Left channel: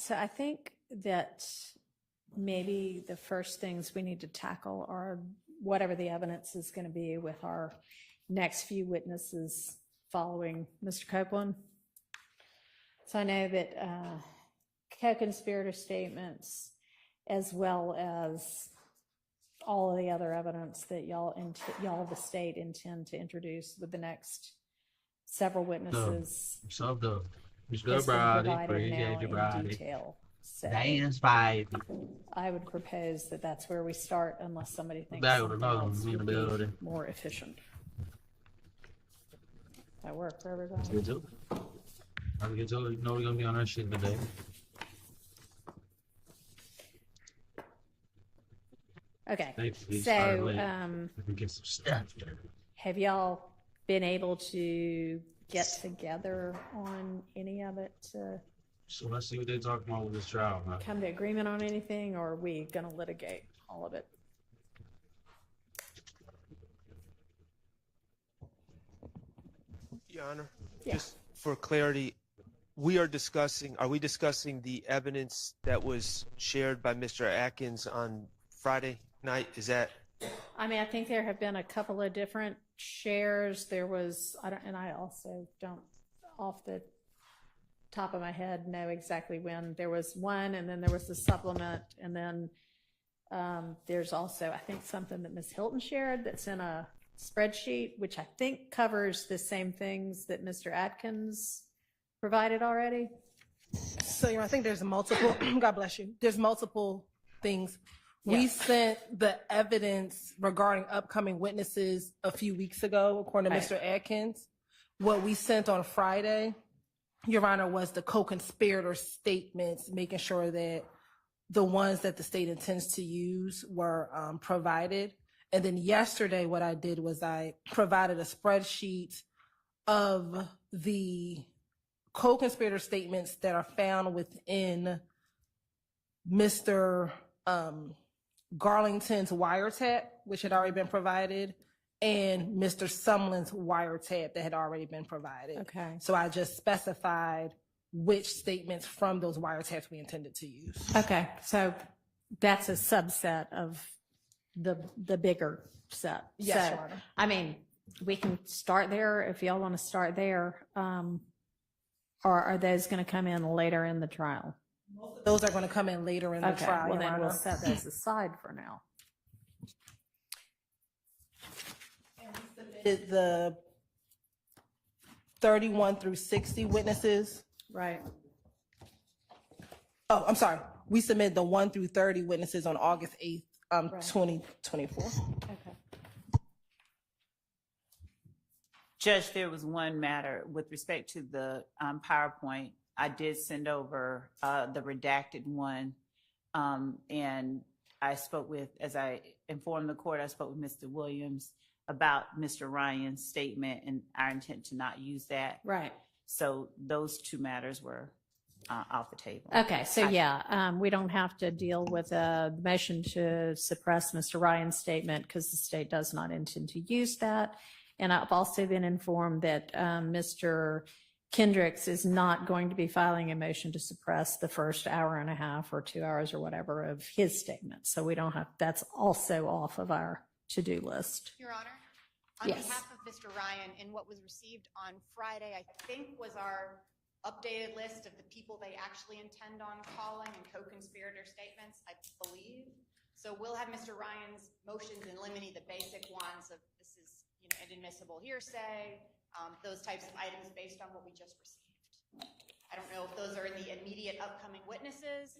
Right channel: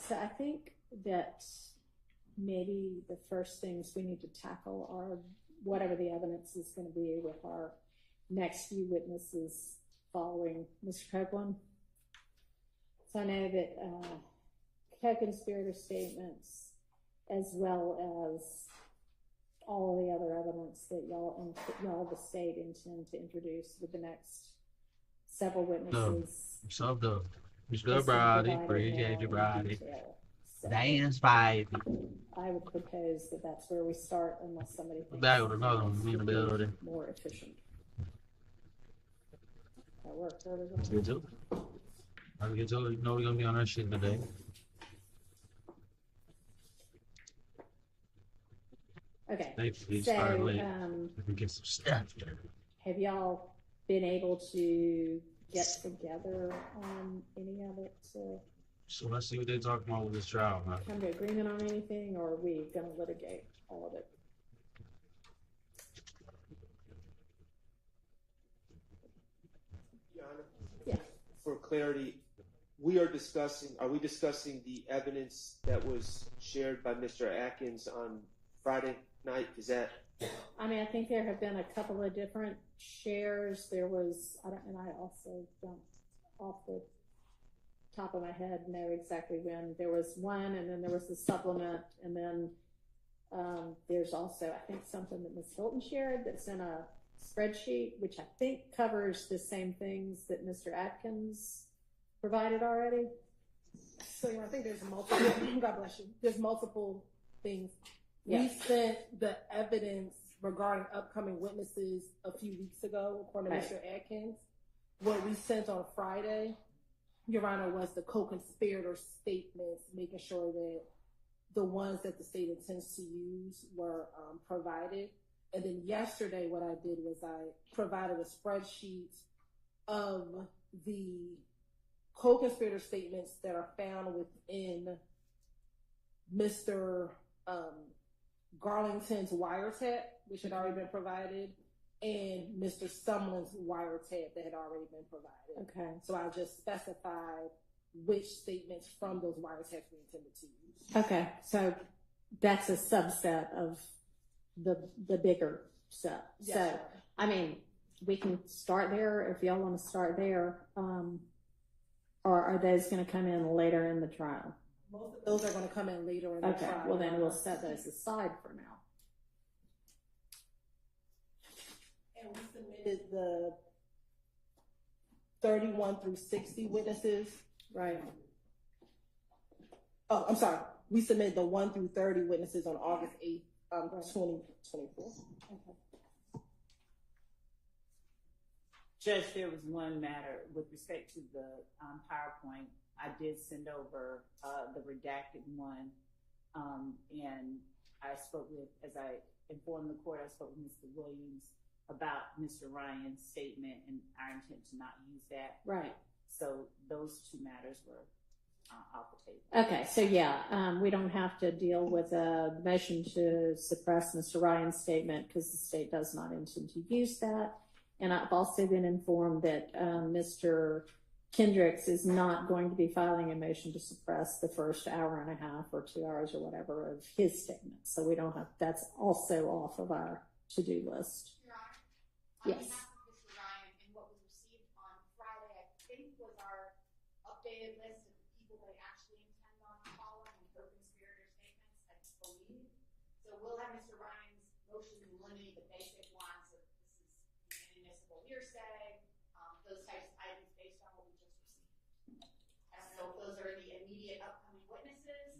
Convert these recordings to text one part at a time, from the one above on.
so I think that maybe the first things we need to tackle are whatever the evidence is going to be with our next few witnesses following Mr. Copeland. So I know that co-conspirator statements, as well as all of the other evidence that y'all, the state, intend to introduce with the next several witnesses. So the Mr. Brody, appreciate you, Brody. So Dance, baby. I would propose that that's where we start, unless somebody thinks That would another one in the building. More efficient. That work for everybody? Let's get to it. Let's get to it. You know we're gonna be on our shit today. Okay. So, we get some stuff. Have y'all been able to get together on any of it to So let's see what they talk about with this trial, man. come to agreement on anything, or are we going to litigate all of it? Your Honor, Yeah. just for clarity, are we discussing the evidence that was shared by Mr. Atkins on Friday night? Is that? I mean, I think there have been a couple of different shares. There was, I also don't, off the top of my head, know exactly when. There was one, and then there was the supplement, and then there's also, I think, something that Ms. Hilton shared that's in a spreadsheet, which I think covers the same things that Mr. Atkins provided already. So I think there's multiple, God bless you, there's multiple things. We sent the evidence regarding upcoming witnesses a few weeks ago, according to Mr. Atkins. What we sent on Friday, Your Honor, was the co-conspirator statements, making sure that the ones that the state intends to use were provided. And then yesterday, what I did was I provided a spreadsheet of the co-conspirator statements that are found within Mr. Garlington's wiretap, which had already been provided, and Mr. Sumlin's wiretap that had already been provided. Okay. So I just specified which statements from those wiretaps we intended to use. Okay, so that's a subset of the bigger set. Yes, so, Your Honor. I mean, we can start there if y'all want to start there, or are those going to come in later in the trial? Most of those are going to come in later in the trial. Well, Your then we'll Honor. set those aside for now. Submitted the 31 through 60 witnesses. Right. Oh, I'm sorry. We submitted the 1 through 30 witnesses on August 8th, 2024. Okay. Judge, there was one matter with respect to the PowerPoint. I did send over the redacted one, and I spoke with, as I informed the court, I spoke with Mr. Williams about Mr. Ryan's statement and our intent to not use that. Right. So those two matters were off the table. Okay, so we don't have to deal with the motion to suppress Mr. Ryan's statement because the state does not intend to use that. And I've also been informed that Mr. Kendricks is not going to be filing a motion to suppress the first hour and a half or 2 hours or whatever of his statement. So we don't have, that's also off of our to-do list. Your Honor, on behalf of Mr. Ryan, and what was received on Friday, I think was our updated list of the people they actually intend on calling and co-conspirator statements, I believe. So we'll have Mr. Ryan's motions in limine, the basic ones of this is inadmissible hearsay, those types of items based on what we just received. I don't know if those are in the immediate upcoming witnesses.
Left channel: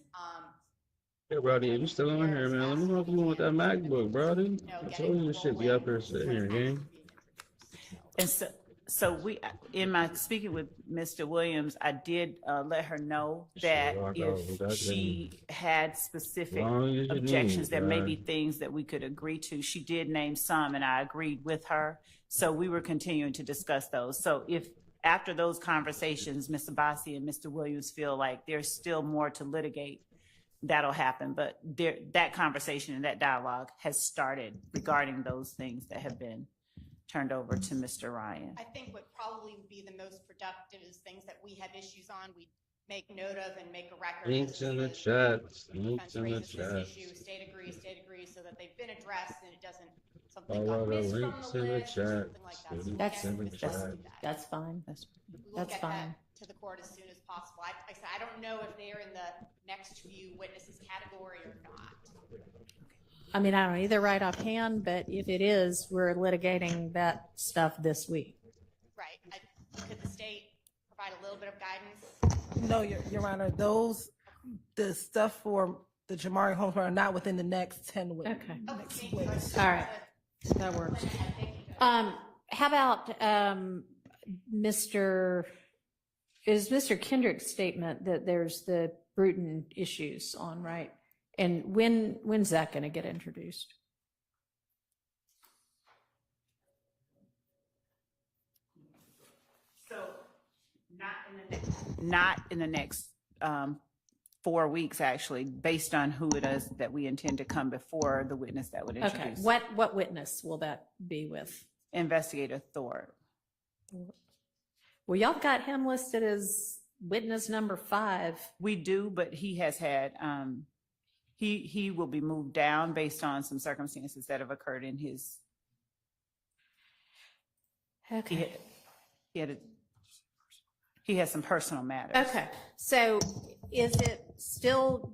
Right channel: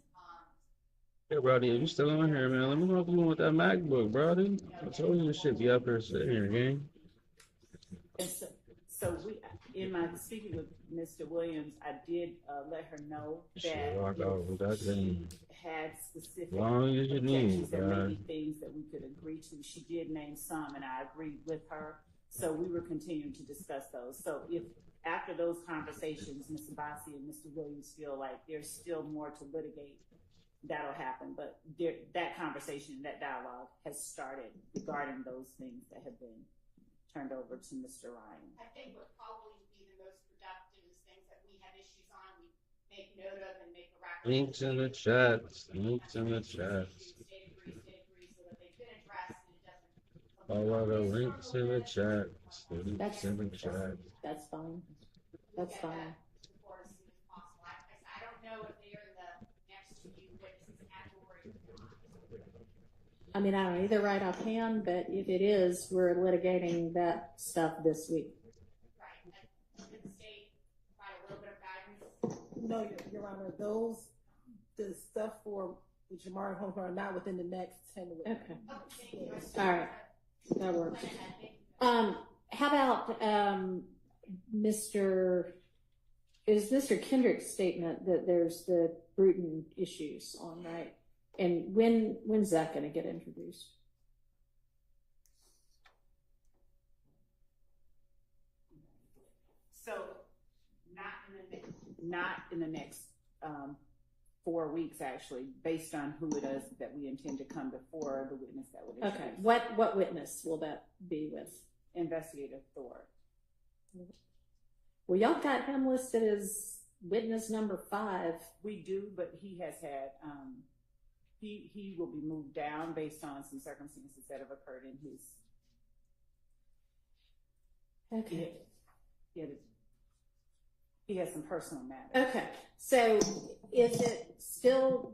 Hey, Brody, you still on here, man? Let me know with that MacBook, Brody. I told you this shit be up here sitting here, gang. And so we, in my speaking with Mr. Williams, I did let her know that if she had specific objections, there may be things that we could agree to. She did name some, and I agreed with her. So we were continuing to discuss those. So if after those conversations, Mr. Bossi and Mr. Williams feel like there's still more to litigate, that'll happen. But that conversation and that dialogue has started regarding those things that have been turned over to Mr. Ryan. I think what probably would be the most productive is things that we have issues on. We make note of and make a record. Links in the Maybe chat. defense Links in the raised this chat. issue, state agrees, so that they've been addressed and it doesn't, something All got of the missed from links the in the list or chat. something like that. So we Links can in the discuss chat. that. That's fine. That's We'll That's get fine. that to the court as soon as possible. I said, I don't know if they're in the next few witnesses category or not. I mean, I don't either right offhand, but if it is, we're litigating that stuff this week. Right. Could the state provide a little bit of guidance? No, Your Honor, the stuff for the Jamari Holmes are not within the next 10 weeks. Okay. Thank you. All right. That works. How about Mr. Kendrick's statement that there's the Bruton issues on, right? And when's that going to get introduced? So not in the next 4 weeks, actually, based on who it is that we intend to come before the witness that would introduce. Okay. What witness will that be with? Investigator Thor. Well, y'all got him listed as witness number 5. We do, but he has had he will be moved down based on some circumstances that have occurred in his. Okay. He has some personal matters. Okay. So is it still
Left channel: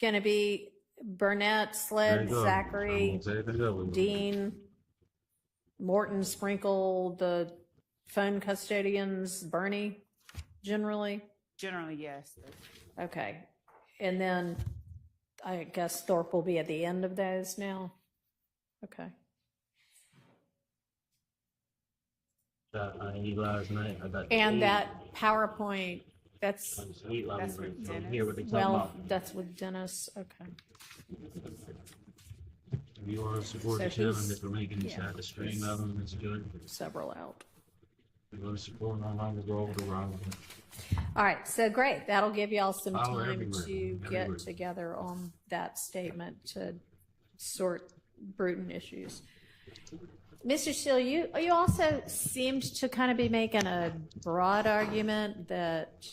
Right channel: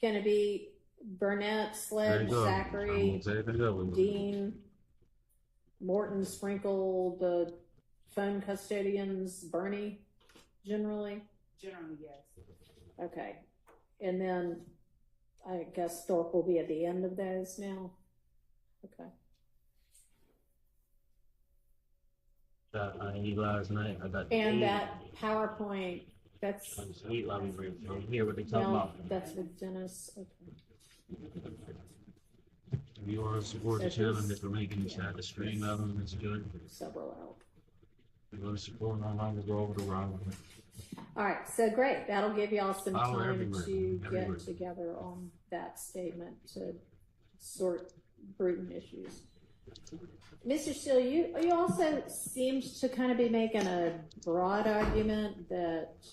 going to be Burnett, There you Sled, go. Zachary, I'm gonna take it up. Dean, Morton, Sprinkle, the phone custodians, Bernie, generally? Generally, yes. Okay. And then I guess Thorpe will be at the end of those now? Okay. I ate last night. I got And that PowerPoint, that's, sweet lobby That's break. with So Dennis. hear what they talking well, about. that's with Dennis. Okay. If you want to support the So channel, who's- Mr. Lincoln, you have the stream of them. It's good. Several out. If you want to support them, I'm gonna go over the wrong. All right, so great. That'll give y'all some Follow time everywhere, to everywhere. get together on that statement to sort Bruton issues. Mr. Steele, you also seemed to kind of be making a broad argument that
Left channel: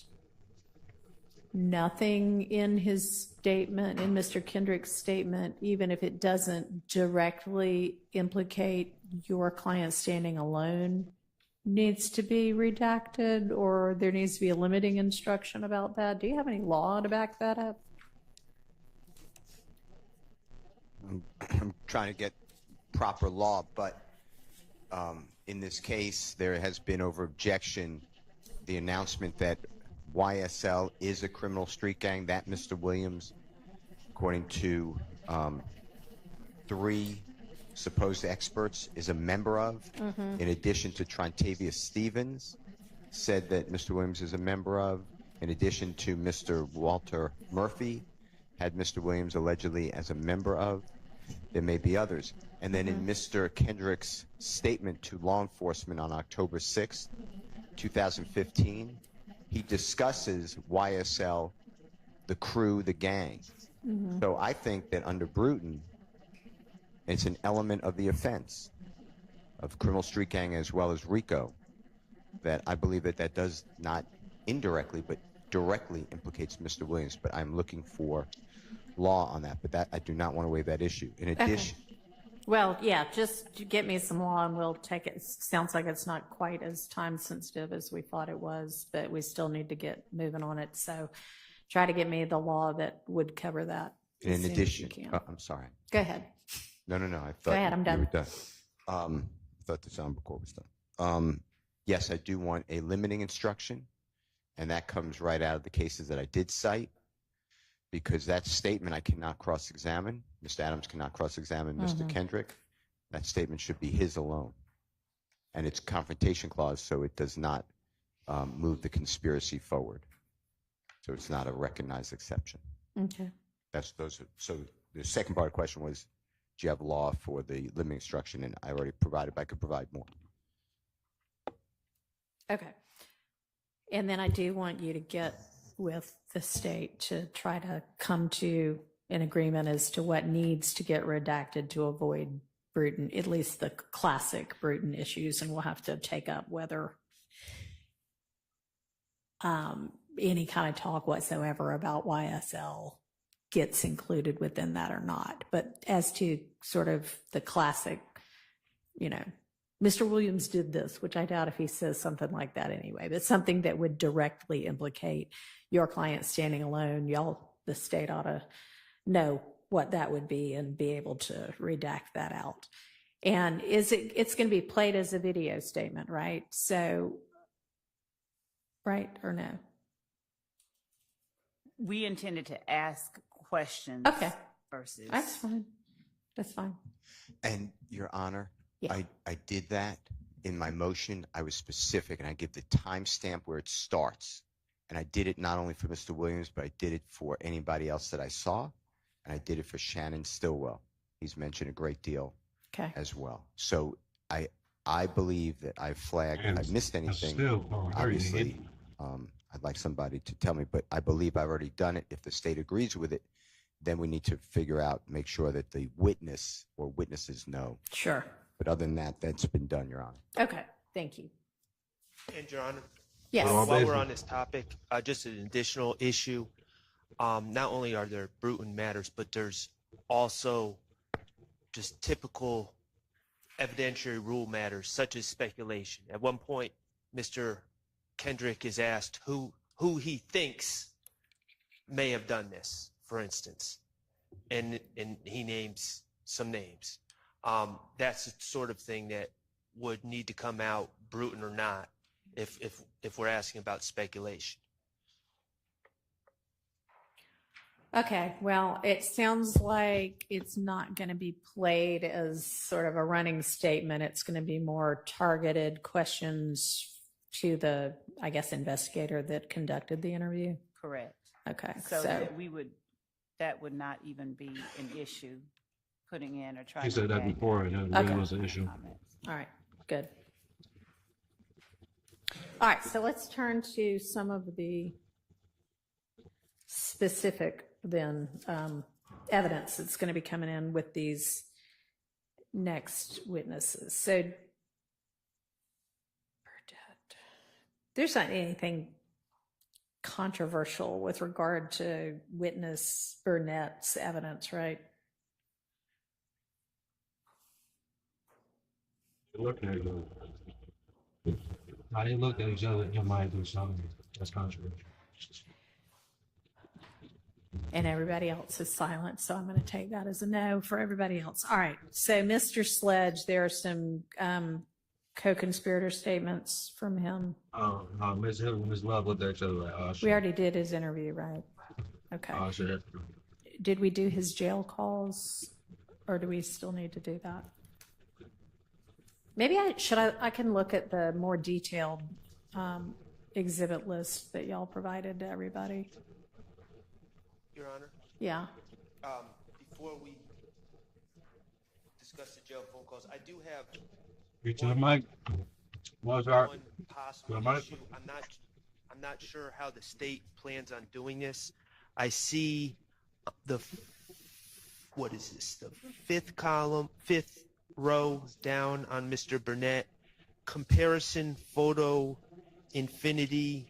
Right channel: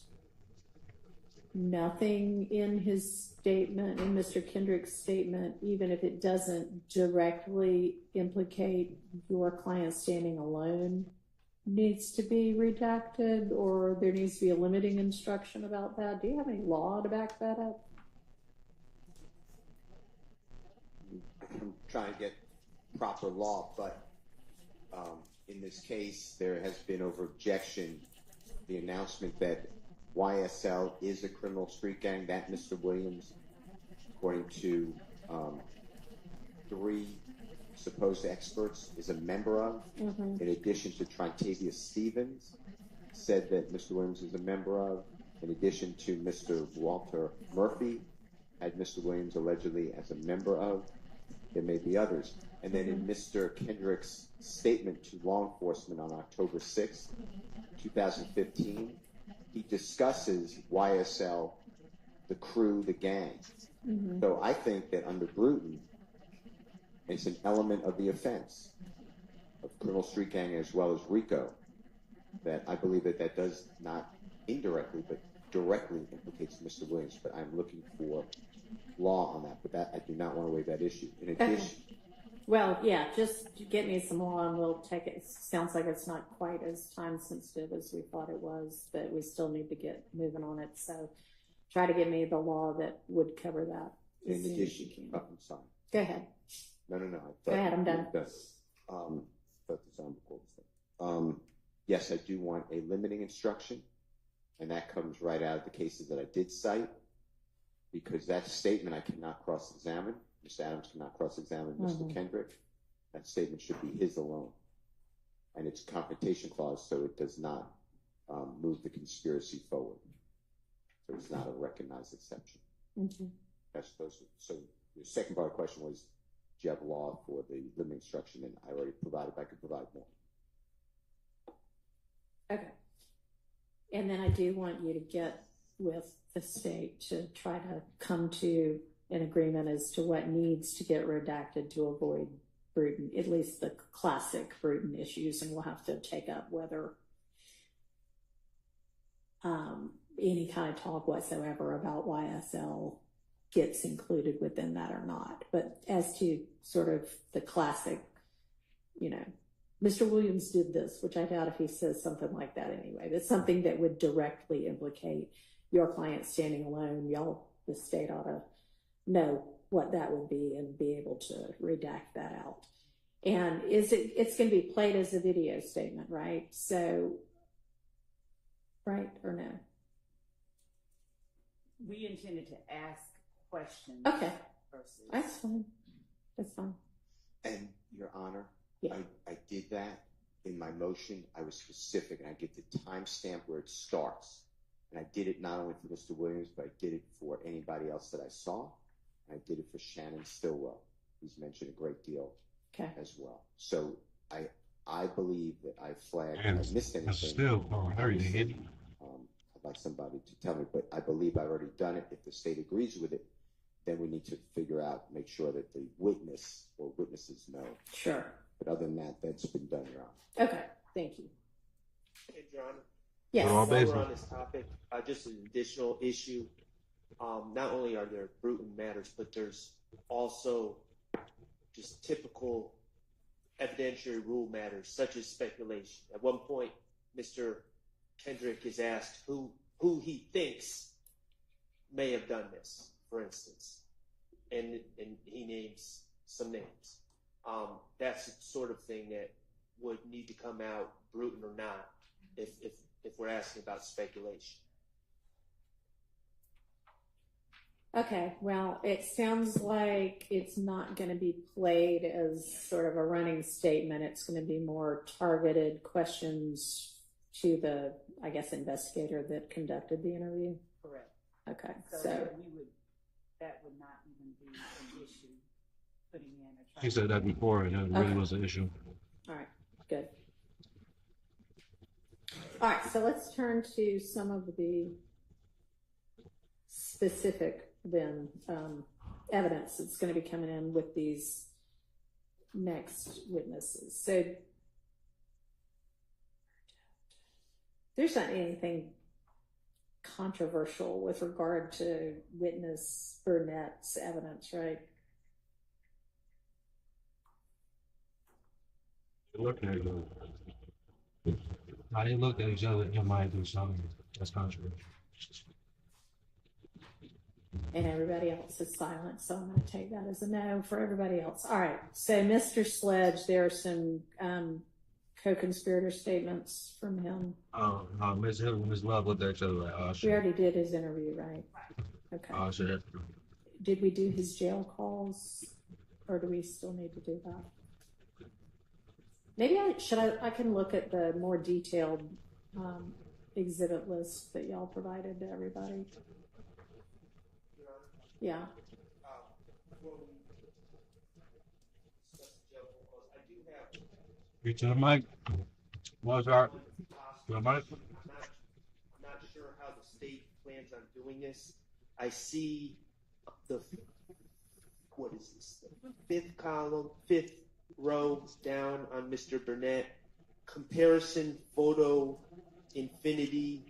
nothing in his statement, in Mr. Kendrick's statement, even if it doesn't directly implicate your client standing alone, needs to be redacted, or there needs to be a limiting instruction about that. Do you have any law to back that up? I'm trying to get proper law, but in this case, there has been over objection the announcement that YSL is a criminal street gang, that Mr. Williams, according to 3 supposed experts, is a member of, in addition to Trontavious Stevens, said that Mr. Williams is a member of, in addition to Mr. Walter Murphy, had Mr. Williams allegedly as a member of. There may be others. And then in Mr. Kendrick's statement to law enforcement on October 6th, 2015, he discusses YSL, the crew, the gang. So I think that under Bruton, it's an element of the offense of criminal street gang as well as Rico, that I believe that that does not indirectly but directly implicates Mr. Williams. But I'm looking for law on that, but that I do not want to waive that issue. In addition, Well, yeah, just get me some law and we'll take it. Sounds like it's not quite as time sensitive as we thought it was, but we still need to get moving on it. So try to get me the law that would cover that. as in soon as addition, you can. I'm sorry. Go ahead. No, I thought Go ahead, I'm you done. were done. I thought the sound record was done. Yes, I do want a limiting instruction, and that comes right out of the cases that I did cite, because that statement I cannot cross-examine. Mr. Adams cannot cross-examine Mr. Kendrick. That statement should be his alone. And it's confrontation clause, so it does not move the conspiracy forward. So it's not a recognized exception. Okay. So the second part of the question was, do you have law for the limiting instruction? And I already provided, but I could provide more. Okay. And then I do want you to get with the state to try to come to an agreement as to what needs to get redacted to avoid Bruton, at least the classic Bruton issues, and we'll have to take up whether any kind of talk whatsoever about YSL gets included within that or not. But as to sort of the classic, you know, Mr. Williams did this, which I doubt if he says something like that anyway, but something that would directly implicate your client standing alone, y'all, the state ought to know what that would be and be able to redact that out. And it's going to be played as a video statement, right? So, right or no? We intended to ask questions. Okay. Versus. That's fine. That's fine. And Your Honor, Yeah. I did that in my motion. I was specific, and I give the timestamp where it starts. And I did it not only for Mr. Williams, but I did it for anybody else that I saw. And I did it for Shannon Stillwell. He's mentioned a great deal as well. So I believe that I flagged. If I missed anything, obviously, I'd like somebody to tell me, but I believe I've already done it. If the state agrees with it, then we need to figure out, make sure that the witness or witnesses know. Sure. But other than that, that's been done, Your Honor. Okay. Thank you. And Your Honor, Yes. while we're on this topic, just an additional issue. Not only are there Bruton matters, but there's also just typical evidentiary rule matters, such as speculation. At one point, Mr. Kendrick is asked who he thinks may have done this, for instance, and he names some names. That's the sort of thing that would need to come out, Bruton or not, if we're asking about speculation. Okay, well, it sounds like it's not going to be played as sort of a running statement. It's going to be more targeted questions to the, I guess, investigator that conducted the interview. Correct. Okay, So that would not even be an issue, putting in or trying. She said that before, and that really was an issue. All right, good. All right, so let's turn to some of the specific then evidence that's going to be coming in with these next witnesses. So there's not anything controversial with regard to witness Burnett's evidence, right? Looking at it. How they look at each other, it might do something that's controversial. And everybody else is silent, so I'm going to take that as a no for everybody else. All right, so Mr. Sledge, there are some co-conspirator statements from him. No, Ms. Hill and Ms. Love looked at each other like, oh, shit. We already did his interview, right? Okay. Oh, shit. Did we do his jail calls, or do we still need to do that? Maybe I can look at the more detailed exhibit list that y'all provided to everybody. Your Honor? Yeah. Before we discuss the jail phone calls, I do have Reach to the mic. Mozart. one To the possible mic. issue. I'm not sure how the state plans on doing this. I see what is this? The fifth row down on Mr. Burnett. Comparison photo infinity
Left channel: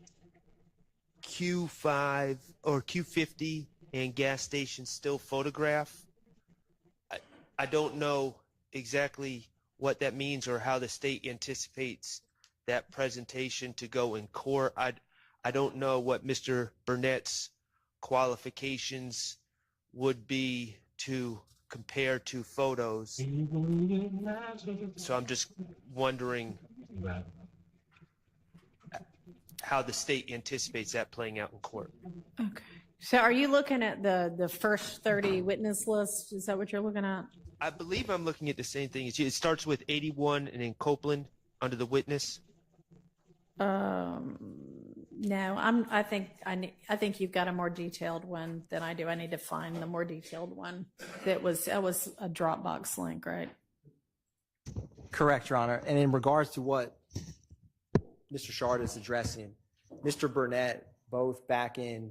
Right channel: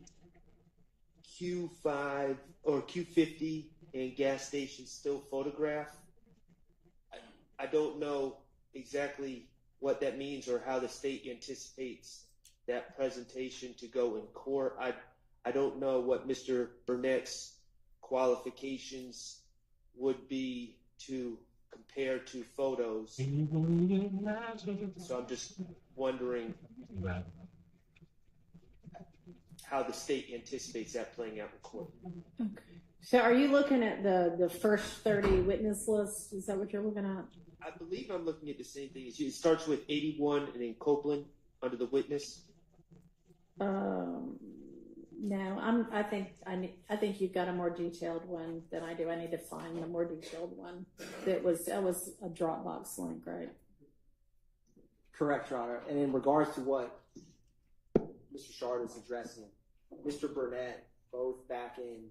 Q5 or Q50 and gas station still photograph. I don't know exactly what that means or how the state anticipates that presentation to go in court. I don't know what Mr. Burnett's qualifications would be to compare two photos. So I'm just wondering how the state anticipates that playing out in court. Okay. So are you looking at the first 30 witness list? Is that what you're looking at? I believe I'm looking at the same thing as you. It starts with 81 and then Copeland under the witness. No, I think you've got a more detailed one than I do. I need to find the more detailed one. That was a Dropbox link, right? Correct, Your Honor. And in regards to what Mr. Shard is addressing, Mr. Burnett, both back in,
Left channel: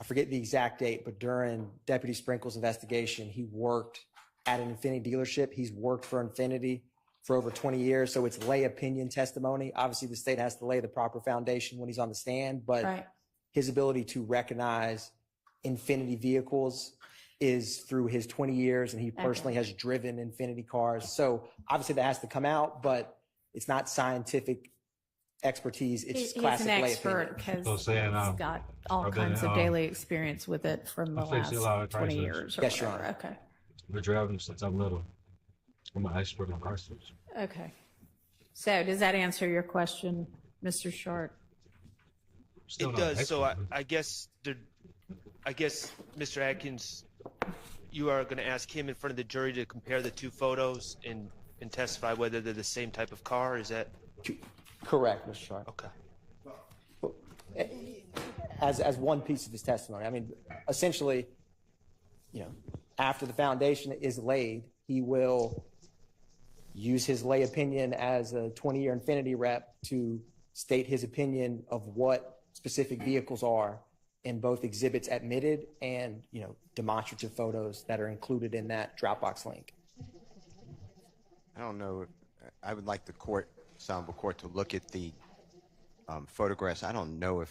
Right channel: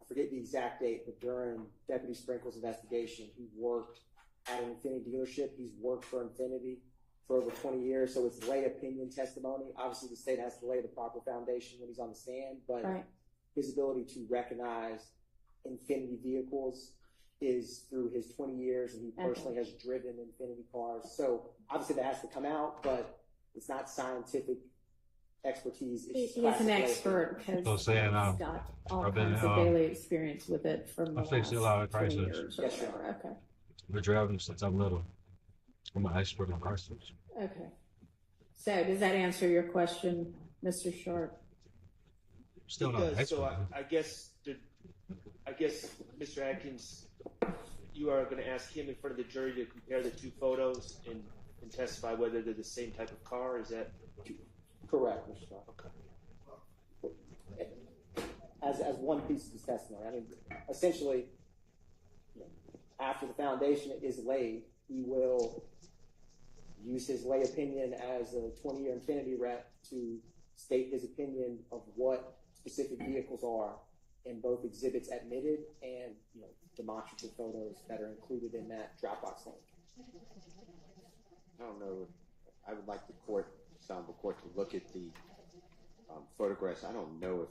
I forget the exact date, but during Deputy Sprinkle's investigation, he worked at an Infinity dealership. He's worked for Infinity for over 20 years, so it's lay opinion testimony. Obviously, the state has to lay the proper foundation when he's on the stand, but Right. his ability to recognize Infinity vehicles is through his 20 years, and he personally has driven Infinity cars. So obviously that has to come out, but it's not scientific expertise. It's just He's classic an lay expert opinion. because So he's saying, got all I've been, kinds of daily experience with it from the I fixed a last lot of 20 crisis. years or Yes, Your whatever. Honor. Okay. Been driving since I'm little. I'm an expert on cars. Okay. So does that answer your question, Mr. Short? Still It not an does. So expert. I guess, Mr. Atkins, you are going to ask him in front of the jury to compare the two photos and testify whether they're the same type of car. Is that Correct, Mr. Sharp. okay? As one piece of his testimony, I mean, essentially, after the foundation is laid, he will use his lay opinion as a 20-year Infinity rep to state his opinion of what specific vehicles are in both exhibits admitted and, demonstrative photos that are included in that Dropbox link. I don't know. I would like the Honorable Court to look at the photographs. I don't know if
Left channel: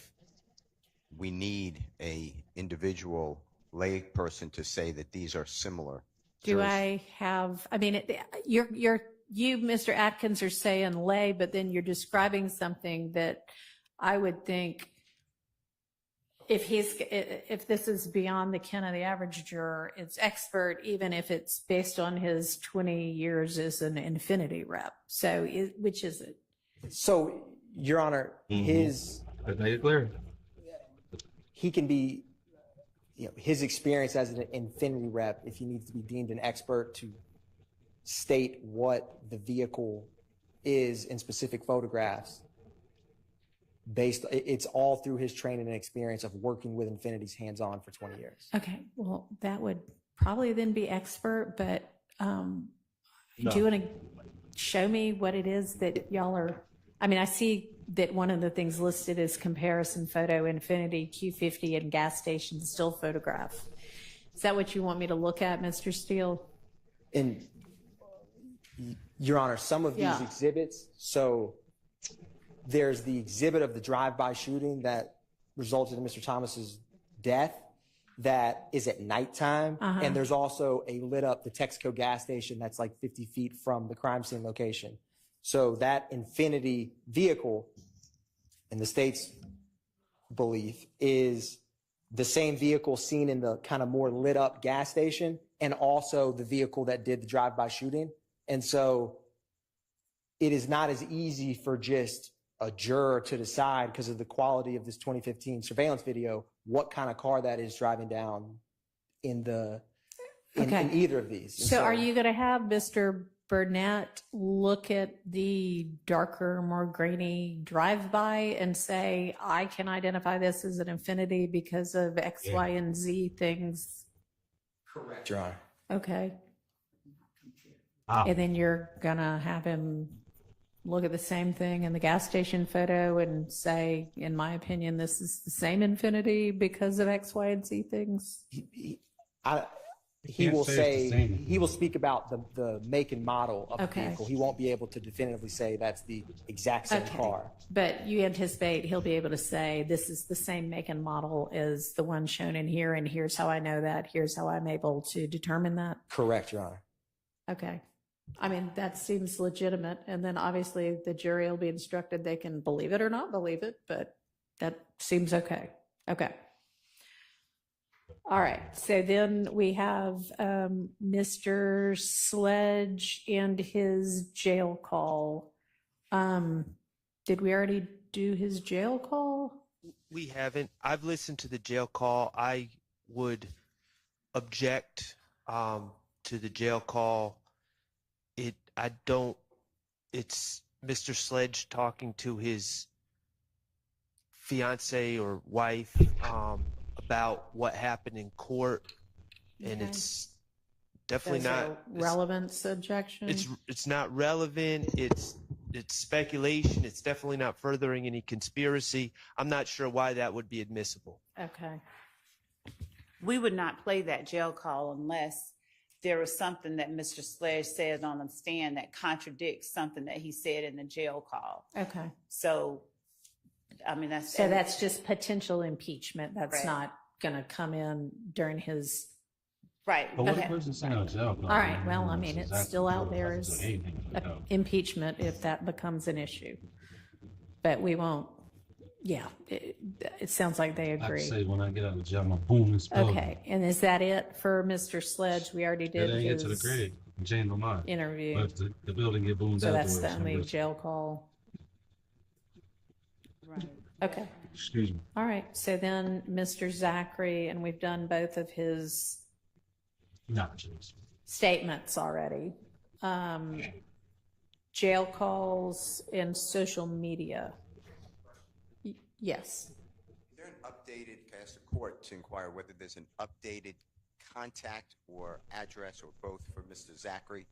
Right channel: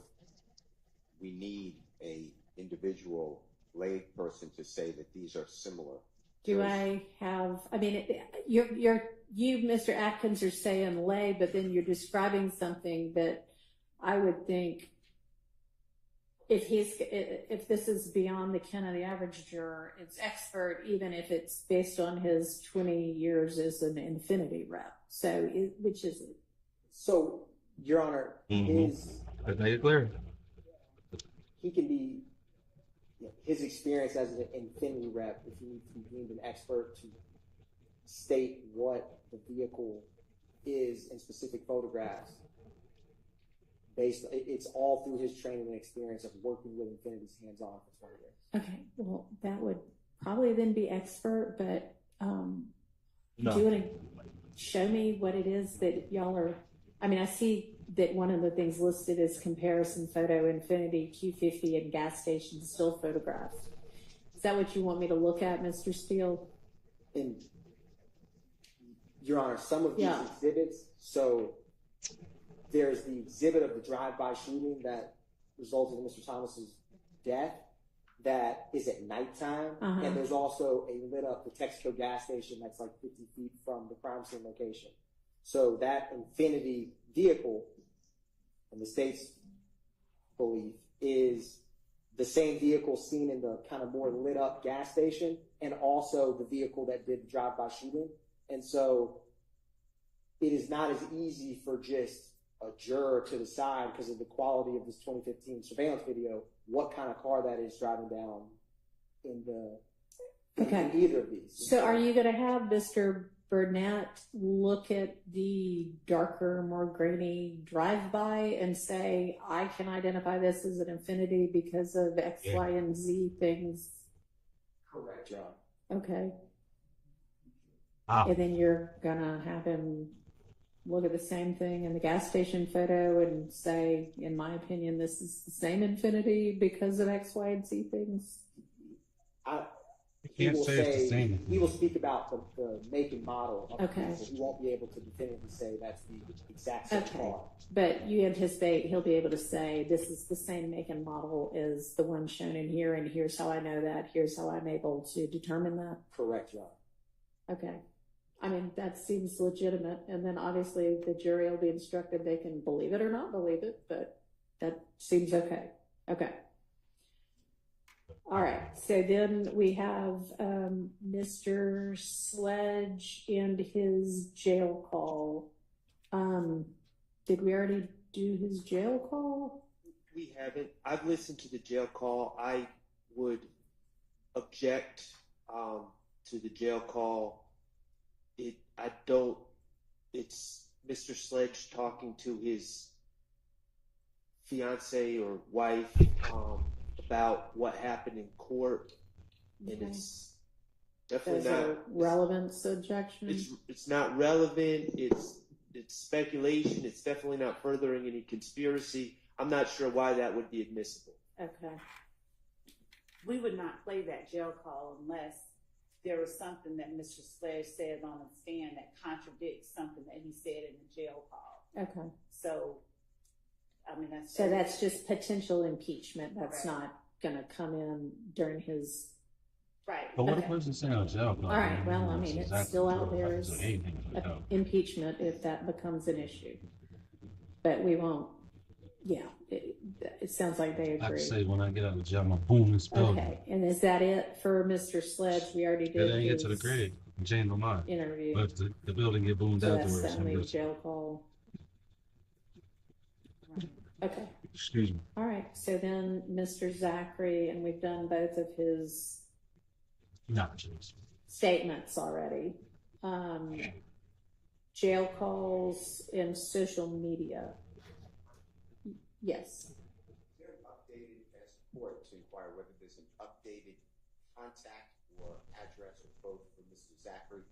we need a individual lay person to say that these are similar. You, Mr. Atkins, are saying lay, but then you're describing something that I would think if this is beyond the ken of the average juror, it's expert, even if it's based on his 20 years as an Infinity rep. So which is it? So, Your Honor, Let's make it clear. he can be, his experience as an Infinity rep, if he needs to be deemed an expert to state what the vehicle is in specific photographs, it's all through his training and experience of working with Infinity's hands-on for 20 years. Okay, well, that would probably then be expert, but No. do you want to show me what it is that y'all are? I mean, I see that one of the things listed is comparison photo, Infinity Q50 and gas station still photograph. Is that what you want me to look at, Mr. Steele? And Your Honor, some of these Yeah. exhibits, so there's the exhibit of the drive-by shooting that resulted in Mr. Thomas's death that is at nighttime. And there's also a lit up, the Texaco gas station that's like 50 feet from the crime scene location. So that Infinity vehicle, in the state's belief, is the same vehicle seen in the kind of more lit up gas station and also the vehicle that did the drive-by shooting. And so it is not as easy for just a juror to decide, because of the quality of this 2015 surveillance video, what kind of car that is driving down in either of these. And So are you going to have Mr. Burnett look at the darker, more grainy drive-by and say, I can identify this as an Infinity because of X, Y, and Z things? Correct, Your Honor. Okay. Ah. And then you're going to have him look at the same thing in the gas station photo and say, in my opinion, this is the same Infinity because of X, Y, and Z things? He will say it's the say, same. he will speak about the make and model of Okay. the vehicle. He won't be able to definitively say that's the exact same Okay. car. But you anticipate he'll be able to say, this is the same make and model as the one shown in here, and here's how I know that, here's how I'm able to determine that? Correct, Your Honor. Okay. I mean, that seems legitimate, and then obviously the jury will be instructed they can believe it or not believe it, but that seems okay. Okay. All right, so then we have Mr. Sledge and his jail call. Did we already do his jail call? We haven't. I've listened to the jail call. I would object to the jail call. It's Mr. Sledge talking to his fiance or wife about what happened in court, and Okay. it's definitely Is there not a relevance objection? it's not relevant. It's speculation. It's definitely not furthering any conspiracy. I'm not sure why that would be admissible. Okay. We would not play that jail call unless there was something that Mr. Sledge said on the stand that contradicts something that he said in the jail call. Okay. So I mean, that's. So that's just potential impeachment. That's Right. not gonna come in during his, Right. But what a Okay. person saying on jail? all right, well, I mean, it's still out there as impeachment if that becomes an issue. But we won't, yeah, it sounds like they I can agree. say when I get out of jail, I'm gonna boom and spill. Okay, and is that it for Mr. Sledge? We already It did ain't get to the his grade. Change my mind. interview. But if the building get boomed So that's afterwards, the I'm only just, jail call. Right. Okay, excuse me. all right, so then Mr. Zachary, and we've done both of his Not just. statements already. Jail calls and social media. Yes. Is there an updated, can I ask the court to inquire whether there's an updated contact or address or both for Mr. Zachary?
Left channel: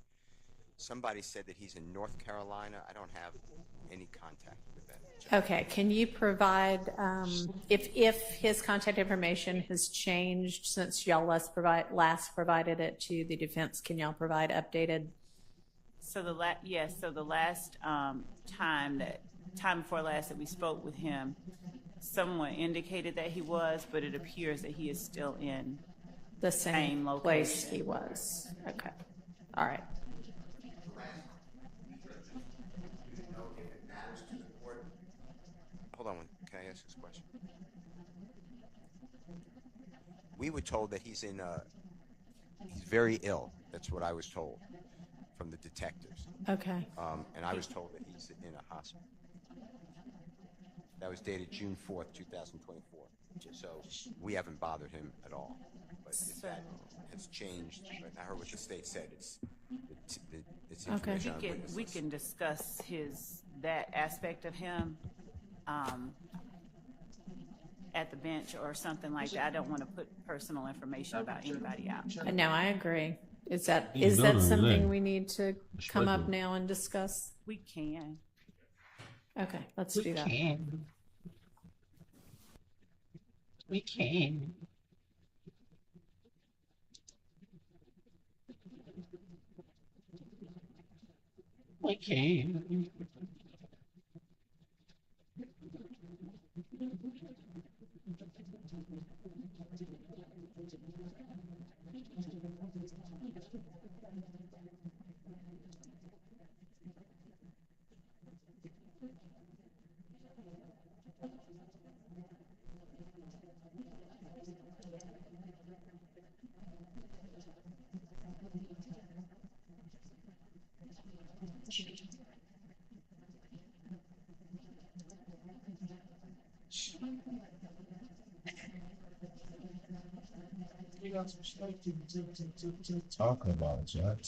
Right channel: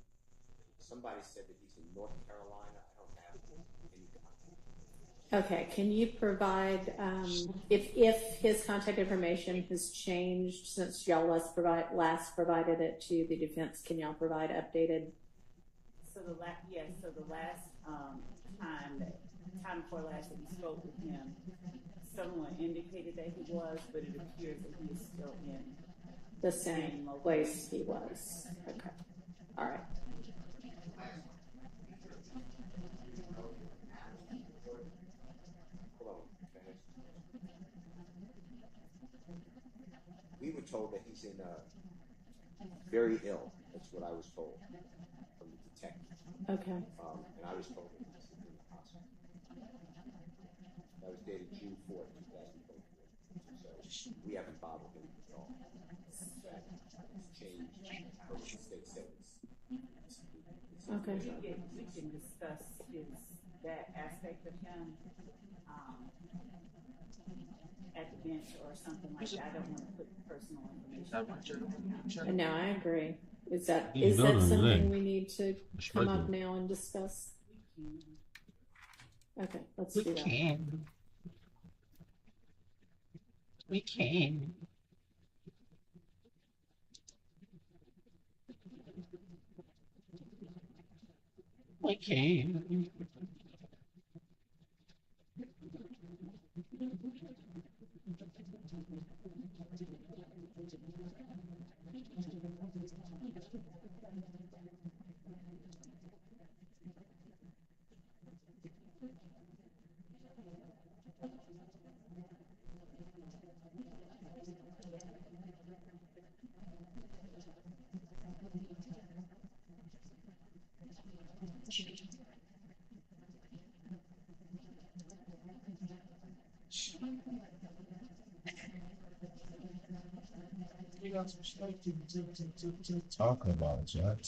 Somebody said that he's in North Carolina. I don't have any contact with that. Okay, can you provide, if his contact information has changed since y'all last provided it to the defense, can y'all provide updated? So the last time before last that we spoke with him, someone indicated that he was, but it appears that he is still in The same Same place location. he was? Okay, all right. Hold on, can I ask this question? We were told that he's very ill. That's what I was told from the detectives. Okay, And I was told that he's in a hospital. That was dated June 4th, 2024. So we haven't bothered him at all. But if that has changed, I heard what the state said. It's Okay. information on We witnesses. can discuss that aspect of him at the bench or something like that. I don't want to put personal information about anybody out. and now I agree. Is that You don't know something that. we need to come up now and discuss? We can. Okay, let's do that. We can. We can. Talk about it, Jack.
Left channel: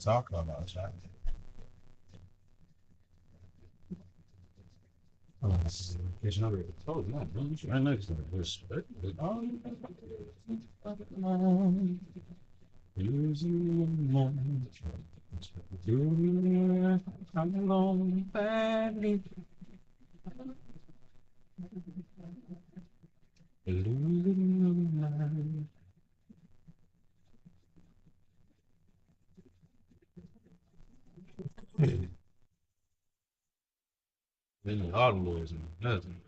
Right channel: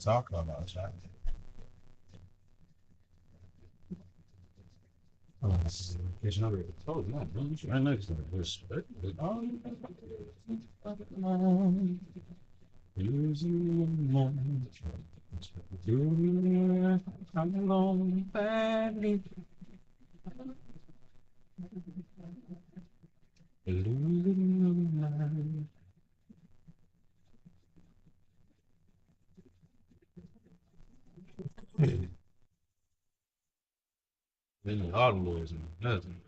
Talk about it, Jack. Oh, there's another. Oh, no, right next to it. Respect. Oh, using mind. I'm alone, badly. Losing my mind. Then the autumn boys and nothing.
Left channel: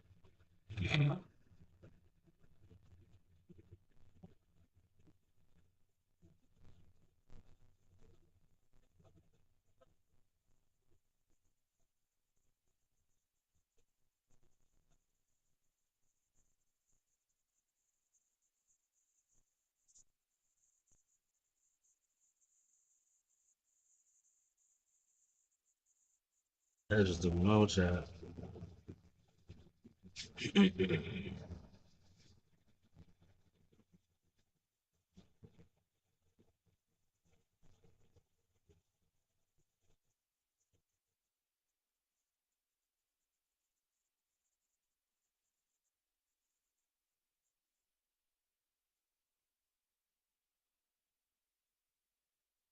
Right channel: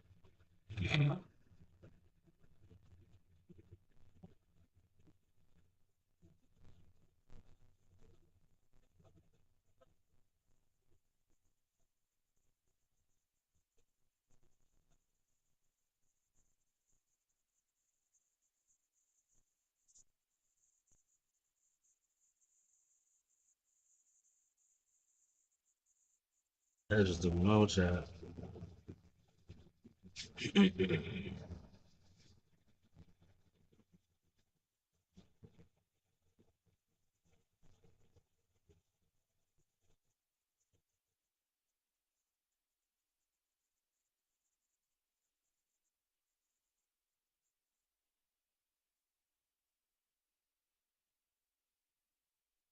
That's just the no chat.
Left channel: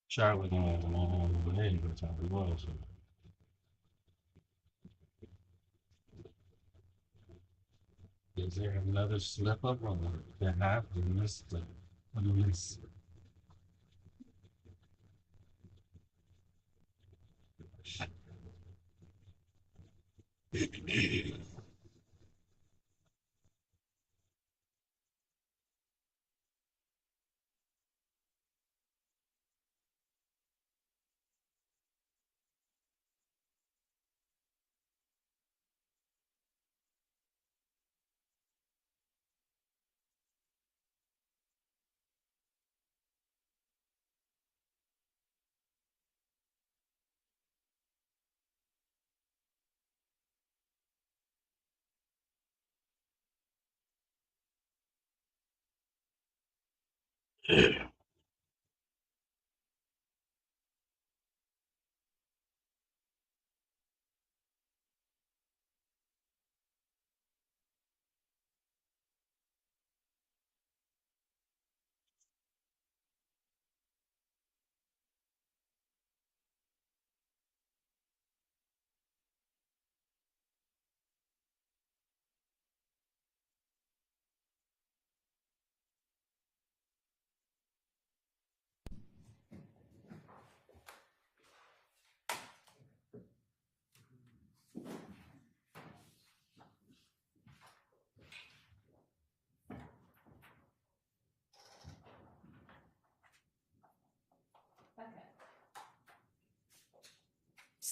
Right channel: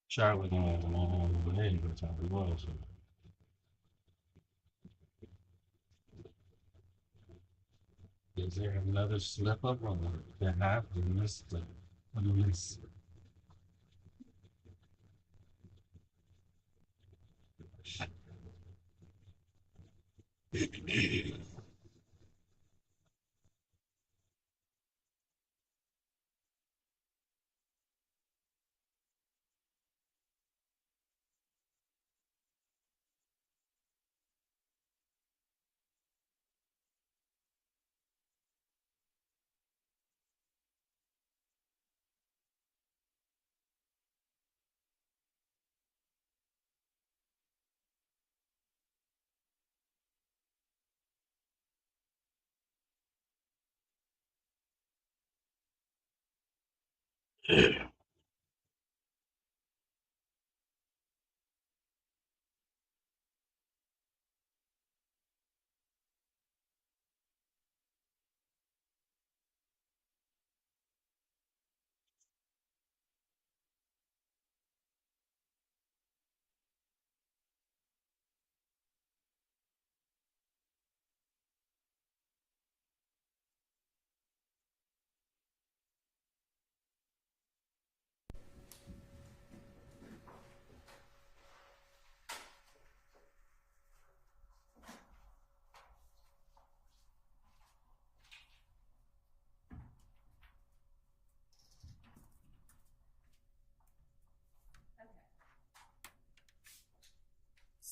Charlotte on the name by the time it was. Is there another slip up on the half of this? This.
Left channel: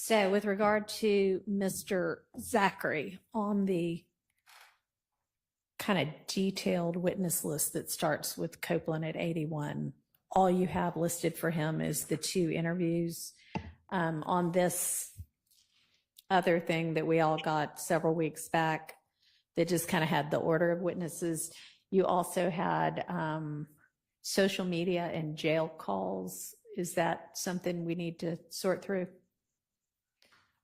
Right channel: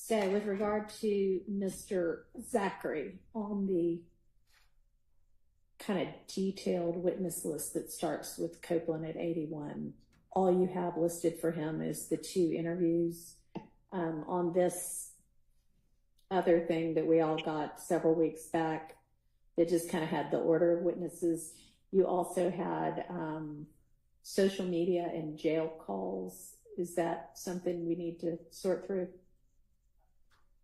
So with regard to Mr. Zachary, on the kind of detailed witness list that starts with Copeland at 81, all you have listed for him is the 2 interviews. On this other thing that we all got several weeks back that just kind of had the order of witnesses, you also had social media and jail calls. Is that something we need to sort through?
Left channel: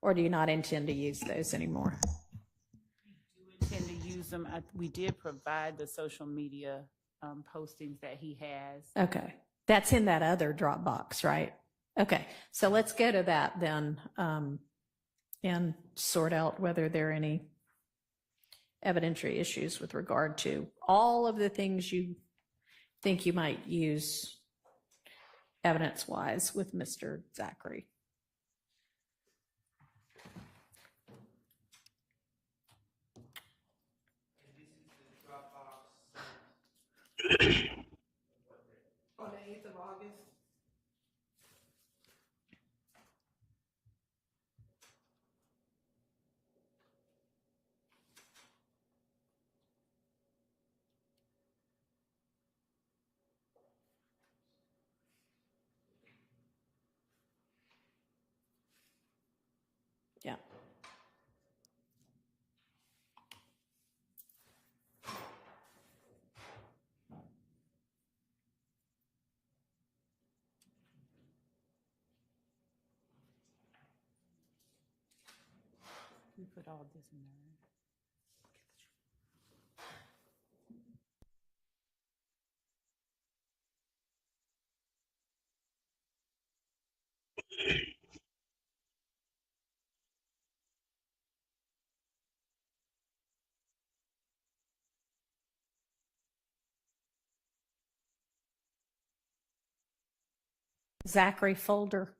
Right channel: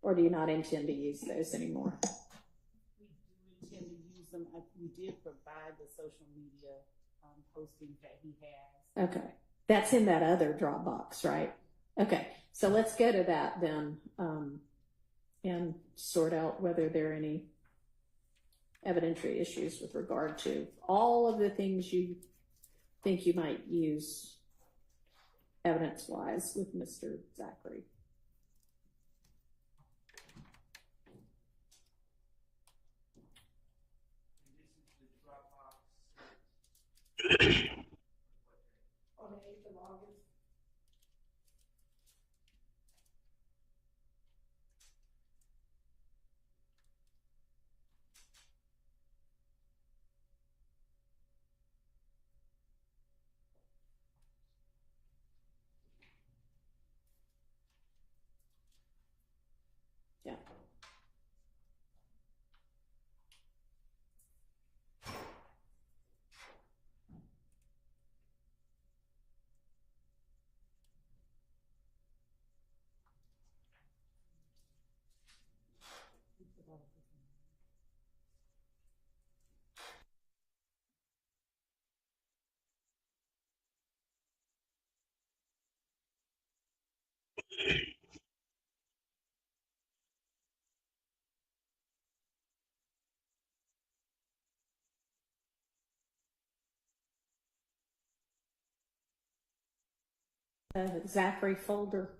Or do you not intend to use those anymore? We do intend to use them. We did provide the social media postings that he has. Okay. That's in that other Dropbox, right? Okay. So let's go to that then and sort out whether there are any evidentiary issues with regard to all of the things you think you might use evidence-wise with Mr. Zachary. On the 8th of August. Yeah. We put all this in there. Zachary folder.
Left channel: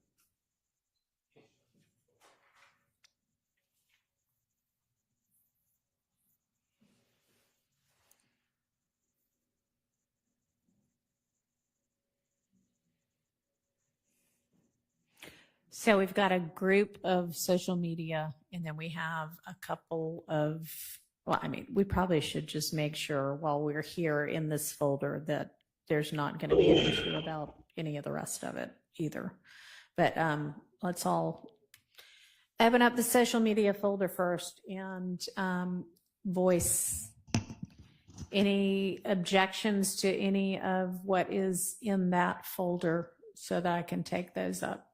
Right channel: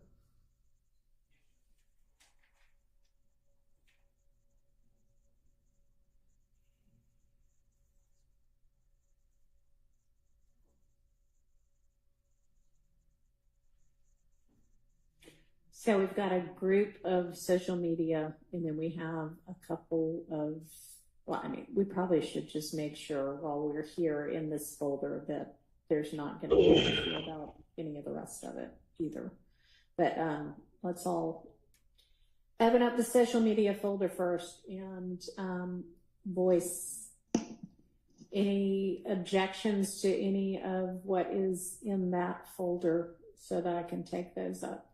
So we've got a group of social media, and then we have a couple of, well, I mean, we probably should just make sure while we're here in this folder that there's not going to be an issue about any of the rest of it either. But let's all open up the social media folder first and voice any objections to any of what is in that folder so that I can take those up.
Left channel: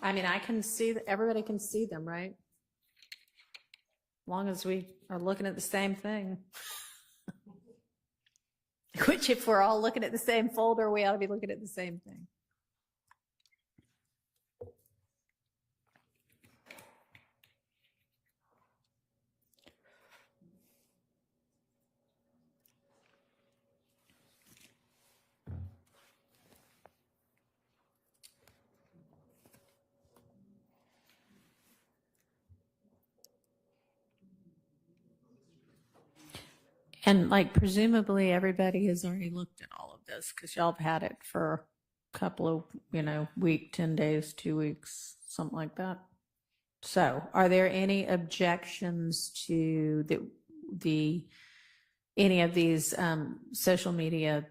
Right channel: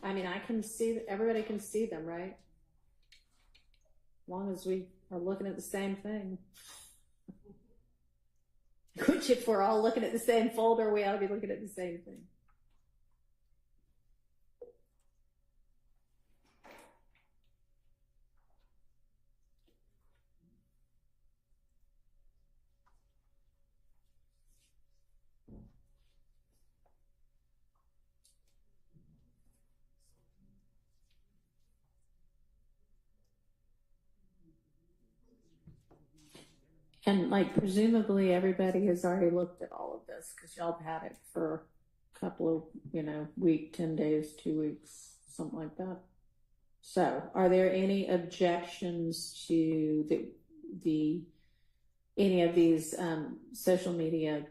I mean, I can see, everybody can see them, right? As long as we are looking at the same thing. Which, if we're all looking at the same folder, we ought to be looking at the same thing. And like presumably everybody has already looked at all of this because y'all have had it for a couple of, week, 10 days, 2 weeks, something like that. So are there any objections to any of these social media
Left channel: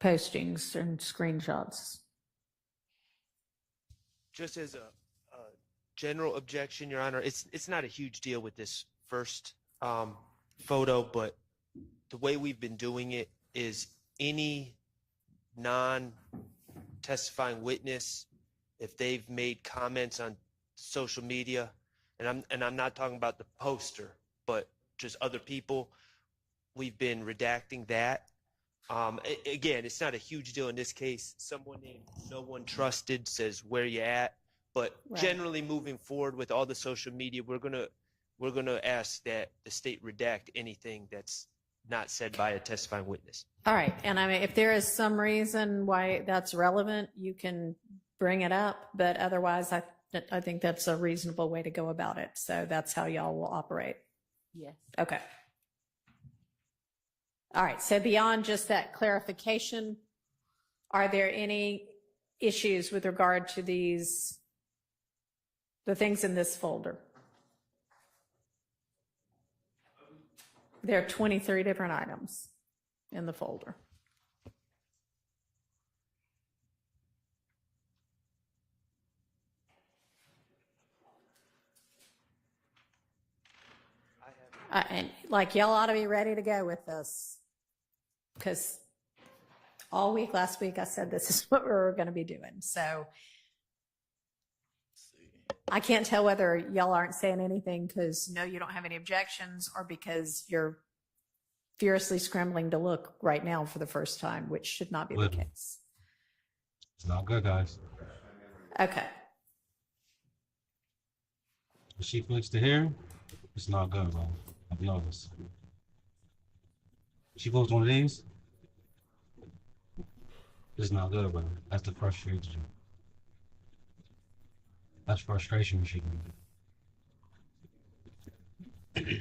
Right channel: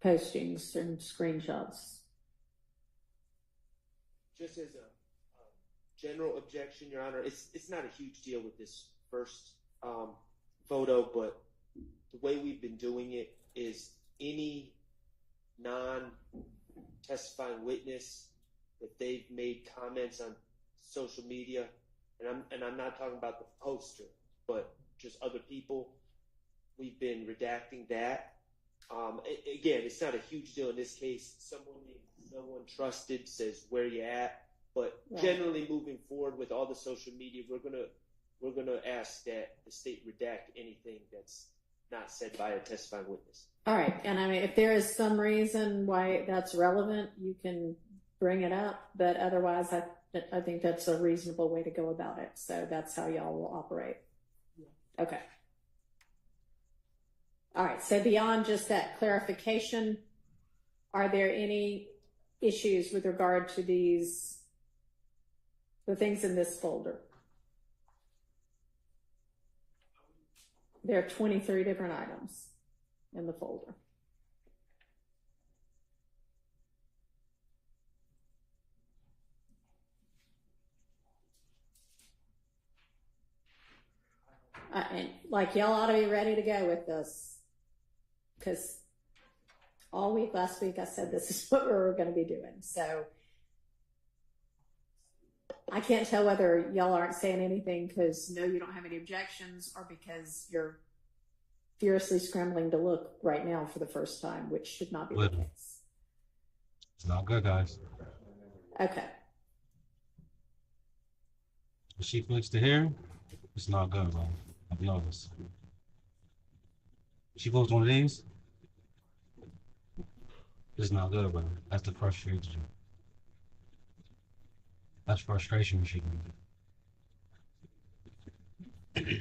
postings and screenshots? Just as a general objection, Your Honor, it's not a huge deal with this first photo, but the way we've been doing it is any non-testifying witness, if they've made comments on social media, and I'm not talking about the poster, but just other people, we've been redacting that. Again, it's not a huge deal in this case. Someone named No One Trusted says, "Where you at?" But Right. Generally, moving forward with all the social media, we're gonna ask that the state redact anything that's not said by a testifying witness. All right, and I mean, if there is some reason why that's relevant, you can bring it up, but otherwise, I think that's a reasonable way to go about it. So that's how y'all will operate. Yes. Okay. All right, so beyond just that clarification, are there any issues with regard to the things in this folder? There are 23 different items in the folder. And like y'all ought to be ready to go with this, because all week last week I said this is what we were going to be doing. So I can't tell whether y'all aren't saying anything because no, you don't have any objections, or because you're furiously scrambling to look right now for the first time, which should not be the case. It's not good, guys. Okay. If she flicks to here, it's not good, bro. I'll be honest. She goes one of these, it's not good, bro. That's the frustration. That's frustration machine. It is.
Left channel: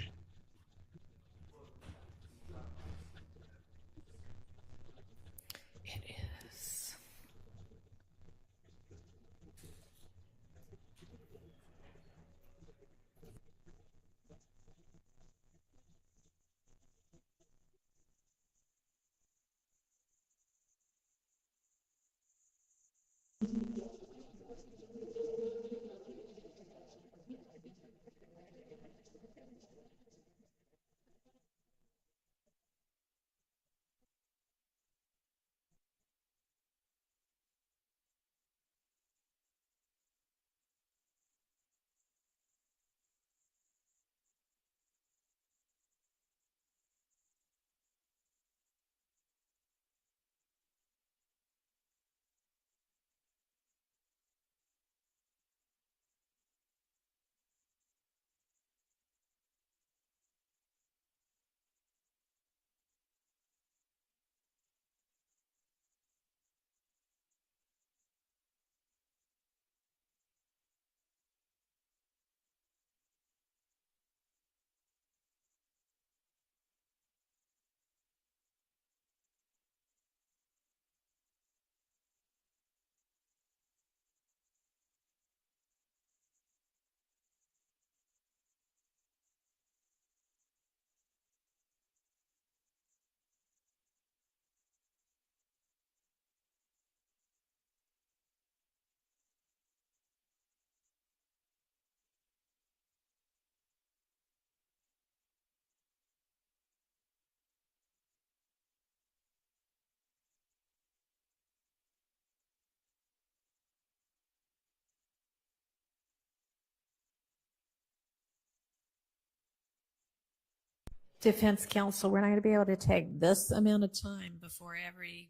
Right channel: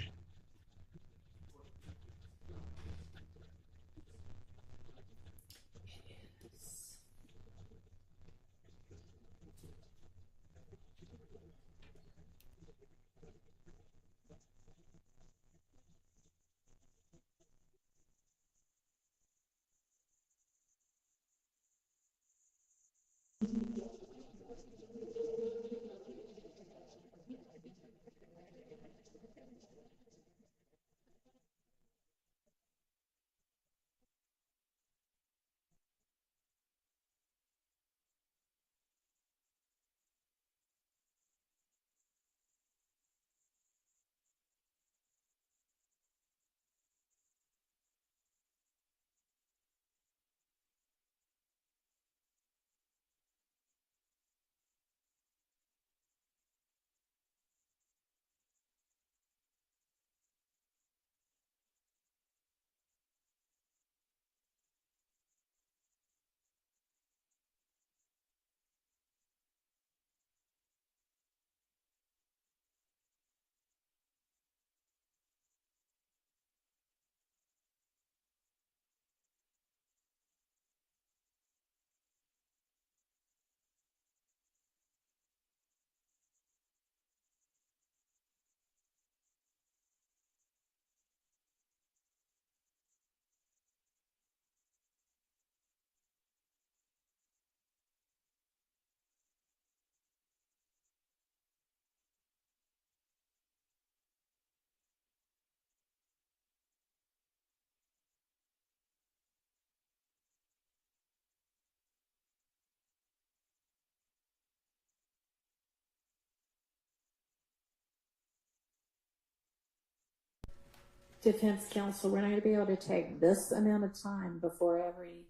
Defense counsel, we're not going to be able to take this amount of time before every,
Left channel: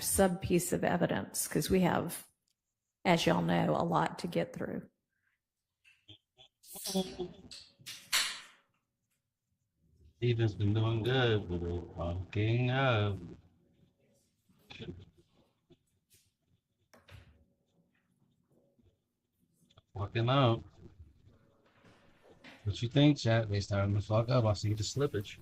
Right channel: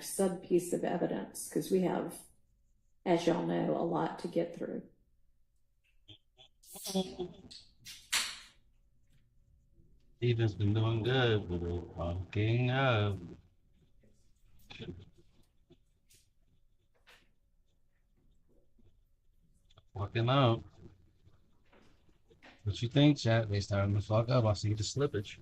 sub piece of evidence, because we have, as y'all know, a lot to get through. Steven's been doing good with it. Fucking up. Fucking up. What you think, chat? They starting to fuck up. I see the slippage.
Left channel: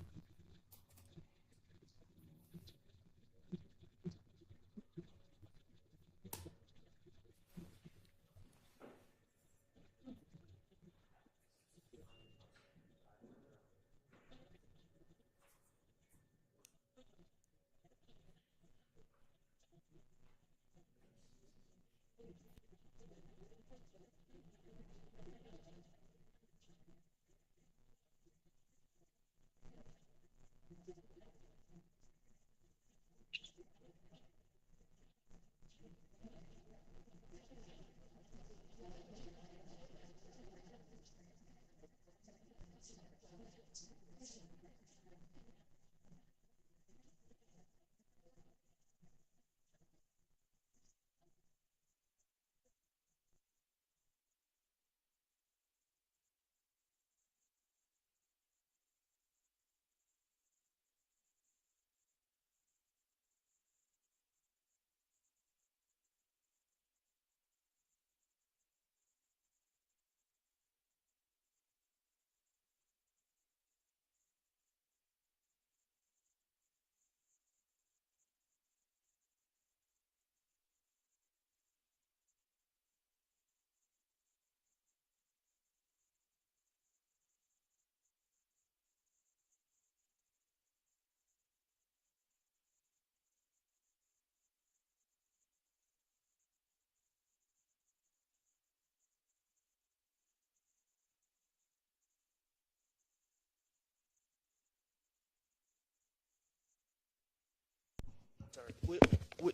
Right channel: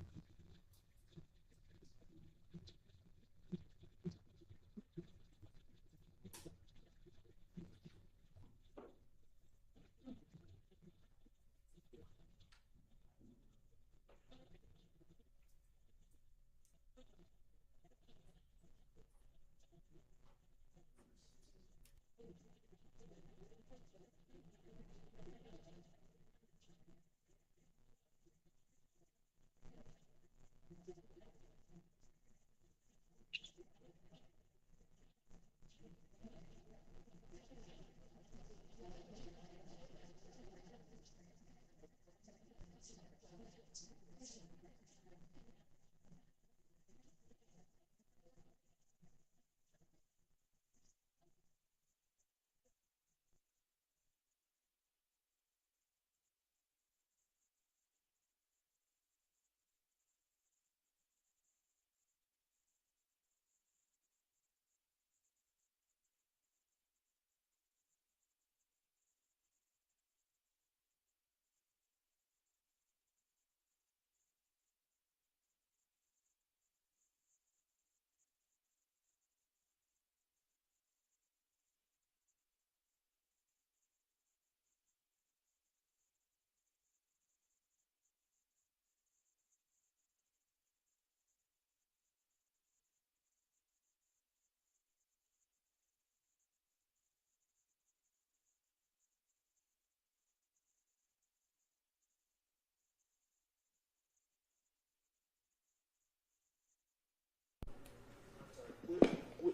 we,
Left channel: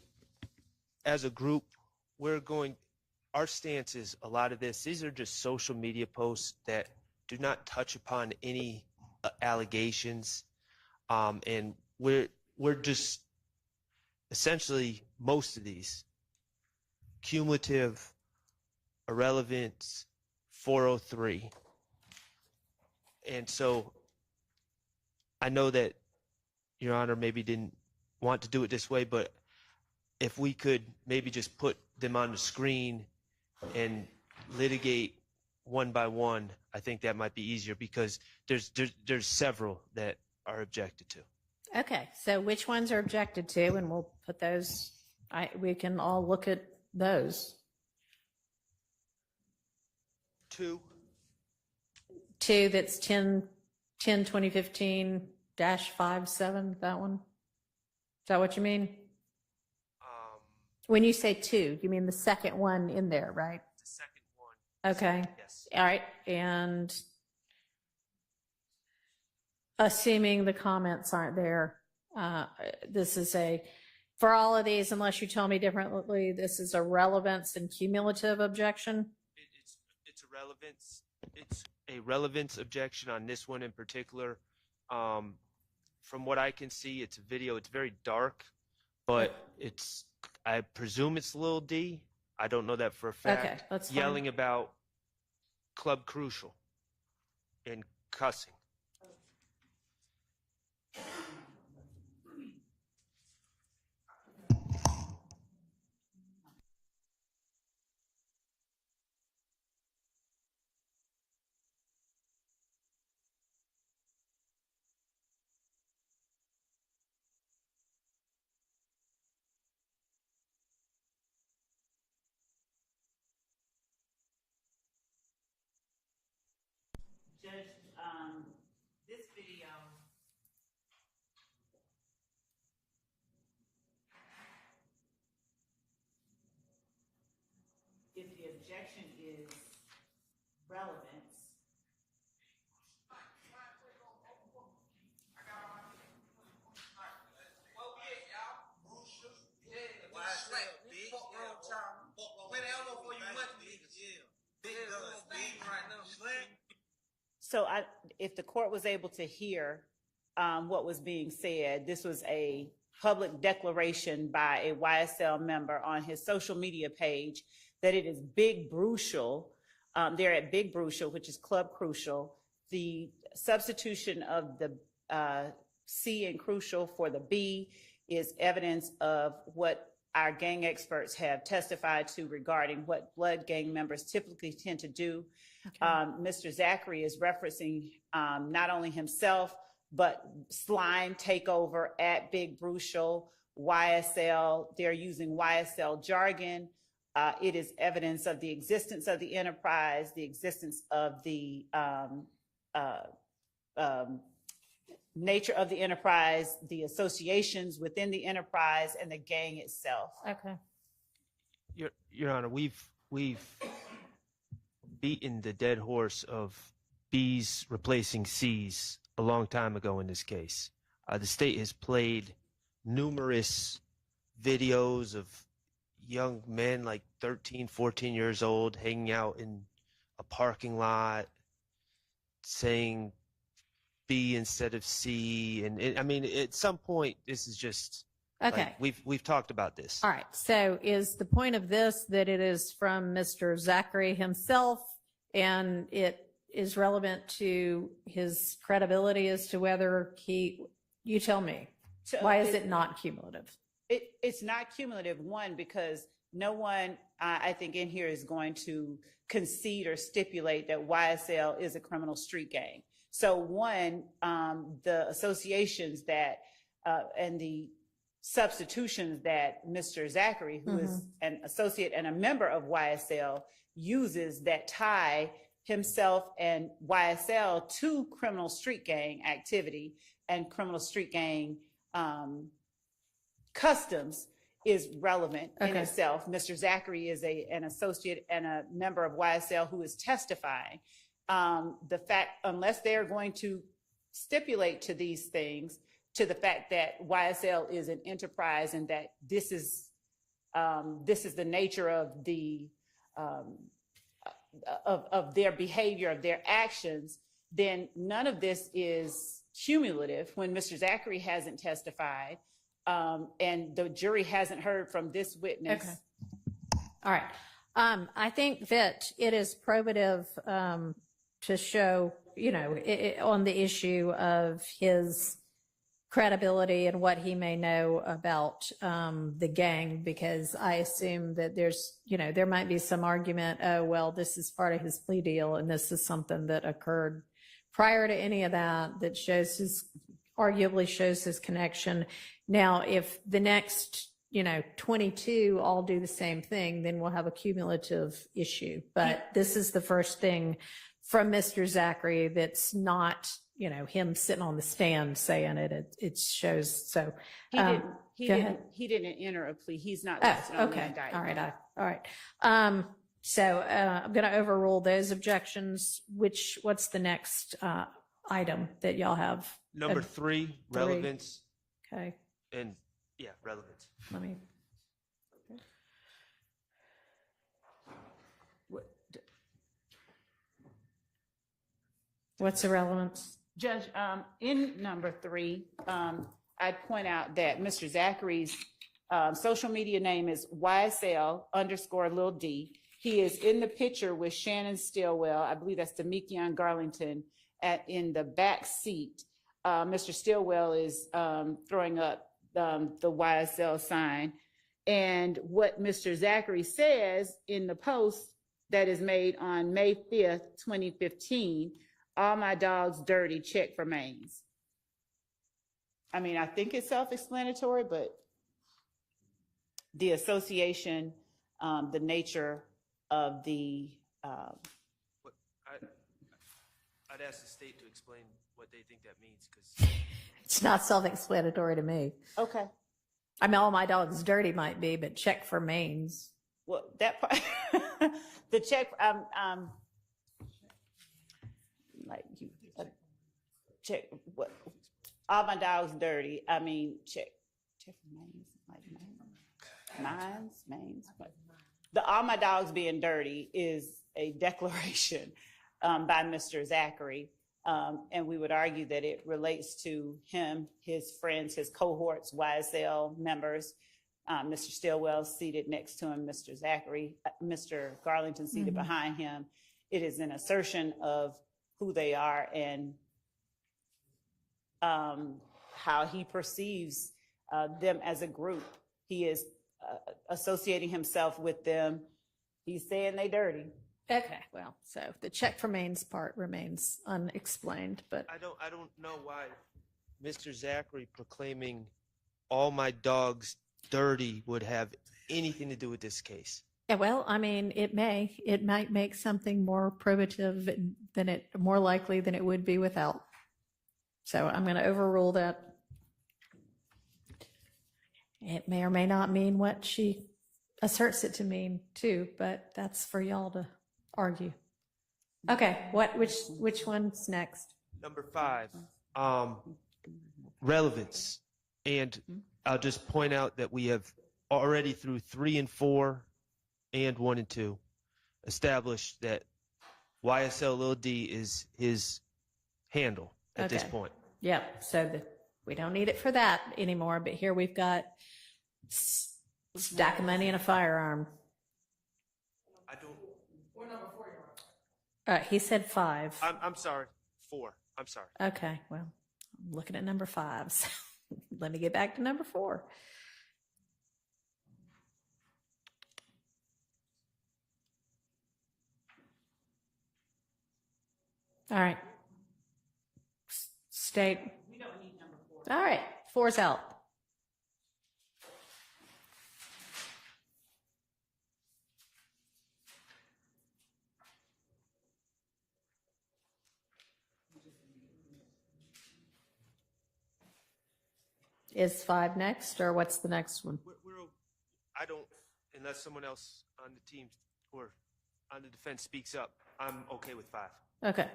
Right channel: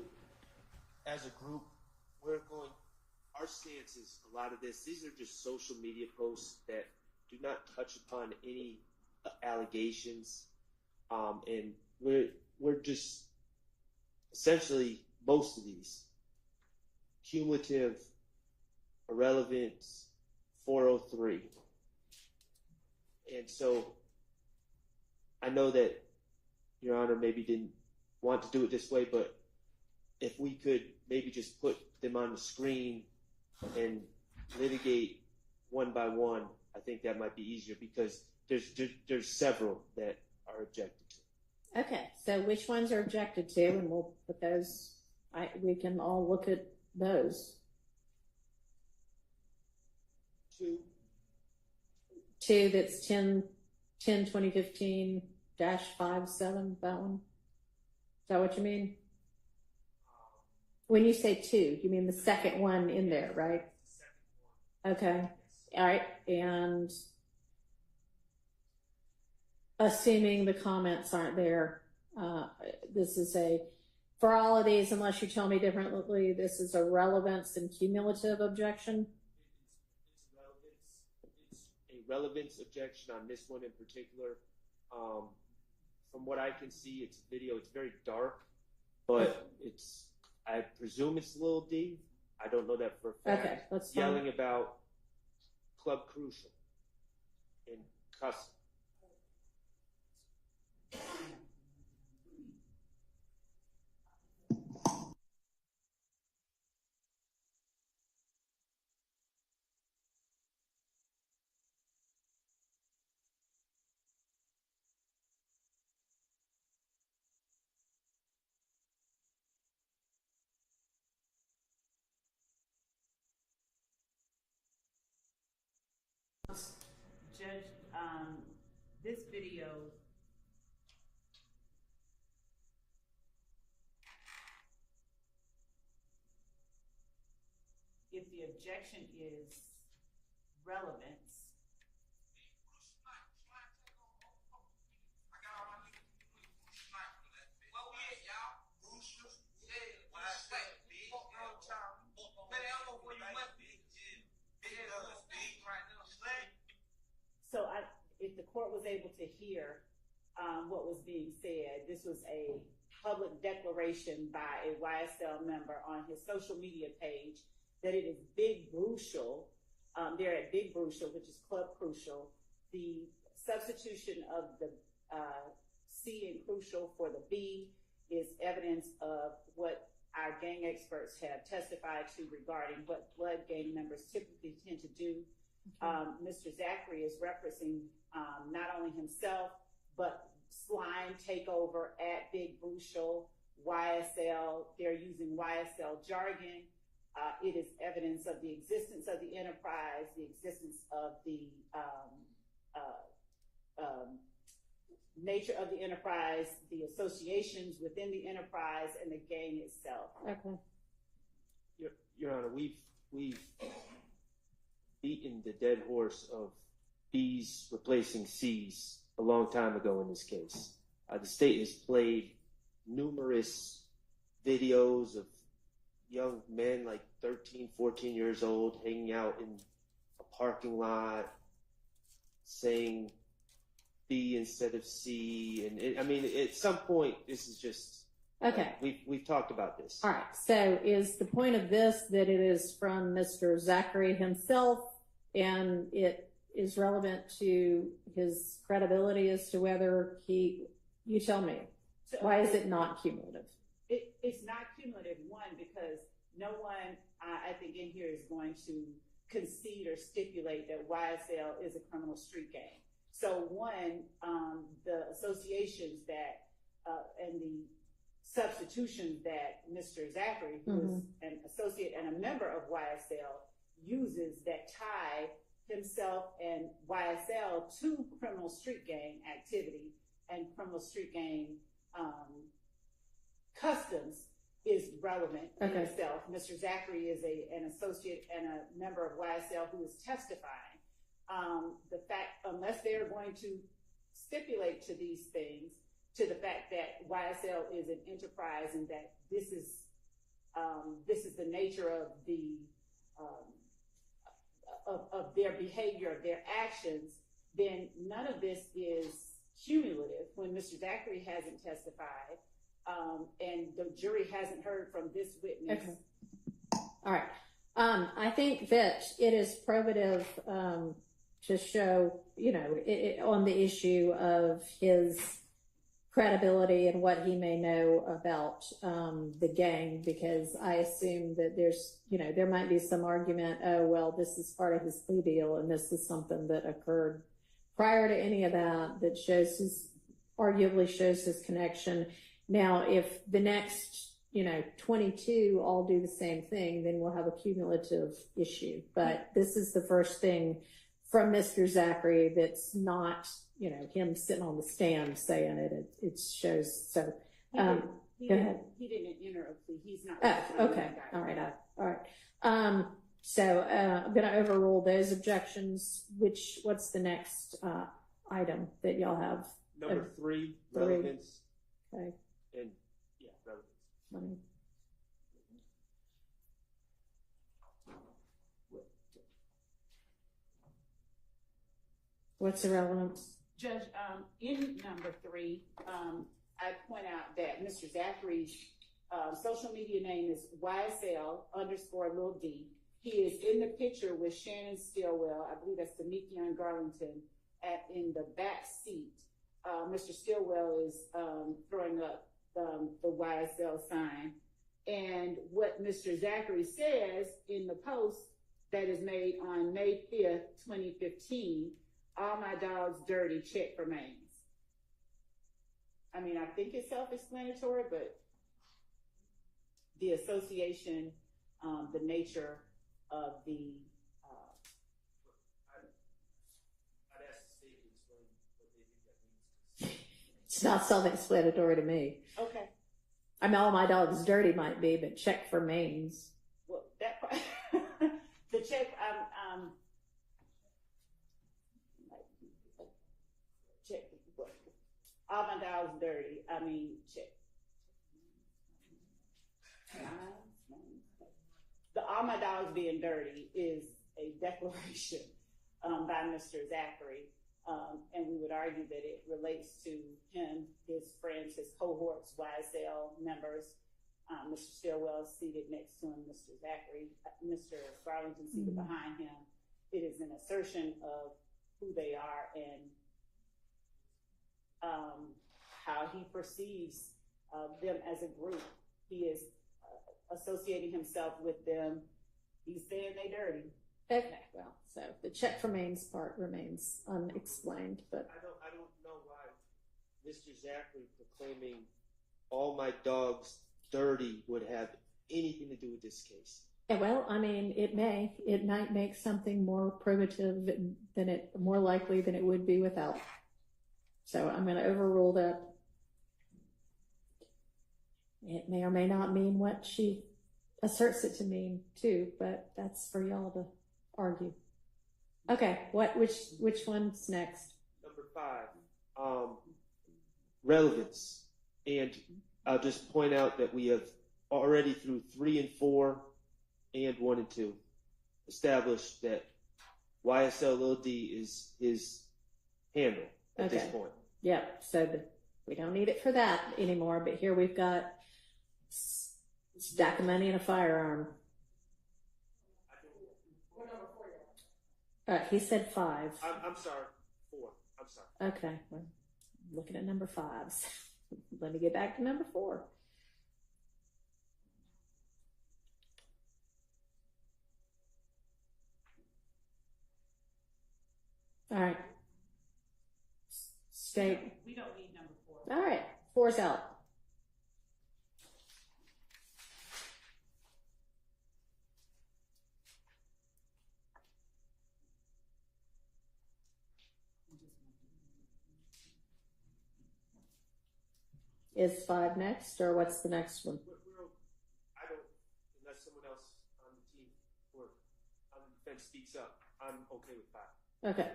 as a group, our stance is a lot of these are just social media posts that do not touch upon any allegations. And we're just essentially most of these cumulative, irrelevant, 403. And so I know that Your Honor maybe didn't want to do it this way, but if we could maybe just put them on the screen and litigate one by one, I think that might be easier because there's several that are objected to. Okay, so which ones are objected to, and we'll put those, we can all look at those. Two, That's 2015-57, that one? Is that what you mean? When you say two, you mean the second one in there, right? the second one. Okay. Yes. All right, and assuming the comments aren't there, this is for all of these, unless you tell me differently, this is a relevance and cumulative objection? It's a relevance. It's a relevance objection on this one in particular. From what I can see, it's a video. It's very dark, but I presume it's Lil D. I don't know that for a fact. Okay, that's fine. Yelling about Club Crucial and cussing. Judge, this video, if the objection is relevance, so if the court was able to hear what was being said, this was a public declaration by a YSL member on his social media page that it is Big Brucial. They're at Big Brucial, which is Club Crucial. The substitution of the C in crucial for the B is evidence of what our gang experts have testified to regarding what blood gang members typically tend to do. Mr. Zachary is referencing not only himself, but slime takeover at Big Brucial, YSL. They're using YSL jargon. It is evidence of the existence of the enterprise, the existence of the nature of the enterprise, the associations within the enterprise, and the gang itself. Okay. Your Honor, we've beaten the dead horse of B's replacing C's a long time ago in this case. The state has played numerous videos of young men like 13, 14 years old hanging out in a parking lot saying B instead of C. And I mean, at some point, this is just, Okay. like, we've talked about this. All right. So is the point of this that it is from Mr. Zachary himself, and it is relevant to his credibility as to whether you tell me, So why is it not cumulative? It's not cumulative, one, because no one, I think, in here is going to concede or stipulate that YSL is a criminal street gang. So one, the associations that, and the substitutions that Mr. Zachary, who is an associate and a member of YSL, uses that tie himself and YSL to criminal street gang activity and criminal street gang customs is relevant in itself. Mr. Zachary is an associate and a member of YSL who is testifying. The fact, unless they're going to stipulate to these things, to the fact that YSL is an enterprise and that this is the nature of the of their behavior, of their actions, then none of this is cumulative when Mr. Zachary hasn't testified, and the jury hasn't heard from this witness. Okay. All right. I think that it is probative to show, on the issue of his credibility and what he may know about the gang, because I assume that there's, there might be some argument, oh, well, this is part of his plea deal and this is something that occurred prior to any of that, that arguably shows his connection. Now, if the next, 22 all do the same thing, then we'll have a cumulative issue. But this is the first thing from Mr. Zachary that's not, him sitting on the stand saying it. It shows. So He didn't enter a plea. He's not listed on the indictment. All right. So I'm going to overrule those objections. What's the next item that y'all have? Number three, relevance. Okay. And yeah, relevance. Let me. What's the relevance? Judge, in number three, I point out that Mr. Zachary's social media name is YSL_Lil D. He is in the picture with Shannon Stillwell. I believe that's Damikion Garlington in the back seat. Mr. Stillwell is throwing up the YSL sign. And what Mr. Zachary says in the post that is made on May 5th, 2015, all my dogs dirty, check for mains. I mean, I think it's self-explanatory, but the association, the nature of the... I'd ask the state to explain what they think that means, because... It's not self-explanatory to me. Okay. I mean, all my dogs dirty might be, but check for mains. Well, that part... the check... like you... check... what? All my dogs dirty. I mean, check for mains. Like mains. All my dogs being dirty is a declaration by Mr. Zachary. And we would argue that it relates to him, his friends, his cohorts, YSL members. Mr. Stillwell seated next to him, Mr. Zachary, Mr. Garlington seated behind him. It is an assertion of who they are and how he perceives them as a group. He is associating himself with them. He's saying they dirty. Okay, well, so the check for mains part remains unexplained, but I don't know why Mr. Zachary proclaiming all my dogs dirty would have anything to do with this case. yeah, well, I mean, it might make something more probative more likely than it would be without. So I'm going to overrule that. It may or may not mean what she asserts it to mean too, but that's for y'all to argue. Okay, which one's next? Number 5, relevance. And I'll just point out that we have already through 3 and 4 and 1 and 2 established that YSL Lil D is his handle at this point. Yeah, so we don't need it for that anymore, but here we've got stack of money and a firearm. I don't. What number 4 you on? He said 5. I'm sorry. 4. I'm sorry. Okay, well, I'm looking at number 5. So let me get back to number 4. All right. State. We don't need number 4. All right, 4's out. Is 5 next, or what's the next one? I don't, unless someone else on the team or on the defense speaks up, I'm okay with 5. Okay.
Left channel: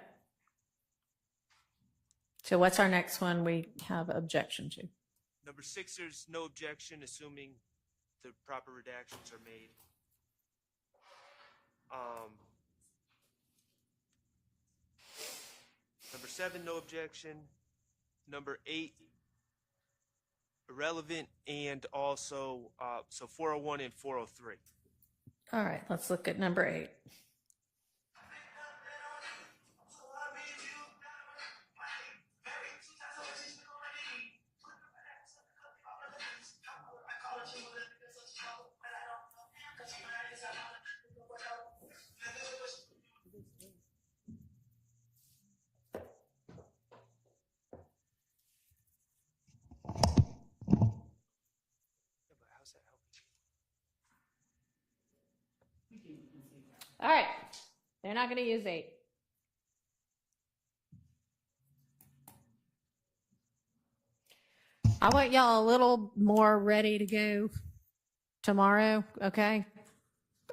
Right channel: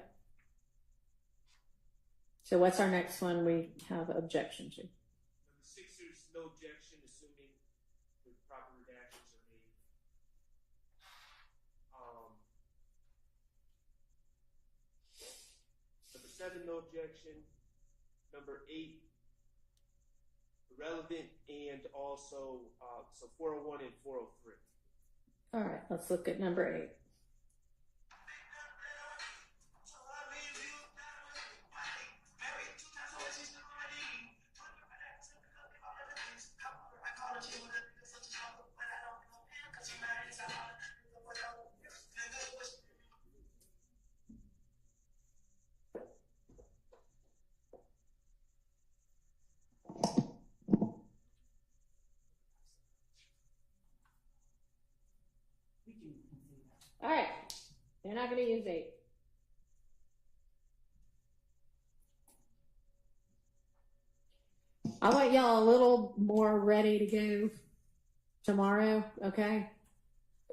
So what's our next one we have objection to? Number 6, there's no objection, assuming the proper redactions are made. Number 7, no objection. Number 8, irrelevant, and also so 401 and 403. All right, let's look at number 8. All right, they're not going to use 8. I want y'all a little more ready to go tomorrow, okay?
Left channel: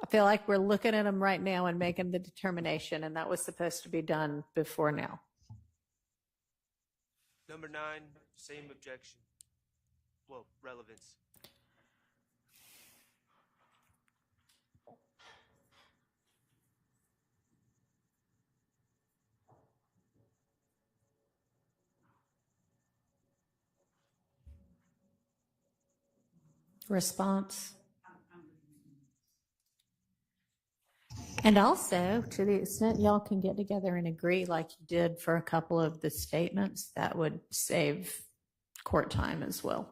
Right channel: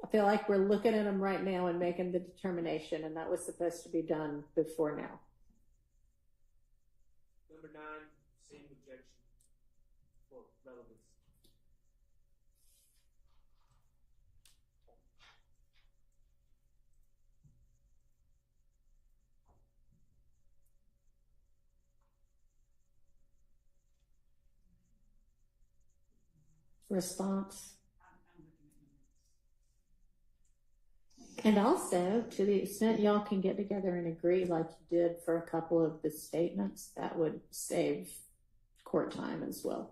I feel like we're looking at them right now and making the determination, and that was supposed to be done before now. Number 9, same objection. Well, relevance. Response. And also, to the extent y'all can get together and agree like you did for a couple of the statements, that would save court time as well.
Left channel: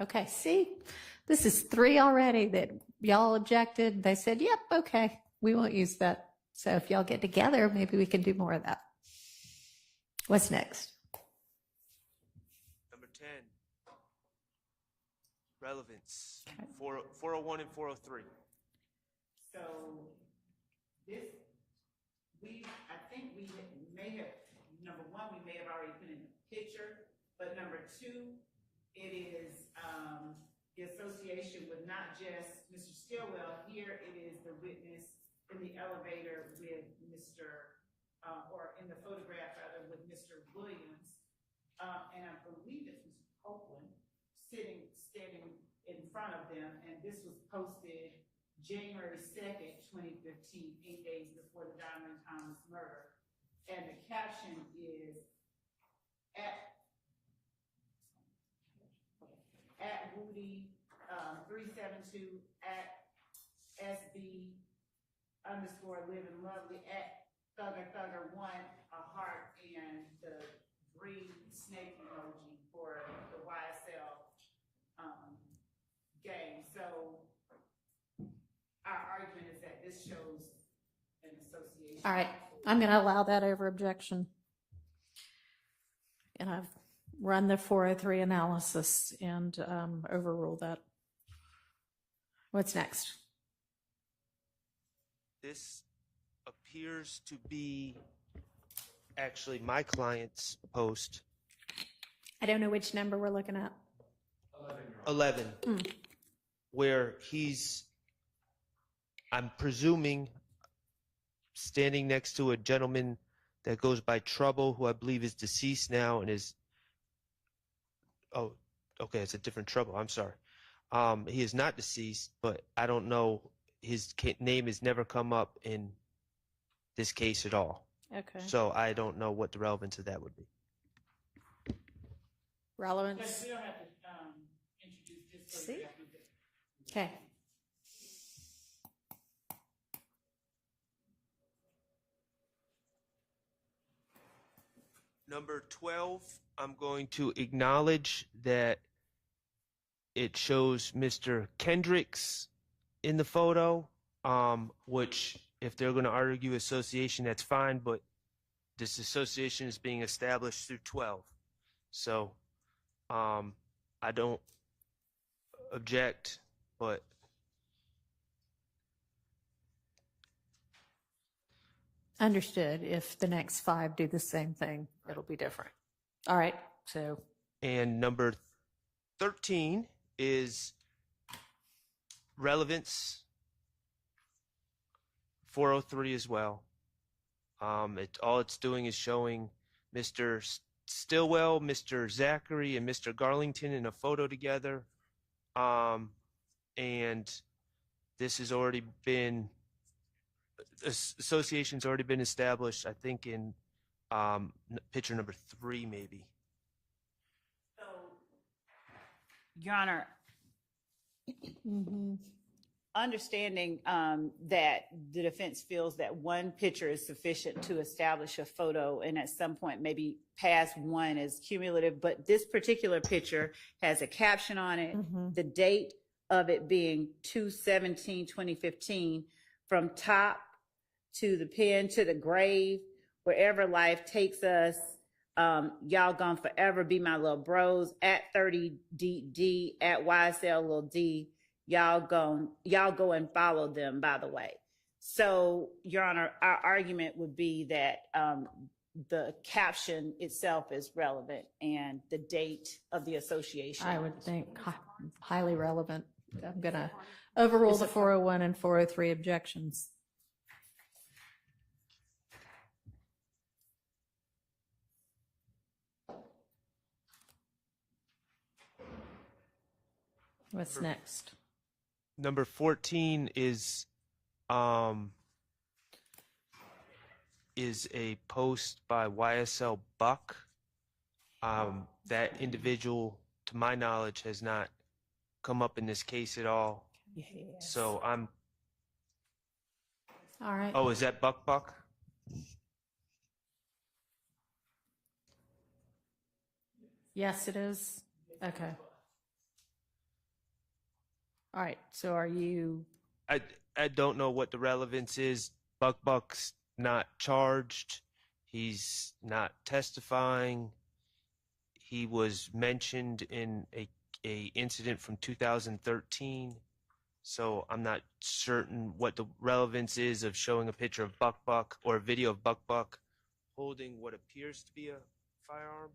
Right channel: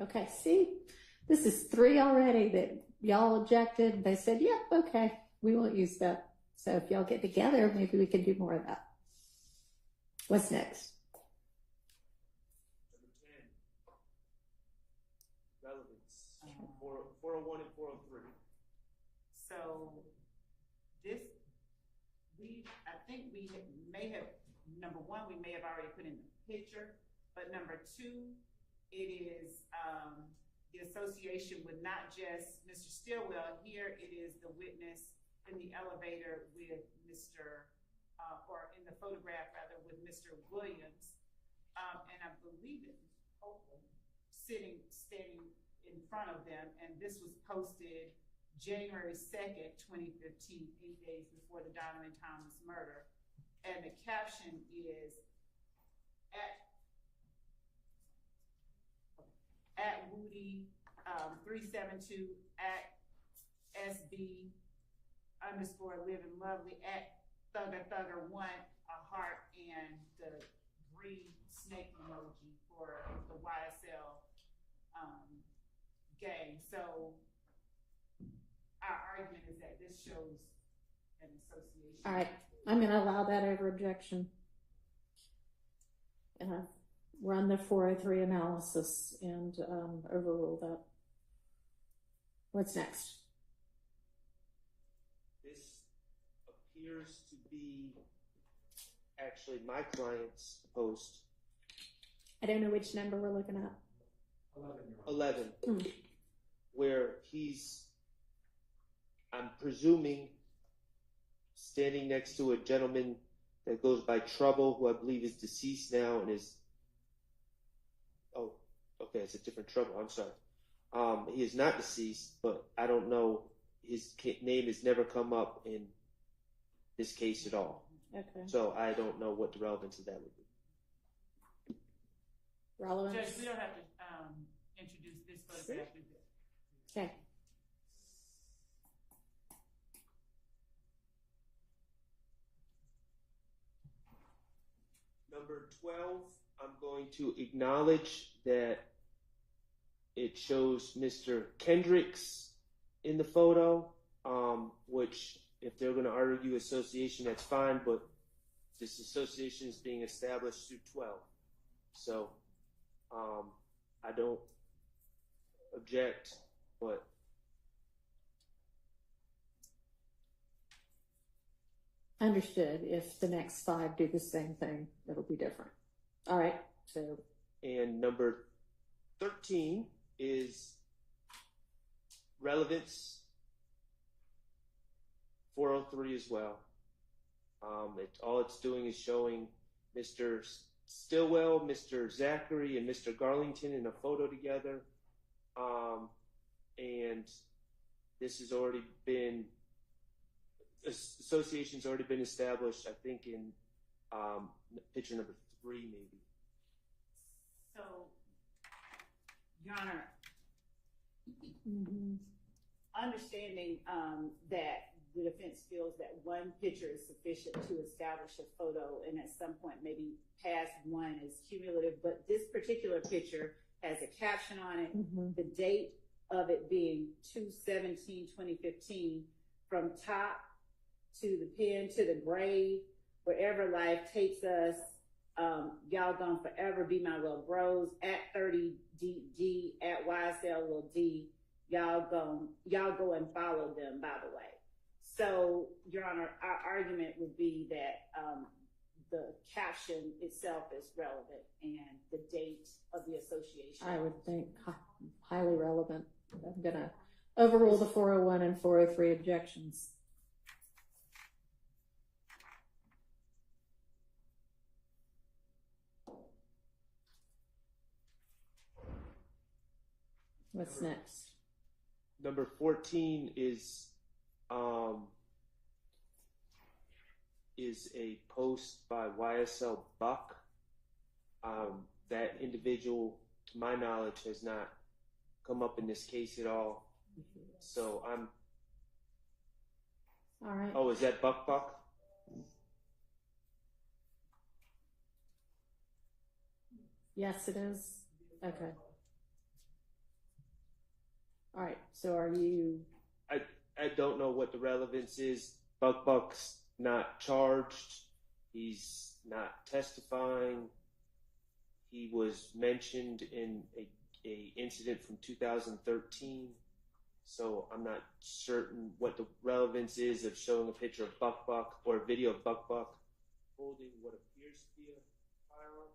Okay, see, this is 3 already that y'all objected. They said, yep, okay, we won't use that. So if y'all get together, maybe we can do more of that. What's next? Number 10, relevance. 401 and 403. So I think we may have, number 1, we may have already put in the picture, but number 2, it is the association with not just Mr. Stillwell. Here it is the witness in the elevator with Mr. Or in the photograph rather with Mr. Williams, and I believe it's Mr. Copeland standing in front of them, and this was posted January 2nd, 2015, 8 days before the Donovan Thomas murder, and the caption is at Woody 372 at SB _living lovely at Thugger 1, a heart, and the green snake emoji for the YSL gang. So our argument is that this shows an association. All right, I'm going to allow that over objection. And I've run the 403 analysis and overruled that. What's next? This appears to be actually my client's post. I don't know which number we're looking at. 11, where he's, I'm presuming, standing next to a gentleman that goes by Trouble, who I believe is deceased now and is, oh, okay, it's a different Trouble, I'm sorry. He is not deceased, but I don't know, his name has never come up in this case at all. Okay. So I don't know what the relevance of that would be. Relevance? Judge, we don't have to introduce this photograph. Okay. Number 12, I'm going to acknowledge that it shows Mr. Kendricks in the photo, which if they're going to argue association, that's fine, but this association is being established through 12. So I don't object, but Understood. If the next 5 do the same thing, it'll be different. All right, so. And number 13 is relevance 403 as well. All it's doing is showing Mr. Stillwell, Mr. Zachary, and Mr. Garlington in a photo together. And this has already been, association's already been established, I think, in picture number 3, maybe. So, Your Honor, understanding that the defense feels that one picture is sufficient to establish a photo, and at some point maybe past one is cumulative, but this particular picture has a caption on it, the date of it being 2/17/2015, from top to the pen to the grave, wherever life takes us. Y'all gonna forever be my little bros at 30DD at YSL little D. Y'all go and follow them, by the way. So, Your Honor, our argument would be that the caption itself is relevant and the date of the association. I would think highly relevant. I'm going to overrule the 401 and 403 objections. What's next? Number 14 is a post by YSL Buck. That individual, to my knowledge, has not come up in this case at all. Yes. So I'm. All right. Oh, is that Buck? Yes, it is. Okay. All right. So are you? I don't know what the relevance is. Buck's not charged. He's not testifying. He was mentioned in a incident from 2013. So I'm not certain what the relevance is of showing a picture of Buck or a video of Buck holding what appears to be a firearm.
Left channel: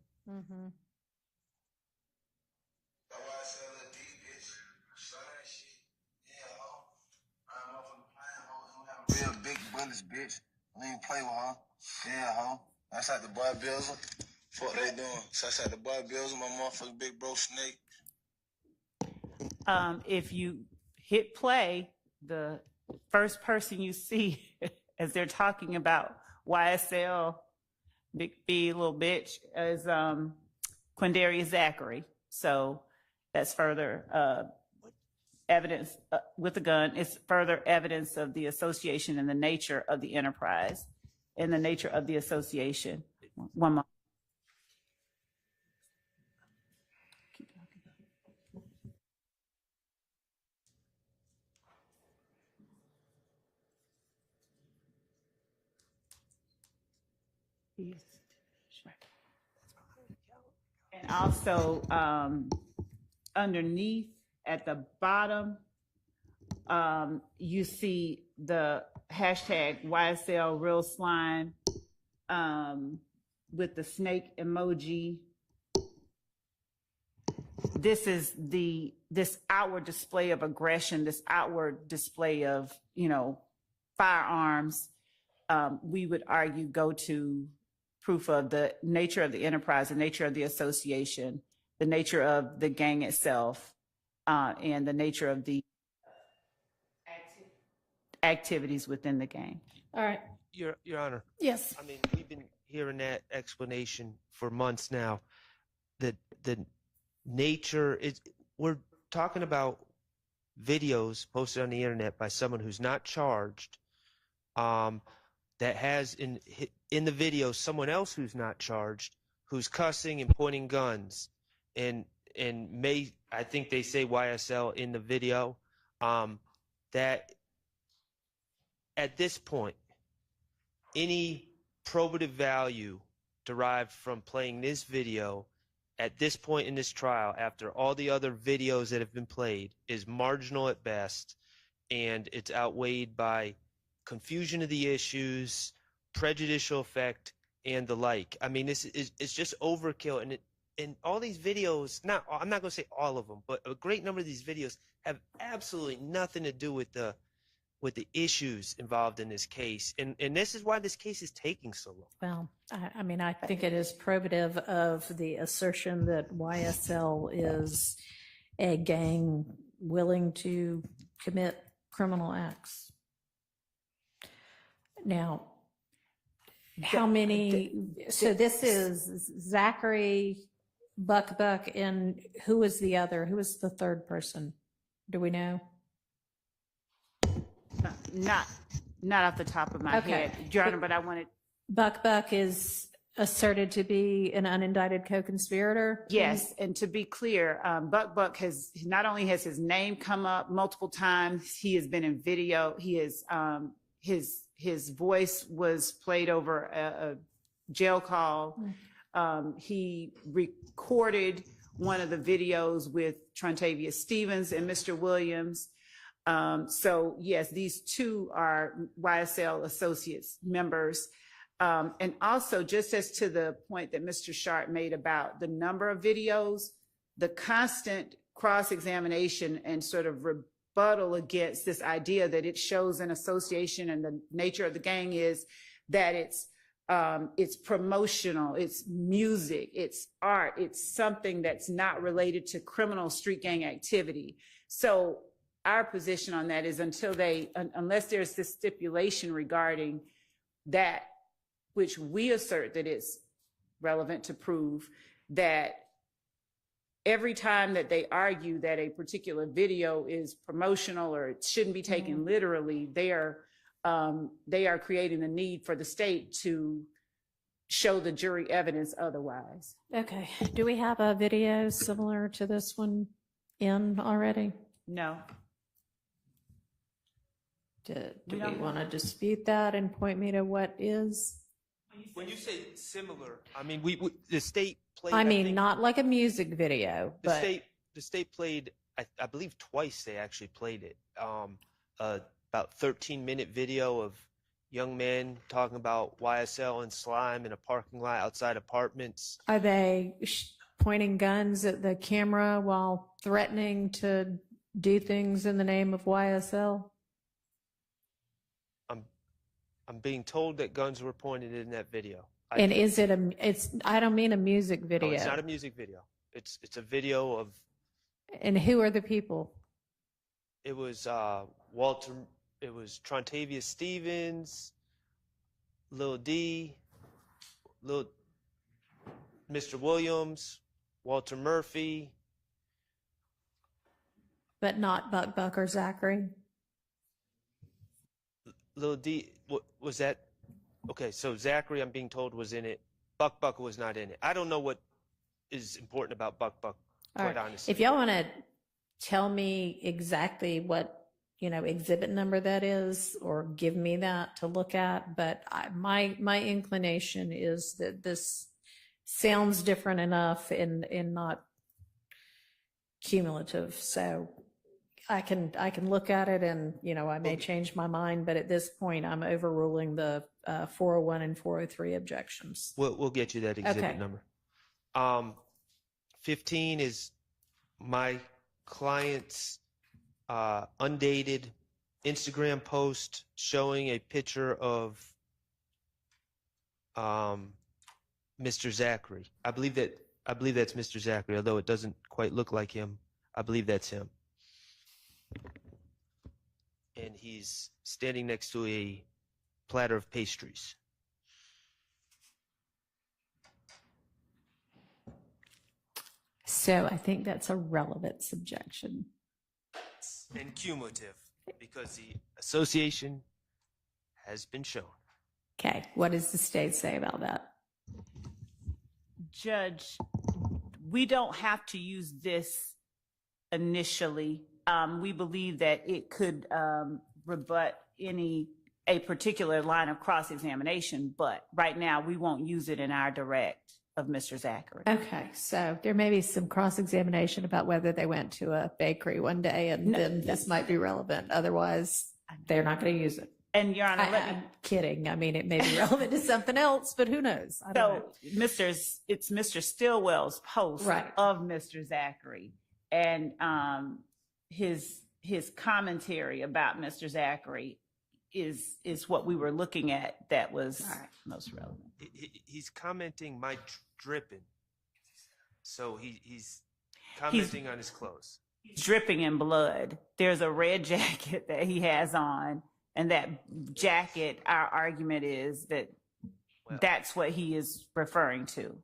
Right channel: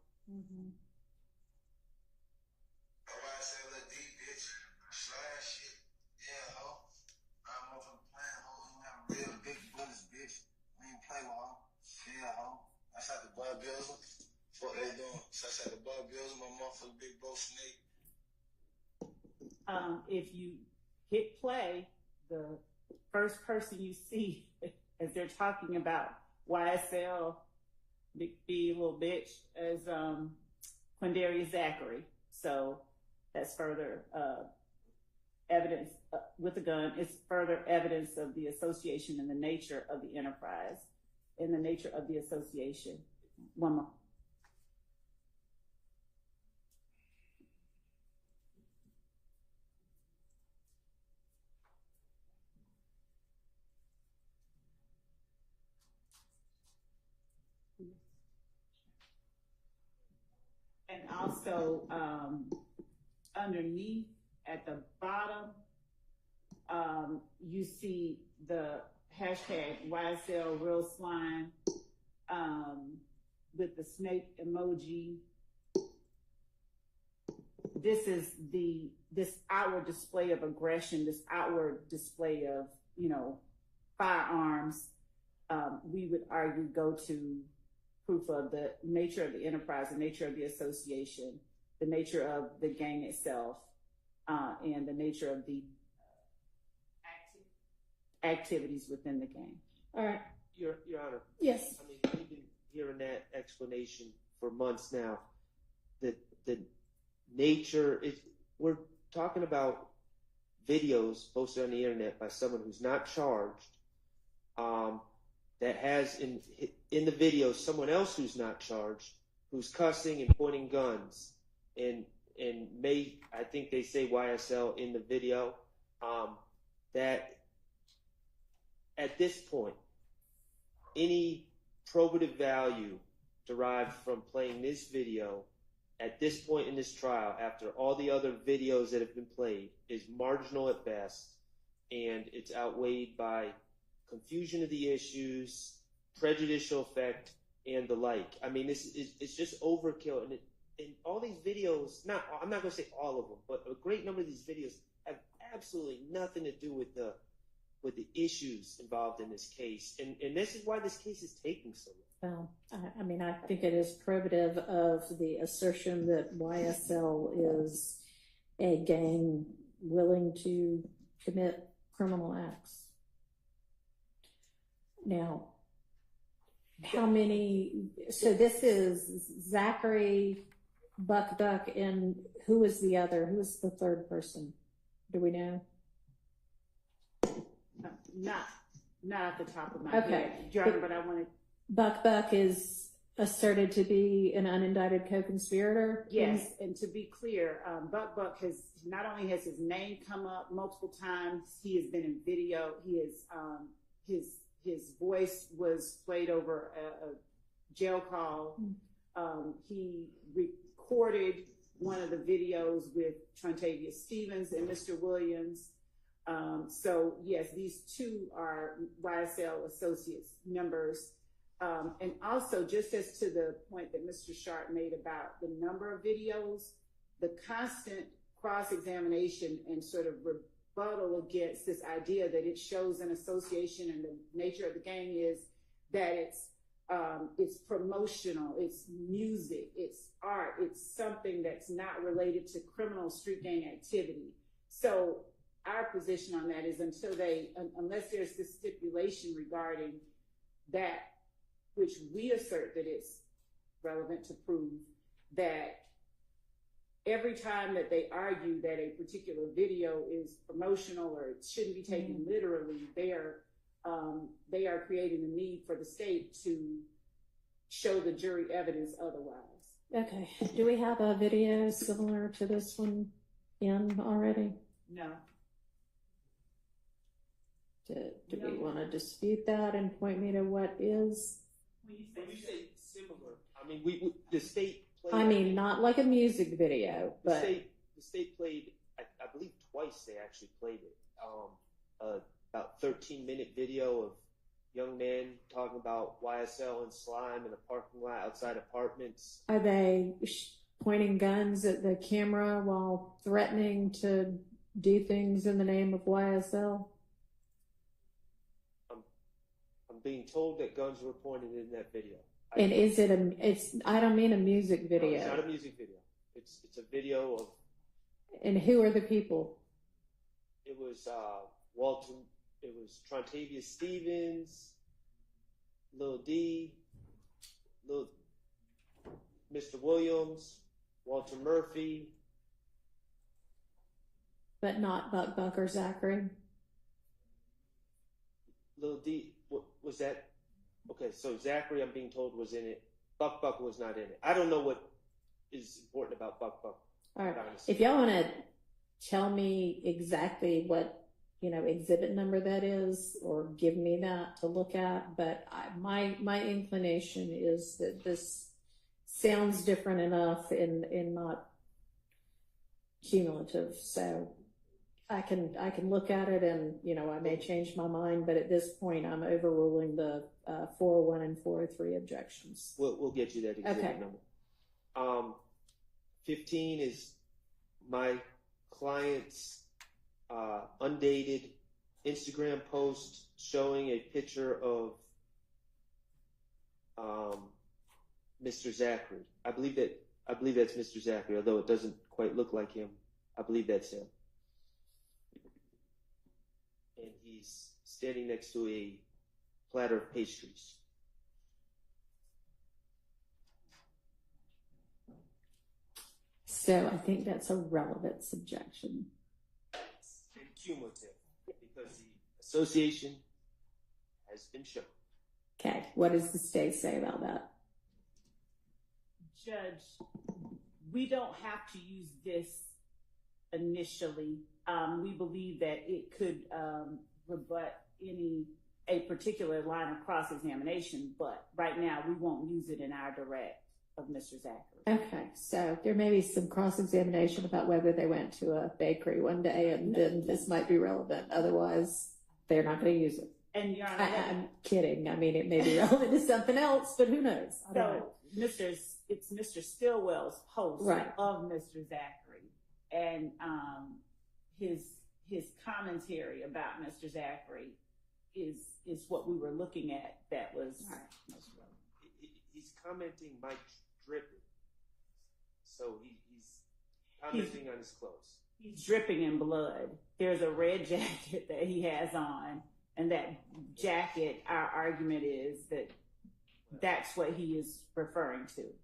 Real big bullets, bitch. Don't even play with her. Yeah, ho. That's like the boy Bills. What they doing? So that's like the boy Bills, my motherfucking big bro Snake. If you hit play, the first person you see as they're talking about YSL, Big B, little bitch, is Quindarius Zachary. So that's further evidence with a gun is further evidence of the association and the nature of the enterprise and the nature of the association. One more. And also, underneath at the bottom, you see the hashtag YSL Real Slime with the snake emoji. This is this outward display of aggression, this outward display of, firearms, we would argue go to proof of the nature of the enterprise, the nature of the association, the nature of the gang itself, and the nature of the activities within the gang. All right. Your Honor. Yes. I mean, we've been hearing that explanation for months now. That the nature we're talking about videos posted on the internet by someone who's not charged, that has in the video someone else who's not charged, who's cussing and pointing guns, and I think they say YSL in the video, that at this point, any probative value derived from playing this video at this point in this trial, after all the other videos that have been played, is marginal at best, and it's outweighed by confusion of the issues, prejudicial effect, and the like. I mean, it's just overkill, and all these videos, I'm not going to say all of them, but a great number of these videos have absolutely nothing to do with the issues involved in this case, and this is why this case is taking so long. Well, I mean, I think it is probative of the assertion that YSL is a gang willing to commit criminal acts. Now, how many? So this is Zachary, Buck, and who was the other? Who was the third person? Do we know? Not off the top of my head, Your Honor, but I wanted. Buck is asserted to be an unindicted co-conspirator. Yes, and to be clear, Buck has not only has his name come up multiple times, he has been in video. He is his voice was played over a jail call. He recorded one of the videos with Trontavia Stevens and Mr. Williams. So yes, these two are YSL associates members. And also, just as to the point that Mr. Sharp made about the number of videos, the constant cross-examination and sort of rebuttal against this idea that it shows an association, and the nature of the gang is that it's promotional, it's music, it's art, it's something that's not related to criminal street gang activity. So our position on that is unless there's this stipulation regarding that, which we assert that it's relevant to prove, that every time that they argue that a particular video is promotional or it shouldn't be taken literally, they are creating the need for the state to show the jury evidence otherwise. Okay. Do we have a video similar to this one in already? No. Do we want to dispute that and point me to what is? When you say similar, I mean the state played. I mean, not like a music video, but the state played. I believe twice they actually played it. About 13-minute video of young men talking about YSL and slime in a parking lot outside apartments. Are they pointing guns at the camera while threatening to do things in the name of YSL? I'm being told that guns were pointed in that video. And is it I don't mean a music video. No, it's not a music video. It's a video of. And who are the people? It was Walter. It was Trontavia Stevens, Lil D, Mr. Williams, Walter Murphy. But not Buck or Zachary? Lil D, what was that? Okay, so Zachary, I'm being told, was in it. Buck was not in it. I don't know what is important about Buck, All quite right. honestly. If y'all want to tell me exactly what, exhibit number that is, or give me that to look at, but my inclination is that this sounds different enough and not cumulative. So I can look at it and, I may change my mind, but at this point I'm overruling the 401 and 403 objections. We'll get you that exhibit Okay. number. 15 is my client's undated Instagram post showing a picture of Mr. Zachary. I believe that's Mr. Zachary, although it doesn't quite look like him. I believe that's him. And he's standing next to a platter of pastries. So I think that's a relevant subjection. And cumulative, because the association has been shown. Okay, what does the state say about that? Judge, we don't have to use this initially. We believe that it could rebut a particular line of cross-examination, but right now we won't use it in our direct of Mr. Zachary. Okay, so there may be some cross-examination about whether they went to a bakery one day, and then this might be relevant. Otherwise, they're not going to use it. And Your Honor, I'm kidding. I mean, it may be relevant to something else, but who knows? I don't know. It's Mr. Stillwell's post Right. of Mr. Zachary, and his commentary about Mr. Zachary is what we were looking at that was most relevant. He's commenting my dripping, so he's commenting on his clothes. He's dripping in blood. There's a red jacket that he has on, and that jacket, our argument is that that's what he is referring to.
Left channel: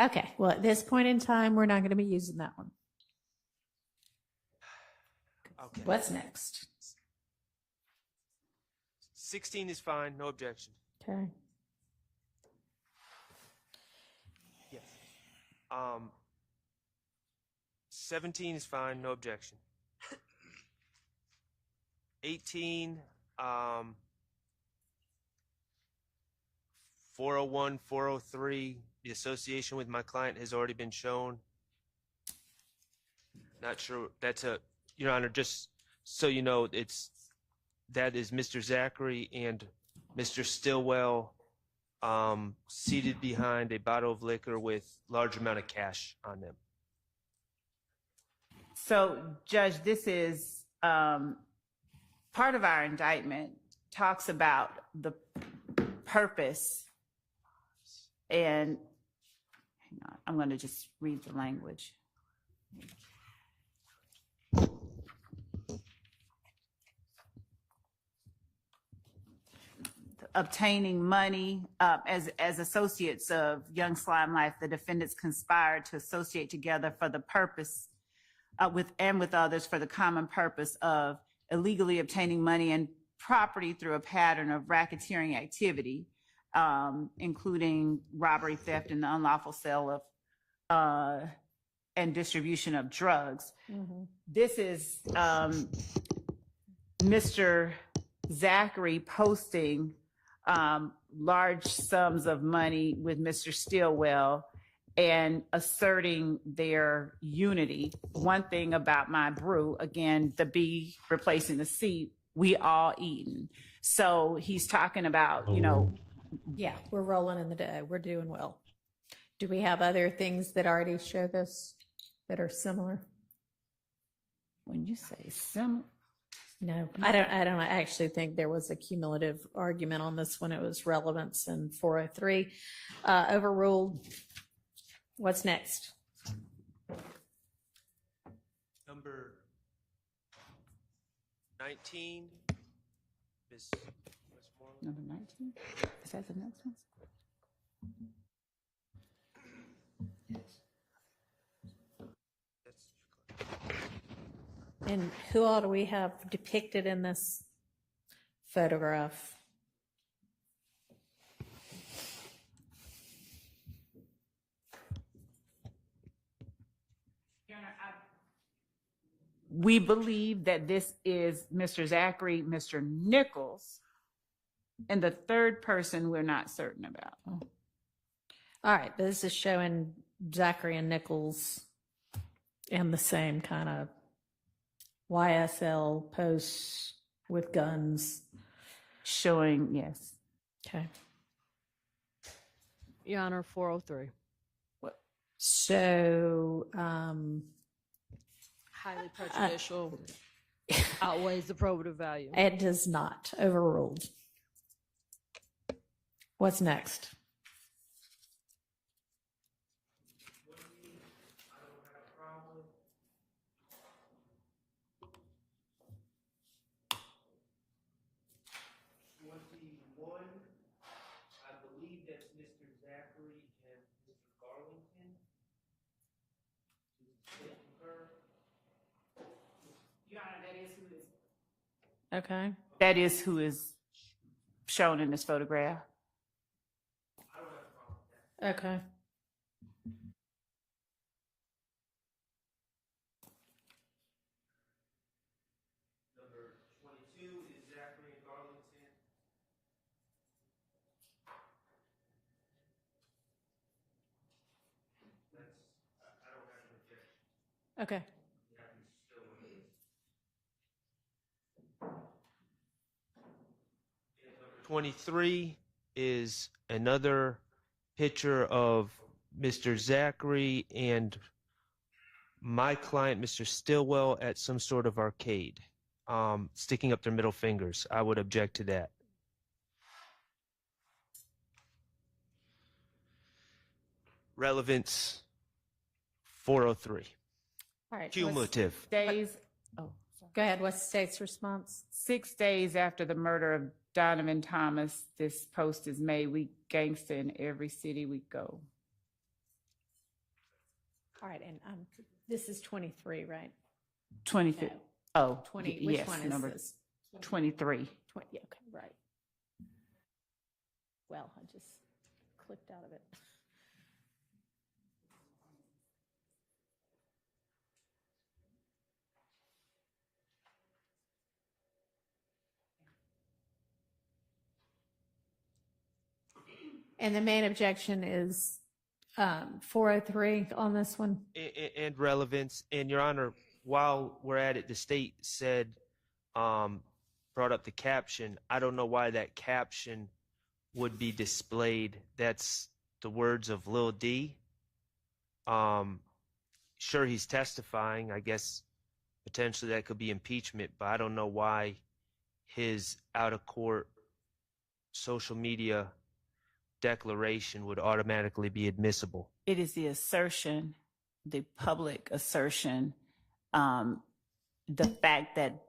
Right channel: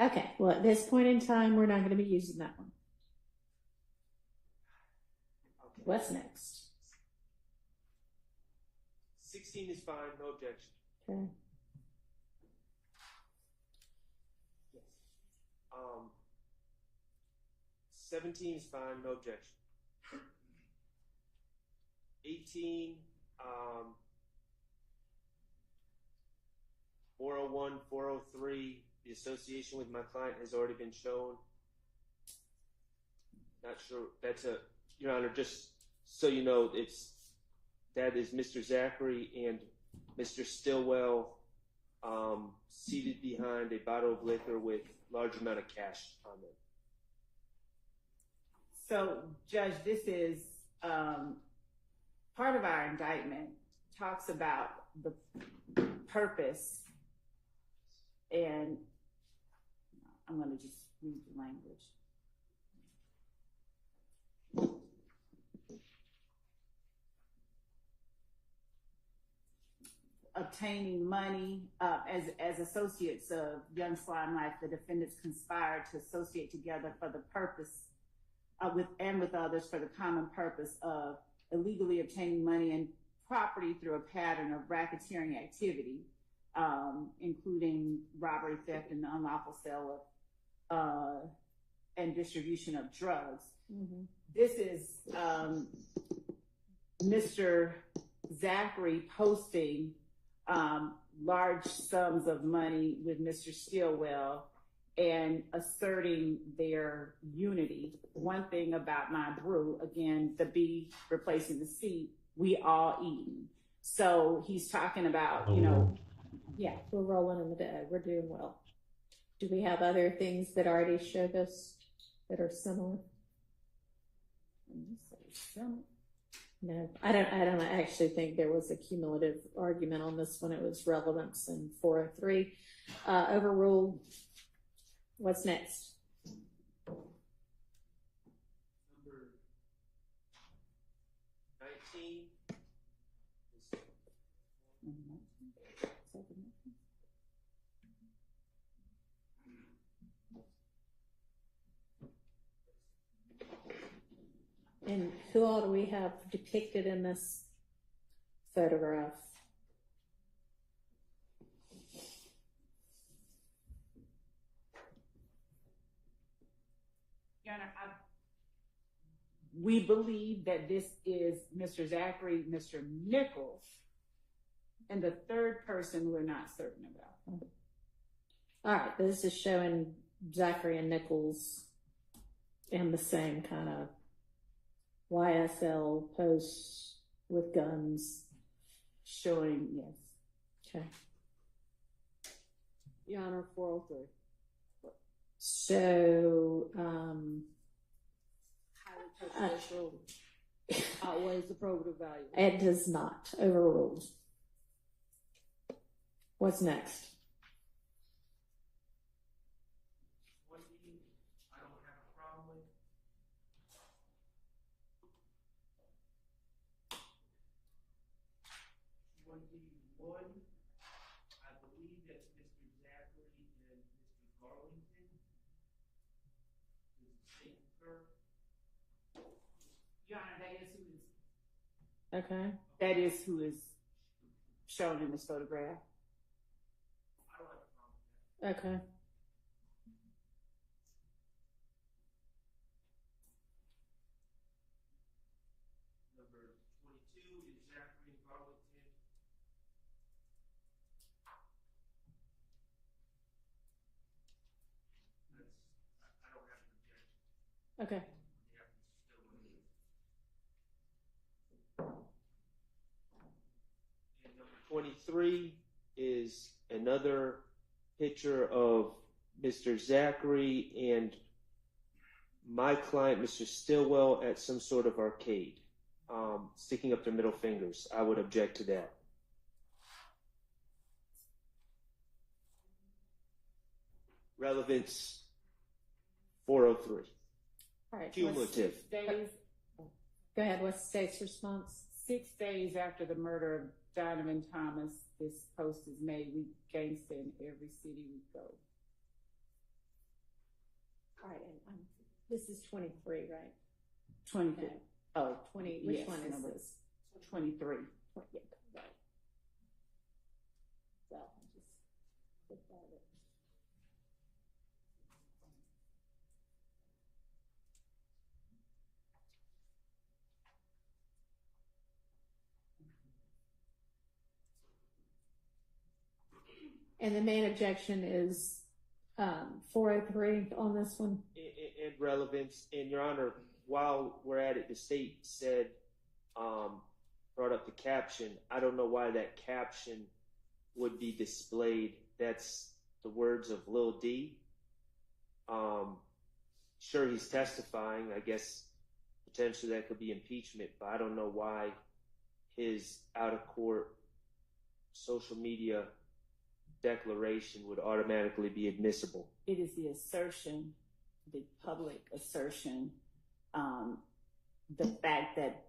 Okay, well, at this point in time, we're not going to be using that one. Okay. What's next? 16 is fine, no objection. Okay. Yes. 17 is fine, no objection. 18, 401, 403, the association with my client has already been shown. Not sure, Your Honor, just so you know, that is Mr. Zachary and Mr. Stillwell seated behind a bottle of liquor with large amount of cash on them. So, Judge, this is part of our indictment talks about the purpose, and hang on, I'm going to just read the language. Obtaining money as associates of Young Slime Life, the defendants conspired to associate together for the purpose with others for the common purpose of illegally obtaining money and property through a pattern of racketeering activity, including robbery, theft, and the unlawful sale of and distribution of drugs. Mm-hmm. This is Mr. Zachary posting large sums of money with Mr. Stillwell and asserting their unity. One thing about my brew, again, the B replacing the C, we all eating. So he's talking about, Yeah, we're rolling in the dough. We're doing well. Do we have other things that already show this that are similar? When you say similar, no, I don't actually think there was a cumulative argument on this one. It was relevance in 403. Overruled. What's next? Number 19, Ms. Westmoreland. number 19? Is that the next one? That's And who all do we have depicted in this photograph? We believe that this is Mr. Zachary, Mr. Nichols, and the third person we're not certain about. All right, this is showing Zachary and Nichols in the same kind of YSL posts with guns. Showing, yes. Okay. Your Honor, 403. So, Highly prejudicial, outweighs the probative value. it does not. Overruled. What's next? I believe that's Mr. Zachary and Mr. Garlington. Your Honor, that is who is. Okay. That is who is shown in this photograph. Okay. Number 22 is Zachary and Garlington. I don't have an objection. Okay. 23 is another picture of Mr. Zachary and my client, Mr. Stillwell, at some sort of arcade, sticking up their middle fingers. I would object to that. Relevance 403. All right. Cumulative. Days, Go ahead. What's the state's response? 6 days after the murder of Donovan Thomas, this post is made. We gangster in every city we go. All right, and this is 23, right? 25. Oh, 20. Which yes, one is number this? 23. 20. Yeah, okay, right. Well, I just clicked out of it. And the main objection is 403 on this one. And relevance. And Your Honor, while we're at it, the state said, brought up the caption. I don't know why that caption would be displayed. That's the words of Lil D. Sure, he's testifying. I guess potentially that could be impeachment, but I don't know why his out-of-court social media declaration would automatically be admissible. It is the assertion, the public assertion, the fact that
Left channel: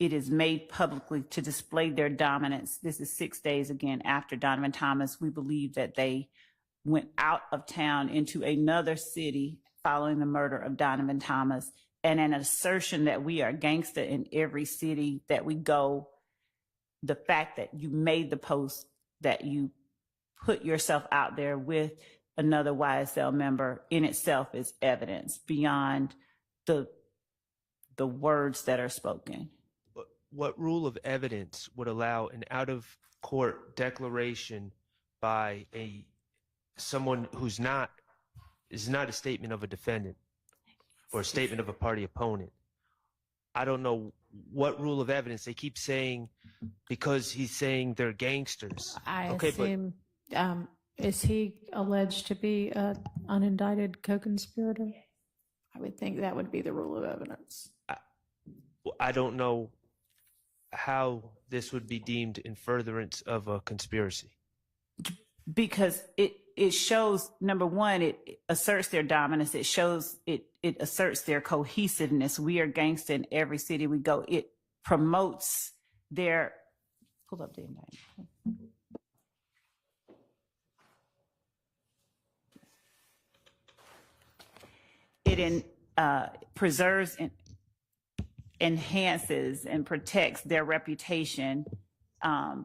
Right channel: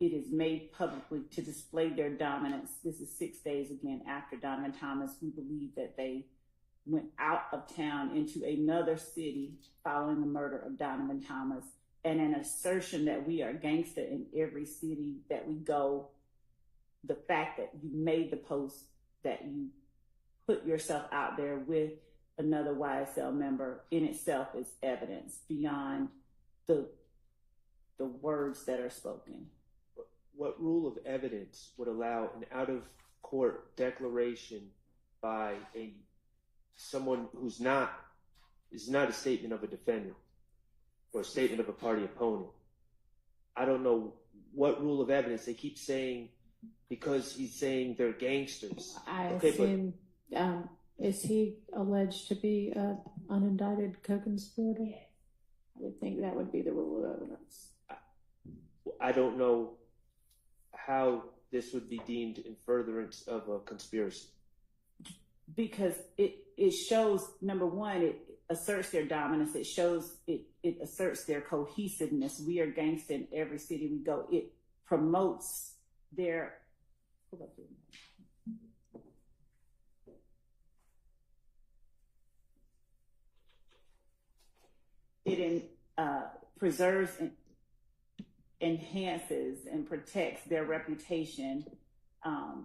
it is made publicly to display their dominance. This is 6 days again after Donovan Thomas. We believe that they went out of town into another city following the murder of Donovan Thomas, and an assertion that we are gangster in every city that we go. The fact that you made the post, that you put yourself out there with another YSL member in itself is evidence beyond the words that are spoken. What rule of evidence would allow an out-of-court declaration by someone who's is not a statement of a defendant or a statement of a party opponent? I don't know what rule of evidence. They keep saying because he's saying they're gangsters. I assume, is he alleged to be an unindicted co-conspirator? I would think that would be the rule of evidence. I don't know how this would be deemed in furtherance of a conspiracy. Because it shows, number one, it asserts their dominance. It shows, it asserts their cohesiveness. We are gangster in every city we go. It promotes their, pull up the indictment. It preserves enhances and protects their reputation,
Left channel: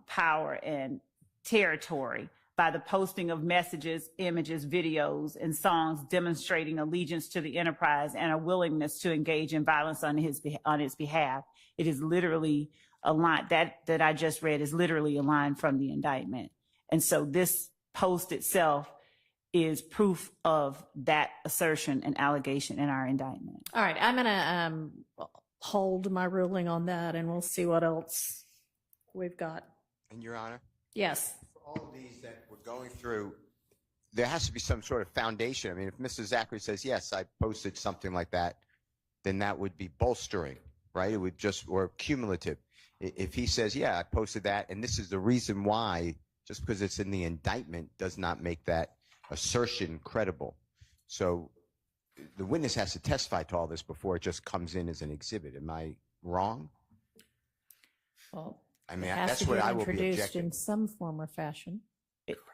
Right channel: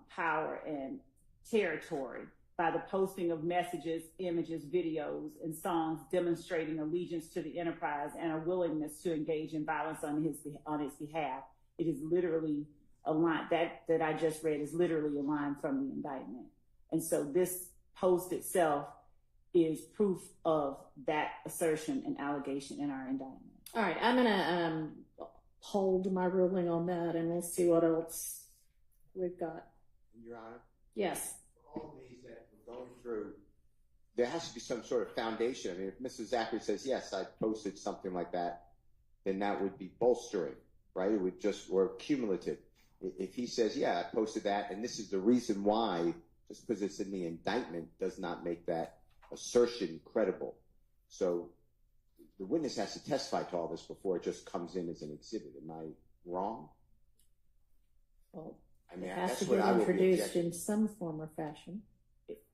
power, and territory by the posting of messages, images, videos, and songs demonstrating allegiance to the enterprise and a willingness to engage in violence on its behalf. It is literally a line that I just read is literally a line from the indictment. And so this post itself is proof of that assertion and allegation in our indictment. All right, I'm gonna hold my ruling on that, and we'll see what else we've got. And Your Honor? Yes. For all of these that we're going through, there has to be some sort of foundation. I mean, if Mr. Zachary says, yes, I posted something like that, then that would be bolstering, right? It would just, or cumulative. If he says, yeah, I posted that, and this is the reason why, just because it's in the indictment does not make that assertion credible. So the witness has to testify to all this before it just comes in as an exhibit. Am I wrong? Well, I mean, it has that's to what be I will be introduced objecting. in some form or fashion.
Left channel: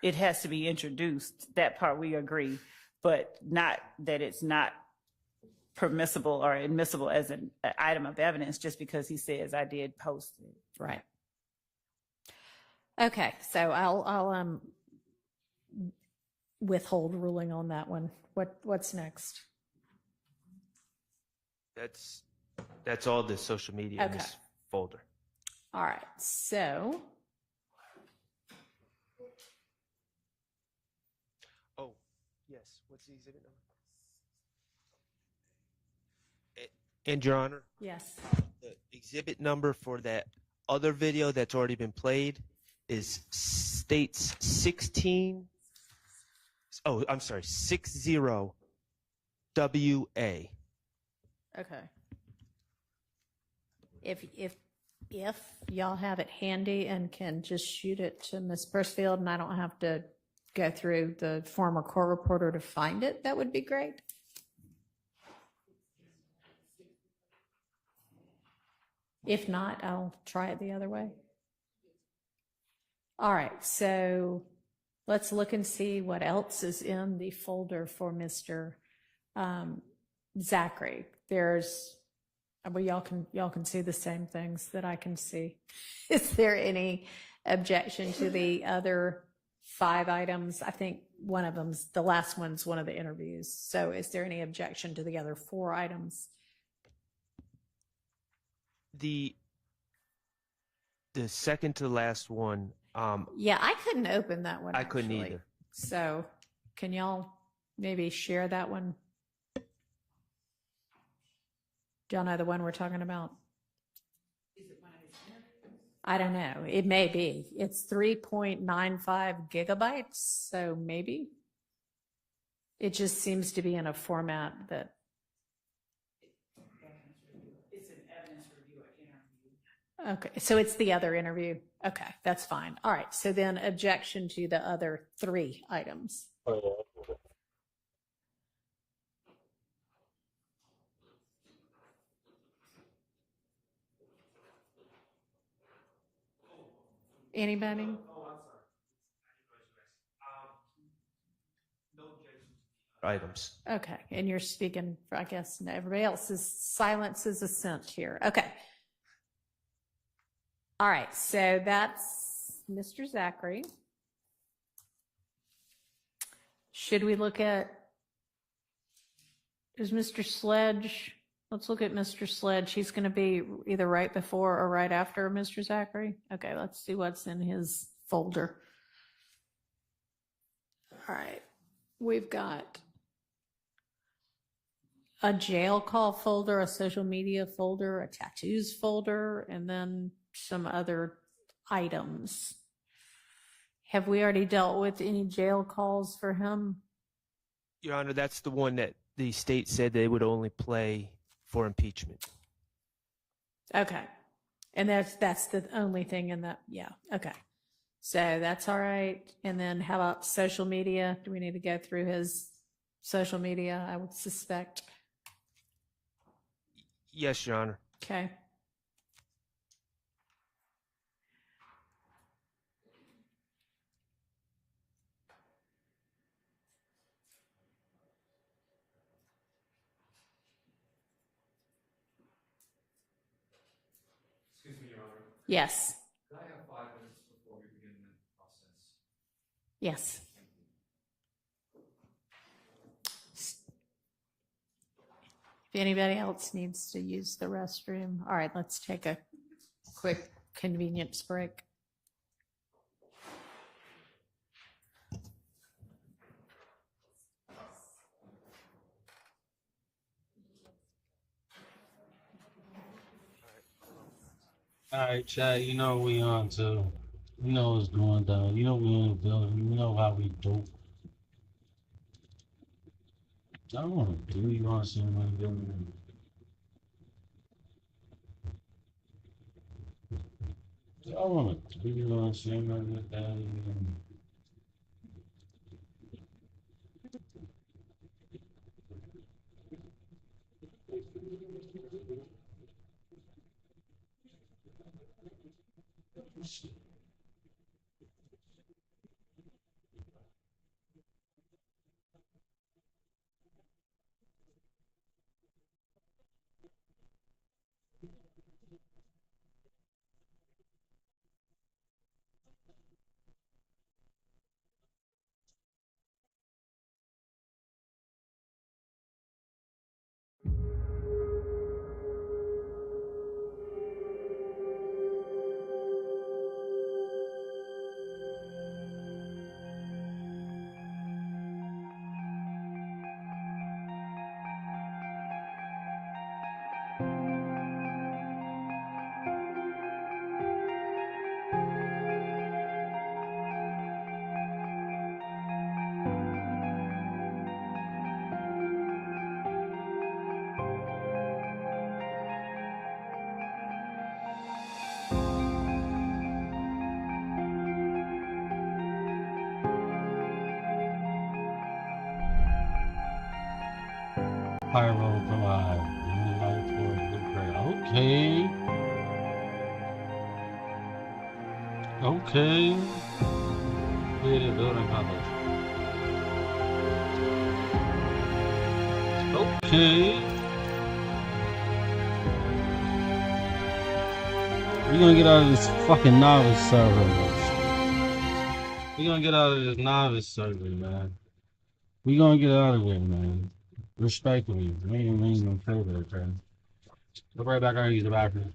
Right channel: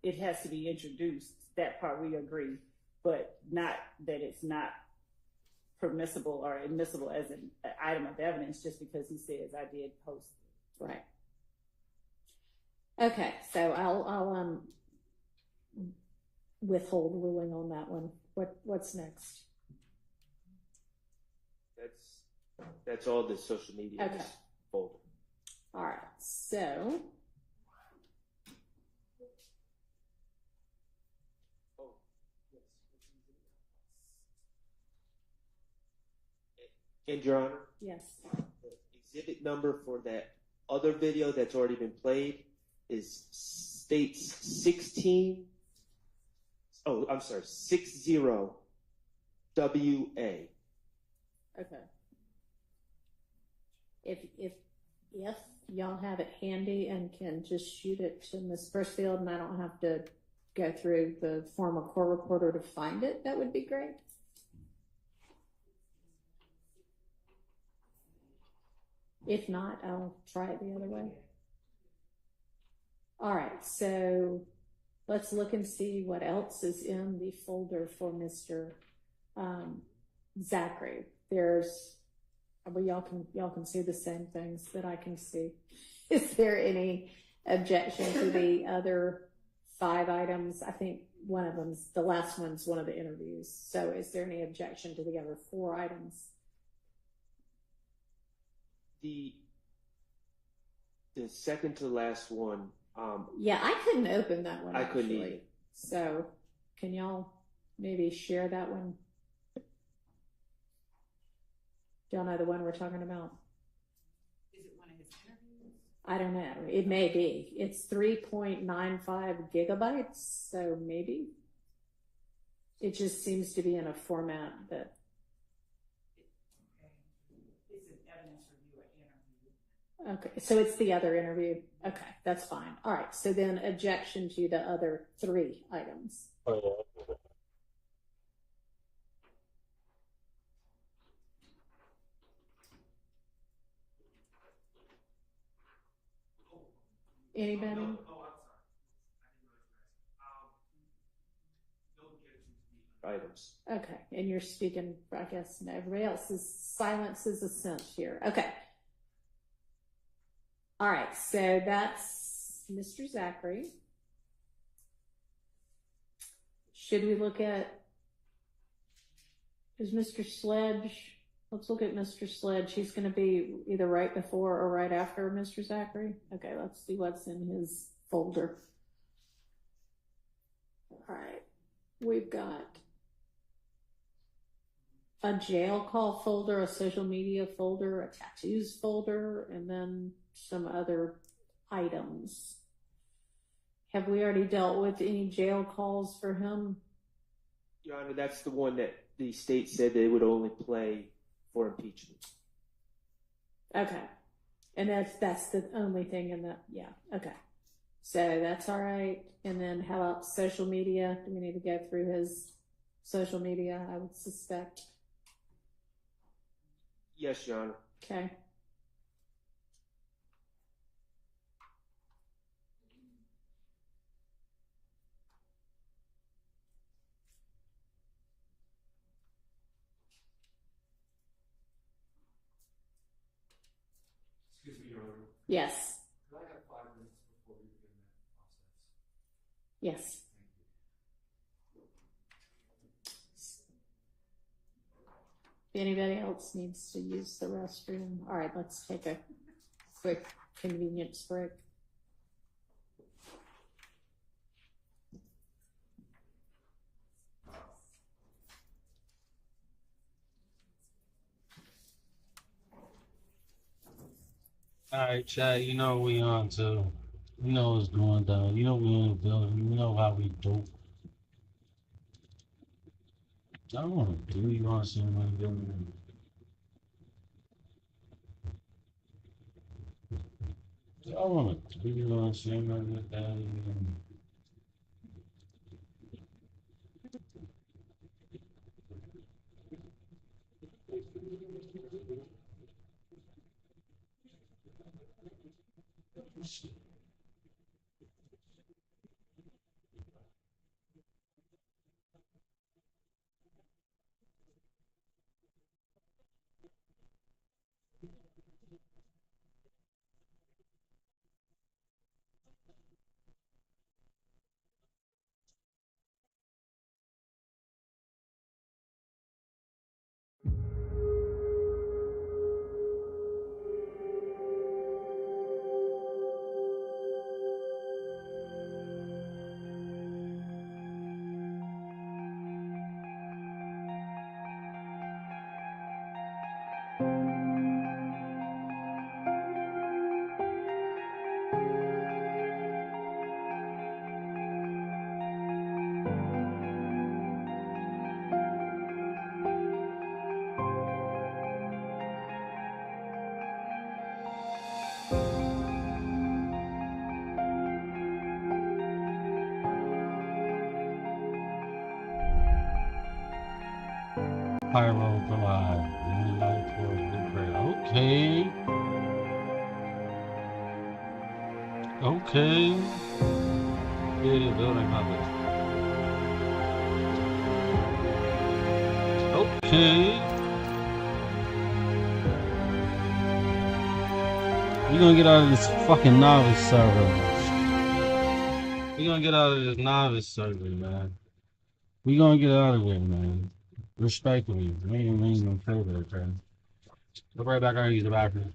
It has to be introduced. That part we agree, but not that it's not permissible or admissible as an item of evidence just because he says I did post it. Right. Okay, so I'll withhold ruling on that one. What's next? That's all the social media in Okay. this folder. All right, so Oh, yes. What's the exhibit number? And Your Honor, yes. the exhibit number for that other video that's already been played states 60 WA. Okay. If y'all have it handy and can just shoot it to Ms. Bursfield and I don't have to go through the former court reporter to find it, that would be great. If not, I'll try it the other way. All right, so let's look and see what else is in the folder for Mr. Zachary. Y'all can see the same things that I can see. Is there any objection to the other 5 items? I think the last one's one of the interviews. So is there any objection to the other 4 items? The second to last one. Yeah, I couldn't open that one. I couldn't actually. either. So can y'all maybe share that one? Do y'all know the one we're talking about? I don't know. It may be. It's 3.95 gigabytes, so maybe. It just seems to be in a format that. It's an evidence review or interview. Okay, so it's the other interview. Okay, that's fine. All right, so then objection to the other 3 items. Anybody? Items. Okay, and you're speaking for, I guess, everybody else's silence is assent here. Okay. All right, so that's Mr. Zachary. Should we look at, is Mr. Sledge, let's look at Mr. Sledge. He's going to be either right before or right after Mr. Zachary. Okay, let's see what's in his folder. All right, we've got a jail call folder, a social media folder, a tattoos folder, and then some other items. Have we already dealt with any jail calls for him? Your Honor, that's the one that the state said they would only play for impeachment. Okay. And that's the only thing in that. Yeah. Okay. So that's all right. And then how about social media? Do we need to go through his social media? I would suspect. Yes, Your Honor. Okay. Yes. Yes. If anybody else needs to use the restroom, all right, let's take a quick convenience break. All right, Chad, you know we on too. You know what's going down. You know we in the building. You know how we do. I don't want to do you on something. I want to do you on something like that. Pyro Collide. Green light towards blue gray. Okay. Okay. Creative building colors. Okay. We're gonna get out of this fucking novice server. We're gonna get out of this novice server, man. We're gonna get out of there, man. Respectfully. We ain't gonna play that, man. Go right back out and use the bathroom.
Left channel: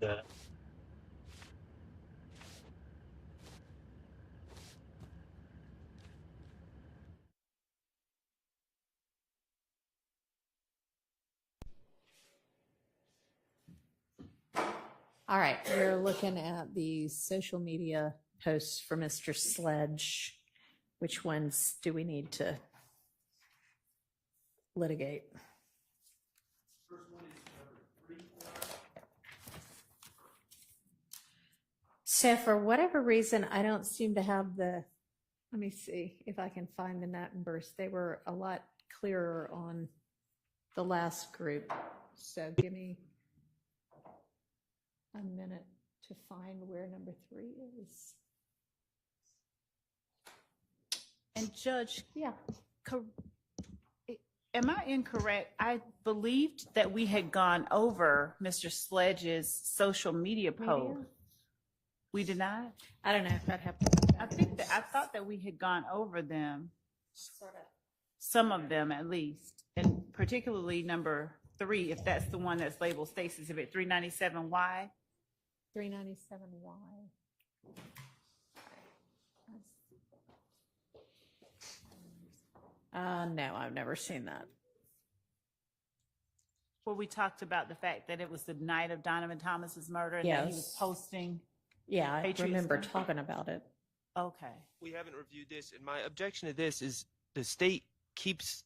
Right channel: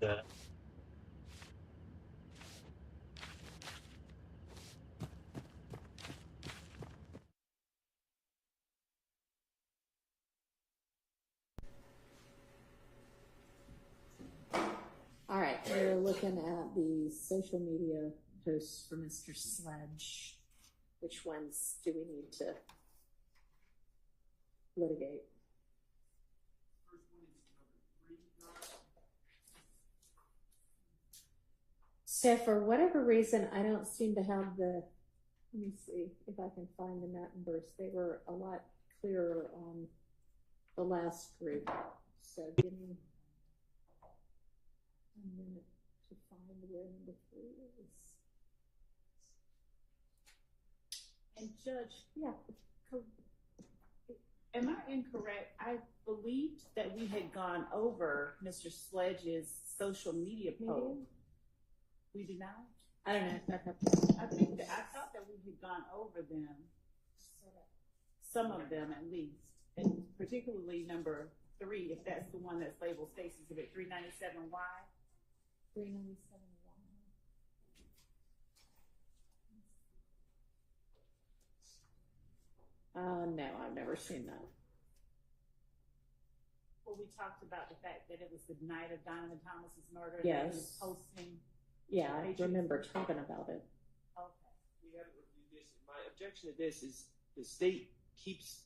that. All right, we're looking at the social media posts for Mr. Sledge. Which ones do we need to litigate? So for whatever reason, I don't seem to have the, let me see if I can find the numbers. They were a lot clearer on the last group. So give me a minute to find where number 3 is. And Judge, Yeah. Am I incorrect? I believed that we had gone over Mr. Sledge's social media post. We did not? I don't know if I'd have to. I thought that we had gone over them. Sort of. Some of them at least. And particularly number 3, if that's the one that's labeled State's Exhibit 397Y. 397Y. No, I've never seen that. Where we talked about the fact that it was the night of Donovan Thomas's murder and that he was posting. Yeah, I Patriots remember Day. talking about it. Okay. We haven't reviewed this, and my objection to this is the state keeps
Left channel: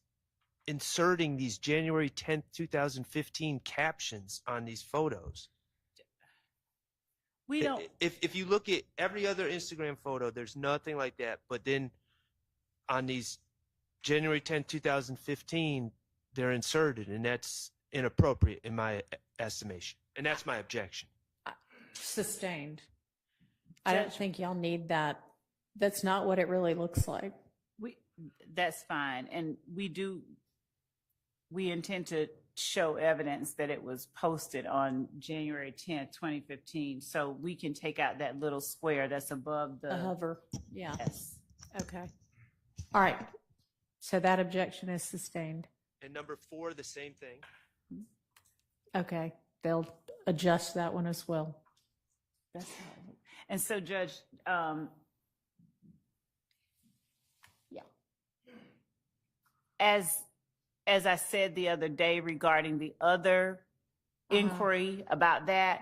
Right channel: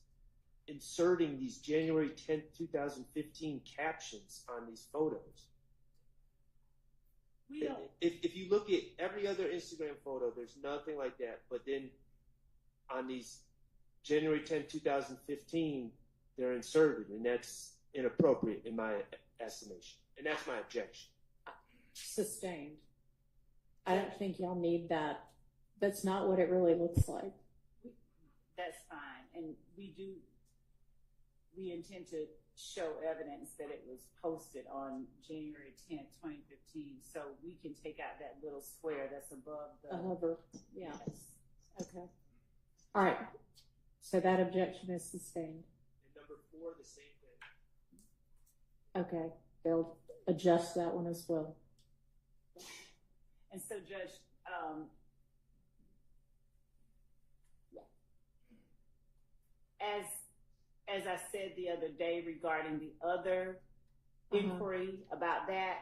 inserting these January 10th, 2015 captions on these photos. We don't. If you look at every other Instagram photo, there's nothing like that. But then on these January 10th, 2015, they're inserted, and that's inappropriate in my estimation. And that's my objection. Sustained. I don't think y'all need that. That's not what it really looks like. That's fine. And we intend to show evidence that it was posted on January 10th, 2015. So we can take out that little square that's above the hover. Yeah. Yes. Okay. All right. So that objection is sustained. And number 4, the same thing. Okay. They'll adjust that one as well. That's right. And so, Judge, as I said the other day regarding the other inquiry about that,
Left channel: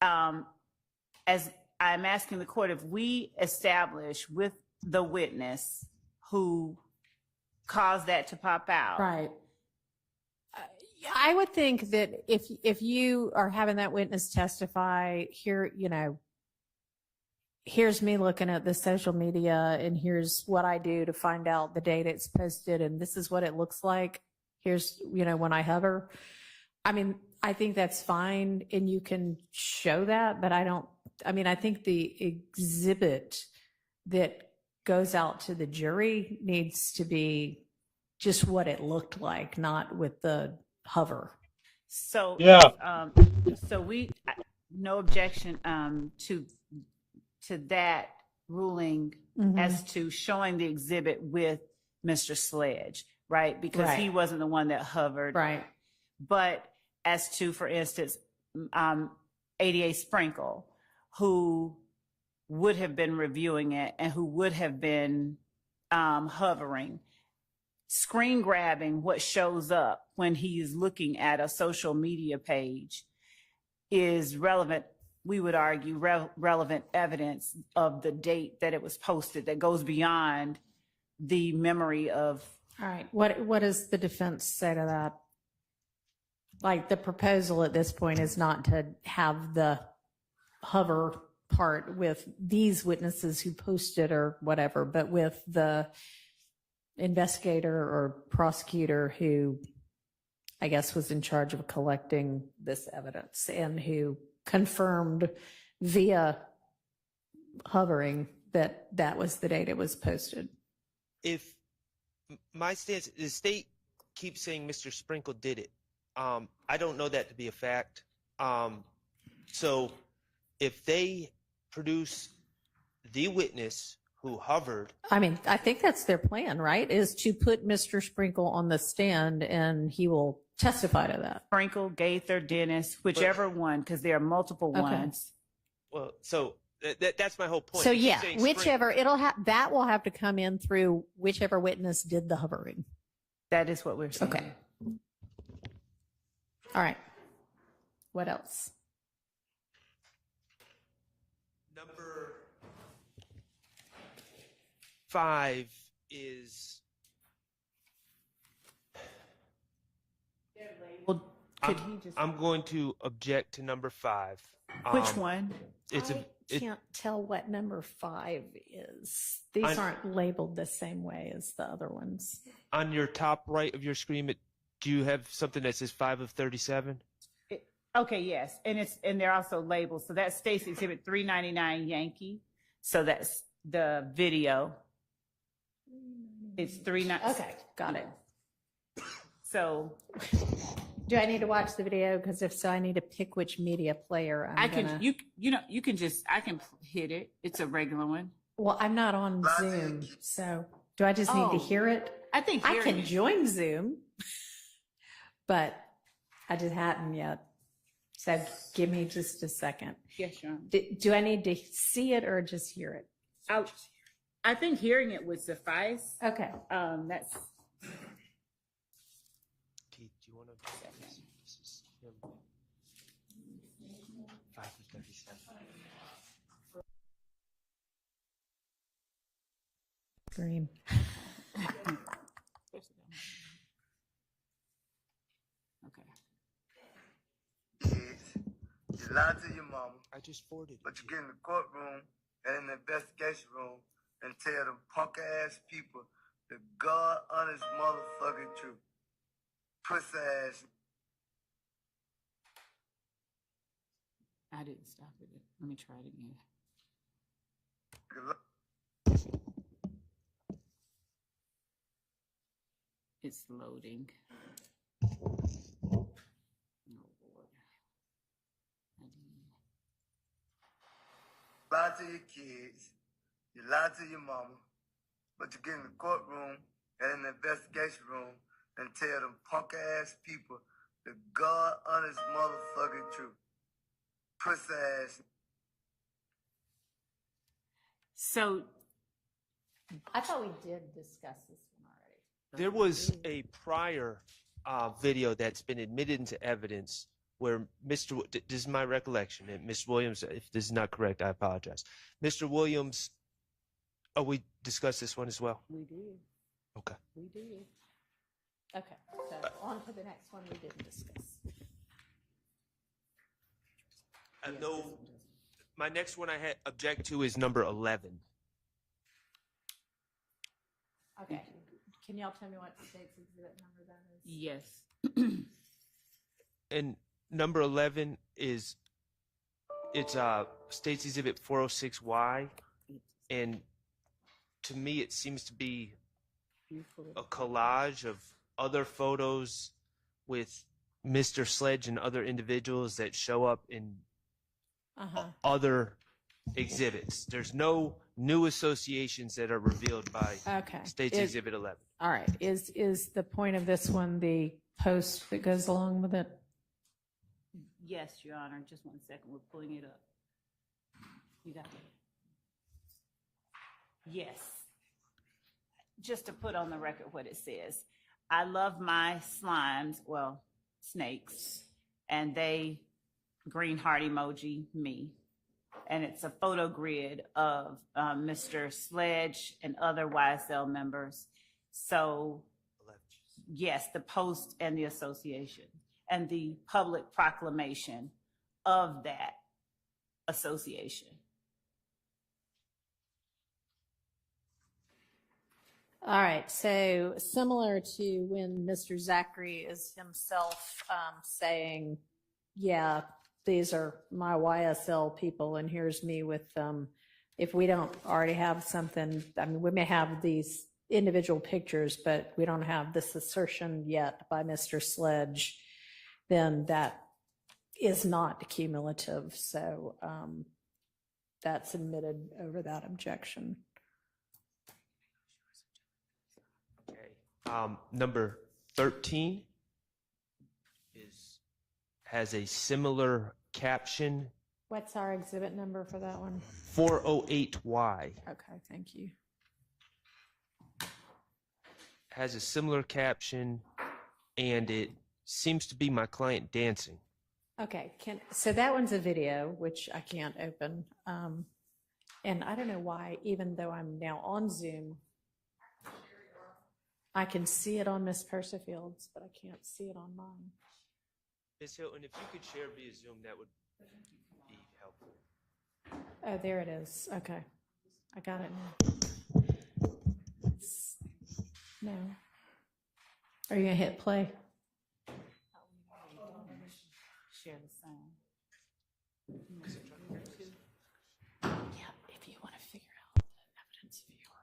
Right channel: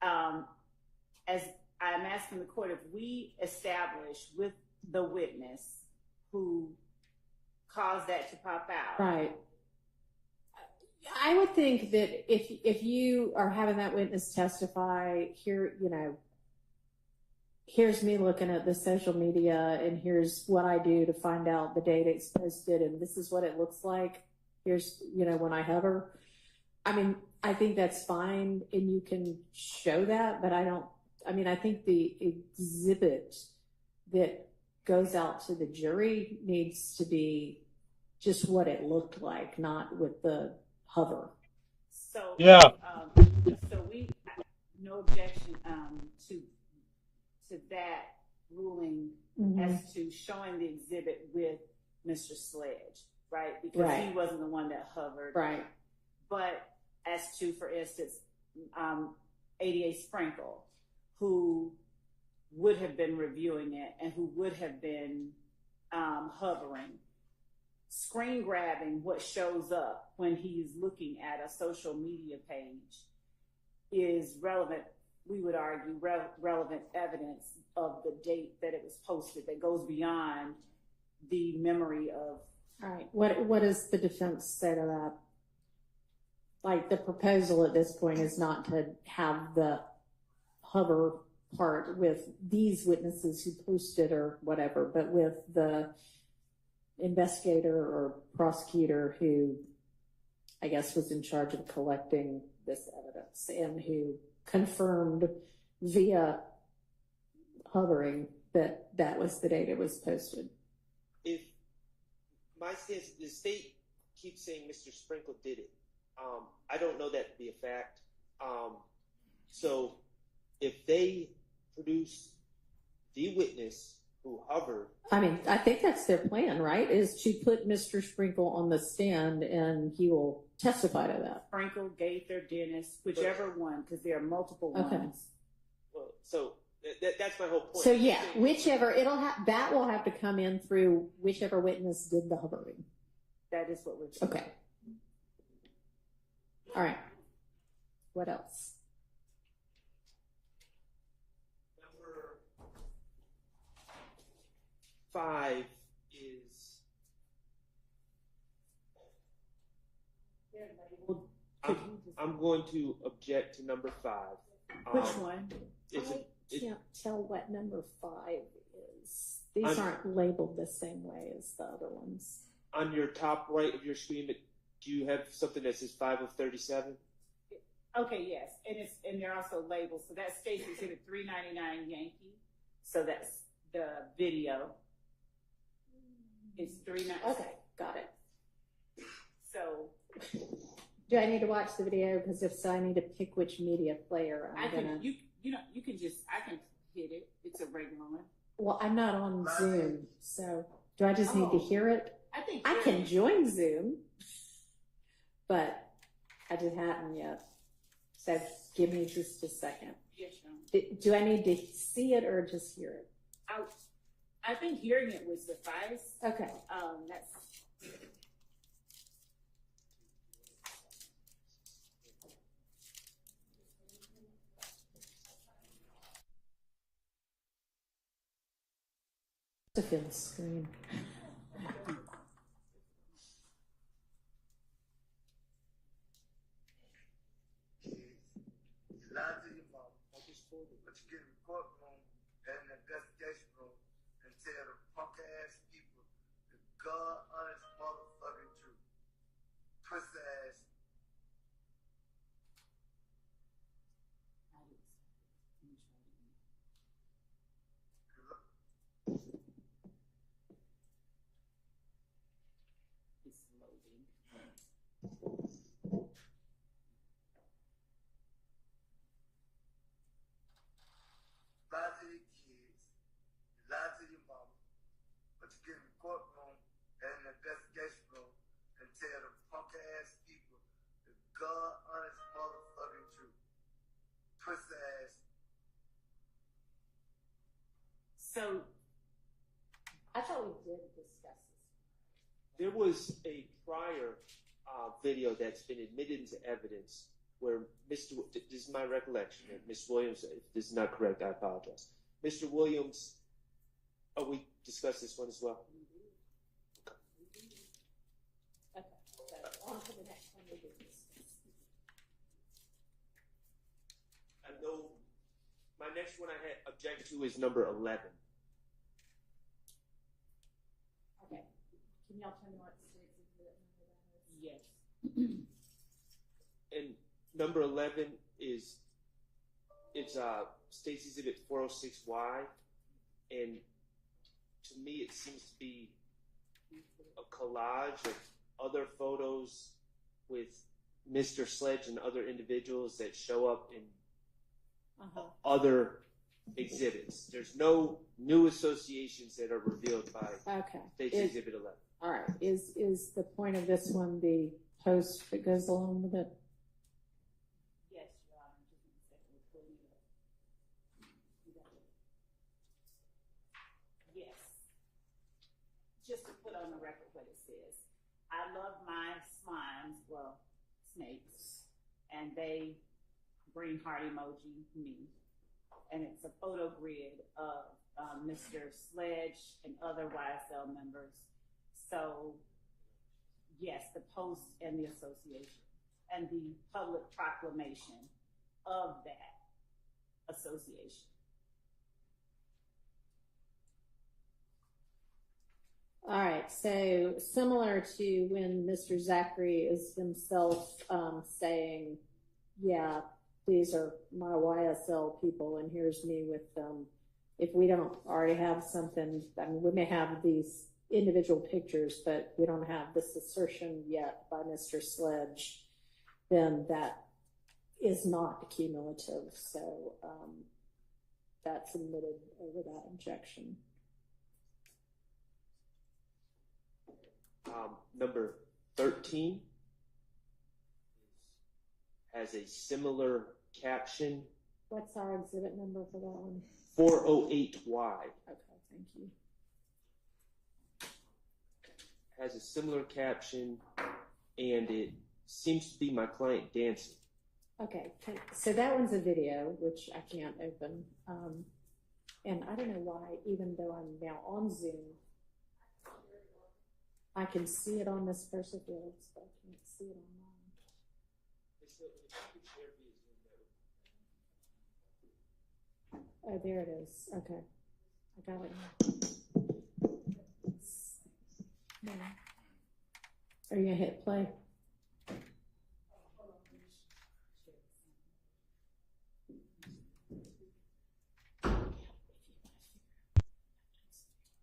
as I'm asking the court, if we establish with the witness who caused that to pop out, right? I would think that if you are having that witness testify here, here's me looking at the social media and here's what I do to find out the date it's posted and this is what it looks like. Here's, when I hover. I mean, I think that's fine and you can show that, but I think the exhibit that goes out to the jury needs to be just what it looked like, not with the hover. So, yeah. So no objection to that ruling as to showing the exhibit with Mr. Sledge, right? Because he wasn't the one that hovered. Right. But as to, for instance, ADA Sprinkle, who would have been reviewing it and who would have been hovering, screen grabbing what shows up when he's looking at a social media page is relevant. We would argue relevant evidence of the date that it was posted that goes beyond the memory of. All right. What does the defense say to that? Like the proposal at this point is not to have the hover part with these witnesses who posted or whatever, but with the investigator or prosecutor who I guess was in charge of collecting this evidence and who confirmed via hovering that was the date it was posted. If my stance, the state keeps saying Mr. Sprinkle did it. I don't know that to be a fact. So if they produce the witness who hovered. I mean, I think that's their plan, right? Is to put Mr. Sprinkle on the stand and he will testify to that. Sprinkle, Gaither, Dennis, whichever one, because there are multiple Okay. ones. Well, so that's my whole point. So You yeah, say whichever, that will have to come in through whichever witness did the hovering. That is what we're saying. Okay. All right. What else? Number 5 is Well, could he just? I'm going to object to number 5. Which one? It's I can't tell what number 5 is. These aren't labeled the same way as the other ones. on your top right of your screen. Do you have something that says 5 of 37? Okay, yes, and they're also labeled. So that's Stacy Exhibit 399 Yankee. So that's the video. It's 39. Okay, got it. So Do I need to watch the video? Because if so, I need to pick which media player I can I can hit it. It's a regular one. Well, I'm not on Zoom, so do I just need to hear it? I think I hearing can it- join Zoom, but I just hadn't yet. So give me just a second. Yes, Sean. Do I need to see it or just hear it? I think hearing it would suffice. Okay. That's Keith, do you want to? This is him. 5 of 37. To feel the screen. You lied to your mama, I just forwarded it. but you get in the courtroom and in the investigation room and tell them punk ass people the God honest motherfucking truth. Pussy ass. I didn't stop it. Let me try it again. It's loading. Lie to your kids, you lie to your mama, but you get in the courtroom and in the investigation room and tell them punk ass people the God honest motherfucking truth. Pussy ass. So I thought we did discuss this one already. There was a prior video that's been admitted into evidence where this is my recollection, and Mr. Williams, if this is not correct, I apologize. Mr. Williams, we discussed this one as well? we did. Okay. We did. Okay, so on to the next one we didn't discuss. I know my next one I had object to is number 11. Okay, can y'all tell me what state's exhibit number that is? Yes. And number 11 is State's Exhibit 406Y, and to me it seems to be a collage of other photos with Mr. Sledge and other individuals that show up in other exhibits. There's no new associations that are revealed by State's Exhibit 11. All right, is the point of this one the post that goes along with it? Yes, Your Honor. Just 1 second. We're pulling it up. You got it. Yes. Just to put on the record what it says. I love my slimes, well, snakes, and they green heart emoji me. And it's a photo grid of Mr. Sledge and other YSL members. So, yes, the post and the association and the public proclamation of that association. All right, so similar to when Mr. Zachary is himself saying, yeah, these are my YSL people, and here's me with them. If we don't already have something, I mean, we may have these individual pictures, but we don't have this assertion yet by Mr. Sledge, then that is not cumulative. So that's admitted over that objection. Number 13 has a similar caption. What's our exhibit number for that one? 408Y. Okay, thank you. Has a similar caption, and it seems to be my client dancing. Okay, so that one's a video, which I can't open. And I don't know why, even though I'm now on Zoom, I can see it on Miss Persifield's, but I can't see it on mine. Ms. Hilton, if you could share via Zoom, that would be helpful. Oh, there it is. Okay, I got it now. No. Are you gonna hit play? Share the sound. Yeah, if you want to figure out the evidence viewer.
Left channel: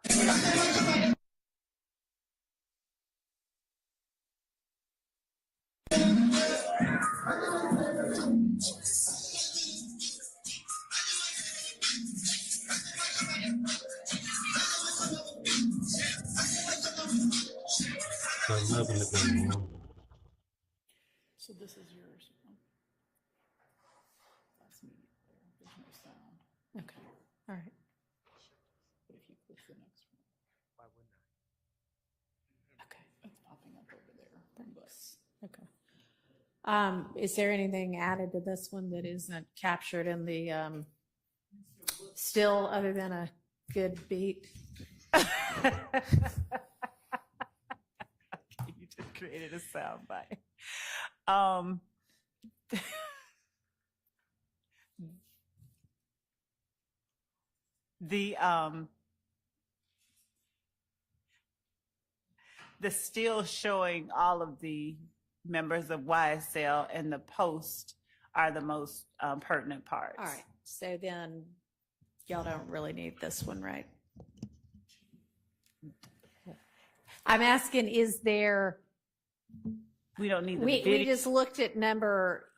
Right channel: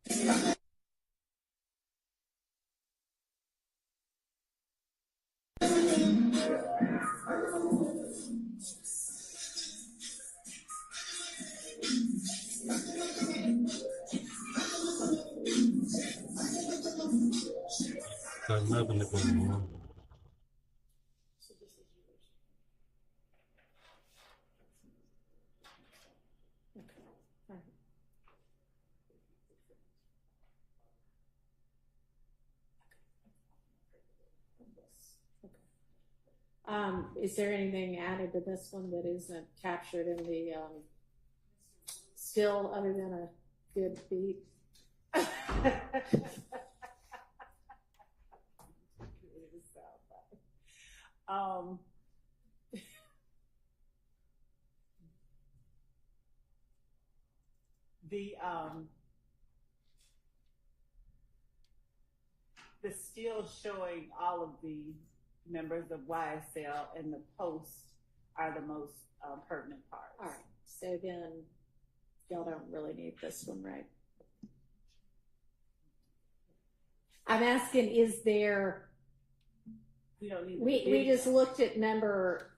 Got nothing to go on. So this is yours. That's me. There's no sound. Okay, all right. But if you push the next one, Why wouldn't I? Okay. it's popping up over there. Thanks. Okay. Is there anything added to this one that isn't captured in the still, other than a good beat? You just created a sound bite. The still showing all of the members of YSL and the post are the most pertinent parts. All right, so then y'all don't really need this one, right? I'm asking, is there, We don't need the we video. just looked at number,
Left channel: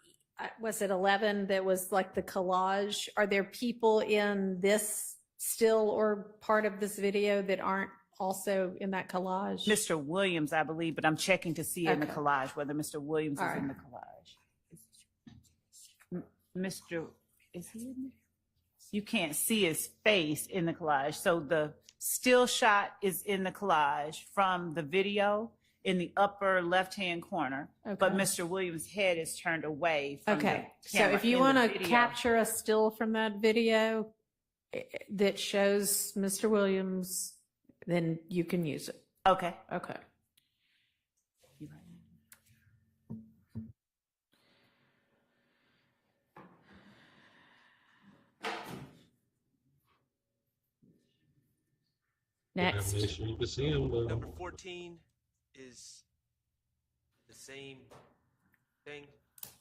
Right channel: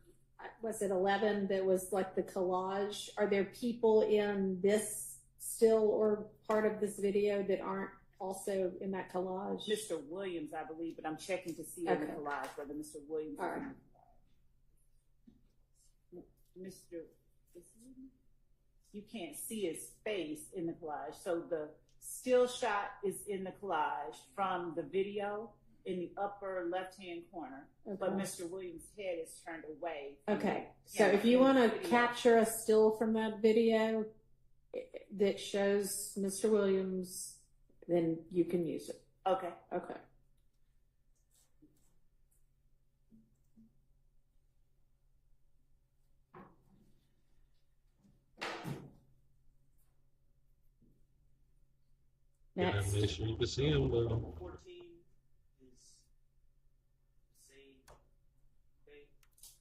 was it 11, that was like the collage? Are there people in this still or part of this video that aren't also in that collage? Mr. Williams, I believe, but I'm checking to see in the Okay. collage whether Mr. Williams All is right. in the collage. Mr. Is he in there? You can't see his face in the collage. So the still shot is in the collage from the video in the upper left-hand corner, but Okay. Mr. Williams' head is turned away from Okay, the so camera if you in the want to video. capture a still from that video that shows Mr. Williams, then you can use it. Okay. Okay. Next. Make sure you can see him, though. Number 14 is the same thing.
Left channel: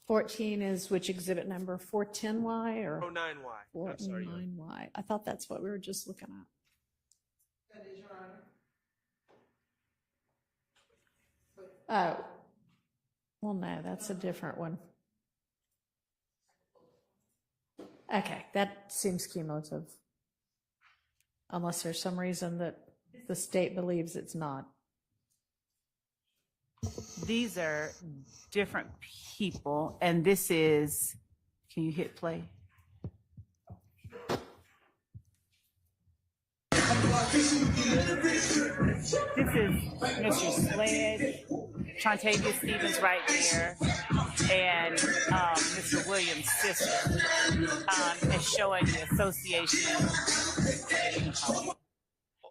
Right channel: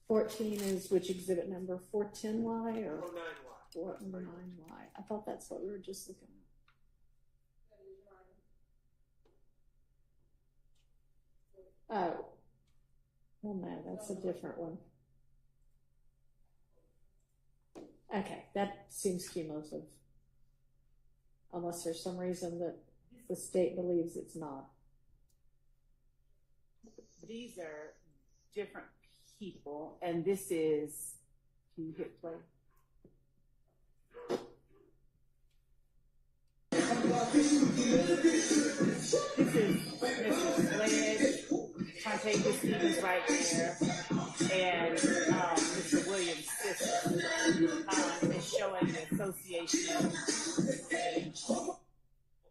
14 is which exhibit number? 410Y or 409Y. I'm sorry. 409Y? I thought that's what we were just looking at. That is, Your Honor. Oh, well, no, that's a different one. Okay, that seems cumulative. Unless there's some reason that the state believes it's not. These are different people, and this is, can you hit play? This is Mr. Sledge, Trontavia Stevens right there, and Mr. Williams' sister, and showing the association,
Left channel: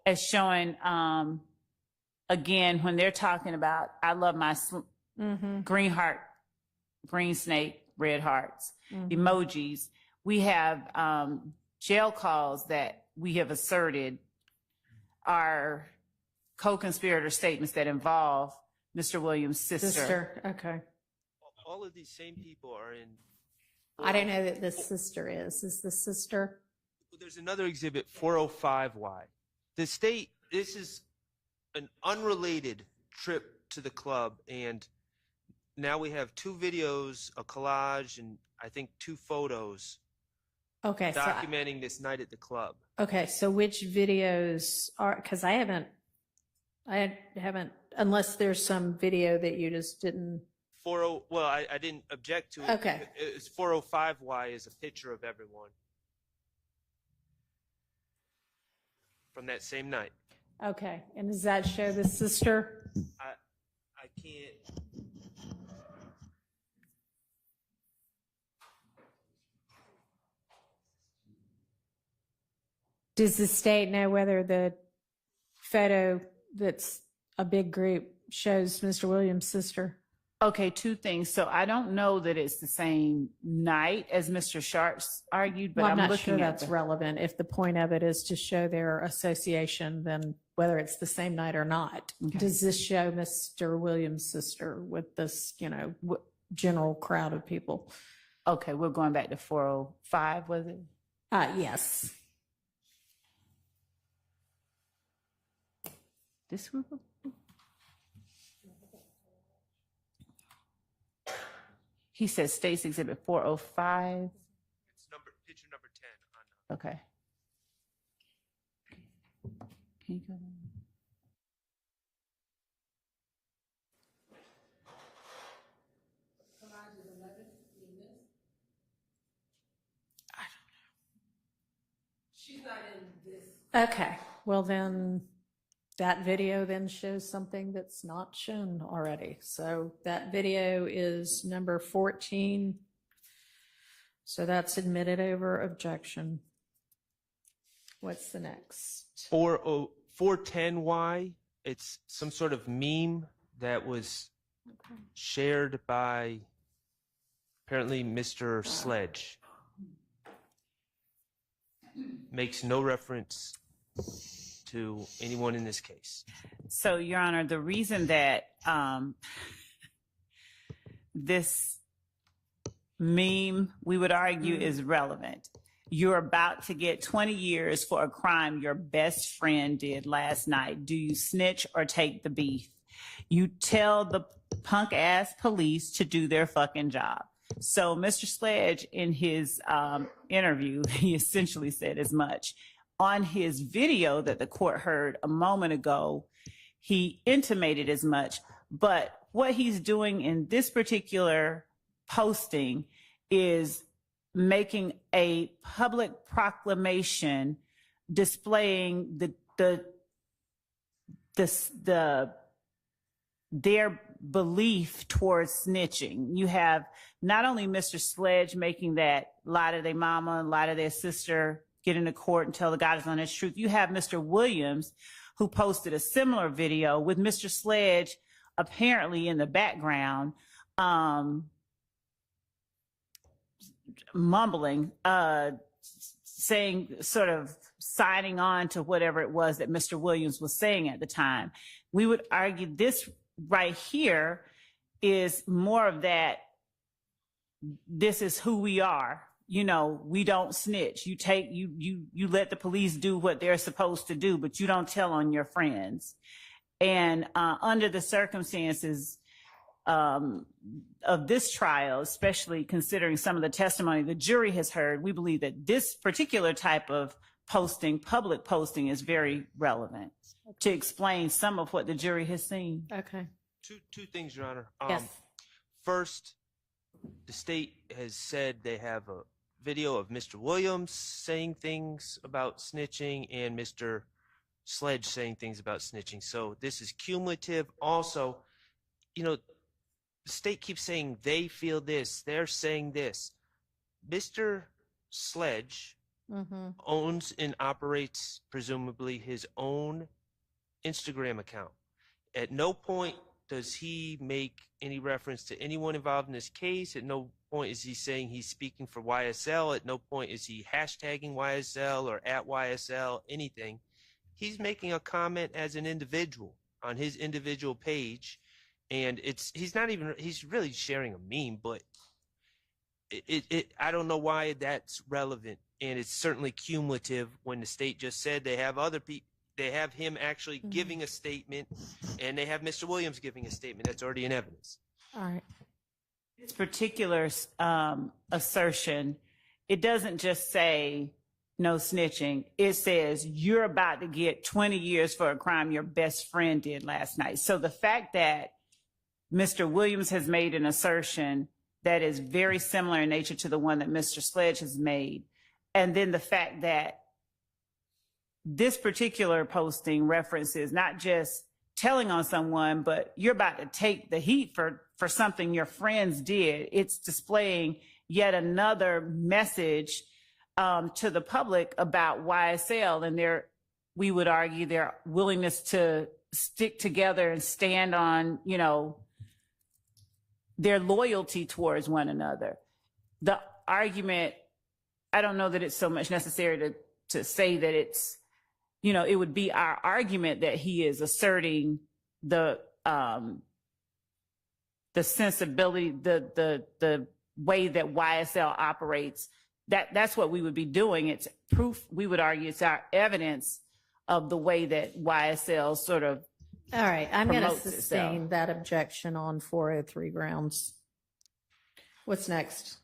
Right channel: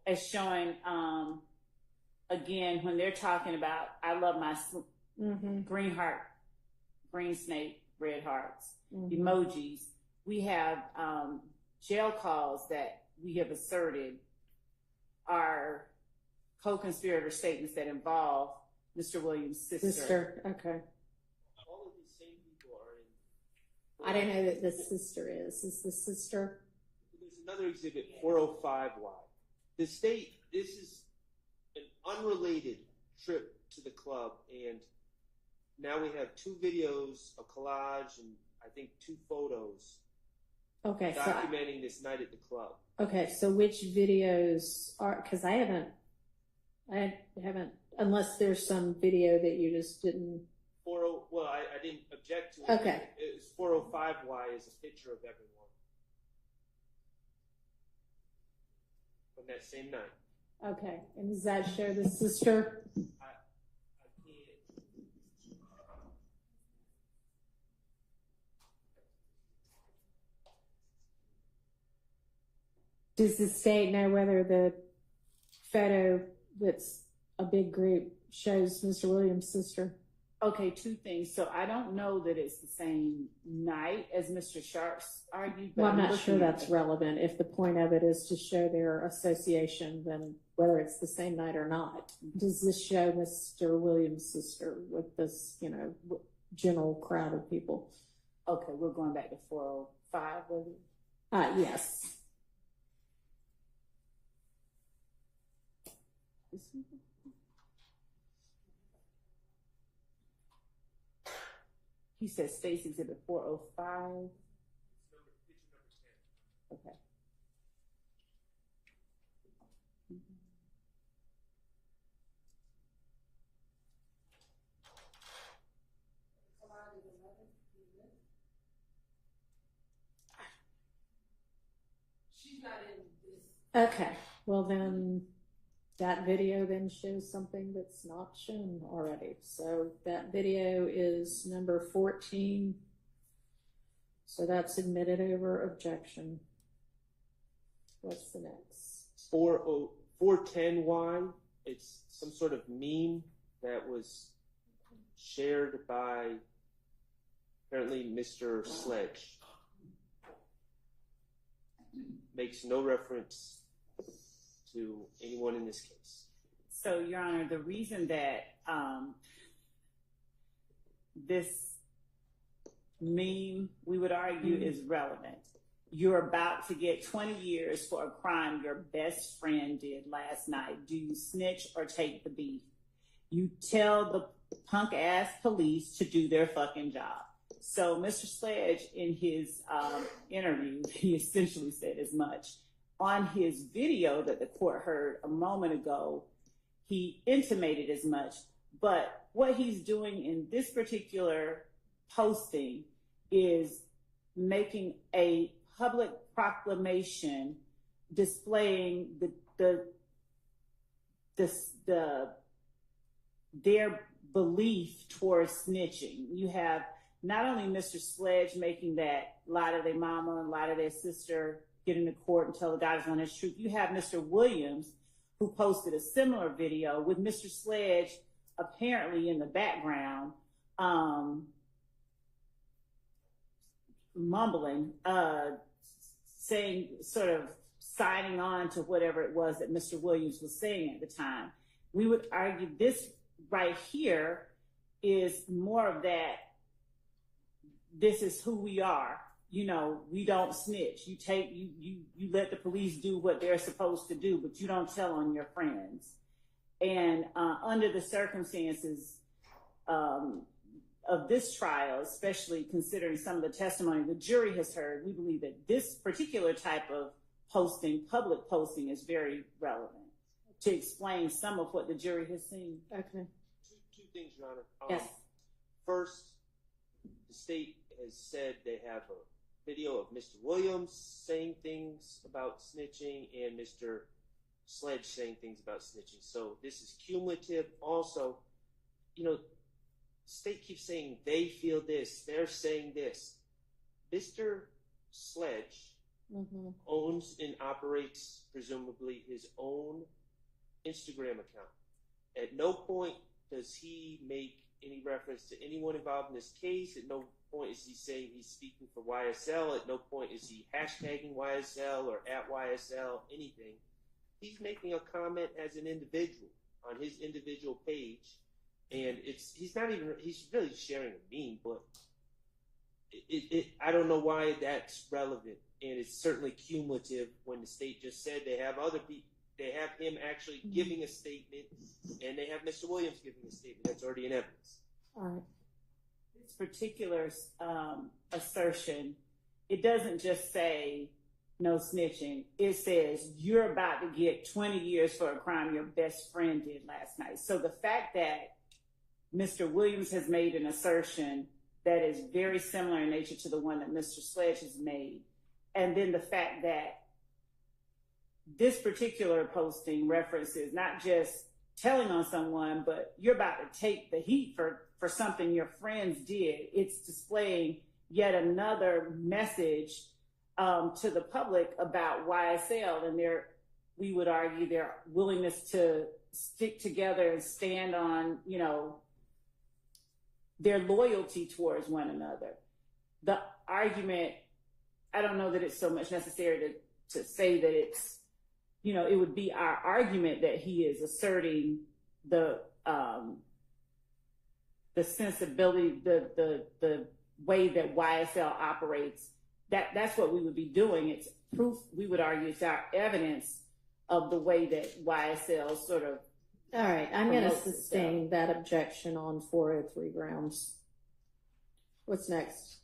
as showing, again, when they're talking about, I love my green heart, green snake, red hearts, emojis. We have jail calls that we have asserted are co-conspirator statements that involve Mr. Williams' sister. Okay. All of these same people are in. I don't know that this sister is. Is the sister? There's another exhibit, 405Y. The state, this is an unrelated trip to the club, and now we have 2 videos, a collage, and I think 2 photos Okay. documenting this night at the club. Okay, so which videos are? Because I haven't unless there's some video that you just didn't. 40. Well, I didn't object to it. Okay. It's 405Y is a picture of everyone from that same night. Okay, and does that show the sister? I can't. Does the state know whether the photo that's a big group shows Mr. Williams' sister? Okay, two things. So I don't know that it's the same night as Mr. Sharps argued, but Well, I'm not looking sure at that's the- relevant. If the point of it is to show their association, then whether it's the same night or not. Okay. Does this show Mr. Williams' sister with this, general crowd of people? Okay, we're going back to 405, was it? Yes. This one? He says States Exhibit 405. It's picture number 10. Okay. Can you go? Okay, well then, that video then shows something that's not shown already. So that video is number 14. So that's admitted over objection. What's the next? 410Y. It's some sort of meme that was shared by apparently Mr. Sledge. Makes no reference to anyone in this case. So, Your Honor, the reason that this meme, we would argue, is relevant. You're about to get 20 years for a crime your best friend did last night. Do you snitch or take the beef? You tell the punk ass police to do their fucking job. So Mr. Sledge, in his interview, he essentially said as much. On his video that the court heard a moment ago, he intimated as much. But what he's doing in this particular posting is making a public proclamation displaying their belief towards snitching. You have not only Mr. Sledge making that lie to their mama and lie to their sister, get into court and tell the guys on his truth. You have Mr. Williams, who posted a similar video with Mr. Sledge apparently in the background, mumbling, saying, sort of signing on to whatever it was that Mr. Williams was saying at the time. We would argue this right here is more of that. This is who we are. You know, we don't snitch. You let the police do what they're supposed to do, but you don't tell on your friends. And under the circumstances of this trial, especially considering some of the testimony the jury has heard, we believe that this particular type of posting, public posting, is very relevant to explain some of what the jury has seen. Okay. Two things, Your Honor. Yes. First, the state has said they have a video of Mr. Williams saying things about snitching and Mr. Sledge saying things about snitching. So this is cumulative. Also, you know, the state keeps saying they feel this, they're saying this. Mr. Sledge owns and operates, presumably, his own Instagram account. At no point does he make any reference to anyone involved in this case. At no point is he saying he's speaking for YSL. At no point is he hashtagging YSL or at YSL, anything. He's making a comment as an individual on his individual page, and he's really sharing a meme, but I don't know why that's relevant, and it's certainly cumulative when the state just said they have other people. They have him actually giving a statement, and they have Mr. Williams giving a statement. That's already in evidence. All right. This particular assertion, it doesn't just say no snitching. It says you're about to get 20 years for a crime your best friend did last night. So the fact that Mr. Williams has made an assertion that is very similar in nature to the one that Mr. Sledge has made, and then the fact that this particular posting references not just telling on someone, but you're about to take the heat for something your friends did. It's displaying yet another message to the public about YSL and we would argue, their willingness to stick together and stand on, you know, their loyalty towards one another. The argument, I don't know that it's so much necessary to say that it's, you know, it would be our argument that he is asserting the sensibility, the way that YSL operates. That's what we would be doing. It's proof. We would argue it's our evidence of the way that YSL sort of. All right, I'm going to promotes sustain itself. that objection on 403 grounds. What's next?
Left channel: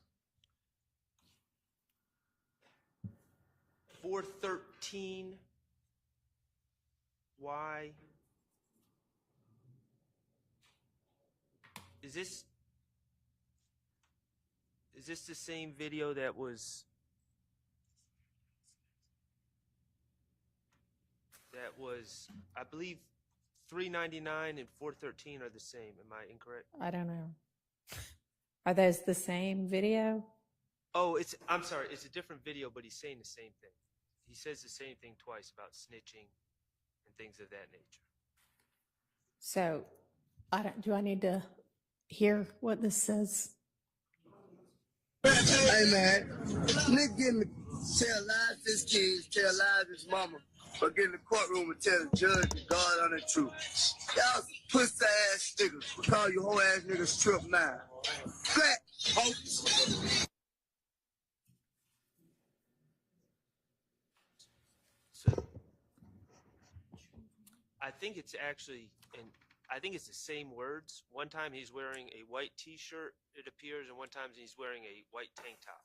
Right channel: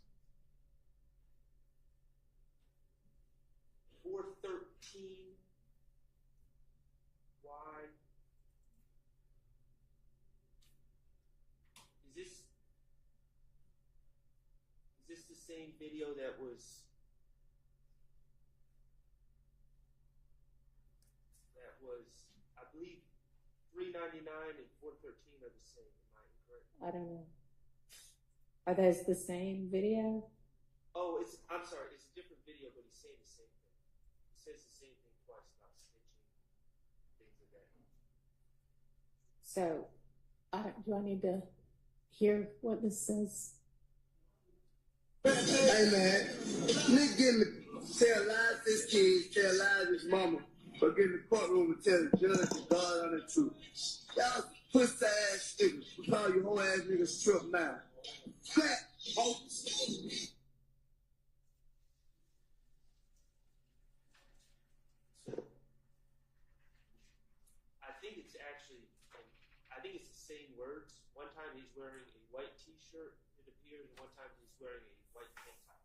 413. Why? Is this the same video that was I believe 399 and 413 are the same. Am I incorrect? I don't know. Are those the same video? Oh, I'm sorry. It's a different video, but he's saying the same thing. He says the same thing twice about snitching and things of that nature. So, do I need to hear what this says? Hey man, nigga getting to tell lies to his kids, tell lies to his mama, but get in the courtroom and tell the judge and God on the truth. Y'all some pussy ass niggas. We call you whole ass niggas trip now. Flat hoes. So, I think it's actually, and I think it's the same words. One time he's wearing a white t-shirt, it appears, and one time he's wearing a white tank top.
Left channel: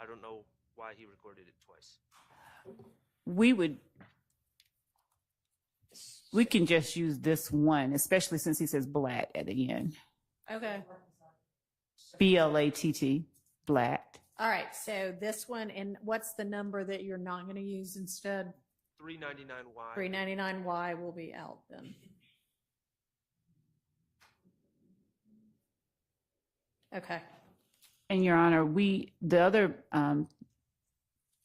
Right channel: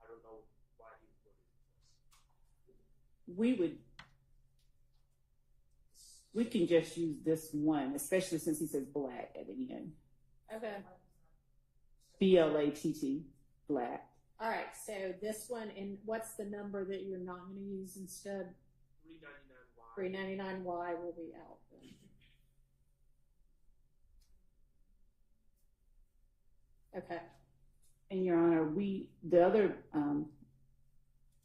I don't know why he recorded it twice. We can just use this one, especially since he says Blatt at the end. Okay. Blatt, Blatt. All right, so this one, and what's the number that you're not going to use instead? 399Y. 399Y will be out then. Okay. And Your Honor, the other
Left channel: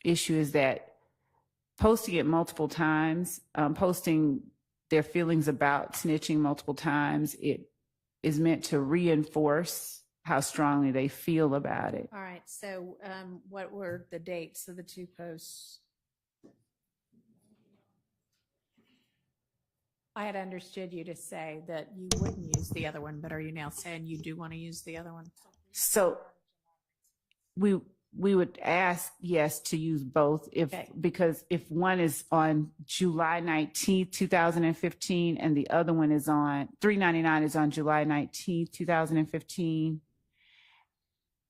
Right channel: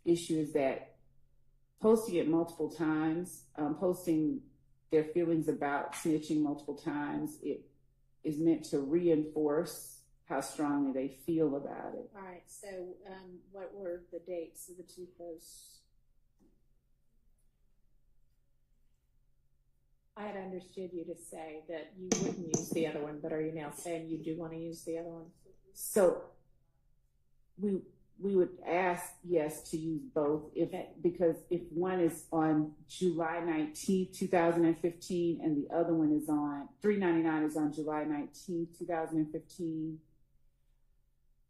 issue is that posting it multiple times, posting their feelings about snitching multiple times, it is meant to reinforce how strongly they feel about it. All right, so what were the dates of the two posts? I had understood you to say that you wouldn't use the other one, but are you now saying you do want to use the other one? So we would ask, yes, to use both because if one is on July 19th, 2015, and the other one is on 399 is on July 19th, 2015,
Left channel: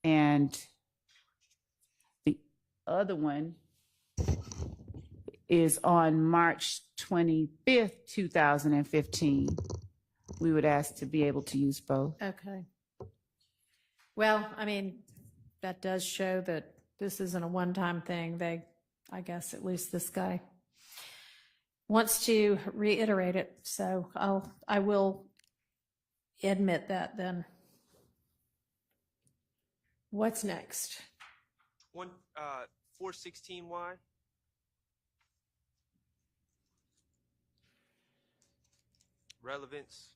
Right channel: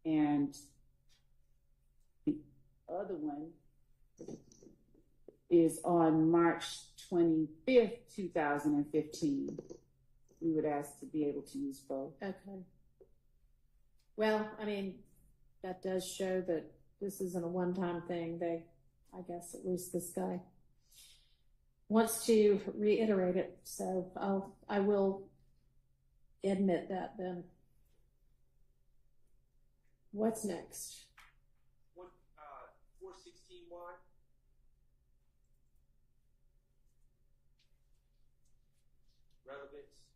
and the other one is on March 25th, 2015, we would ask to be able to use both. Okay. Well, I mean, that does show that this isn't a one-time thing. I guess at least this guy wants to reiterate it. So I will admit that then. What's next? 416Y. Relevance.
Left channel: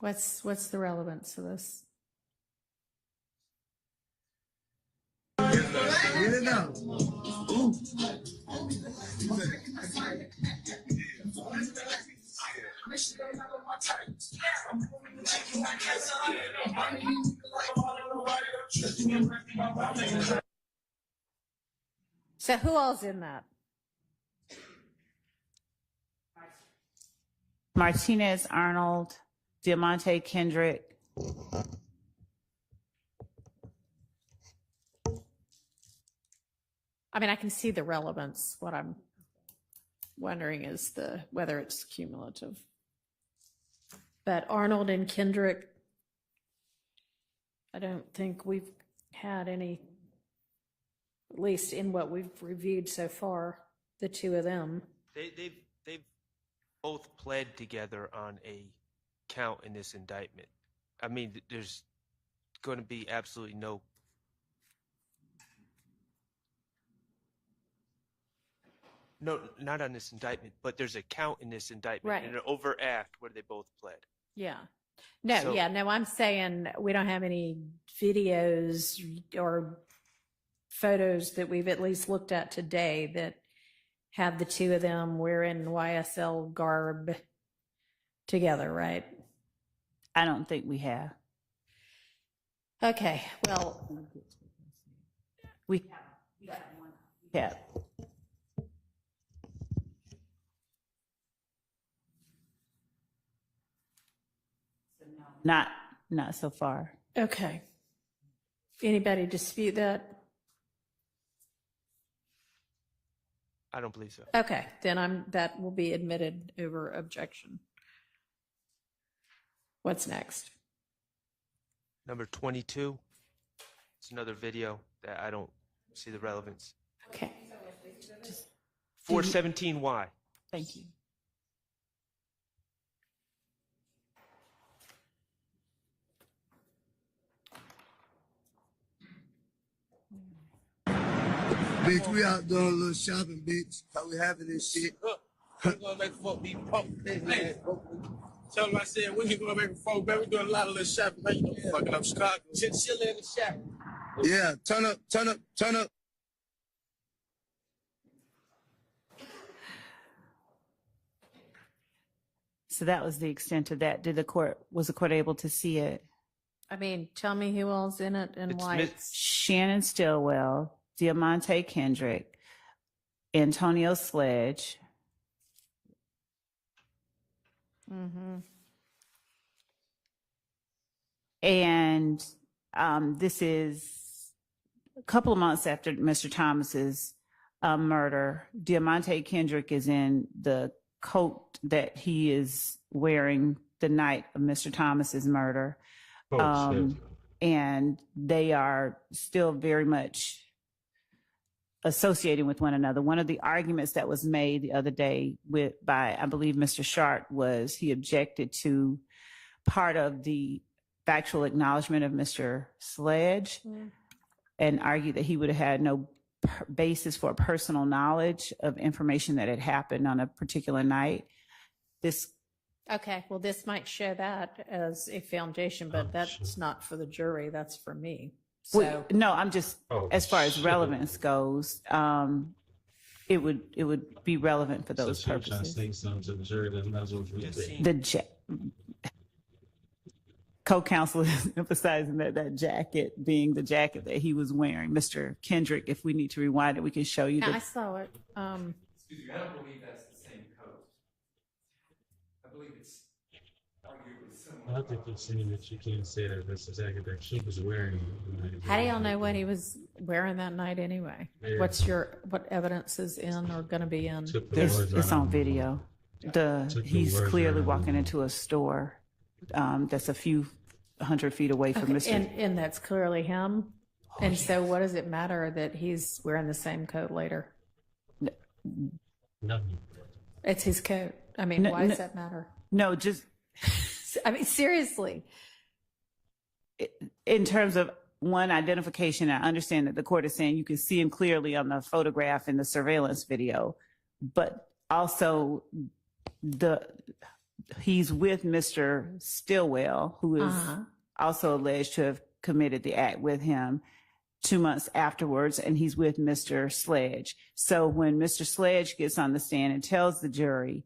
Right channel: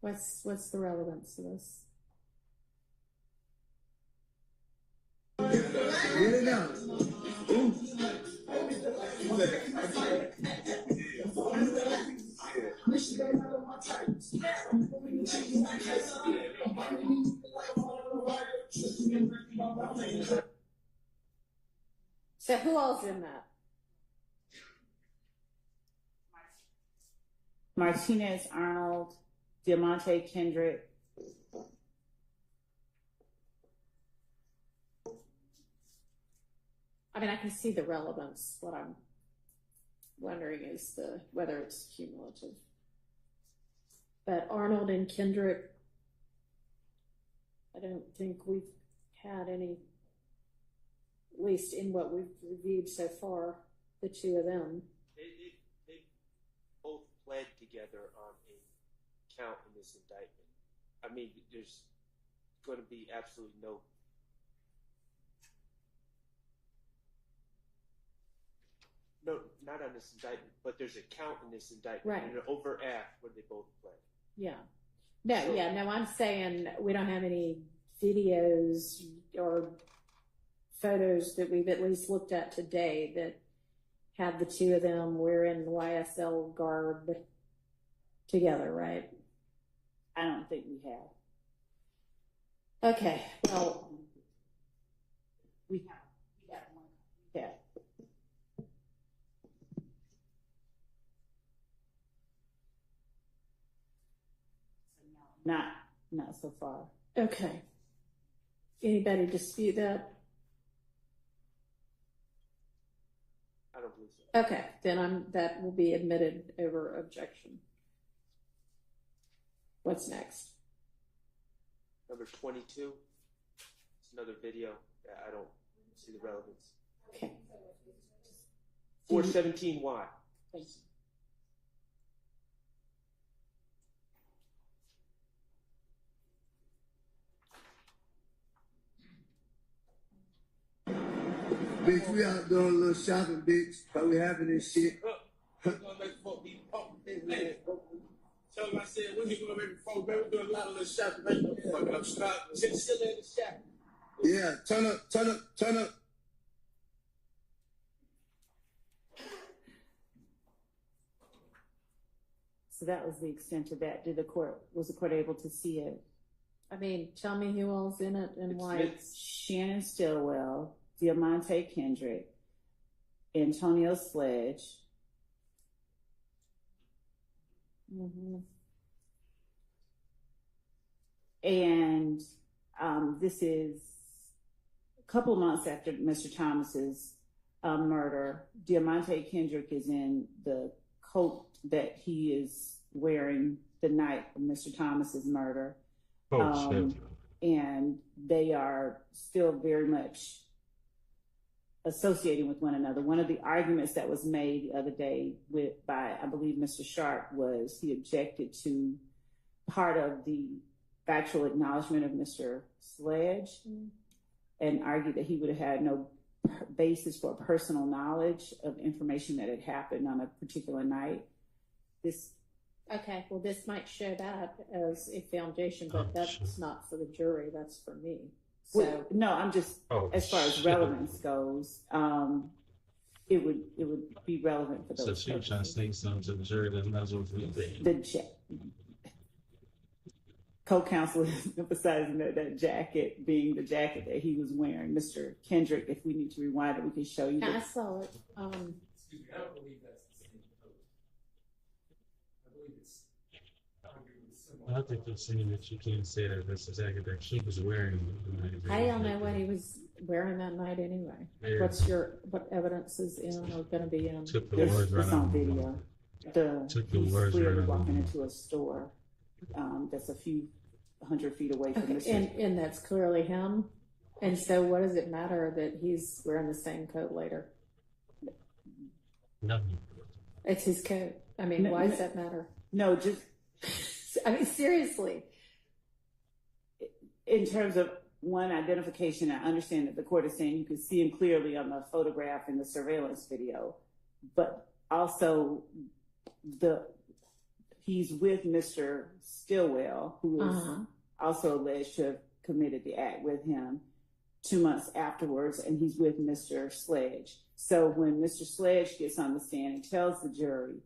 What's the relevance of this? Get it up. Ooh. So who all's in that? Martinez Arnold, Diamante Kendrick, I mean, I can see the relevance. What I'm wondering is whether it's cumulative. But Arnold and Kendrick, I don't think we've had any, at least in what we've reviewed so far, the two of them. They've both pled together on a count in this indictment. I mean, there's going to be absolutely no. No, not on this indictment, but there's a count in this indictment, Right. in an overact where they both pled. Yeah. No, So- no, I'm saying we don't have any videos or photos that we've at least looked at today that have the two of them wearing YSL garb together, right? I don't think we have. Okay, well, We have. Not so far. okay. Anybody dispute that? I don't believe so. Okay, then that will be admitted over objection. What's next? Number 22. It's another video that I don't see the relevance. Okay. 417Y. Thank you. Bitch, we out doing a little shopping, bitch. How we having this shit? We're gonna make fuck be punk. Hey, tell them I said we ain't gonna make a folk, man. We doing a lot of little shopping, man. You know, fucking up Scott. Chinchilla in the shop. Yeah, turn up. So that was the extent of that. Was the court able to see it? I mean, tell me who all's in it and It's why Miss- it's Shannon Stillwell, Diamante Kendrick, Antonio Sledge. And this is a couple of months after Mr. Thomas's murder. Diamante Kendrick is in the coat that he is wearing the night of Mr. Thomas's murder. And they are still very much associating with one another. One of the arguments that was made the other day by, I believe, Mr. Sharp was he objected to part of the factual acknowledgement of Mr. Sledge and argued that he would have had no basis for personal knowledge of information that had happened on a particular night. okay. Well, this might show that as a foundation, but that's not for the jury. That's for me. So No, I'm just, as far as relevance goes, it would be relevant for those So you're trying to purposes. say something to the jury that might as well be The co-counsel is emphasizing that jacket being the jacket that he was wearing. Mr. Kendrick, if we need to rewind it, we can show you. I saw it. Excuse me, I don't believe that's the same coat. I believe it's arguably similar. I think you're saying that you can't say that that's the jacket that she was wearing. How do y'all know what he was wearing that night anyway? Yeah. what evidence is in or going to be in? Took the words It's right on out. video. Took the He's words clearly right out. walking into a store that's a few 100 feet away from Mr. And that's clearly him. And so what does it matter that he's wearing the same coat later? No. It's his coat. I mean, No, why does no. that matter? No, just I mean, seriously. in terms of one identification, I understand that the court is saying you can see him clearly on the photograph in the surveillance video, but also he's with Mr. Stillwell, who is also alleged to have committed the act with him 2 months afterwards, and he's with Mr. Sledge. So when Mr. Sledge gets on the stand and tells the jury,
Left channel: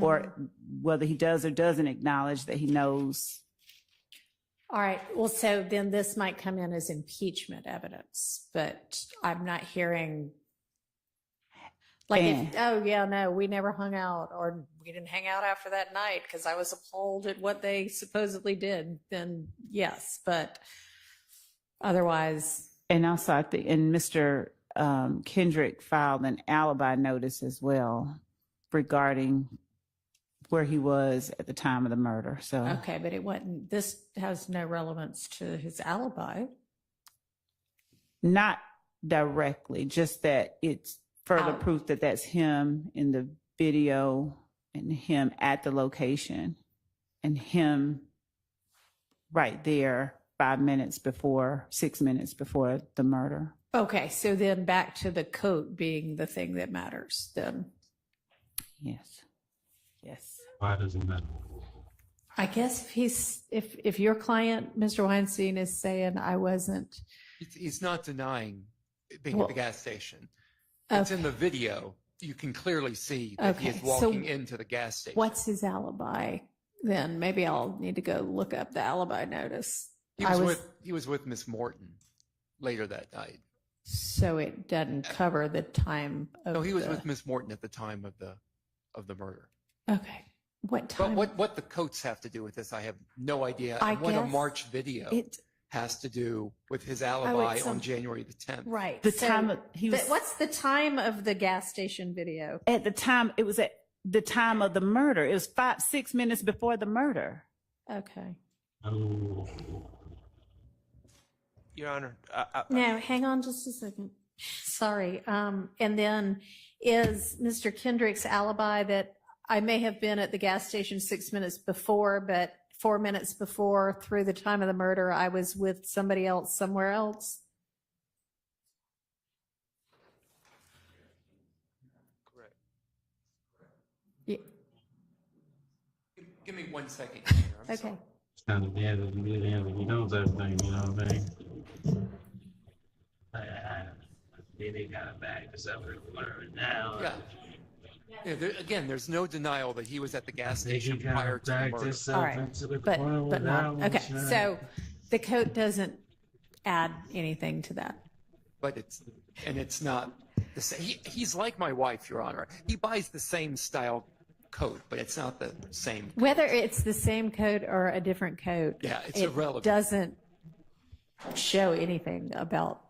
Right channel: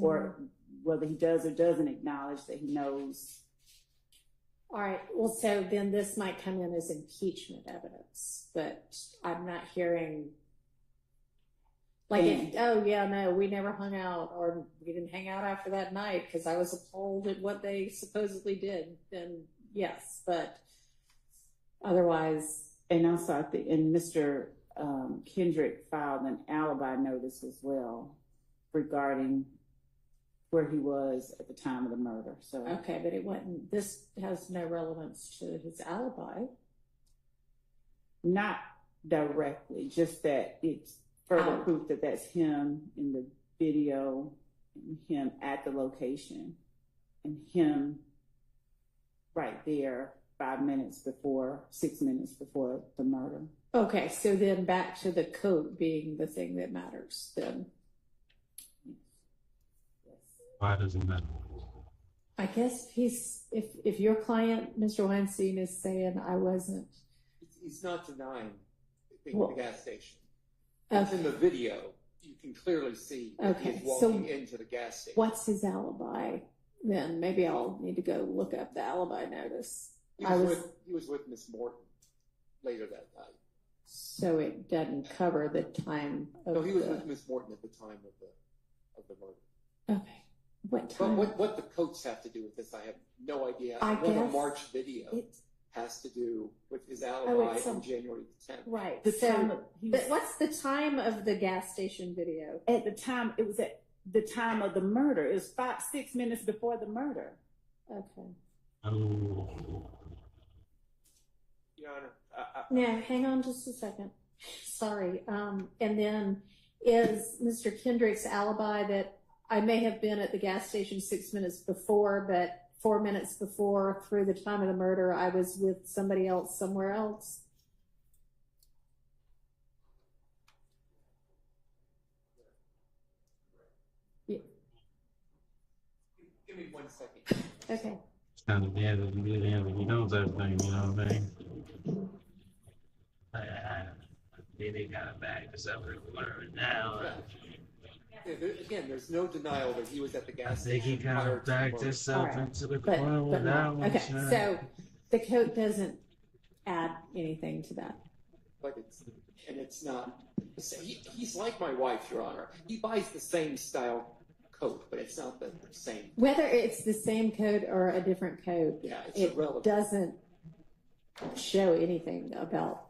or whether he does or doesn't acknowledge that he knows. All right. Well, so then this might come in as impeachment evidence, but I'm not hearing oh yeah, no, we never hung out, or we didn't hang out after that night because I was appalled at what they supposedly did. Then yes, but otherwise. And also, I think, and Mr. Kendrick filed an alibi notice as well regarding where he was at the time of the murder. So Okay, but it wasn't, this has no relevance to his alibi. not directly, just that it's further Oh. proof that that's him in the video and him at the location and him right there 6 minutes before the murder. Okay, so then back to the coat being the thing that matters then. Yes. Why does it matter? I guess if your client, Mr. Weinstein, is saying I wasn't. He's not denying being Well, at the gas station. It's in the video. You can clearly see that he is Okay, walking into the gas station. What's his alibi then? Maybe I'll need to go look up the alibi notice. He was with Miss Morton later that night. So it doesn't cover the time of No, he was with Miss Morton at the time of the murder. Okay. What time? But what the coats have to do with this, I have no idea. I And what a guess March video has to do with his Oh, alibi it's on January the 10th. Right. The So time he was what's the time of the gas station video? at the time. It was at the time of the murder. It was 6 minutes before the murder. Okay. Oh. Your Honor, No, hang on just a second. Sorry. And then is Mr. Kendrick's alibi that I may have been at the gas station 6 minutes before, but 4 minutes before through the time of the murder, I was with somebody else somewhere else? correct. Yeah. Give me 1 second. Okay. It's kind of bad that he knows everything, you know what I mean? They got it back to something now. Yeah, again, there's no denial that he was at the gas They station can kind prior of to the back murder. this up into the But corner with that not, one. okay, son. so the coat doesn't add anything to that. But it's not the same. He's like my wife, Your Honor. He buys the same style coat, but it's not the same. Whether it's the same coat or a different coat, Yeah, it's it irrelevant. doesn't show anything about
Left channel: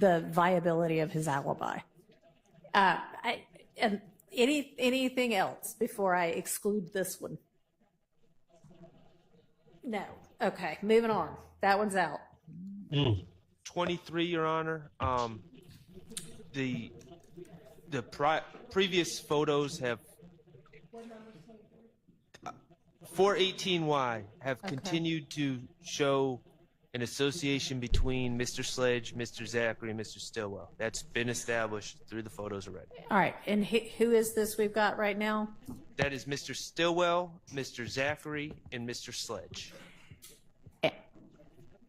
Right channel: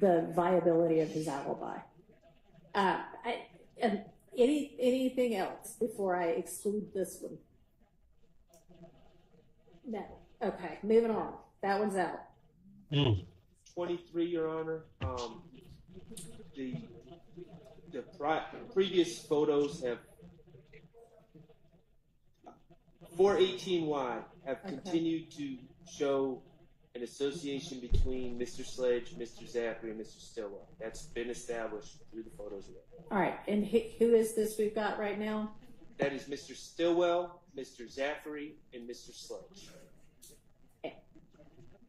the viability of his alibi. And anything else before I exclude this one? No. Okay, moving on. That one's out. 23, Your Honor. The previous photos have 418Y have continued to show an association between Mr. Sledge, Mr. Zachary, and Mr. Stillwell. That's been established through the photos already. All right, and who is this we've got right now? That is Mr. Stillwell, Mr. Zachary, and Mr. Sledge.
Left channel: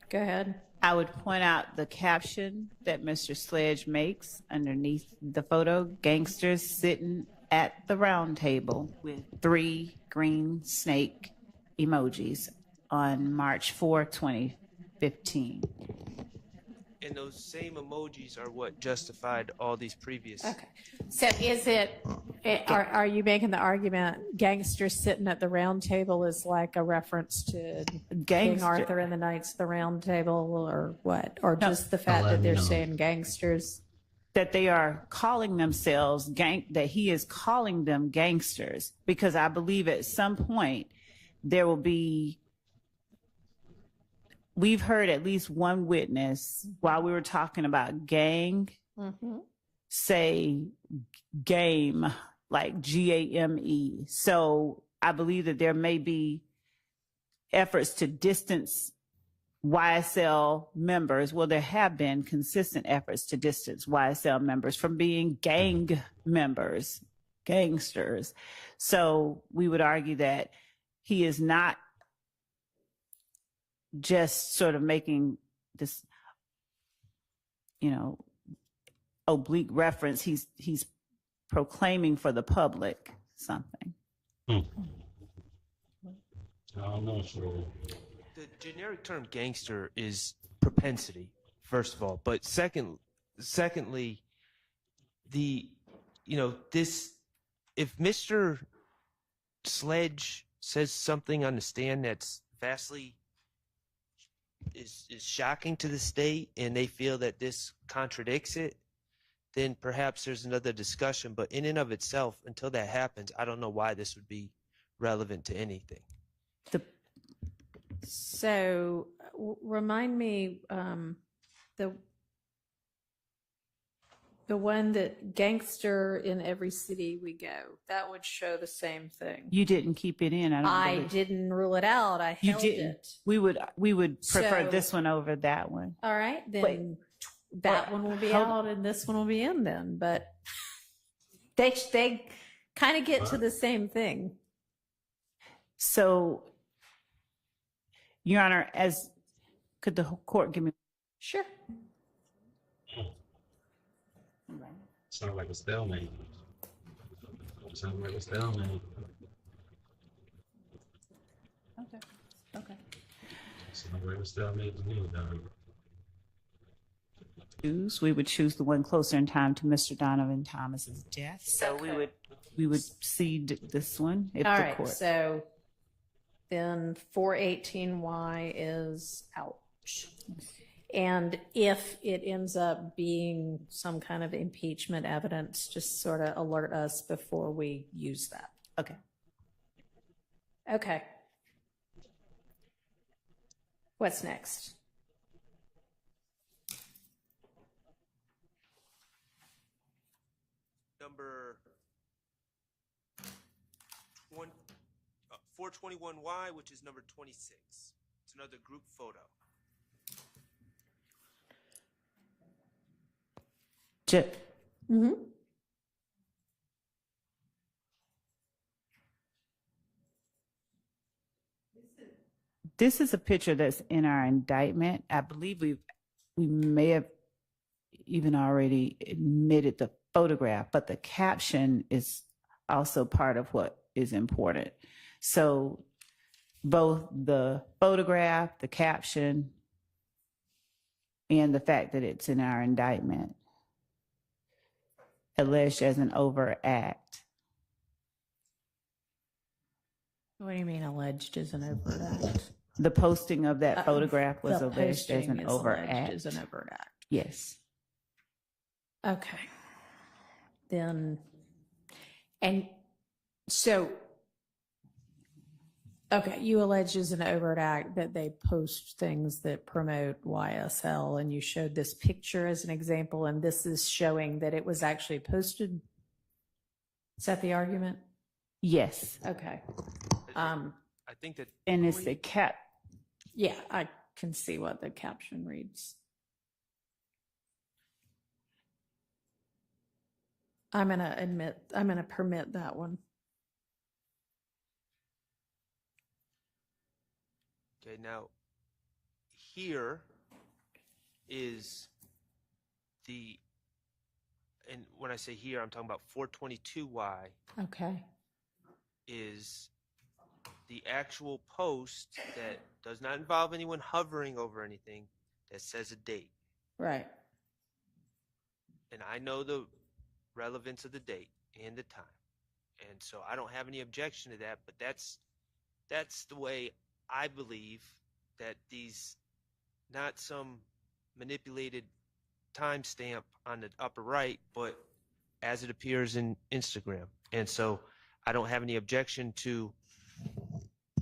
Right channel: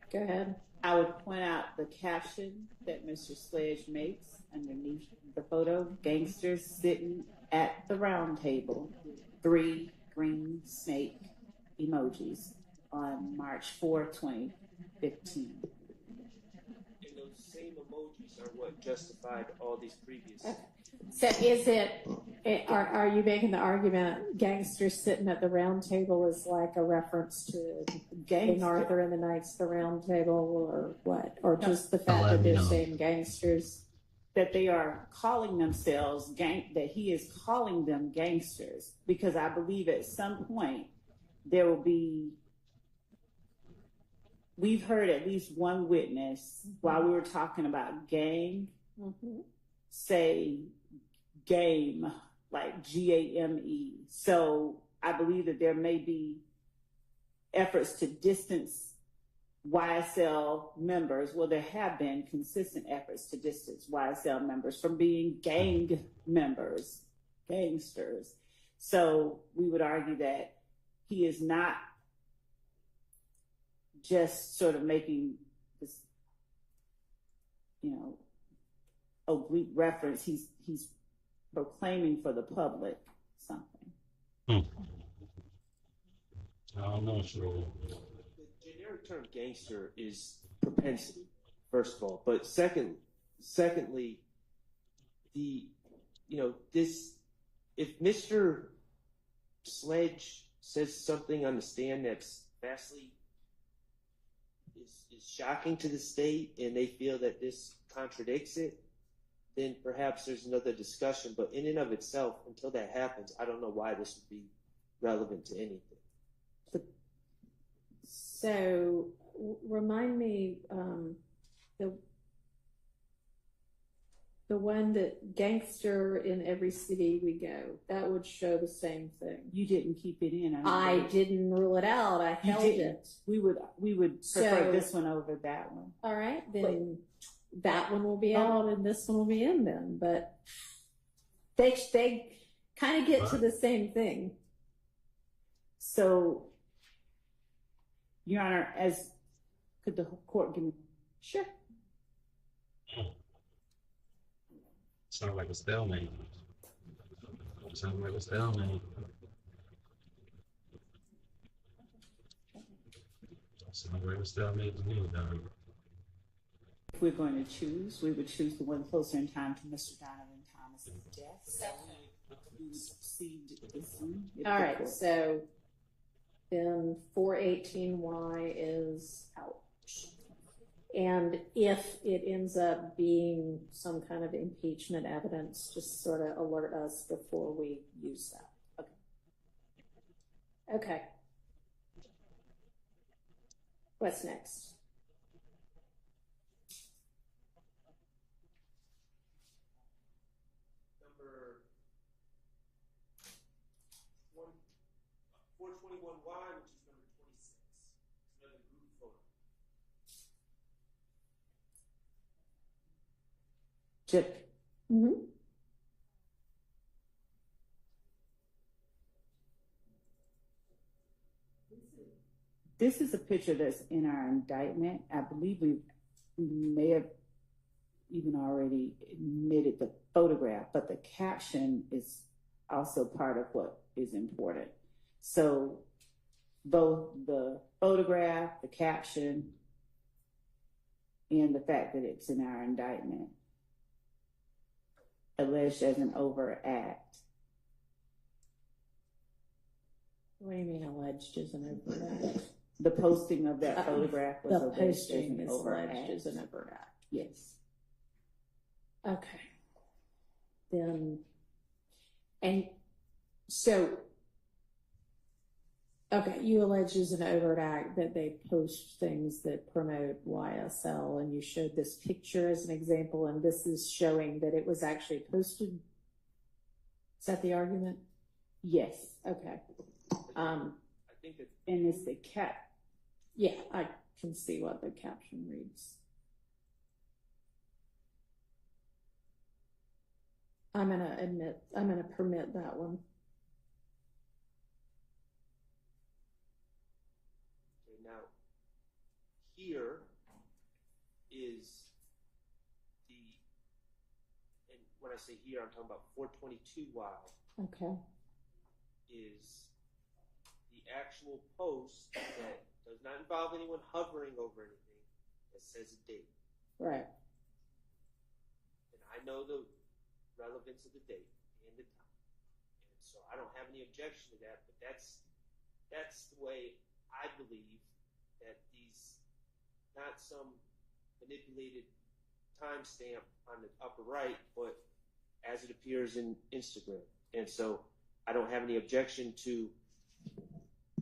Go ahead. I would point out the caption that Mr. Sledge makes underneath the photo: gangsters sitting at the round table with 3 green snake emojis on March 4, 2015. And those same emojis are what justified all these previous. Okay. So is are you making the argument gangsters sitting at the round table is like a reference to King Arthur and the Knights of the Round Table, or what? Or just the fact that they're saying gangsters? That they are calling themselves that he is calling them gangsters, because I believe at some point there will be. We've heard at least one witness while we were talking about gang say game, like GAME. So I believe that there may be efforts to distance YSL members. Well, there have been consistent efforts to distance YSL members from being gang members, gangsters. So we would argue that he is not just sort of making this, oblique reference. He's proclaiming for the public something. I don't know, sure. The generic term gangster is propensity, first of all, but secondly, if Mr. Sledge says something on the stand that's vastly is shocking to the state, and they feel that this contradicts it, then perhaps there's another discussion. But in and of itself, until that happens, I don't know why this would be relevant to anything. So remind me, the one that gangster in every city we go, that would show the same thing. You didn't keep it in. I didn't rule it out. I held it. We would prefer So- this one over that one. All right, then that one will be out and this one will be in then. But they kind of get to the same thing. So, Your Honor, could the court give me? Sure. Sounds like a stalemate. Sounds like a stalemate. Okay. Sounds like a stalemate to me, dog. If we're going to choose, we would choose the one closer in time to Mr. Donovan Thomas's death. So we would cede this one if All the right, court. so then 418Y is out. And if it ends up being some kind of impeachment evidence, just sort of alert us before we use that. Okay. Okay. What's next? Number 421Y, which is number 26. It's another group photo. Mm-hmm. This is a picture that's in our indictment. I believe we may have even already admitted the photograph, but the caption is also part of what is important. So both the photograph, the caption, and the fact that it's in our indictment alleged as an overact. What do you mean alleged as an overact? The posting of that photograph was The alleged as posting an is alleged overact. as an overact. Yes. Okay. Then, and so, okay, you allege as an overt act that they post things that promote YSL, and you showed this picture as an example, and this is showing that it was actually posted. Is that the argument? Yes. Okay. I think that. And it's the cap. Yeah, I can see what the caption reads. I'm gonna permit that one. Okay, now here is and when I say here, I'm talking about 422Y Okay. is the actual post that does not involve anyone hovering over anything that says a date. Right. And I know the relevance of the date and the time. And so I don't have any objection to that, but that's the way I believe that these, not some manipulated timestamp on the upper right, but as it appears in Instagram. And so I don't have any objection to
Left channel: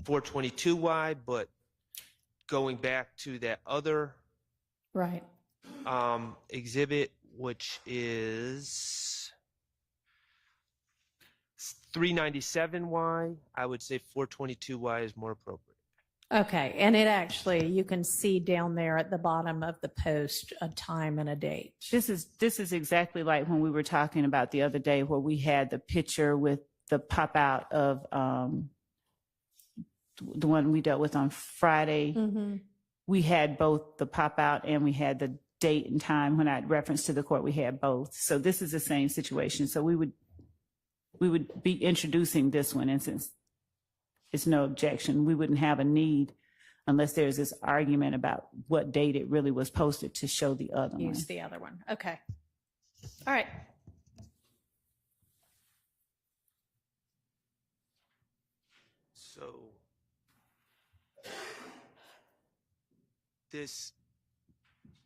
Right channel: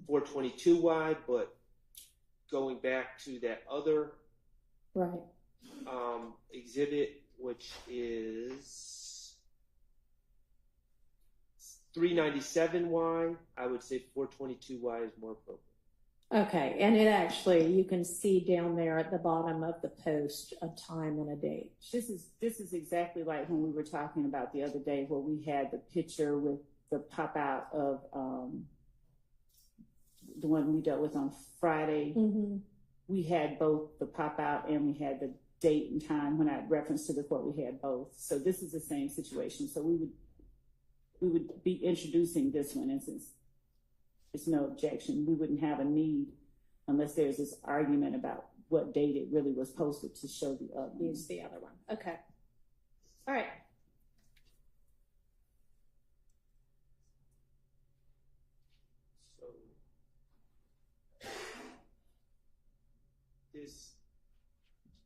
422Y, but going back to that other Right. Exhibit, which is 397Y, I would say 422Y is more appropriate. Okay, and it actually, you can see down there at the bottom of the post a time and a date. This is exactly like when we were talking about the other day where we had the picture with the pop out of the one we dealt with on Friday. Mm-hmm. We had both the pop out and we had the date and time. When I referenced to the court, we had both. So this is the same situation. So we would be introducing this one, and since it's no objection, we wouldn't have a need unless there's this argument about what date it really was posted to show the other one. Use the other one. Okay. All right. So this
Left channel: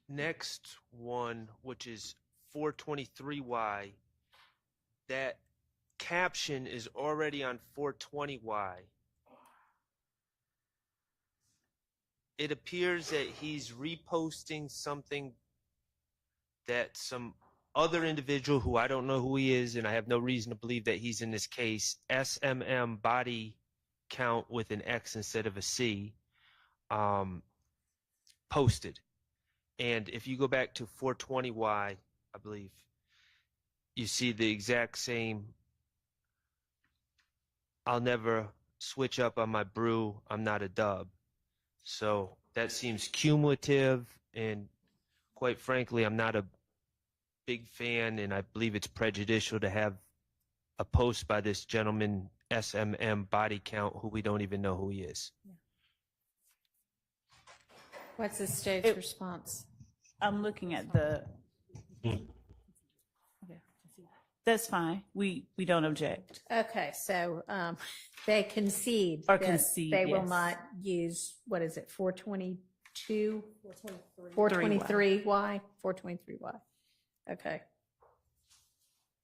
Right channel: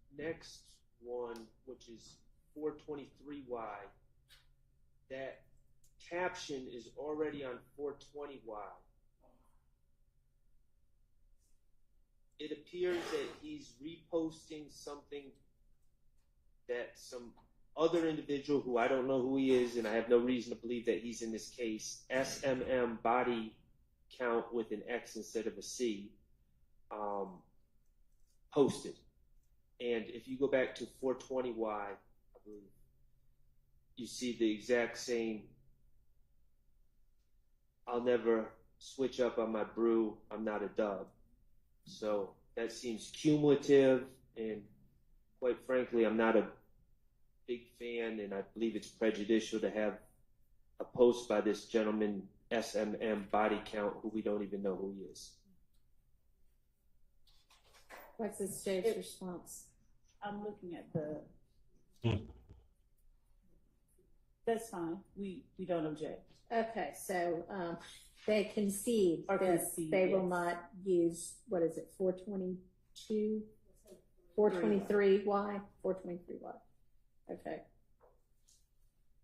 next one, which is 423Y, that caption is already on 420Y. It appears that he's reposting something that some other individual, who I don't know who he is, and I have no reason to believe that he's in this case, SMM body count with an X instead of a C, posted. And if you go back to 420Y, I believe, you see the exact same, I'll never switch up on my brew, I'm not a dub. So that seems cumulative, and quite frankly, I'm not a big fan, and I believe it's prejudicial to have a post by this gentleman, SMM body count, who we don't even know who he is. What's the stage response? I'm looking at the. That's fine. We don't object. Okay, so they concede. Or that concede, they will yes. not use, what is it, 422? 423. 423Y? 423Y. Okay.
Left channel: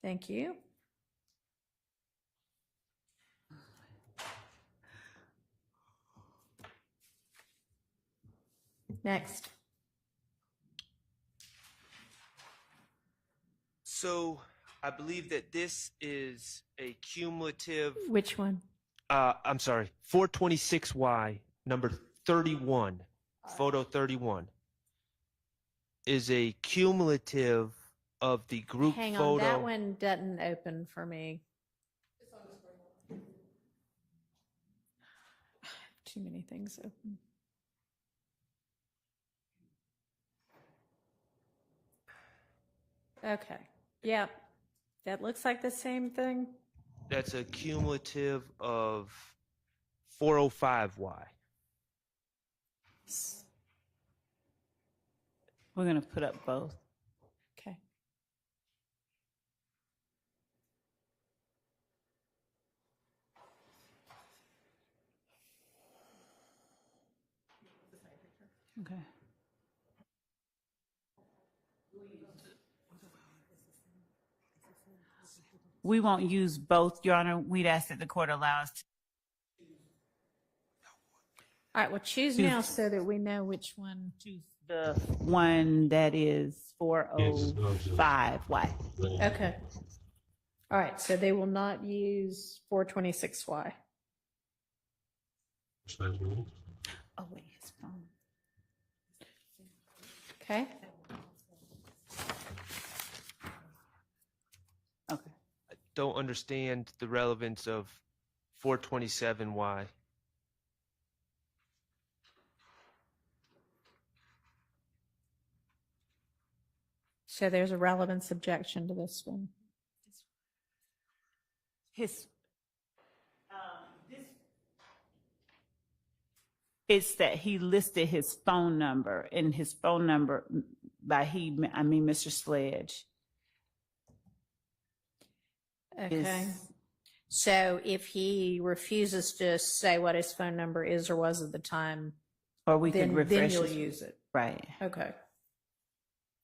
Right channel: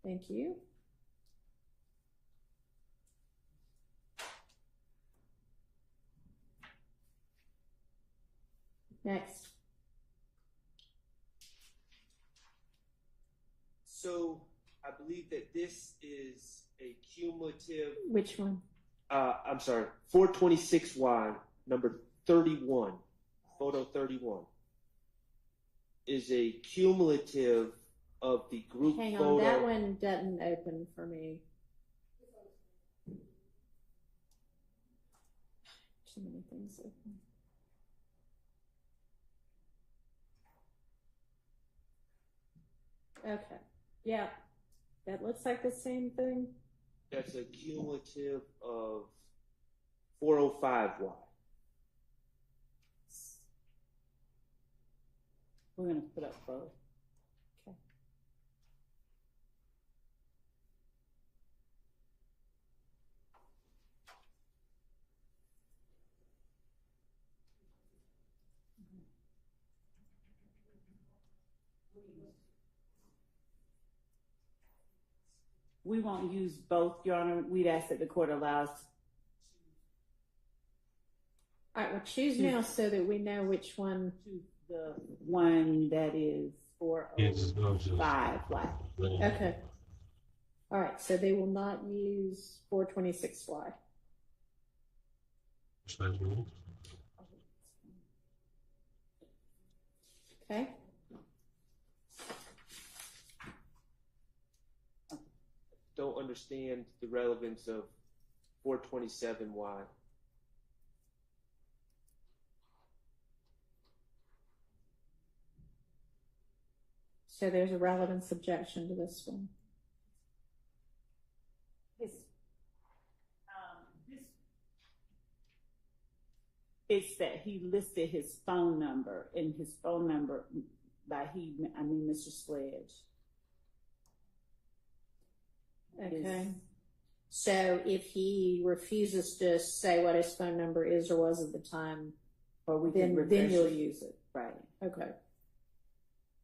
Thank you. Next. So I believe that this is a cumulative. Which one? I'm sorry, 426Y, number 31, photo 31, is a cumulative of the group Hang photo. on, that one doesn't open for me. Too many things open. Okay, yeah, that looks like the same thing. That's a cumulative of 405Y. We're going to put up both. Okay. Okay. We won't use both, Your Honor. We'd ask that the court allow us to. All right, well, choose now so that we know which one. Choose the one that is 405Y. Okay. All right, so they will not use 426Y. Oh, wait, his phone. Okay. Okay. I don't understand the relevance of 427Y. So there's a relevance objection to this one. It's that he listed his phone number, and his phone number, by he, I mean Mr. Sledge. Okay. So if he refuses to say what his phone number is or was at the time, or we could refresh then you'll his- use it. Right. Okay.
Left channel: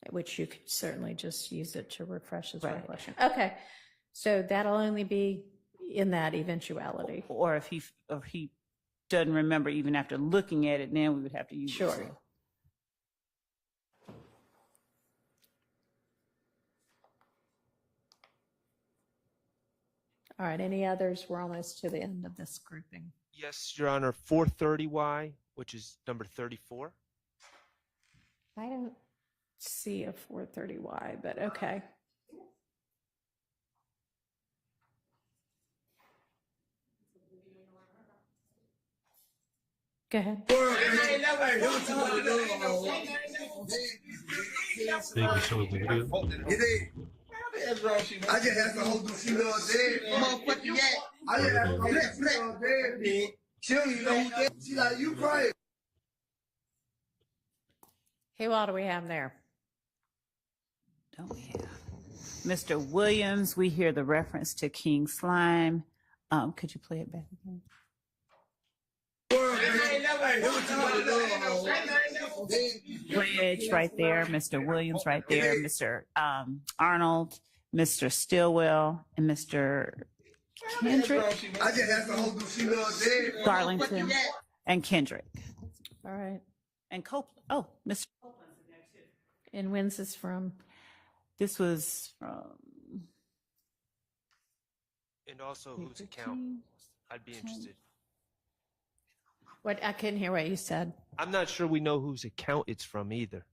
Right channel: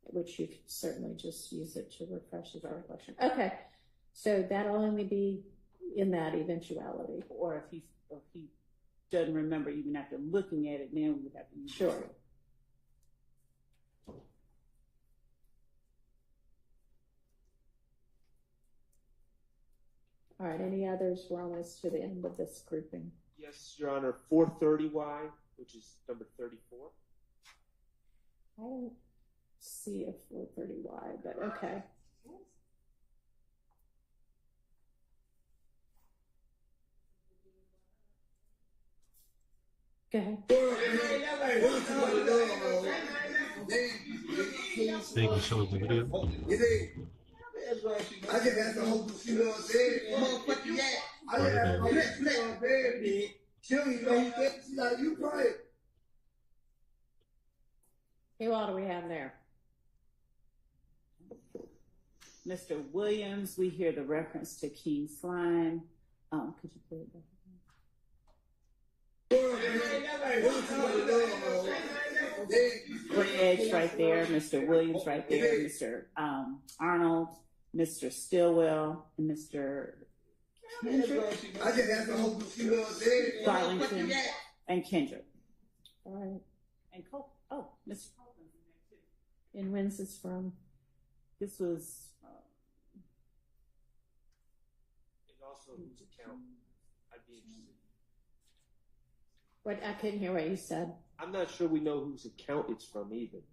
Which you could certainly just use it to refresh his Right. recollection. Okay. So that'll only be in that eventuality. Or if he doesn't remember even after looking at it, then we would have to use Sure. it. All right. Any others? We're almost to the end of this grouping. Yes, Your Honor, 430Y, which is number 34. I don't see a 430Y, but okay. Go ahead. Thank you so much. I just had to hold the shit on there. I just had to hold the shit on there, man. She don't even know who that. She like, you crying. Who all do we have there? Don't we have Mr. Williams? We hear the reference to King Slime. Could you play it back again? Sledge right there, Mr. Williams right there, Mr. Arnold, Mr. Stillwell, and Mr. Kendrick, Darlington, and Kendrick, All right. and Copeland. Oh, Mr. Copeland's in there too. And when's this from? This was from. And also whose account? I'd be interested. What? I couldn't hear what you said. I'm not sure we know whose account it's from either.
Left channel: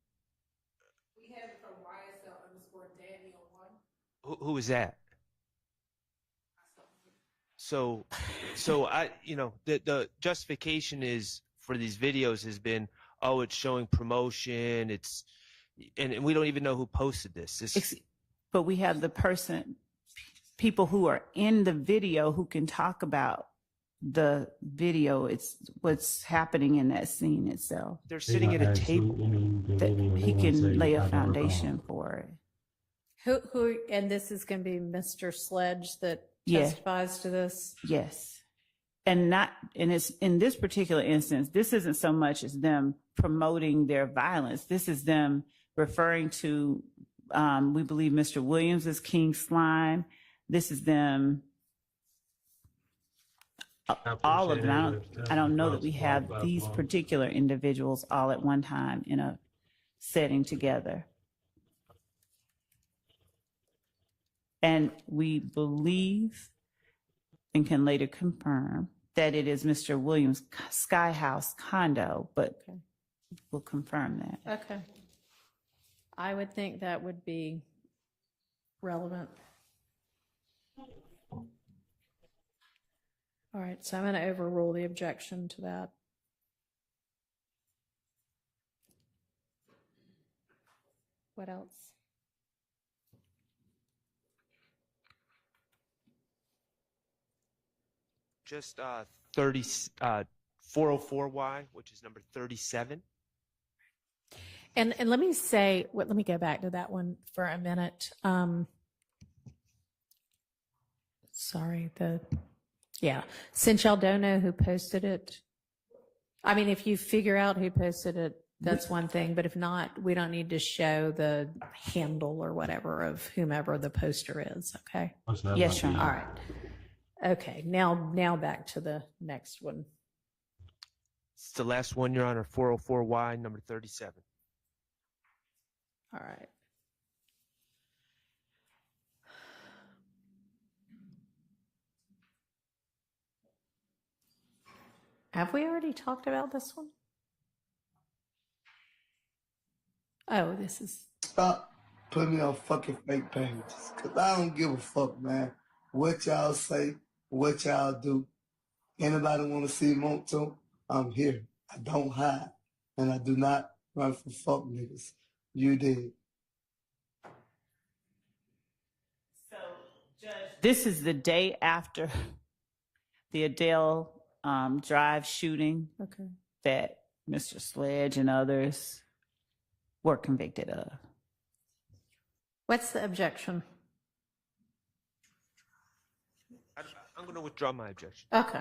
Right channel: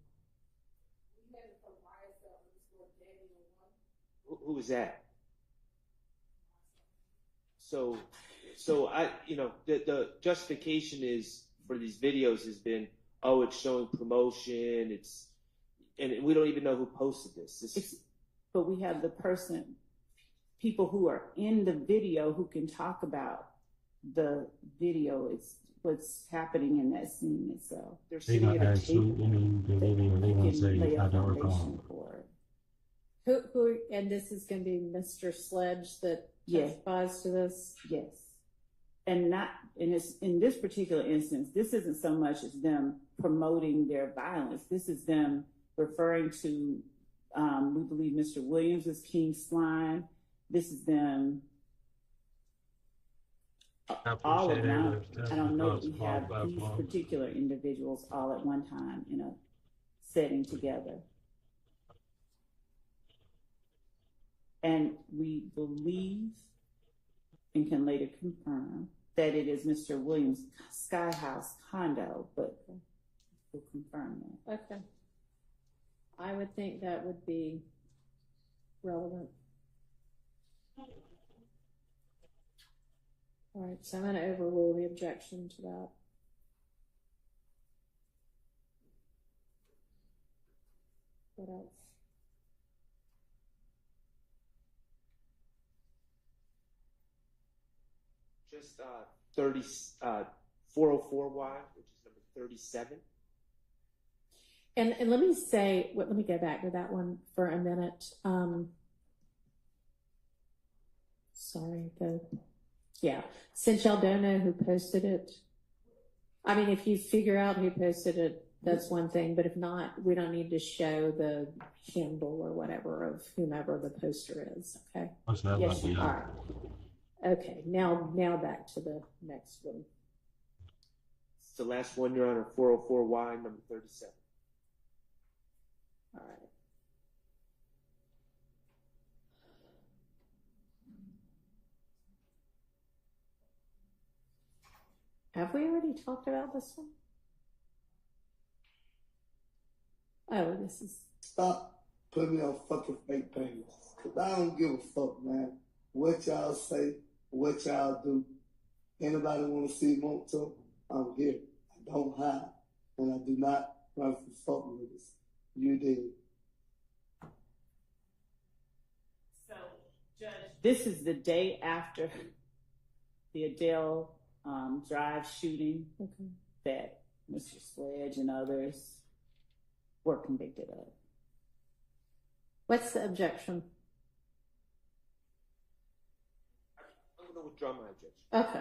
We have it from YSL_Danny01. Who is that? So I, the justification is for these videos has been, oh, it's showing promotion. And we don't even know who posted this. But we have people who are in the video who can talk about the video. It's what's happening in that scene itself. They're sitting at a table. He can lay a foundation for it. Who? And this is going to be Mr. Sledge that testifies to this. Yes, and it's in this particular instance. This isn't so much as them promoting their violence. This is them referring to. We believe Mr. Williams is King Slime. This is them. All of them. I don't know that we have these particular individuals all at one time in a setting together. And we believe and can later confirm that it is Mr. Williams' Sky House condo, but we'll confirm that. Okay. I would think that would be relevant. All right, so I'm going to overrule the objection to that. What else? Just 404Y, which is number 37. And let me say, let me go back to that one for a minute. Sorry, since y'all don't know who posted it, I mean, if you figure out who posted it, that's one thing, but if not, we don't need to show the handle or whatever of whomever the poster is, okay? Yes, all right. Okay, now back to the next one. It's the last one, Your Honor, 404Y, number 37. All right. Have we already talked about this one? Oh, this is... Stop putting me on fucking fake pages, because I don't give a fuck, man. What y'all say, what y'all do. Anybody want to see Monto? I'm here. I don't hide. And I do not run for fuck niggas. You did. So, Judge, this is the day after the Adele Drive shooting that Mr. Sledge and others were convicted of. What's the objection? I'm going to withdraw my objection. Okay.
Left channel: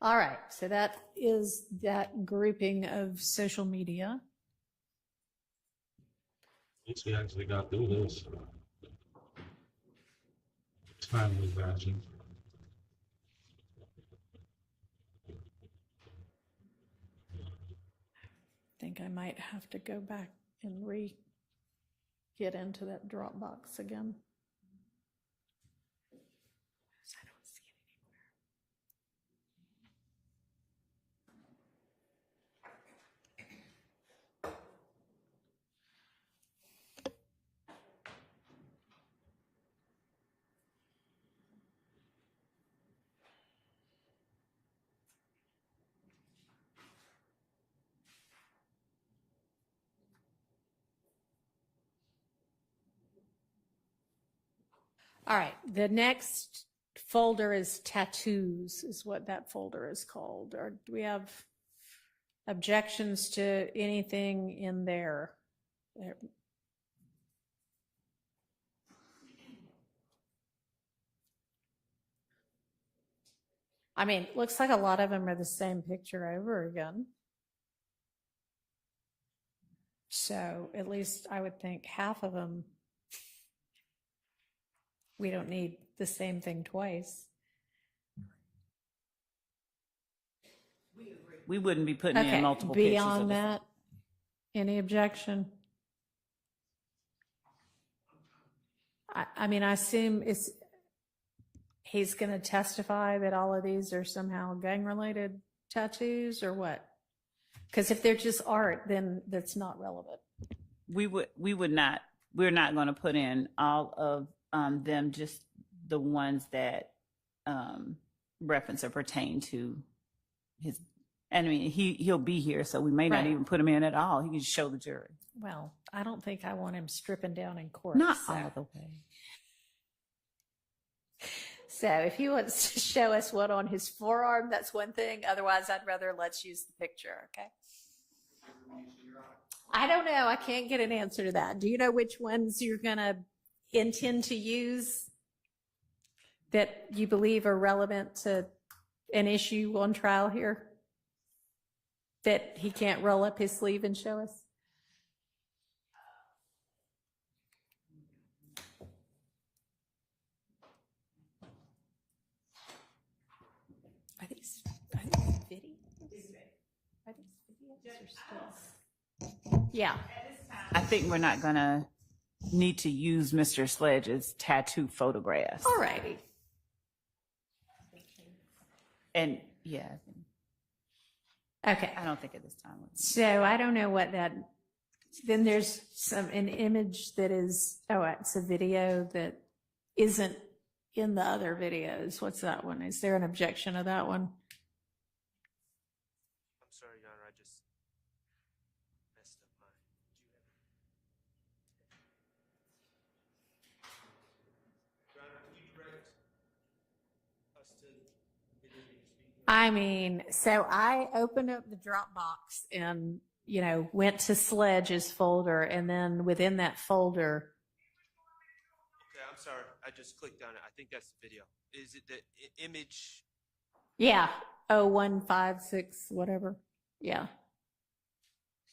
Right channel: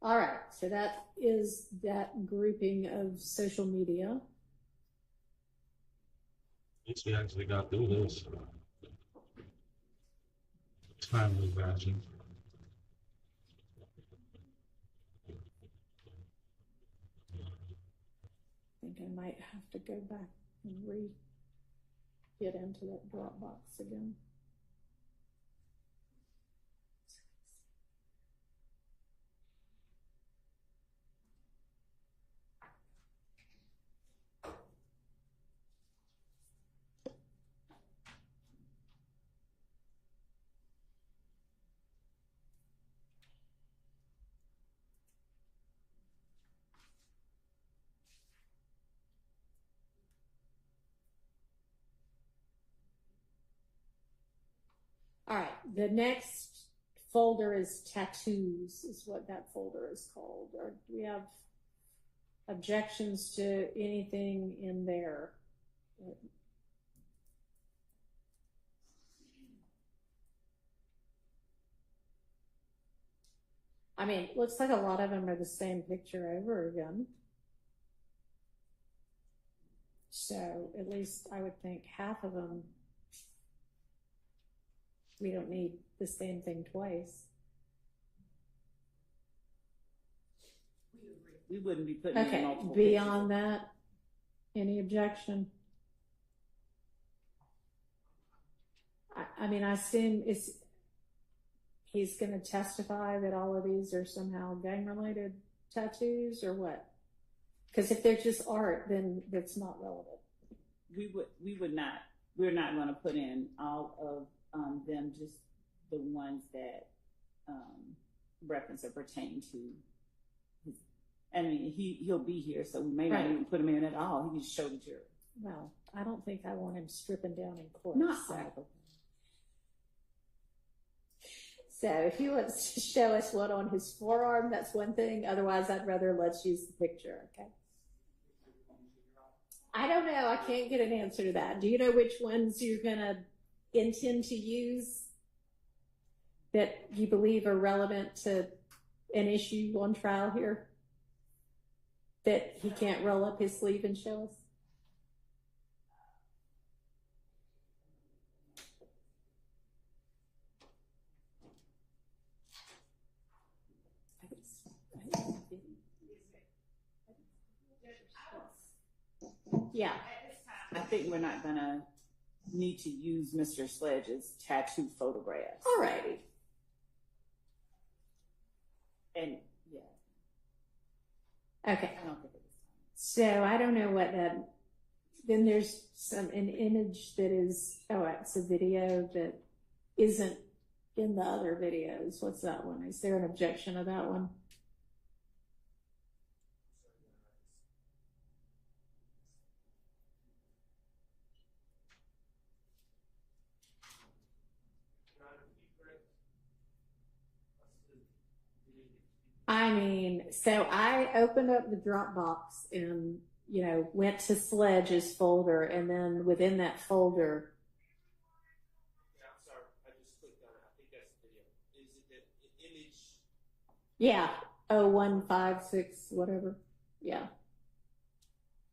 All right, so that is that grouping of social media. At least we actually got through this. Timely fashion. I think I might have to go back and get into that Dropbox again. I don't see it All right, the next folder is tattoos, is what that folder is called. Or do we have objections to anything in there? I mean, looks like a lot of them are the same picture over again. So at least I would think half of them, we don't need the same thing twice. We wouldn't be putting in multiple beyond pictures. that, any objection? I mean, I assume he's going to testify that all of these are somehow gang-related tattoos or what? Because if they're just art, then that's not relevant. We're not going to put in all of them, just the ones that reference or pertain to his. And I mean, he'll be here, so we may not even put him in at all. He can just show the jury. Well, I don't think I want him stripping down in court. Not all the way. So if he wants to show us what on his forearm, that's one thing. Otherwise, I'd rather let's use the picture, okay? I don't know. I can't get an answer to that. Do you know which ones you're going to intend to use that you believe are relevant to an issue on trial here? That he can't roll up his sleeve and show us? Are these videos? Yeah. I think we're not going to need to use Mr. Sledge's tattoo photographs. All righty. And yeah. Okay. I don't think at this time. So I don't know what that. Then there's an image that is. Oh, it's a video that isn't in the other videos. What's that one? Is there an objection to that one? I'm sorry, Your Honor, I just messed up my. Your Honor, can you correct us to the video you're speaking of? I mean, so I opened up the Dropbox and, you know, went to Sledge's folder, and then within that folder. Okay, I'm sorry. I just clicked on it. I think that's the video. Is it the image? Yeah. 0156, whatever. Yeah.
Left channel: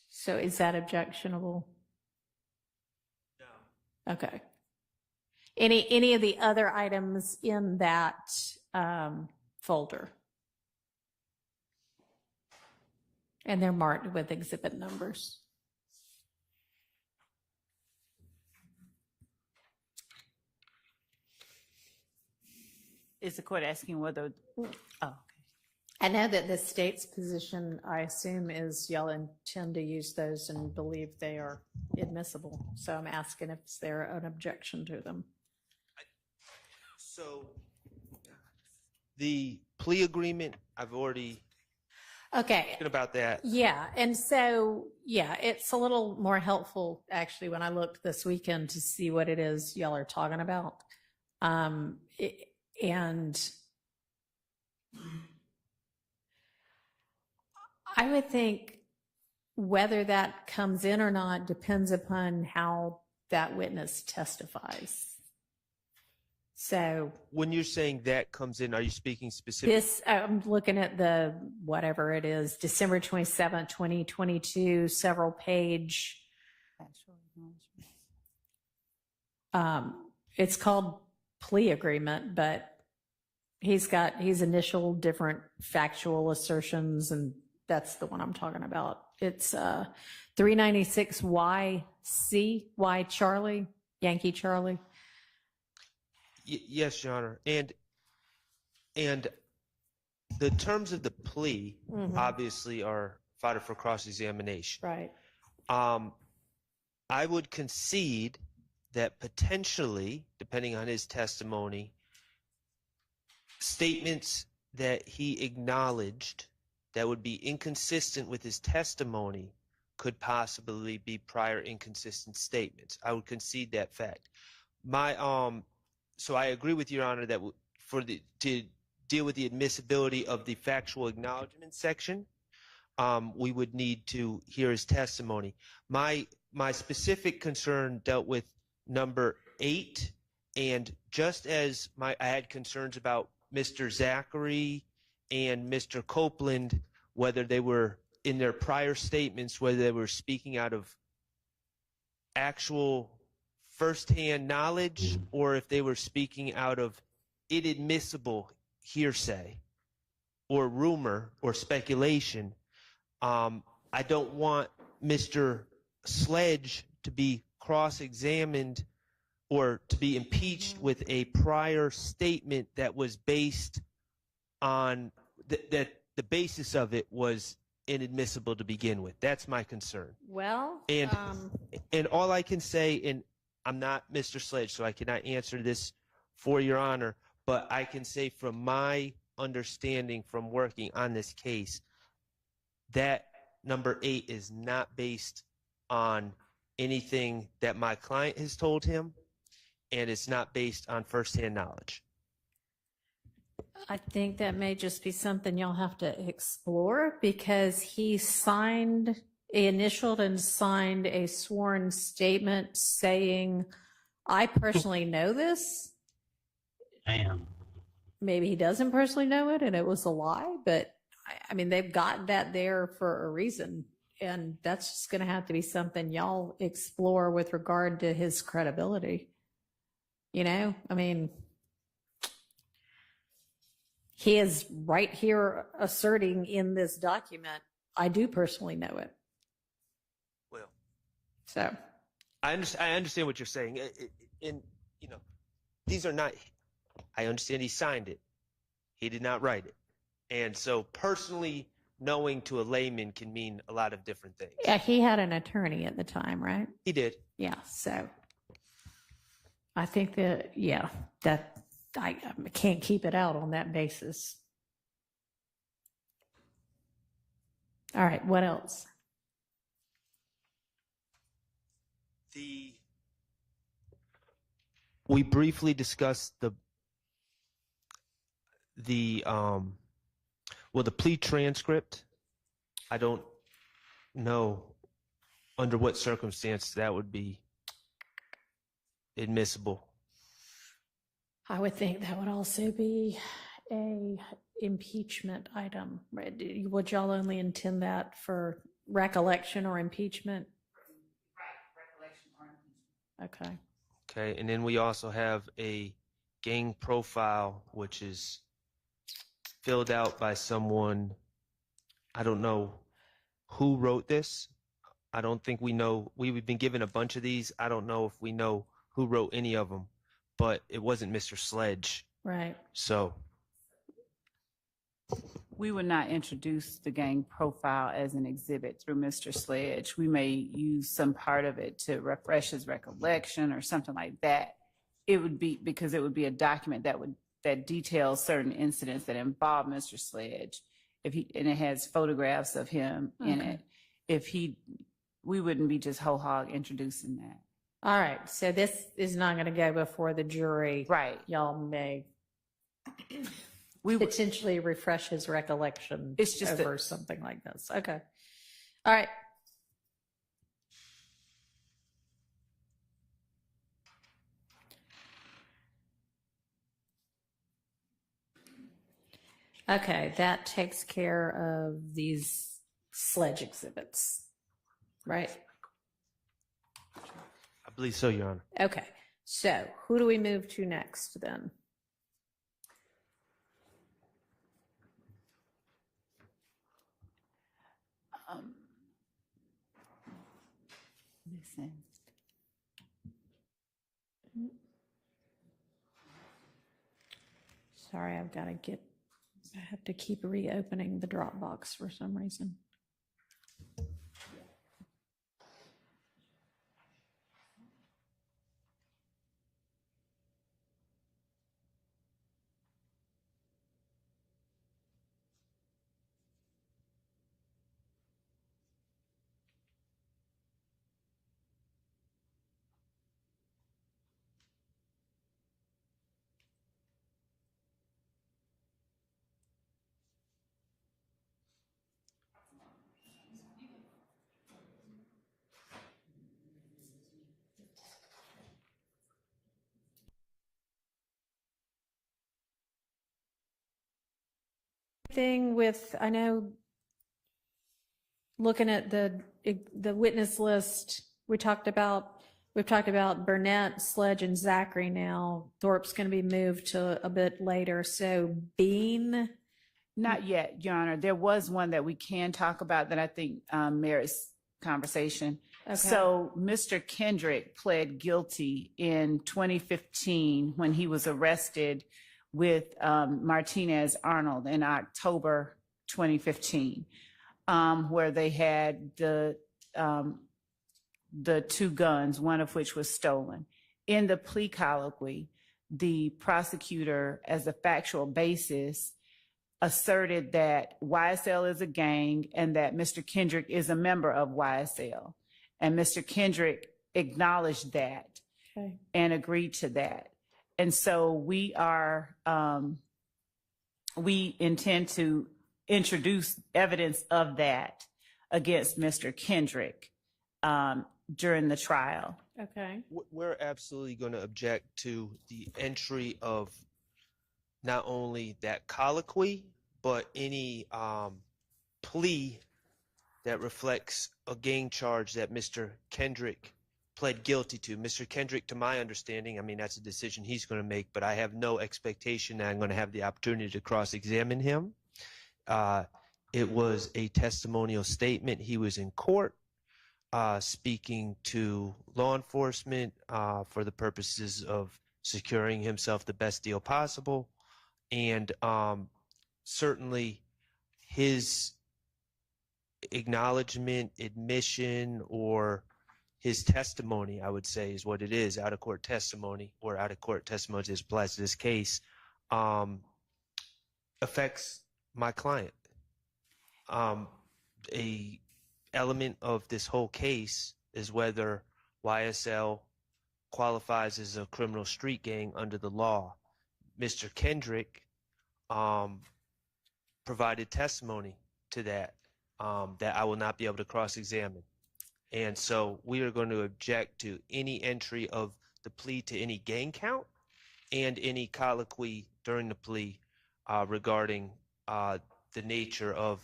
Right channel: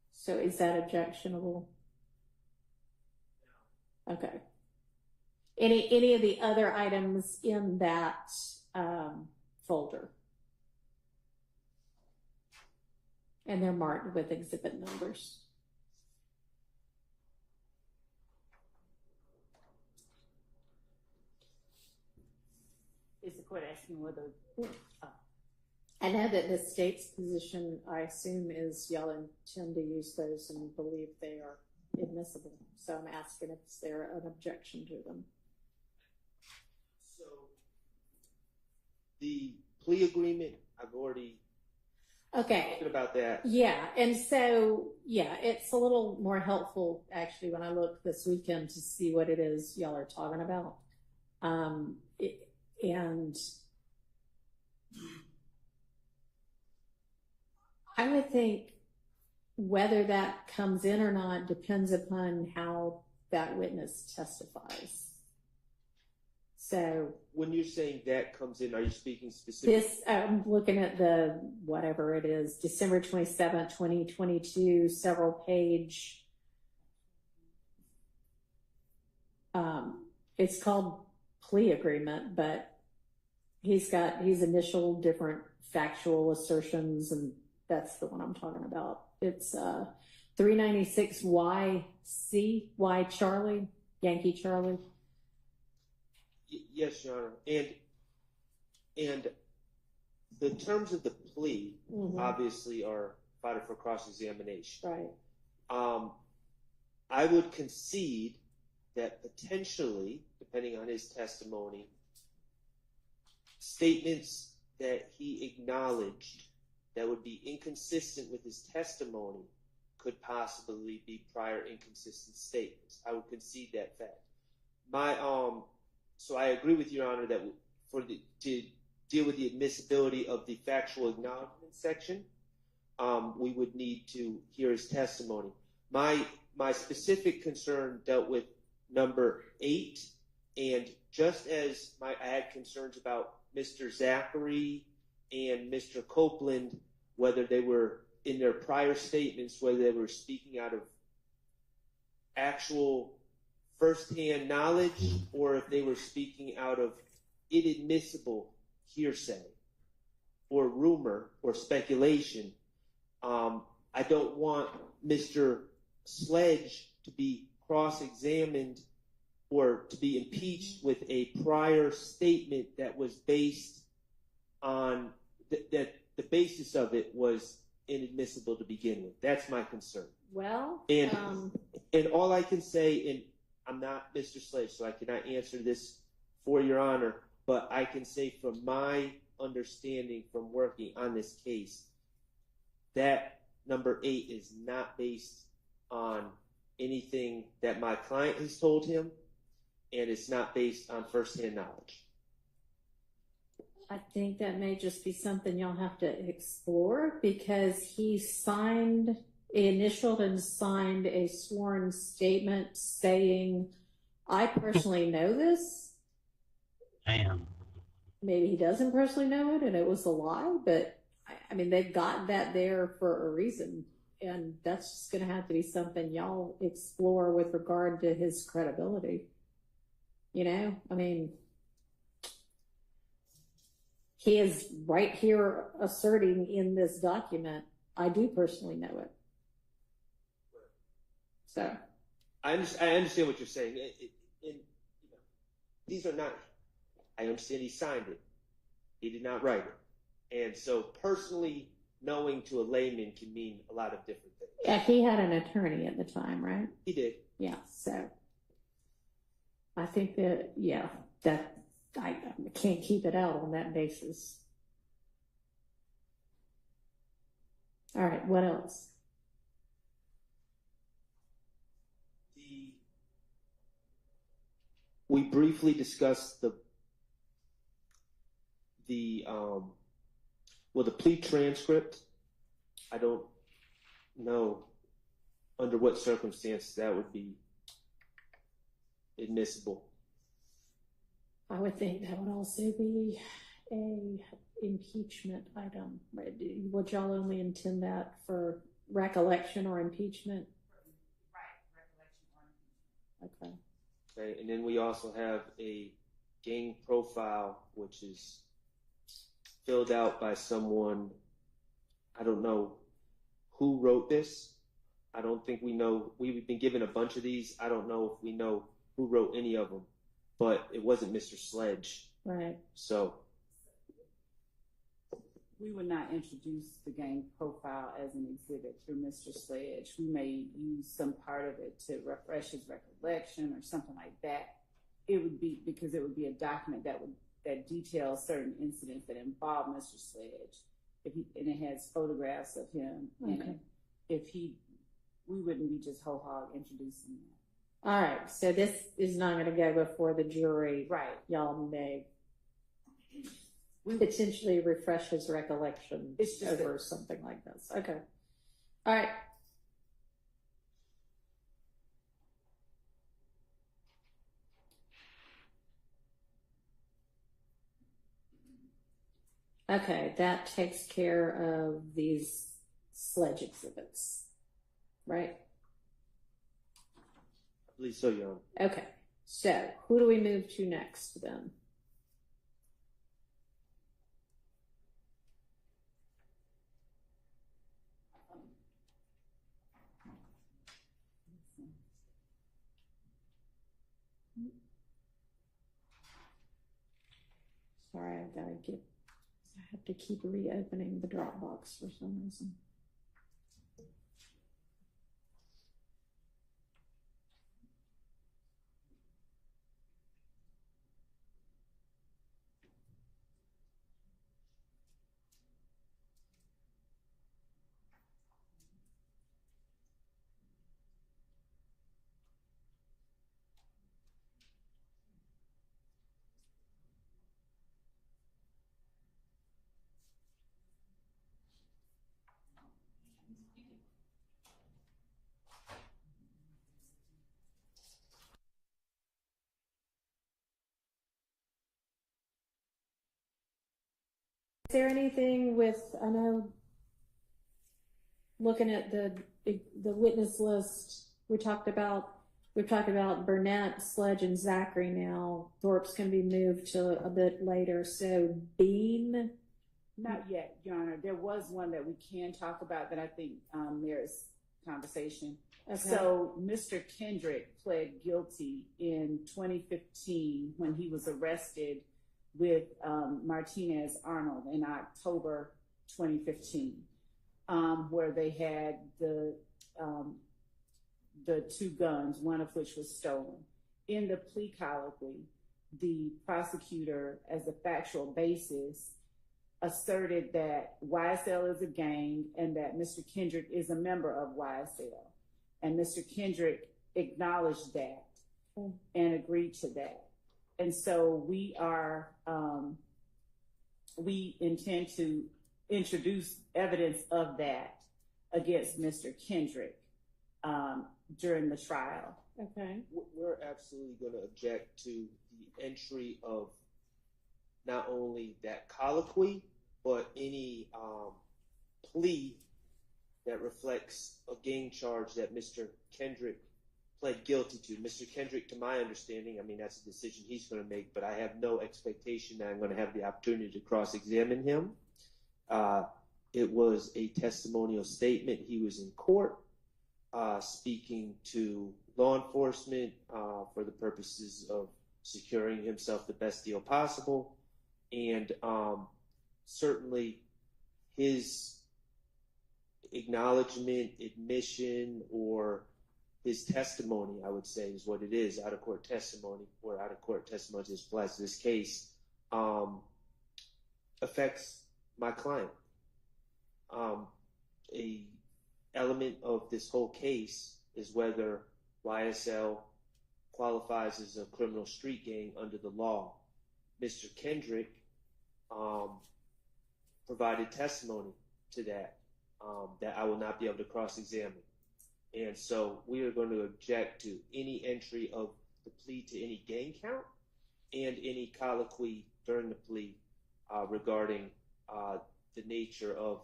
So is that objectionable? No. Okay. Any of the other items in that folder? And they're marked with exhibit numbers. Is the court asking whether? Oh. I know that the state's position, I assume, is y'all intend to use those and believe they are admissible. So I'm asking if there an objection to them. So the plea agreement, I've already talking about that. Yeah, and so yeah, it's a little more helpful actually when I looked this weekend to see what it is y'all are talking about. And I would think whether that comes in or not depends upon how that witness testifies. So when you're saying that comes in, are you speaking specifically? This, I'm looking at the, whatever it is, December 27th, 2022, several page. It's called plea agreement, but he's initial different factual assertions, and that's the one I'm talking about. It's 396 YC, Y Charlie, Yankee Charlie. Yes, Your Honor. And the terms of the plea obviously are fodder for cross-examination. Right. I would concede that potentially, depending on his testimony, statements that he acknowledged that would be inconsistent with his testimony could possibly be prior inconsistent statements. I would concede that fact. So I agree with Your Honor that to deal with the admissibility of the factual acknowledgement section, we would need to hear his testimony. My specific concern dealt with number 8, and just as I had concerns about Mr. Zachary and Mr. Copeland, whether they were in their prior statements, whether they were speaking out of actual firsthand knowledge or if they were speaking out of inadmissible hearsay or rumor or speculation. I don't want Mr. Sledge to be cross-examined or to be impeached with a prior statement that was based on that the basis of it was inadmissible to begin with. That's my concern. Well, And all I can say, and I'm not Mr. Sledge, so I cannot answer this for Your Honor, but I can say from my understanding from working on this case, that number 8 is not based on anything that my client has told him, and it's not based on firsthand knowledge. I think that may just be something you'll have to explore because he initialed and signed a sworn statement saying, I personally know this. Damn. Maybe he doesn't personally know it and it was a lie, but I mean, they've gotten that there for a reason. And that's just going to have to be something y'all explore with regard to his credibility. You know, I mean, he is right here asserting in this document, I do personally know it. Well, so I understand what you're saying. And, you know, these are not, I understand he signed it. He did not write it. And so personally knowing to a layman can mean a lot of different things. Yeah, he had an attorney at the time, right? He did. Yeah, so I think that, yeah, that I can't keep it out on that basis. All right, what else? We briefly discussed the plea transcript. I don't know under what circumstance that would be admissible. I would think that would also be a impeachment item. Would y'all only intend that for recollection or impeachment? Right, recollection or impeachment. Okay. Okay, and then we also have a gang profile, which is filled out by someone. I don't know who wrote this. I don't think we know. We've been given a bunch of these. I don't know if we know who wrote any of them, but it wasn't Mr. Sledge. Right. So we would not introduce the gang profile as an exhibit through Mr. Sledge. We may use some part of it to refresh his recollection or something like that. It would be because it would be a document that details certain incidents that involve Mr. Sledge. And it has photographs of him in it. We wouldn't be just whole hog introducing that. All right, so this is not going to go before the jury. Right. Y'all may potentially refresh his recollection. It's just over something like this. Okay. All right. Okay, that takes care of these Sledge exhibits, right? I believe so, Your Honor. Okay, so who do we move to next then? Listen. Sorry, I have to keep reopening the Dropbox for some reason. there anything with, I know, looking at the witness list, we've talked about Burnett, Sledge, and Zachary now. Thorpe's going to be moved to a bit later. So Bean? Not yet, Your Honor. There was one that we can talk about that I think merits conversation. Okay. So Mr. Kendrick pled guilty in 2015 when he was arrested with Martinez Arnold in October 2015, where they had the two guns, one of which was stolen. In the plea colloquy, the prosecutor, as a factual basis, asserted that YSL is a gang and that Mr. Kendrick is a member of YSL. And Mr. Kendrick acknowledged that and agreed to that. And so we intend to introduce evidence of that against Mr. Kendrick during the trial. Okay. We're absolutely going to object to the entry of not only that colloquy, but any plea that reflects a gang charge that Mr. Kendrick pled guilty to. Mr. Kendrick, to my understanding, I mean, that's a decision he's going to make, but I have no expectation that I'm going to have the opportunity to cross-examine him. It was a testimonial statement. He was in court speaking to law enforcement for the purposes of securing himself the best deal possible. And certainly his acknowledgement, admission, or his testimony, I would say, is what it is, out-of-court testimony, or out-of-court testimony as applies to this case, affects my client. A element of this whole case is whether YSL qualifies as a criminal street gang under the law. Mr. Kendrick provided testimony to that I will not be able to cross-examine. And so we are going to object to any entry of the plea to any gang count and any colloquy during the plea regarding the nature of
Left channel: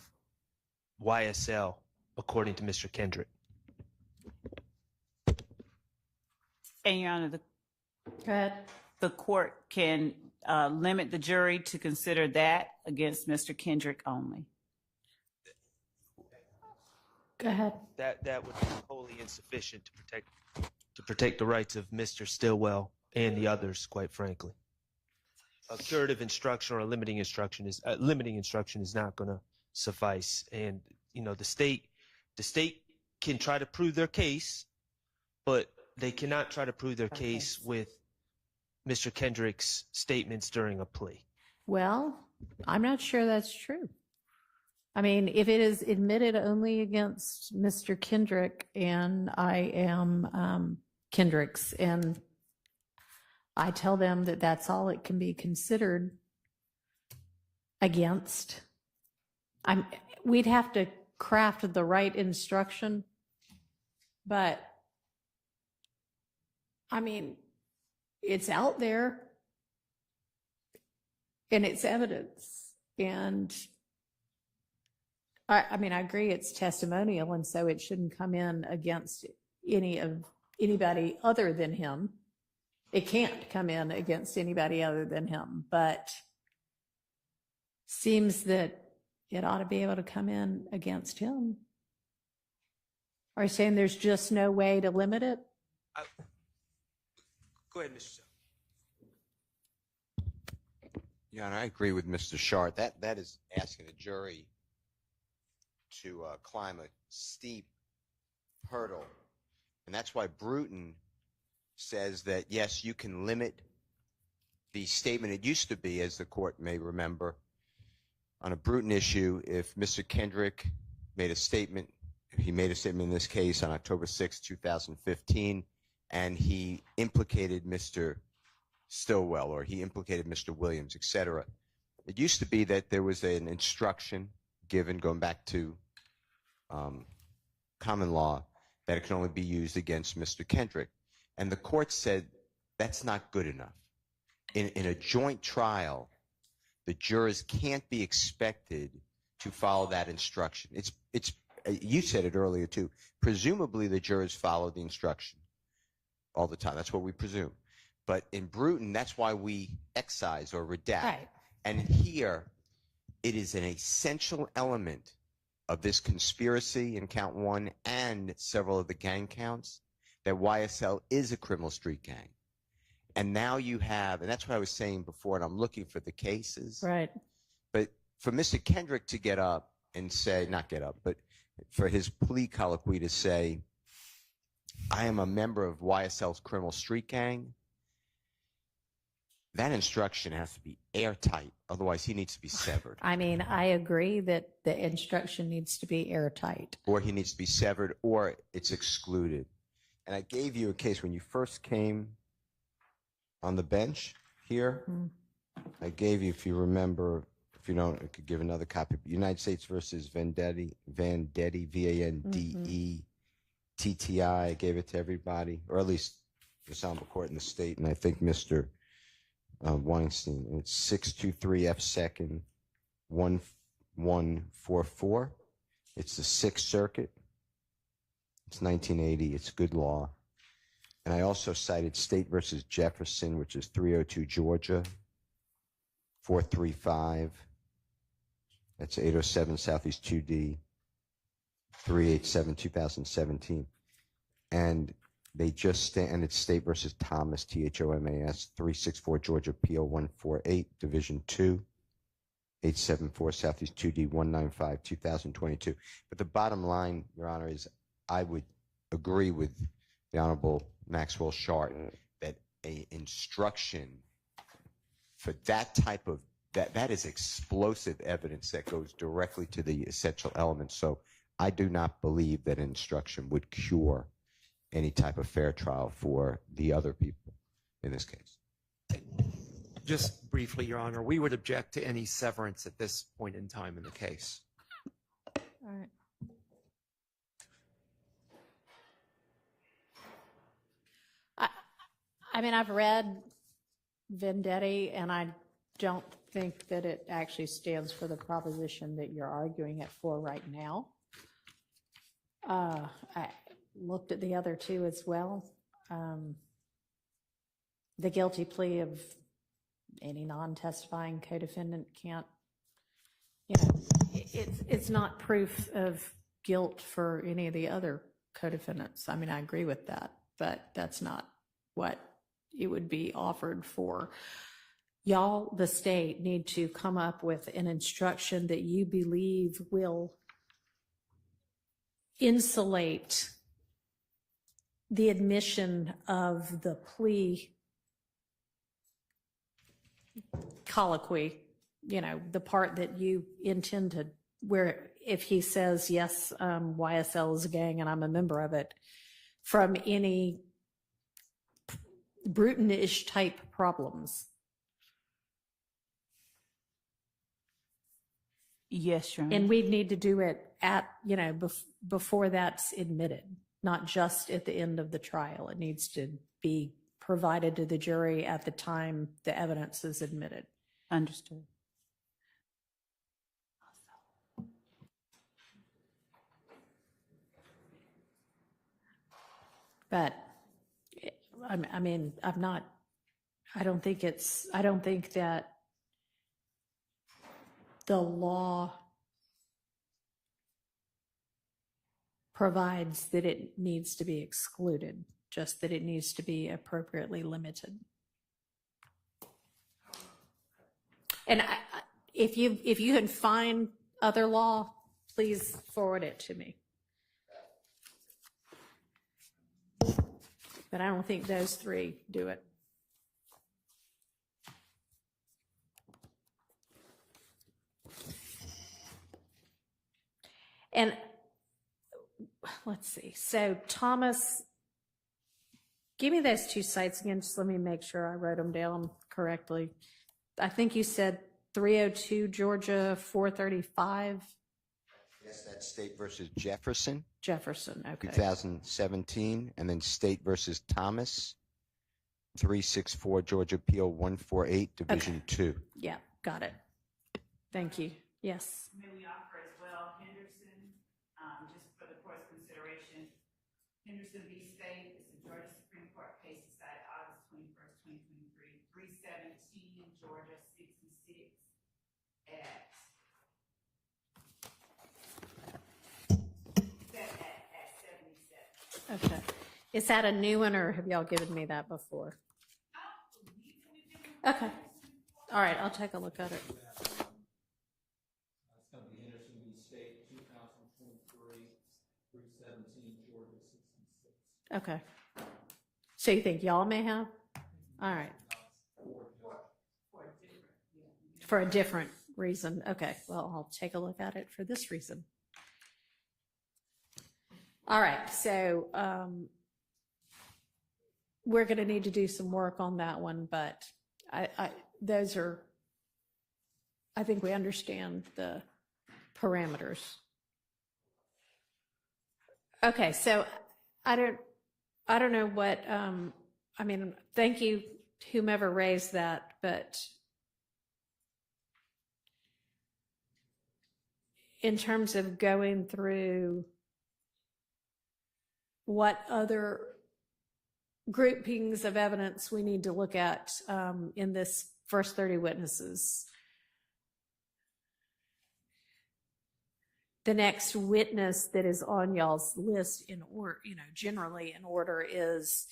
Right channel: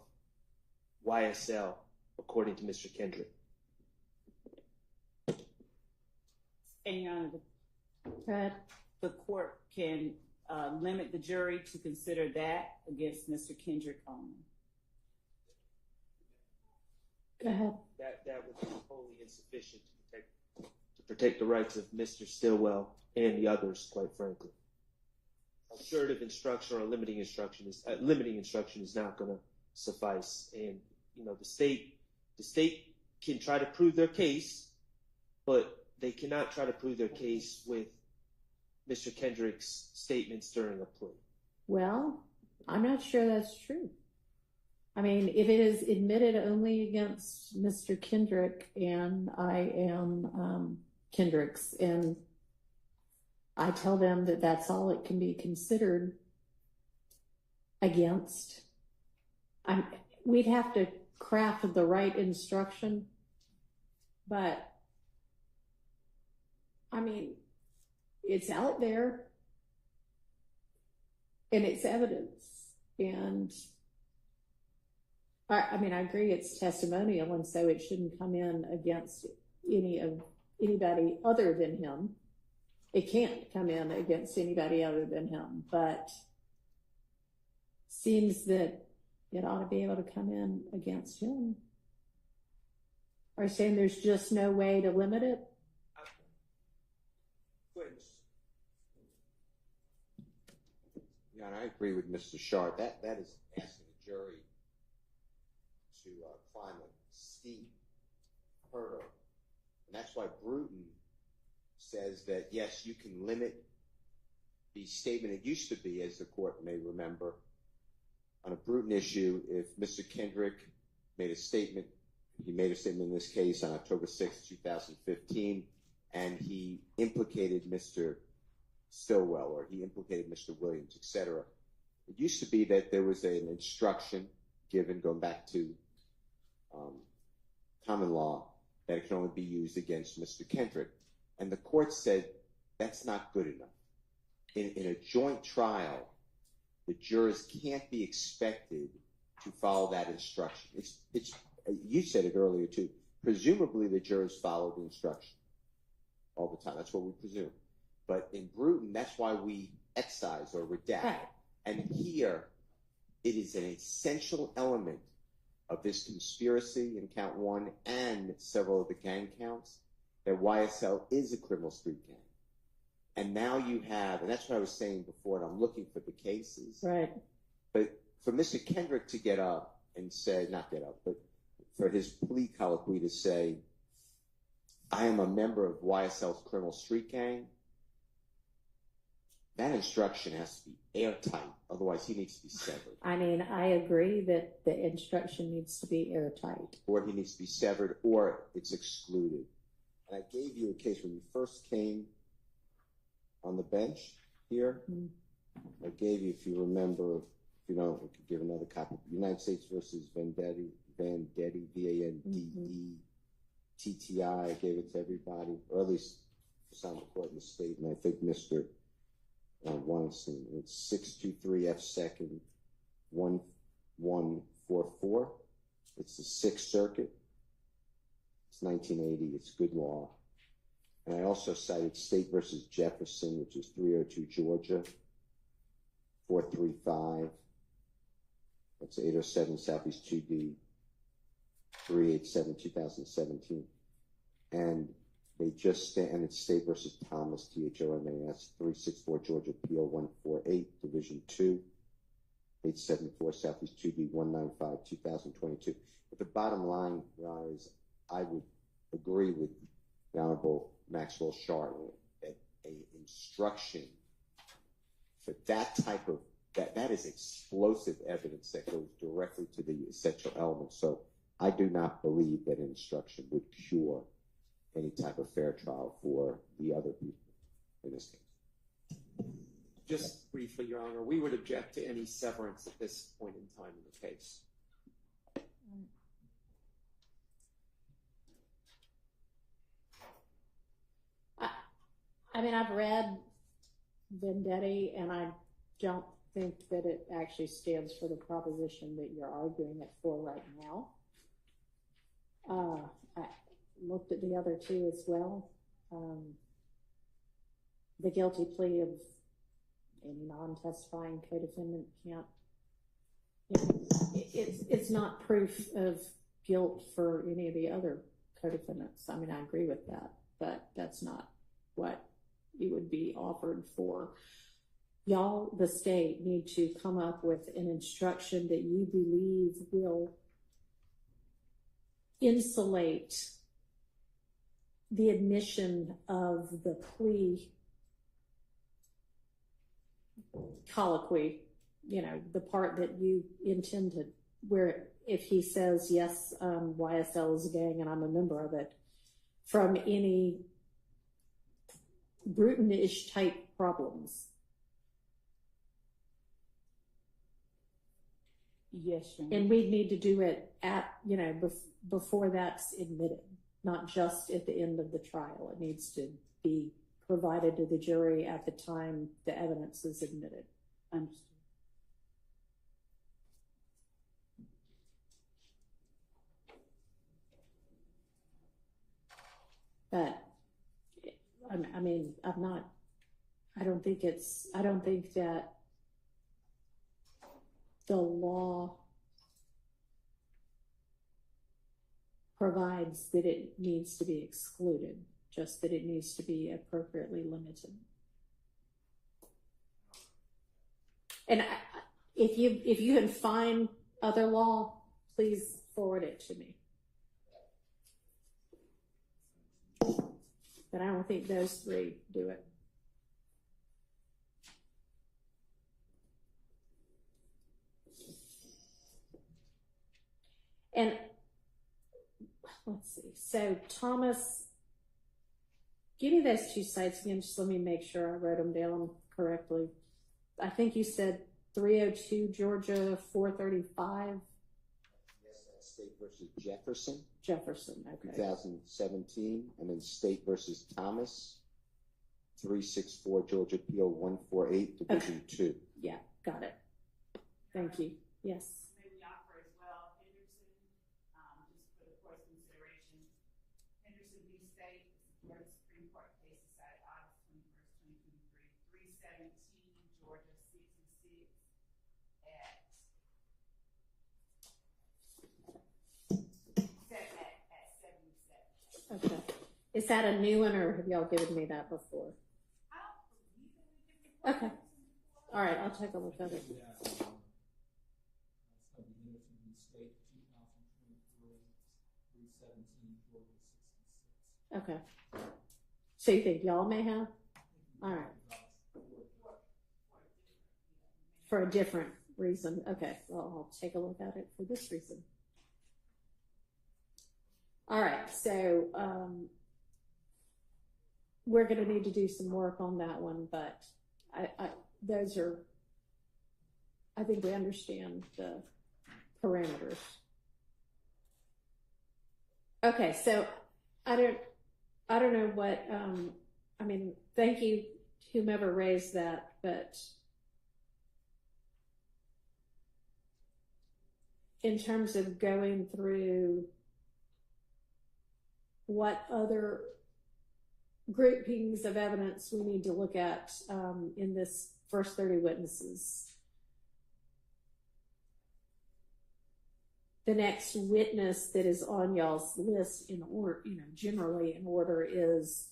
YSL, according to Mr. Kendrick. And Your Honor, Go ahead. the court can limit the jury to consider that against Mr. Kendrick only. Go ahead. That would be wholly insufficient to protect the rights of Mr. Stillwell and the others, quite frankly. A curative instruction or a limiting instruction is not going to suffice. And the state can try to prove their case, but they cannot try to prove their case with Mr. Kendrick's statements during a plea. Well, I'm not sure that's true. I mean, if it is admitted only against Mr. Kendrick and I am Kendrick's, and I tell them that that's all it can be considered against, we'd have to craft the right instruction. But, I mean, it's out there and it's evidence. And I mean, I agree it's testimonial, and so it shouldn't come in against anybody other than him. It can't come in against anybody other than him, but seems that it ought to be able to come in against him. Are you saying there's just no way to limit it? Go ahead, Mr. Yeah, and I agree with Mr. Shart. That is asking a jury to climb a steep hurdle. And that's why Bruton says that, yes, you can limit the statement. It used to be, as the court may remember, on a Bruton issue, if Mr. Kendrick made a statement, he made a statement in this case on October 6, 2015, and he implicated Mr. Stillwell, or he implicated Mr. Williams, etc. It used to be that there was an instruction given, going back to common law, that it can only be used against Mr. Kendrick. And the court said that's not good enough. In a joint trial, the jurors can't be expected to follow that instruction. You said it earlier too. Presumably the jurors follow the instruction all the time. That's what we presume. But in Bruton, that's why we excise or redact. Right. And here, it is an essential element of this conspiracy in count 1 and several of the gang counts that YSL is a criminal street gang. And now you have, and that's what I was saying before, and I'm looking for the cases. Right. But for Mr. Kendrick to get up and say, not get up, but for his plea colloquy to say, I am a member of YSL's criminal street gang, that instruction has to be airtight. Otherwise, he needs to be severed. I mean, I agree that the instruction needs to be airtight. Or he needs to be severed, or it's excluded. And I gave you a case when you first came on the bench here. I gave you, if you remember, if you don't, I could give another copy. United States versus Vendetti, V-A-N-D-E-T-T-I. I gave it to everybody, or at least the Ensemble Court in the state, and I think Mr. Weinstein. It's 623 F second 1144. It's the Sixth Circuit. It's 1980. It's good law. And I also cited State versus Jefferson, which is 302 Georgia, 435. That's 807 Southeast 2D, 387 2017. And they just and it's State versus Thomas, Thomas, 364 Georgia, PO 148, Division 2, 874 Southeast 2D, 195 2022. But the bottom line, Your Honor, is I would agree with the Honorable Maxwell Shart that a instruction for that type of that is explosive evidence that goes directly to the essential elements. So I do not believe that instruction would cure any type of fair trial for the other people in this case. Just briefly, Your Honor, we would object to any severance at this point in time in the case. All right. I mean, I've read Vendetti, and I don't think that it actually stands for the proposition that you're arguing it for right now. I looked at the other two as well. The guilty plea of any non-testifying co-defendant can't, it's not proof of guilt for any of the other co-defendants. I mean, I agree with that, but that's not what it would be offered for. Y'all, the state, need to come up with an instruction that you believe will insulate the admission of the plea colloquy, the part that you intend to, where if he says, yes, YSL is a gang and I'm a member of it, from any Bruton-ish type problems. Yes, Your Honor. And we need to do it at, before that's admitted, not just at the end of the trial. It needs to be provided to the jury at the time the evidence is admitted. Understood. But I mean, I don't think that the law provides that it needs to be excluded, just that it needs to be appropriately limited. And if you can find other law, please forward it to me. But I don't think those three do it. And let's see. So Thomas, give me those two sites again. Just let me make sure I wrote them down correctly. I think you said 302 Georgia 435. Yes, that's State versus Jefferson. Jefferson, okay. 2017, and then State versus Thomas, 364 Georgia PO 148, Division 2. Yeah, got it. Thank you. Yes. May we offer as well Henderson, just for the court's consideration. Henderson v. State is a Georgia Supreme Court case decided August 21st, 2023, 317 Georgia 66 at 77. Okay. Is that a new one, or have y'all given me that before? Okay. All right, I'll take a look at it. It's going to be Henderson v. State, 2023, 317 Georgia 66. Okay. So you think y'all may have? All right. For a different reason. Okay. Well, I'll take a look at it for this reason. All right. So we're going to need to do some work on that one, but those are, I think we understand the parameters. Okay. So I don't know what, I mean, thank you, whomever raised that, but in terms of going through what other groupings of evidence we need to look at in this first 30 witnesses. The next witness that is on y'all's list in order, generally in order is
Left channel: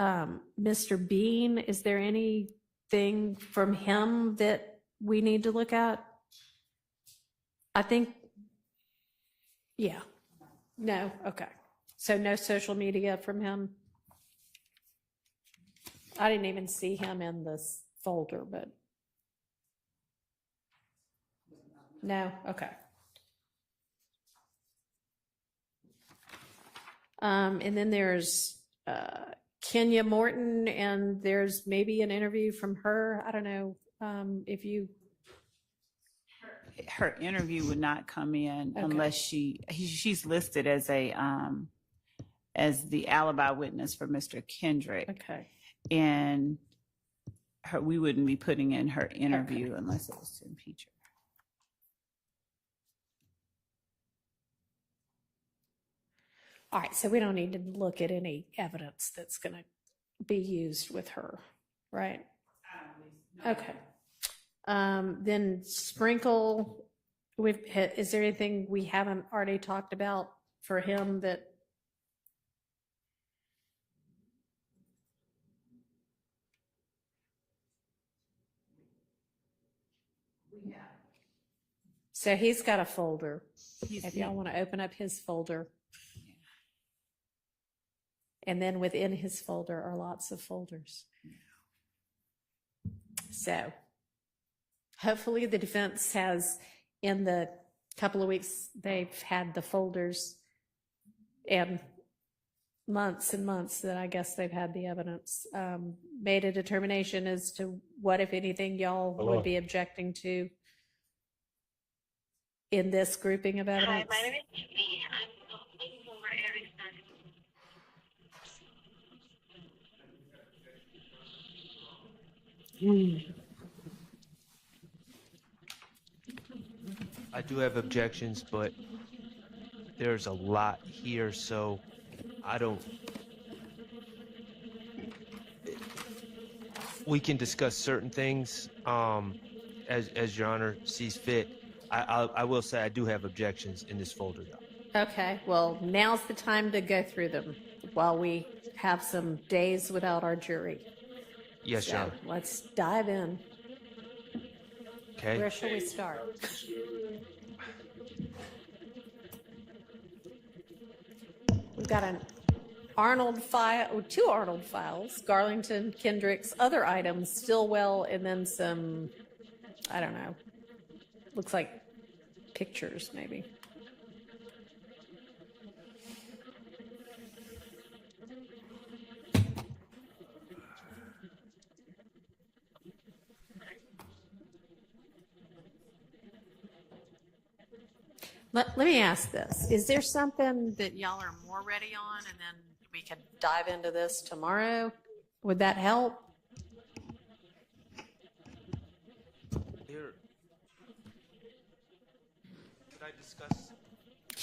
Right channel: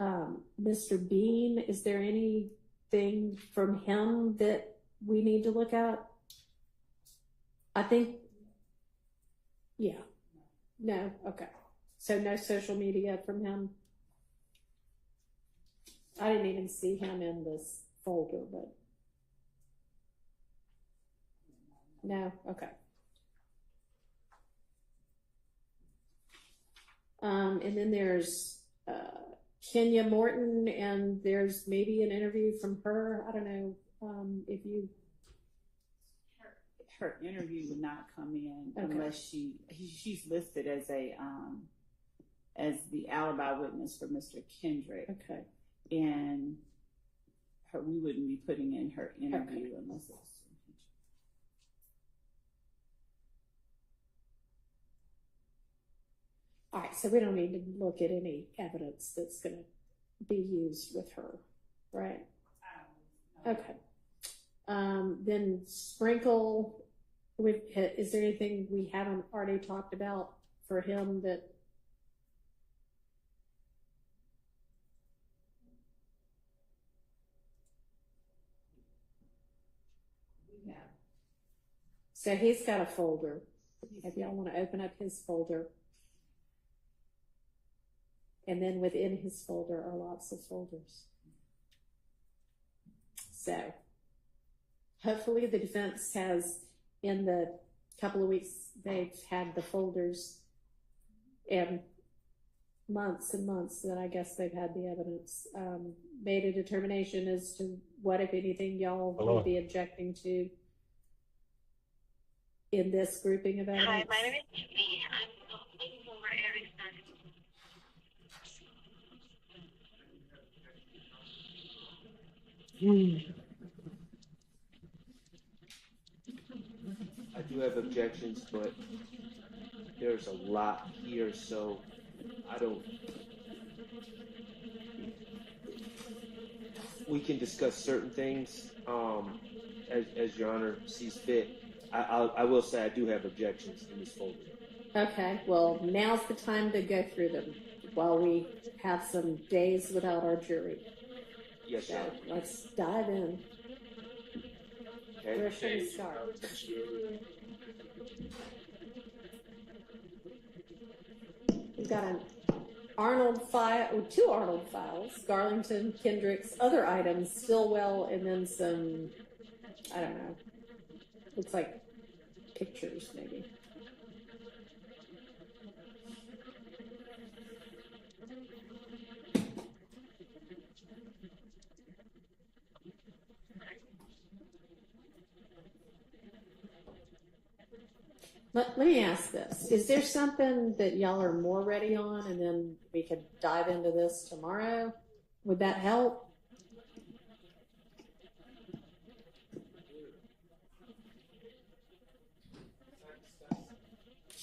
Mr. Bean. Is there anything from him that we need to look at? I think, yeah. No? Okay. So no social media from him? I didn't even see him in this folder, but no? Okay. And then there's Kenya Morton, and there's maybe an interview from her. I don't know if you... Her interview would not come in unless she's listed as the alibi witness for Mr. Kendrick. Okay. And we wouldn't be putting in her interview unless it was to impeach her. All right, so we don't need to look at any evidence that's going to be used with her, right? Okay. Then Sprinkle, is there anything we haven't already talked about for him that... So he's got a folder. If y'all want to open up his folder. And then within his folder are lots of folders. So hopefully the defense has, in the couple of weeks they've had the folders, and months that I guess they've had the evidence, made a determination as to what, if anything, y'all would be objecting to in this grouping of evidence. Hi, my name is Tiffany. I'm looking for I do have objections, but there's a lot here, so I don't... We can discuss certain things as Your Honor sees fit. I will say I do have objections in this folder. Okay, well, now's the time to go through them while we have some days without our jury. Yes, Your Honor. Let's dive in. Okay. Where should we start? We've got an Arnold file, or two Arnold files, Garlington, Kendrick's, other items, Stillwell, and then some, I don't know, looks like pictures maybe. Let me ask this. Is there something that y'all are more ready on, and then we could dive into this tomorrow? Would that help?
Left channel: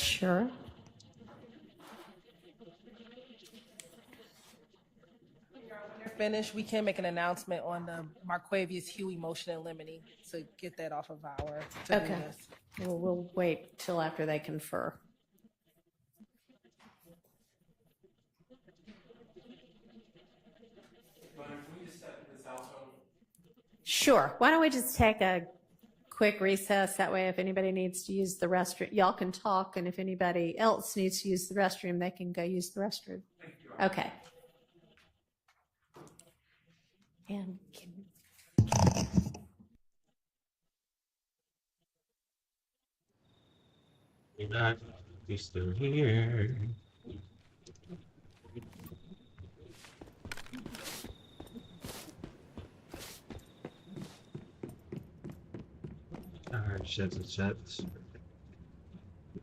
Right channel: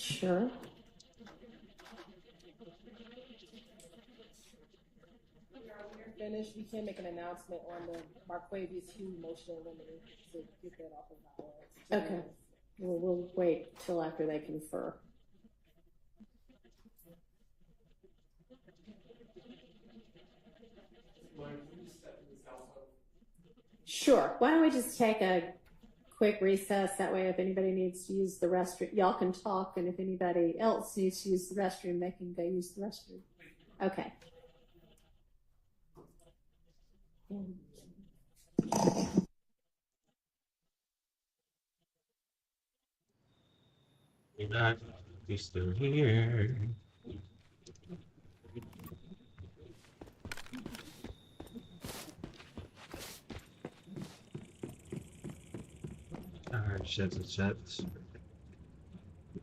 Sure. Finish, we can make an announcement on the Marquavius Huey motion in limine to get that off of our to-do Okay. list. Well, we'll wait till after they confer. Sure. Why don't we just take a quick recess? That way, if anybody needs to use the restroom, y'all can talk, and if anybody else needs to use the restroom, they can go use the restroom. Okay. And You're not. You're still here. Alright, shut the chat.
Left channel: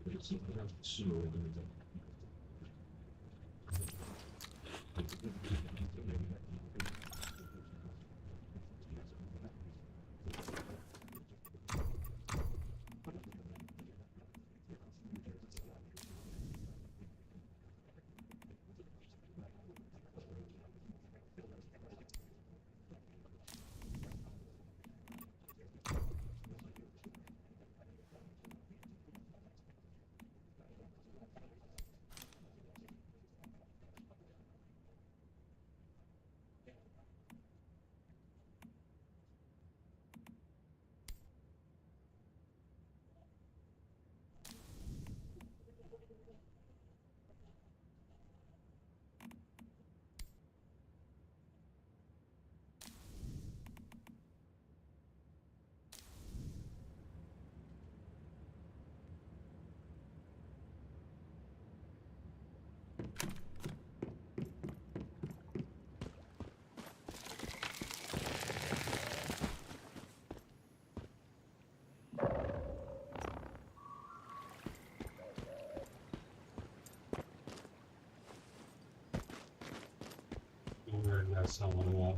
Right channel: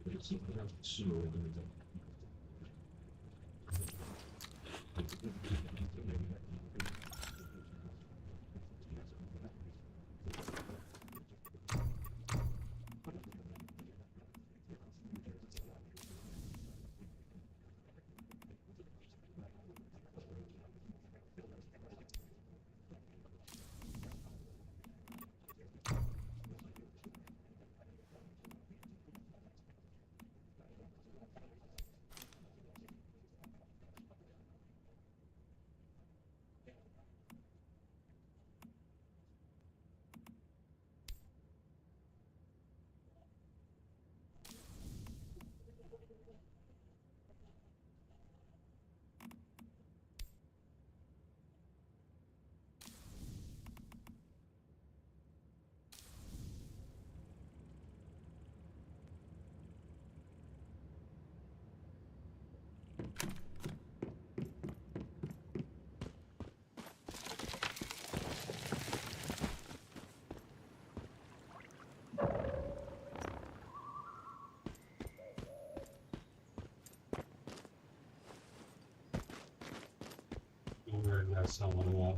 Got someone else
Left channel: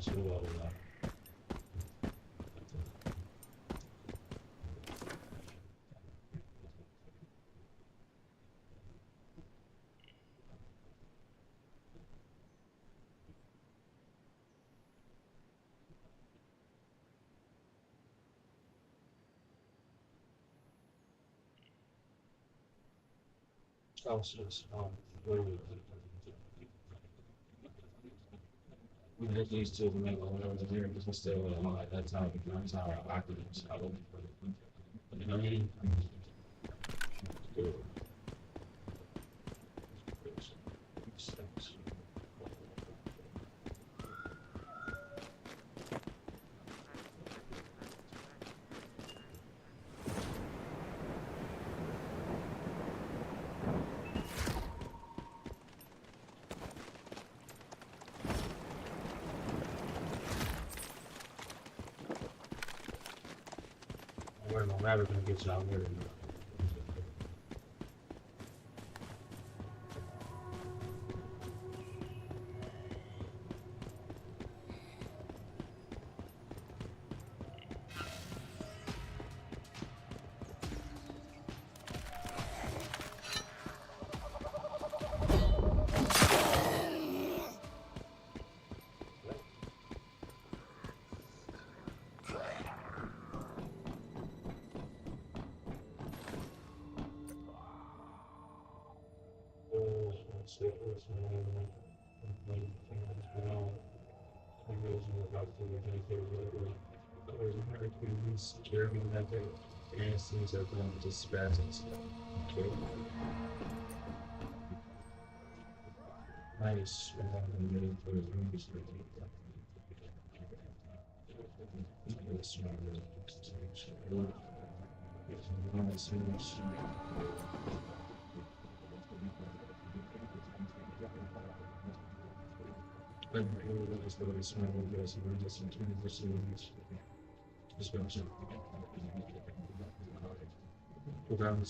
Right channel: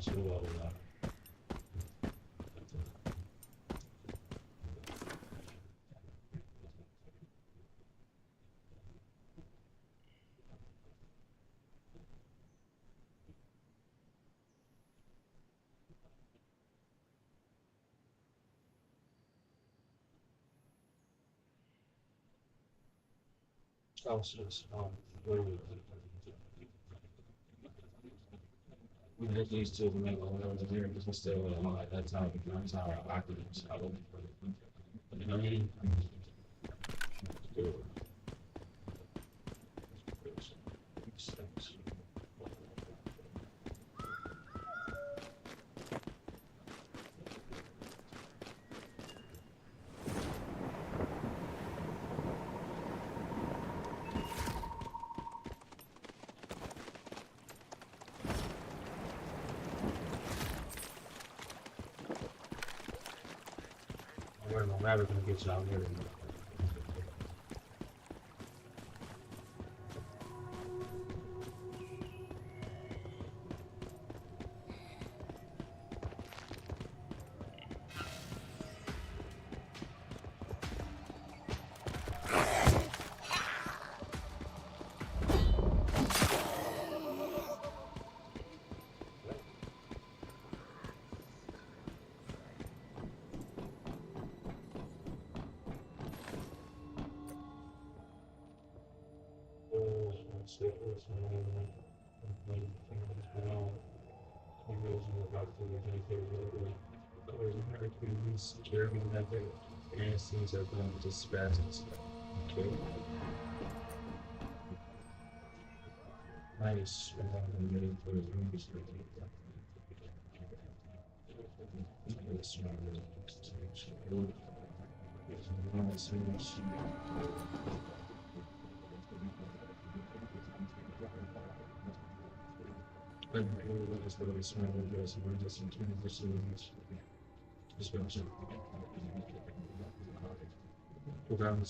who will we get these two to make one over here because still like that's how I could use. You know what I mean? We're no matter gonna get you out here. Security method and things are going to dispatch and stuff. Okay. Nice. For the rooms.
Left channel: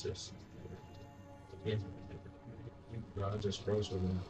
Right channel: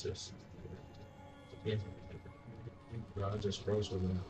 This. Yeah. I just froze with them.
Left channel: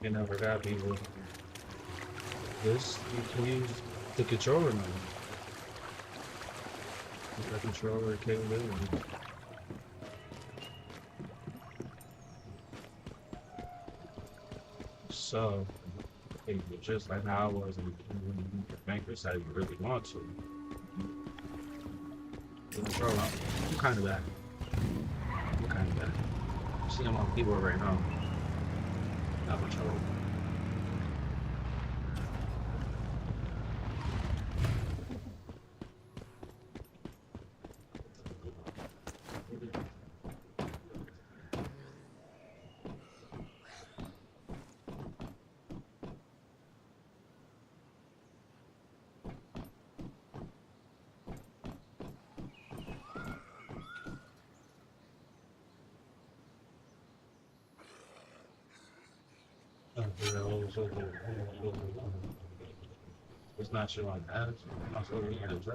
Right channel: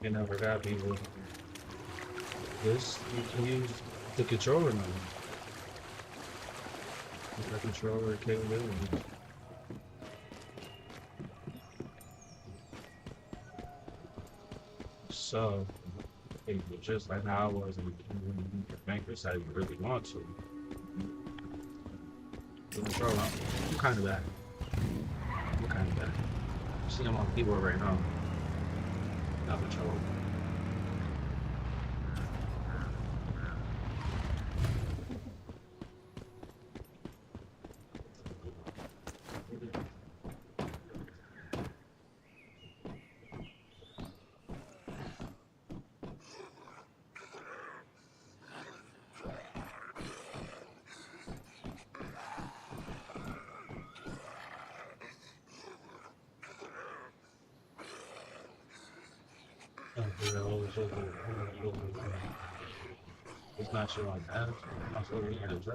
You never got people. This you can use the controller now. The controller capability. So, just like how I was in the banker side, you really want to. The controller, I'm kind of bad. I'm kind of bad. See, I'm on keyboard right now. Not controller. It's not showing ads. I'm still looking at it.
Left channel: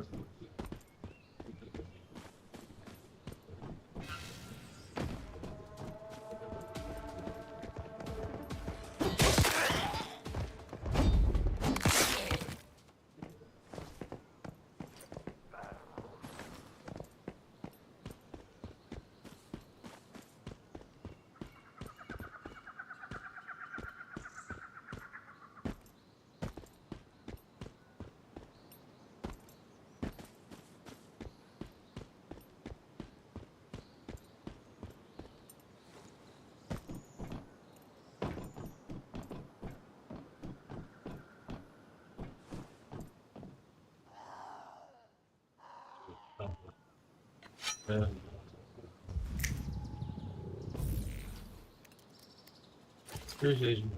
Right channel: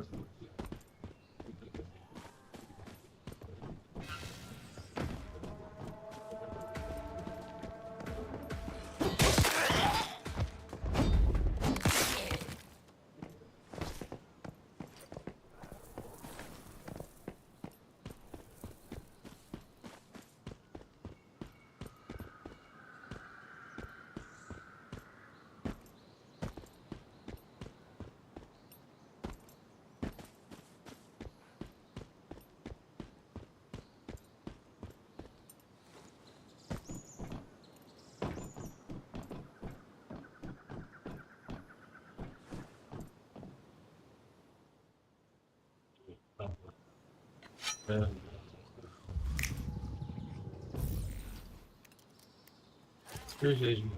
Yeah. Appreciate you.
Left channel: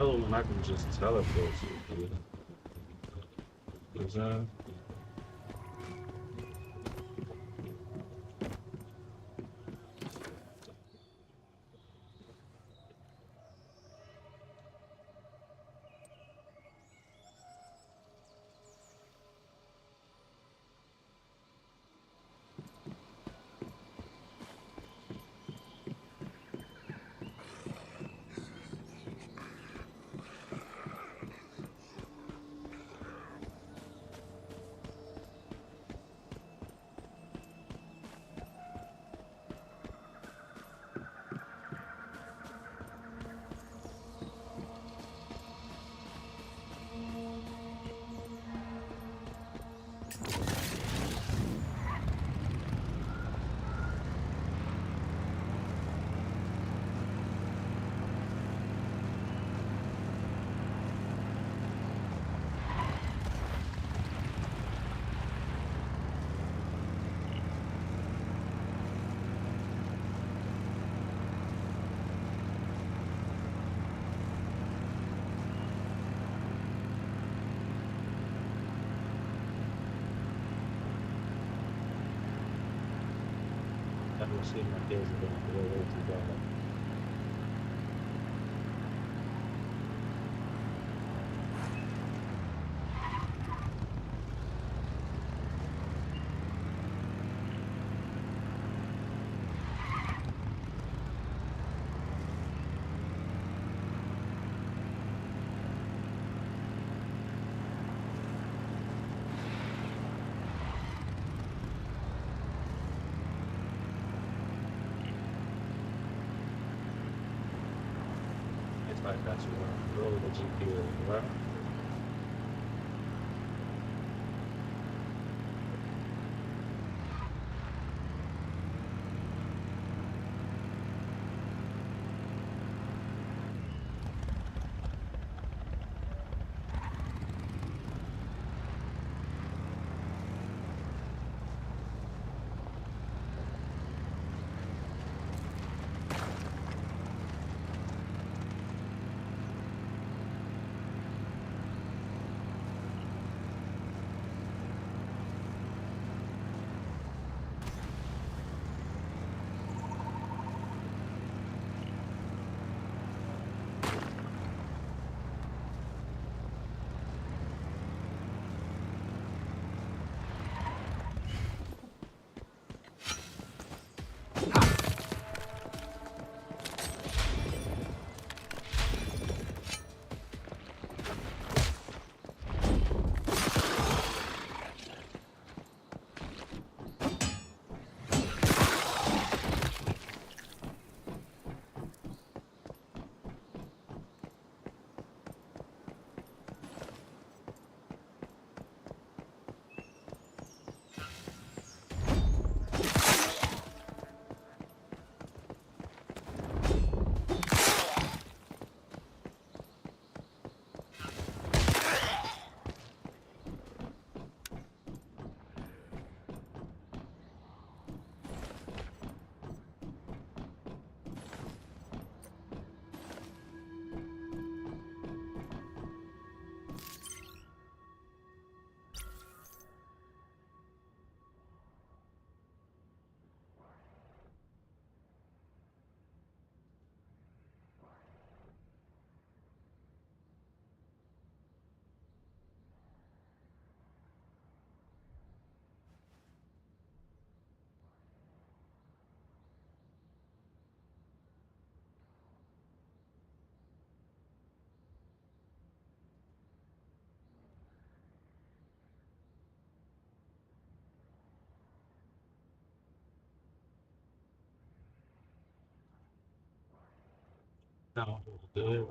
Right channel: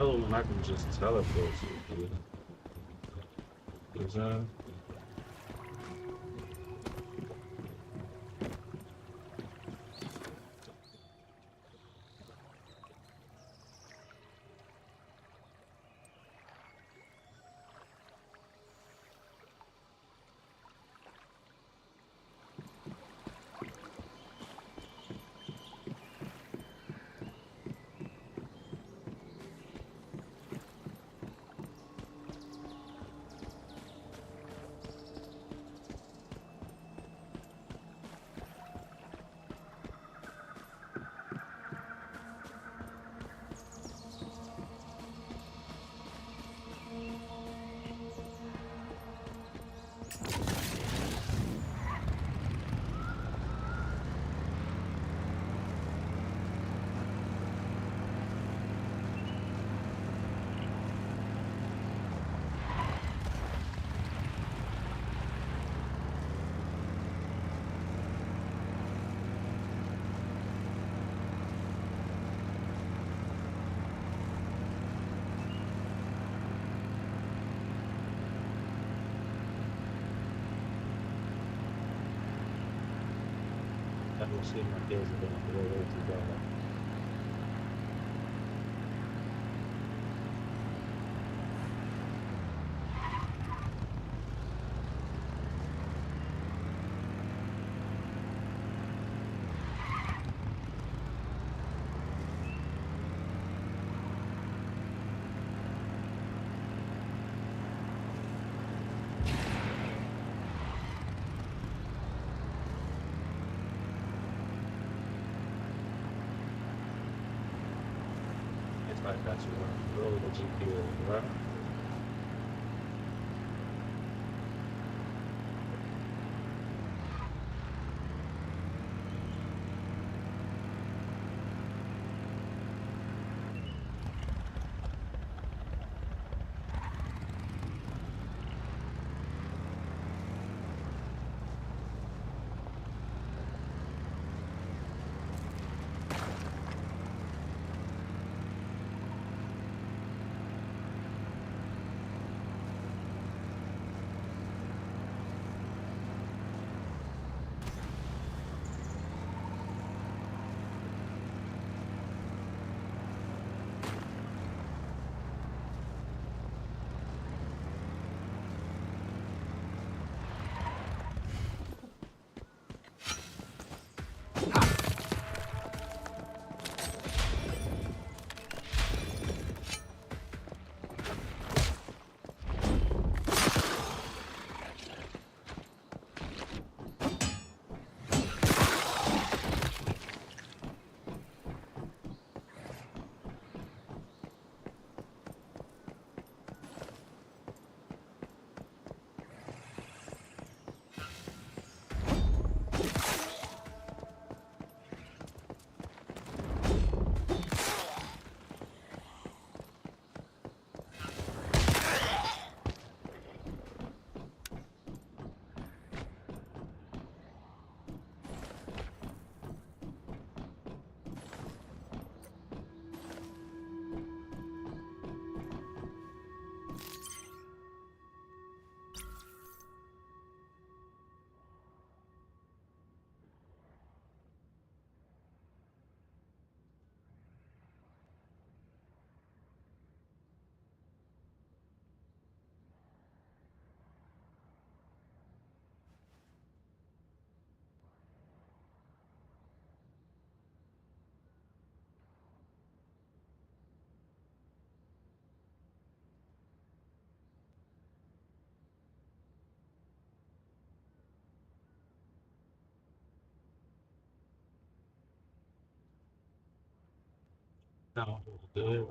Oh, and I can just teleport to you. Is that? I don't see my kids are going to go away to God. It's like that's your roll the GPS, right? No, good.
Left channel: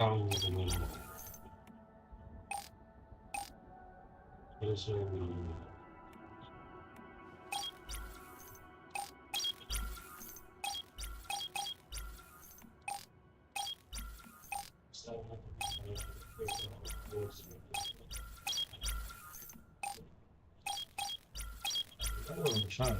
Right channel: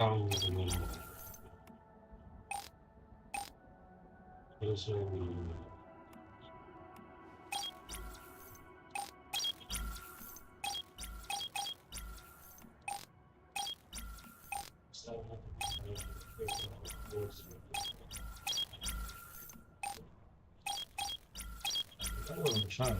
Oh, yes, I'm trying.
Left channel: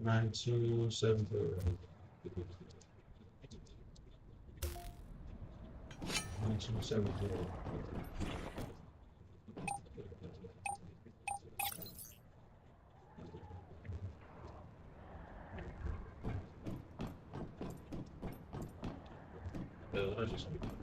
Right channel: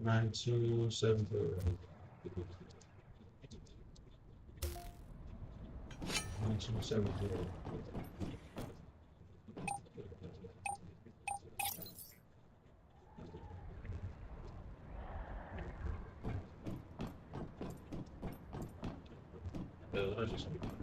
9270. 9270. I just 'Cause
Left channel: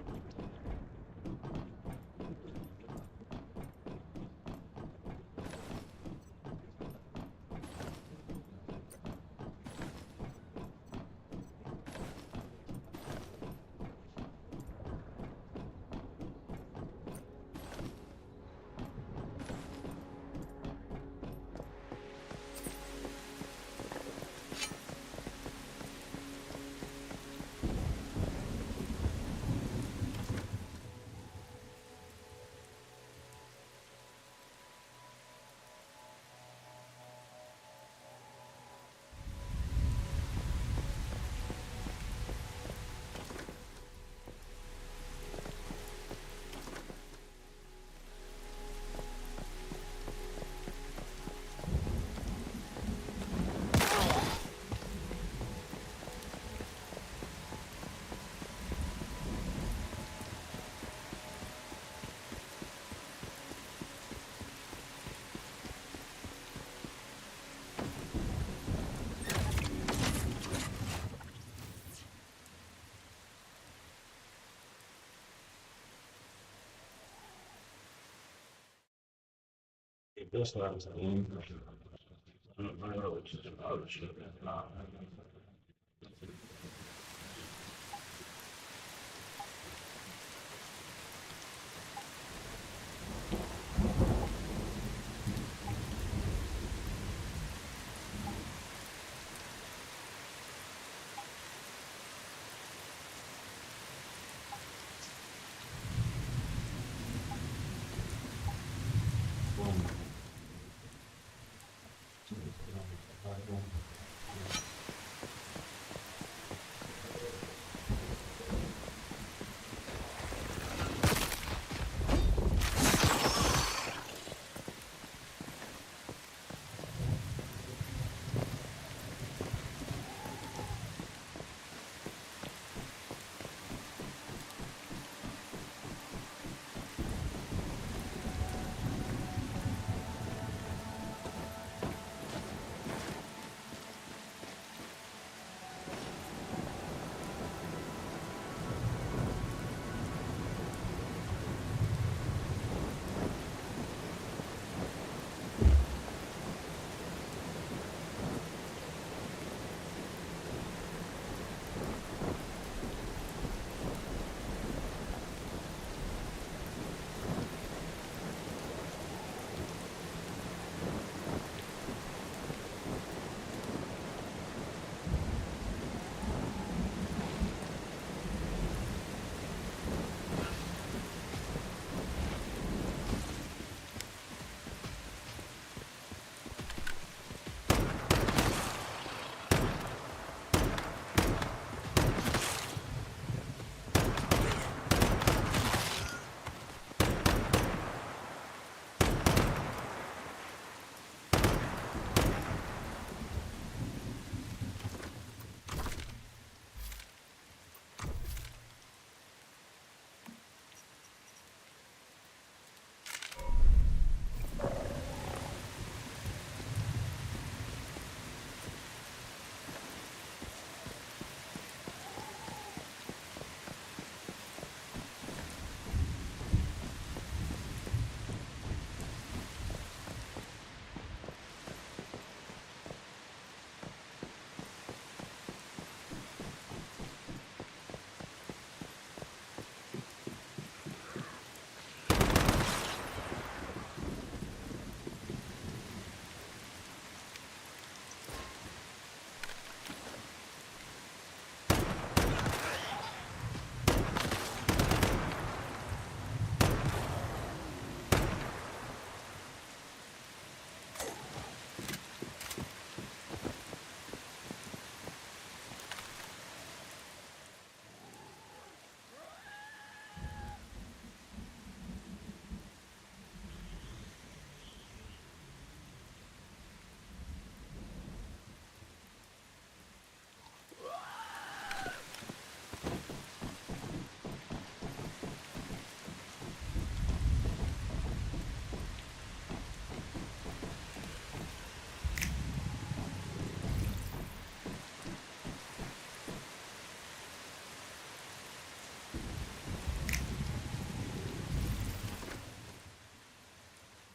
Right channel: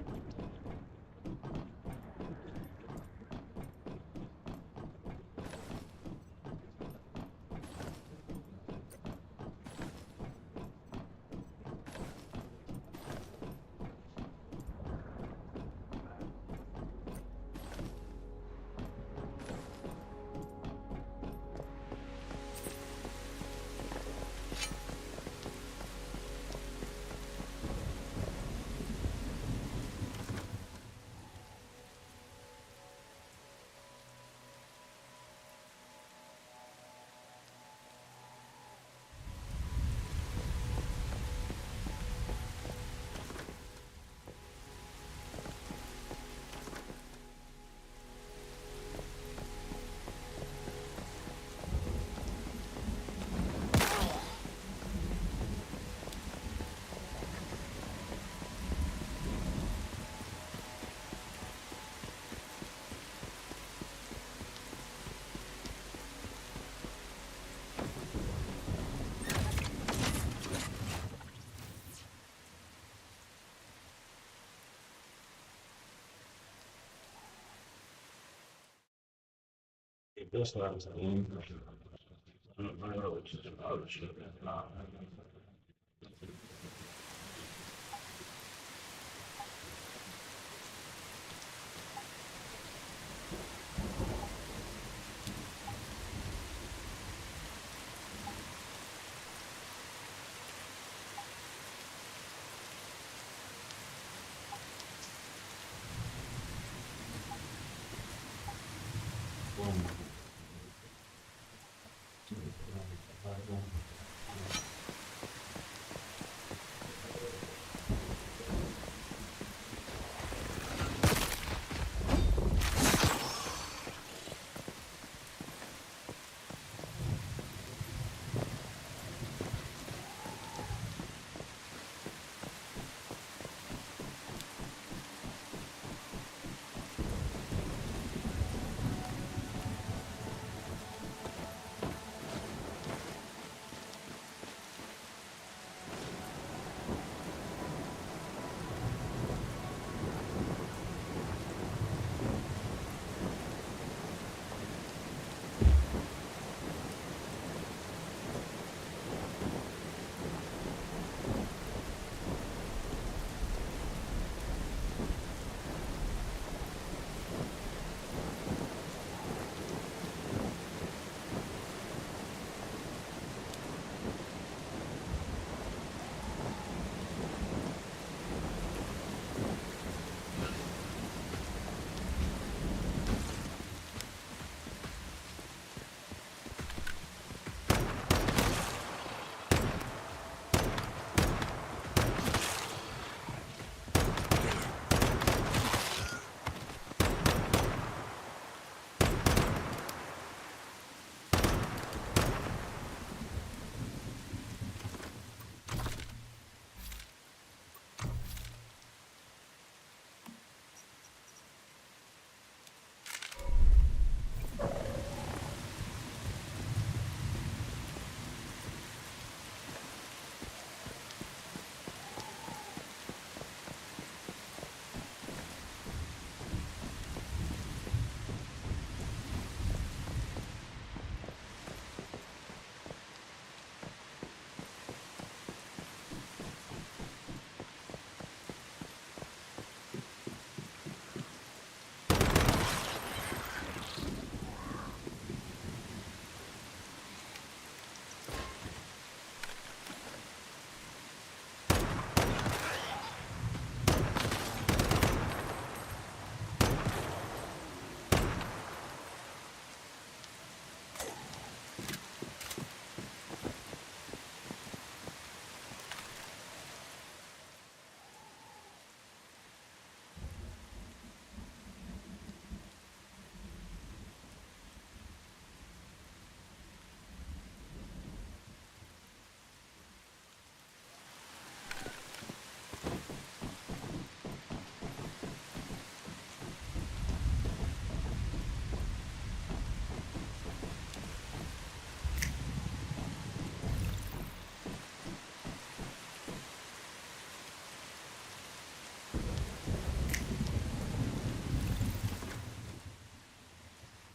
that's what I was saying.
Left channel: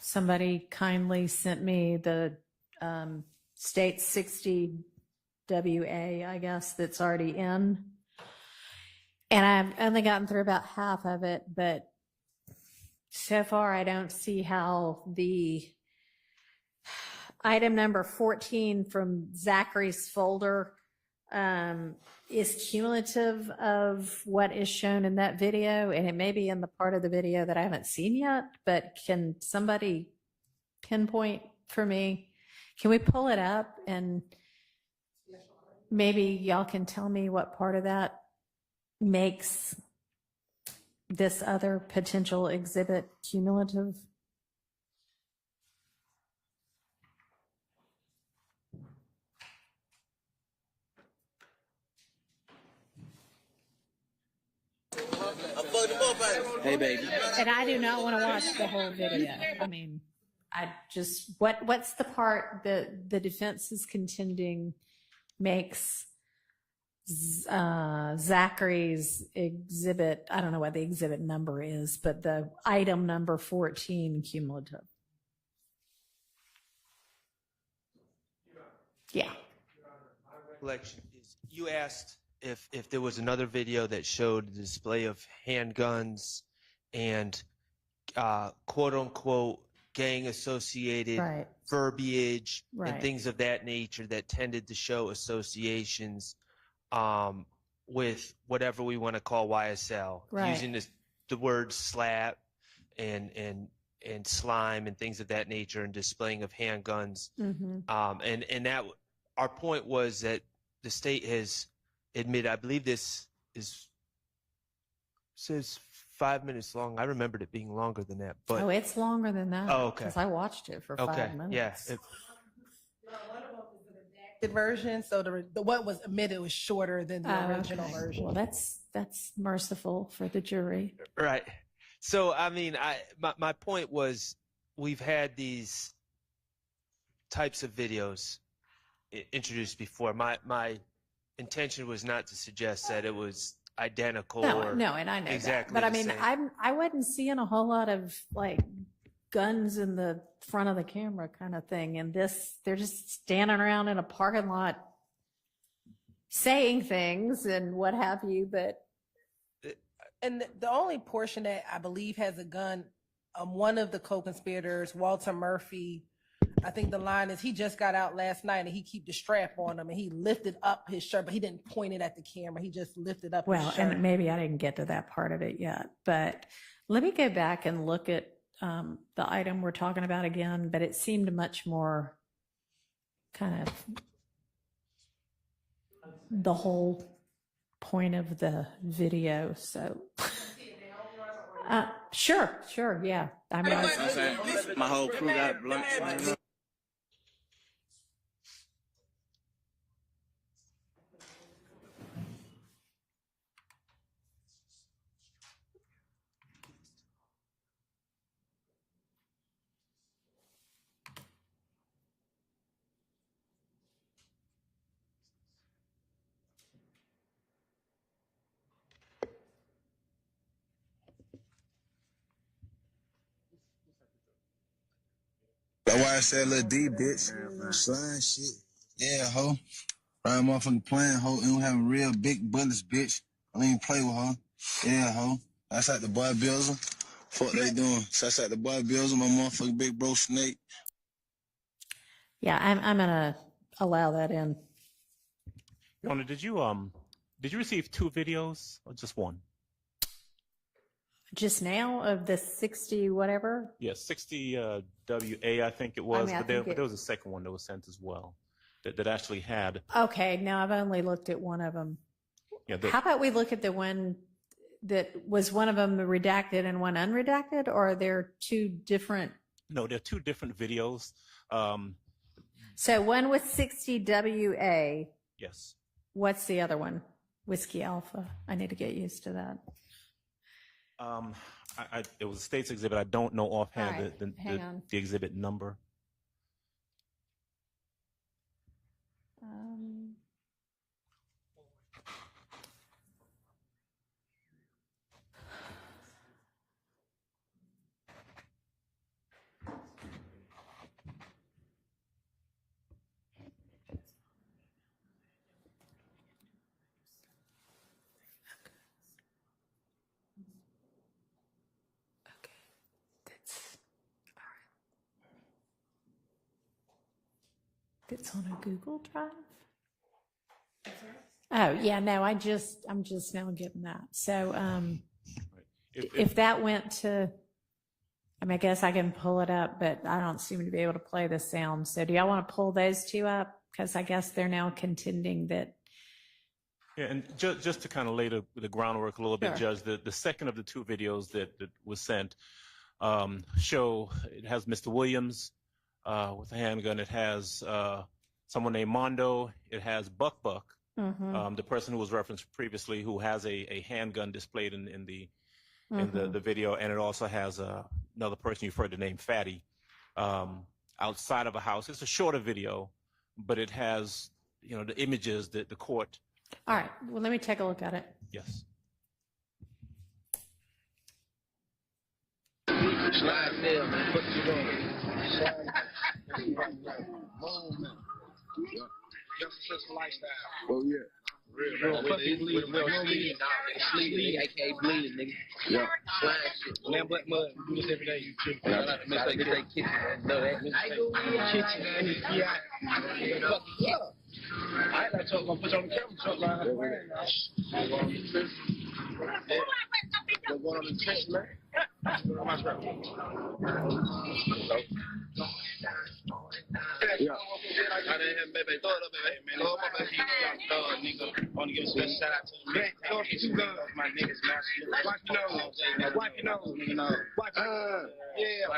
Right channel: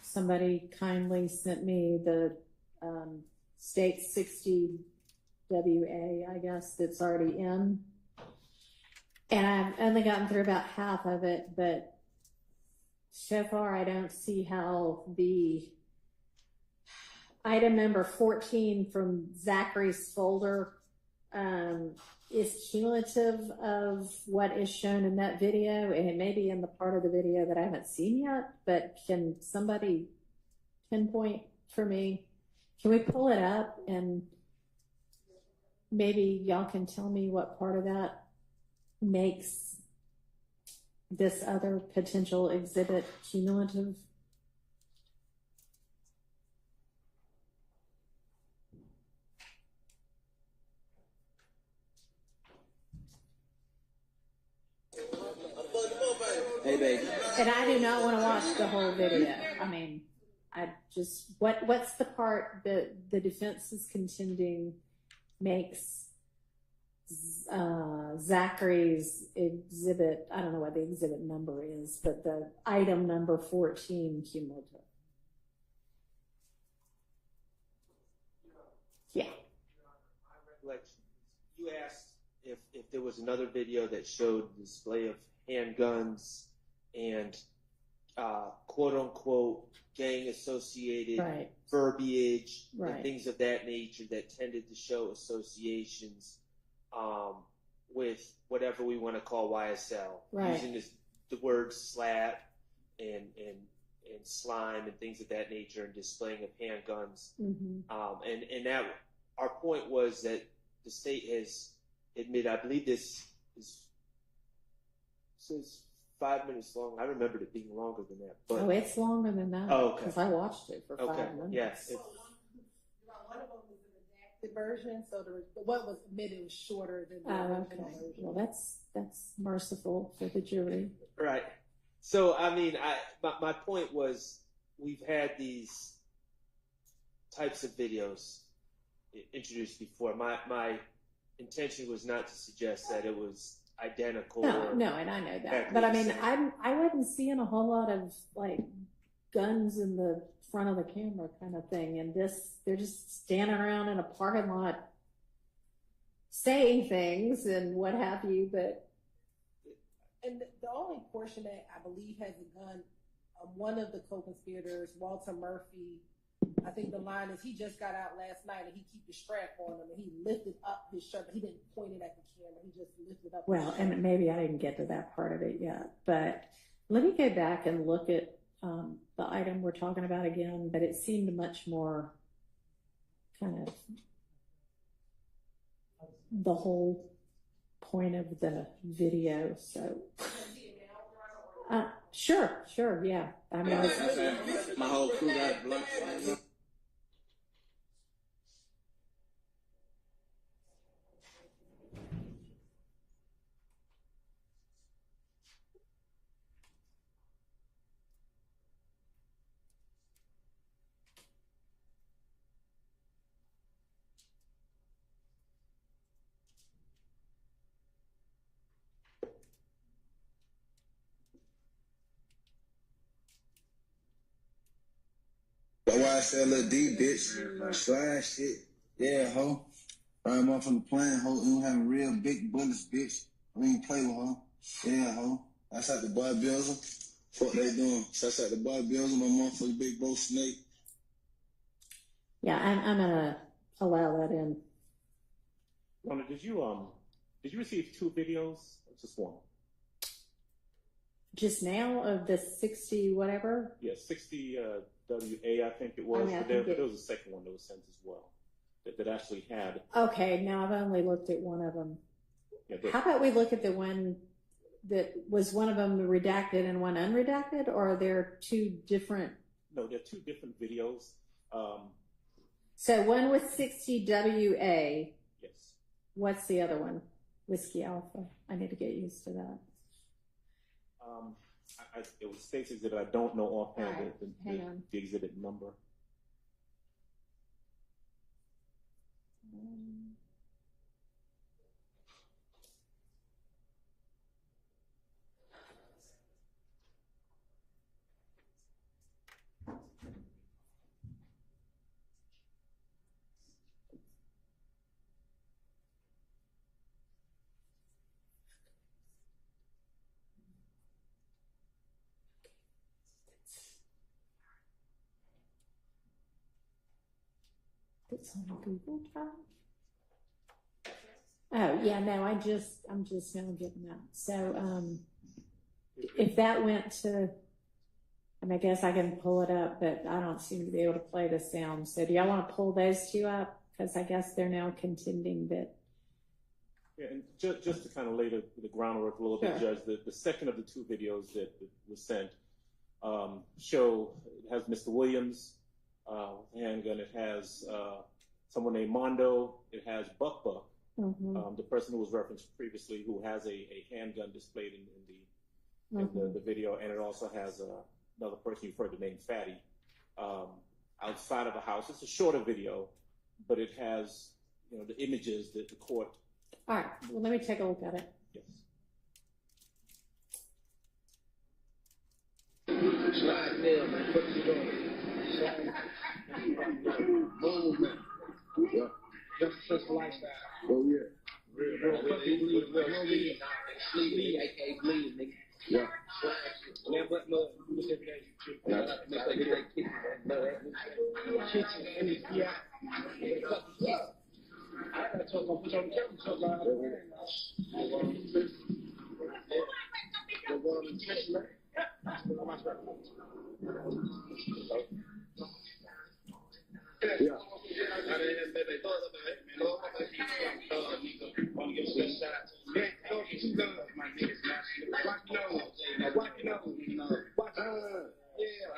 Somebody kindly sent me the state 60 WA, I guess, that's already in. And I've only gotten through about half of it, but so far I don't see how the item number 14 from Zachary's folder is cumulative of what is shown in that video, and it may be in the part of the video that I haven't seen yet, but can somebody pinpoint for me? Can we pull it up and maybe y'all can tell me what part of that makes this other potential exhibit cumulative? Hey, babe. And I do not want to watch the whole video. I mean, I just, what's the part that the defense is contending makes Zachary's exhibit, I don't know what the exhibit number is, but the item number 14 cumulative? Yeah. Recollection is you asked if there was another video that showed the display of handguns and quote unquote gang associated Right. verbiage Right. and things of that nature that tended to show associations with whatever we want to call YSL, Right. using the word slap and slime and things of that nature and displaying of handguns. And that our point was that the state has admitted, I believe this says 5 minutes long. I remembered it being longer than that. But it's longer than that. Oh, okay. Because I watched it for 5 minutes. Yeah. The version, so the what was admitted was shorter than the original version. Well, that's merciful for the jury. Right. So, I mean, my point was we've had these types of videos introduced before. My intention was not to suggest that it was identical. No, and I know exactly that. But I mean, same. I wasn't seeing a whole lot of like guns in the front of the camera kind of thing. And they're just standing around in a parking lot saying things and what have you. But And the only portion that I believe has a gun, one of the co-conspirators, Walter Murphy, I think the line is he just got out last night and he keep the strap on him and he lifted up his shirt, but he didn't point it at the camera. He just lifted up his shirt. and maybe I didn't get to that part of it yet. But let me go back and look at the item we're talking about again. But it seemed much more kind of the whole point of the video. So sure, yeah. I mean, my whole crew got blocked. That's why I said Lil D, bitch. Slide shit. Yeah, ho. Right motherfucking playing, ho. And we having real big bullets, bitch. I don't even play with her. Yeah, ho. That's like the boy Bills. Fuck they doing. So that's like the boy Bills, my motherfucking big bro Snake. yeah, I'm gonna allow that in. Yona, did you receive 2 videos or just one? Just now of the 60 whatever. Yeah, 60 WA, I think it was, I but there was a second one that was sent as well that actually had. Okay, now I've only looked at one of them. Yeah, How about we look at the one that was one of them redacted and one unredacted, or are there 2 different? No, there are 2 different videos. So one was 60 WA. Yes. What's the other one? Whiskey Alpha. I need to get used to that. It was a state's exhibit. I don't know offhand All right, hang on. the exhibit number. It's on a Google Drive. Oh yeah, no, I'm just now getting that. So if that went to, I mean, I guess I can pull it up, but I don't seem to be able to play the sound. So do y'all want to pull those 2 up? Because I guess they're now contending that. Yeah, and just to kind of lay the groundwork a little bit, Sure. Judge, the second of the 2 videos that was sent show it has Mr. Williams with a handgun. It has someone named Mondo. It has Buck, the person who was referenced previously, who has a handgun displayed in the video, and it also has another person you've heard the name Fatty outside of a house. It's a shorter video, but it has the images that the court. All right, well, let me take a look at it. Yes. Slide there, man. Put it on. Slide. Movement. do this every day. You too. I like to miss that kitchen. Kitchen and the GI. I told him, put you on the camera truck line. Go on the trench, man. Yeah. I didn't have baby. Throw it up, baby. Man, no, my baby. Nigga. I want to give a special shout out to him. Man, don't get you done. My niggas, man. Watch your nose. Watch your nose. Watch your nose. Yeah.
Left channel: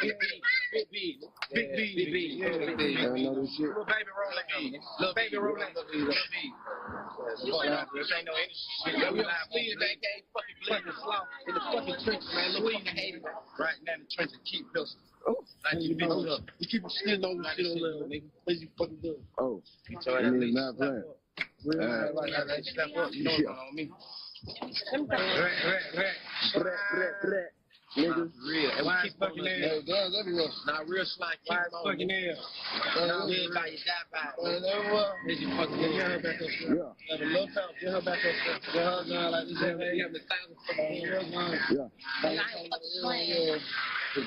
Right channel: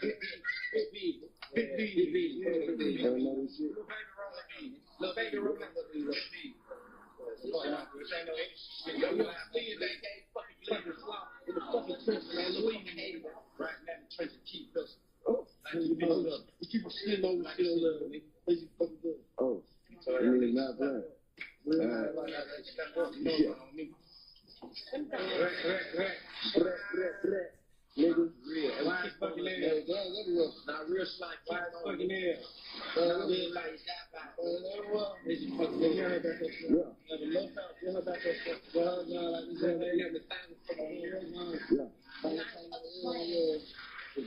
Big B. Little baby rolling B. Little baby rolling B. This ain't no shit. We don't see it. They can't fucking play the slump in the fucking trenches, man. Look fucking hating right now in the trenches. Keep pills. Like you bitches up. You keep shit on the shit on there, nigga. Please you fucking do it. Oh. You need not playing. Like that step up. You know what's going on with me. Niggas, real. And we keep fucking there. Not real slime. Keep fucking there. Not real like you die by. Niggas, you fucking there. Get her back up there. Have a little talk. Get her back up there. Get her down like this. You have the thousand fucking girls on. Yeah. Hey,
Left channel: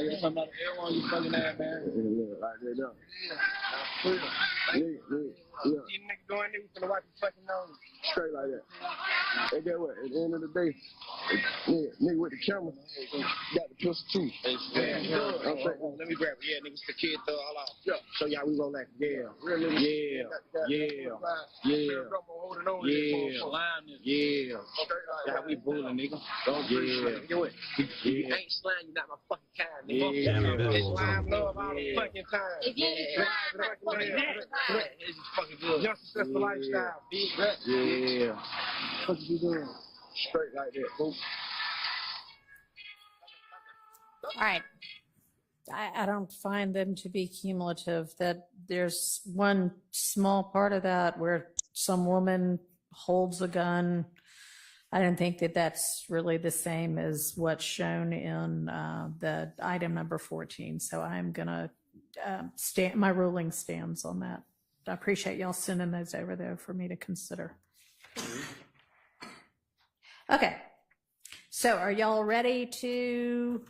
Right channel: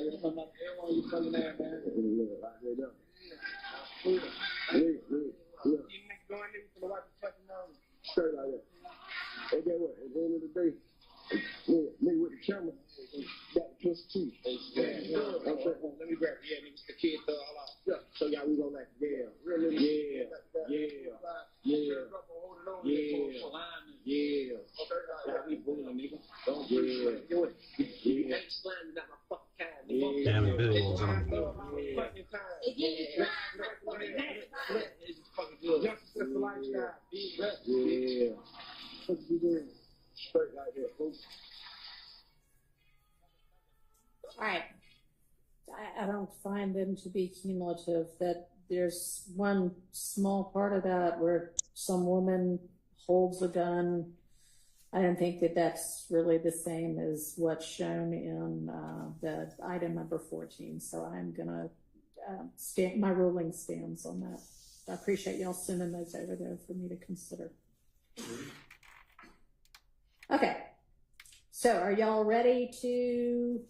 you're talking about everyone you fucking at, man. Like that, though. Real. You niggas go in there, we finna wipe your fucking nose. Straight like that. Hey, get what? At the end of the day, nigga with the camera got the pistol too. Let me grab it. Yeah, niggas, the kid thug. Hold on. Yeah. Show y'all we roll like yeah. Yeah. Yeah, we bullying, nigga. Don't breathe. Do it. You ain't slime, you're not my fucking kind, nigga. Damn, the visuals on. Fucking time. It's fucking good. Your successful lifestyle, big gut. Yeah. What you doing? Straight like that, folks. All right. I don't find them to be cumulative. That there's one small part of that where some woman holds a gun. I don't think that that's really the same as what's shown in the item number 14. So I'm gonna stand. My ruling stands on that. I appreciate y'all sending those over there for me to consider. Okay. So are y'all ready to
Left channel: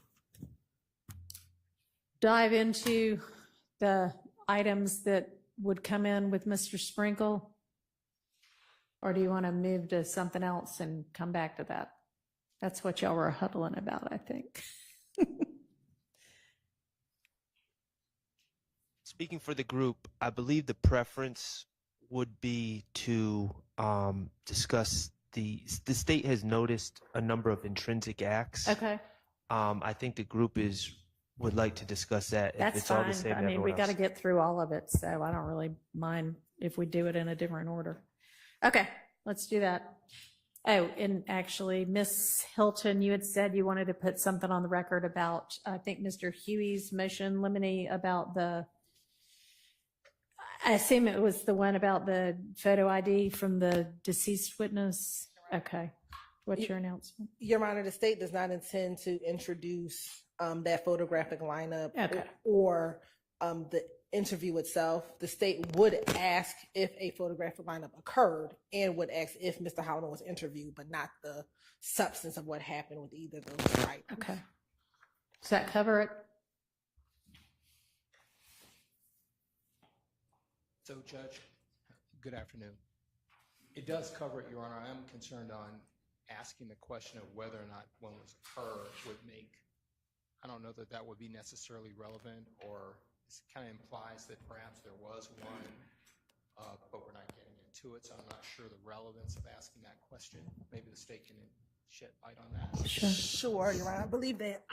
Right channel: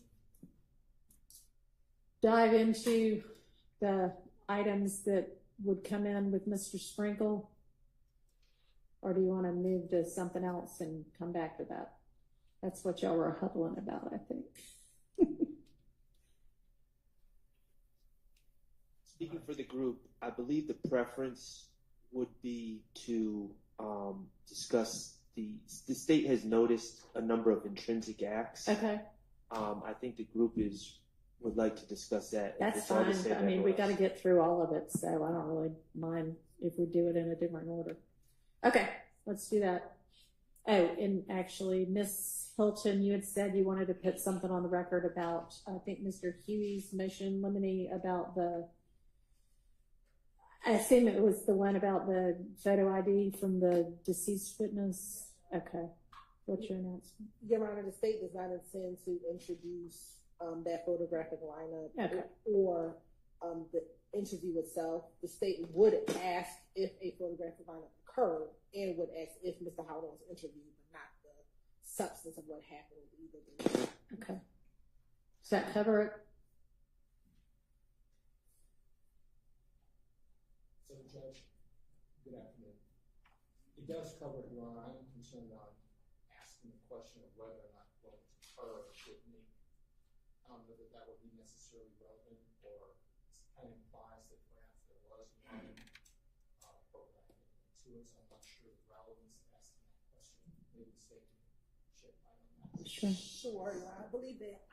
dive into the items that would come in with Mr. Sprinkle? Or do you want to move to something else and come back to that? That's what y'all were huddling about, I think. Speaking for the group, I believe the preference would be to discuss the state has noticed a number of intrinsic acts. Okay. I think the group would like to discuss that. That's if it's all fine. the same. I mean, we got to get through all of it, so I don't really mind if we do it in a different order. Okay, let's do that. Oh, and actually, Miss Hilton, you had said you wanted to put something on the record about, I think, Mr. Huey's motion limine about I assume it was the one about the photo ID from the deceased witness. Okay. What's your announcement? Your Honor, the state does not intend to introduce that photographic lineup okay. or the interview itself. The state would ask if a photographic lineup occurred and would ask if Mr. Holland was interviewed, but not the substance of what happened with either of those items. Okay. Does that cover it? So, Judge, good afternoon. It does cover it, Your Honor. I am concerned on asking the question of whether or not one was occurred would make, I don't know that that would be necessarily relevant, or it kind of implies that perhaps there was one, but we're not getting into it, so I'm not sure the relevance of asking that question. Maybe the state can shed light on that. Sure, Your Honor. I believe that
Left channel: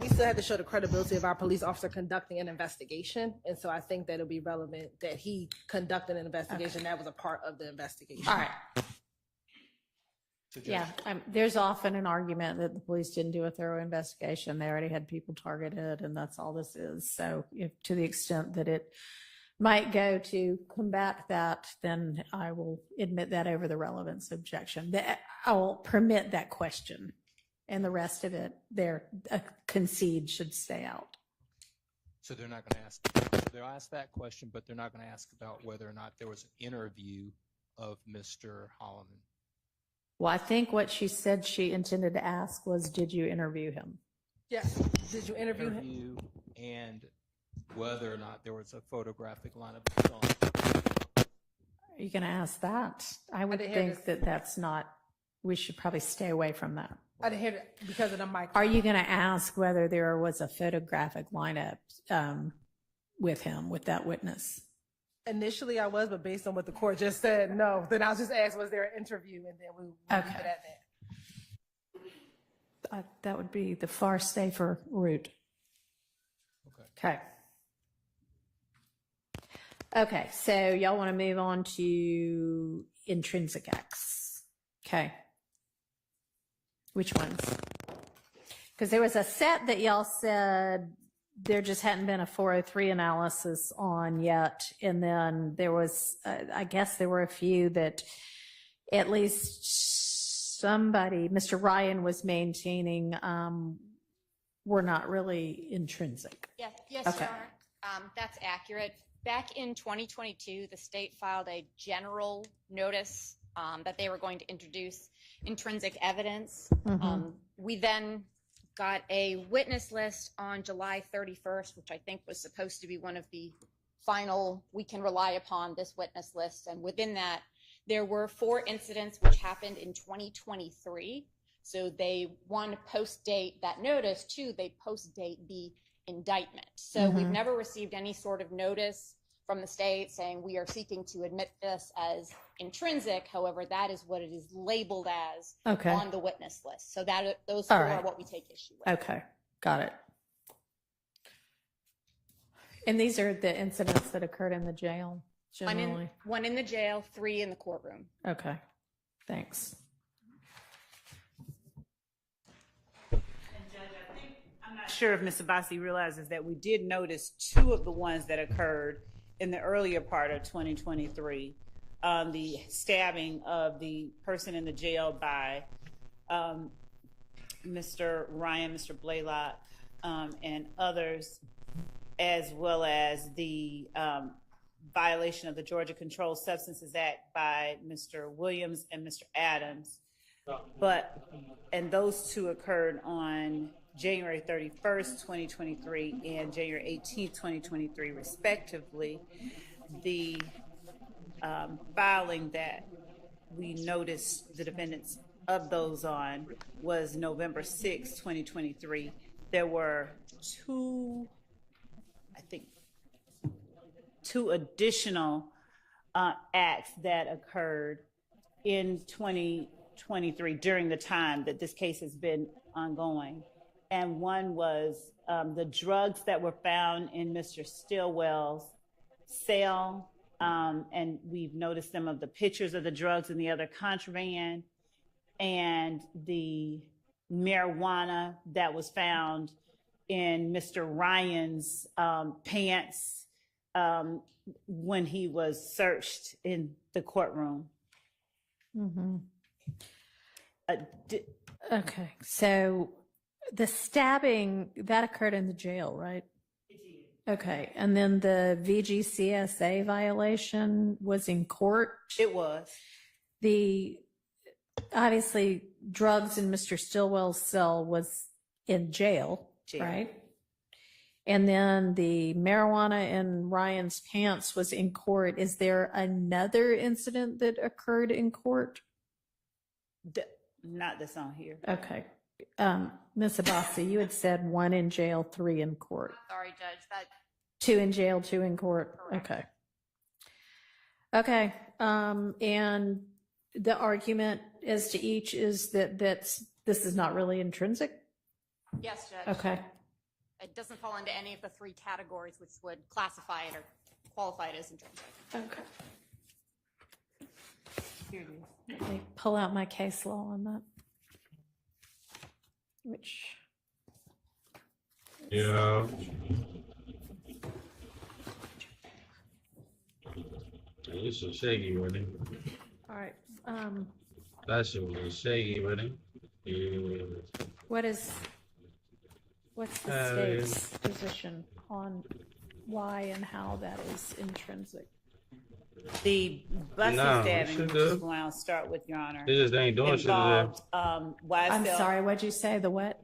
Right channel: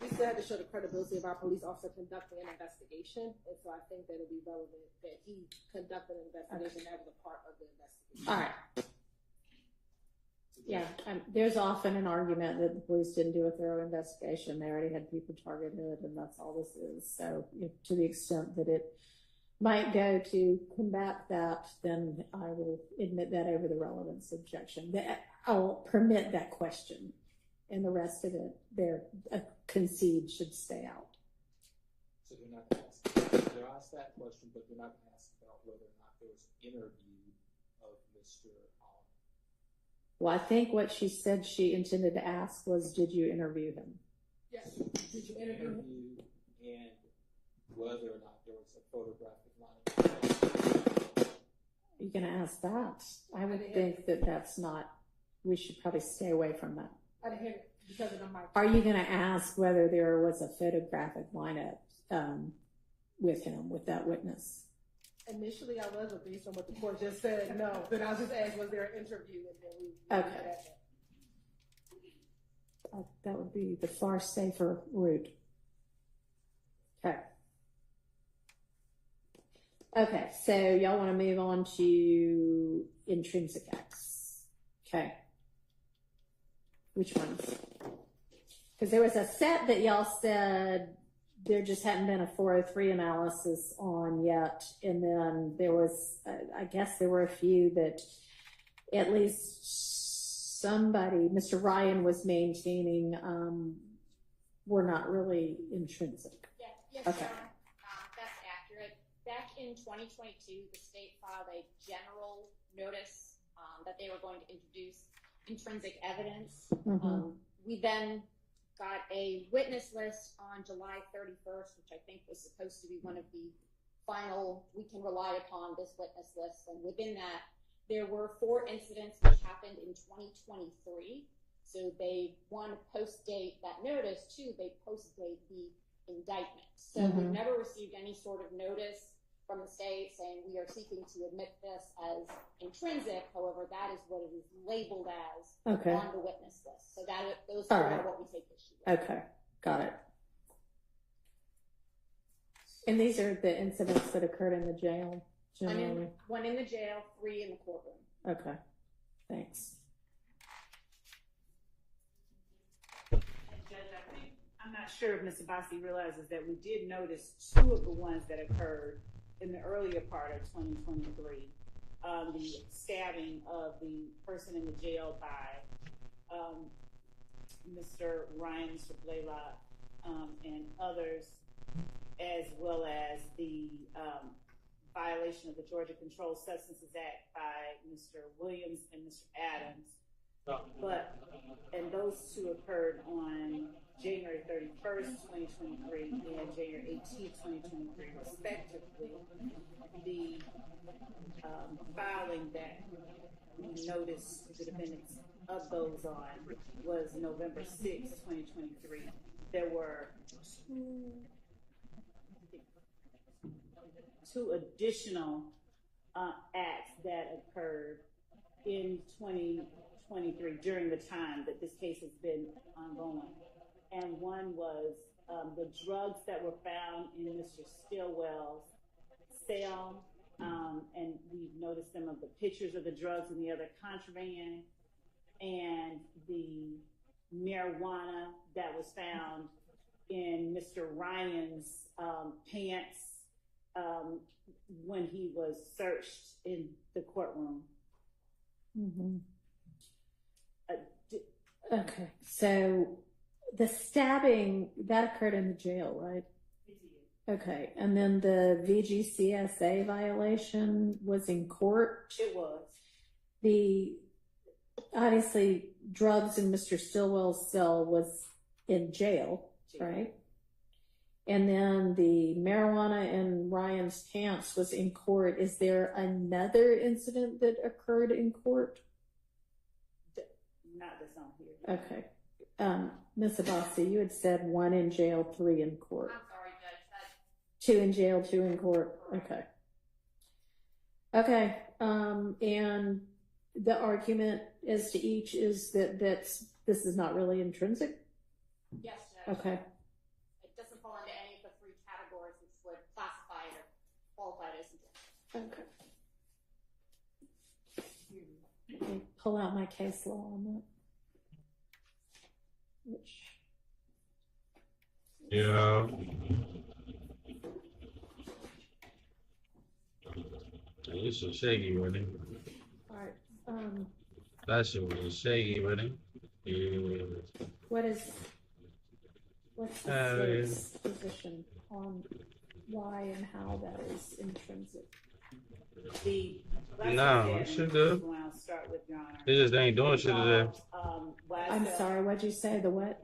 we still have to show the credibility of our police officer conducting an investigation, and so I think that it'll be relevant that he conducted an investigation. Okay. That was a part of the investigation. All right. Yeah, there's often an argument that the police didn't do a thorough investigation. They already had people targeted, and that's all this is. So to the extent that it might go to combat that, then I will admit that over the relevance objection. I will permit that question, and the rest of it, concede should stay out. So they're not going to ask, they'll ask that question, but they're not going to ask about whether or not there was an interview of Mr. Holloman. Well, I think what she said she intended to ask was, did you interview him? Yes. Did you interview him? Interview and whether or not there was a photographic lineup. Are you going to ask that? I would didn't hear think that that's not, we should probably stay away from that. I didn't hear it because of the mic. Are you going to ask whether there was a photographic lineup with him, with that witness? Initially, I was, but based on what the court just said, no. Then I'll just ask, was there an interview? And then we leave it at that. That would be the far safer route. Okay. Okay, so y'all want to move on to intrinsic acts. Okay. Which ones? Because there was a set that y'all said there just hadn't been a 403 analysis on yet. And then there was, I guess there were a few that at least somebody, Mr. Ryan was maintaining, were not really intrinsic. Yes, Okay. Your Honor. That's accurate. Back in 2022, the state filed a general notice that they were going to introduce intrinsic evidence. We then got a witness list on July 31st, which I think was supposed to be one of the final, we can rely upon this witness list. And within that, there were 4 incidents which happened in 2023. So they, 1, post-date that notice, 2, they post-date the indictment. So we've never received any sort of notice from the state saying we are seeking to admit this as intrinsic. However, that is what it is labeled as on the witness list. So that those 4 are what we take issue with. Okay, got it. And these are the incidents that occurred in the jail, generally? One in the jail, 3 in the courtroom. Okay, thanks. I'm not sure if Ms. Abbasi realizes that we did notice 2 of the ones that occurred in the earlier part of 2023. The stabbing of the person in the jail by Mr. Ryan, Mr. Blaylock, and others, as well as the violation of the Georgia Controlled Substances Act by Mr. Williams and Mr. Adams. And those 2 occurred on January 31st, 2023 and January 18th, 2023, respectively. The filing that we noticed the defendants of those on was November 6, 2023. There were 2 additional acts that occurred in 2023 during the time that this case has been ongoing. And one was the drugs that were found in Mr. Stillwell's cell, and we've noticed some of the pictures of the drugs and the other contraband, and the marijuana that was found in Mr. Ryan's pants when he was searched in the courtroom. Okay, so the stabbing, that occurred in the jail, right? Okay, and then the VGCSA violation was in court? It was. Obviously, drugs in Mr. Stillwell's cell was in jail, right? And then the marijuana in Ryan's pants was in court. Is there another incident that occurred in court? Not that's on here. Okay. Ms. Abbasi, you had said 1 in jail, 3 in court. I'm sorry, Judge. 2 in jail, 2 in court. Okay. Okay. And the argument as to each is that this is not really intrinsic? Yes, Judge. Okay. It doesn't fall into any of the 3 categories which would classify it or qualify it as intrinsic. Okay. Here it is. Let me pull out my case law on that. Which? Yeah. It's so shaky, wasn't it? All right. That shit was shaky, wasn't it? Yeah. What's the state's position on why and how that is intrinsic? The busing Nah, stabbing, shit which good. is where I'll start with, Your Honor. They just ain't doing shit today. involved, YSL. I'm sorry, what'd you say? The what?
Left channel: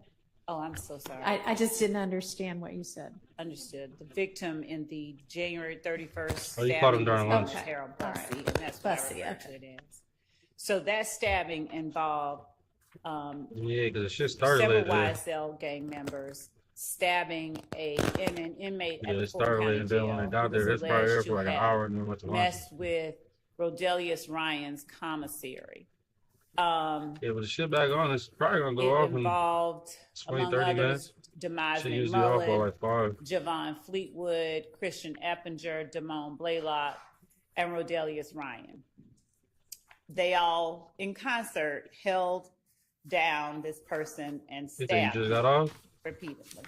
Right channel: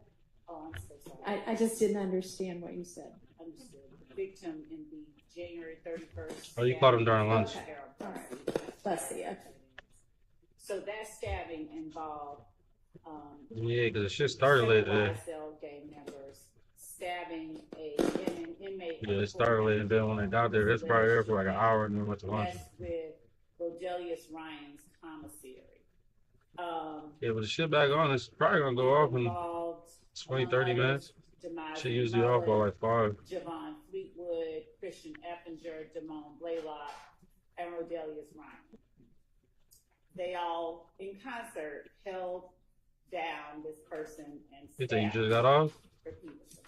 Oh, I'm so sorry. I just didn't understand what you said. Understood. The victim in the January 31st. Oh, you caught him stabbing during was lunch. Harold All Bussey, right. and that's what Bussey, I refer to okay. it as. So that stabbing involved Yeah, because the shit started several late today. YSL gang members stabbing an inmate. Yeah, at the it started Fulton late, and then County when they Jail got there, who was it's probably there alleged for like to an have hour, and then went to lunch. messed with Rodelius Ryan's commissary. Yeah, but the shit back on, it's probably gonna go off in Involved 20, among 30 others, minutes. Demise Shit usually off by like 5. Javon Fleetwood, Christian Eppinger, Damone Blaylock, and Rodelius Ryan. They all, in concert, held down this person and You think stabbed you just got off? repeatedly.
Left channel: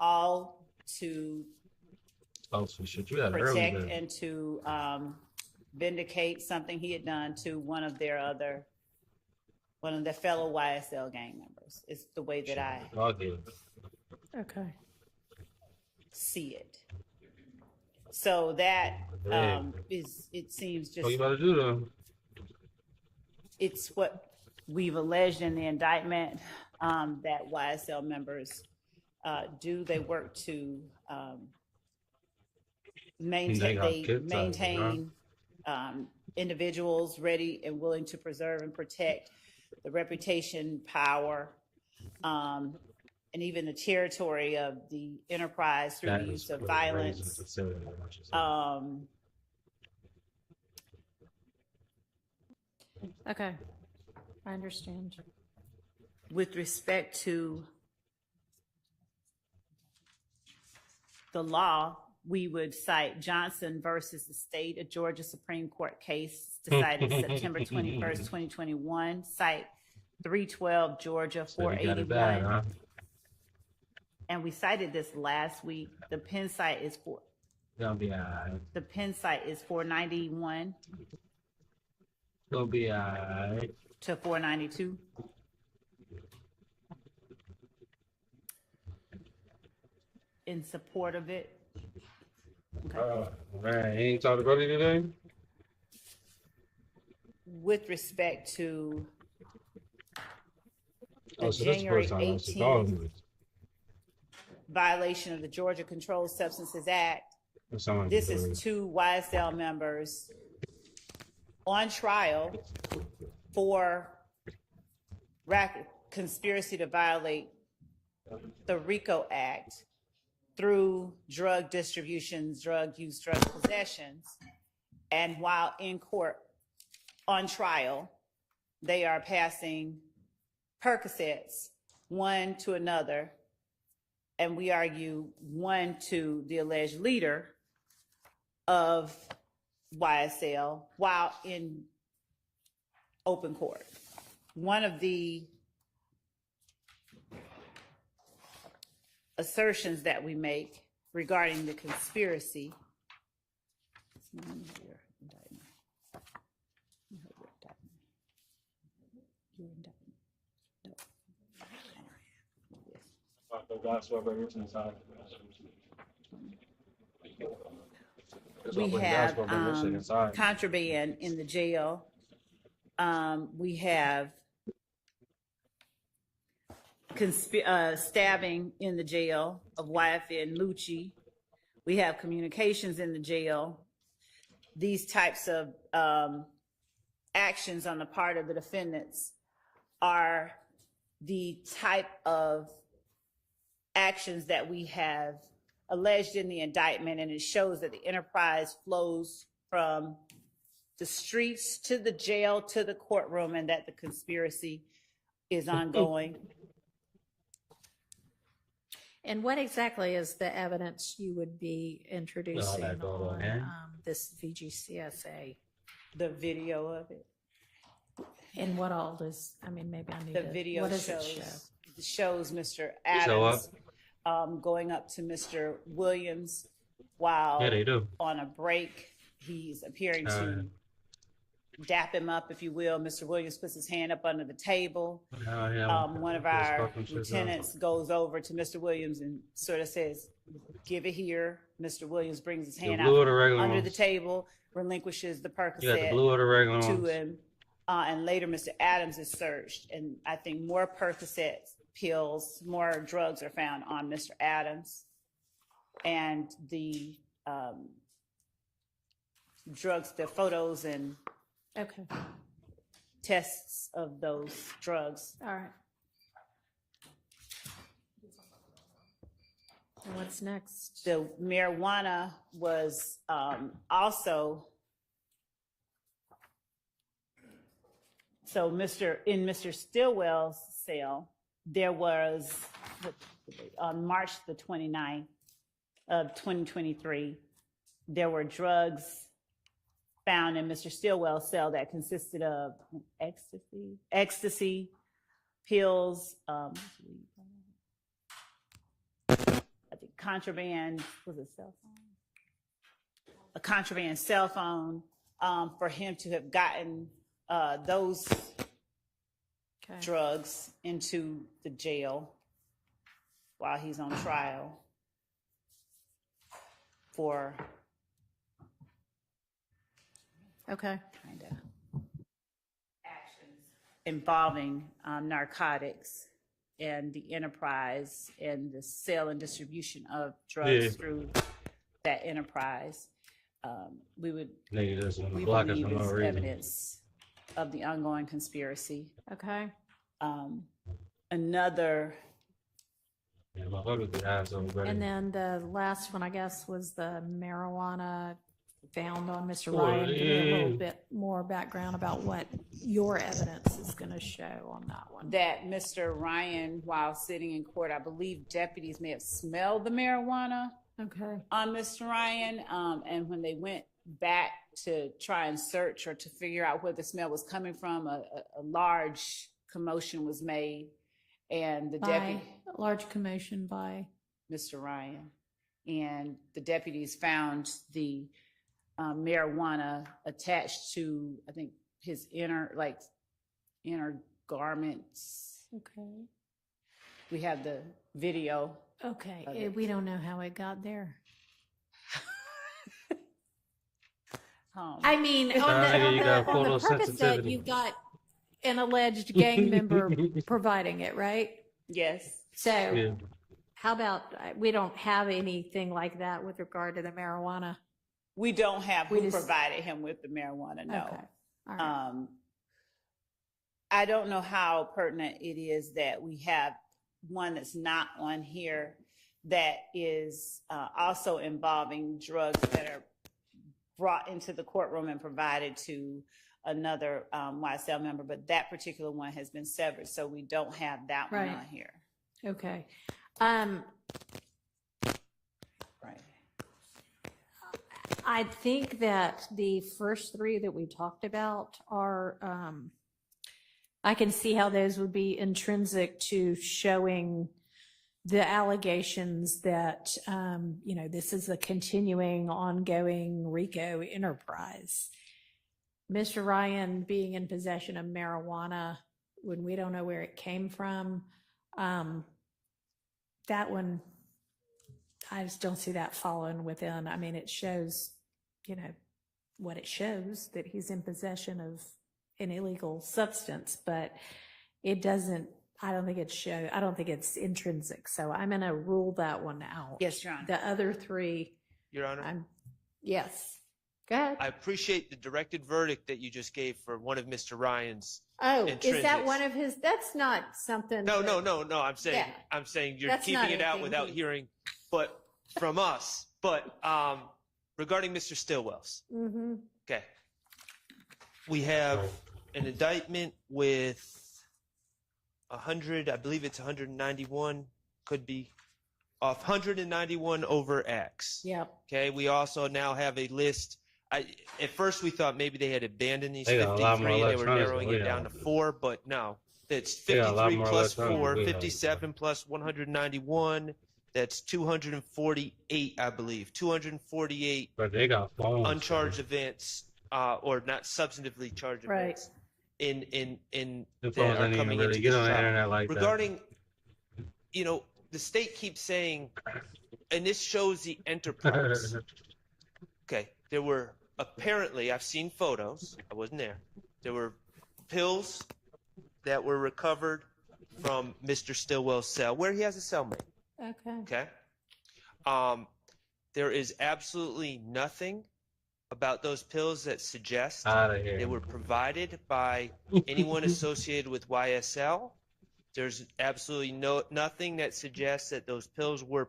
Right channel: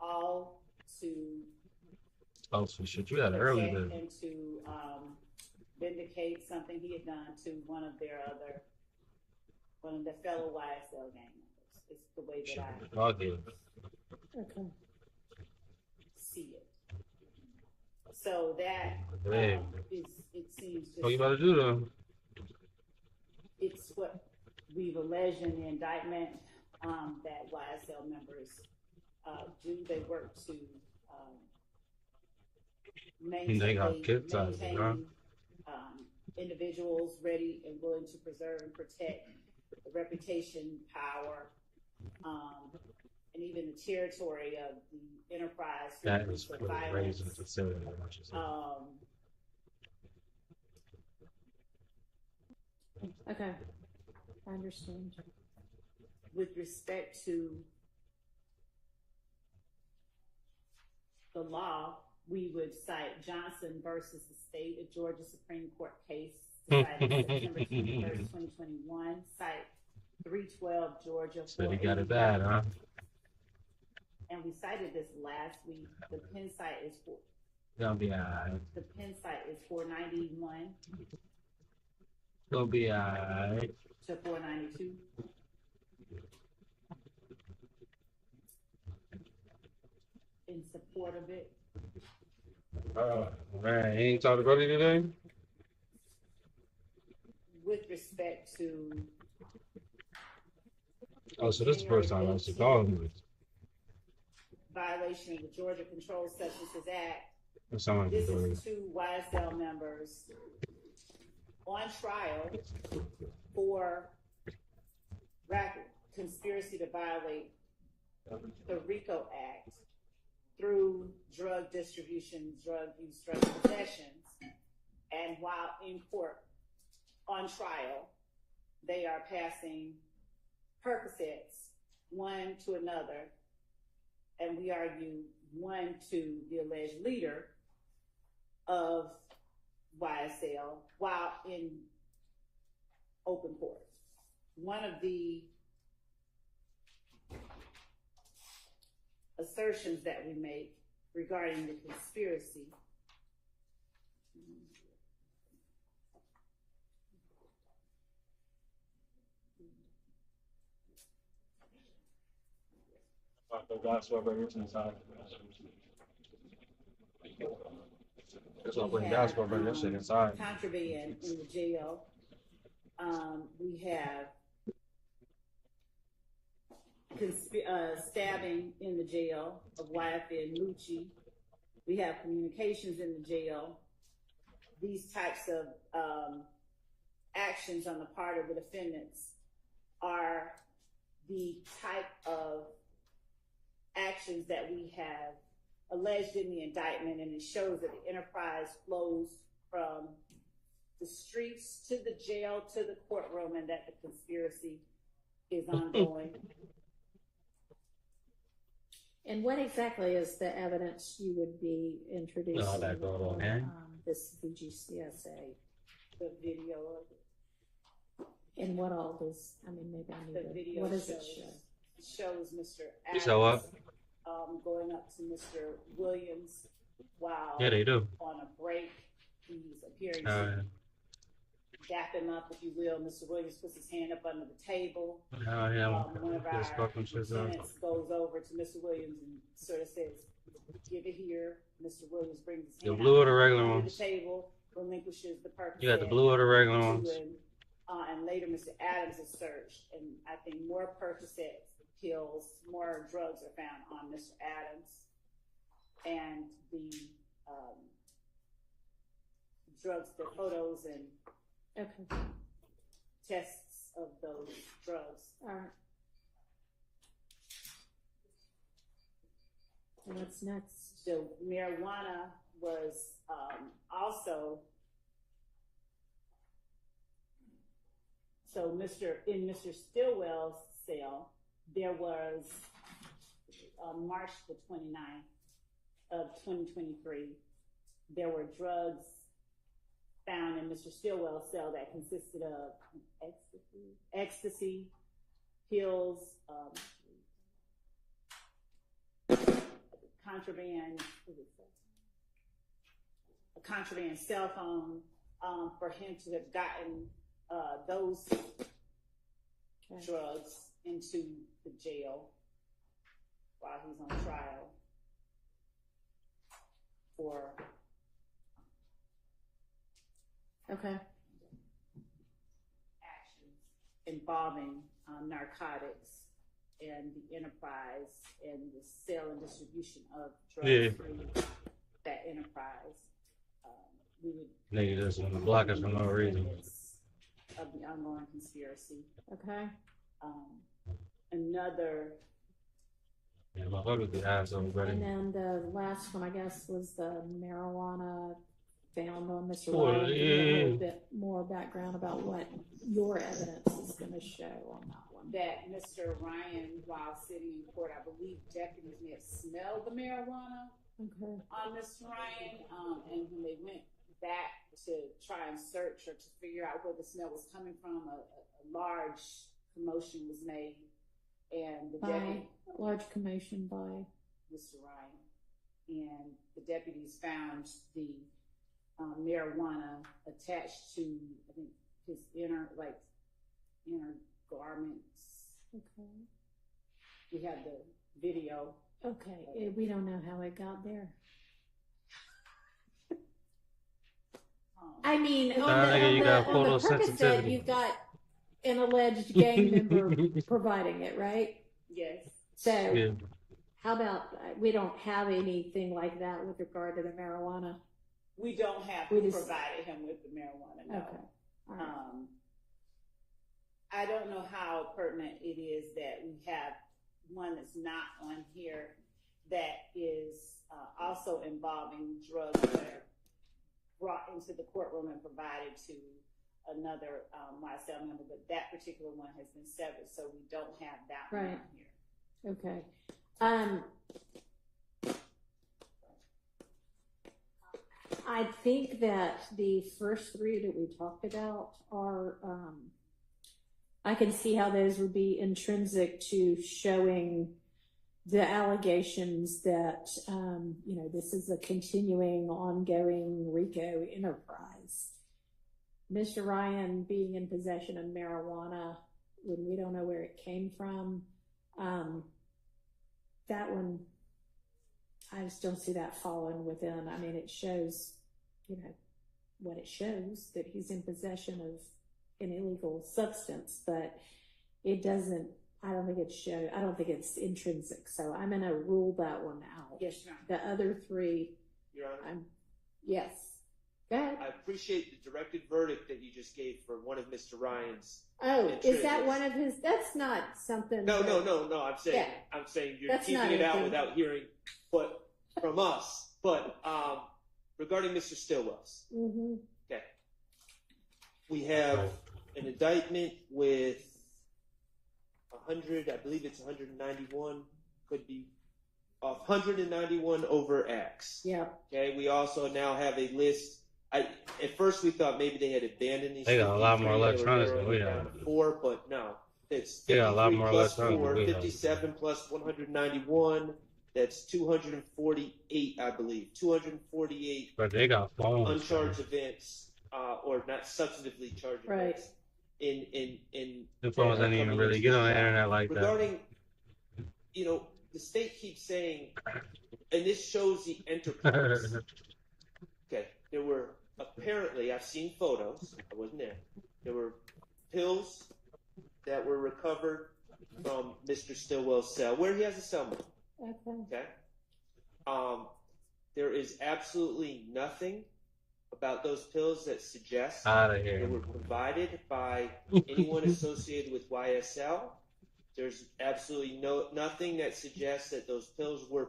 All to Oh, so shit, you had an early protect day. and to vindicate something he had done to one of their fellow YSL gang members. It's the way that I I'll get it. Okay. see it. So that Dang. it seems just What you about to do though? it's what we've alleged in the indictment that YSL members do. They work to maintain individuals ready and willing to preserve and protect the reputation, power, and even the territory of the enterprise through the use of violence. Okay. I understand. With respect to the law, we would cite Johnson versus the state, a Georgia Supreme Court case decided September 21st, 2021, cite 312 Georgia So you 481. got it bad, huh? And we cited this last week. The Penn site is Gonna be alright. the Penn site is 491 Gonna be alright. to 492. In support of it. Man, you ain't talked about it today? With respect to Oh, so this is the first time I should call him. violation of the Georgia Controlled Substances Act. That sound like This a is 2 YSL members on trial for conspiracy to violate the Rico Act through drug distributions, drug use, drug possessions. And while in court on trial, they are passing Percocets one to another, and we argue one to the alleged leader of YSL while in open court. One of the assertions that we make regarding the conspiracy we have contraband in the jail. We have stabbing in the jail of YFN Lucci. We have communications in the jail. These types of actions on the part of the defendants are the type of actions that we have alleged in the indictment, and it shows that the enterprise flows from the streets to the jail to the courtroom, and that the conspiracy is ongoing. And what exactly is the evidence you would be introducing on this VGCSA? The video of it. And what all does, I mean, maybe I need The to, video what does shows, it shows Mr. So Adams going up to Mr. Williams while Yeah, they do. on a break. He's appearing to dap him up, if you will. Mr. Williams puts his hand up under the table. Yeah. One of Just our fucking shit down. lieutenants goes over to Mr. Williams and sort of says, "Give it here." Mr. Williams brings his hand blue out or the regular under the ones? table, relinquishes the Percocet You got the blue or the regular to ones? him, and later Mr. Adams is searched, and I think more Percocet pills, more drugs are found on Mr. Adams, and the drugs, the photos and Okay. tests of those drugs. All right. And what's next? The marijuana was also, so in Mr. Stillwell's cell, there was, on March the 29th of 2023, there were drugs found in Mr. Stillwell's cell that consisted of ecstasy pills, I think contraband, was it cell phone? A contraband cell phone, for him to have gotten those drugs into the jail while he's on trial for Okay. kind of actions involving narcotics and the enterprise and the sale and distribution of drugs through that enterprise. We would Nigga just want to we block us believe for no it's reason. evidence of the ongoing conspiracy. Okay. Another Yeah, motherfuckers be assholes, buddy. And then the last one, I guess, was the marijuana found on Mr. Oh, Ryan. Give a yeah. little bit more background about what your evidence is going to show on that one. that Mr. Ryan, while sitting in court, I believe deputies may have smelled the marijuana Okay. on Mr. Ryan, and when they went back to try and search or to figure out where the smell was coming from, a large commotion was made, and the By deputy, a large commotion by. Mr. Ryan, and the deputies found the marijuana attached to, I think, his inner garments. Okay. We have the video. Okay. We don't know how it got there. I mean, on nigga, you got on photosensitivity. Percocet, you've got an alleged gang member providing it, right? Yes. So, Yeah. how about we don't have anything like that with regard to the marijuana? We don't have We who just- provided him with the marijuana, no. Okay. All right. I don't know how pertinent it is that we have one that's not on here that is also involving drugs that are brought into the courtroom and provided to another YSL member, but that particular one has been severed, so we don't have that one Right. on here. Okay. Right. I think that the first three that we talked about are, I can see how those would be intrinsic to showing the allegations that, this is a continuing, ongoing RICO enterprise. Mr. Ryan being in possession of marijuana when we don't know where it came from, that one, I just don't see that falling within. I mean, it shows, what it shows, that he's in possession of an illegal substance, but it doesn't, I don't think it's intrinsic. So I'm going to rule that one out. Yes, Your Honor. The other three, Your Honor, yes. Go ahead. I appreciate the directed verdict that you just gave for one of Mr. Ryan's. Oh, is that intrinsics. one of his? That's not something. No. that- I'm saying you're That's keeping not it out anything without from- hearing, but from us. But regarding Mr. Stillwell's, Mhm. okay, we have an indictment with 100. I believe it's 191. Could be off. 191 over X. Yeah. Okay. We also now have a list. At first we thought maybe they had abandoned these They 53 got a lot more and they were electronics than narrowing we it down have. to 4, but no. It's They got a lot 53 more plus electronics 4, than we have. 57 plus 191. That's 248, I believe. 248 But they got phones. uncharged events or not substantively charged Right. offense in The that phones are don't even coming really into get this on the trial. internet like that. Regarding, the state keeps saying, and this shows the enterprise. Okay, there were apparently, I've seen photos, I wasn't there, there were pills that were recovered from Mr. Stillwell's cell, where he has a cellmate. Okay. Okay? There is absolutely nothing about those pills that suggest Outta here. they were provided by anyone associated with YSL. There's absolutely nothing that suggests that those pills were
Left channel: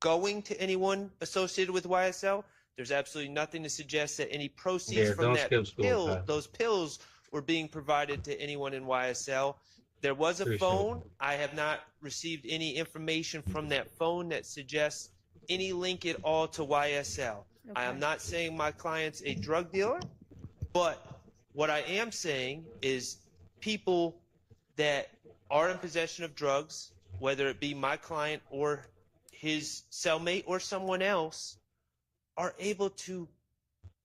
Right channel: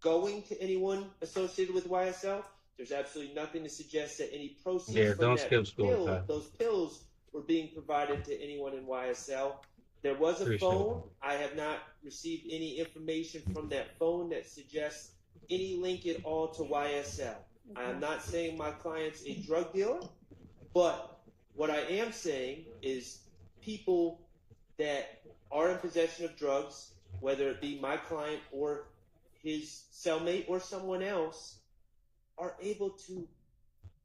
going to anyone associated with YSL. There's absolutely nothing to suggest that any proceeds from those pills were being provided to anyone in YSL. There was a phone. I have not received any information from that phone that suggests any link at all to YSL. I am not saying my client's a drug dealer, but what I am saying is people that are in possession of drugs, whether it be my client or his cellmate or someone else, are able to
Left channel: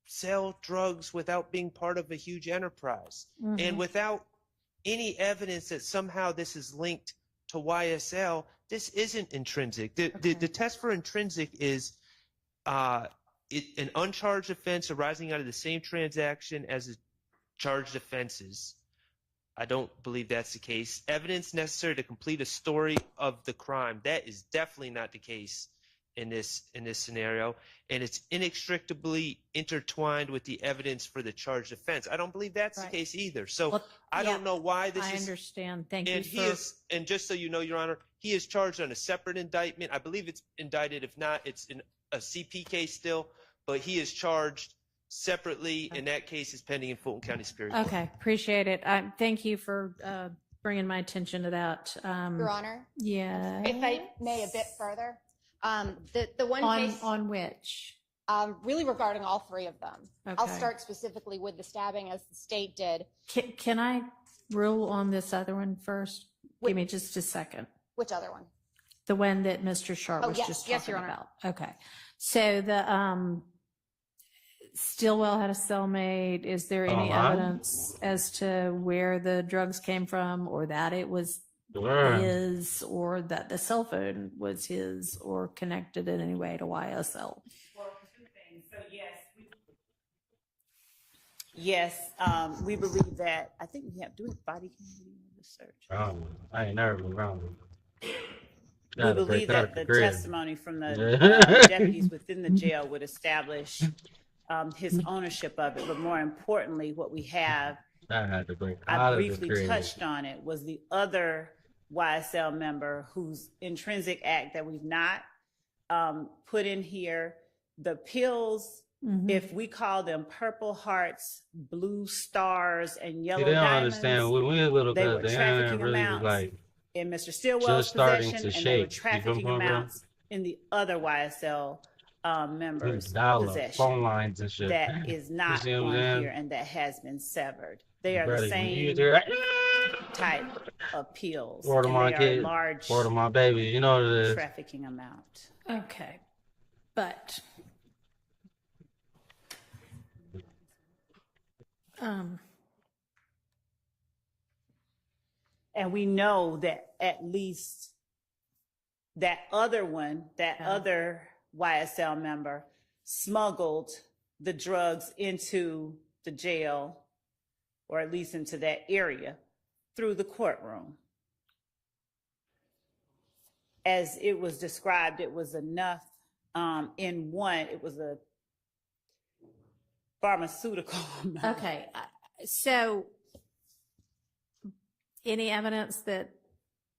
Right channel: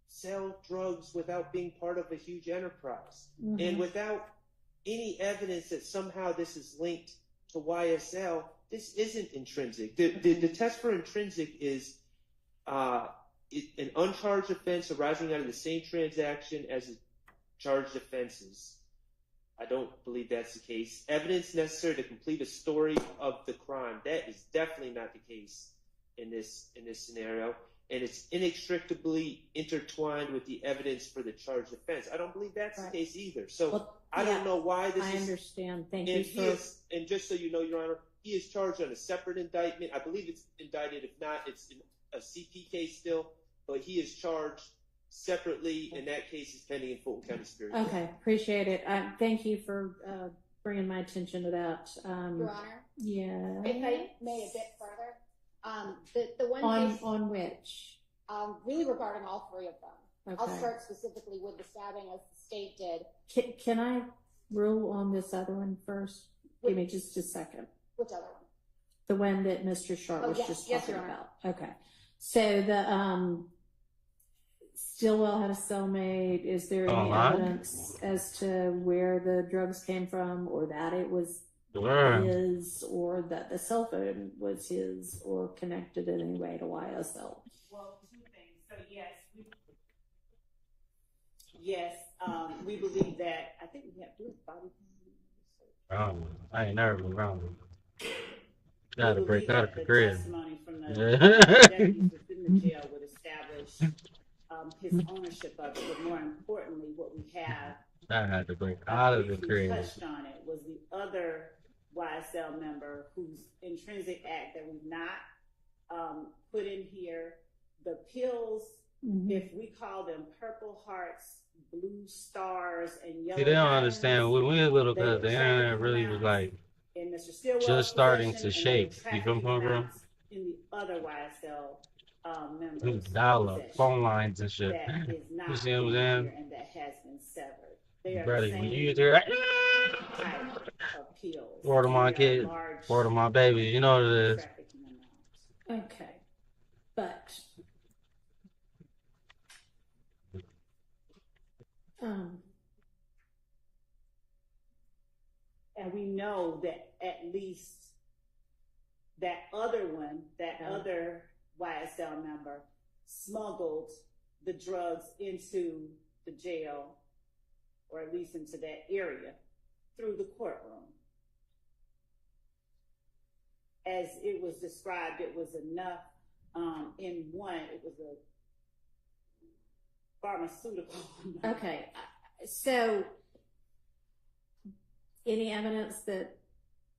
sell drugs without being part of a huge enterprise and without any evidence that somehow this is linked to YSL. This isn't intrinsic. The test for intrinsic is an uncharged offense arising out of the same transaction as the charged offenses. I don't believe that's the case. Evidence necessary to complete a story of the crime. That is definitely not the case in this scenario, and it's inextricably intertwined with the evidence for the charged offense. I don't believe that's the case either. So I don't know why this is. I understand. Thank you for. And just so you know, Your Honor, he is charged on a separate indictment. I believe it's indicted. If not, it's in a CP case still, but he is charged separately, and that case is pending in Fulton County Superior Court. Okay, appreciate it. Thank you for bringing my attention to that. Your Honor? Yeah. If I may a bit further, the one case on which? Really regarding all three of them. Okay. I'll start specifically with the stabbing as the state did. Can I rule on this other one first? Give me just a second. Which other one? The one that Mr. Sharp was just talking Your Honor. about. Okay. So the Stillwell had a cellmate. Is there any evidence as to where the drugs came from, or that it was his, or that the cell phone was his, or connected in any way to YSL? Well, two things. So yes, we believe that. I think we have body cam research. I ain't never been around. We believe that the testimony from the deputies within the jail would establish his ownership of it, but more importantly, what we have, I briefly touched on it, was the other YSL member whose intrinsic act that we've not put in here. The pills, if we call them purple hearts, blue stars, and yellow they don't diamonds, understand. When we were little, they were they trafficking really was amounts like in Mr. Stillwell's just starting to possession, shake. and they were You come trafficking from, bro? amounts in the other YSL members' Dollar possession. phone lines and shit. That is You not see what I'm on saying? here, and that has been severed. They are Brother, the when you same hear that, type of pills. word of and my they are kid, large word of my baby, you know what it is. trafficking amount. Okay. But And we know that at least that other one, other YSL member, smuggled the drugs into the jail, or at least into that area, through the courtroom. As it was described, it was enough in one, it was a pharmaceutical. okay, so any evidence that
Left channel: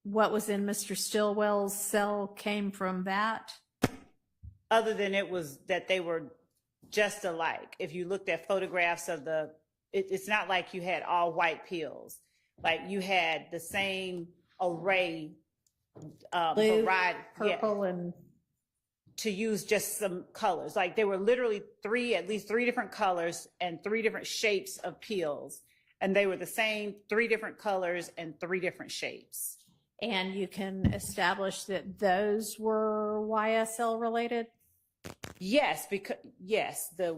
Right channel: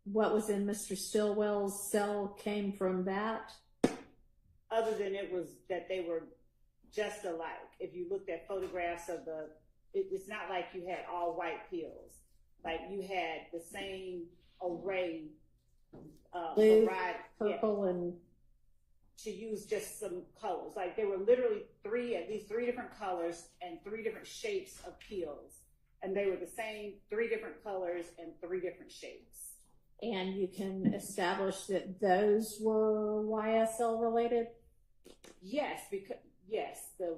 what was in Mr. Stillwell's cell came from that? Other than it was that they were just alike. If you looked at photographs of it's not like you had all white pills. Like you had the same array, Blue, variety, purple, and to use just some colors. Like they were literally at least three different colors and three different shapes of pills. And they were the same, three different colors and three different shapes. And you can establish that those were YSL related? Yes, because the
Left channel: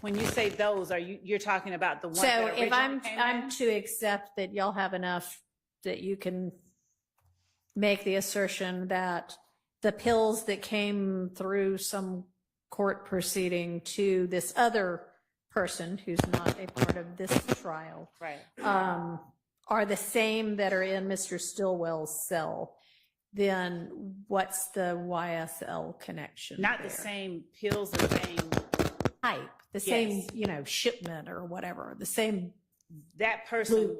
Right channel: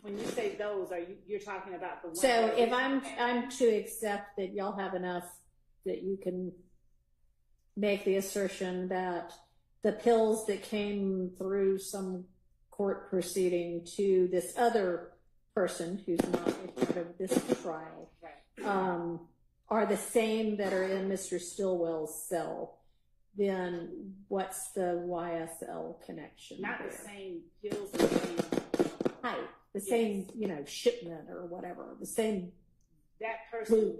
When you say those, you're talking about the one? So that if originally came I'm in? to accept that y'all have enough that you can make the assertion that the pills that came through some court proceeding to this other person who's not a part of this trial, right, are the same that are in Mr. Stillwell's cell, then what's the YSL connection? Not there? the same pills or same type, the Yes. same, shipment or whatever, the same. that person.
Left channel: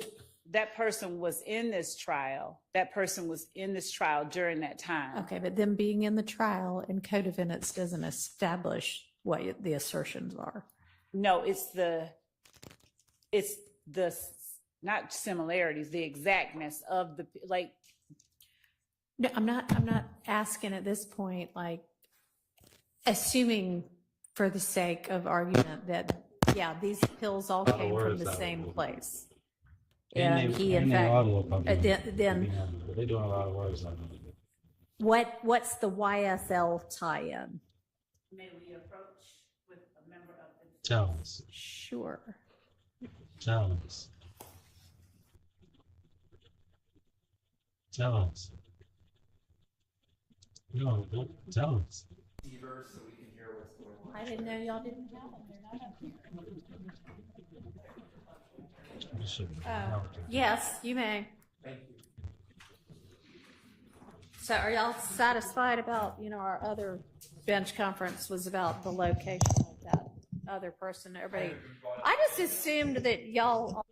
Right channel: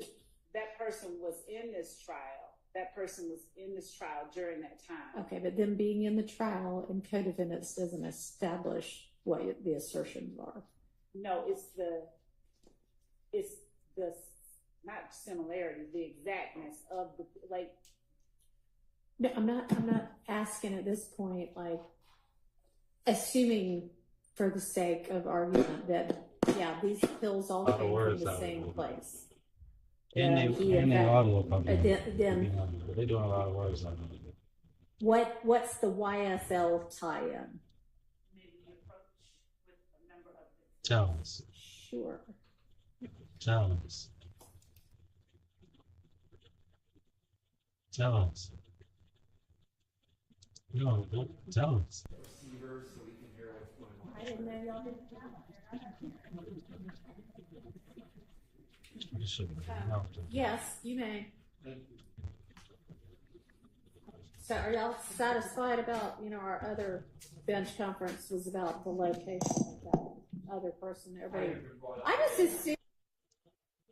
That person was in this trial. That person was in this trial during that time. Okay, but them being in the trial and co-defendants doesn't establish what the assertions are. No, it's the not similarities, the exactness of the like. No, I'm not asking at this point, like, assuming for the sake of argument that, yeah, these pills all came from the same place. And they audio company. Then They're doing a lot of words like that. what's the YSL tie-in? Maybe approach with a member of the. Tell us. Sure. Tell us. Tell us. No, tell us. I didn't know y'all didn't have You should Yes, you may. So are y'all satisfied about, our other bench conference was about the location of that other person? Everybody, I just assumed that y'all.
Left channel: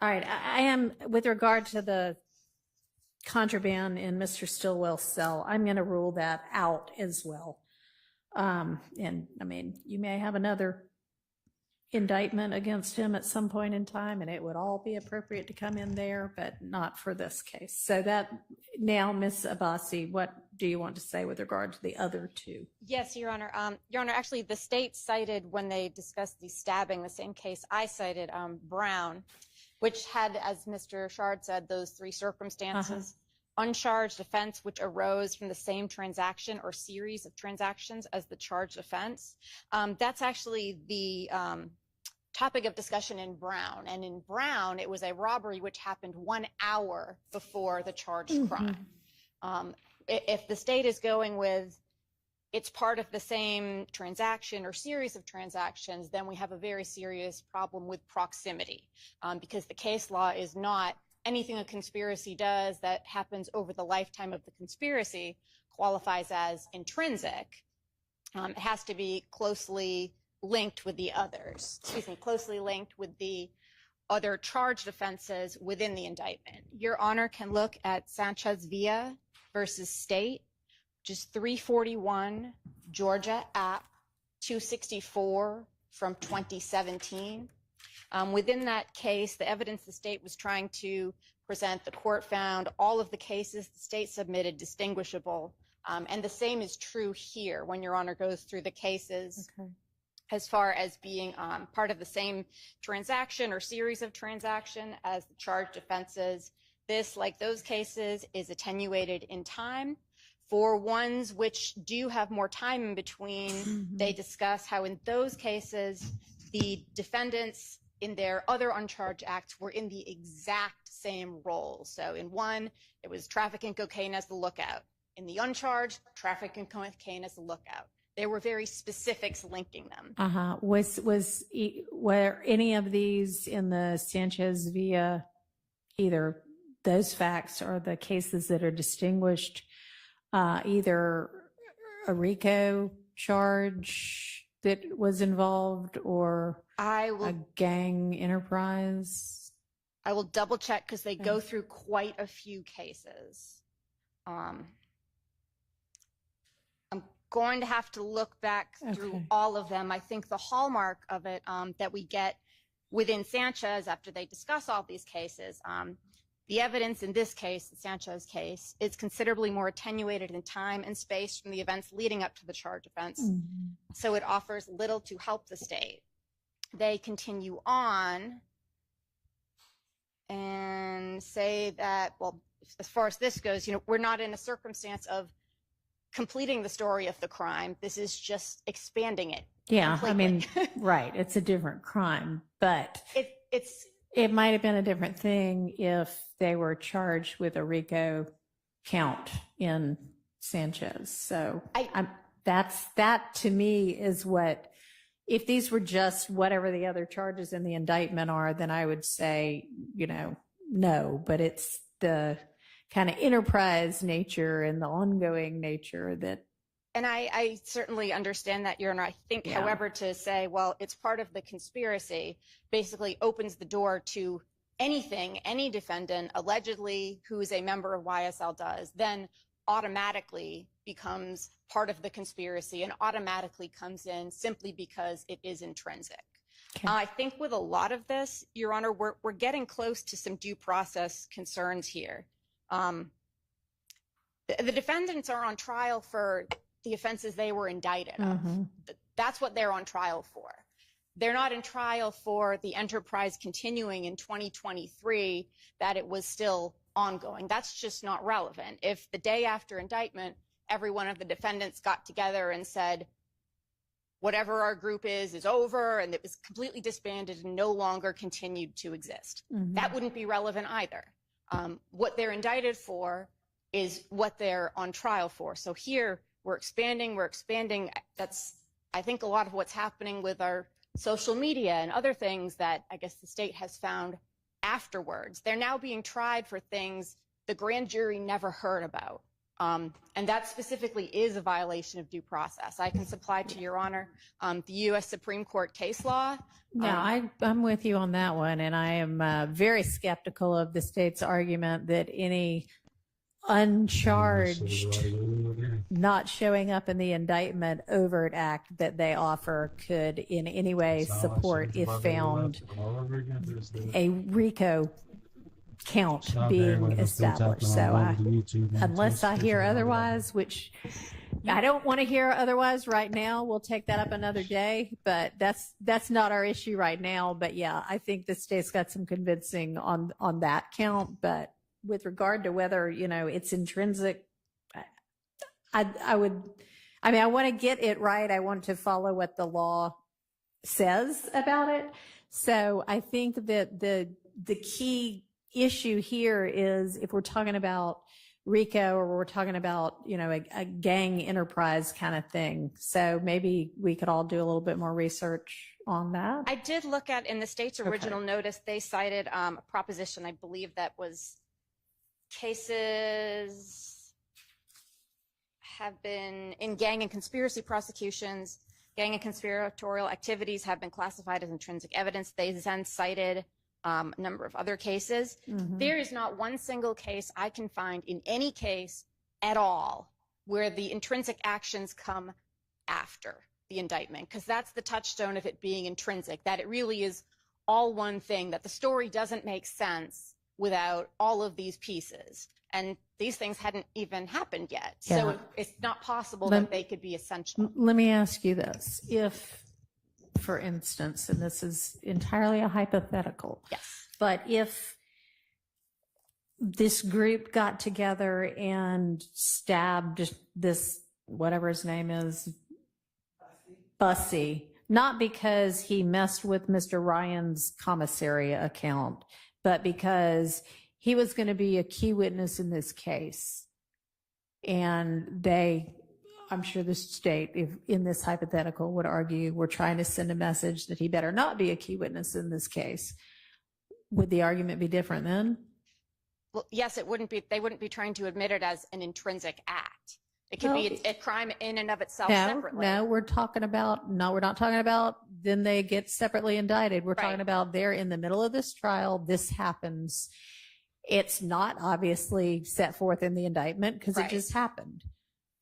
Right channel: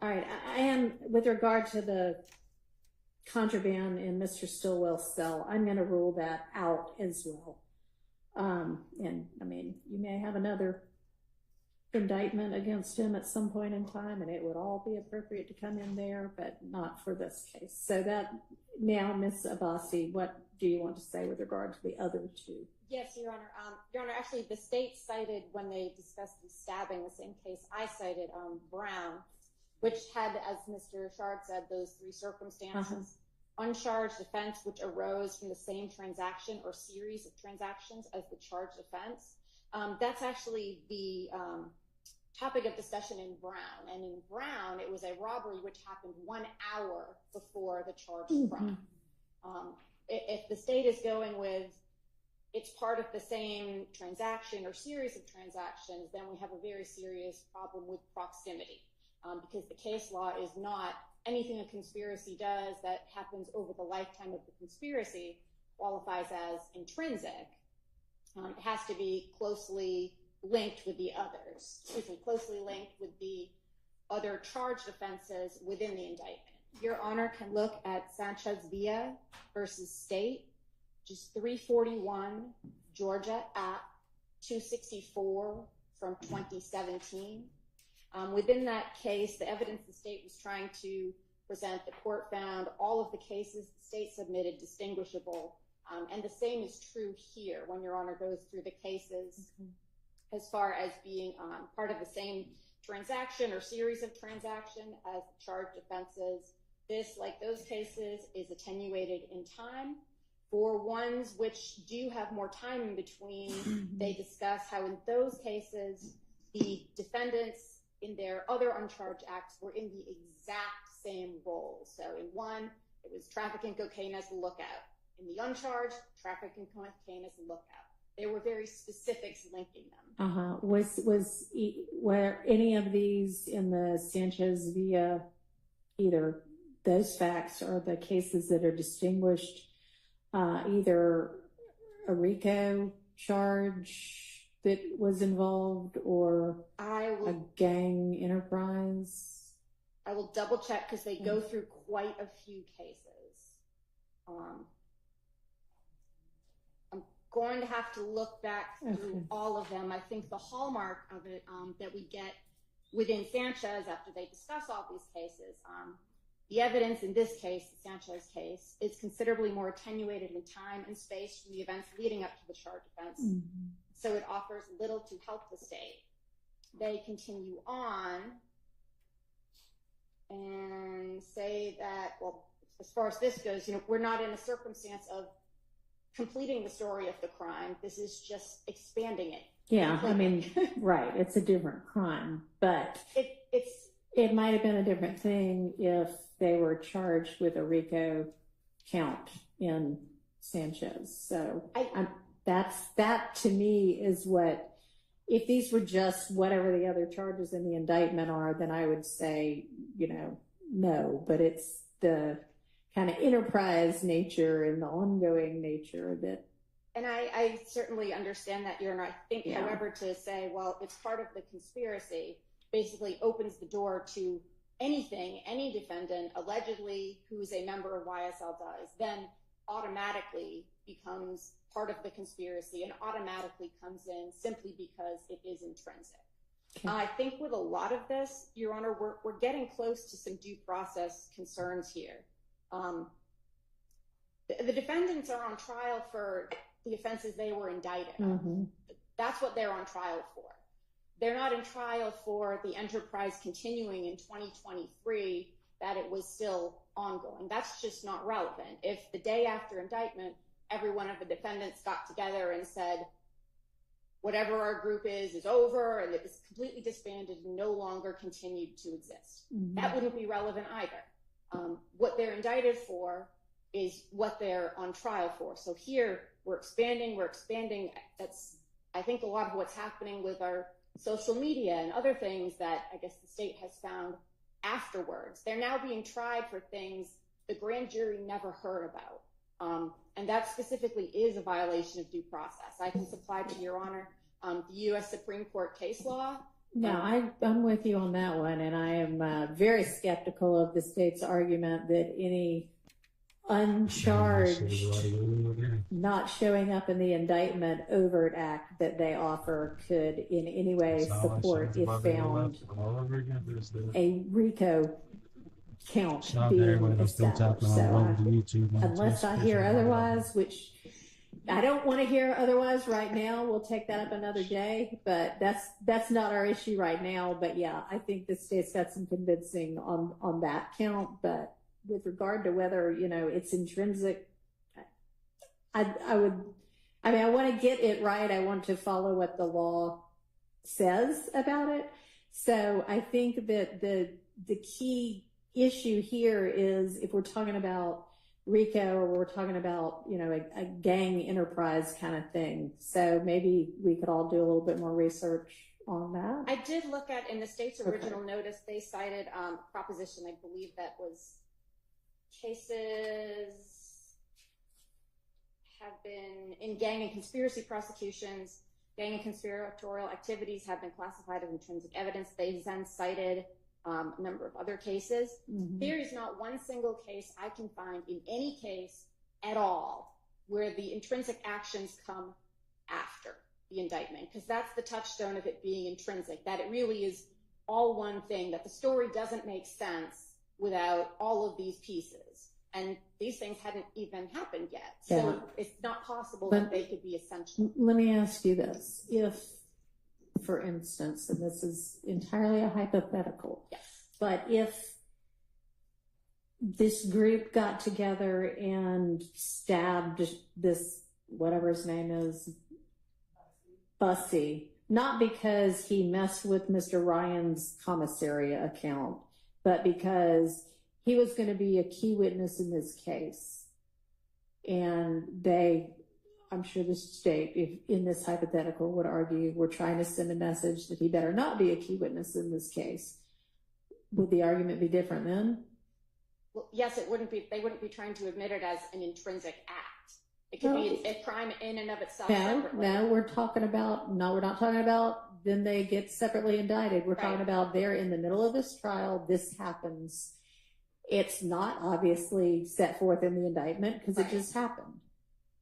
All right, I am, with regard to the contraband in Mr. Stillwell's cell, I'm going to rule that out as well. And I mean, you may have another indictment against him at some point in time, and it would all be appropriate to come in there, but not for this case. So that, now, Ms. Abbasi, what do you want to say with regard to the other two? Yes, Your Honor. Your Honor, actually, the state cited, when they discussed the stabbing, the same case I cited, Brown, which had, as Mr. Shard said, those three circumstances. Uncharged offense which arose from the same transaction or series of transactions as the charged offense. That's actually the topic of discussion in Brown. And in Brown, it was a robbery which happened 1 hour before the charged crime. If the state is going with it's part of the same transaction or series of transactions, then we have a very serious problem with proximity, because the case law is not anything a conspiracy does that happens over the lifetime of the conspiracy qualifies as intrinsic. It has to be closely linked with the others, closely linked with the other charged offenses within the indictment. Your Honor can look at Sanchez Villa versus State, just 341 Georgia App 264 from 2017. Within that case, the evidence the state was trying to present, the court found all of the cases the state submitted distinguishable. And the same is true here when Your Honor goes through the cases as far as being part of the same transaction or series of transaction as the charged offenses. This, like those cases, is attenuated in time. For ones which do have more time in between, they discuss how in those cases, the defendants in their other uncharged acts were in the exact same role. So in one, it was trafficking cocaine as the lookout. In the uncharged, trafficking cocaine as the lookout. There were very specifics linking them. Were any of these in the Sanchez Villa, either those facts or the cases that are distinguished, either a Rico charge that was involved or a gang enterprise? I will double check because they go through quite a few cases. I'm going to have to look back through all of them. I think the hallmark of it that we get within Sanchez after they discuss all these cases, the evidence in this case, the Sanchez case, is considerably more attenuated in time and space from the events leading up to the charge offense. So it offers little to help the state. They continue on and say that, well, as far as this goes, we're not in a circumstance of completing the story of the crime. This is just expanding it. Yeah, completely. Right. It's a different crime, but it might have been a different thing if they were charged with a Rico count in Sanchez. So that to me is what, if these were just whatever the other charges in the indictment are, then I would say, no, but it's the kind of enterprise nature and the ongoing nature that. And I certainly understand that, Your Honor. I think, however, to say, well, it's part of the conspiracy basically opens the door to anything any defendant allegedly who is a member of YSL does, then automatically becomes part of the conspiracy and automatically comes in simply because it is intrinsic. I think with a lot of this, Your Honor, we're getting close to some due process concerns here. The defendants are on trial for the offenses they were indicted of. That's what they're on trial for. They're not in trial for the enterprise continuing in 2023, that it was still ongoing. That's just not relevant. If the day after indictment, every one of the defendants got together and said, whatever our group is over, and it was completely disbanded and no longer continued to exist, that wouldn't be relevant either. What they're indicted for is what they're on trial for. So here, we're expanding. That's, I think, a lot of what's happening with our social media and other things that I guess the state has found afterwards. They're now being tried for things the grand jury never heard about. And that specifically is a violation of due process. I can supply to Your Honor the U.S. Supreme Court case law. No, I'm with you on that one, and I am very skeptical of the state's argument that any uncharged, not showing up in the indictment overt act that they offer could in any way support, if found, a Rico count being established. So unless I hear otherwise, which I don't want to hear otherwise right now, we'll take that up another day, but that's not our issue right now. But yeah, I think the state's got some convincing on that count, but with regard to whether, it's intrinsic, I want to get it right. I want to follow what the law says about it. So I think that the key issue here is if we're talking about Rico or we're talking about, a gang enterprise kind of thing. So maybe we could all do a little bit more research on that. I did look at, in the state's original notice, they cited a proposition, I believe that was cases have been in gang and conspiracy prosecutions, gang and conspiratorial activities have been classified as intrinsic evidence. They then cited a number of other cases. There is not one single case I can find in any case at all where the intrinsic actions come after the indictment, because that's the touchstone of it being intrinsic, that it really is all one thing, that the story doesn't make sense without all of these pieces. And these things hadn't even happened yet. So it's not possible that they could be essential. Let me ask you this. If, for instance, and this is entirely a hypothetical, but if this group got together and stabbed this, whatever his name is, Bussy, not because he messed with Mr. Ryan's commissary account, but because he was going to be a key witness in this case. And I'm sure the state, if in this hypothetical, would argue we're trying to send a message that he better not be a key witness in this case. Would the argument be different then? Well, yes, it wouldn't be. They wouldn't be trying to admit it as an intrinsic act. It could be a crime in and of itself separately. No, we're not talking about then they get separately indicted. We're talking about they're in the middle of this trial. This happens. It's not obviously set forth in the indictment because it just happened.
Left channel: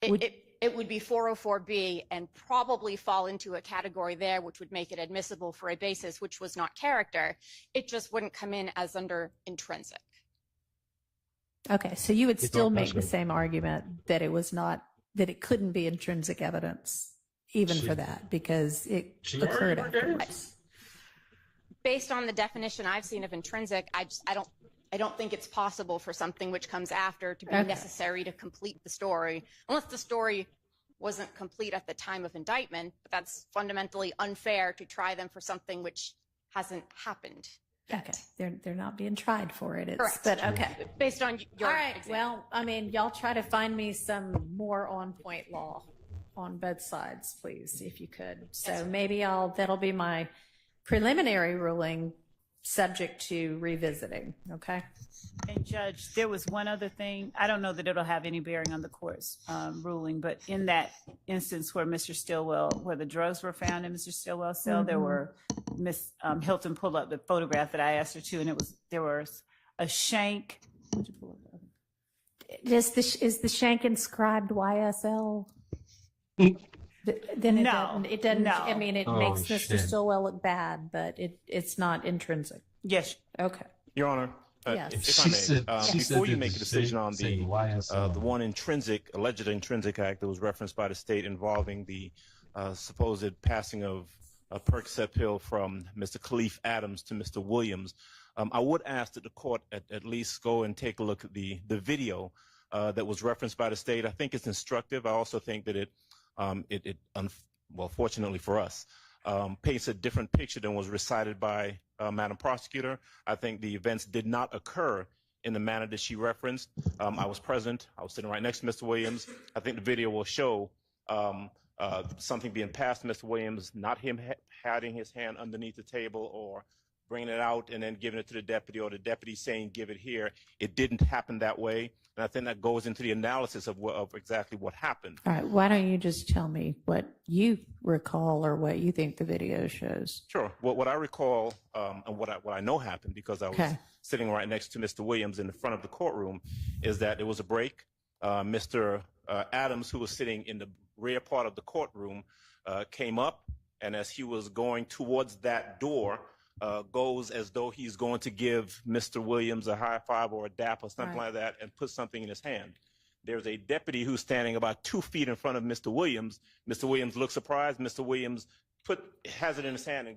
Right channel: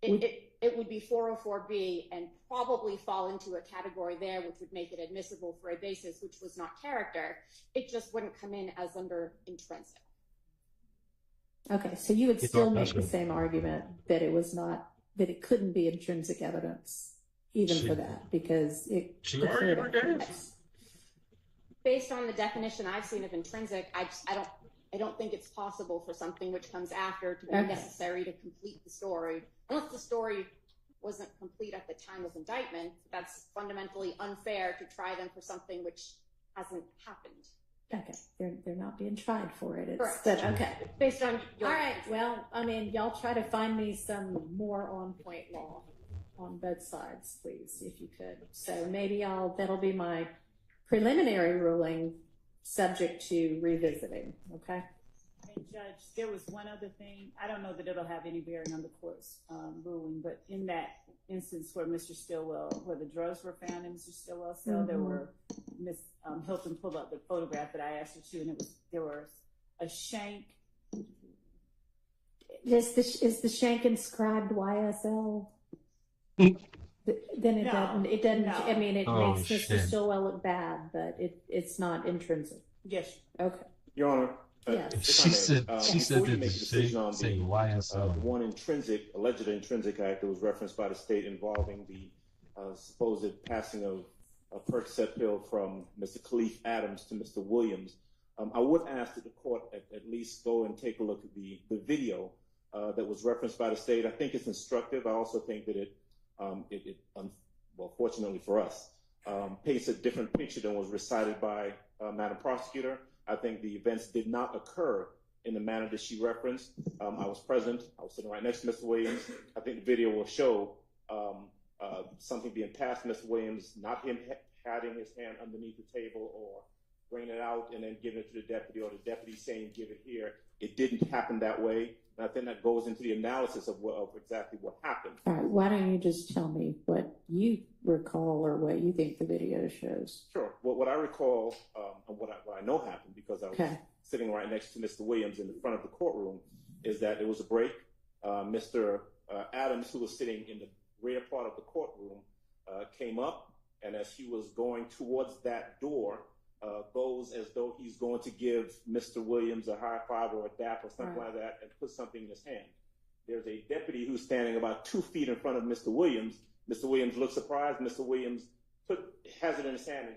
It would be 404B and probably fall into a category there, which would make it admissible for a basis which was not character. It just wouldn't come in as under intrinsic. Okay, so you would still make the same argument that it couldn't be intrinsic evidence, even for that, because it occurred. Based on the definition I've seen of intrinsic, I don't think it's possible for something which comes after to be necessary to complete the story, unless the story wasn't complete at the time of indictment. That's fundamentally unfair to try them for something which hasn't happened. Okay, they're not being tried for it. Correct. But okay, based on your. All right. Well, y'all try to find me some more on point law on both sides, please, if you could. So maybe that'll be my preliminary ruling, subject to revisiting. Okay. And Judge, there was one other thing. I don't know that it'll have any bearing on the court's ruling, but in that instance where where the drugs were found in Mr. Stillwell's cell, there were Miss Hilton pulled up the photograph that I asked her to, and there was a shank. Is the shank inscribed YSL? Then it doesn't. No. I mean, it makes Mr. Stillwell look bad, but it's not intrinsic. Yes. Okay. Your Honor. She said before you make a decision on YSL. the one alleged intrinsic act that was referenced by the state involving the supposed passing of a Percocet pill from Mr. Khalif Adams to Mr. Williams, I would ask that the court at least go and take a look at the video that was referenced by the state. I think it's instructive. I also think that it fortunately for us, paints a different picture than was recited by Madam Prosecutor. I think the events did not occur in the manner that she referenced. I was present. I was sitting right next to Mr. Williams. I think the video will show something being passed to Mr. Williams, not him hiding his hand underneath the table or bringing it out and then giving it to the deputy, or the deputy saying, give it here. It didn't happen that way. And I think that goes into the analysis of exactly what happened. All right. Why don't you just tell me what you recall or what you think the video shows. Sure. Well, what I recall, and what I know happened, because I was sitting right next to Mr. Williams in the front of the courtroom, is that there was a break. Mr. Adams, who was sitting in the rear part of the courtroom, came up, and as he was going towards that door, goes as though he's going to give Mr. Williams a high five or a dap or something like that, and put something in his hand. There's a deputy who's standing about 2 feet in front of Mr. Williams. Mr. Williams looks surprised. Mr. Williams has it in his hand and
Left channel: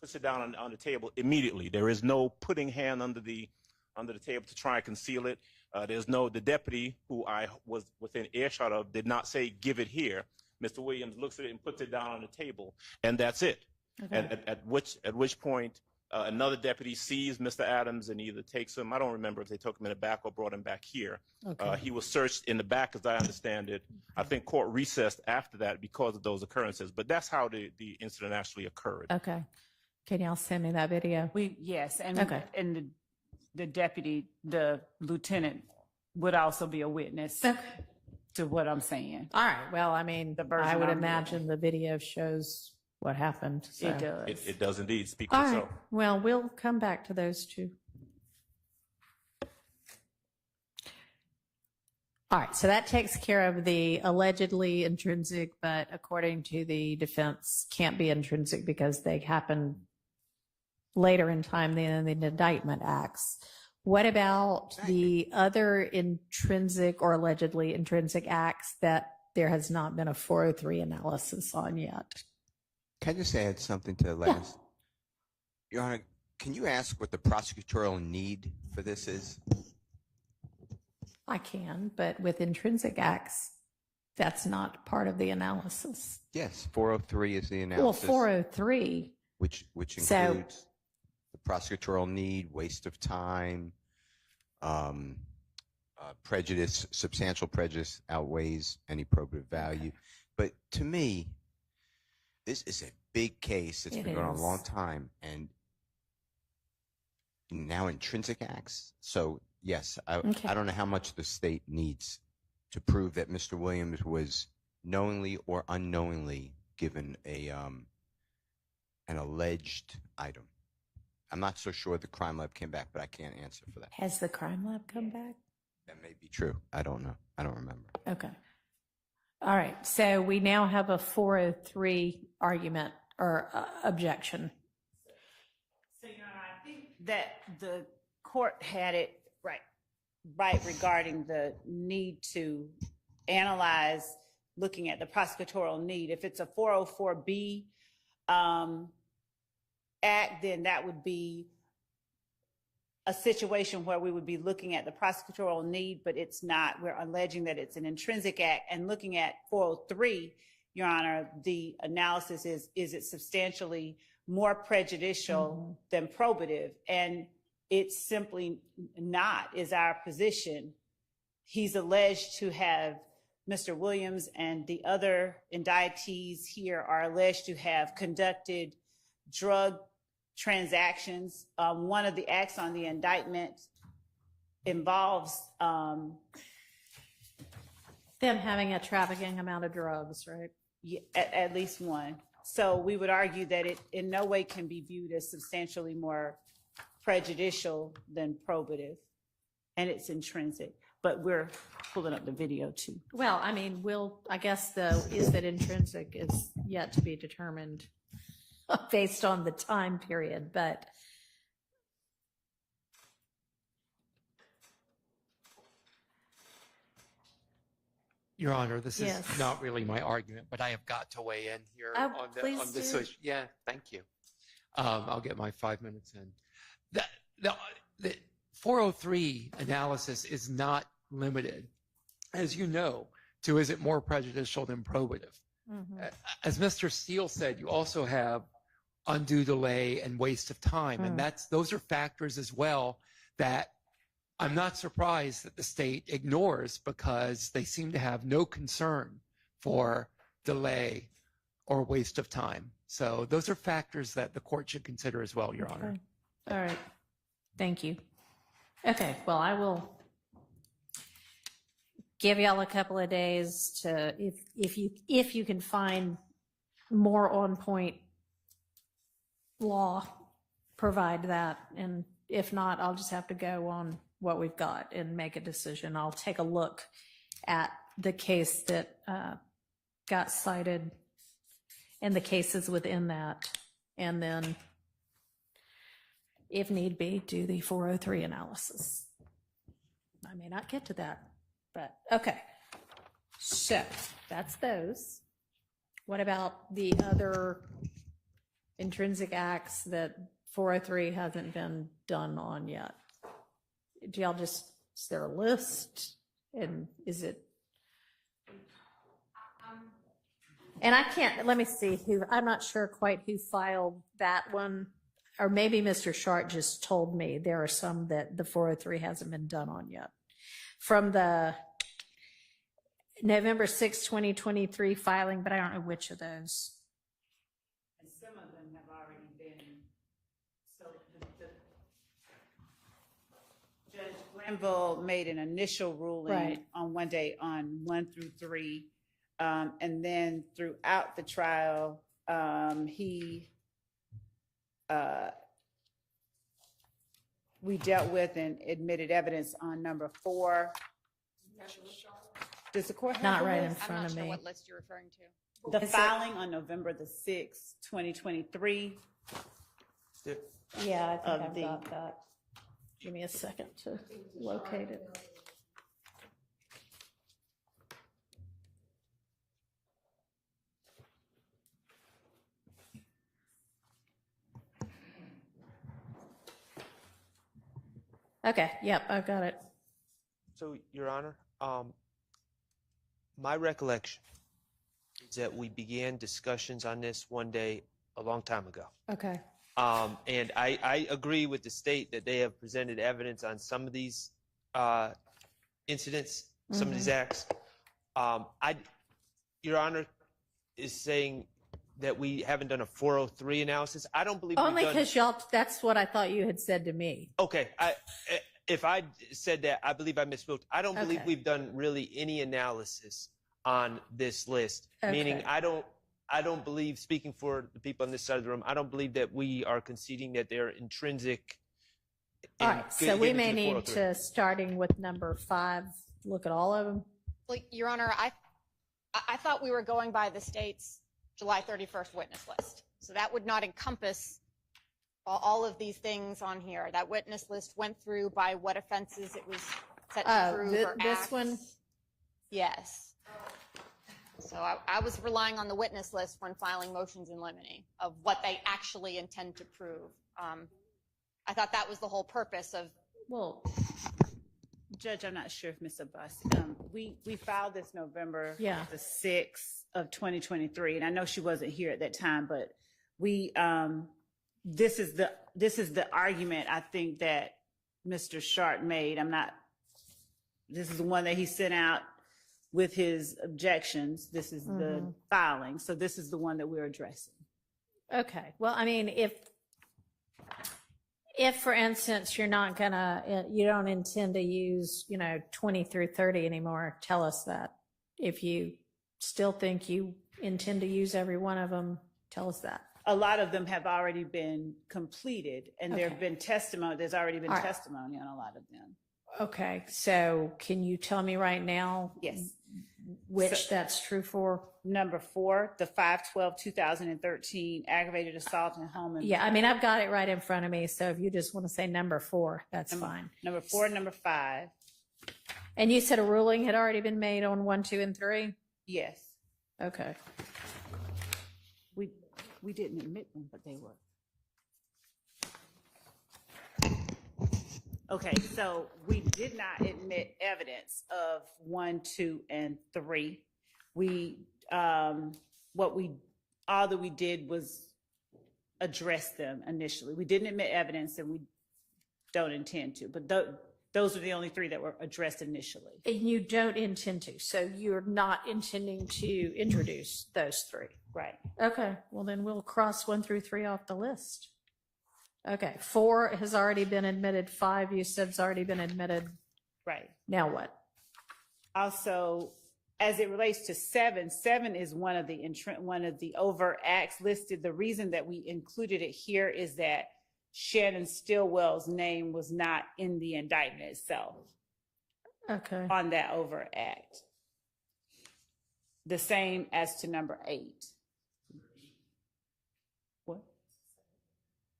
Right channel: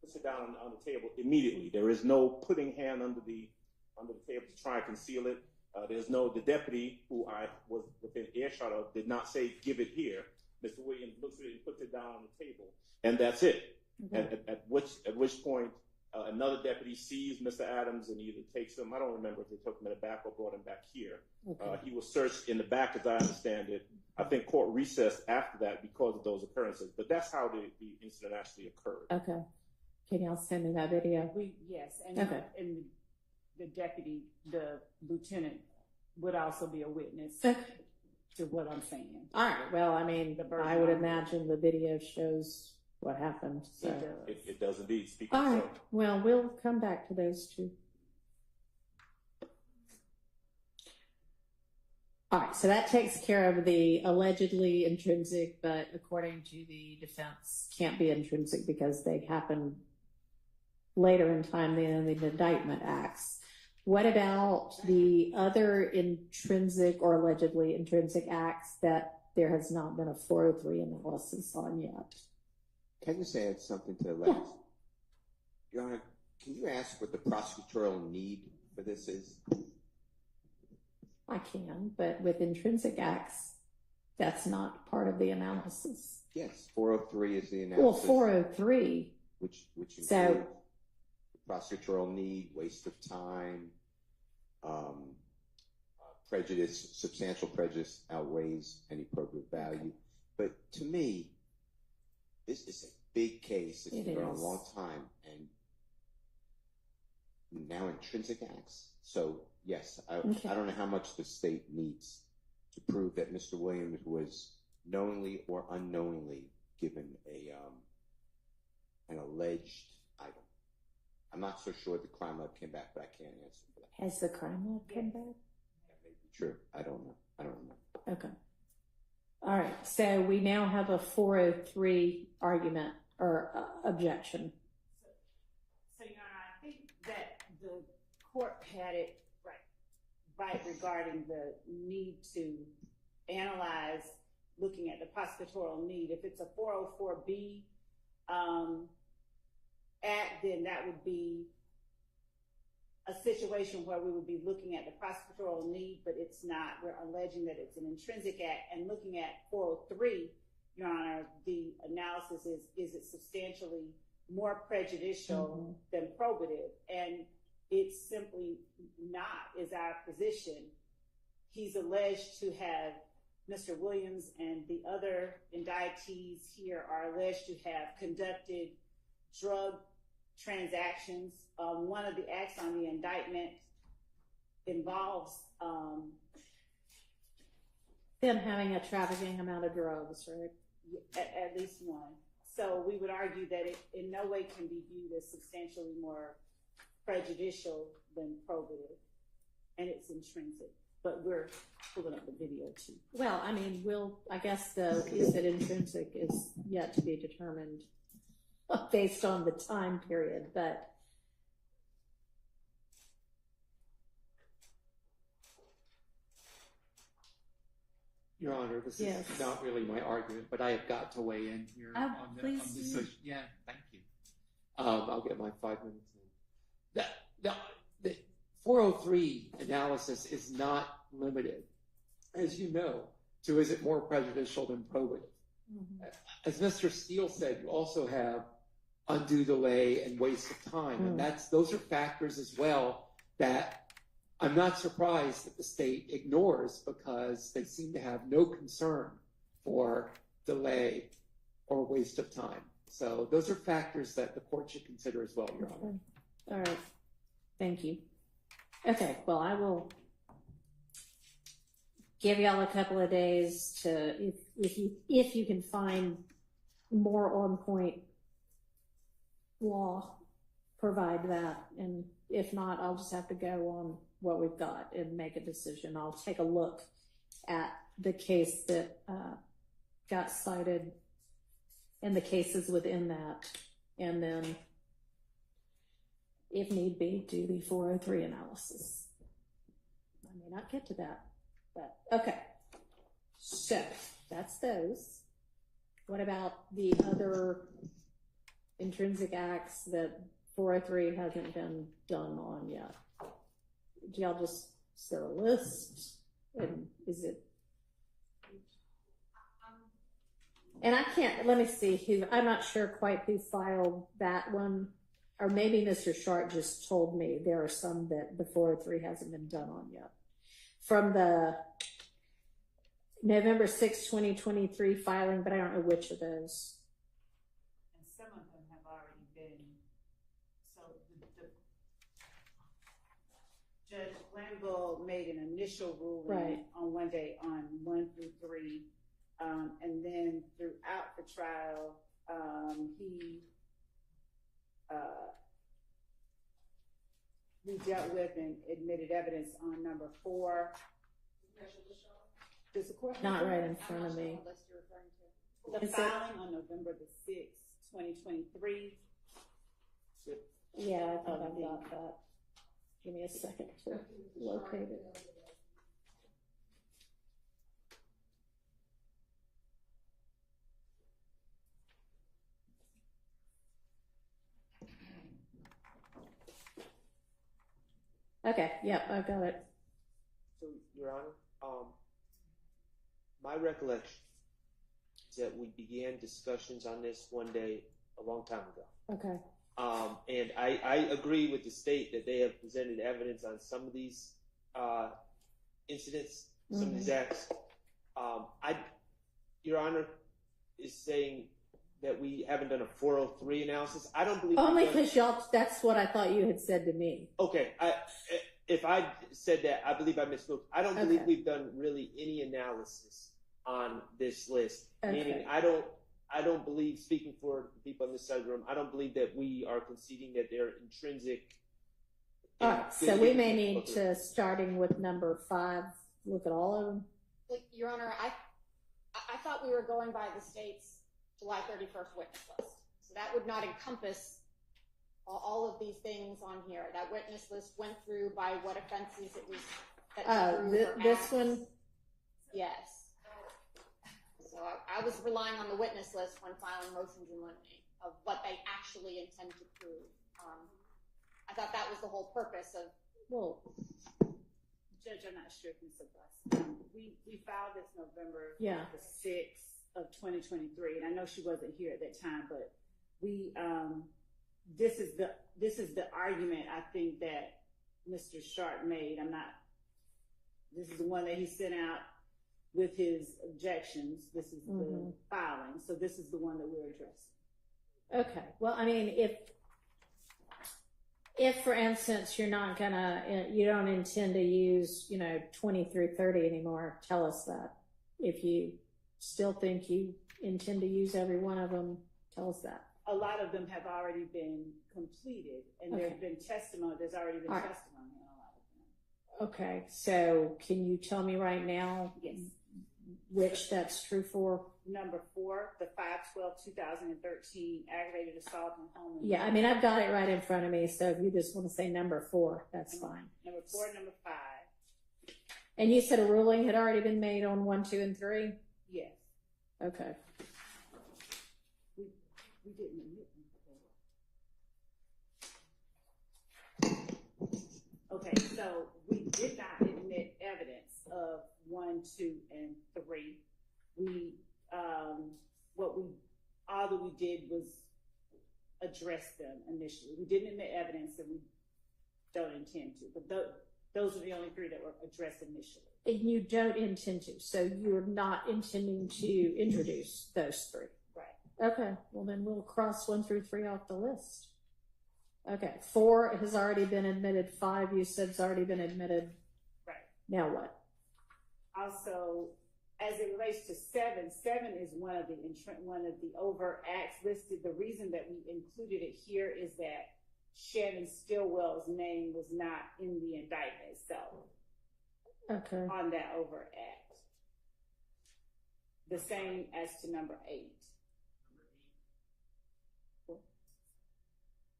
puts it down on the table immediately. There is no putting hand under the table to try and conceal it. The deputy, who I was within earshot of, did not say, give it here. Mr. Williams looks at it and puts it down on the table, and that's it. Okay. And at which point, another deputy sees Mr. Adams and either takes him, I don't remember if they took him in the back or brought him back here. Okay. He was searched in the back, as I understand it. I think court recessed after that because of those occurrences, but that's how the incident actually occurred. Okay. Can y'all send me that video? Yes, and the deputy, the lieutenant, would also be a witness to what I'm saying. All right. Well, I mean, I would imagine the video shows what happened. So. It does. It does indeed speak for itself. itself. Right. Well, we'll come back to those two. All right. So that takes care of the allegedly intrinsic, but according to the defense, can't be intrinsic because they happen later in time than the indictment acts. What about the other intrinsic or allegedly intrinsic acts that there has not been a 403 analysis on yet? Can I just add something to the last? Your Honor, can you ask what the prosecutorial need for this is? I can, but with intrinsic acts, that's not part of the analysis. Yes, 403 is the analysis. Well, 403. Which includes the prosecutorial need, waste of time, prejudice, substantial prejudice outweighs any probative value. But to me, this is a big case. It's been going on a long time. And now intrinsic acts. So, yes, I don't know how much the state needs to prove that Mr. Williams was knowingly or unknowingly given an alleged item. I'm not so sure the crime lab came back, but I can't answer for that. Has the crime lab come back? That may be true. I don't know. I don't remember. Okay. All right. So we now have a 403 argument or objection. So, Your Honor, I think that the court had it right regarding the need to analyze looking at the prosecutorial need. If it's a 404B act, then that would be a situation where we would be looking at the prosecutorial need, but it's not. We're alleging that it's an intrinsic act. And looking at 403, Your Honor, the analysis is it substantially more prejudicial than probative? And it's simply not, is our position. He's alleged to have, Mr. Williams and the other indictees here are alleged to have conducted drug transactions. One of the acts on the indictment involves them having a trafficking amount of drugs, right? Yeah, at least one. So we would argue that it in no way can be viewed as substantially more prejudicial than probative, and it's intrinsic. But we're pulling up the video too. Well, I mean, I guess is that intrinsic is yet to be determined based on the time period, but Your Honor, this is not really my argument, but I have got to weigh in here on this issue. Yeah, thank you. I'll get my 5 minutes in. The 403 analysis is not limited, as you know, to is it more prejudicial than probative. As Mr. Steele said, you also have undue delay and waste of time, and those are factors as well that I'm not surprised that the state ignores, because they seem to have no concern for delay or waste of time. So those are factors that the court should consider as well, Your Honor. All right. Thank you. Okay. Well, I will give y'all a couple of days to, if you can find more on point law provide that, and if not, I'll just have to go on what we've got and make a decision. I'll take a look at the case that got cited and the cases within that, and then, if need be, do the 403 analysis. I may not get to that, but okay. So that's those. What about the other intrinsic acts that 403 hasn't been done on yet? Do y'all just, is there a list? And is it? And I can't, let me see who, I'm not sure quite who filed that one. Or maybe Mr. Sharp just told me there are some that the 403 hasn't been done on yet. From the November 6, 2023 filing, but I don't know which of those. And some of them have already been, so Judge Glanville made an initial ruling on one day on 1 through 3. And then throughout the trial, we dealt with and admitted evidence on number 4. Does the court have Not the right in list? front of me. What list you're referring to? The filing on November the 6th, 2023. Yeah, I think I've got that. Give me a second to locate it. Okay, yep, I've got it. So, Your Honor, my recollection is that we began discussions on this one day a long time ago. Okay. And I agree with the state that they have presented evidence on some of these incidents, some of these acts. Your Honor is saying that we haven't done a 403 analysis. I don't believe only we've done. because y'all. That's what I thought you had said to me. Okay, if I said that, I believe I misspoke. I don't believe we've done really any analysis on this list. Okay. Meaning, I don't believe, speaking for the people on this side of the room, I don't believe that we are conceding that they're intrinsic. All right, so we may need to, starting with number 5, look at all of them. Well, Your Honor, I thought we were going by the state's July 31st witness list. So that would not encompass all of these things on here. That witness list went through by what offenses it was set to prove. This one? Yes. So I was relying on the witness list when filing motions in limine of what they actually intend to prove. I thought that was the whole purpose of. Well, Judge, I'm not sure if Ms. Abbasi, we filed this November the 6th of 2023, and I know she wasn't here at that time, but we this is the argument I think that Mr. Sharp made. This is the one that he sent out with his objections. This is the filing, so this is the one that we're addressing. Okay. Well, I mean, if for instance you don't intend to use 20 through 30 anymore, tell us that. If you still think you intend to use every one of them, tell us that. A lot of them have already been completed, and there have been testimony. There's already been testimony on a lot of them. Okay, so can you tell me right now? Yes. Which that's true for? Number 4, the 5/12/2013 aggravated assault in home. Yeah, I mean, I've got it right in front of me. So if you just want to say number 4, that's fine. Number 4, number 5. And you said a ruling had already been made on 1, 2, and 3? Yes. Okay. We didn't admit them, but they were. Okay, so we did not admit evidence of 1, 2, and 3. All that we did was address them initially. We didn't admit evidence, and we don't intend to. But those are the only 3 that were addressed initially. And you don't intend to, so you're not intending to introduce those 3. Right. Okay. Well, then we'll cross 1 through 3 off the list. Okay. 4 has already been admitted. 5 you said has already been admitted. Right. Now what? Also, as it relates to 7 is one of the overt acts listed. The reason that we included it here is that Shannon Stillwell's name was not in the indictment itself. Okay. On that overt act. The same as to number 8. What?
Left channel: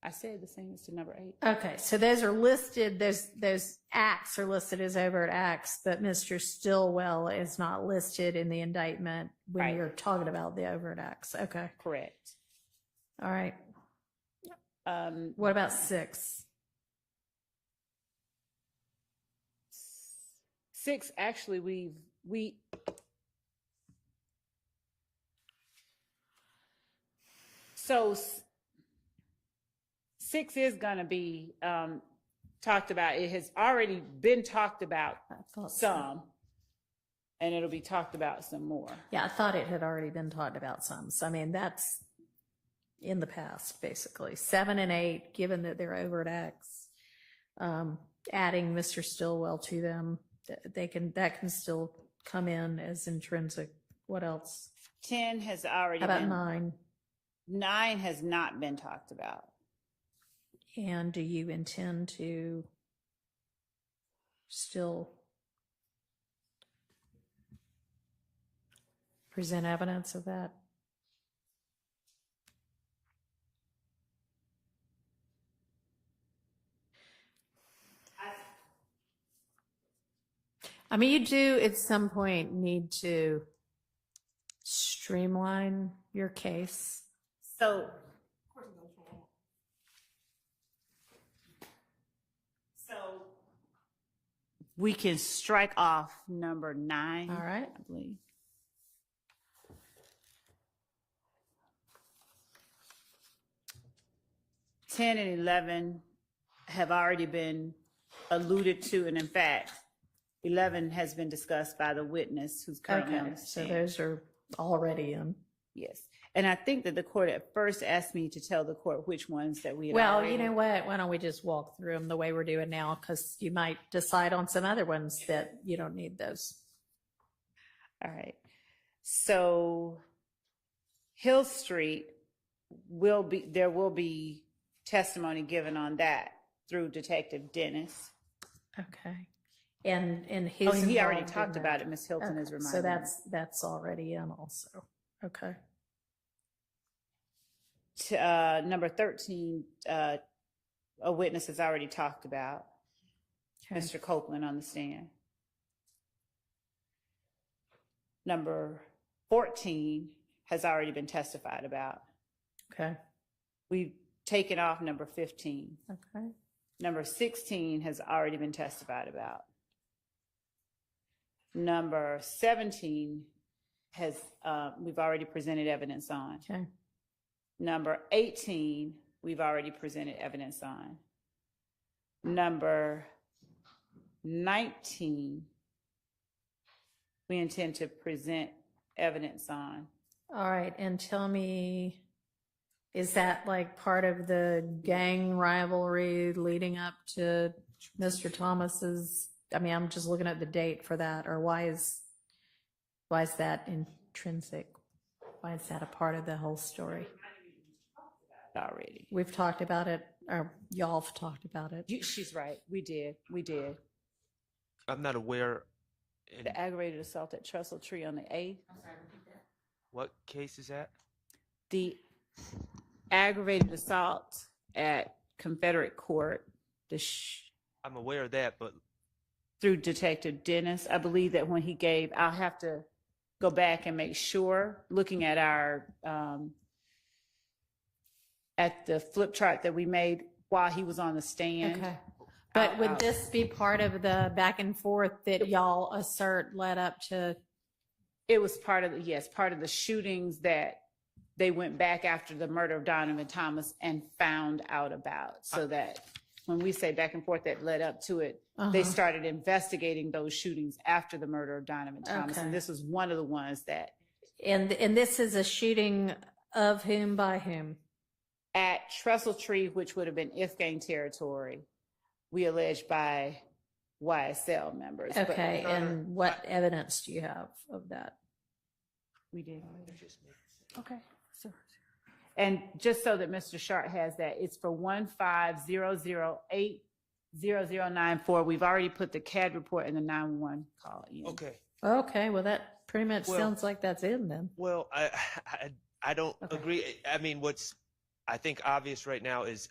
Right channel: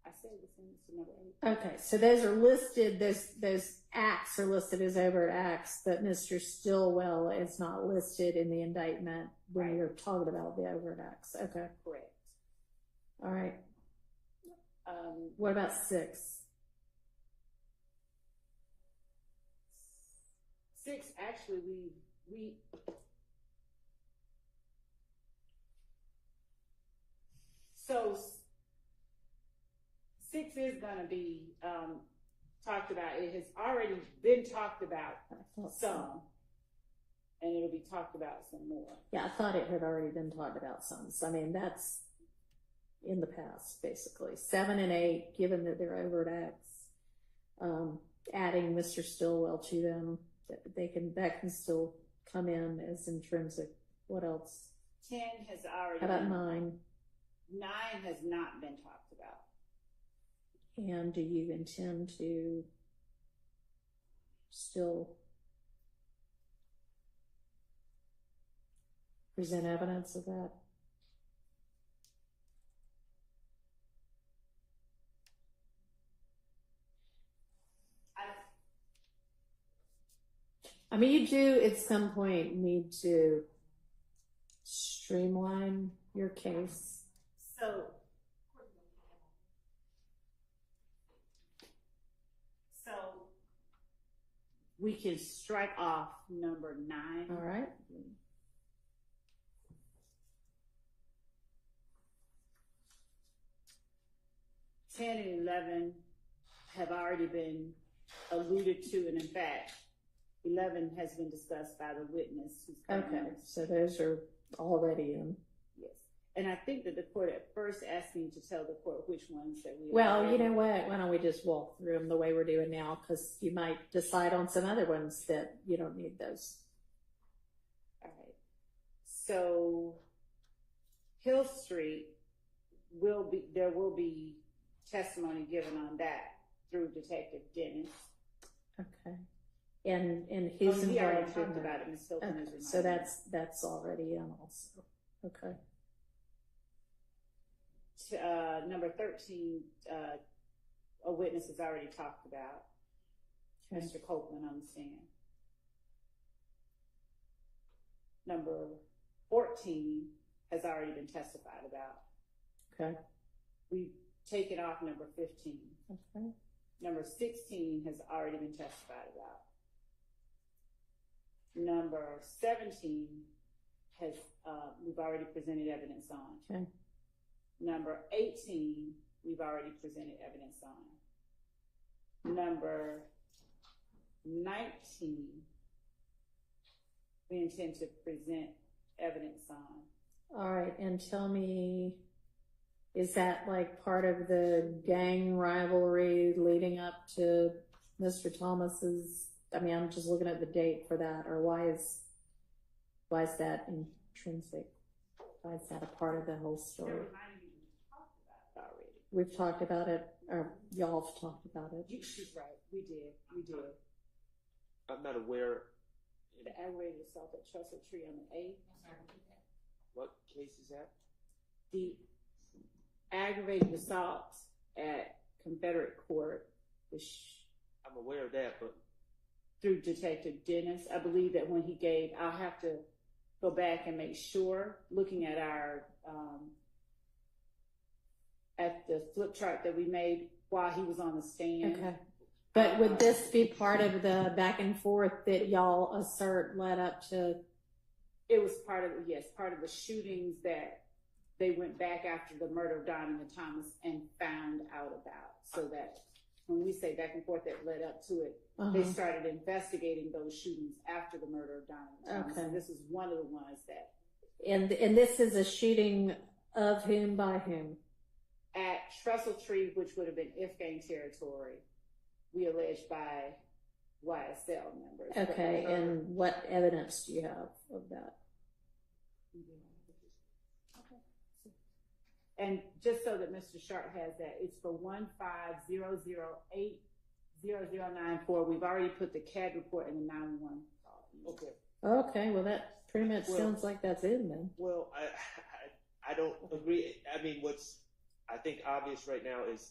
I said the same as to number 8. Okay, so those are listed, those acts are listed as overt acts, but Mr. Stillwell is not listed in the indictment when Right. you're talking about the overt acts. Okay. Correct. All right. What about 6? 6, actually, we so 6 is going to be talked about. It has already been talked about some, and it'll be talked about some more. Yeah, I thought it had already been talked about some. So, I mean, that's in the past, basically. 7 and 8, given that they're overt acts, adding Mr. Stillwell to them, that can still come in as intrinsic. What else? 10 has already How about been. 9? 9 has not been talked about. And do you intend to still present evidence of that? I mean, you do at some point need to streamline your case. So we can strike off number 9. All right. I believe. Ten and 11 have already been alluded to, and in fact, 11 has been discussed by the witness who's currently on the So stand. those are already in. Yes. And I think that the court at first asked me to tell the court which ones that we had Well, already. you know what? Why don't we just walk through them the way we're doing now? Because you might decide on some other ones that you don't need those. All right. So Hill Street there will be testimony given on that through Detective Dennis. Okay. And his he already involved in talked that. about it. Miss Hilton has reminded So me. that's already in also. Okay. Number 13, a witness has already talked about. Okay. Mr. Copeland on the stand. Number 14 has already been testified about. Okay. We've taken off number 15. Okay. Number 16 has already been testified about. Number 17 has we've already presented evidence on. Okay. Number 18, we've already presented evidence on. Number 19, we intend to present evidence on. All right. And tell me, is that like part of the gang rivalry leading up to Mr. Thomas's? I mean, I'm just looking at the date for that, or why is that intrinsic? Why is that a part of the whole story? Already. We've talked about it, or y'all have talked about it. She's right. We did. I'm not aware. The aggravated assault at Trestle Tree on the 8th. What case is that? The aggravated assault at Confederate Court. I'm aware of that, but through Detective Dennis, I believe that when he gave, I'll have to go back and make sure, looking at our at the flip chart that we made while he was on the stand. Okay. But would this be part of the back and forth that y'all assert led up to? It was part of the shootings that they went back after the murder of Donovan Thomas and found out about. So that when we say back and forth that led up to it, they started investigating those shootings after the murder of Donovan Thomas. Okay. And this was one of the ones that. And this is a shooting of whom by whom? At Trestle Tree, which would have been If gang territory, we allege by YSL members. Okay, and what evidence do you have of that? We did. Okay. So, and just so that Mr. Sharp has that, it's for 150080094. We've already put the CAD report and the 911 call in. Okay. Okay, well, that pretty much sounds like that's in then. Well, I don't agree. I mean, what's I think obvious right now is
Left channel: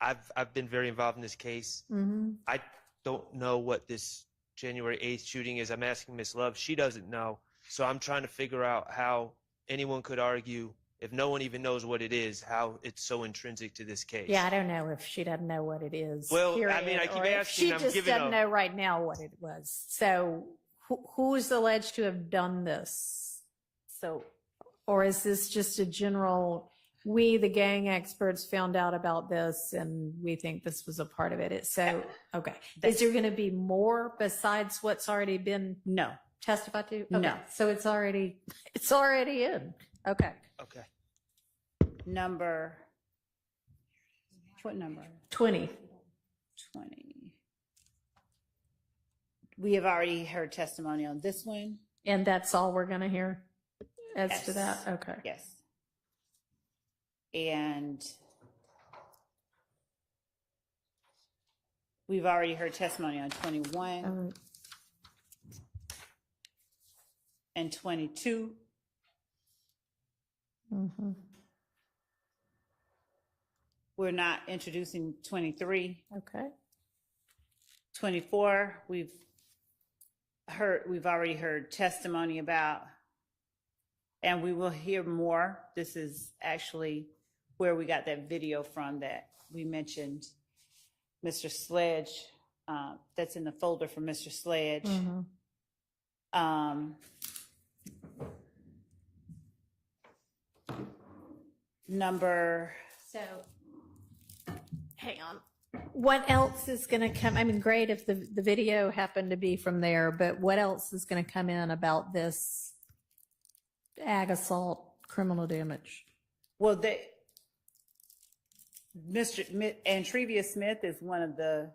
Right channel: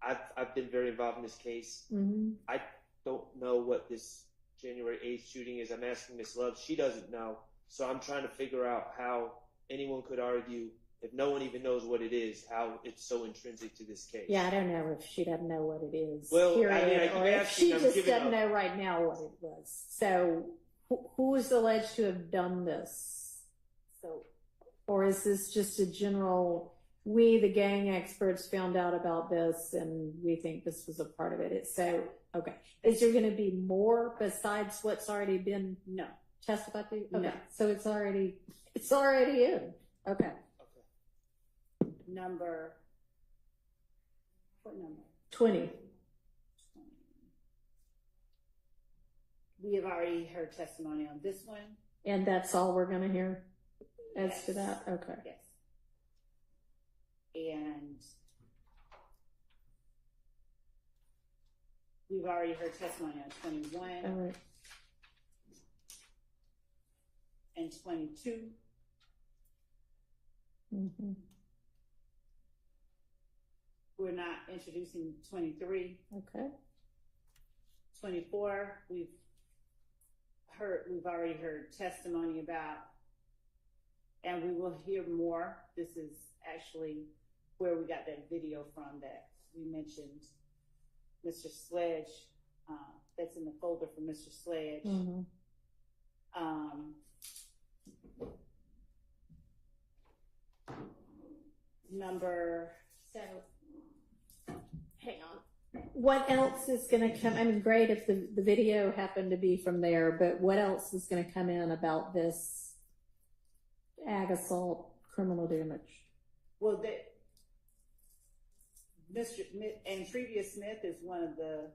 I've been very involved in this case. Mm-hmm. I don't know what this January 8th shooting is. I'm asking Miss Love. She doesn't know. So I'm trying to figure out how anyone could argue, if no one even knows what it is, how it's so intrinsic to this case. Yeah, I don't know if she doesn't know what it is. Well, period, I mean, I keep or if asking, she I'm just giving doesn't know right now what it was. So who is alleged to have done this? So, or is this just a general, we, the gang experts, found out about this and we think this was a part of it? Okay. Is there going to be more besides what's already been testified to? Okay. No. So it's already in. Okay. Okay. What number? 20. We have already heard testimony on this one. And that's all we're going to hear as to that? Okay. Yes. And we've already heard testimony on 21 All right. and 22. Mm-hmm. We're not introducing 23. Okay. 24, we've already heard testimony about, and we will hear more. This is actually where we got that video from that we mentioned. Mr. Sledge, that's in the folder for Mr. Sledge. Mm-hmm. So, hang on. What else is going to come? I mean, great if the video happened to be from there, but what else is going to come in about this ag assault criminal damage? Well, Antrevia Smith is one of the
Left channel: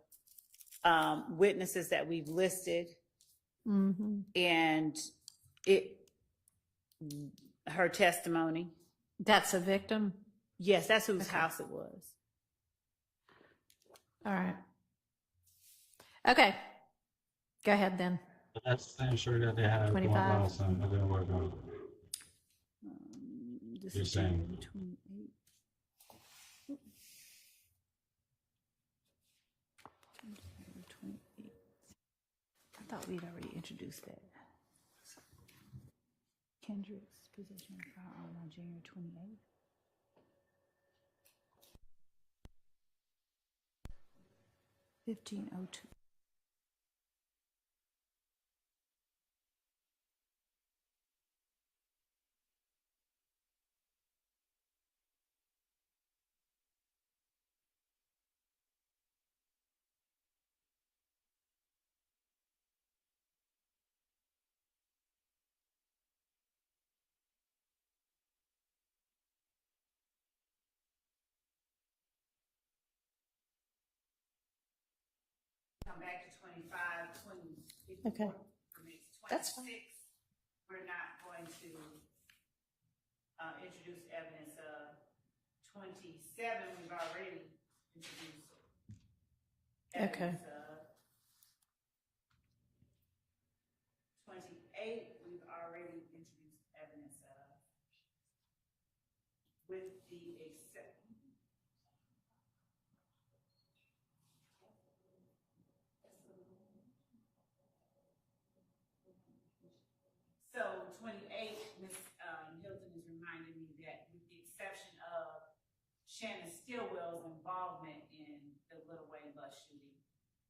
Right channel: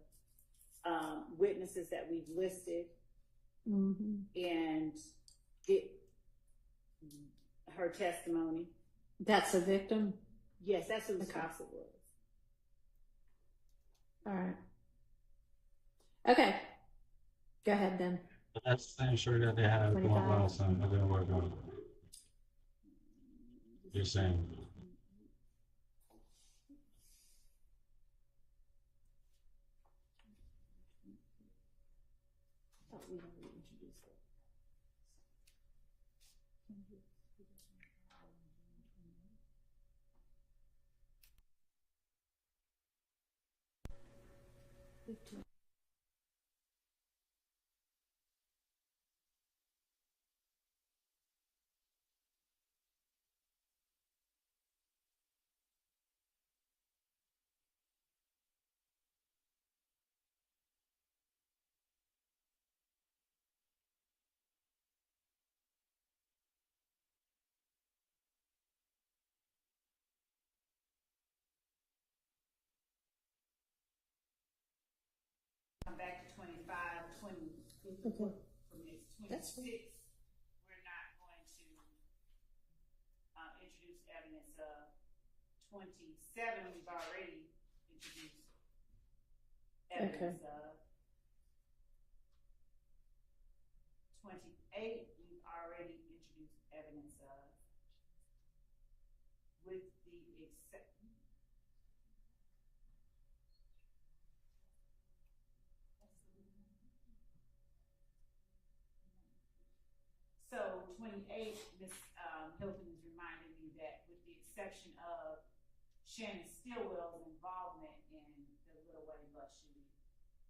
witnesses that we've listed, and her testimony. That's a victim? Yes, that's whose house it was. All right. Okay. Go ahead then. That's the same shirt that they had going last time. It didn't work out. You're saying. I thought we'd already introduced that. Kendrick's possession of firearm on January 28th. 1502. Back to 25, 24. Okay. That's fine. We're not going to introduce evidence of 27. We've already introduced evidence of 28. We've already introduced evidence of, with the exception. So 28, Ms. Hilton is reminding me that with the exception of Shannon Stillwell's involvement in the Little Wayne bus shooting,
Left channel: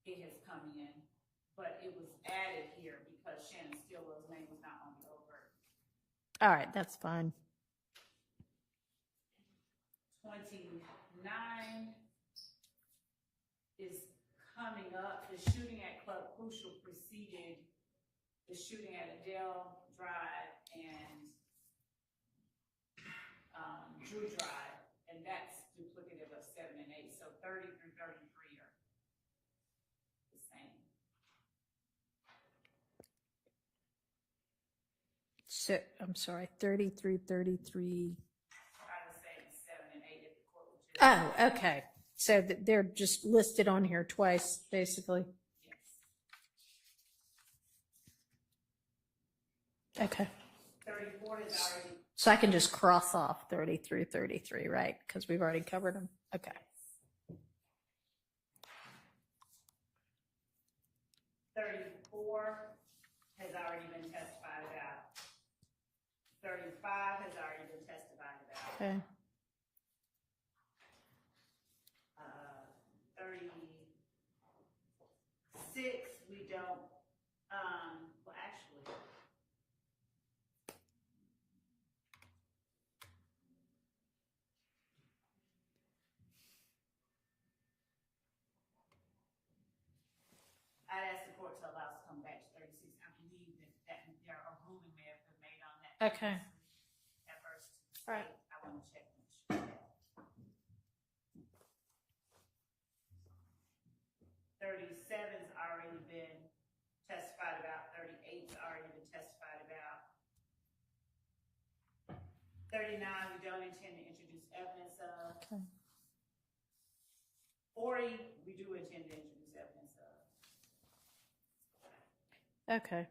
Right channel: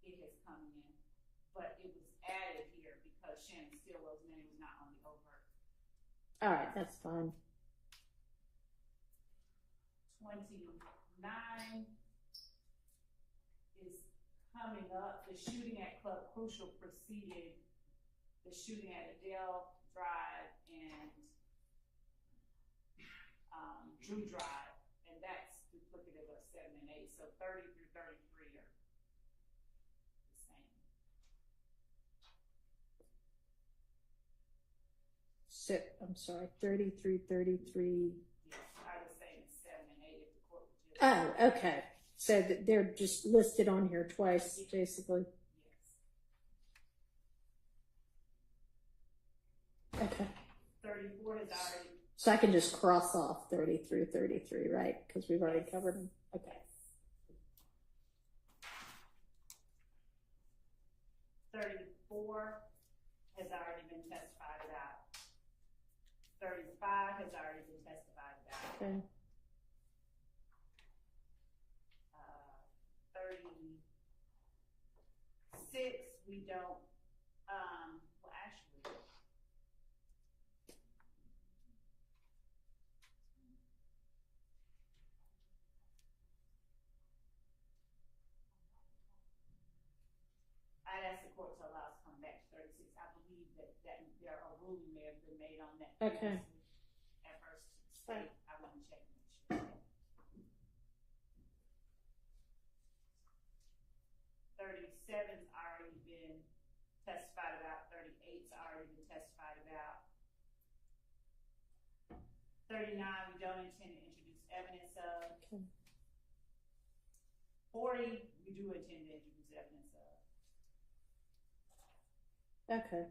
it has come in, but it was added here because Shannon Stillwell's name was not on the overt. All right, that's fine. 29 is coming up. The shooting at Club Crucial preceded the shooting at Adele Drive and Drew Drive, and that's duplicative of 7 and 8. So 30 through 33 are the same. So, I'm sorry, 33, 33. I was saying 7 and 8 if the court was just. Oh, okay. So they're just listed on here twice, basically. Okay. 34 is already. So I can just cross off 33, 33, right? Because we've already covered them. Okay. 34 has already been testified about. 35 has already been testified about. Okay. 36, we don't, well, actually, I asked the court to allow us to come back to 36. I believe that there are ruling may have been made on that. Okay. At first, All right. I want to check and make sure. 37's already been testified about. 38's already been testified about. 39, we don't intend to introduce evidence of. Okay. 40, we do intend to introduce evidence of. Okay.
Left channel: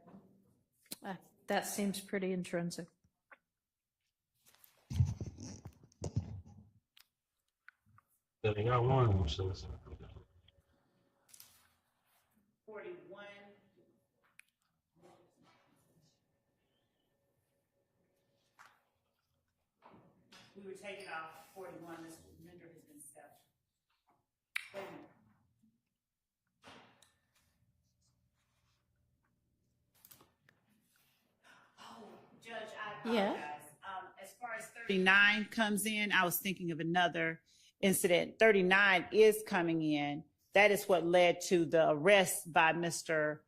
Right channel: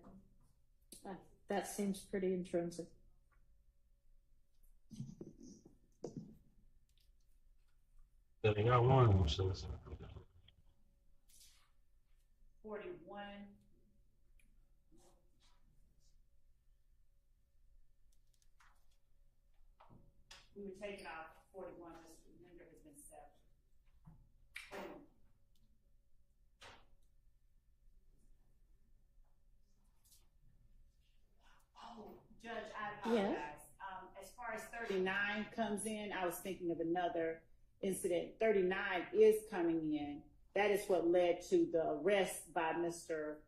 That seems pretty intrinsic. Then they got one of them, so it's 41. We were taking off 41. This render has been set. Wait a minute. Oh, Judge, I apologize. As far as 39 comes in, I was thinking of another incident. 39 is coming in. That is what led to the arrest by Mr.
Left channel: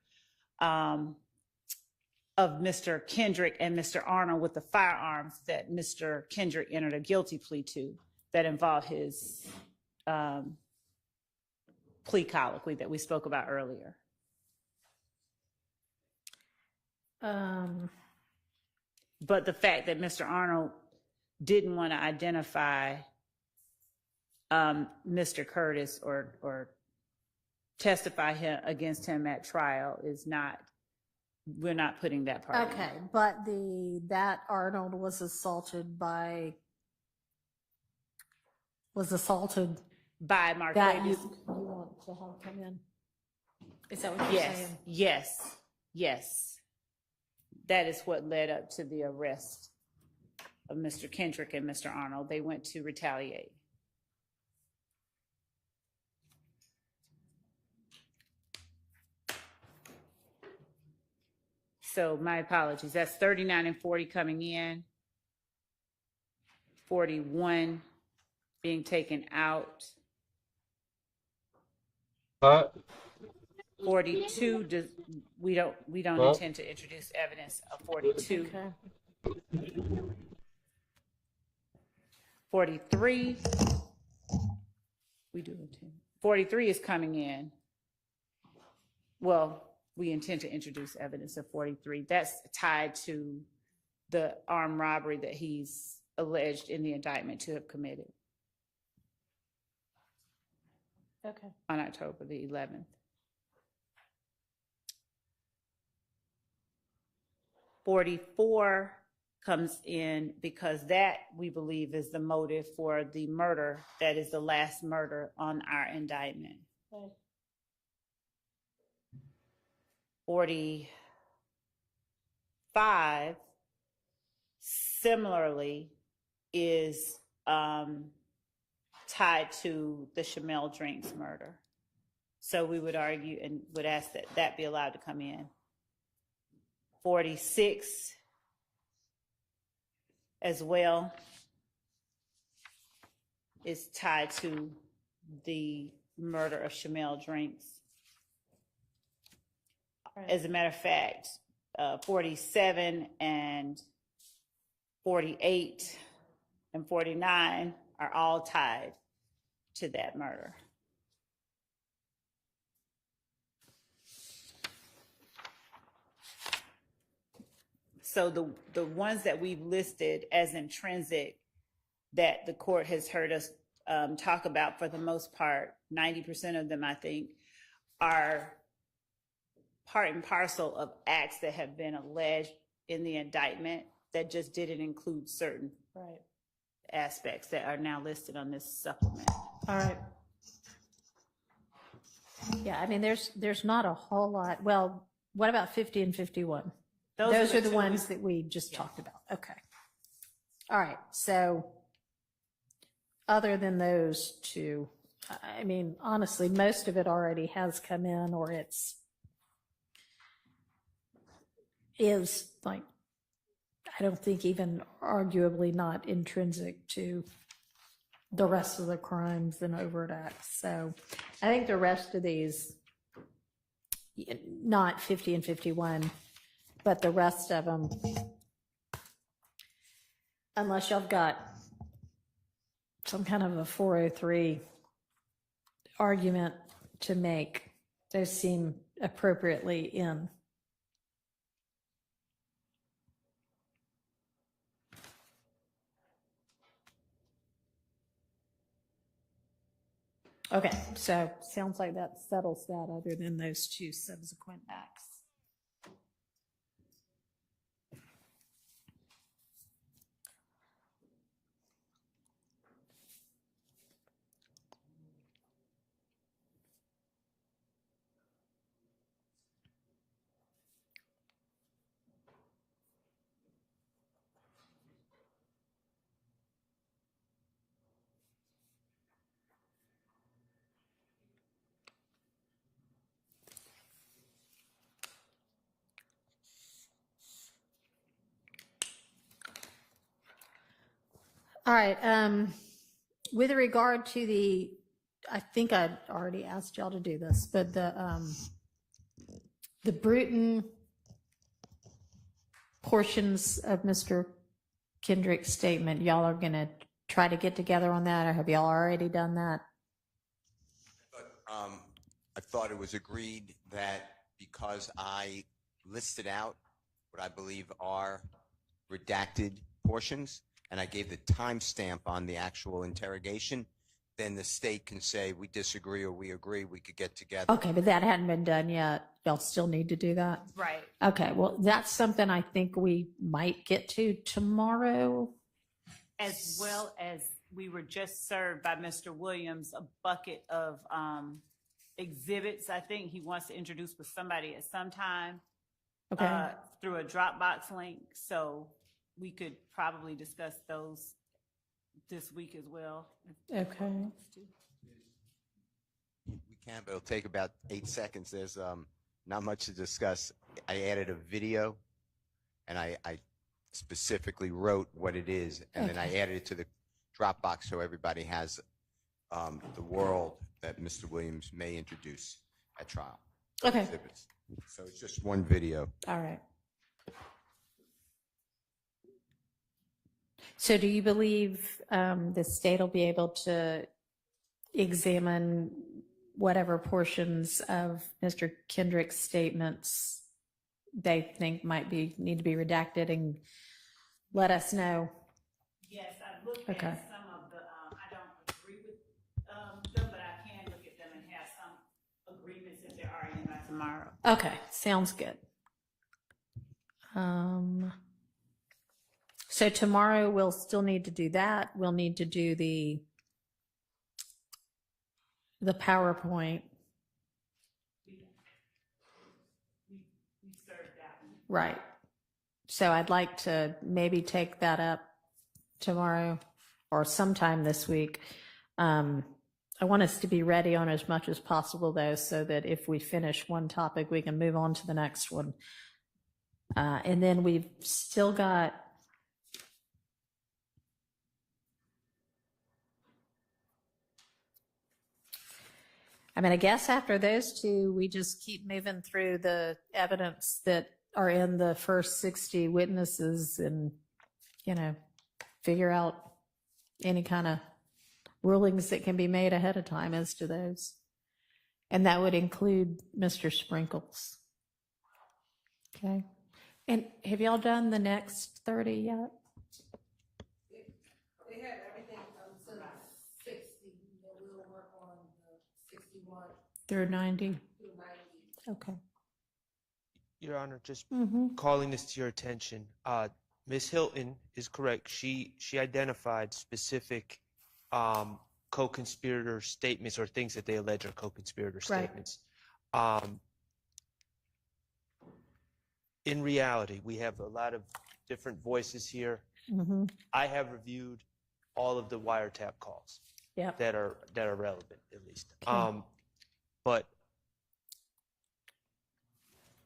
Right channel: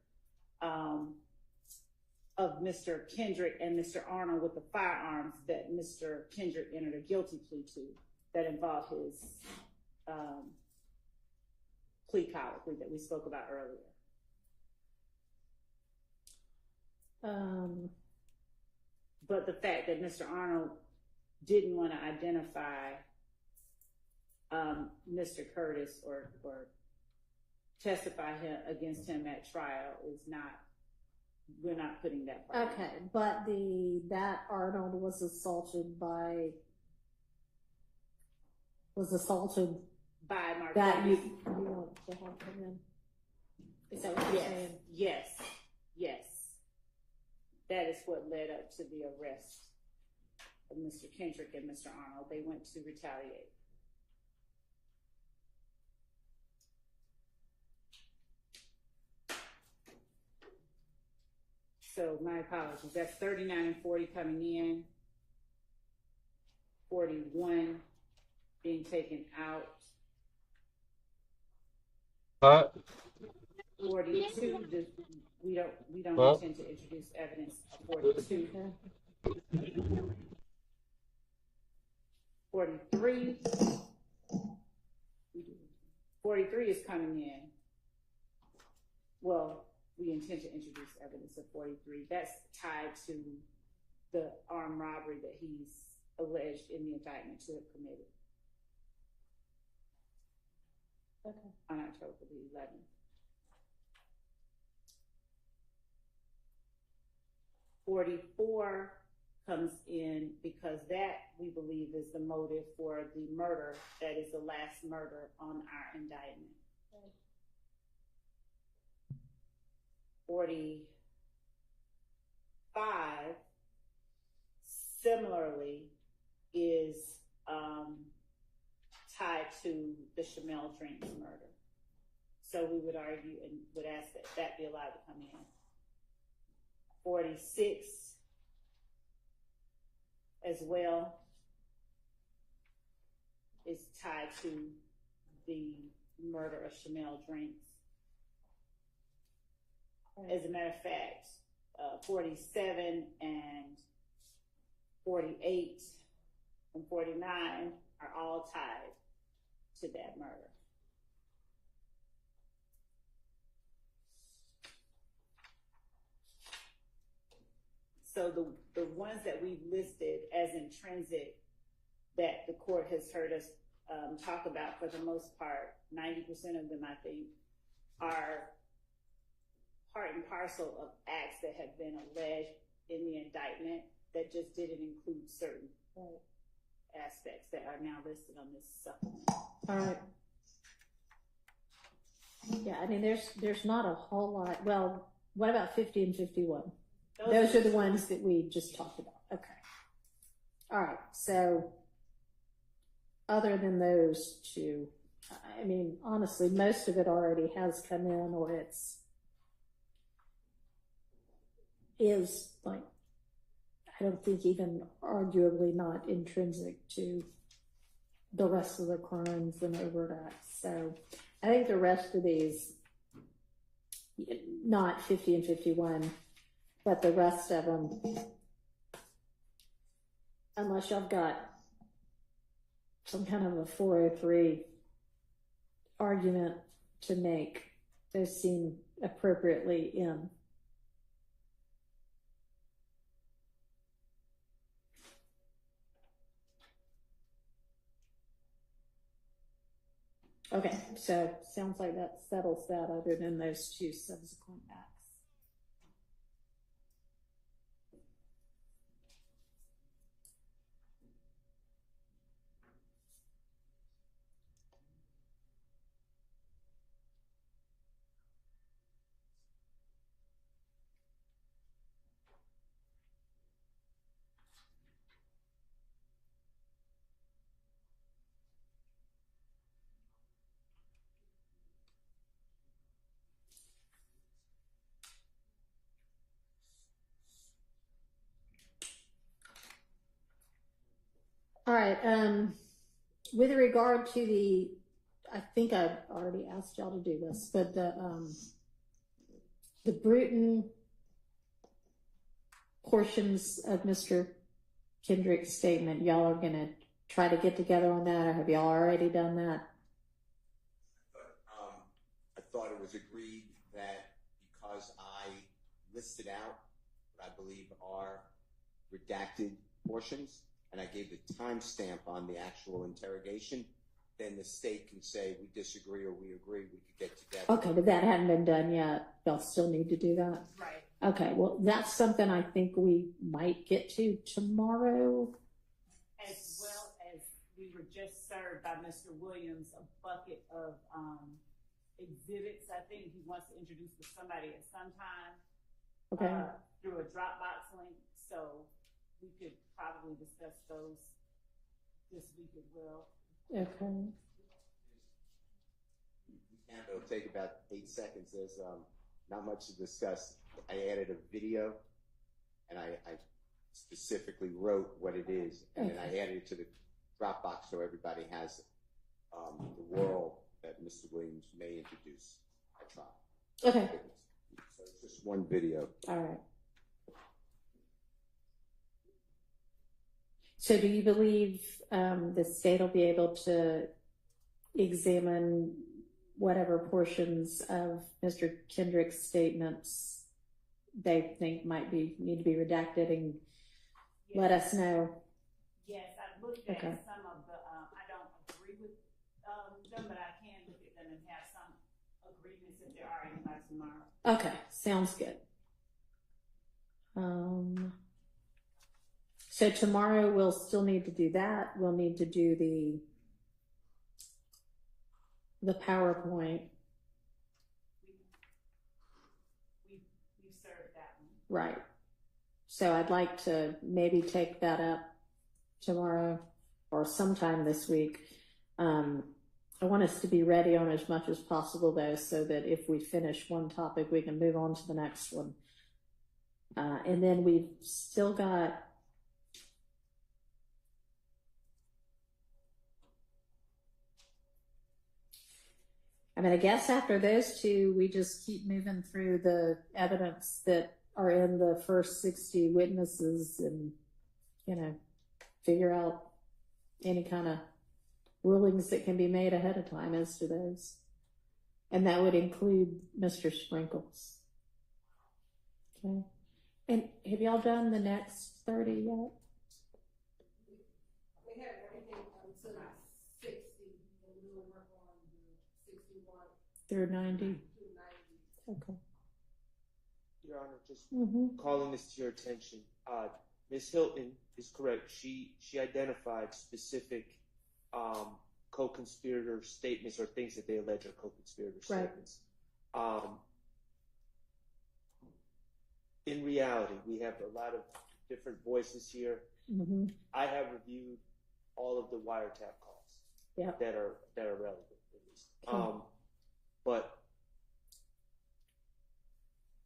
Kendrick and Mr. Arnold with the firearms that Mr. Kendrick entered a guilty plea to that involved his plea colloquy that we spoke about earlier. But the fact that Mr. Arnold didn't want to identify Mr. Curtis or testify against him at trial is not, we're not putting that part in. Okay, but that Arnold was assaulted by Mark that Davis. you want to have come in. Is that what you're saying? Yes. That is what led up to the arrest of Mr. Kendrick and Mr. Arnold. They went to retaliate. So my apologies. That's 39 and 40 coming in. 41 being taken out. 42, we don't intend to introduce evidence of 42. 43, we do intend. 43 is coming in. Well, we intend to introduce evidence of 43. That's tied to the armed robbery that he's alleged in the indictment to have committed. Okay. On October the 11th. 44 comes in because that, we believe, is the motive for the murder. That is the last murder on our indictment. Okay. 45, similarly, is tied to the Shamel Drinks murder. So we would argue and would ask that that be allowed to come in. 46 as well is tied to the murder of Shamel Drinks. As a matter of fact, 47 and 48 and 49 are all tied to that murder. So the ones that we've listed as intrinsic that the court has heard us talk about, for the most part, 90% of them, I think, are part and parcel of acts that have been alleged in the indictment that just didn't include certain aspects that are now listed on this supplement. All right. Yeah, I mean, there's not a whole lot. Well, what about 50 and 51? Those are the ones that we just talked about. Okay. All right. So other than those two, I mean, honestly, most of it already has come in, or is like, I don't think even arguably not intrinsic to the rest of the crimes and overt acts. So I think the rest of these, not 50 and 51, but the rest of them, unless y'all got some kind of a 403 argument to make, those seem appropriately in. Okay, so sounds like that settles that, other than those two subsequent acts. All right, with regard to I think I already asked y'all to do this, but the Bruton portions of Mr. Kendrick's statement, y'all are gonna try to get together on that, or have y'all already done that? I thought it was agreed that because I listed out what I believe are redacted portions, and I gave the timestamp on the actual interrogation, then the state can say we disagree or we agree, we could get together. Okay, but that hadn't been done yet. Y'all still need to do that? Right. Okay, well, that's something I think we might get to tomorrow. As well as we were just served by Mr. Williams a bucket of exhibits. I think he wants to introduce with somebody at some time through a Dropbox link. So we could probably discuss those this week as well. Okay. We can, but it'll take about 8 seconds. There's not much to discuss. I added a video, and I specifically wrote what it is, and then I added it to the Dropbox so everybody has the world that Mr. Williams may introduce at trial. Okay. Exhibits. So it's just one video. All right. So do you believe the state will be able to examine whatever portions of Mr. Kendrick's statements they think need to be redacted and let us know? Yes, I looked at some of the, I don't agree with them, but I can look at them and have some agreements if they're already in by tomorrow. Okay, sounds good. So tomorrow we'll still need to do that. We'll need to do the PowerPoint. We served that one. Right. So I'd like to maybe take that up tomorrow or sometime this week. I want us to be ready on as much as possible, though, so that if we finish one topic, we can move on to the next one. And then we've still got I guess after those two, we just keep moving through the evidence that are in the first 60 witnesses and, figure out any kind of rulings that can be made ahead of time as to those. And that would include Mr. Sprinkles. Okay. And have y'all done the next 30 yet? They have everything up to 60, and we'll work on the 61 Through 90? through 90. Okay. Your Honor, just Mhm. calling this to your attention. Ms. Hilton is correct. She identified specific co-conspirator statements or things that they allege are co-conspirator Right. statements. In reality, we have a lot of different voices here. Mhm. I have reviewed all of the wiretap calls Yep. that are relevant, at least. Okay. But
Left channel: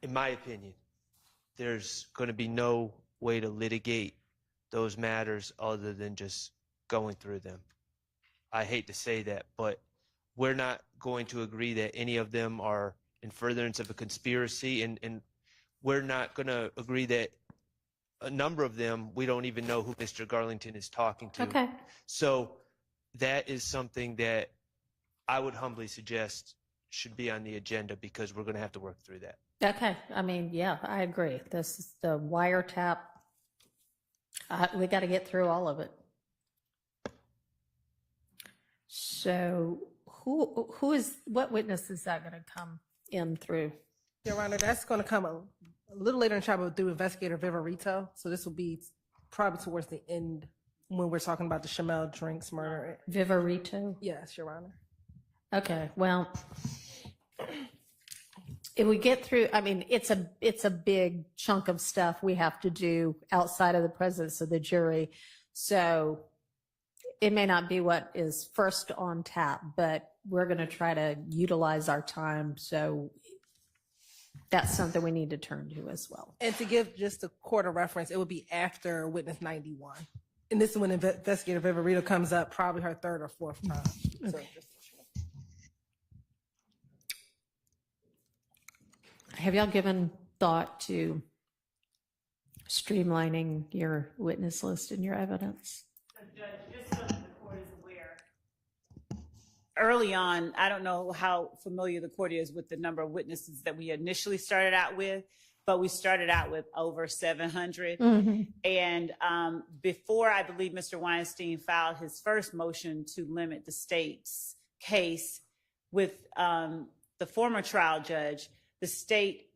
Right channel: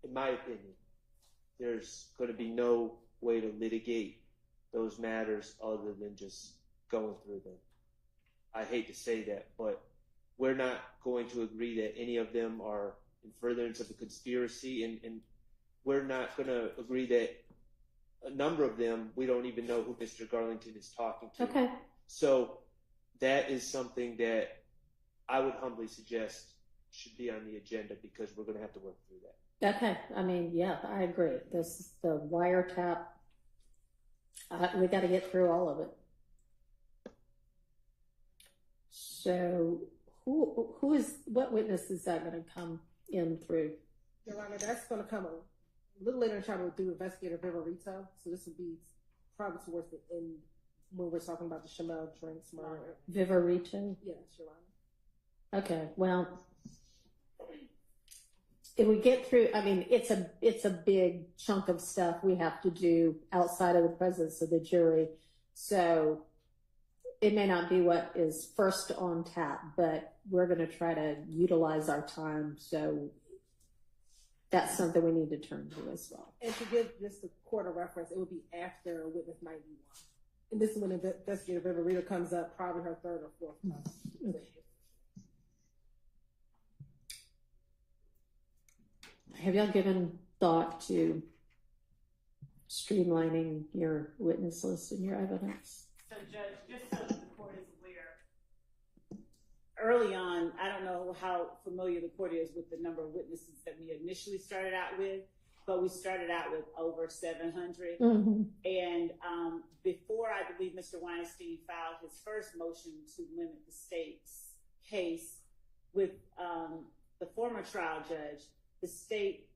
in my opinion, there's going to be no way to litigate those matters other than just going through them. I hate to say that, but we're not going to agree that any of them are in furtherance of a conspiracy, and we're not going to agree that a number of them, we don't even know who Mr. Garlington is talking to. Okay. So that is something that I would humbly suggest should be on the agenda, because we're going to have to work through that. Okay. I mean, yeah, I agree. This is the wiretap. We got to get through all of it. So what witness is that going to come in through? Your Honor, that's going to come a little later in the trial, but through Investigator Viverito. So this will be probably towards the end when we're talking about the Chamel Drinks murder. Viverito? Yes, Your Honor. Okay, well, if we get through, I mean, it's a big chunk of stuff we have to do outside of the presence of the jury. So it may not be what is first on tap, but we're going to try to utilize our time. So that's something we need to turn to as well. And to give just a court of reference, it would be after witness 91. And this is when Investigator Viverito comes up, probably her third or fourth time. So Have y'all given thought to streamlining your witness list and your evidence? So, Judge, just so that the court is aware, early on, I don't know how familiar the court is with the number of witnesses that we initially started out with, but we started out with over 700. Mhm. And before, I believe, Mr. Weinstein filed his first motion to limit the state's case with the former trial judge, the state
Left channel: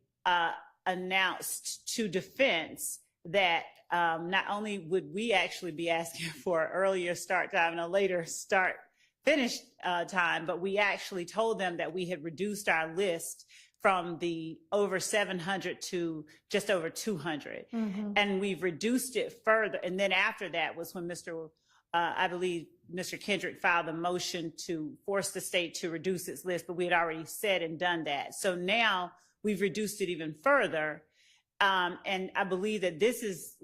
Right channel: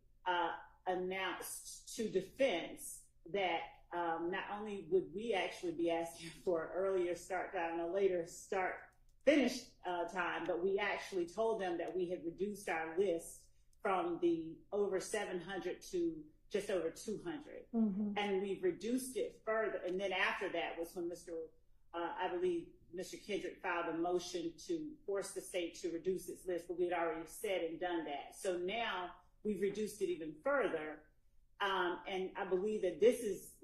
announced to defense that not only would we actually be asking for an earlier start time and a later finish time, but we actually told them that we had reduced our list from the over 700 to just over 200. Mhm. And we've reduced it further. And then after that was when I believe Mr. Kendrick filed a motion to force the state to reduce its list, but we had already said and done that. So now we've reduced it even further. And I believe that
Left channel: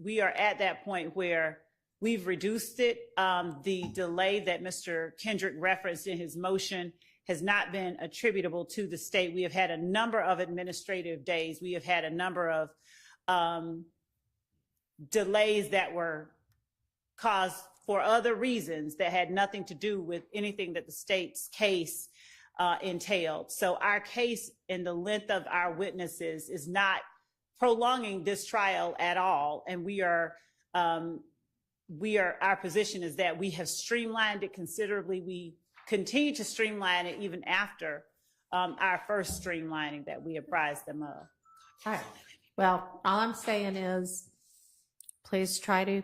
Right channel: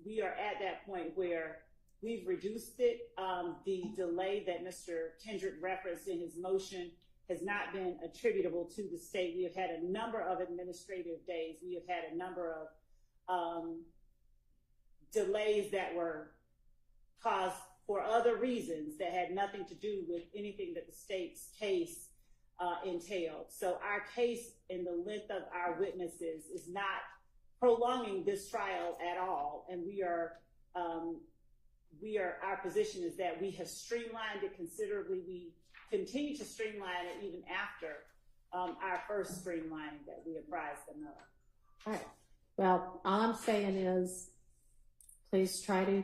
we are at that point where we've reduced it. The delay that Mr. Kendrick referenced in his motion has not been attributable to the state. We have had a number of administrative days. We have had a number of delays that were caused for other reasons that had nothing to do with anything that the state's case entailed. So our case and the length of our witnesses is not prolonging this trial at all. And our position is that we have streamlined it considerably. We continue to streamline it even after our first streamlining that we apprised them of. All right. Well, all I'm saying is please try to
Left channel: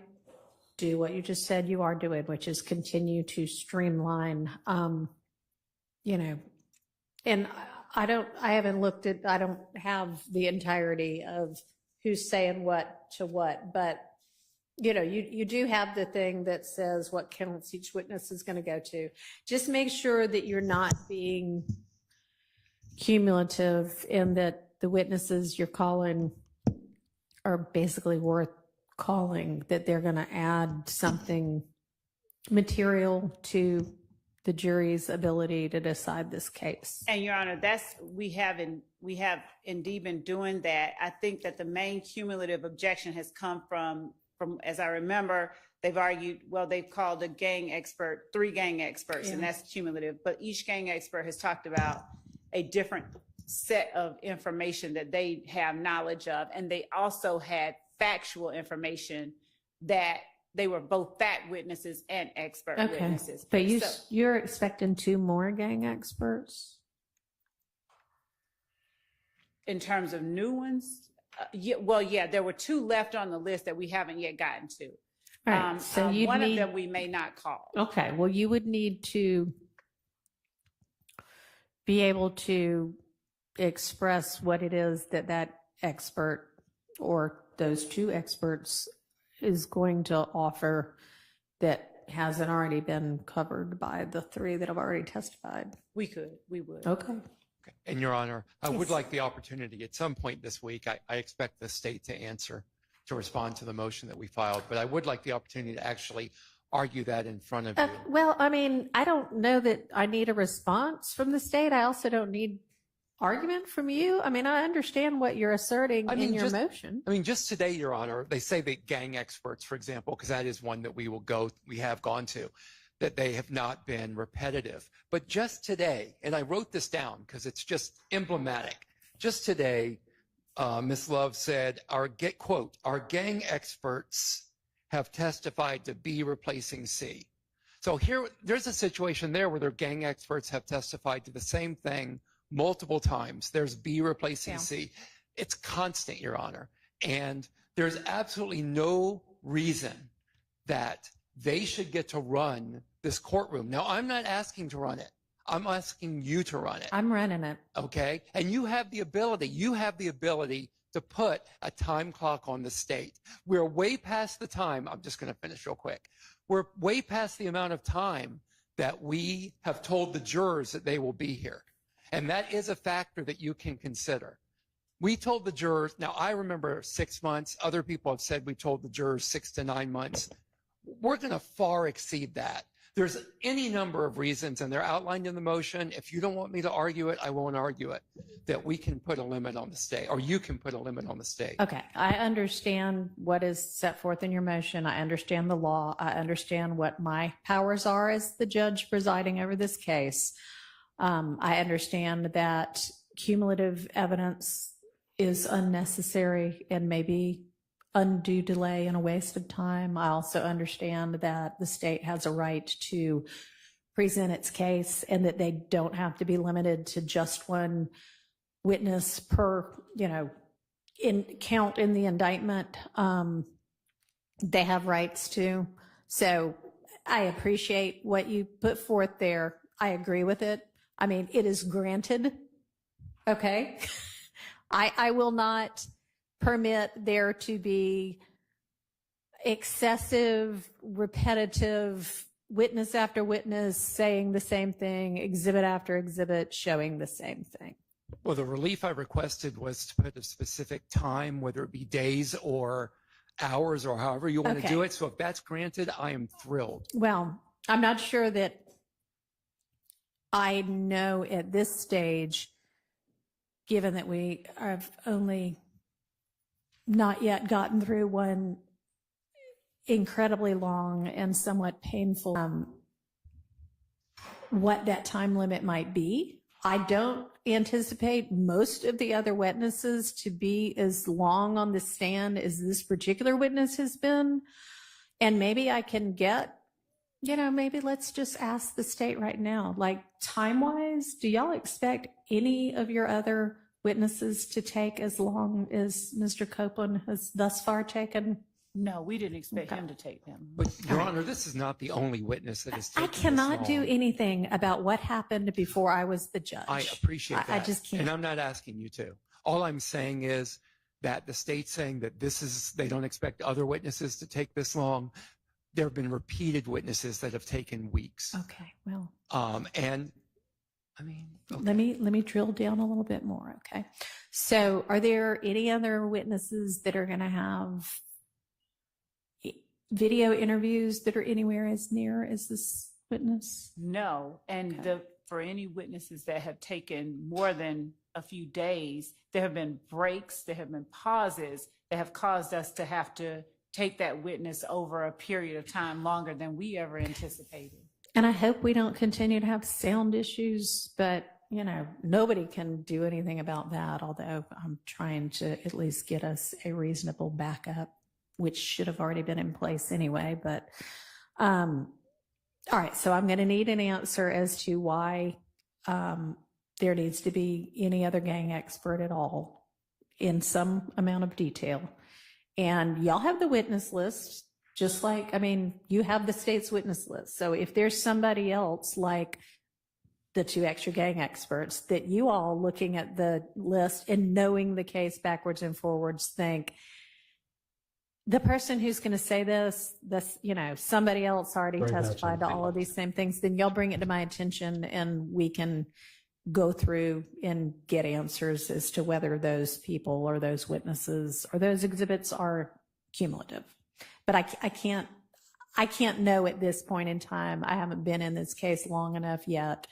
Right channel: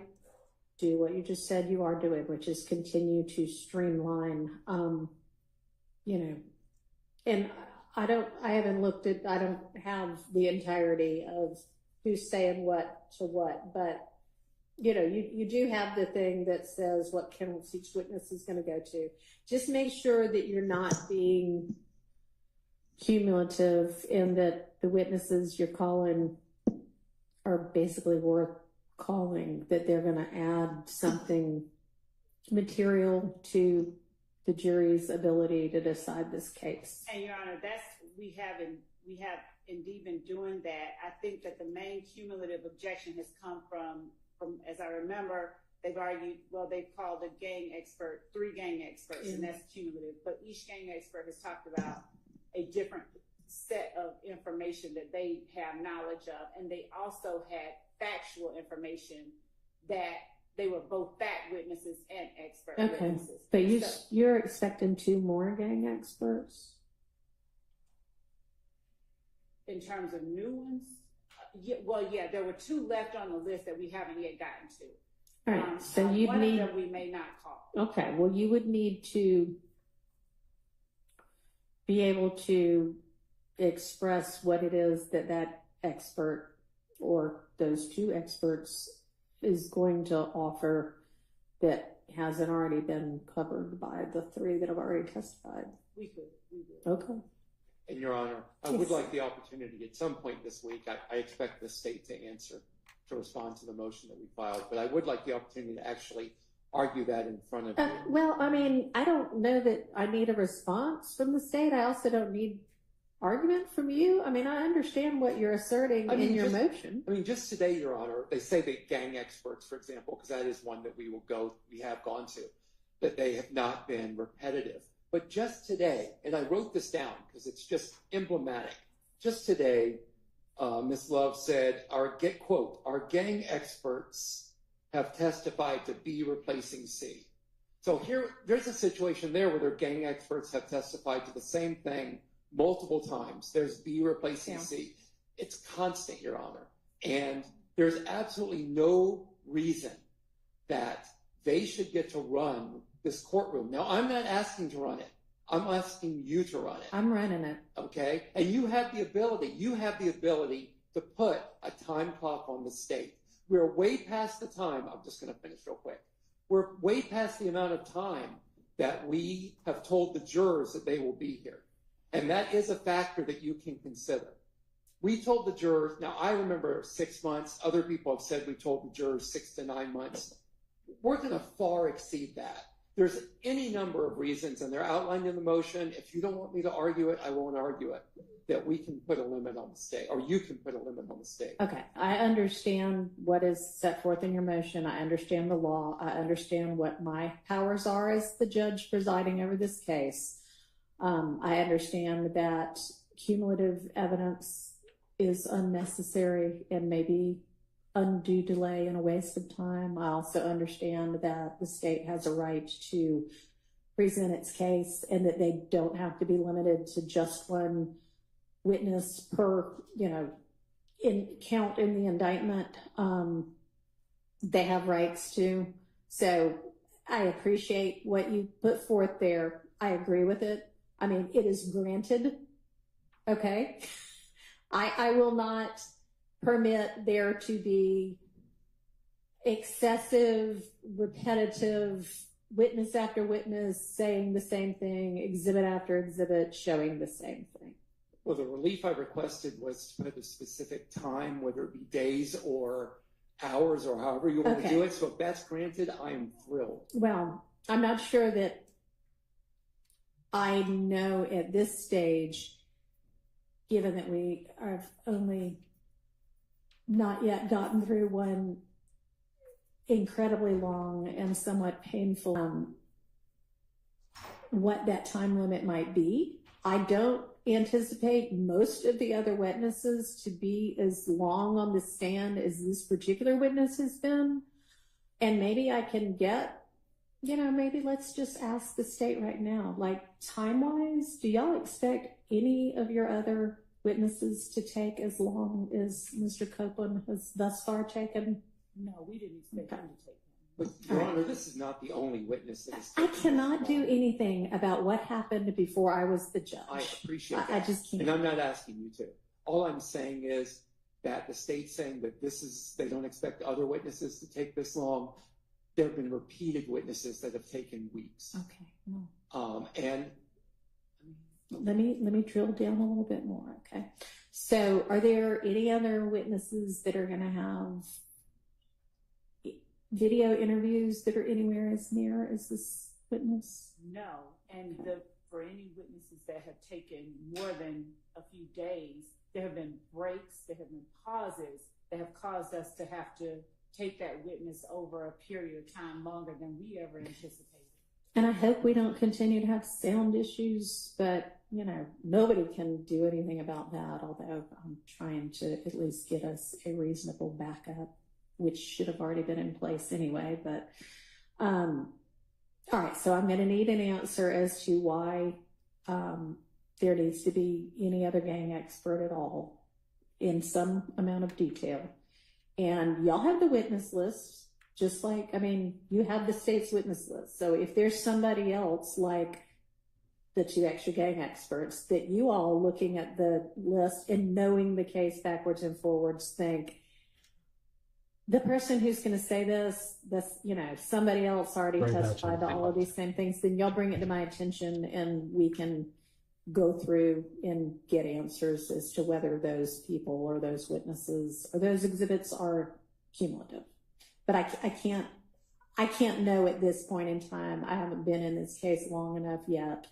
do what you just said you are doing, which is continue to streamline, and I don't have the entirety of who's saying what to what, but you do have the thing that says what counts each witness is going to go to. Just make sure that you're not being cumulative in that the witnesses you're calling are basically worth calling, that they're going to add something material to the jury's ability to decide this case. And Your Honor, we have indeed been doing that. I think that the main cumulative objection has come from, as I remember, they've argued, well, they've called a gang expert, 3 gang experts, and that's cumulative. But each gang expert has talked about a different set of information that they have knowledge of, and they also had factual information that they were both fact witnesses and expert witnesses. But you're expecting 2 more gang experts? In terms of new ones? There were 2 left on the list that we haven't yet gotten to. Right. So one of them we may not call. Okay. Well, you would need to be able to express what it is that expert or those 2 experts is going to offer that hasn't already been covered by the 3 that have already testified. We would. Okay. And Your Honor, I would like the opportunity at some point this week, I expect the state to answer, to respond to the motion that we filed, but I would like the opportunity to actually argue that in front of you. Well, I mean, I don't know that I need a response from the state. I also don't need argument from you. I mean, I understand what you're asserting in your motion. I mean, just today, Your Honor, they say that gang experts, for example, because that is one that we have gone to, that they have not been repetitive. But just today, and I wrote this down because it's just emblematic. Just today, Ms. Love said, quote, our gang experts have testified to B replacing C. So there's a situation there where their gang experts have testified to the same thing multiple times. There's B replacing C. It's constant, Your Honor. And there's absolutely no reason that they should get to run this courtroom. Now, I'm not asking to run it. I'm asking you to run it. I'm running it. Okay? And you have the ability to put a time clock on the state. We're way past the time. I'm just going to finish real quick. We're way past the amount of time that we have told the jurors that they will be here. And that is a factor that you can consider. We told the jurors, now I remember 6 months. Other people have said we told the jurors 6 to 9 months. We're going to far exceed that. There's any number of reasons, and they're outlined in the motion. If you don't want me to argue it, I won't argue it, that we can put a limit on the state, or you can put a limit on the state. Okay. I understand what is set forth in your motion. I understand the law. I understand what my powers are as the judge presiding over this case. I understand that cumulative evidence is unnecessary and maybe undue delay and a waste of time. I also understand that the state has a right to present its case and that they don't have to be limited to just one witness per, count in the indictment. They have rights to. So I appreciate what you put forth there. I agree with it. I mean, it is granted. Okay. I will not permit there to be excessive, repetitive witness after witness saying the same thing, exhibit after exhibit showing the same thing. Well, the relief I requested was to put a specific time, whether it be days or hours or however you want to do it. So if that's granted, I am thrilled. Well, I'm not sure that I know at this stage, given that we have only not yet gotten through one incredibly long and somewhat painful, what that time limit might be. I don't anticipate most of the other witnesses to be as long on the stand as this particular witness has been. And maybe I can get, maybe let's just ask the state right now, like time-wise, do y'all expect any of your other witnesses to take as long as Mr. Copeland has thus far taken? No, we didn't expect him to take them. But Your Honor, this is not the only witness that has taken I cannot do anything about what happened before I was the judge. I appreciate that. I just can't. And I'm not asking you to. All I'm saying is that the state's saying that they don't expect other witnesses to take this long. There have been repeated witnesses that have taken weeks. Okay, well. And I mean, okay. Let me drill down a little bit more. Okay. So are there any other witnesses that are going to have video interviews that are anywhere as near as this witness? No. And for any witnesses that have taken more than a few days, there have been breaks, there have been pauses that have caused us to have to take that witness over a period of time longer than we ever anticipated. And I hope we don't continue to have sound issues, but nobody can do anything about that, although I'm trying to at least get us a reasonable backup, which should have already been in place anyway. But, all right, so I'm going to need an answer as to why there needs to be any other gang expert at all in some amount of detail. And y'all have the witness list, just like, you have the state's witness list. So if there's somebody else like the two extra gang experts that you all looking at the list and knowing the case backwards and forwards think, the person who's going to say this, somebody else already testified to all of these same things, then you'll bring it to my attention and we can go through and get answers as to whether those people or those witnesses or those exhibits are cumulative. But I can't know at this point in time. I haven't been in this case long enough yet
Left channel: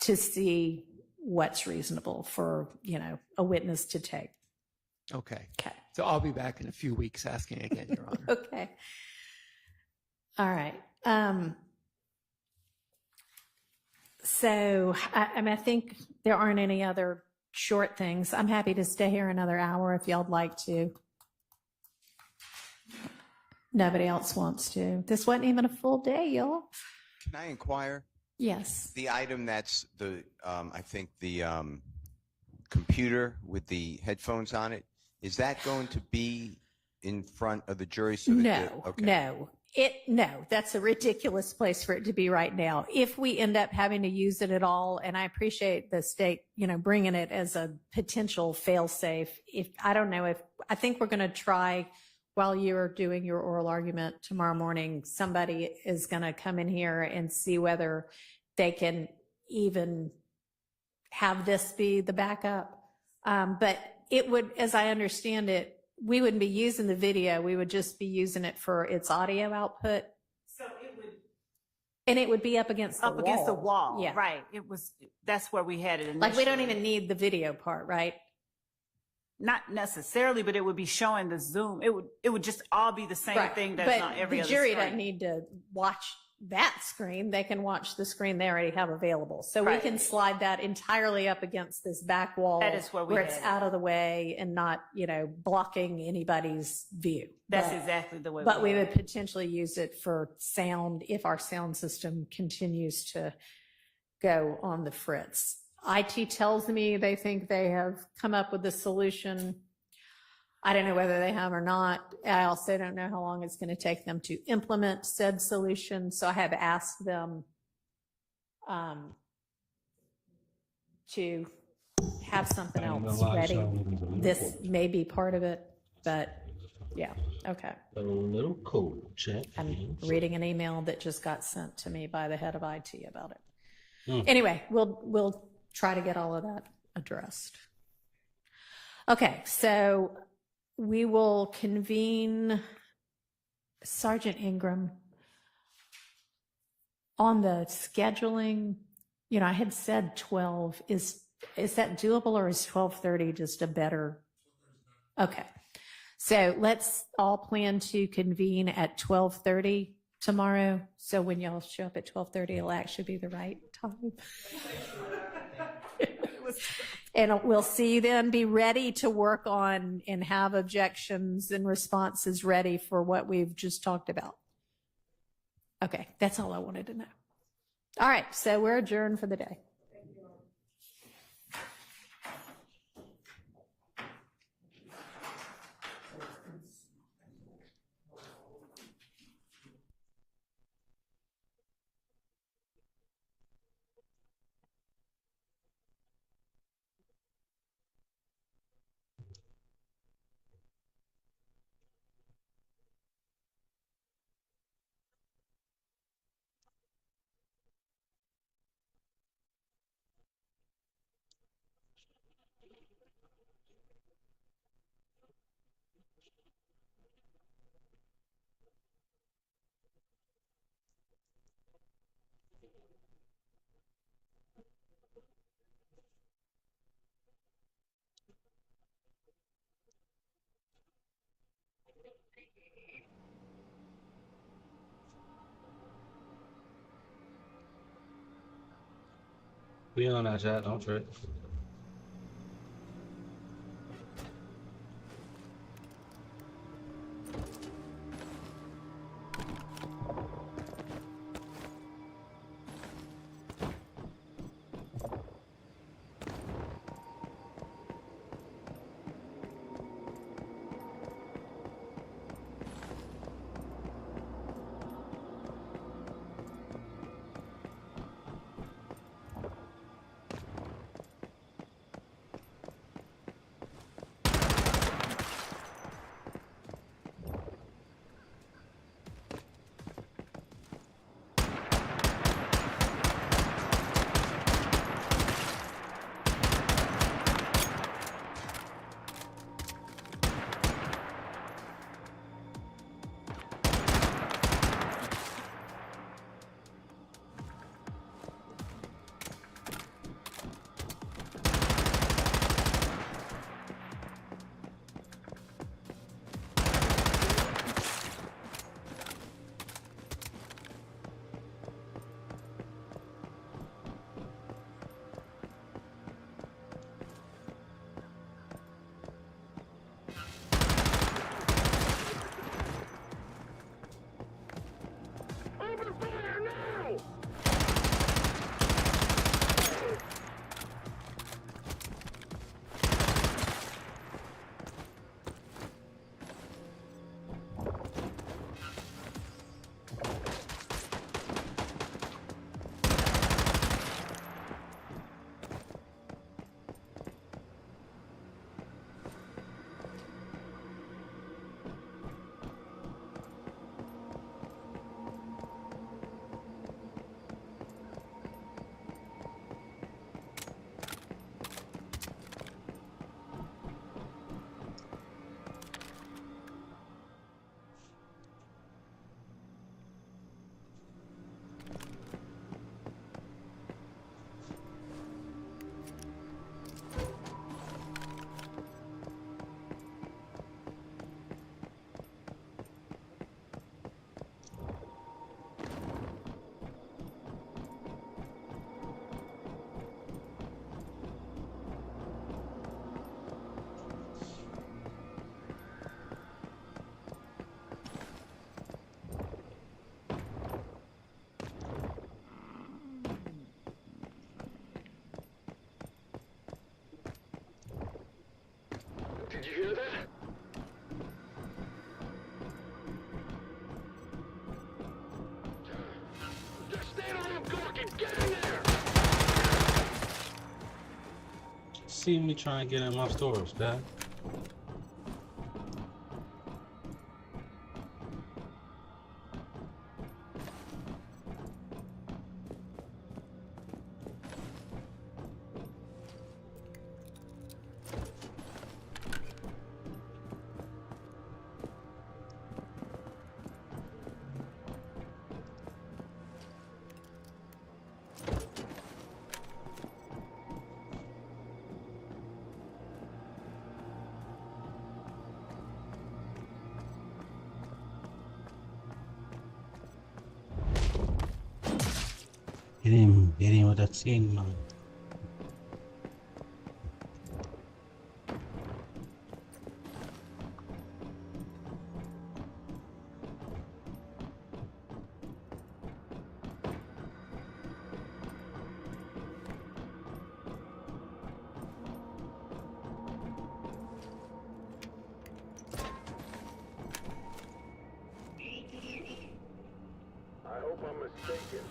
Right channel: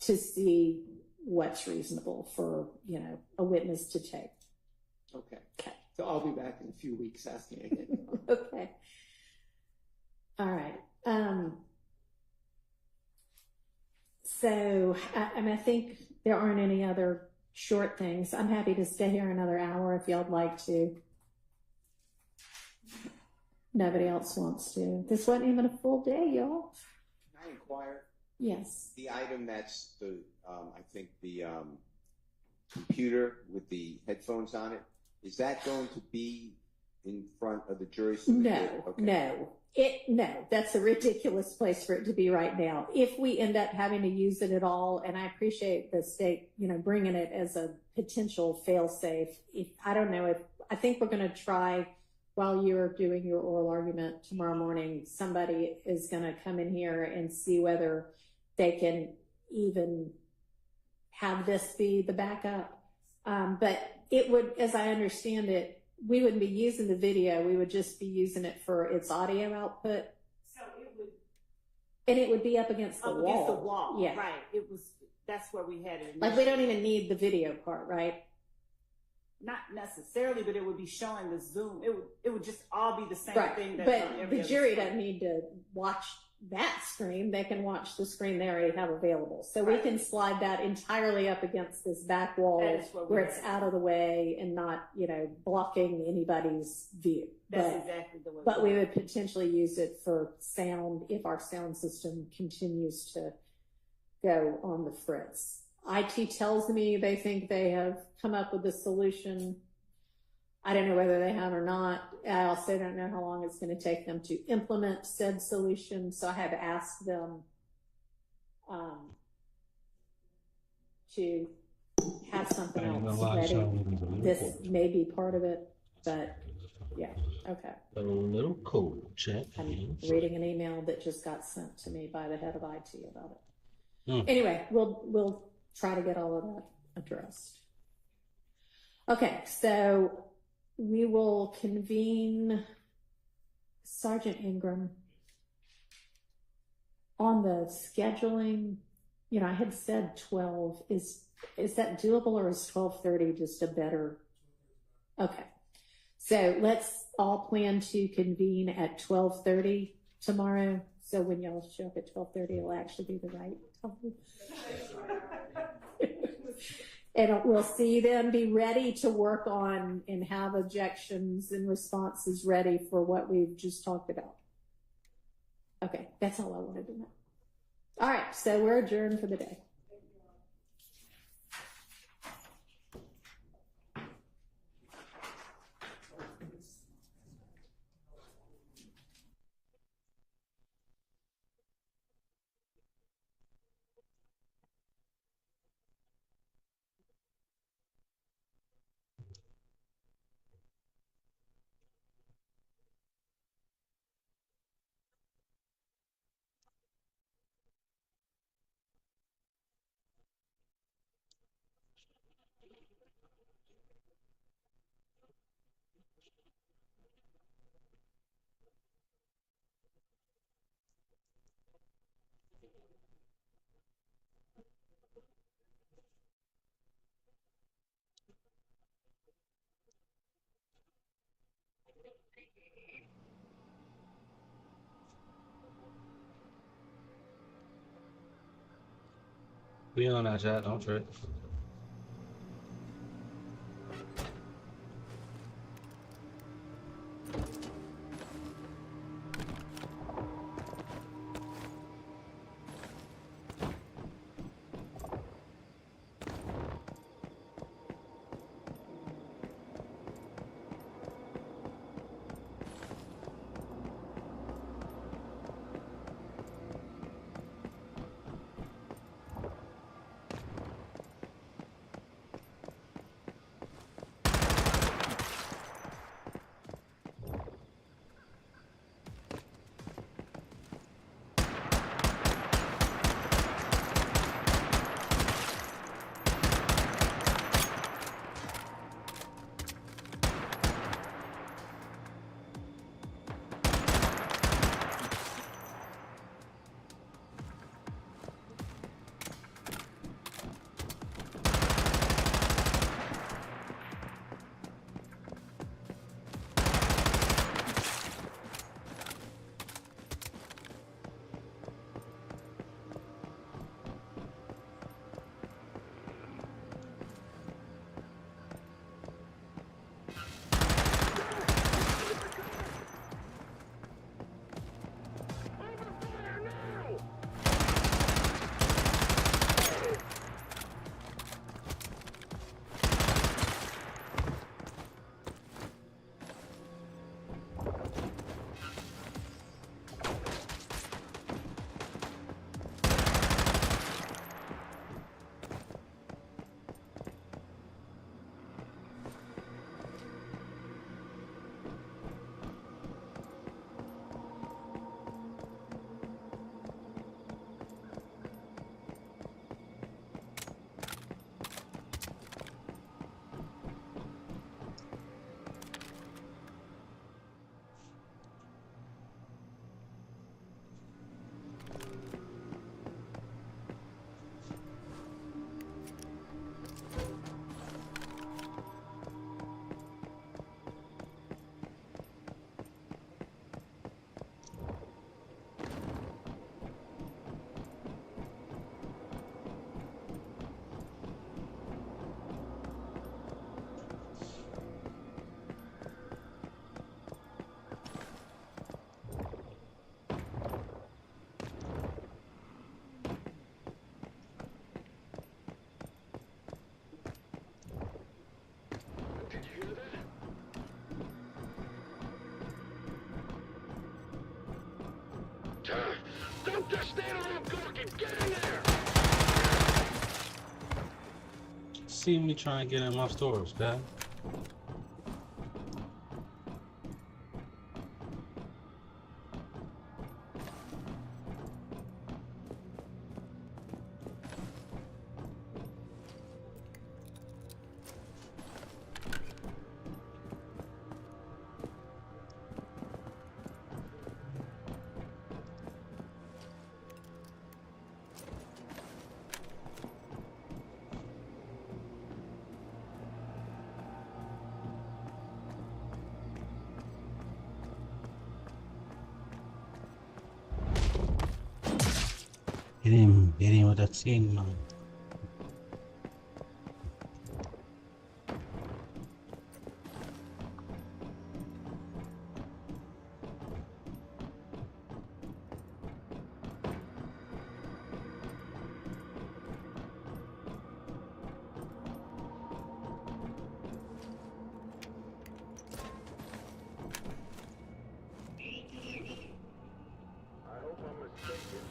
to see what's reasonable for, a witness to take. Okay. So I'll be back in a few weeks asking again, Your Honor. Okay. All right. So I think there aren't any other short things. I'm happy to stay here another hour if y'all would like to. Nobody else wants to. This wasn't even a full day, y'all. Can I inquire? Yes. The item that's I think the computer with the headphones on it, is that going to be in front of the jury? So that No, that's a ridiculous place for it to be right now. If we end up having to use it at all, and I appreciate the state, bringing it as a potential fail-safe. I think we're going to try, while you're doing your oral argument tomorrow morning, somebody is going to come in here and see whether they can even have this be the backup. But it would, as I understand it, we wouldn't be using the video. We would just be using it for its audio output. So it would. And it would be up against the wall. Against the wall. Yeah. Right. That's where we had it initially. Like, we don't even need the video part, right? Not necessarily, but it would be showing the zoom. It would just all be the same thing that's on every other screen. The jury doesn't need to watch that screen. They can watch the screen they already have available. So we can slide that entirely up against this back wall that is where it's out of the way and not, blocking anybody's view. That's exactly the way. But we would potentially use it for sound if our sound system continues to go on the fritz. IT tells me they think they have come up with a solution. I don't know whether they have or not. I also don't know how long it's going to take them to implement said solution. So I have asked them to have something else ready. This may be part of it, but yeah, okay. A little code check. I'm reading an email that just got sent to me by the head of IT about it. Anyway, we'll try to get all of that addressed. Okay, so we will convene Sergeant Ingram on the scheduling. I had said 12. Is that doable, or is 12:30 just a better? Okay, so let's all plan to convene at 12:30 tomorrow. So when y'all show up at 12:30, it'll actually be the right time. And we'll see you then. Be ready to work on and have objections and responses ready for what we've just talked about. Okay, that's all I wanted to know. All right, so we're adjourned for the day. We on that chat, don't trip. Did you hear that? Don't just stand around gawking. Get in there! See me try and get in my storage, Dad. Get him with that scene, man. I hope I'm mistaken.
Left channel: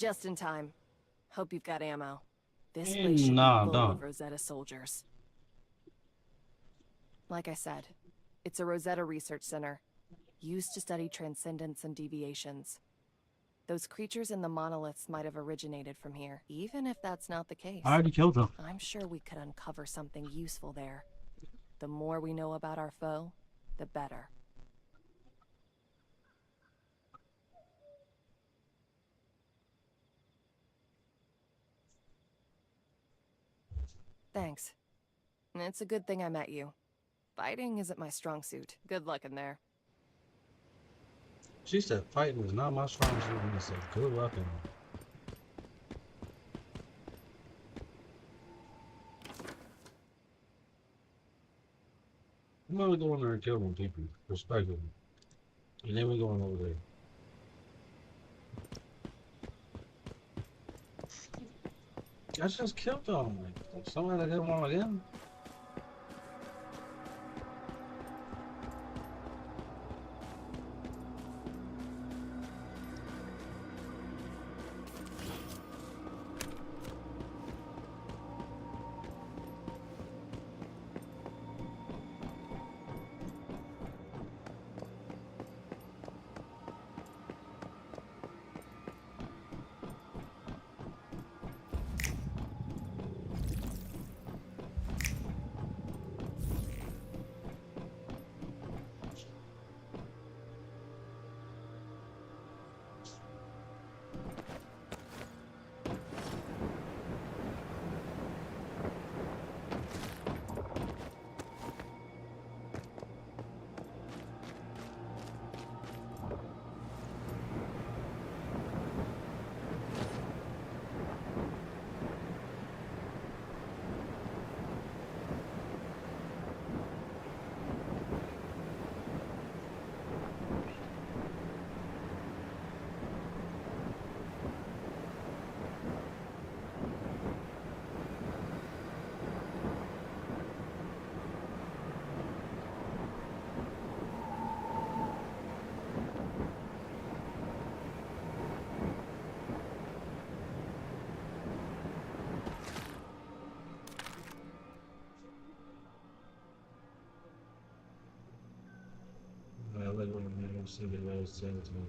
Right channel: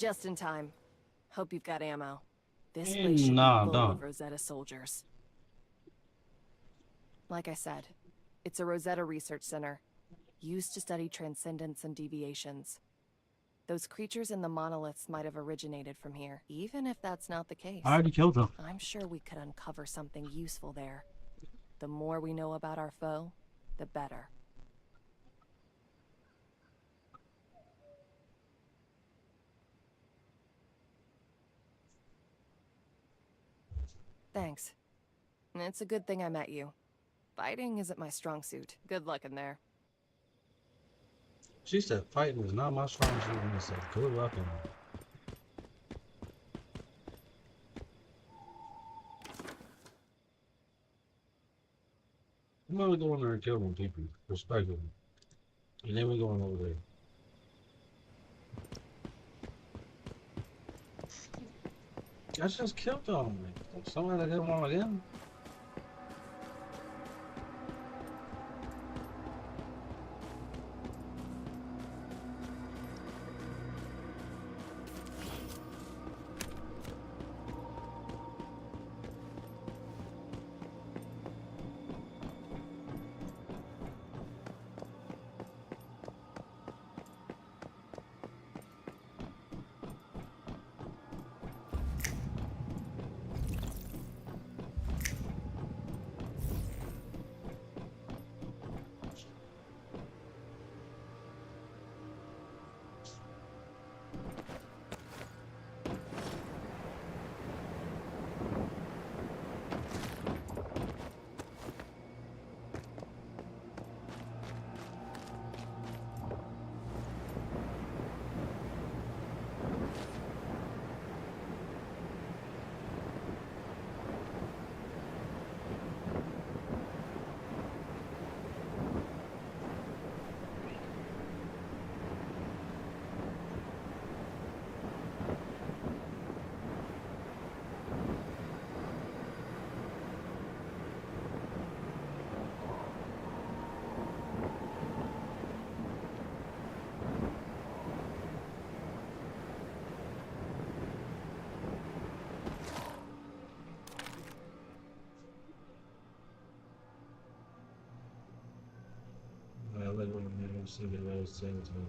Just in time. Hope you've got ammo. This Eh, place should nah, be full don't. of Rosetta soldiers. Like I said, it's a Rosetta research center, used to study transcendence and deviations. Those creatures in the monoliths might have originated from here. Even if that's not the case, I already killed them. I'm sure we could uncover something useful there. The more we know about our foe, the better. Thanks. It's a good thing I met you. Fighting isn't my strong suit. Good luck in there. She said fighting is not my strong suit, and he said good luck in it. I'm gonna go in there and kill them people, respectively. And then we're going over there. I just killed them. Somebody that didn't want them. I like when I'm seeing the last same time.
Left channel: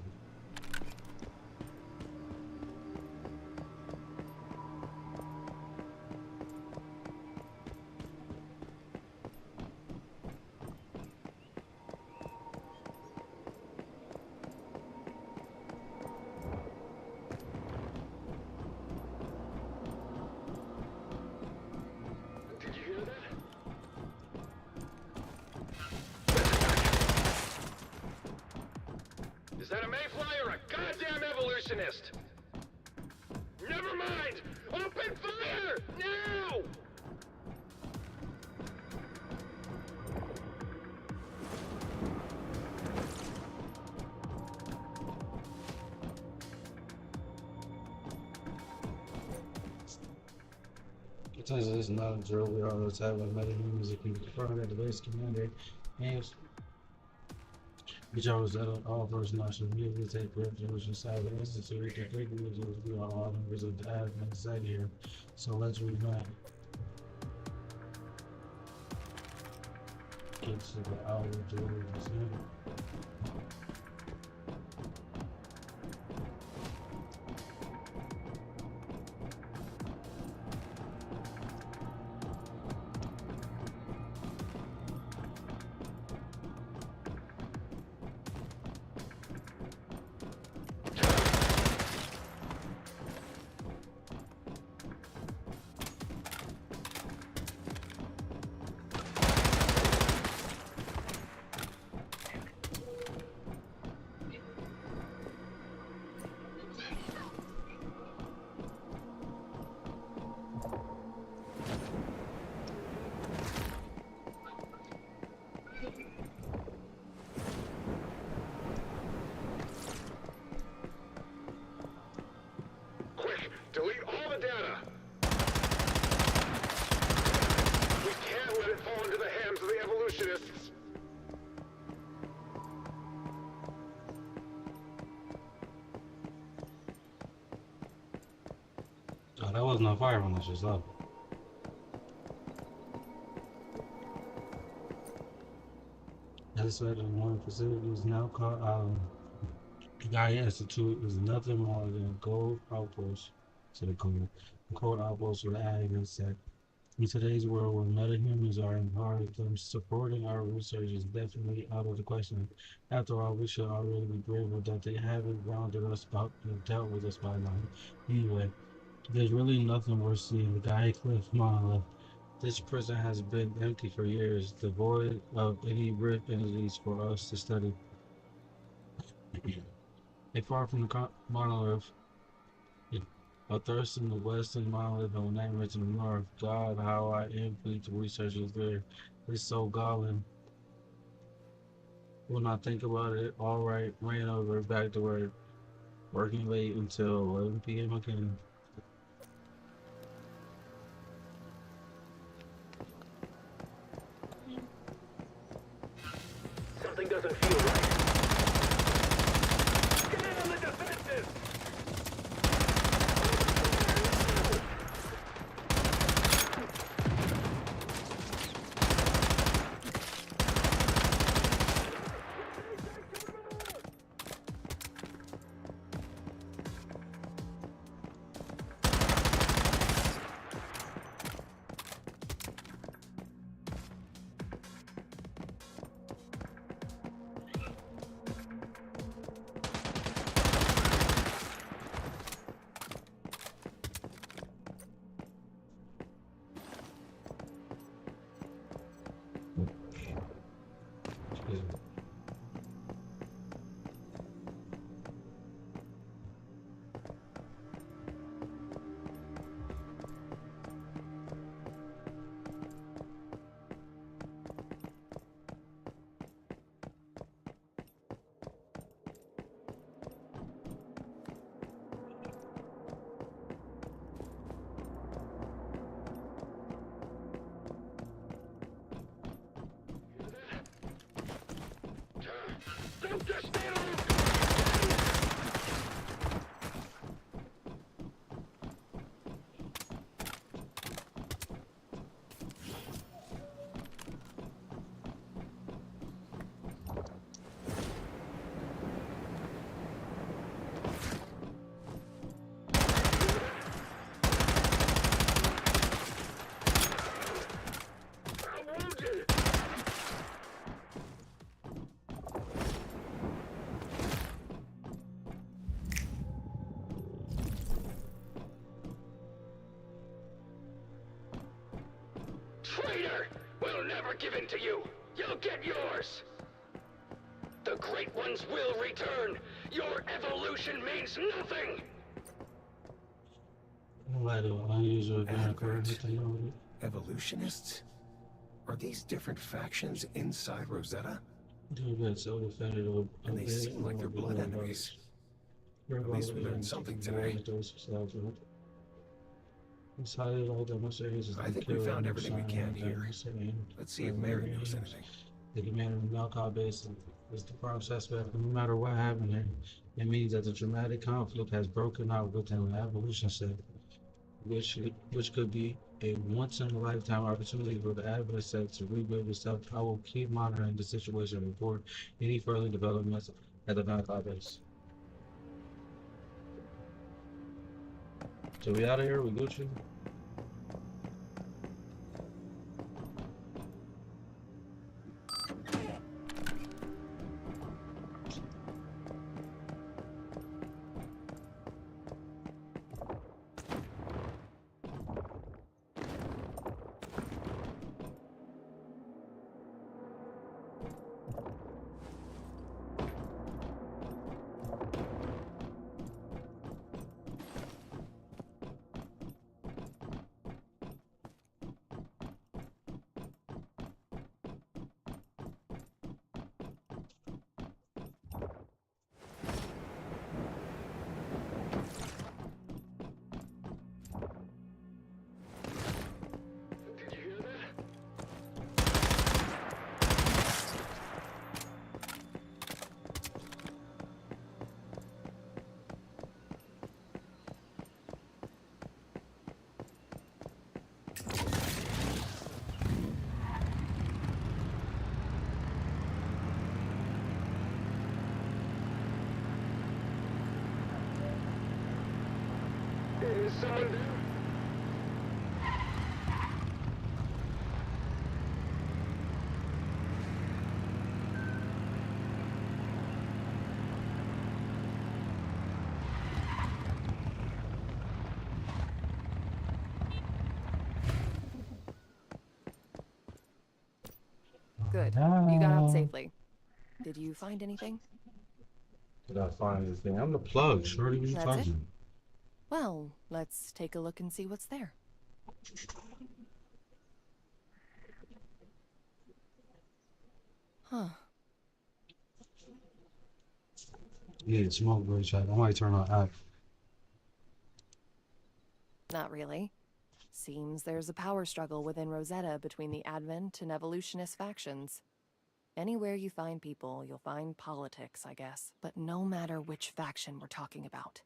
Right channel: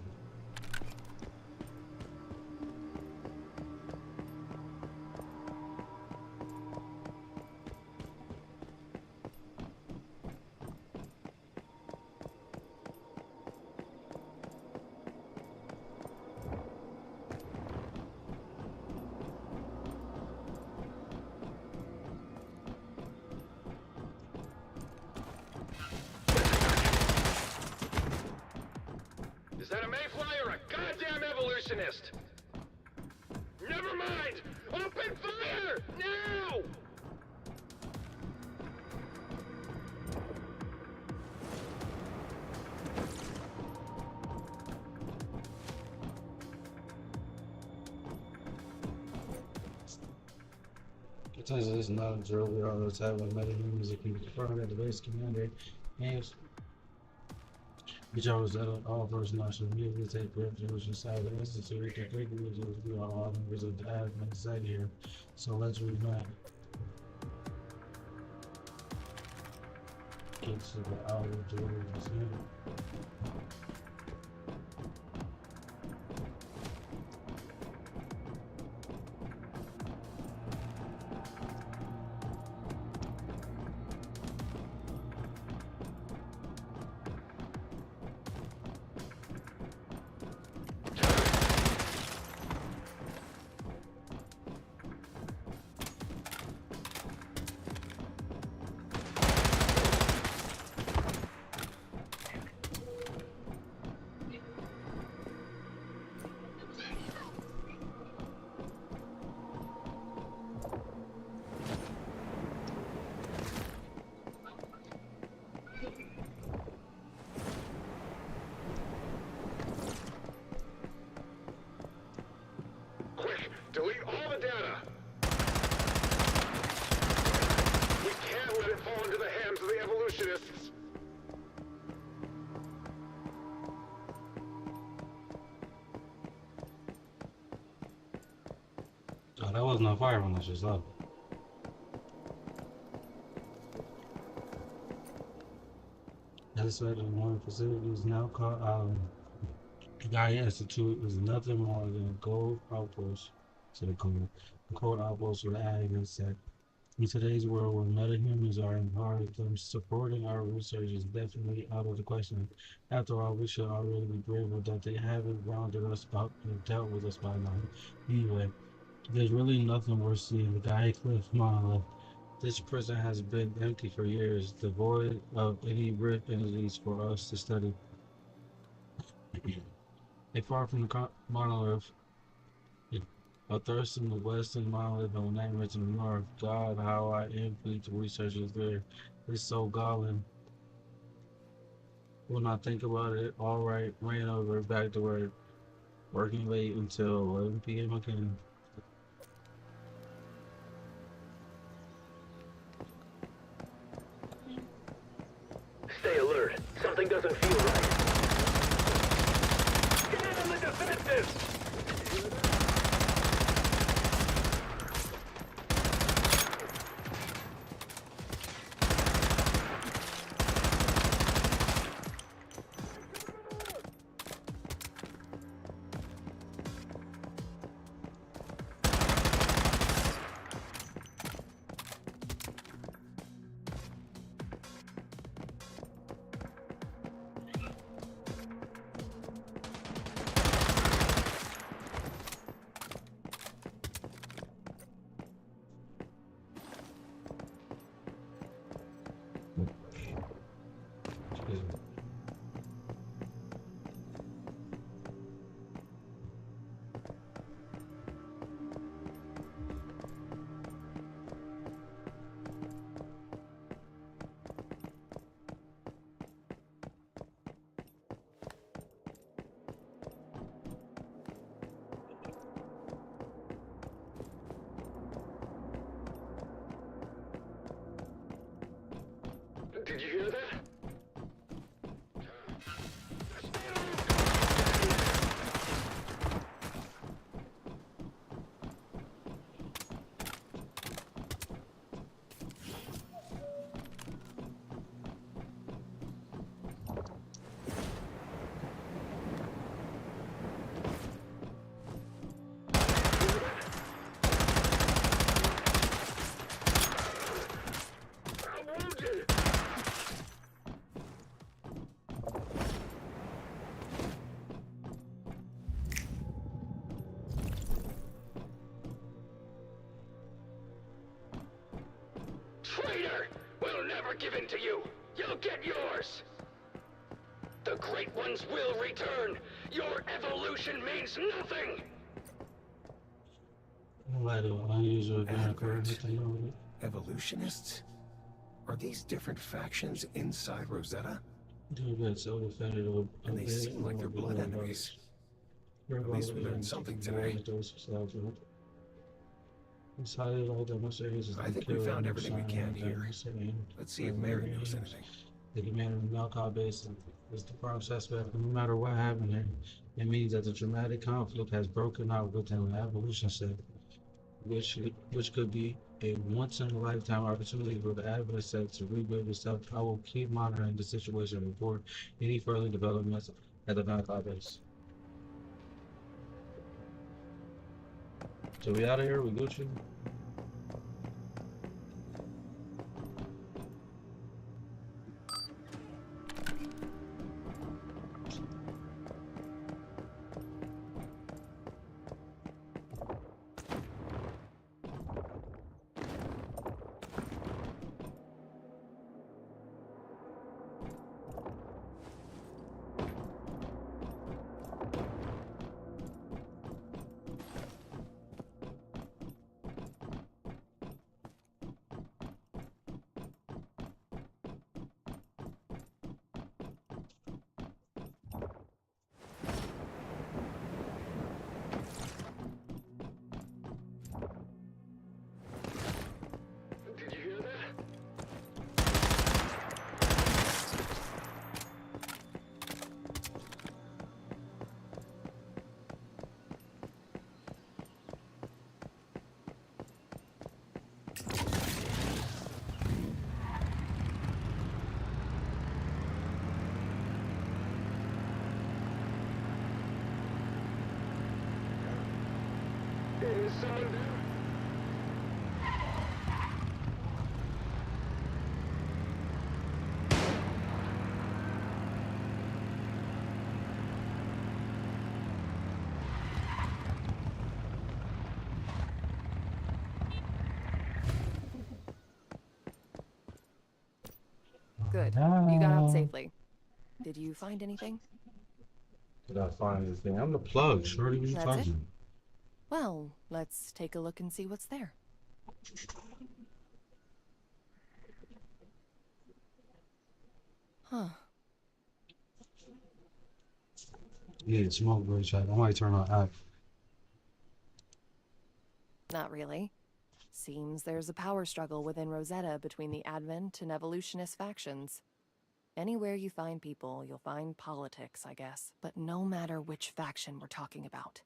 Is that a mayfly or a goddamn evolutionist? Never mind! Open fire! Now! It turns out this is not a drill. We are attack with metahumans that can be confronted at the base commander. And which I was at all personnel should immediately take refuge inside the institute to quickly we are all members of the admin site here. So let's reunite. Get to the hour to this unit. Delete all the data! We can't let it fall into the hands of the evolutionists! Oh, that wasn't on fire when I just left. That's why the one facility is now called the Gaia Institute is nothing more than a gold outpost to the cold outpost with ag and set. In today's world where metahumans are empowered, them supporting our research is definitely out of the question. After all, we should already be grateful that they haven't rounded us up and dealt with us by now. Anyway, there's really nothing worth seeing. The Gaia Cliff monolith. This prison has been empty for years, devoid of any rich entities for us to study. A far from the monolith, a thirst in the west and monolith of nightmares in the north. God, how I envy the researchers there. It's so galling. When I think about it, all right, ran over back to work, working late until 11 p.m. again. Stay alert. Something doesn't feel right. Get in on the defensive! Did you hear that? Don't just stand around. Traitor! We'll never give in to you! You'll get yours! The Great Ones will return! Your evolution means nothing! Evolutionists? Are these different factions inside Rosetta? And they seem like they're blood enemies. At least we learned something today. I think we found everything we can here. Let's see if Mary knows anything. The commander of the Malcom base is the prime suspect. No matter what happened here, it means that the dramatic conflict has broken out within the evolution set, which could be a once-in-a-lifetime opportunity for the Advent set to rebuild itself. I will keep monitoring the situation and report any further developments at the Malcom base. So we out of here, we Gucci. Good. You got out safely. Did you find anything? Did I find anything? I'm the plug, shorty. What you That's talking it? about? Well, let's take a look and see what's there. Huh. Yeah, smoke break check. I might turn on app. Not really. Seems there's a power struggle within Rosetta between the Advent and Evolutionist factions. Anywhere you find people, you'll find politics, I guess. But no matter which faction we're talking about,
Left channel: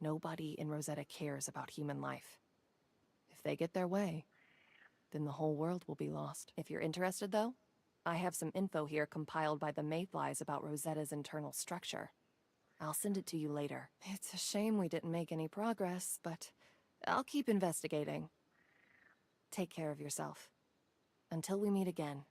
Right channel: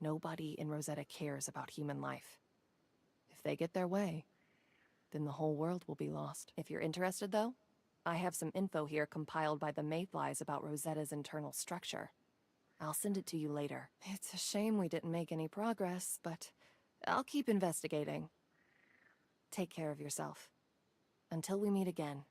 nobody in Rosetta cares about human life. If they get their way, then the whole world will be lost. If you're interested, though, I have some info here compiled by the Mayflies about Rosetta's internal structure. I'll send it to you later. It's a shame we didn't make any progress, but I'll keep investigating. Take care of yourself. Until we meet again.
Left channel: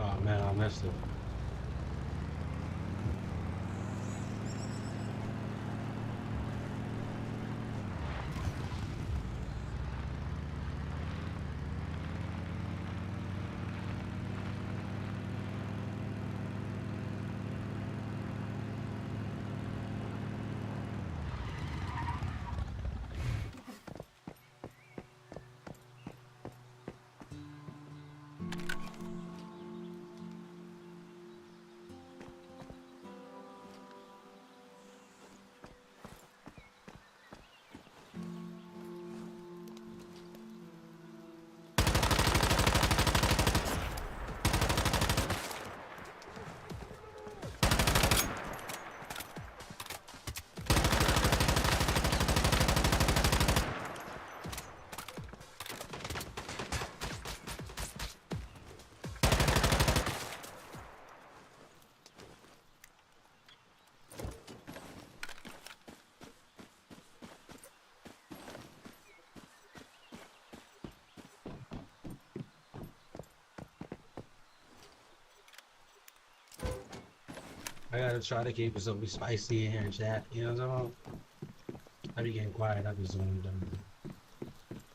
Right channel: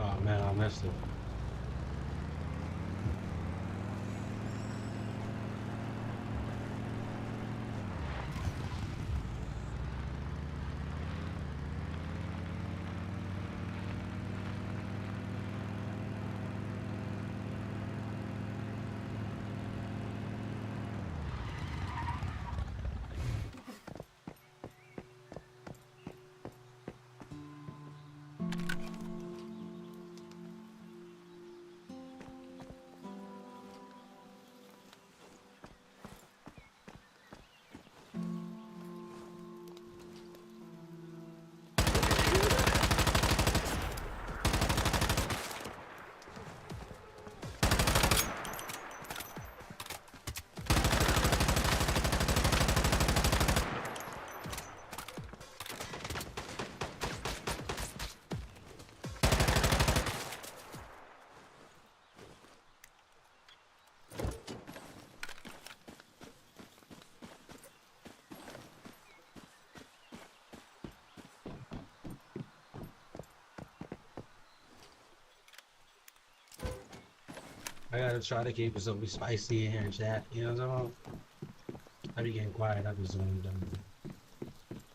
Oh man, I missed it. I gotta try to keep it so spicy in here and chat. You know what I'm saying? I be getting quiet. I be zoning down.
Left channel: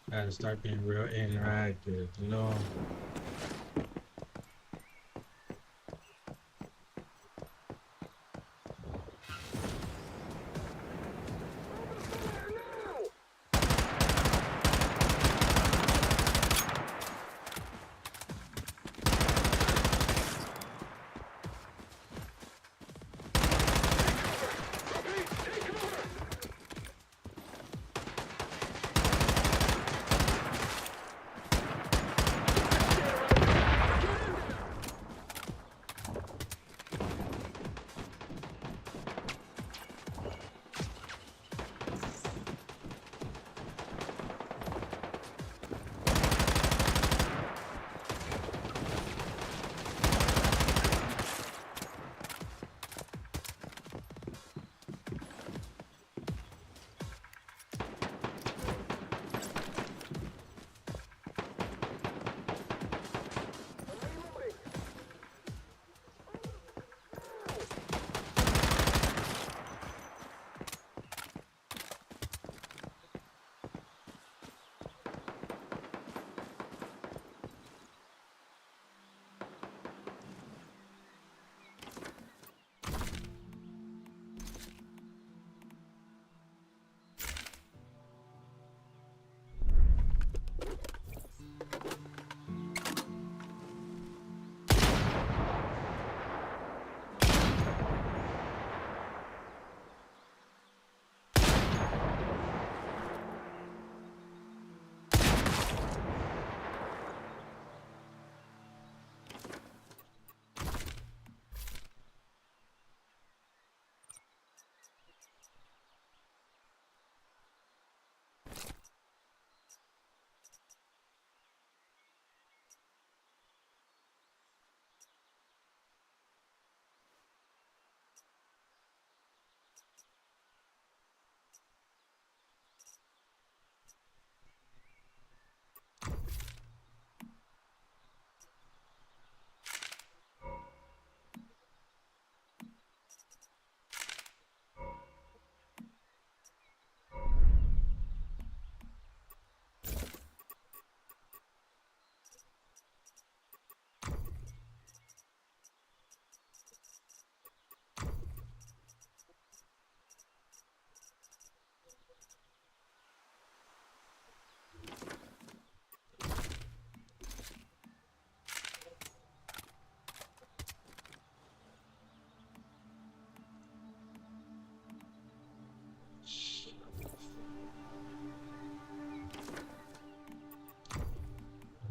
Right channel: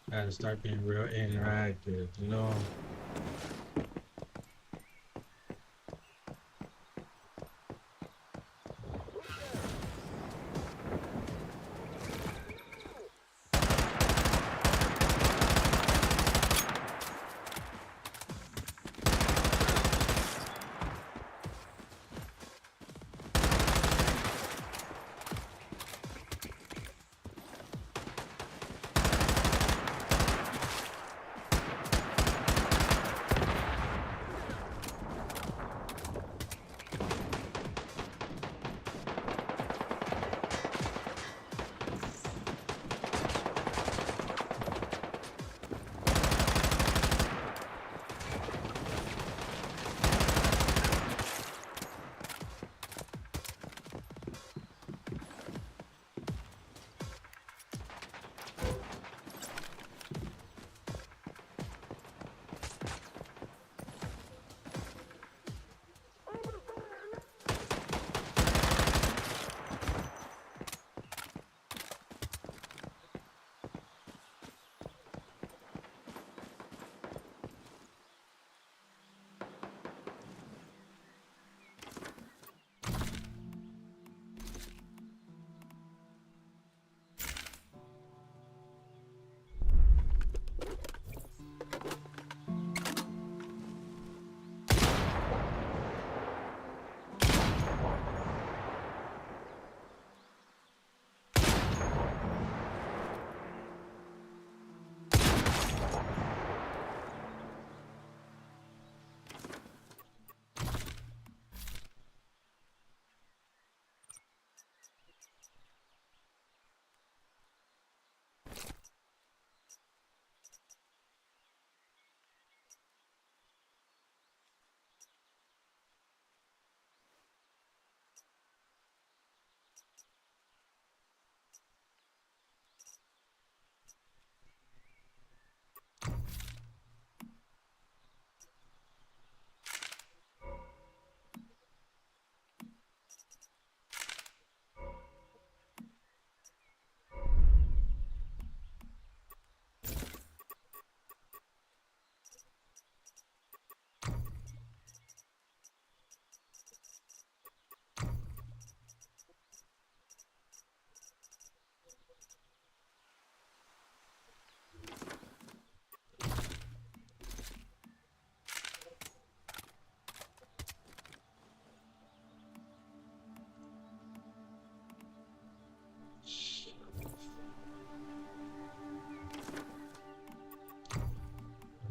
I gotta start being real interactive, you know?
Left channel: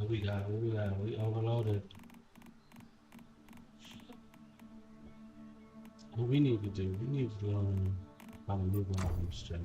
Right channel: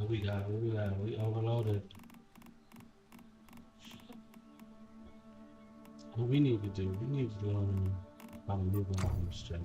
What we got? What we got? We overloaded. What we need to do? We need to learn how to move on straight.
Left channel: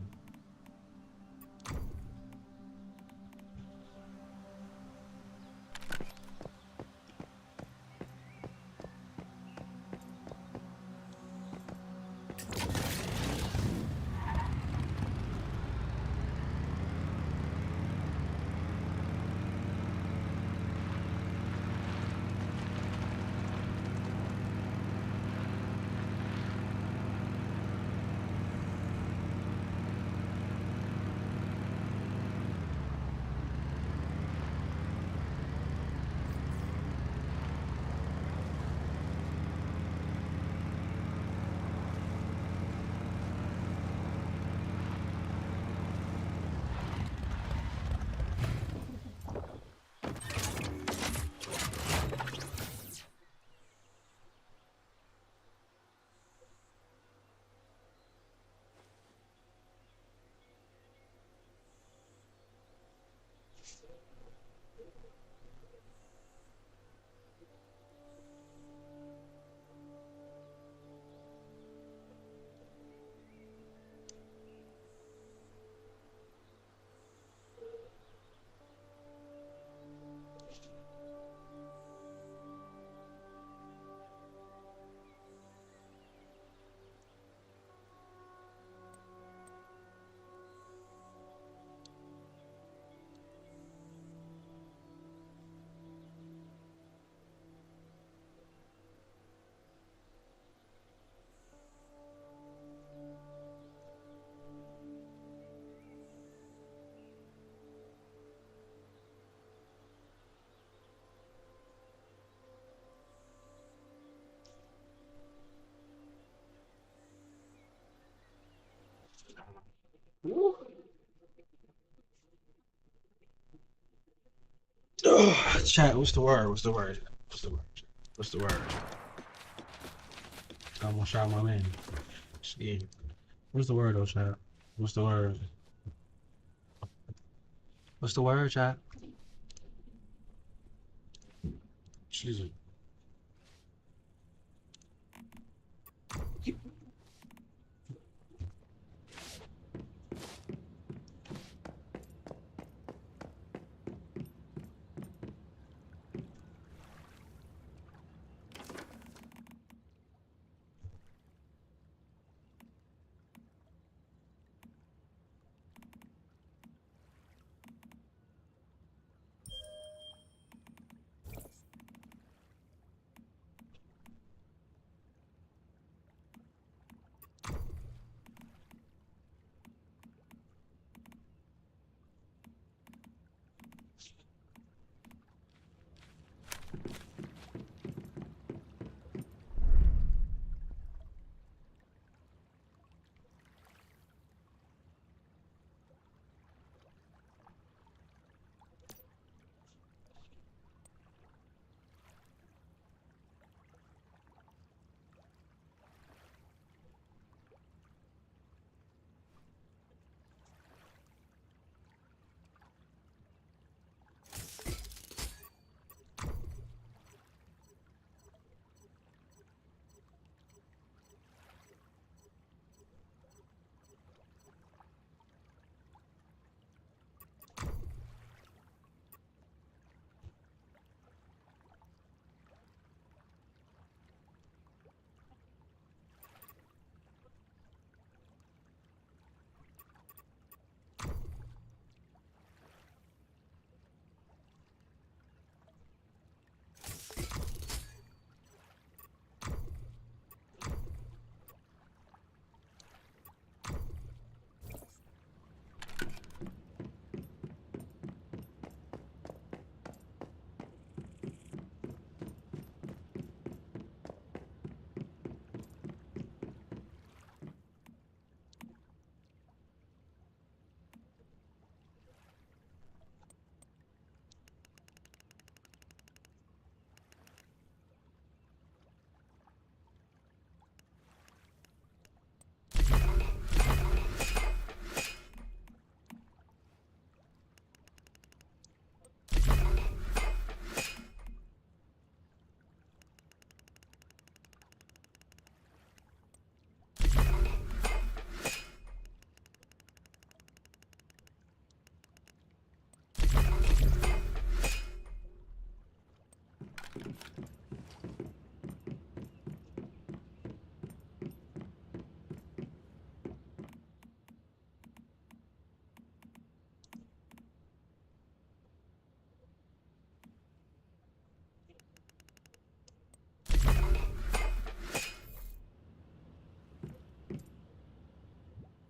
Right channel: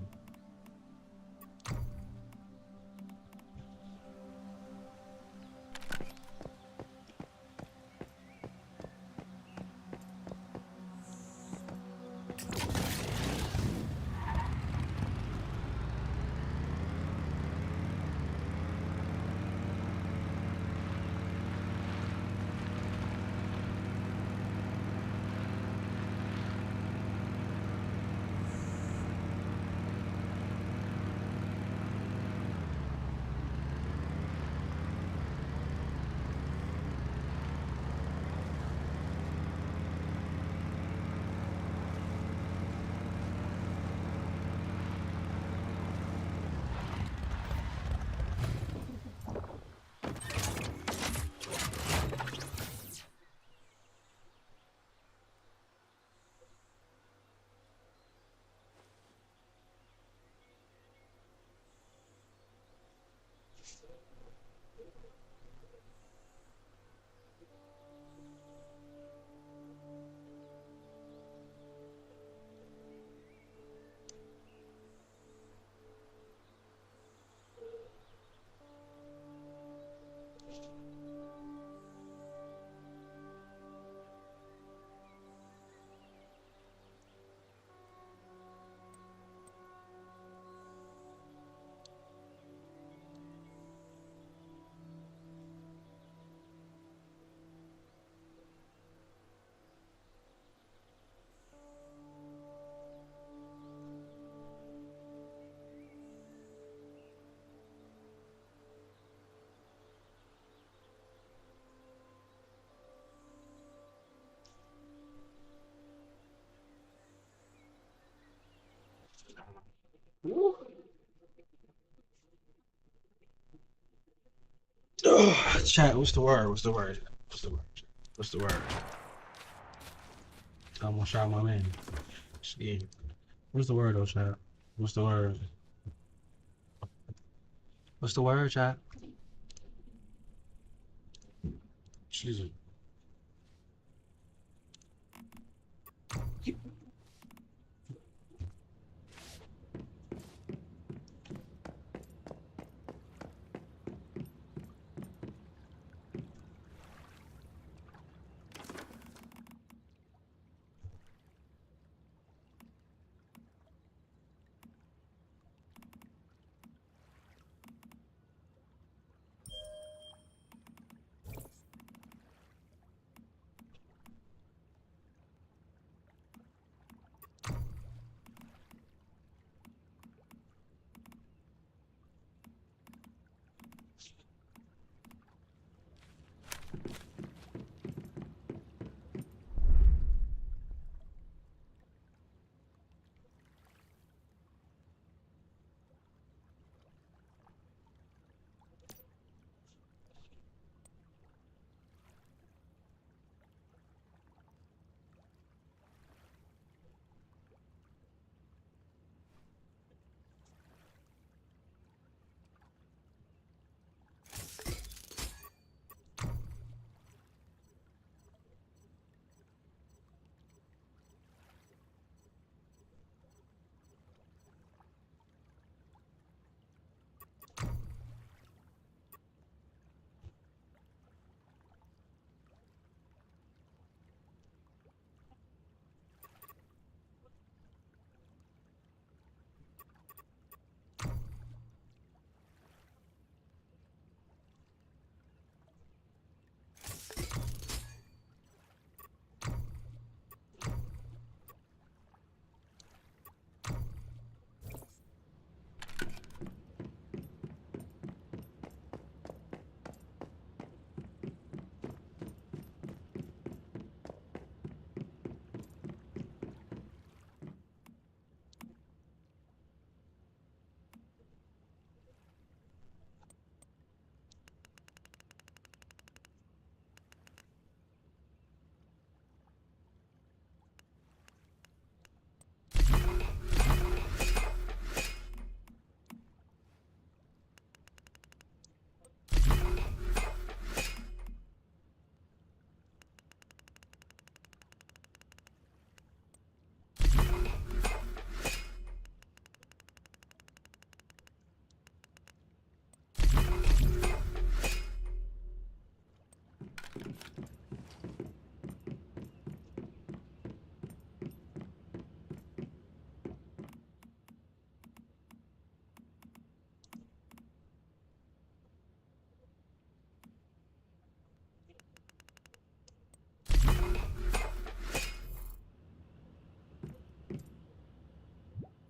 Oh, chat, what's the word? What's the word? What's the word? What's the word? I'm gonna shout my name. Yeah. What's the word, though, chat? What's the word? What's the word, chat? Jesus.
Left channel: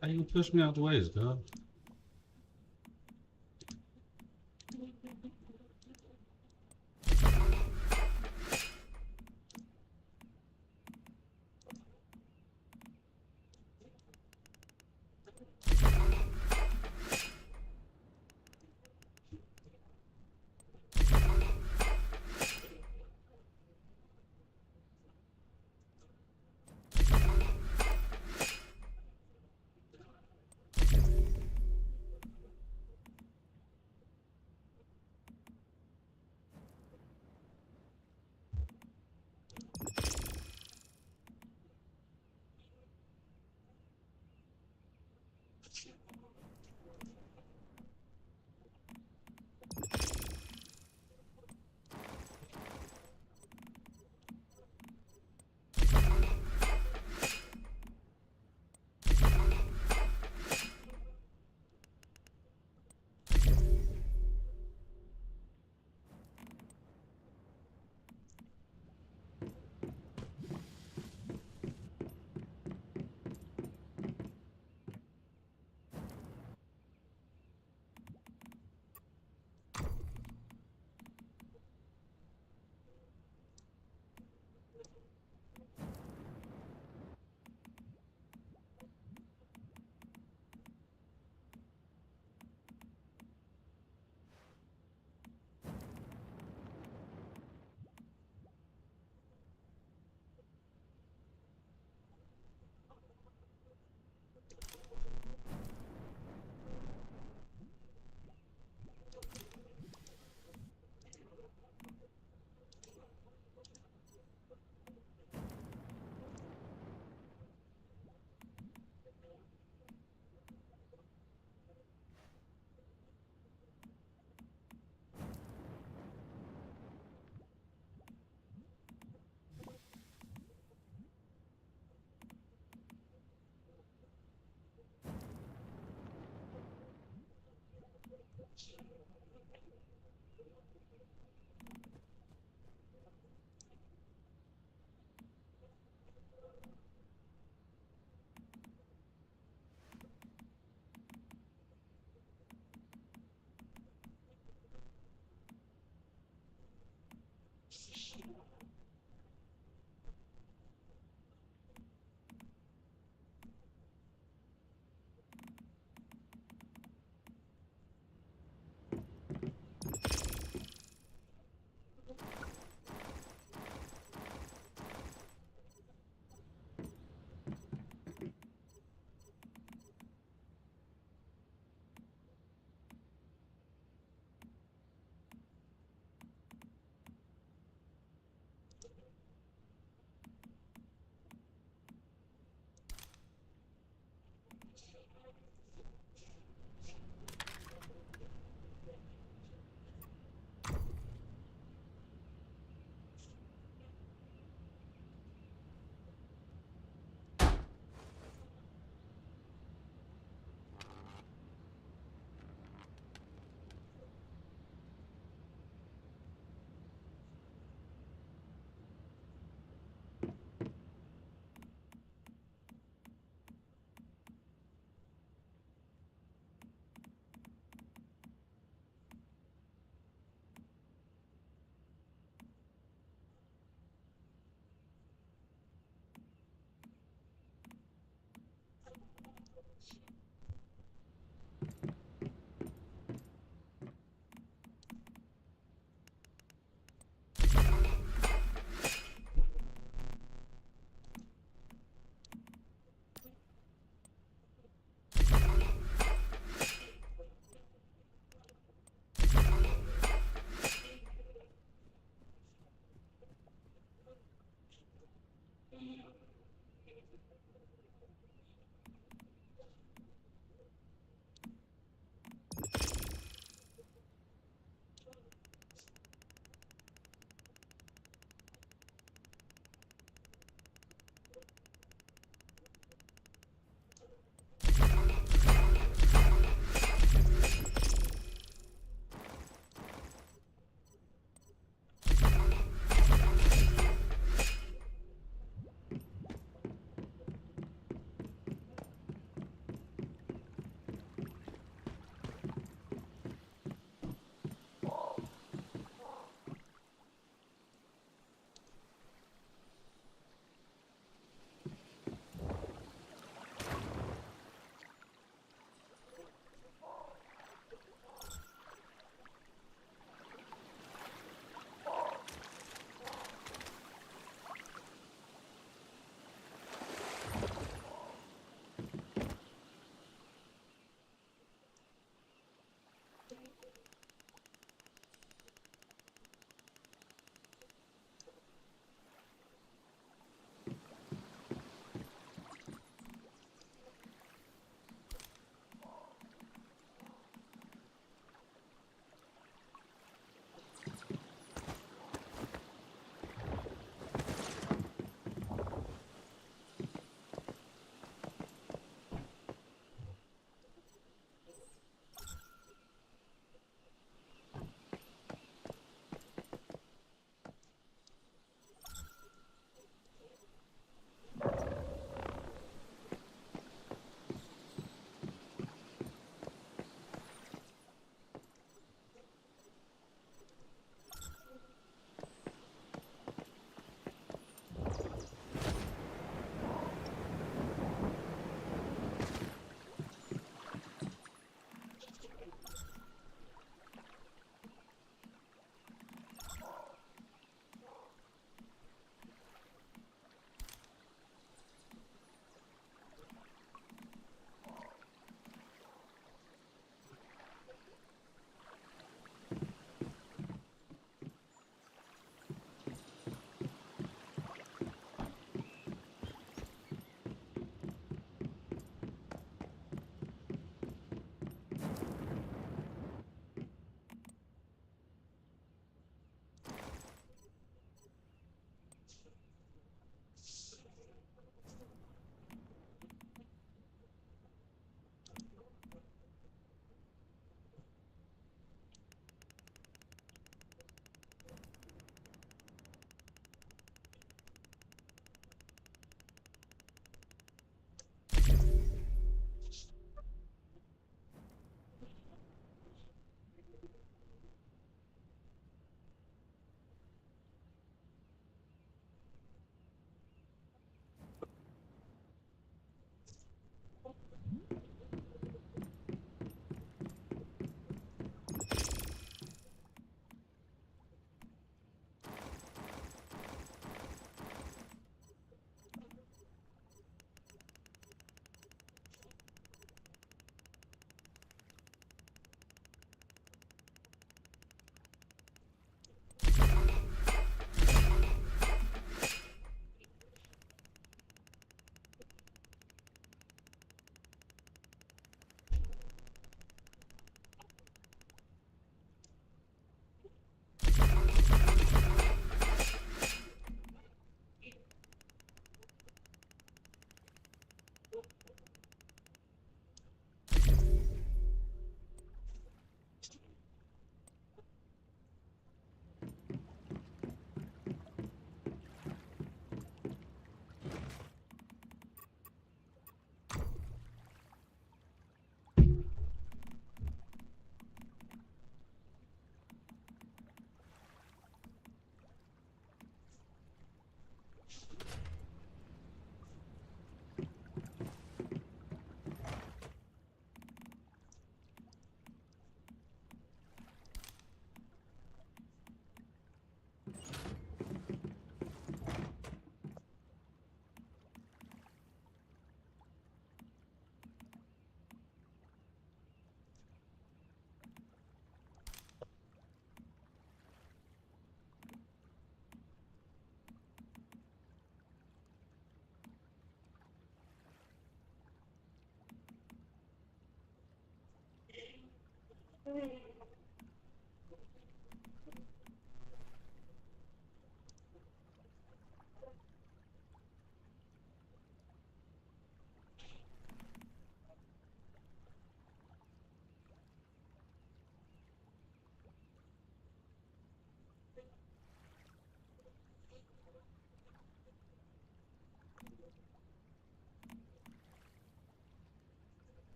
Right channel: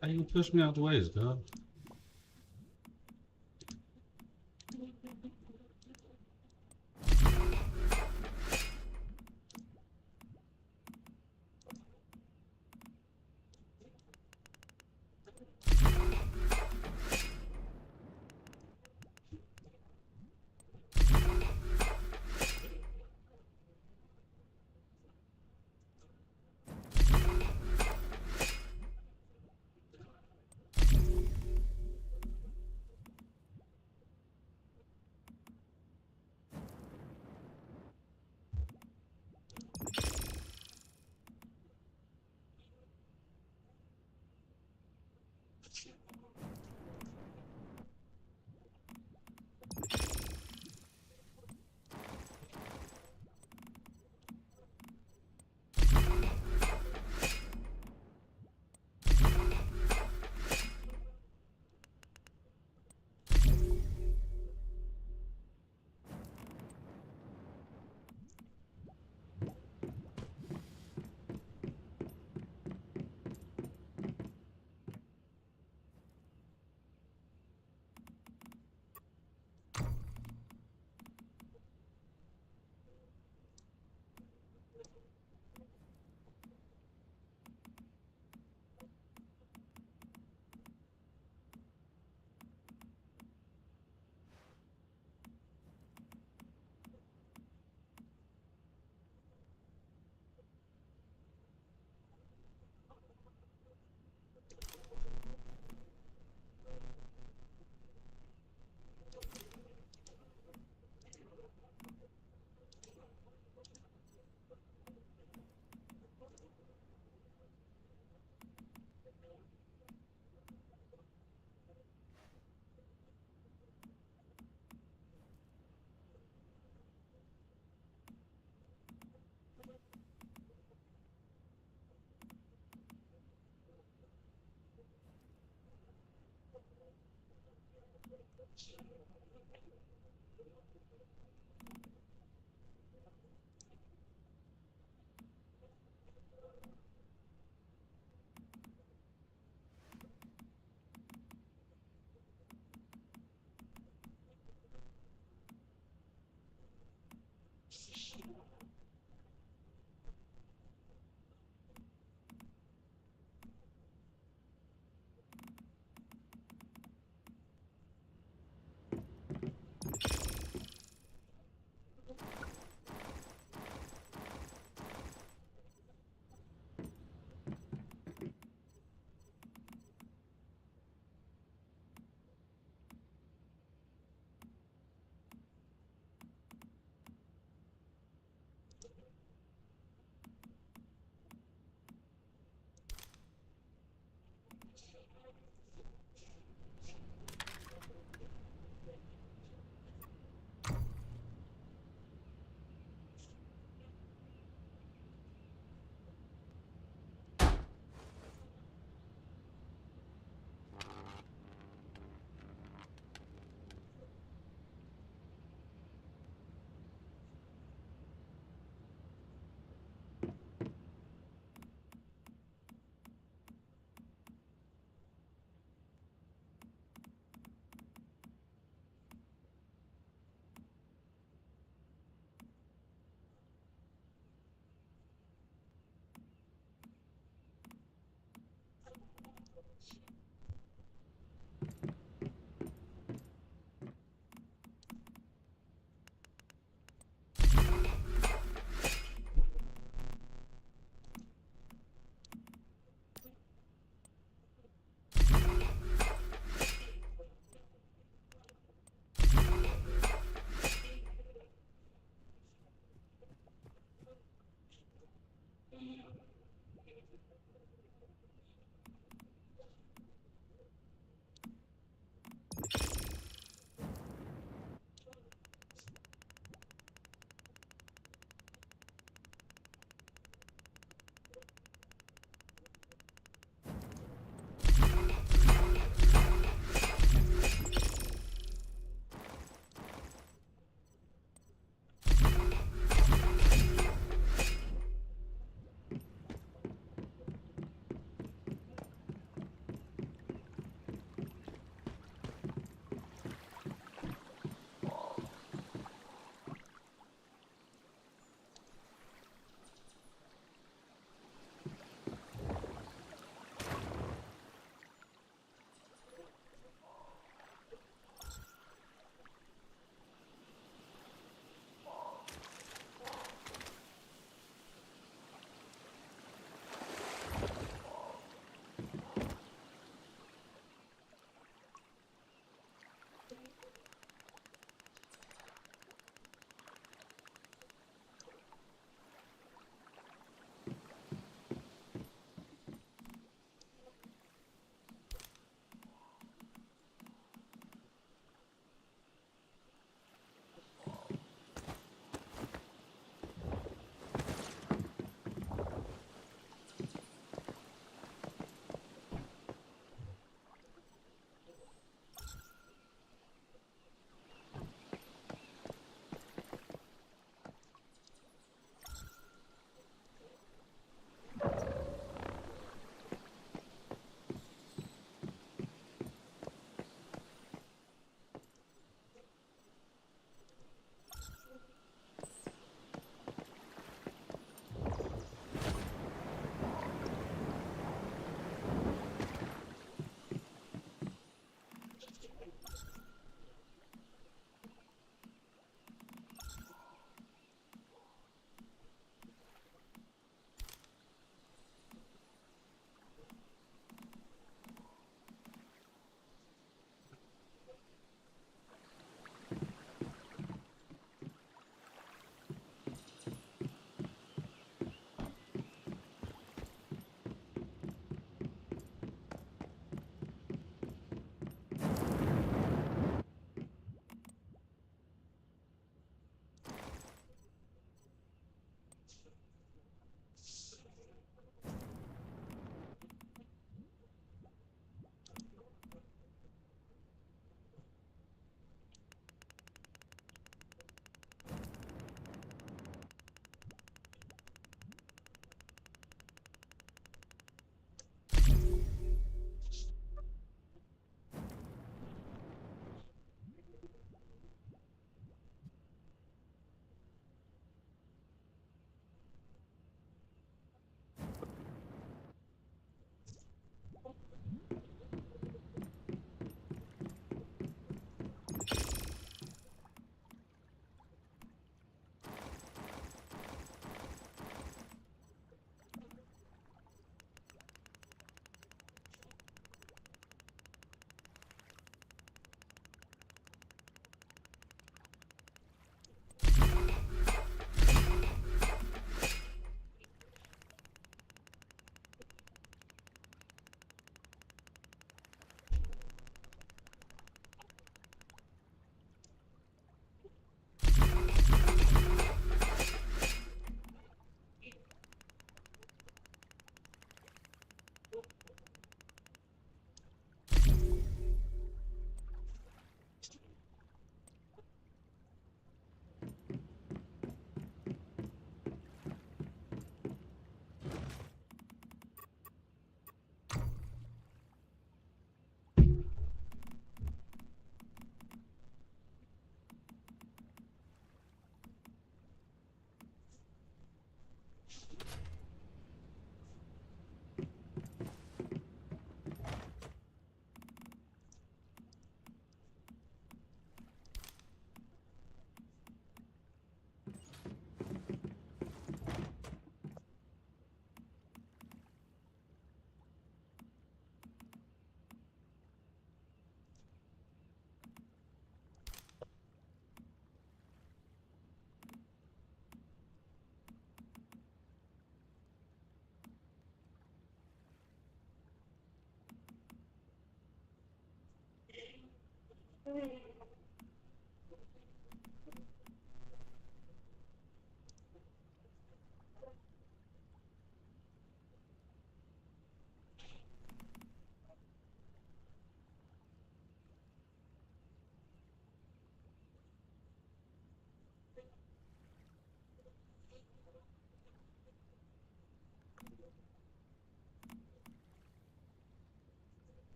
How you push me out the way, dog?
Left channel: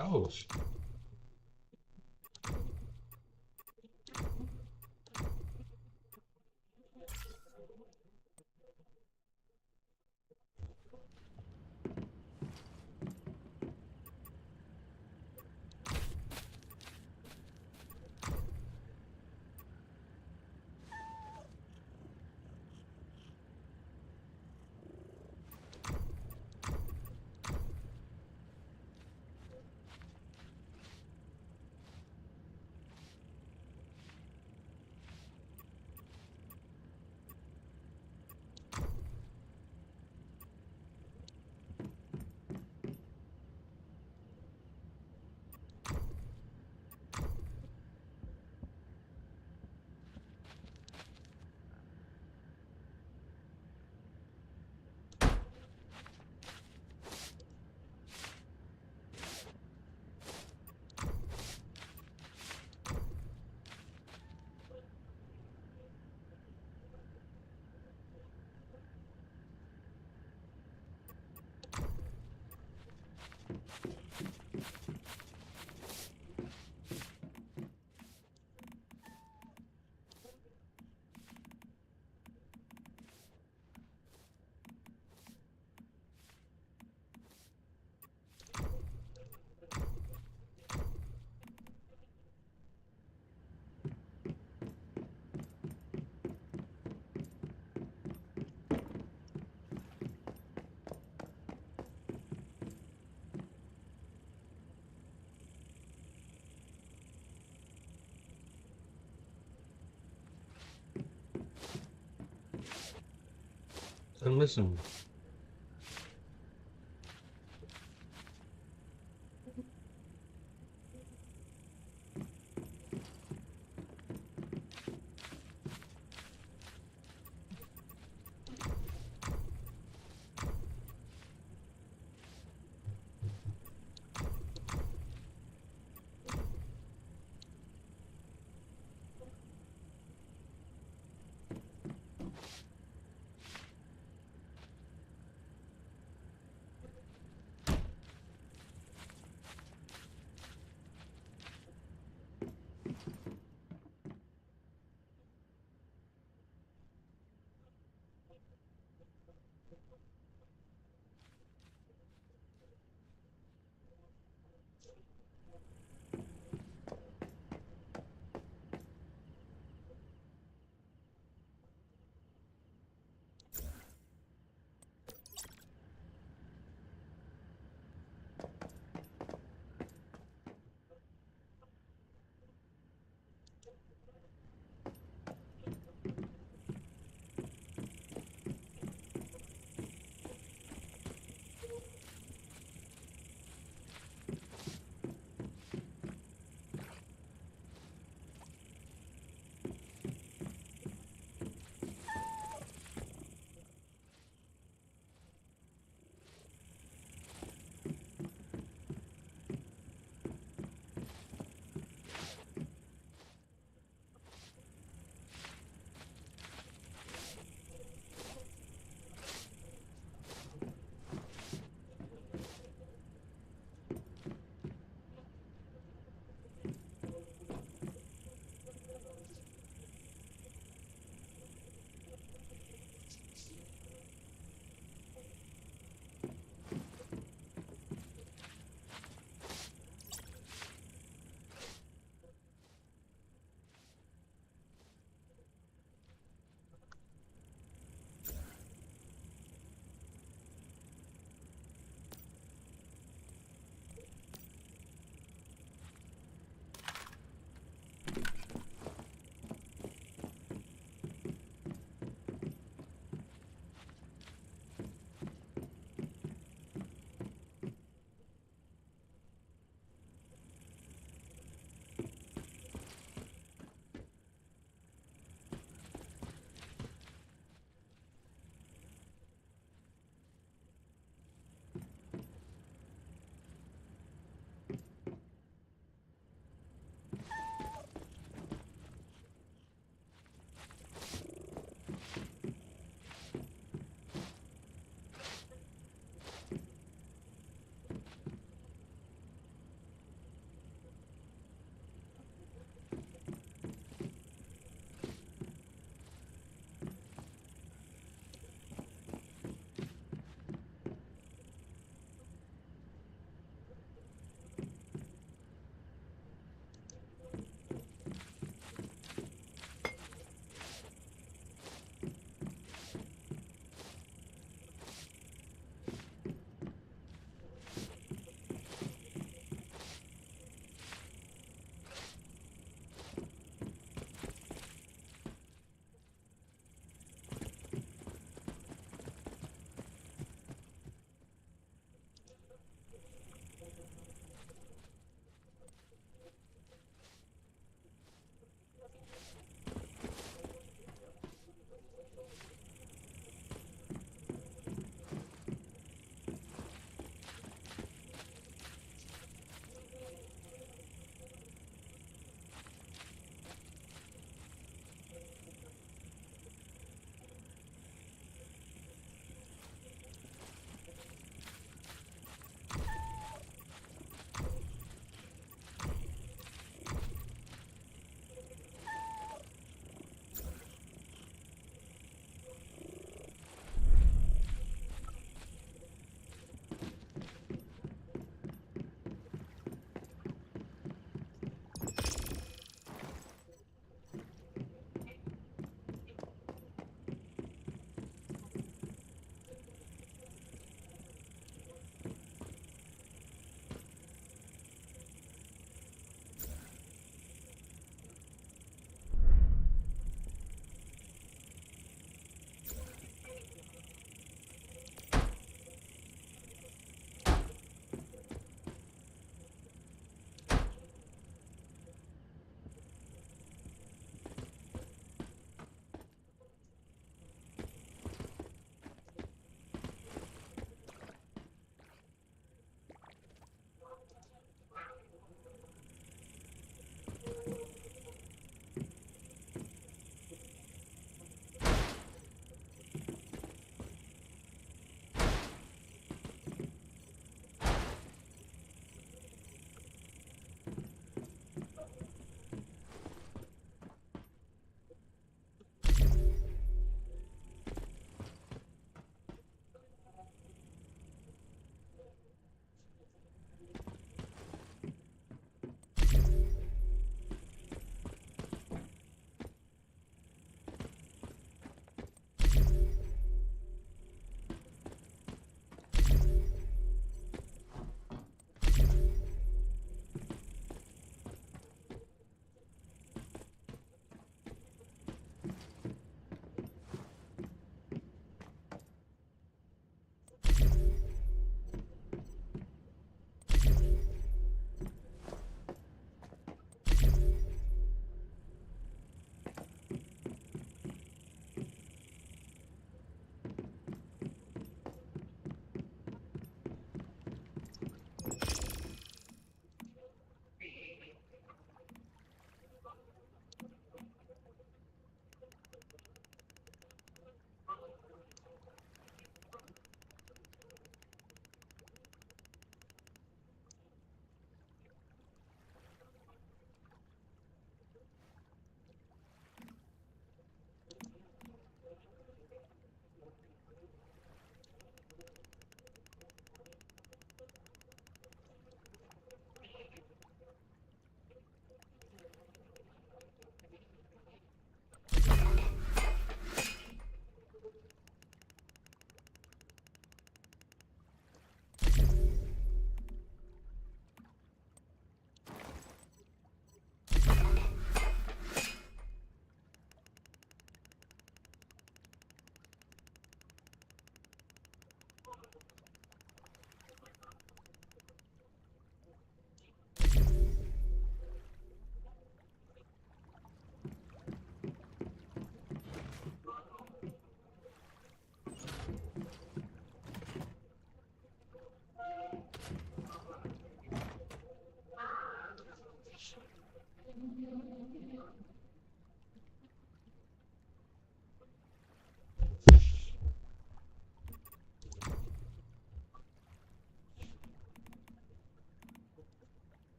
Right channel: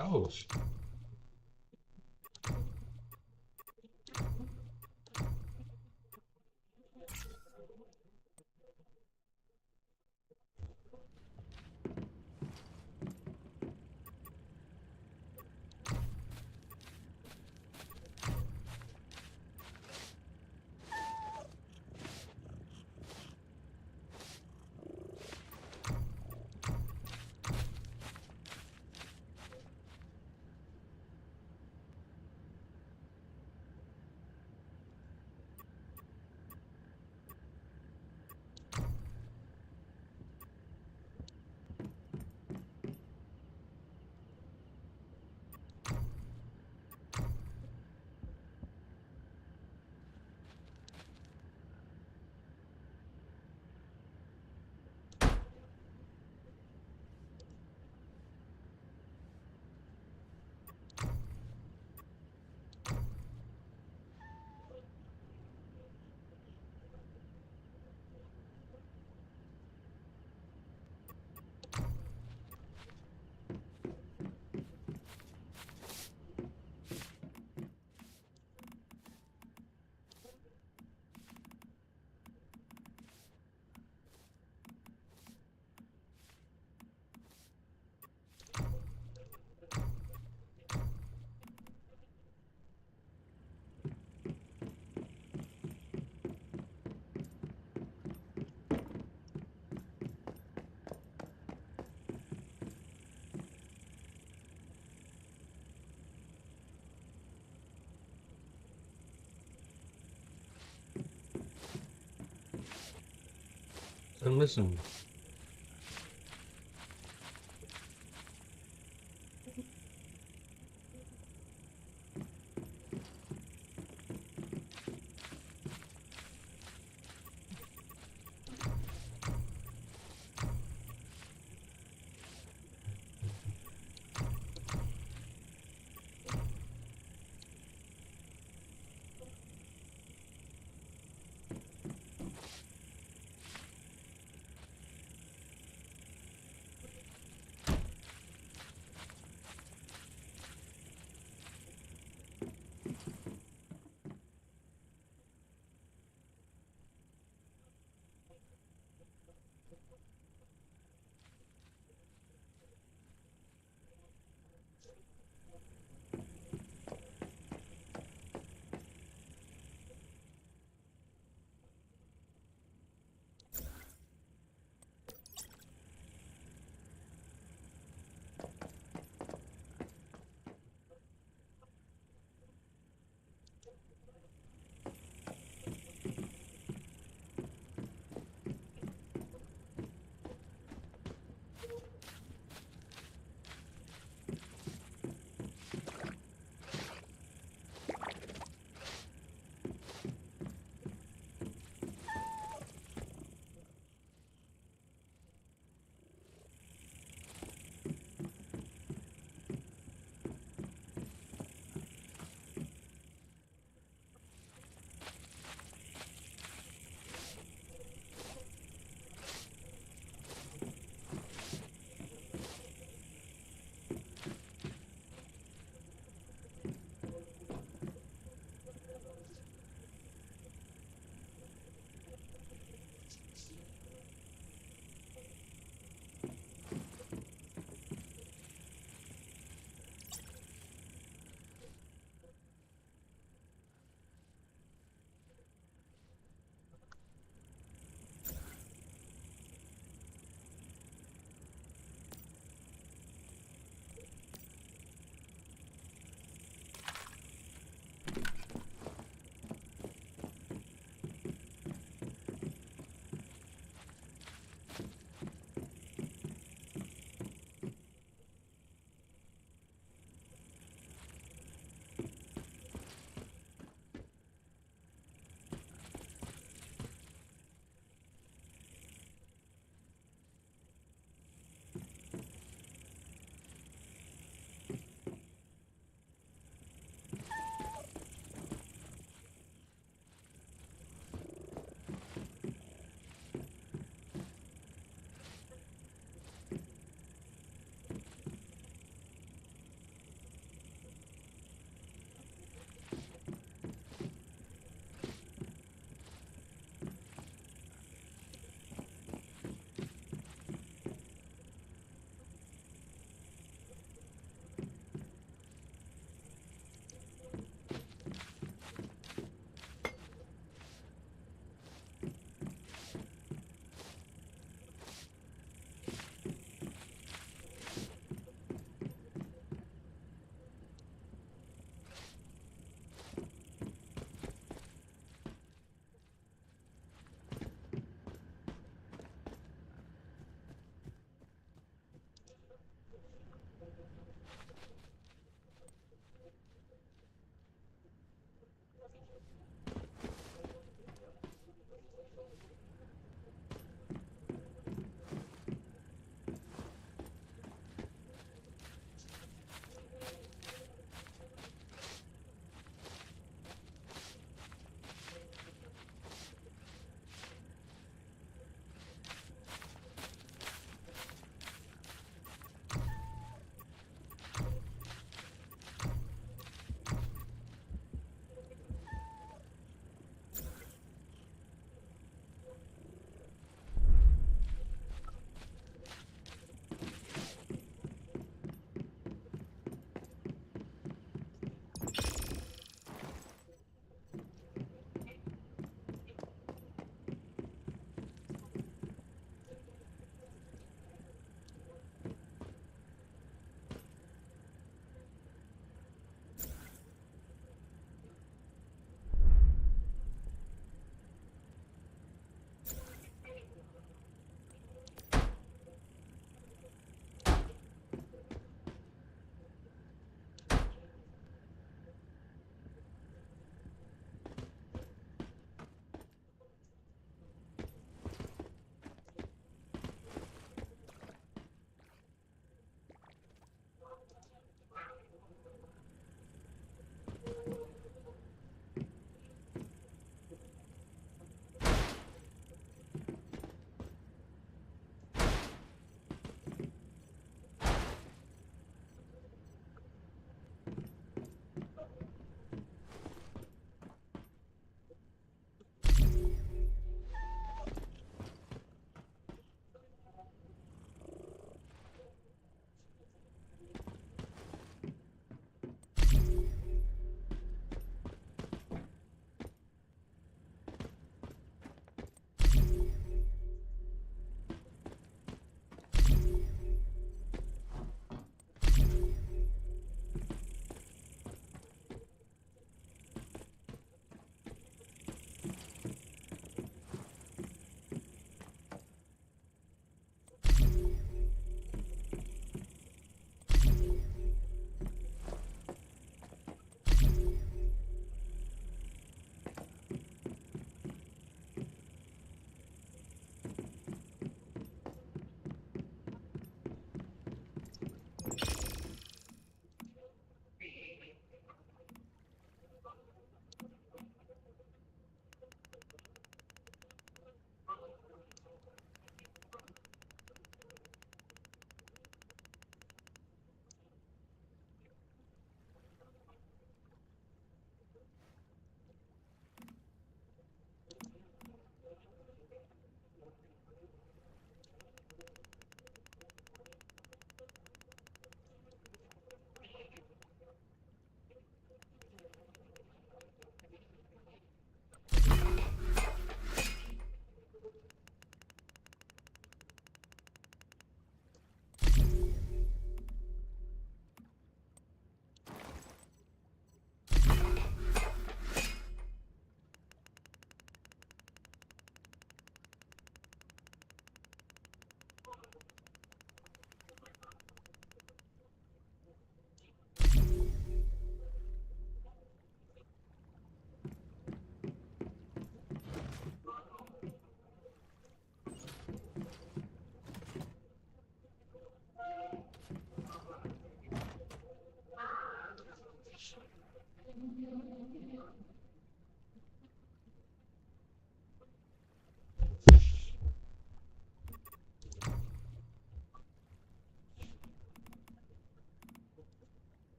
Oh. fucking listen.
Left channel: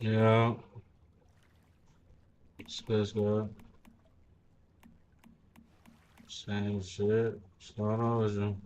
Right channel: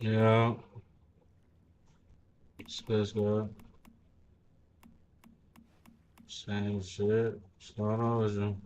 Yeah. It's good. Same shit. What's going on with you?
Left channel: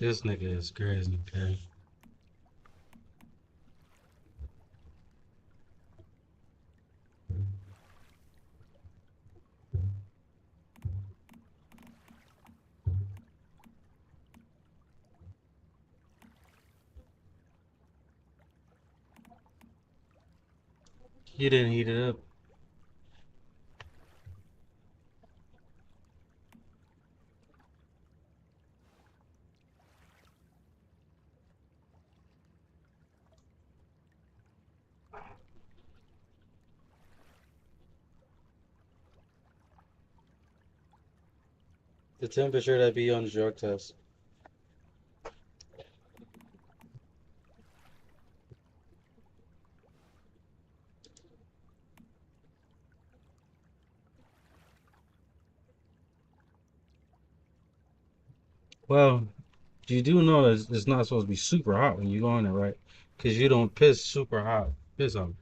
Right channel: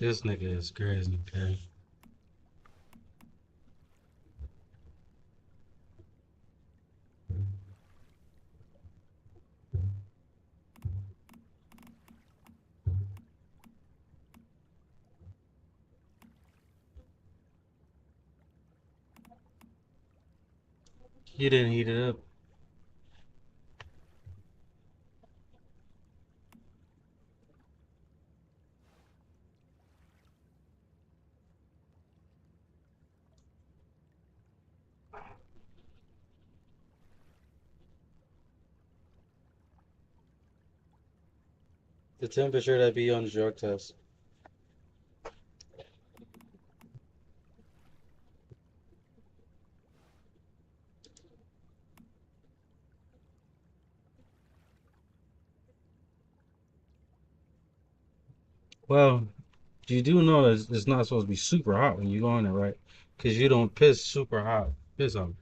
This nigga is crazy, okay? He didn't heat it up. The temperature that be on the drug test. Well, You do know that it's not supposed to be super hot when you go in there, right? Because you don't piss super hot. Piss on.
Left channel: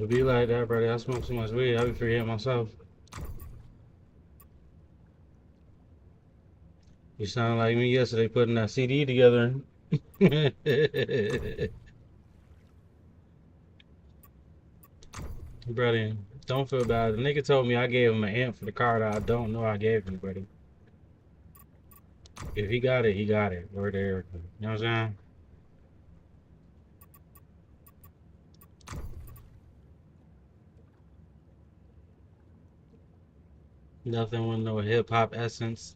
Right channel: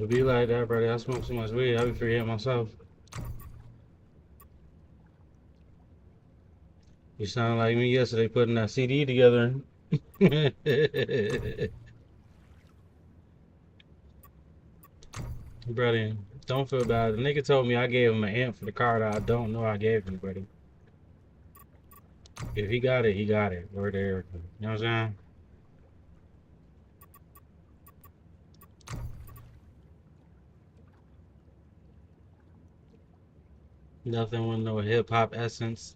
It be like that, brother. I smoke so much weed, I be forgetting myself. You sound like me yesterday putting that CD together. Brother, don't feel bad. The nigga told me I gave him an amp for the car that I don't know I gave him, brother. If he got it, he got it. Word there. You know what I'm saying? Nothing with no hip hop essence.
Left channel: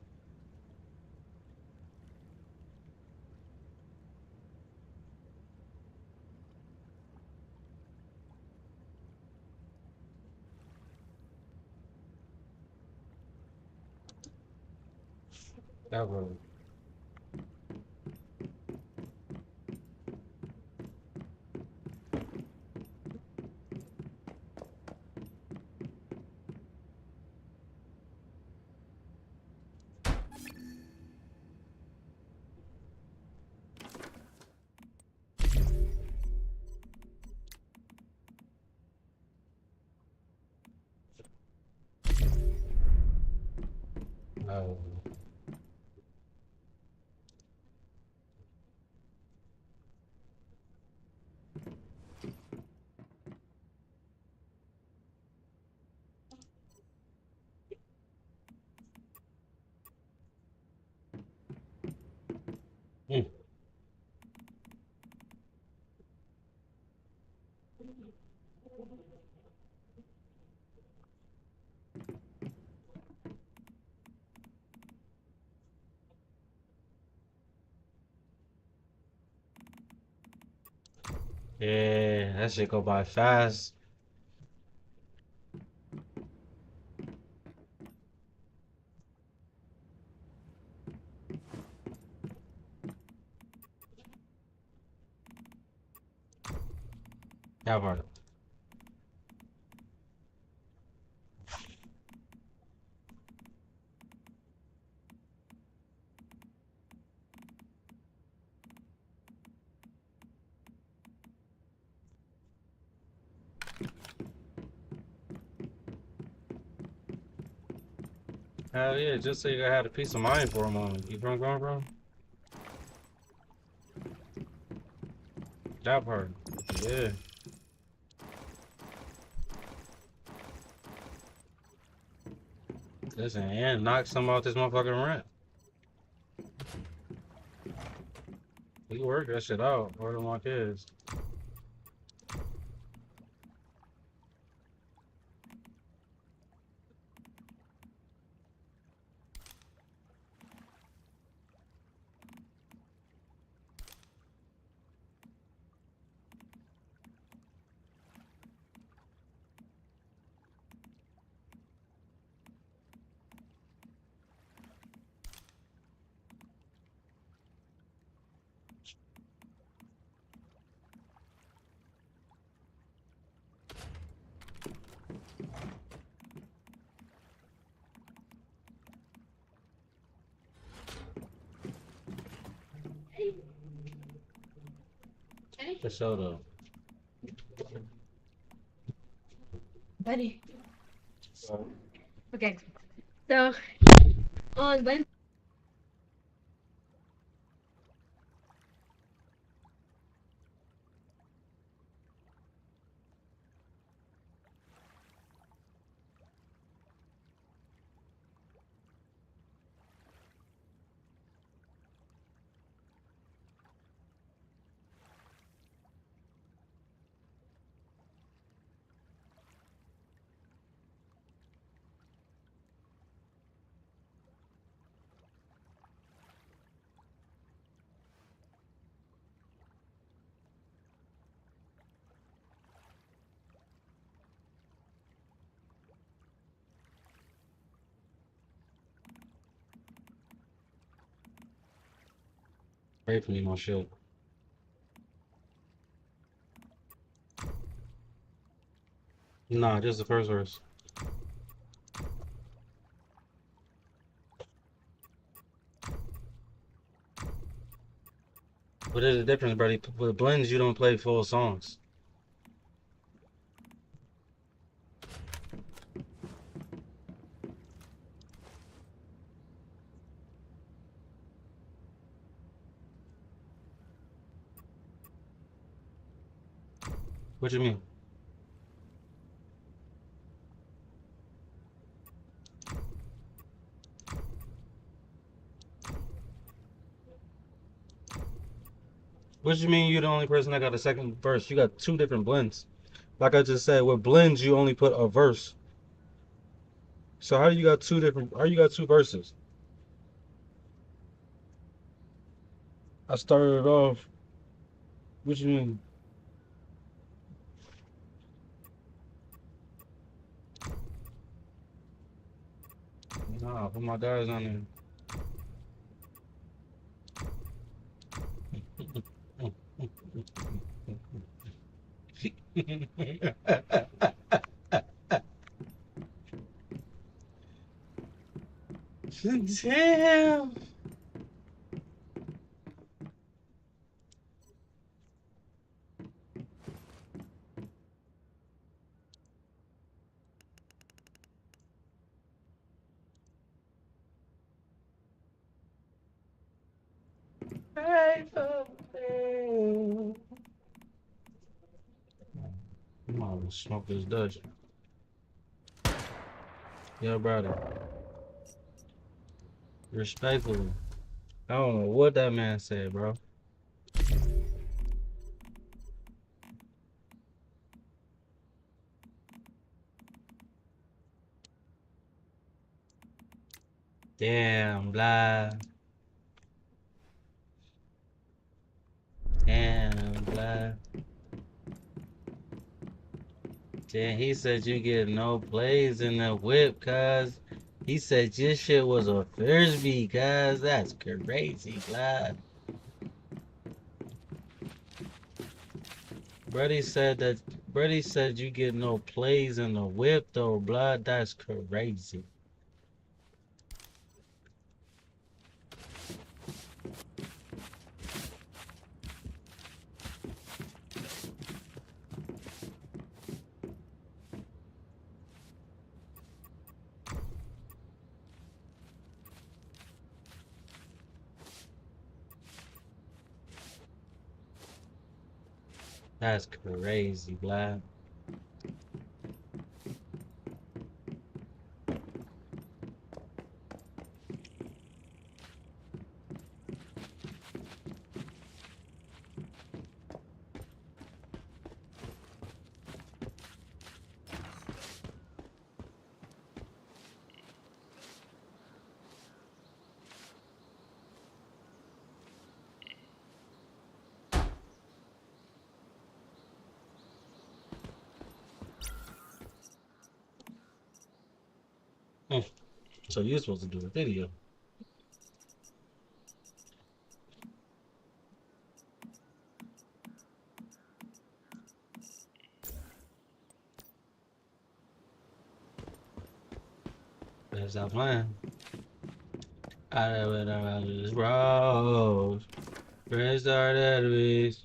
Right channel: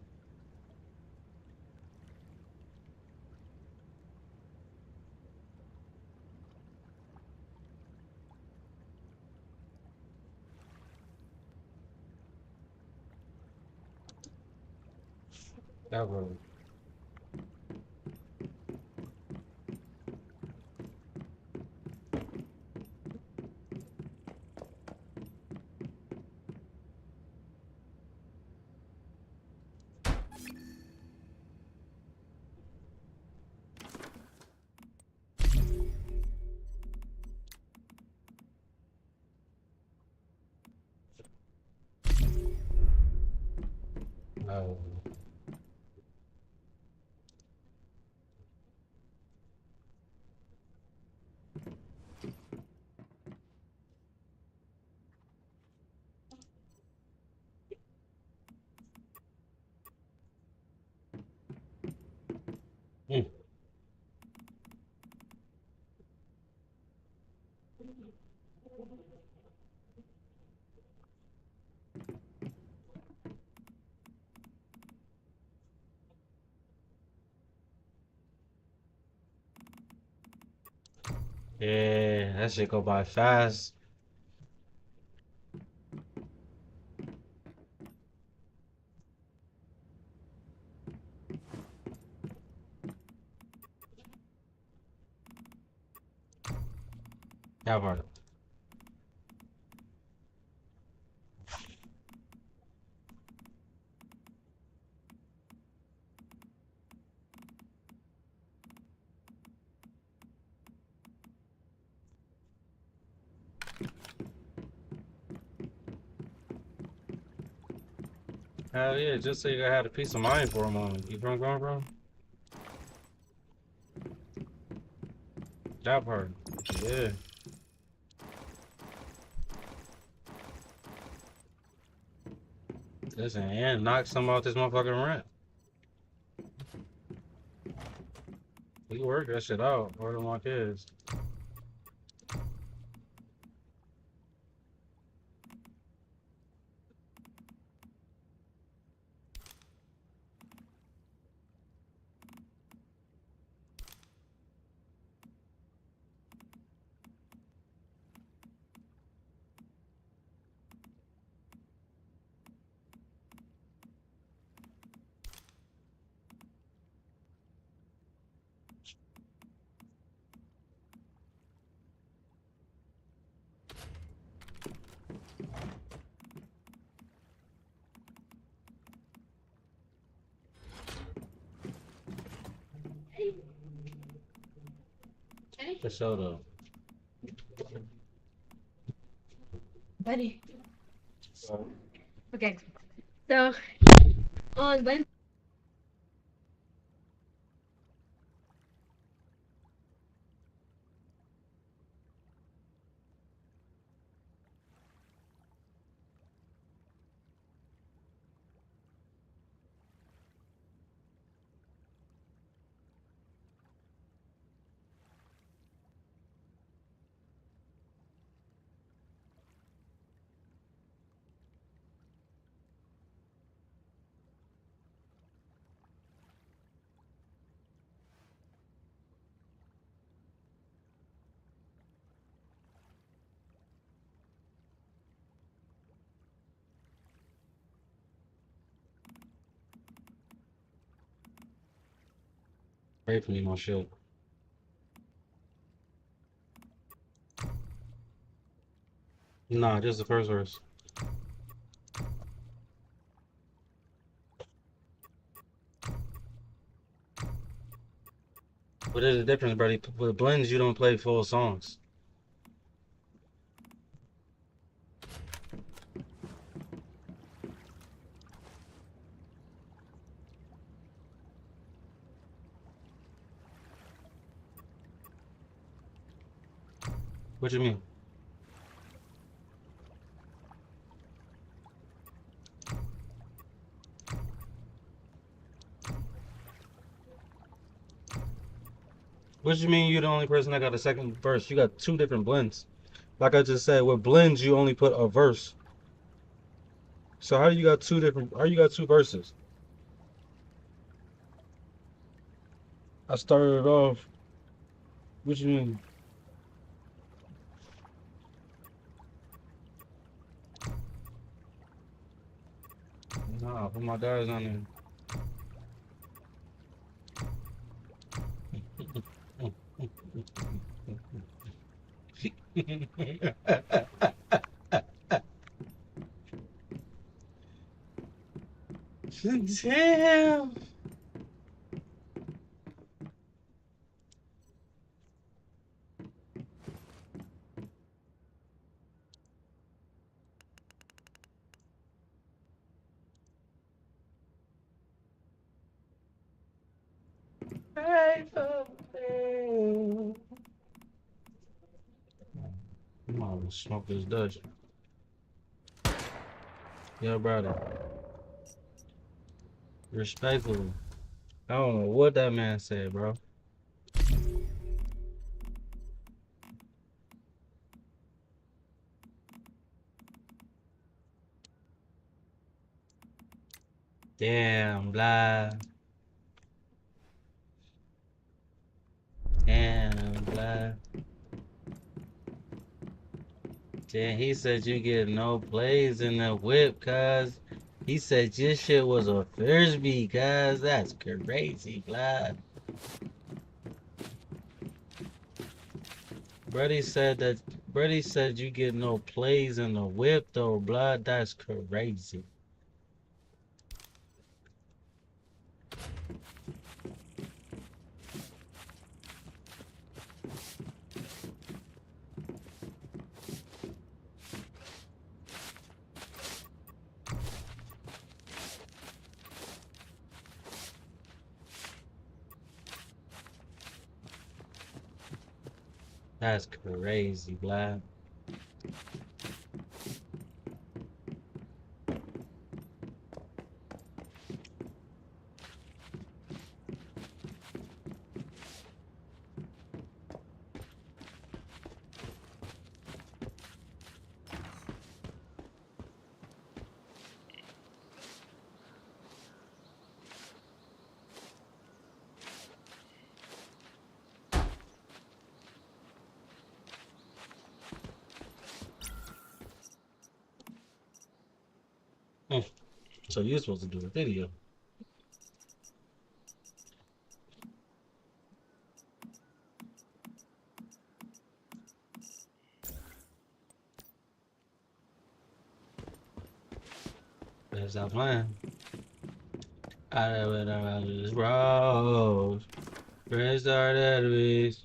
That was. Oh. Mm. Yeah, that shit go by fast. That part. Hell yeah, just so you had a peace of mind for a moment. You drunk, bro? That part. Yeah. Listen, and knock some off this motherfucking rent. We work that shit out. More than my kids. For sure though. Buddy. Okay. So on Wednesday. Pray for me, my shit. Nah, just the first verse. But there's a difference, buddy. With blends, you don't play full songs. What you mean? What you mean you're the only person that got a second verse? You got two different blends. Like I just said, with blends you only put a verse. So how you got two verses? I started off. What you mean? Nah, put my guys on there. Damn. I'm gonna smoke this Dutch. Yo, brother. Respectfully. I don't know what that man said, bro. Damn, blah. Damn, blah. Damn, he said you get no plays in the whip, cuz. He said your shit was a frisbee, cuz. That's crazy, blah. Brody said you get no plays in the whip, though, blood. That's crazy. That's crazy, blood. So you're supposed to do a video. Better stop playing. I went around this road. Friends are enemies.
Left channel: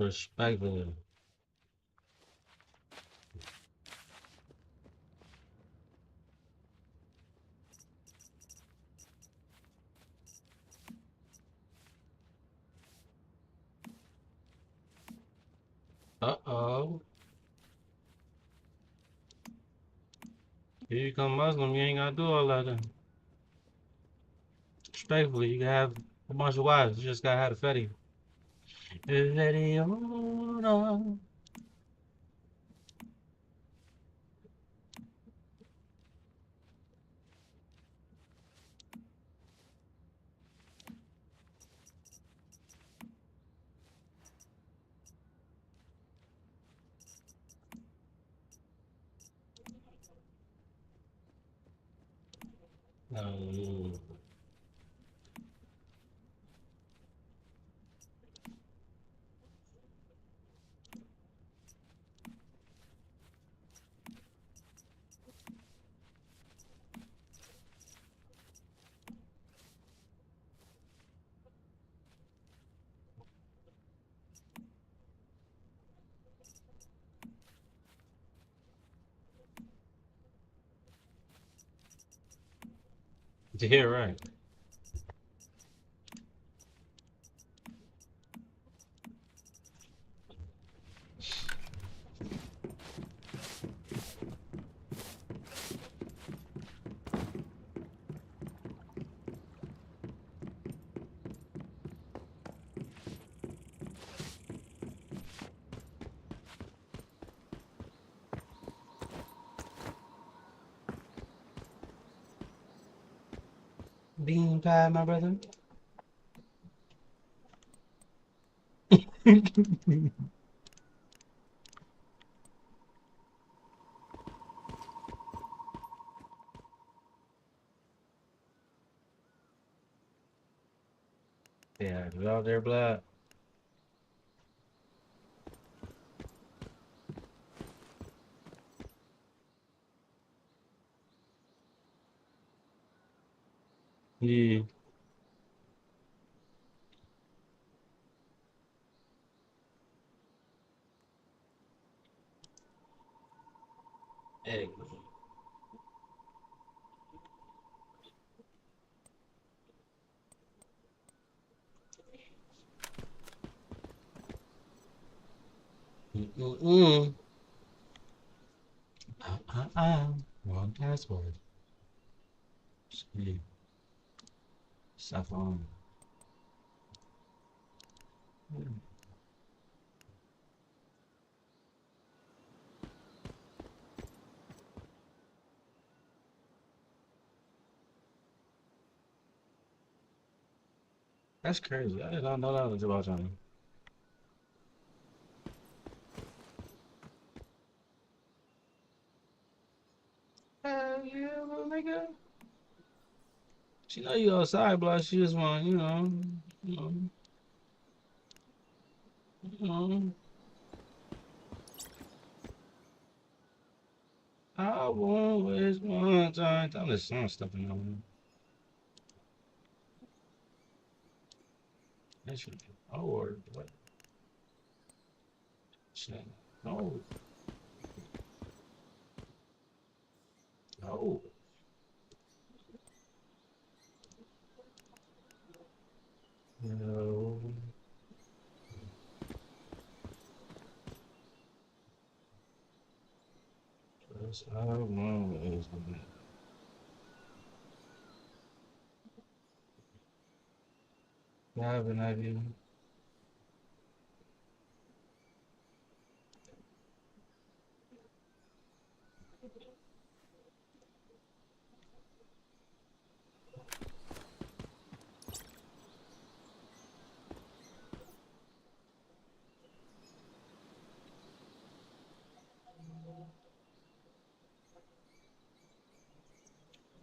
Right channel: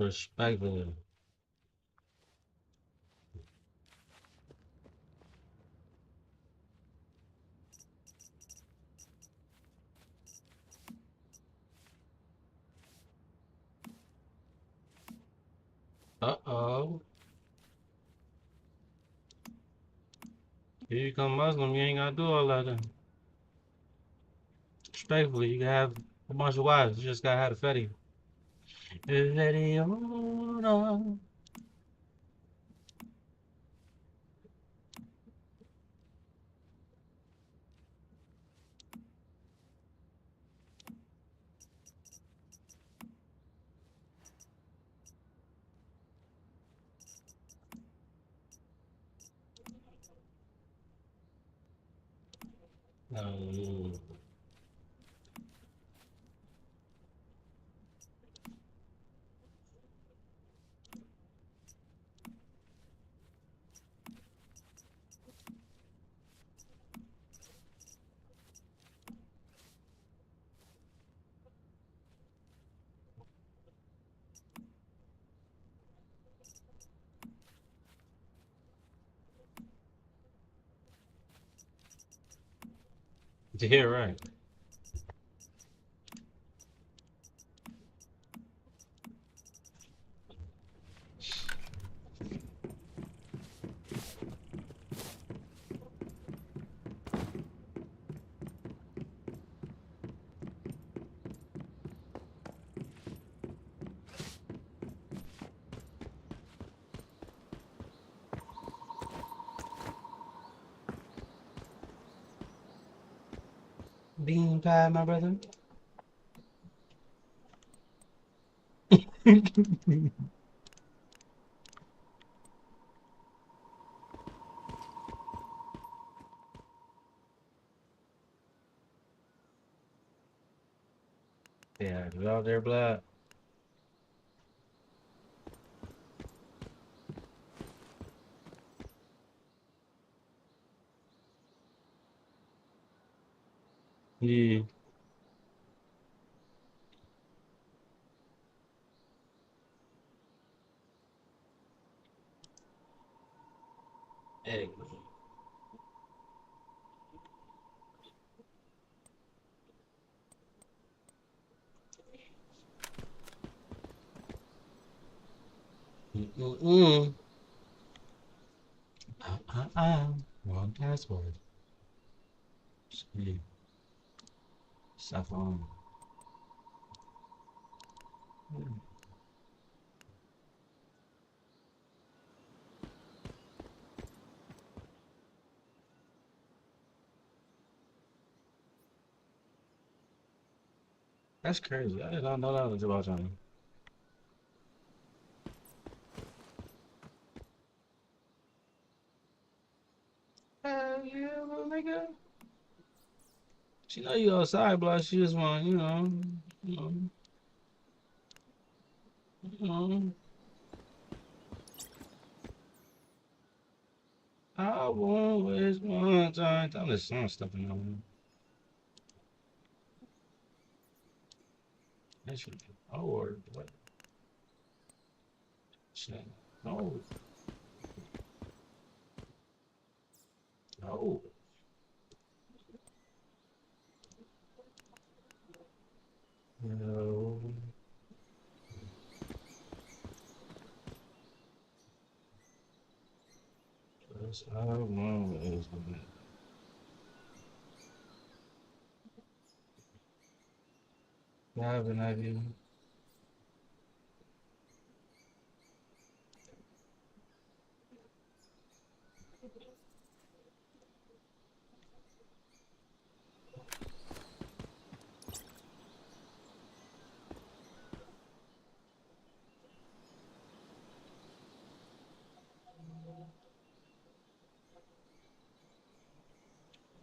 Respectfully. Uh-oh. If you become Muslim, you ain't gotta do all that then. Respectfully, you can have a bunch of wives. You just gotta have a fetty. Fetty on. Oh. Yeah, right. Bean pie, my brother. Yeah, you out there, blood? Yeah. Hey. Mm-mm-mm. Wrong password. Yeah. Stuff on. That's crazy. I did not know that was about Johnny. Hell yeah, little nigga. She know you outside, but she just want, you know. I won't waste my time. I'm just song stuff in there. That should be or what? Shit. No. No. No. That's I won't waste my time. I have an idea.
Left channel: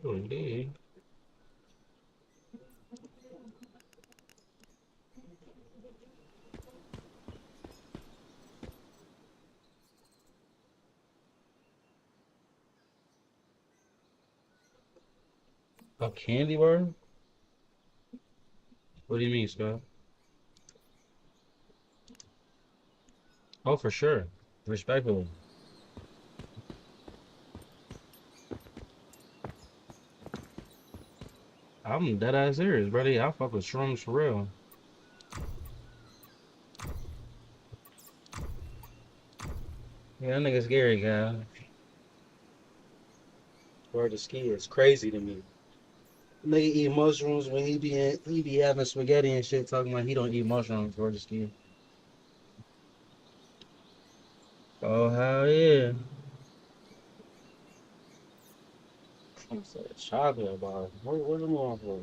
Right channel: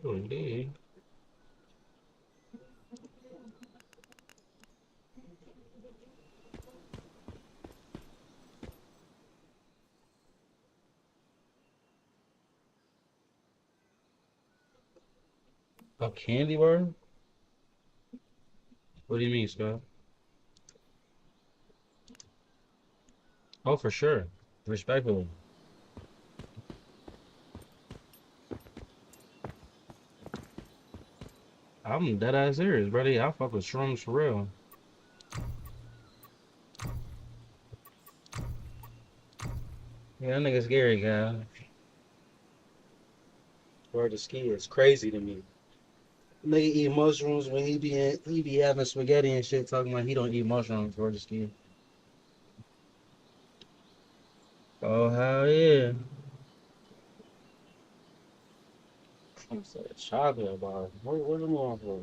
Oh, indeed. A candy bar? What do you mean, Scott? Oh, for sure. Respectfully. I'm dead ass serious, buddy. I fuck with shrooms for real. Yeah, that nigga scary, guy. Word to ski is crazy to me. Nigga eat mushrooms when he be having spaghetti and shit, talking about he don't eat mushrooms. Word to ski. Oh hell yeah! I'm saying chocolate bar. Where's the more for?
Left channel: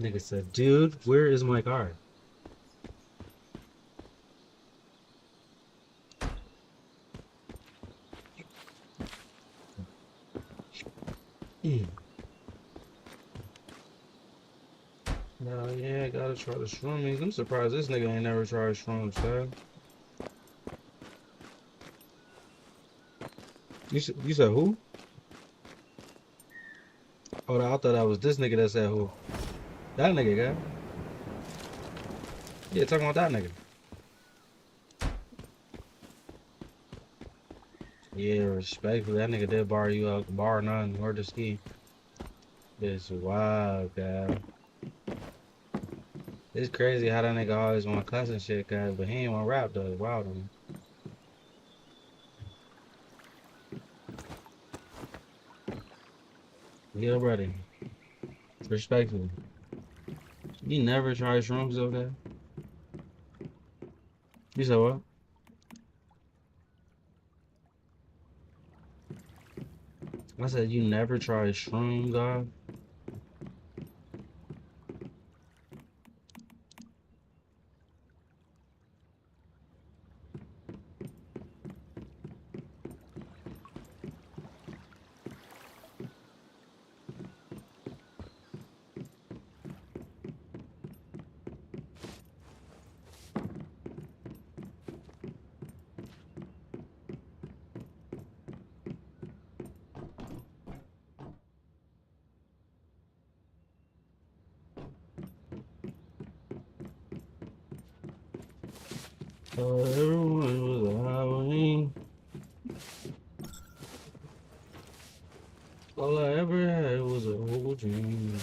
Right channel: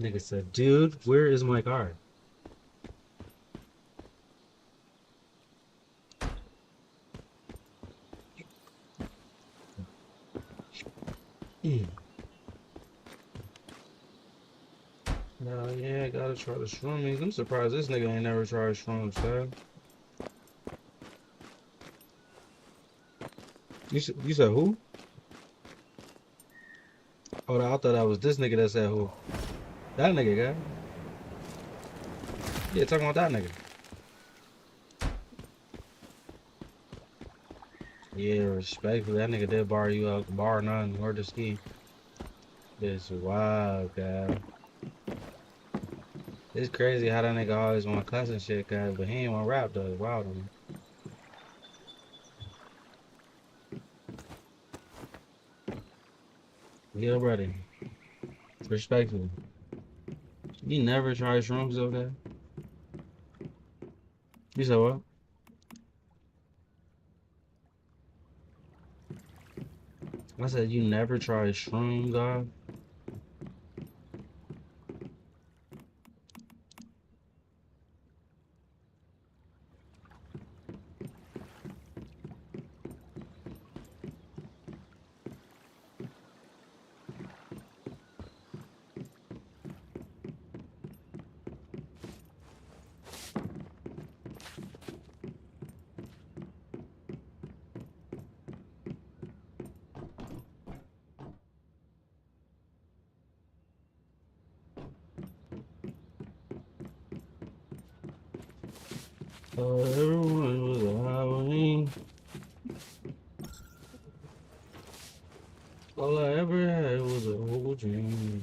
Nigga said, dude, where is my car? No, yeah, I gotta try the shroomies. I'm surprised this nigga ain't never tried shrooms, man. You said who? Oh, I thought that was this nigga that said who. That nigga, guy. Yeah, talking about that nigga. Yeah, respectfully, that nigga did bar you out, bar none, or the ski. It's wild, guy. It's crazy how that nigga always want to cuss and shit, guy, but he ain't want to rap though. It's wild on me. Yeah, buddy. Respectfully. You never tried shrooms, okay? You said what? I said you never tried shrooms, God. Everyone was a Halloween. All I ever had was a whole dream.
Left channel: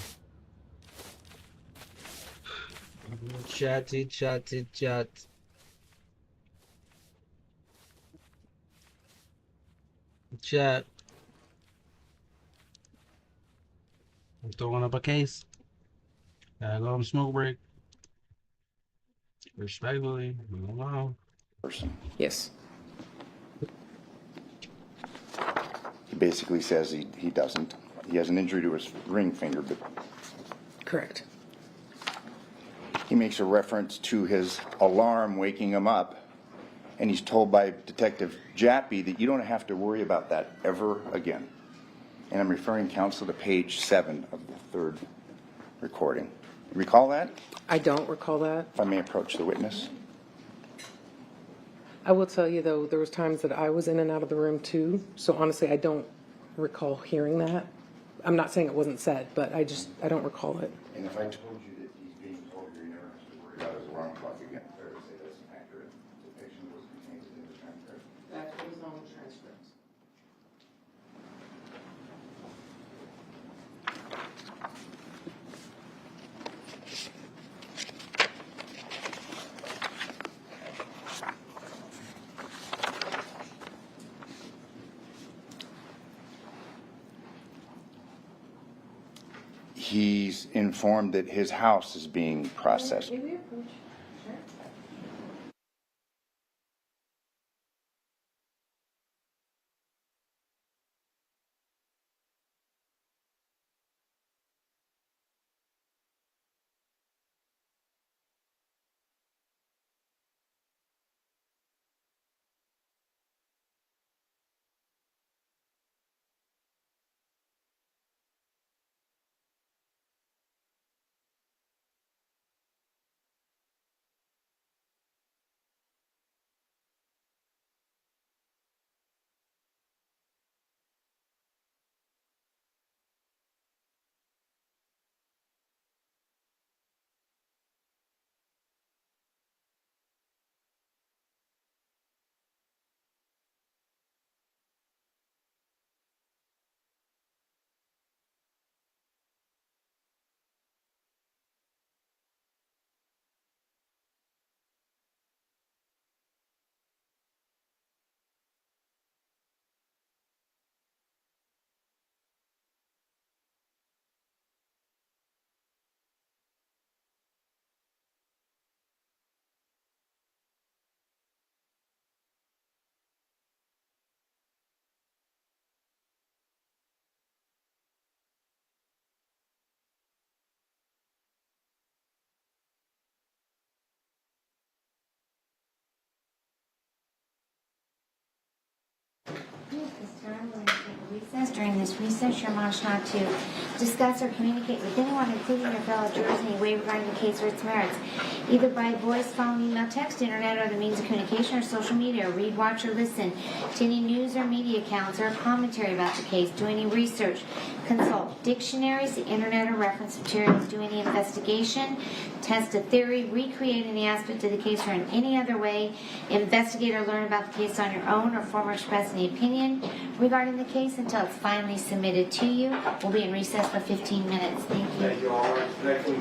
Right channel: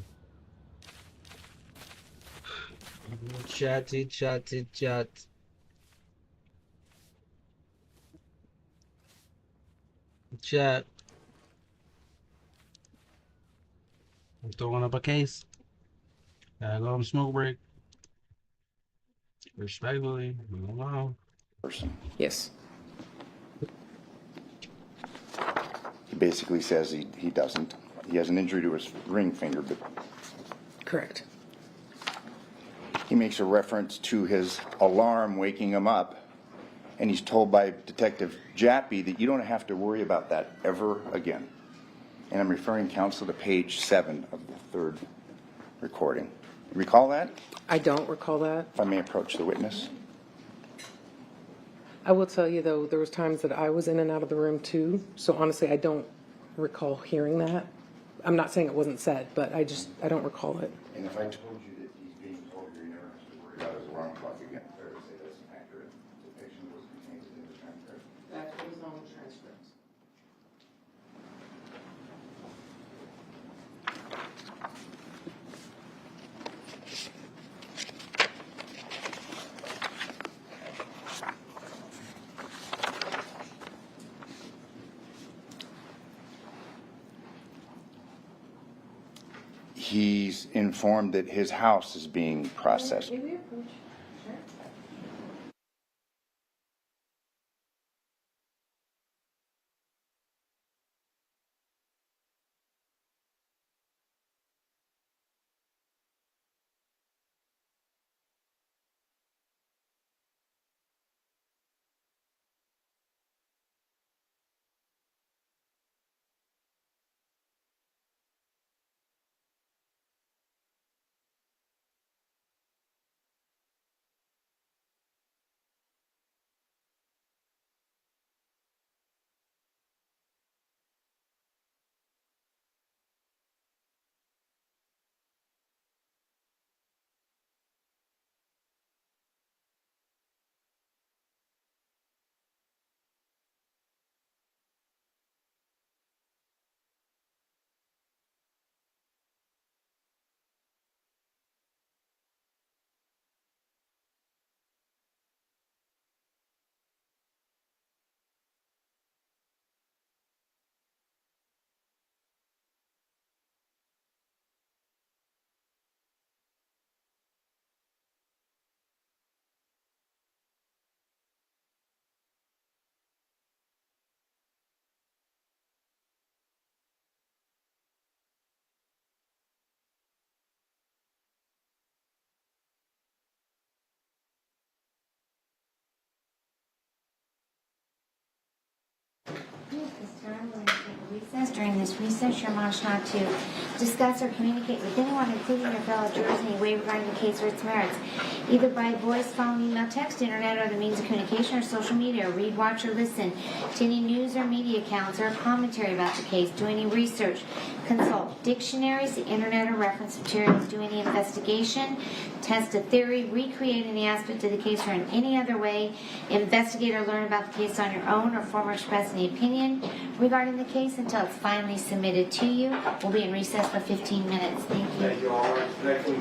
Chatty, chatty, chat. Chat. I'm throwing up a case. Gotta go on smoke break. Respectfully, wow. Yes. He basically says he doesn't. He has an injury to his ring finger, but Correct. he makes a reference to his alarm waking him up, and he's told by Detective Jappy that you don't have to worry about that ever again. And I'm referring counsel to page 7 of the third recording. You recall that? I don't recall that. If I may approach the witness. I will tell you, though, there was times that I was in and out of the room, too. So honestly, I don't recall hearing that. I'm not saying it wasn't said, but I don't recall it. And if I told you that he's being told you never have to worry about his alarm clock again, fair to say that's an accurate depiction of what's contained in the transcript? That was on the transcript. He's informed that his house is being processed. This time, we're going to take a recess. During this recess, you're admonished not to discuss or communicate with anyone, including your fellow jurors, in any way regarding the case or its merits, either by voice, phone, email, text, internet, or other means of communication, or social media, or read, watch, or listen to any news or media accounts or commentary about the case, do any research, consult dictionaries, the internet, or reference materials, do any investigation, test a theory, recreate any aspect of the case, or in any other way investigate or learn about the case on your own, or form or express any opinion regarding the case until it's finally submitted to you. We'll be in recess for 15 minutes. Thank you. Thank you all. Next week,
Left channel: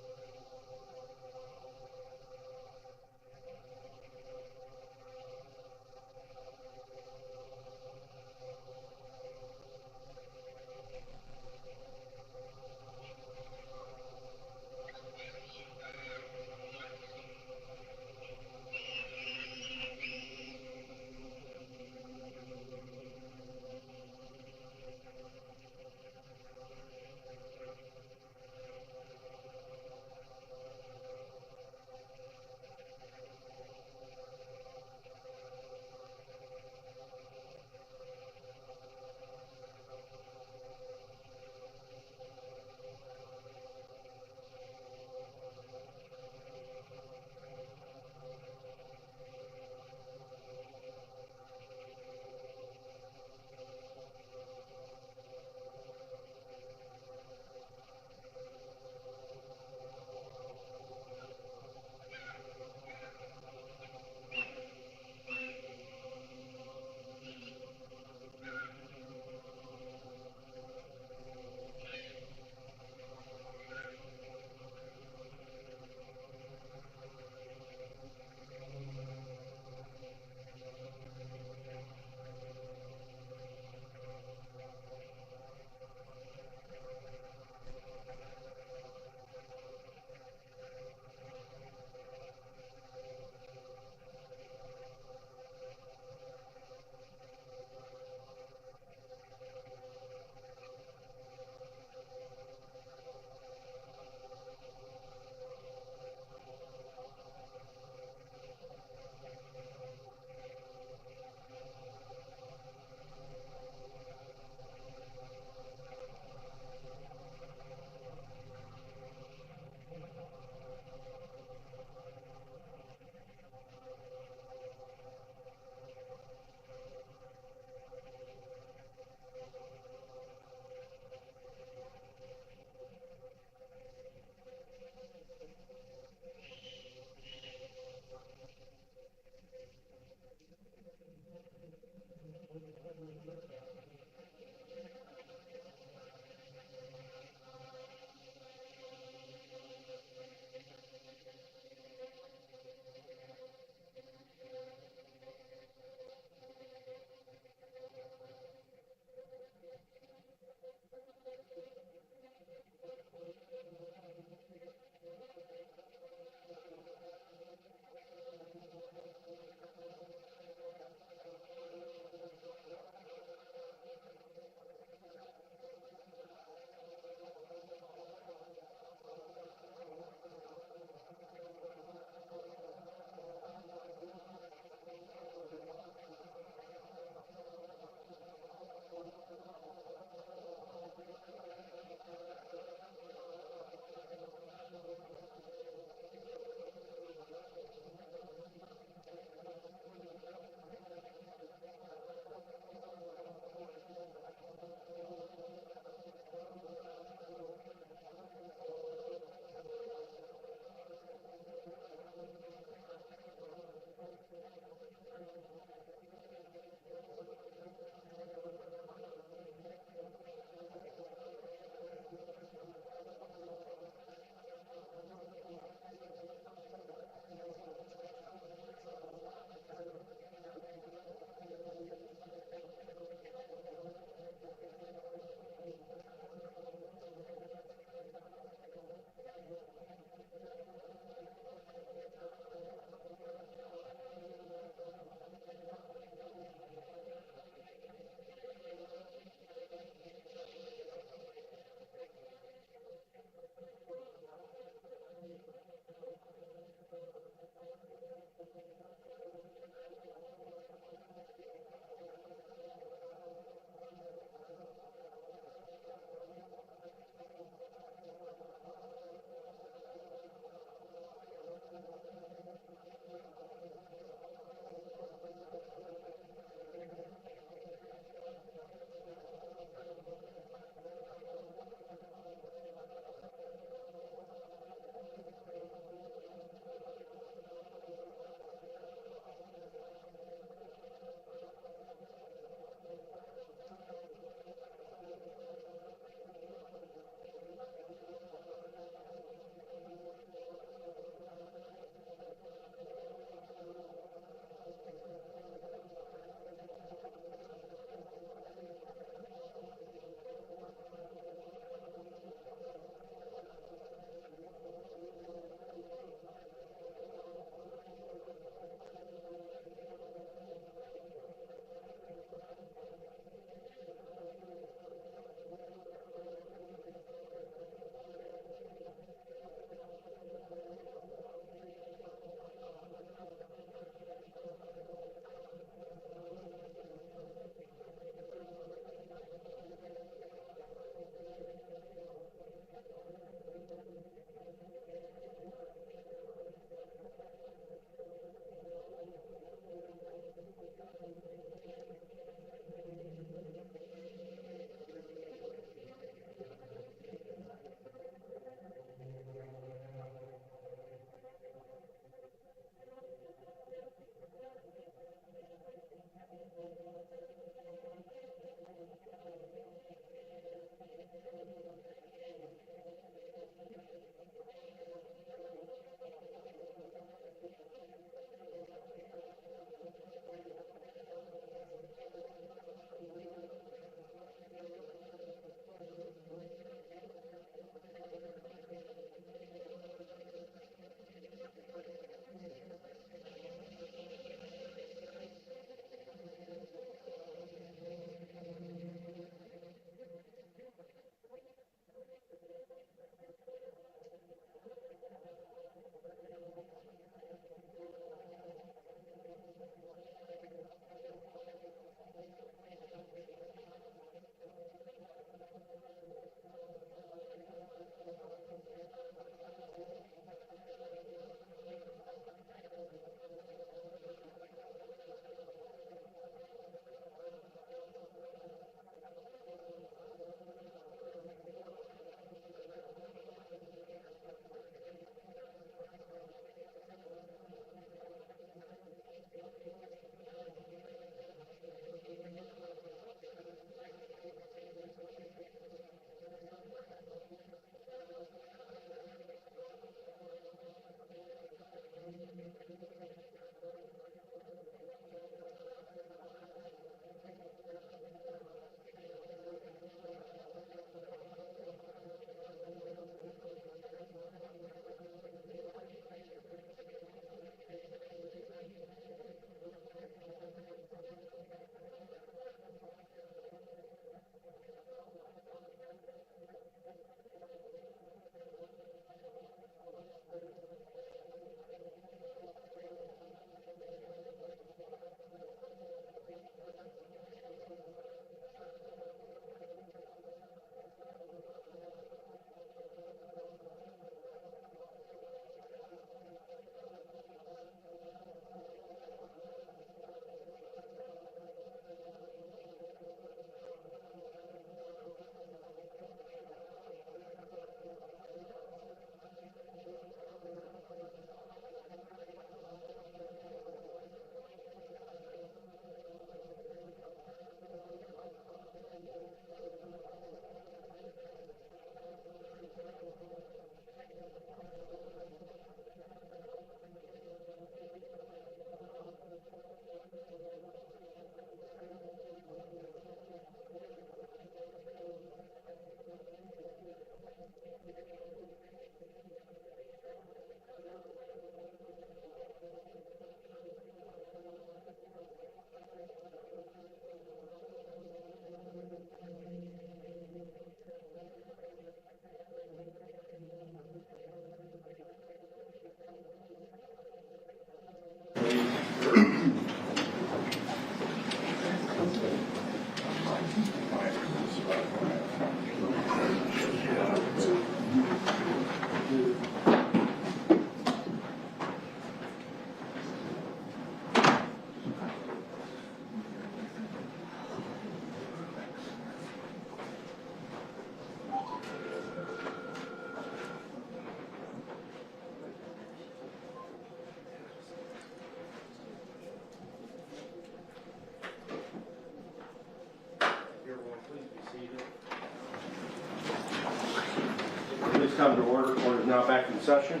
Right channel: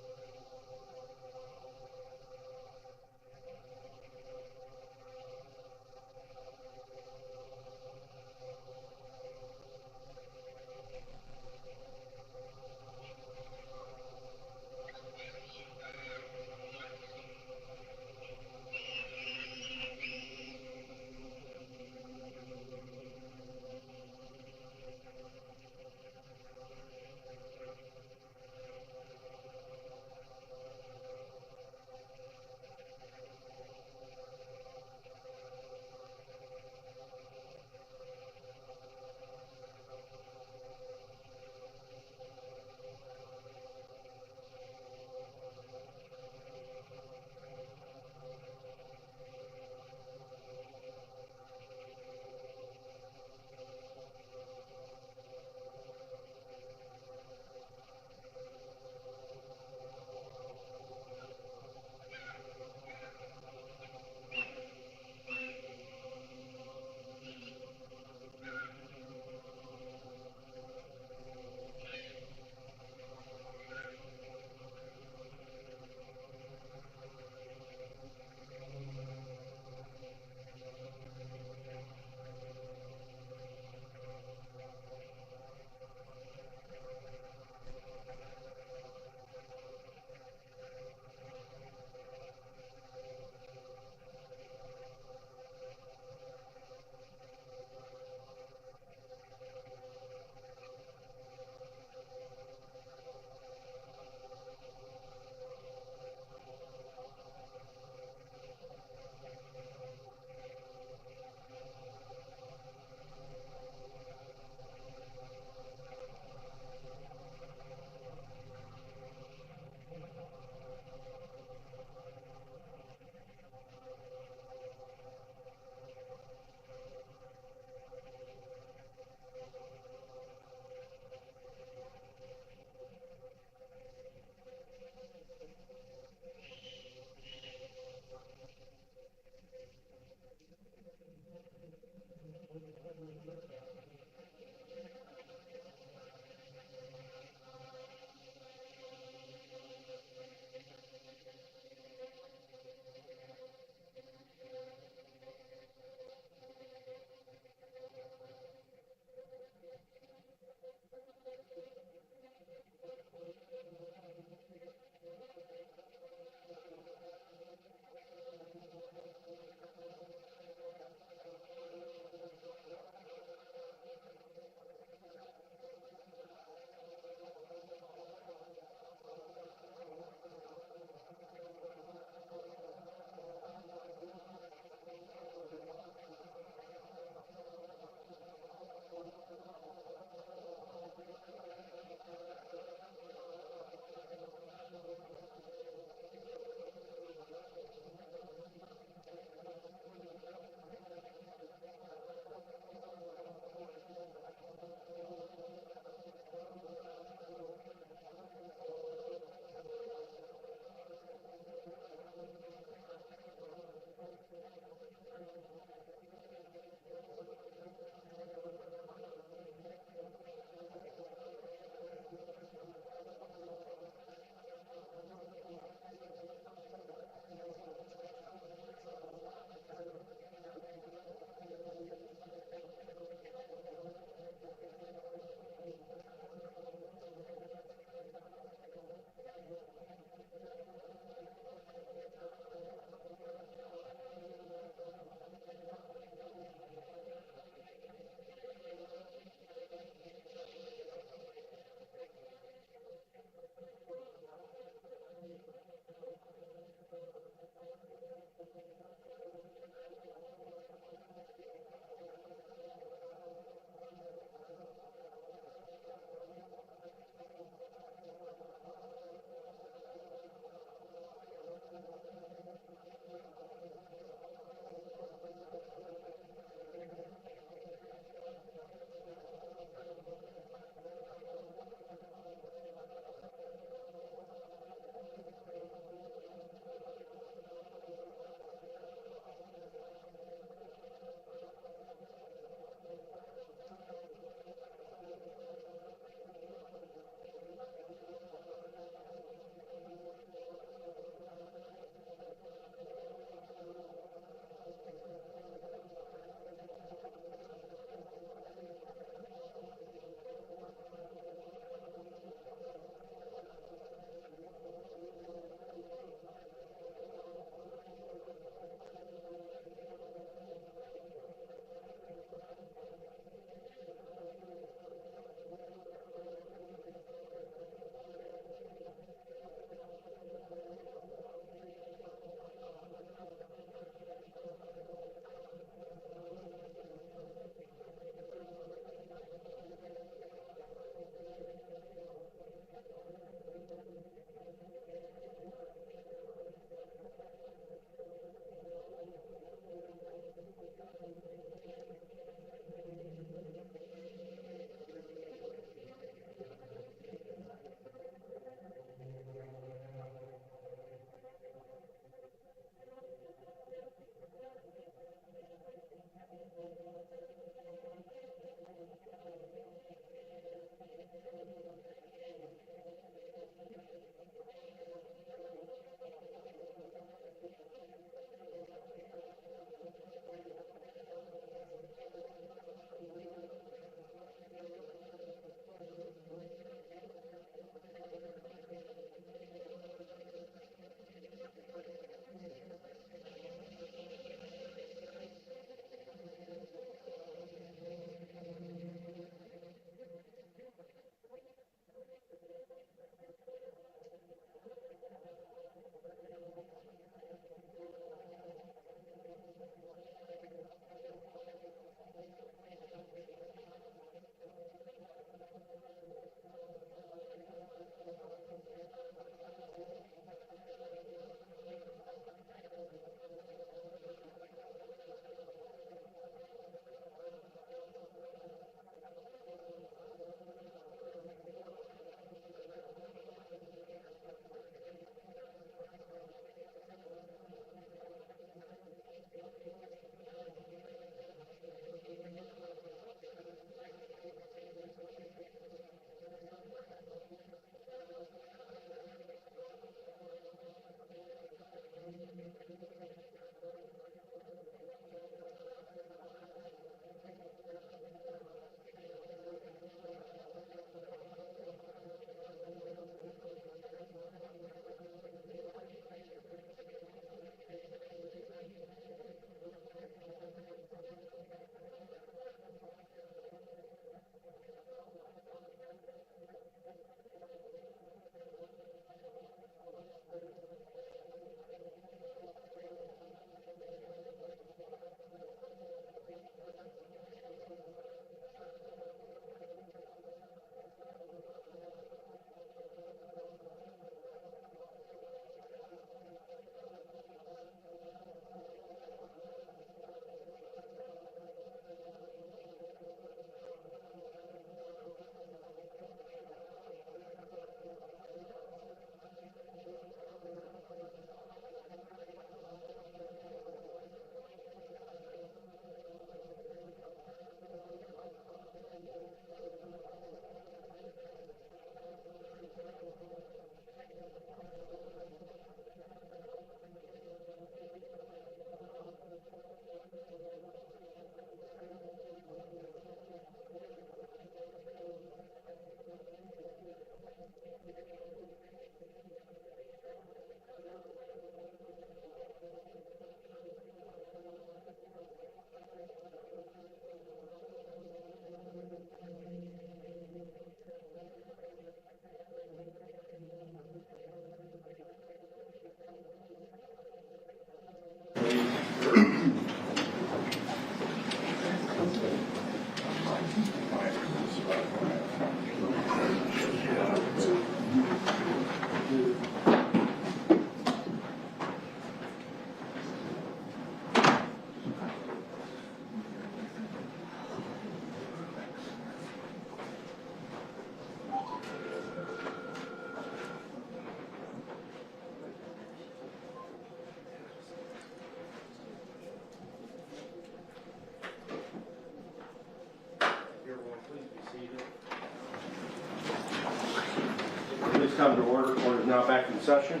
Please come to order. Court is now back in session.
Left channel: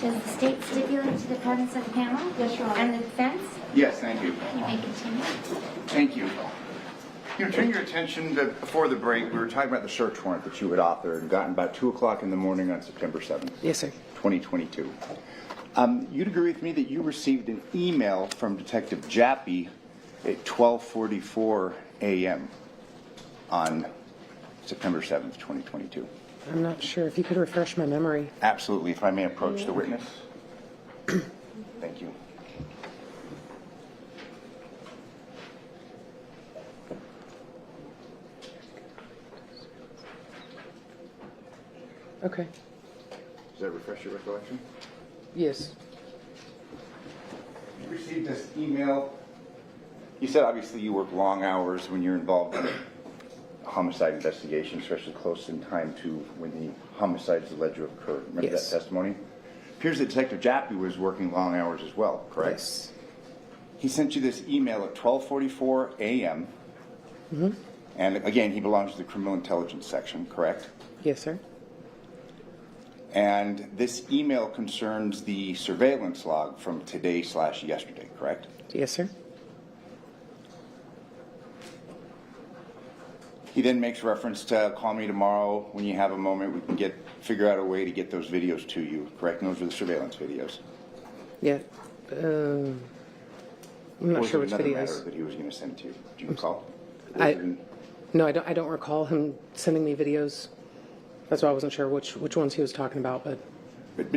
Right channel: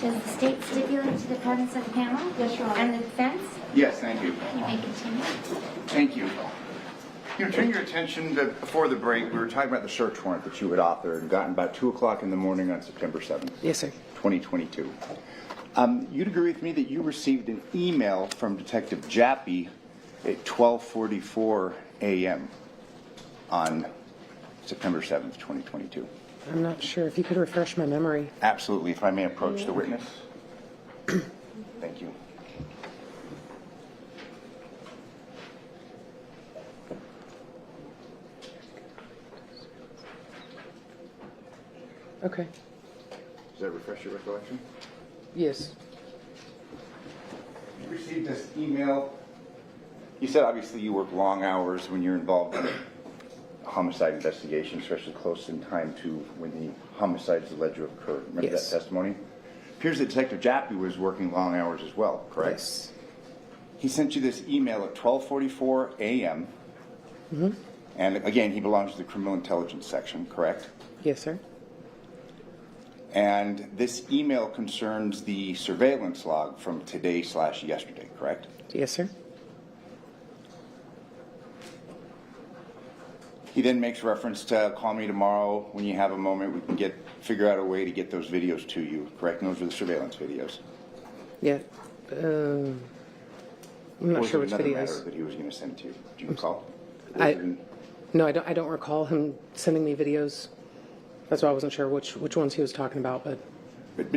Does the state stipulate to the presence of the panel? Yes, Your Honor. And the defense? Yes, thank you. You may continue. Thank you. Turn your attention to, before the break, we were talking about the search warrant that you had authored and gotten about 2 o'clock in the morning on September 7th. Yes, sir. 2022. You'd agree with me that you received an email from Detective Jappy at 12:44 a.m. on September 7th, 2022. I'm not sure. If you could refresh my memory. Absolutely. If I may approach the witness. Thank you. Okay. Does that refresh your recollection? Yes. You received this email. You said obviously you work long hours when you're involved in a homicide investigation, especially close in time to when the homicide is alleged to have occurred. Remember Yes. that testimony? Appears that Detective Jappy was working long hours as well, correct? Yes. He sent you this email at 12:44 a.m. Mm-hmm. And again, he belongs to the criminal intelligence section, correct? Yes, sir. And this email concerns the surveillance log from today/yesterday, correct? Yes, sir. He then makes reference to call me tomorrow when you have a moment. We can figure out a way to get those videos to you, correct? And those are the surveillance videos. Yeah. I'm not sure which matter videos. that he was going to send to you? Do you recall? No, I don't recall him sending me videos. That's why I wasn't sure which ones he was talking about. But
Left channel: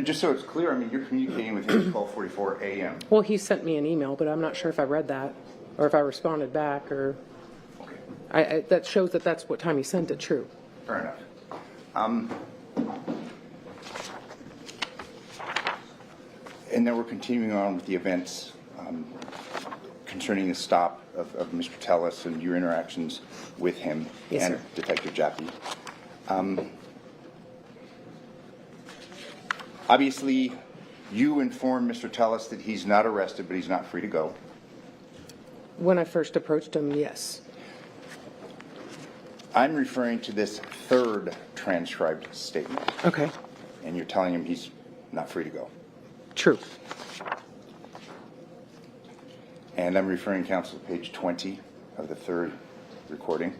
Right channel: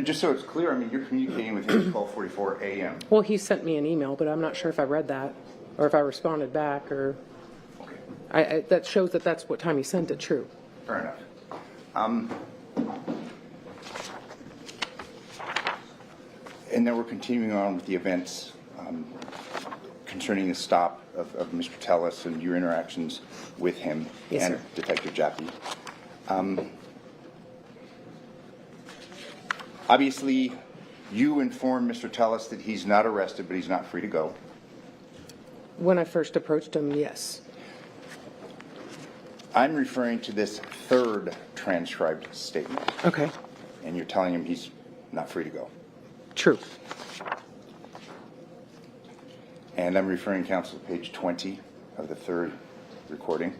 just so it's clear, I mean, you're communicating with him at 12:44 a.m. Well, he sent me an email, but I'm not sure if I read that or if I responded back or. That shows that that's what time he sent it. True. Fair enough. And then we're continuing on with the events concerning the stop of Mr. Tellis and your interactions with him Yes, and sir. Detective Jappy. Obviously, you informed Mr. Tellis that he's not arrested, but he's not free to go. When I first approached him, yes. I'm referring to this third transcribed statement. Okay. And you're telling him he's not free to go. True. And I'm referring, counsel, to page 20 of the third recording.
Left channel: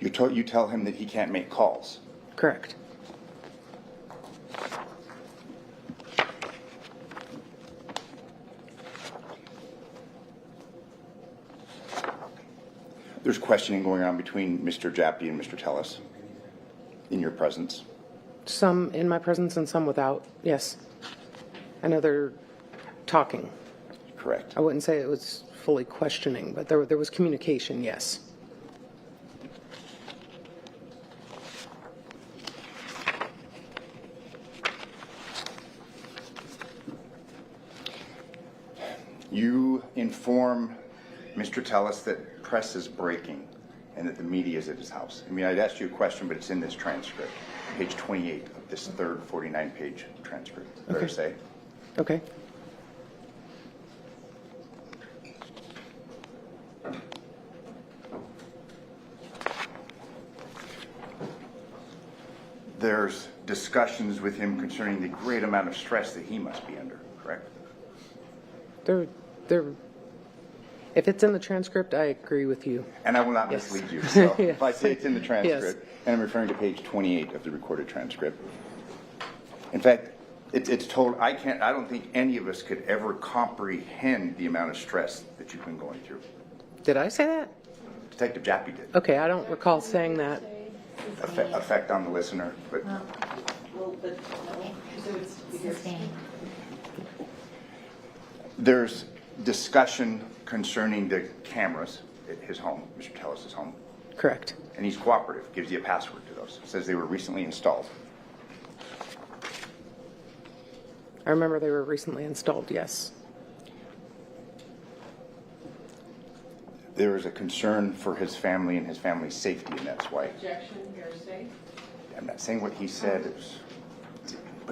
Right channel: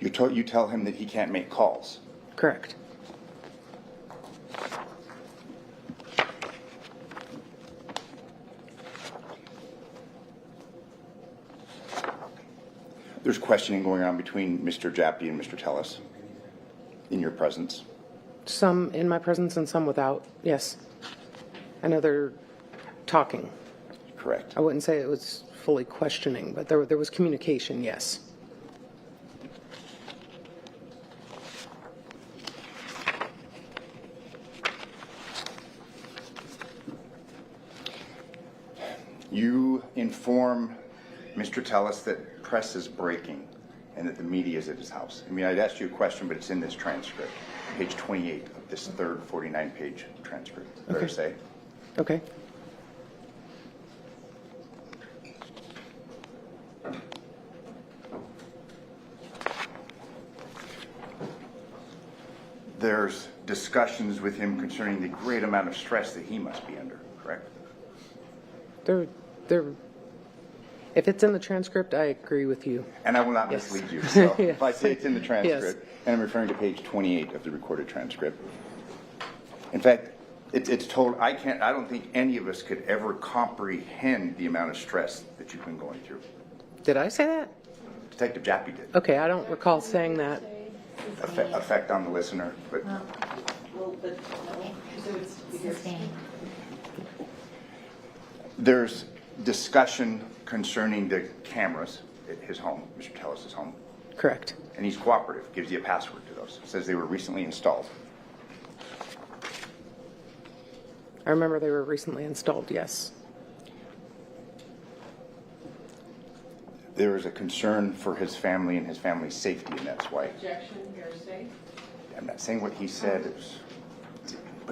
You tell him that he can't make calls. Correct. There's questioning going on between Mr. Jappy and Mr. Tellis in your presence. Some in my presence and some without. Yes. I know they're talking. Correct. I wouldn't say it was fully questioning, but there was communication, yes. You inform Mr. Tellis that press is breaking and that the media is at his house. I mean, I'd asked you a question, but it's in this transcript, page 28 of this third 49-page transcript. Fair to say? Okay. There's discussions with him concerning the great amount of stress that he must be under, correct? If it's in the transcript, I agree with you. And I will not Yes. mislead you. So Yes. if I say it's in the transcript, Yes. and I'm referring to page 28 of the recorded transcript. In fact, it's told, I don't think any of us could ever comprehend the amount of stress that you've been going through. Did I say that? Detective Jappy did. Okay, I don't recall saying that. Effect on the listener, but there's discussion concerning the cameras at his home, Mr. Tellis' home. Correct. And he's cooperative, gives you a password to those, says they were recently installed. I remember they were recently installed, yes. There is a concern for his family and his family's safety, and that's why. Objection, hearsay. I'm not saying what he said.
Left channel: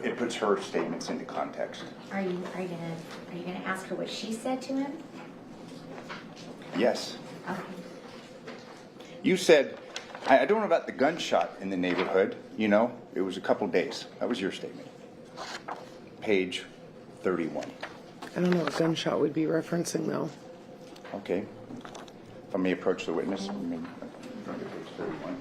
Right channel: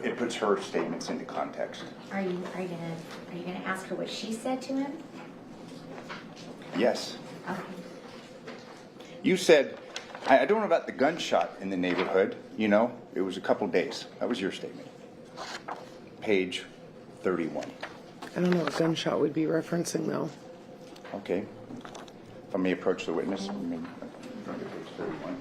It puts her statements into context. Are you gonna ask her what she said to him? Yes. Okay. You said, I don't know about the gunshot in the neighborhood, you know, it was a couple days. That was your statement. Page 31. I don't know what gunshot would be referencing though. Okay. If I may approach the witness, I mean, page 31.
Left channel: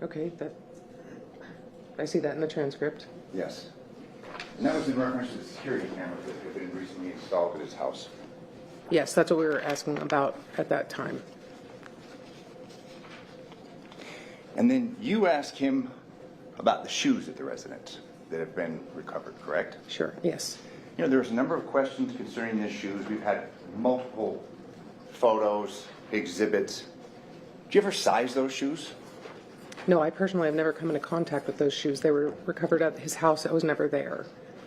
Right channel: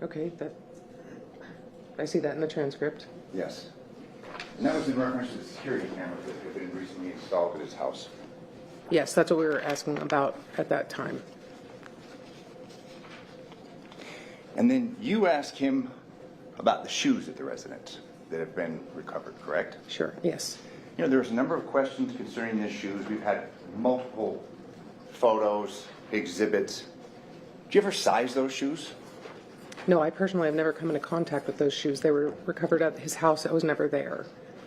Okay, I see that in the transcript. Yes. And that was in reference to the security cameras that had been recently installed at his house. Yes, that's what we were asking about at that time. And then you asked him about the shoes at the residence that have been recovered, correct? Sure, yes. You know, there's a number of questions concerning the shoes. We've had multiple photos, exhibits. Did you ever size those shoes? No, I personally have never come into contact with those shoes. They were recovered at his house. I was never there.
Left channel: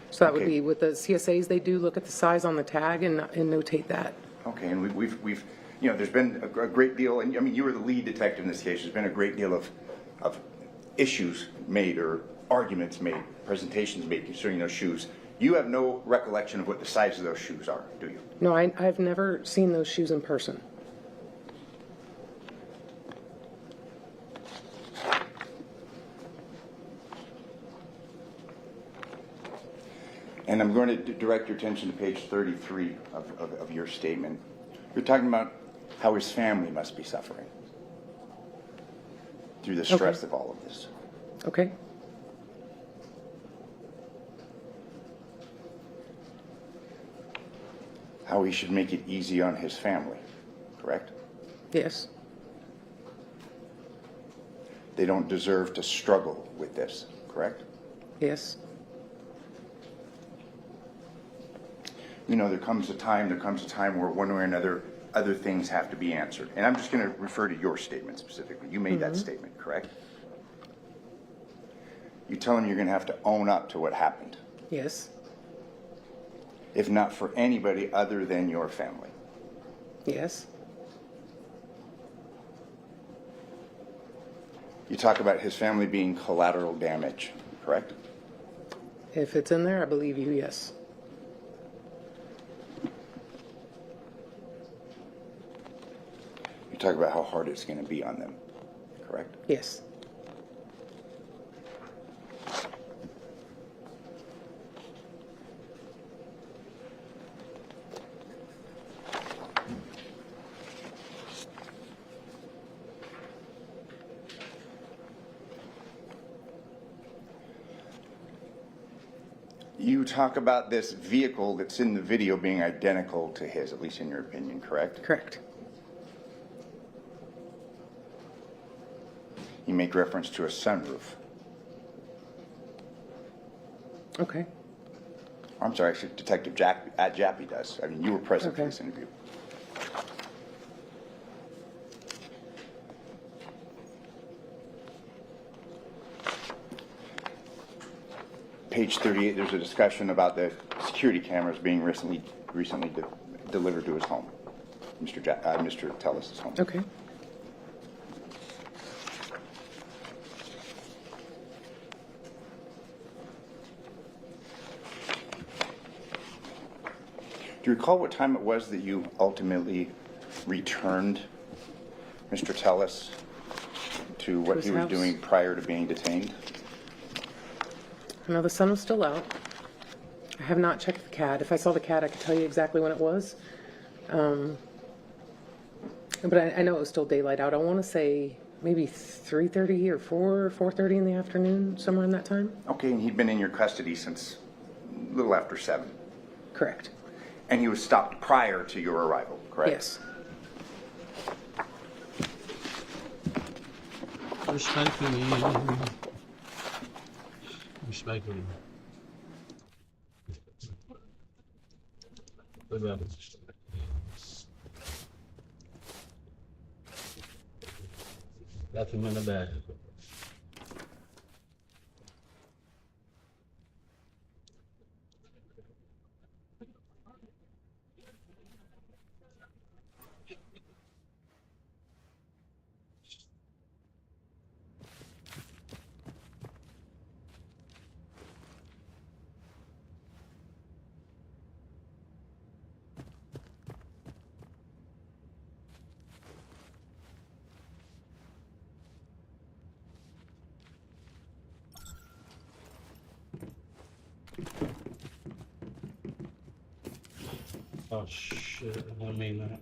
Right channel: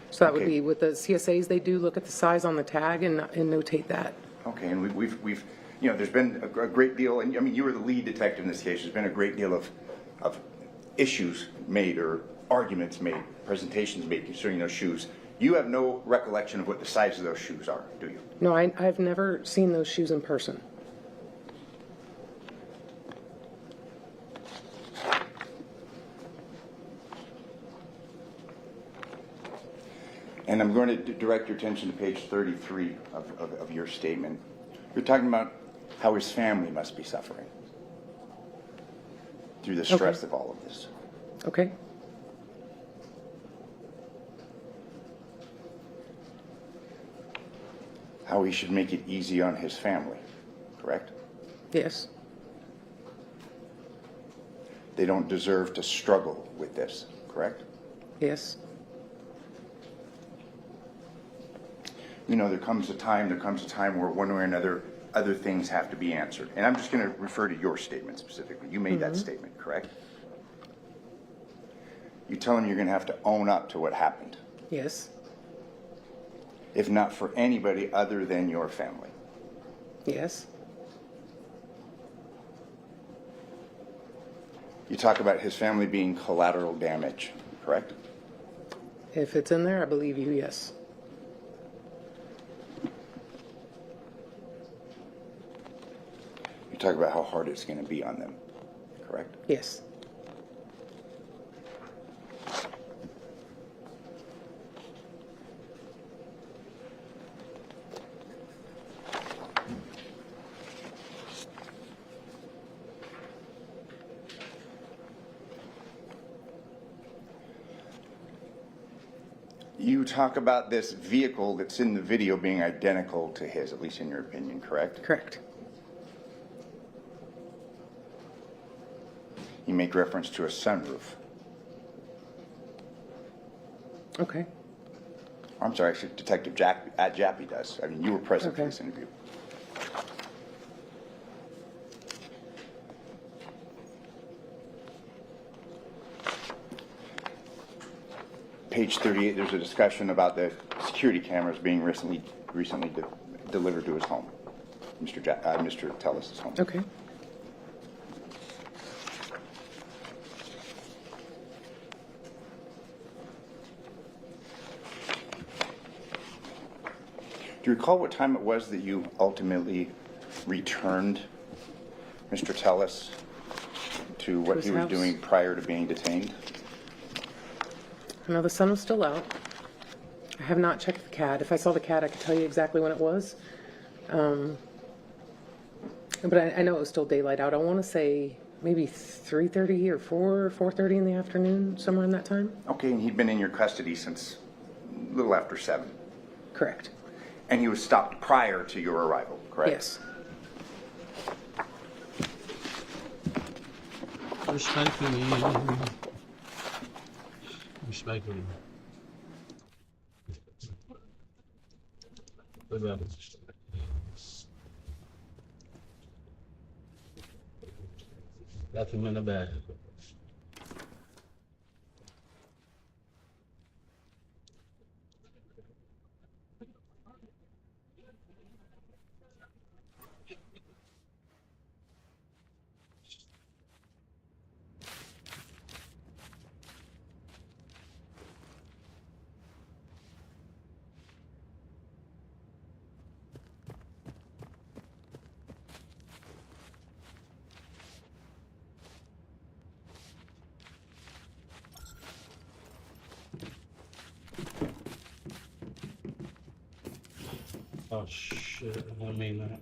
So that would be with the CSAs, they do look at the size on the tag and notate that. Okay, and we've you know, there's been a great deal, and I mean, you were the lead detective in this case. There's been a great deal of issues made or arguments made, presentations made concerning those shoes. You have no recollection of what the size of those shoes are, do you? No, I've never seen those shoes in person. And I'm going to direct your attention to page 33 of your statement. You're talking about how his family must be suffering through the stress of all of this. Okay. How he should make it easy on his family, correct? Yes. They don't deserve to struggle with this, correct? Yes. You know, there comes a time where one way or another, other things have to be answered. And I'm just going to refer to your statement specifically. You made that statement, correct? You tell him you're going to have to own up to what happened. Yes. If not for anybody other than your family. Yes. You talk about his family being collateral damage, correct? If it's in there, I believe you, yes. You talk about how hard it's going to be on them, correct? Yes. You talk about this vehicle that's in the video being identical to his, at least in your opinion, correct? Correct. You make reference to a sunroof. Okay. I'm sorry, actually, Detective Jappy does. I mean, you were present for this interview. Page 38, there's a discussion about the security cameras being recently delivered to his home, Mr. Tellis' home. Okay. Do you recall what time it was that you ultimately returned Mr. Tellis to what he was doing prior to being detained? I know the sun was still out. I have not checked the CAD. If I saw the CAD, I could tell you exactly when it was. But I know it was still daylight out. I want to say maybe 3:30 or 4:30 in the afternoon, somewhere in that time. Okay, and he'd been in your custody since a little after 7. Correct. And he was stopped prior to your arrival, correct? Yes. Respectfully. Respectfully. Look at it. Left him in the bag. Oh shit, I mean that.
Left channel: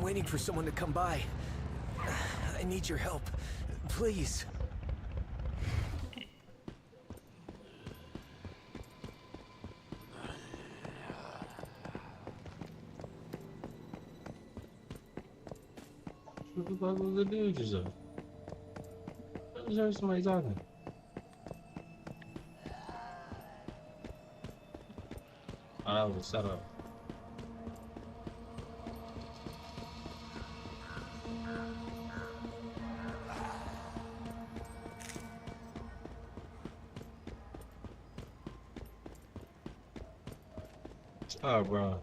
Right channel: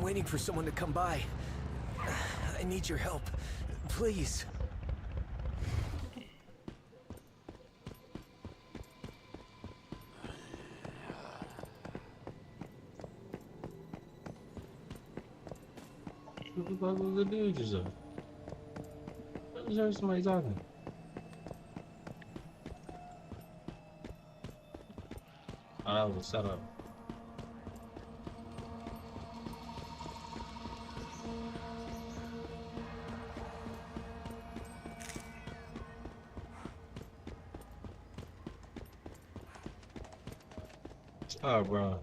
Waiting for someone to come by. I need your help. Please. What the fuck was the dude just up? I just heard somebody talking. Oh, that was a setup. Oh, bro.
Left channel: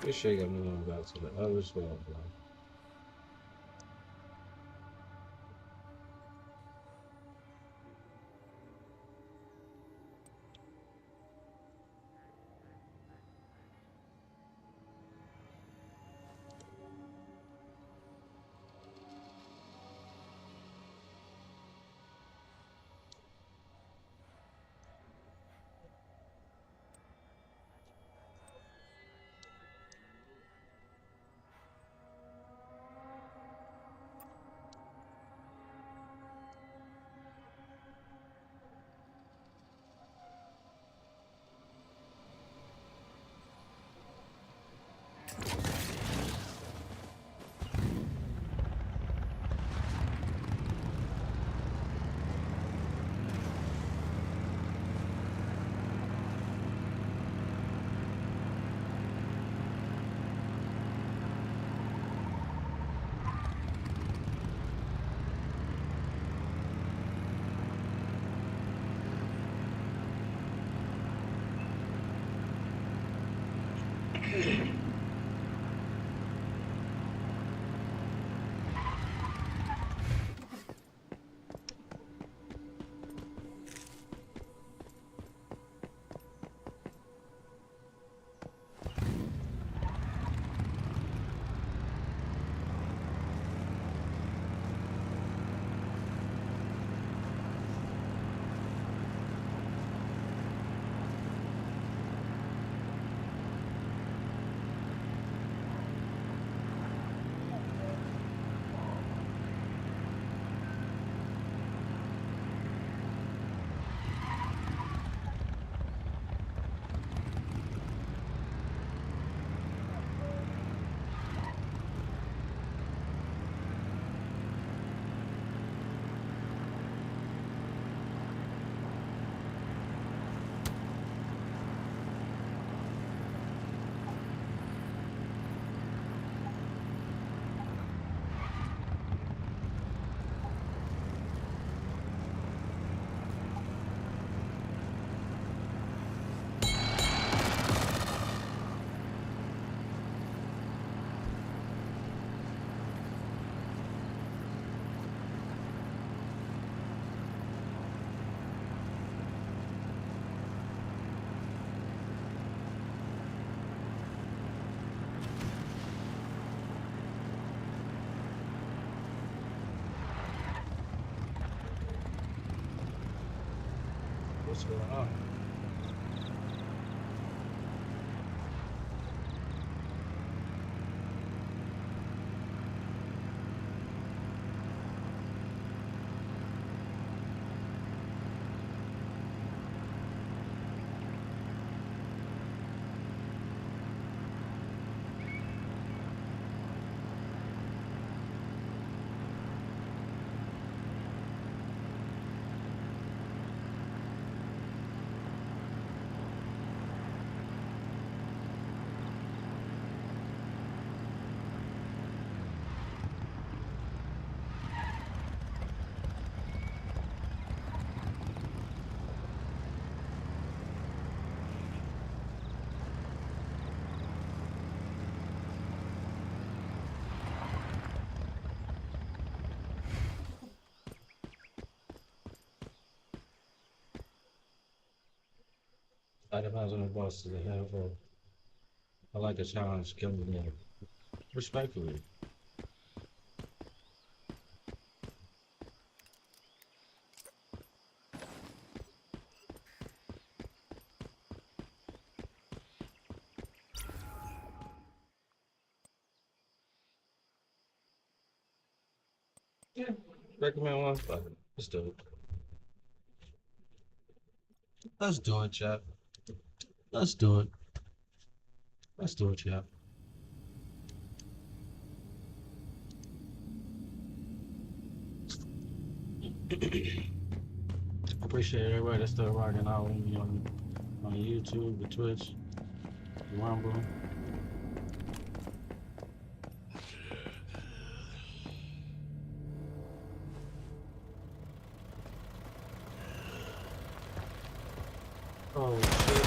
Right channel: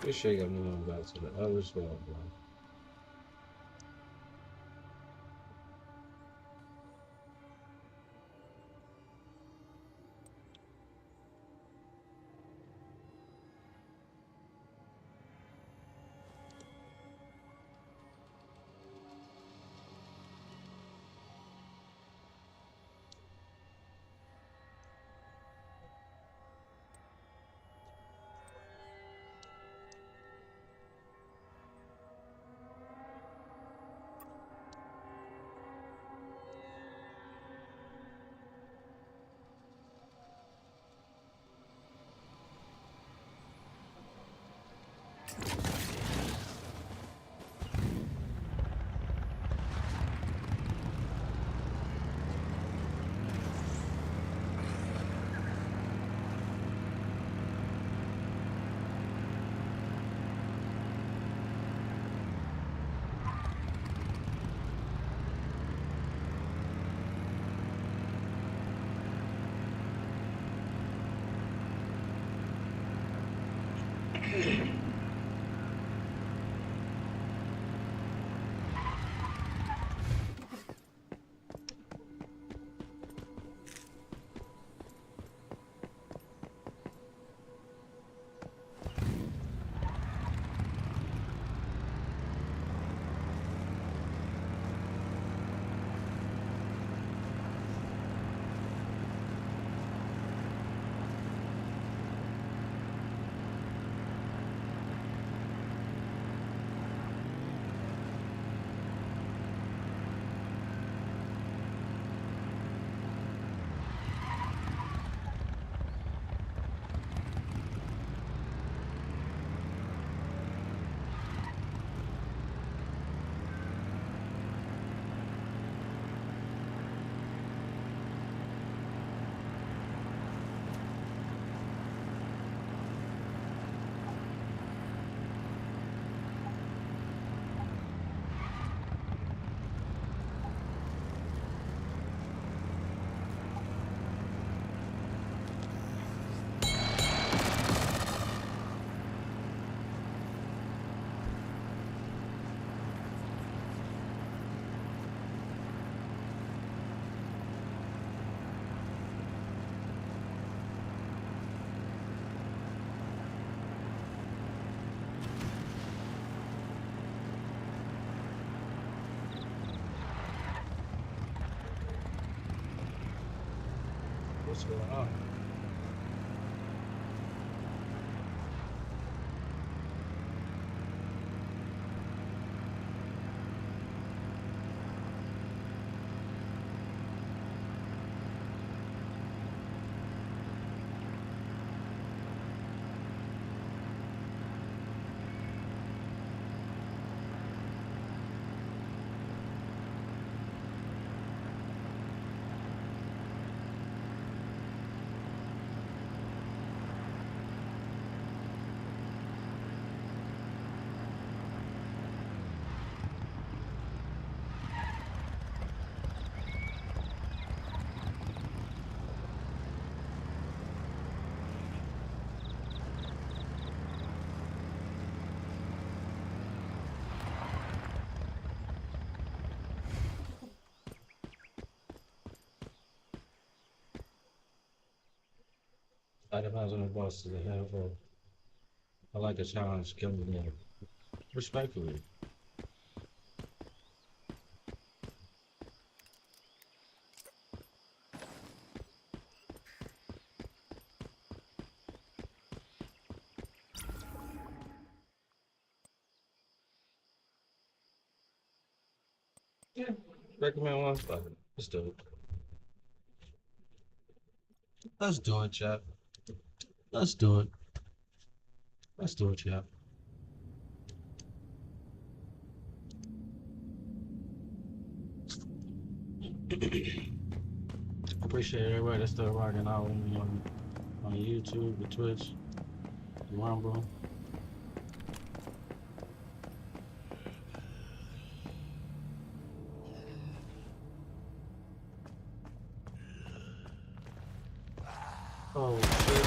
This shit got me going back to the other spot, bro. What's going on? That depends on the boss to the head, bro. I like a challenge, killing them. Respectfully. Yeah, recommend one. Fuck it. Let's do it. Let's do it, chap. Let's do it. Let's do it, chap. appreciate everybody that's still rocking out with me on YouTube, the Twitch, the Rumble. Oh shit.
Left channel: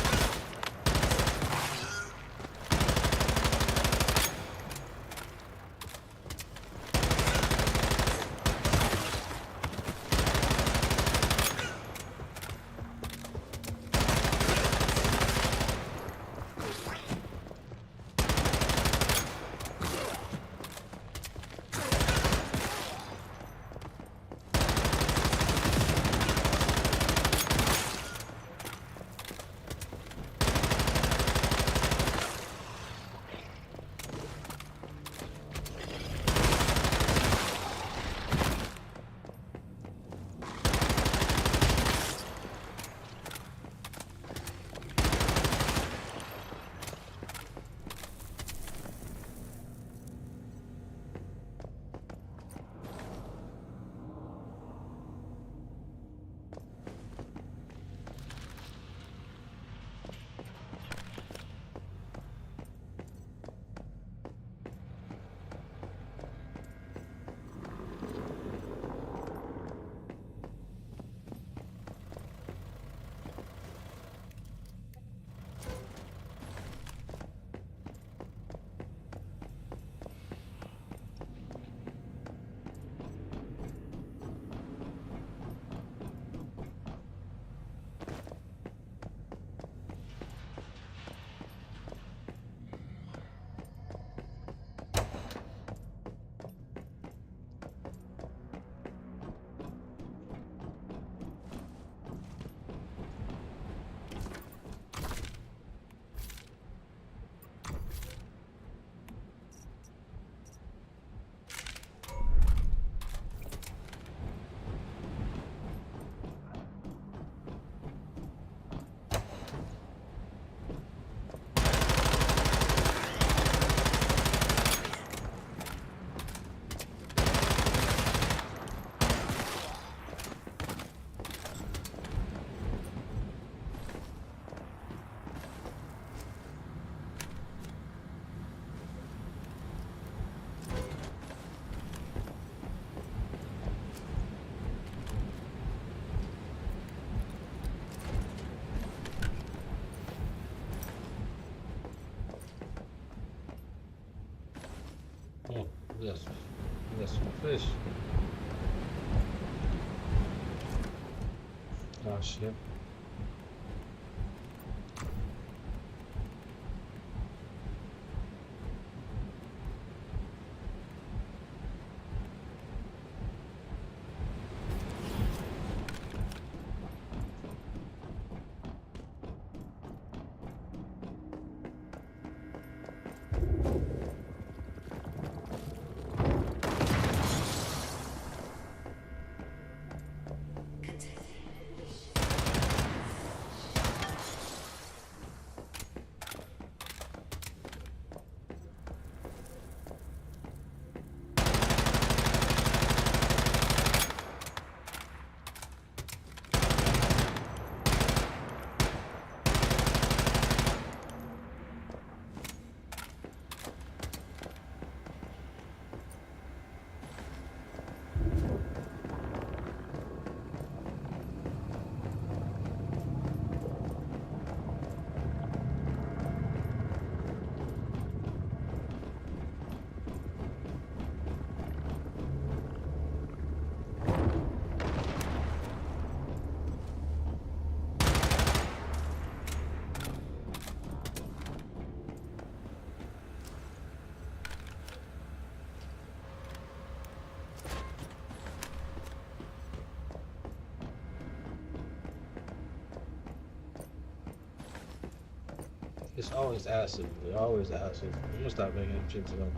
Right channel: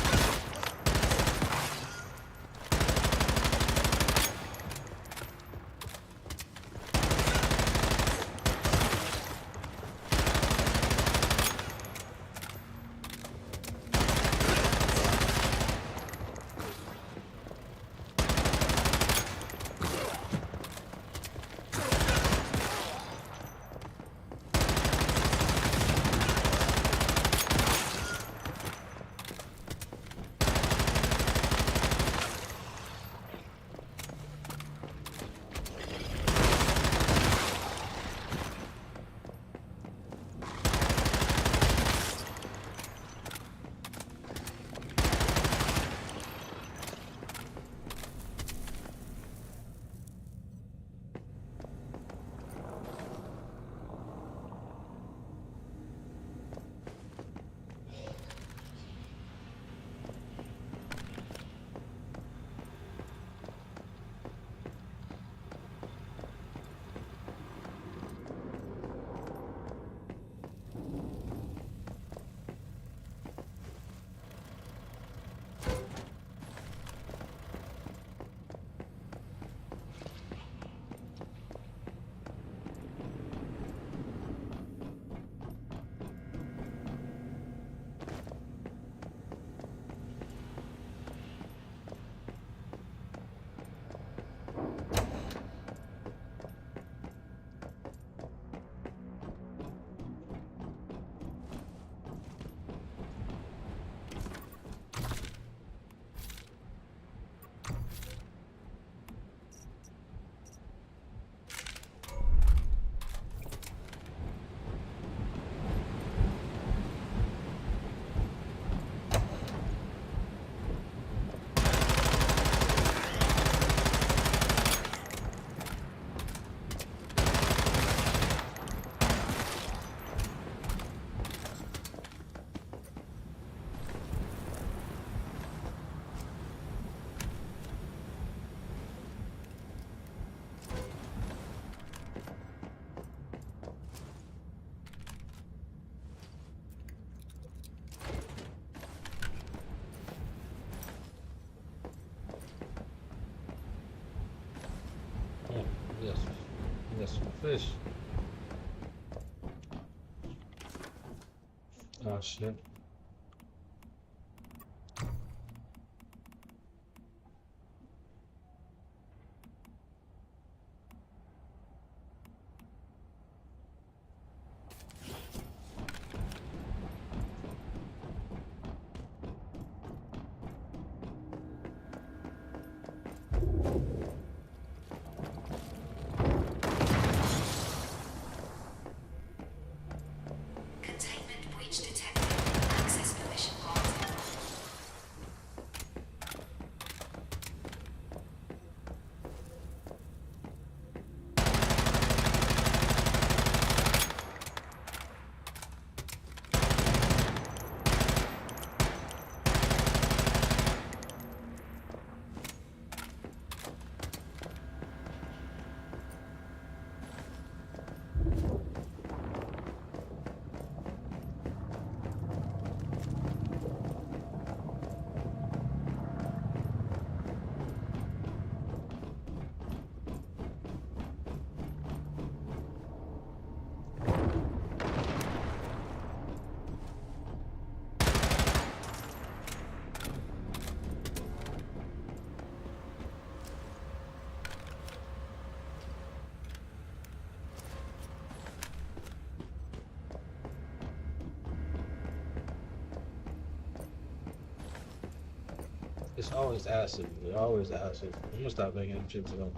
Oh, yes. Yes, fish. Oh, shit. It's always acid. It's always acid. I'm gonna stop making them shit to them.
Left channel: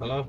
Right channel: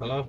Hello?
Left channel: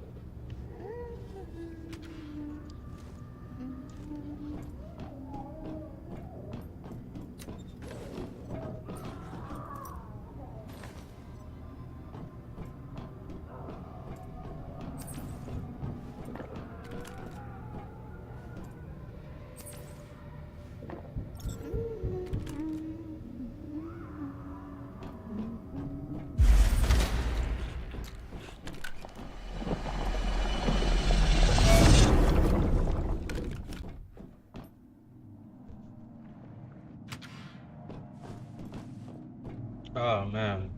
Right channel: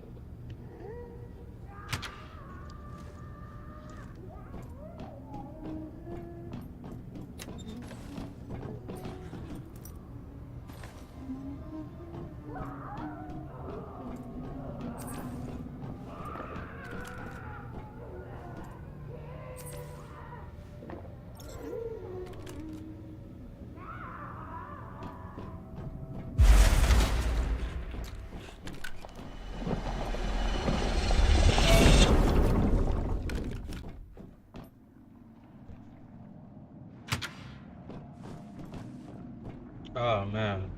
Oh man.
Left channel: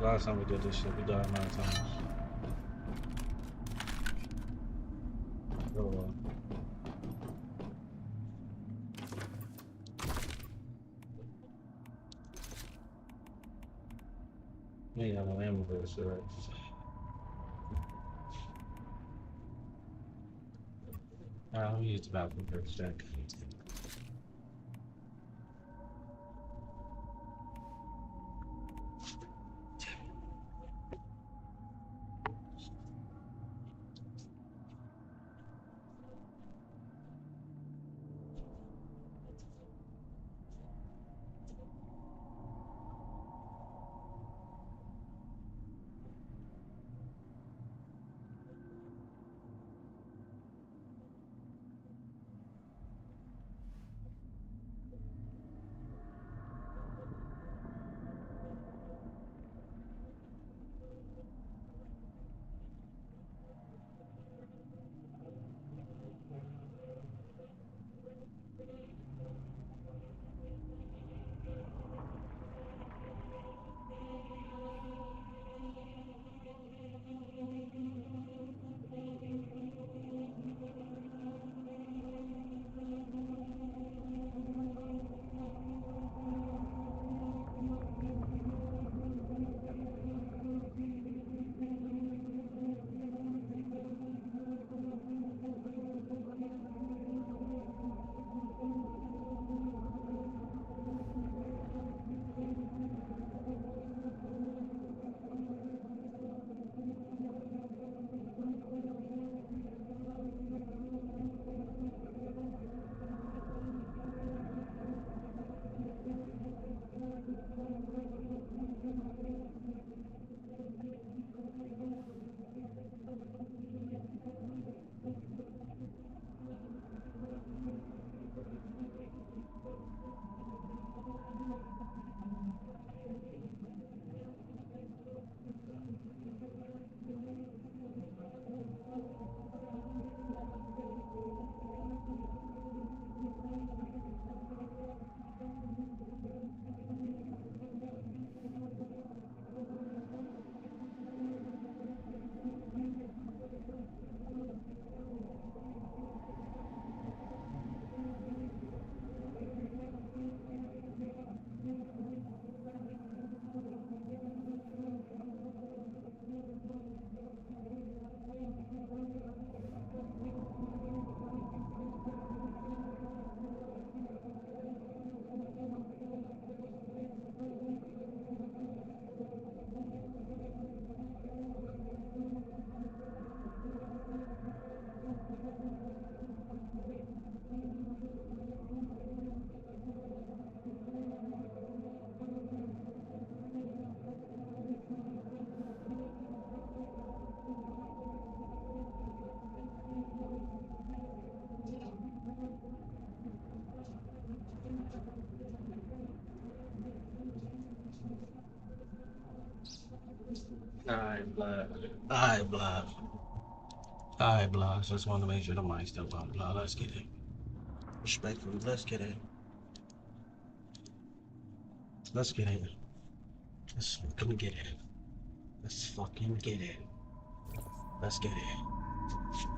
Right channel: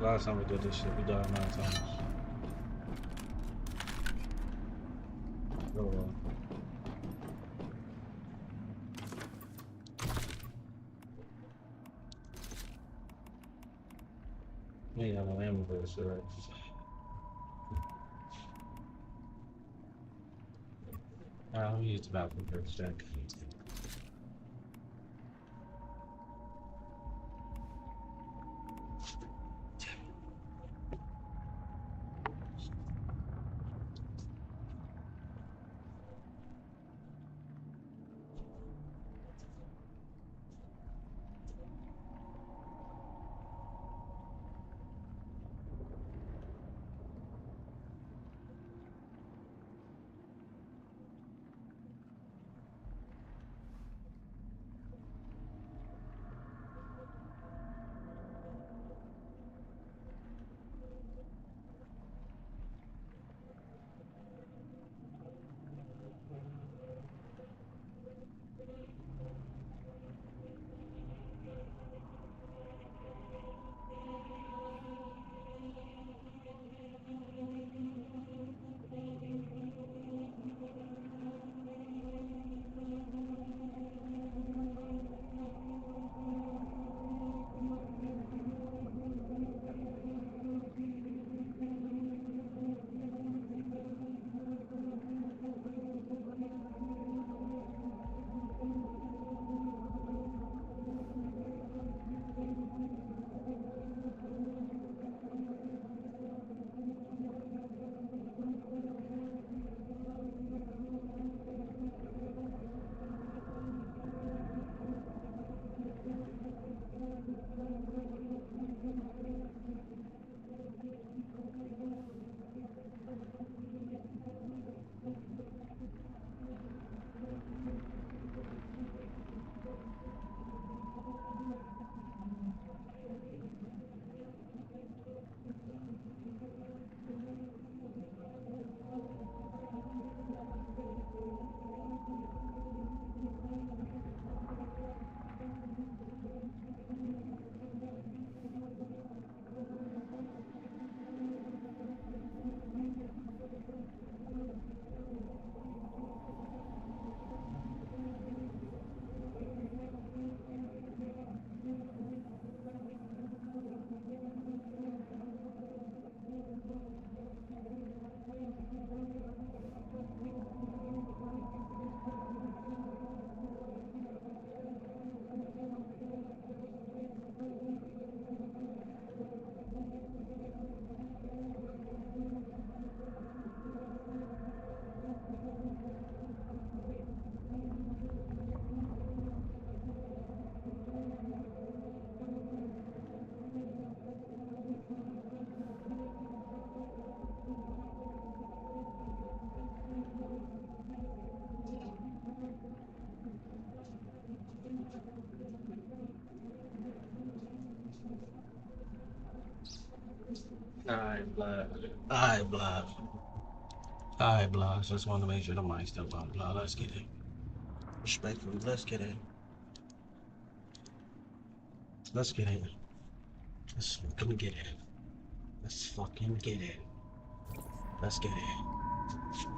Last time we did this shit, we died 9 times. Oh well. We ain't got no ammo for this shit, right? Let me use the bathroom for a sec. Alright, blood. Alright, blood. Alright, blood. Just wanted to make sure the mic's still on, blood. Let's get it. Respectfully, let's get it. Let's get it. Let's fucking get it. Let's fucking get it. Let's get it.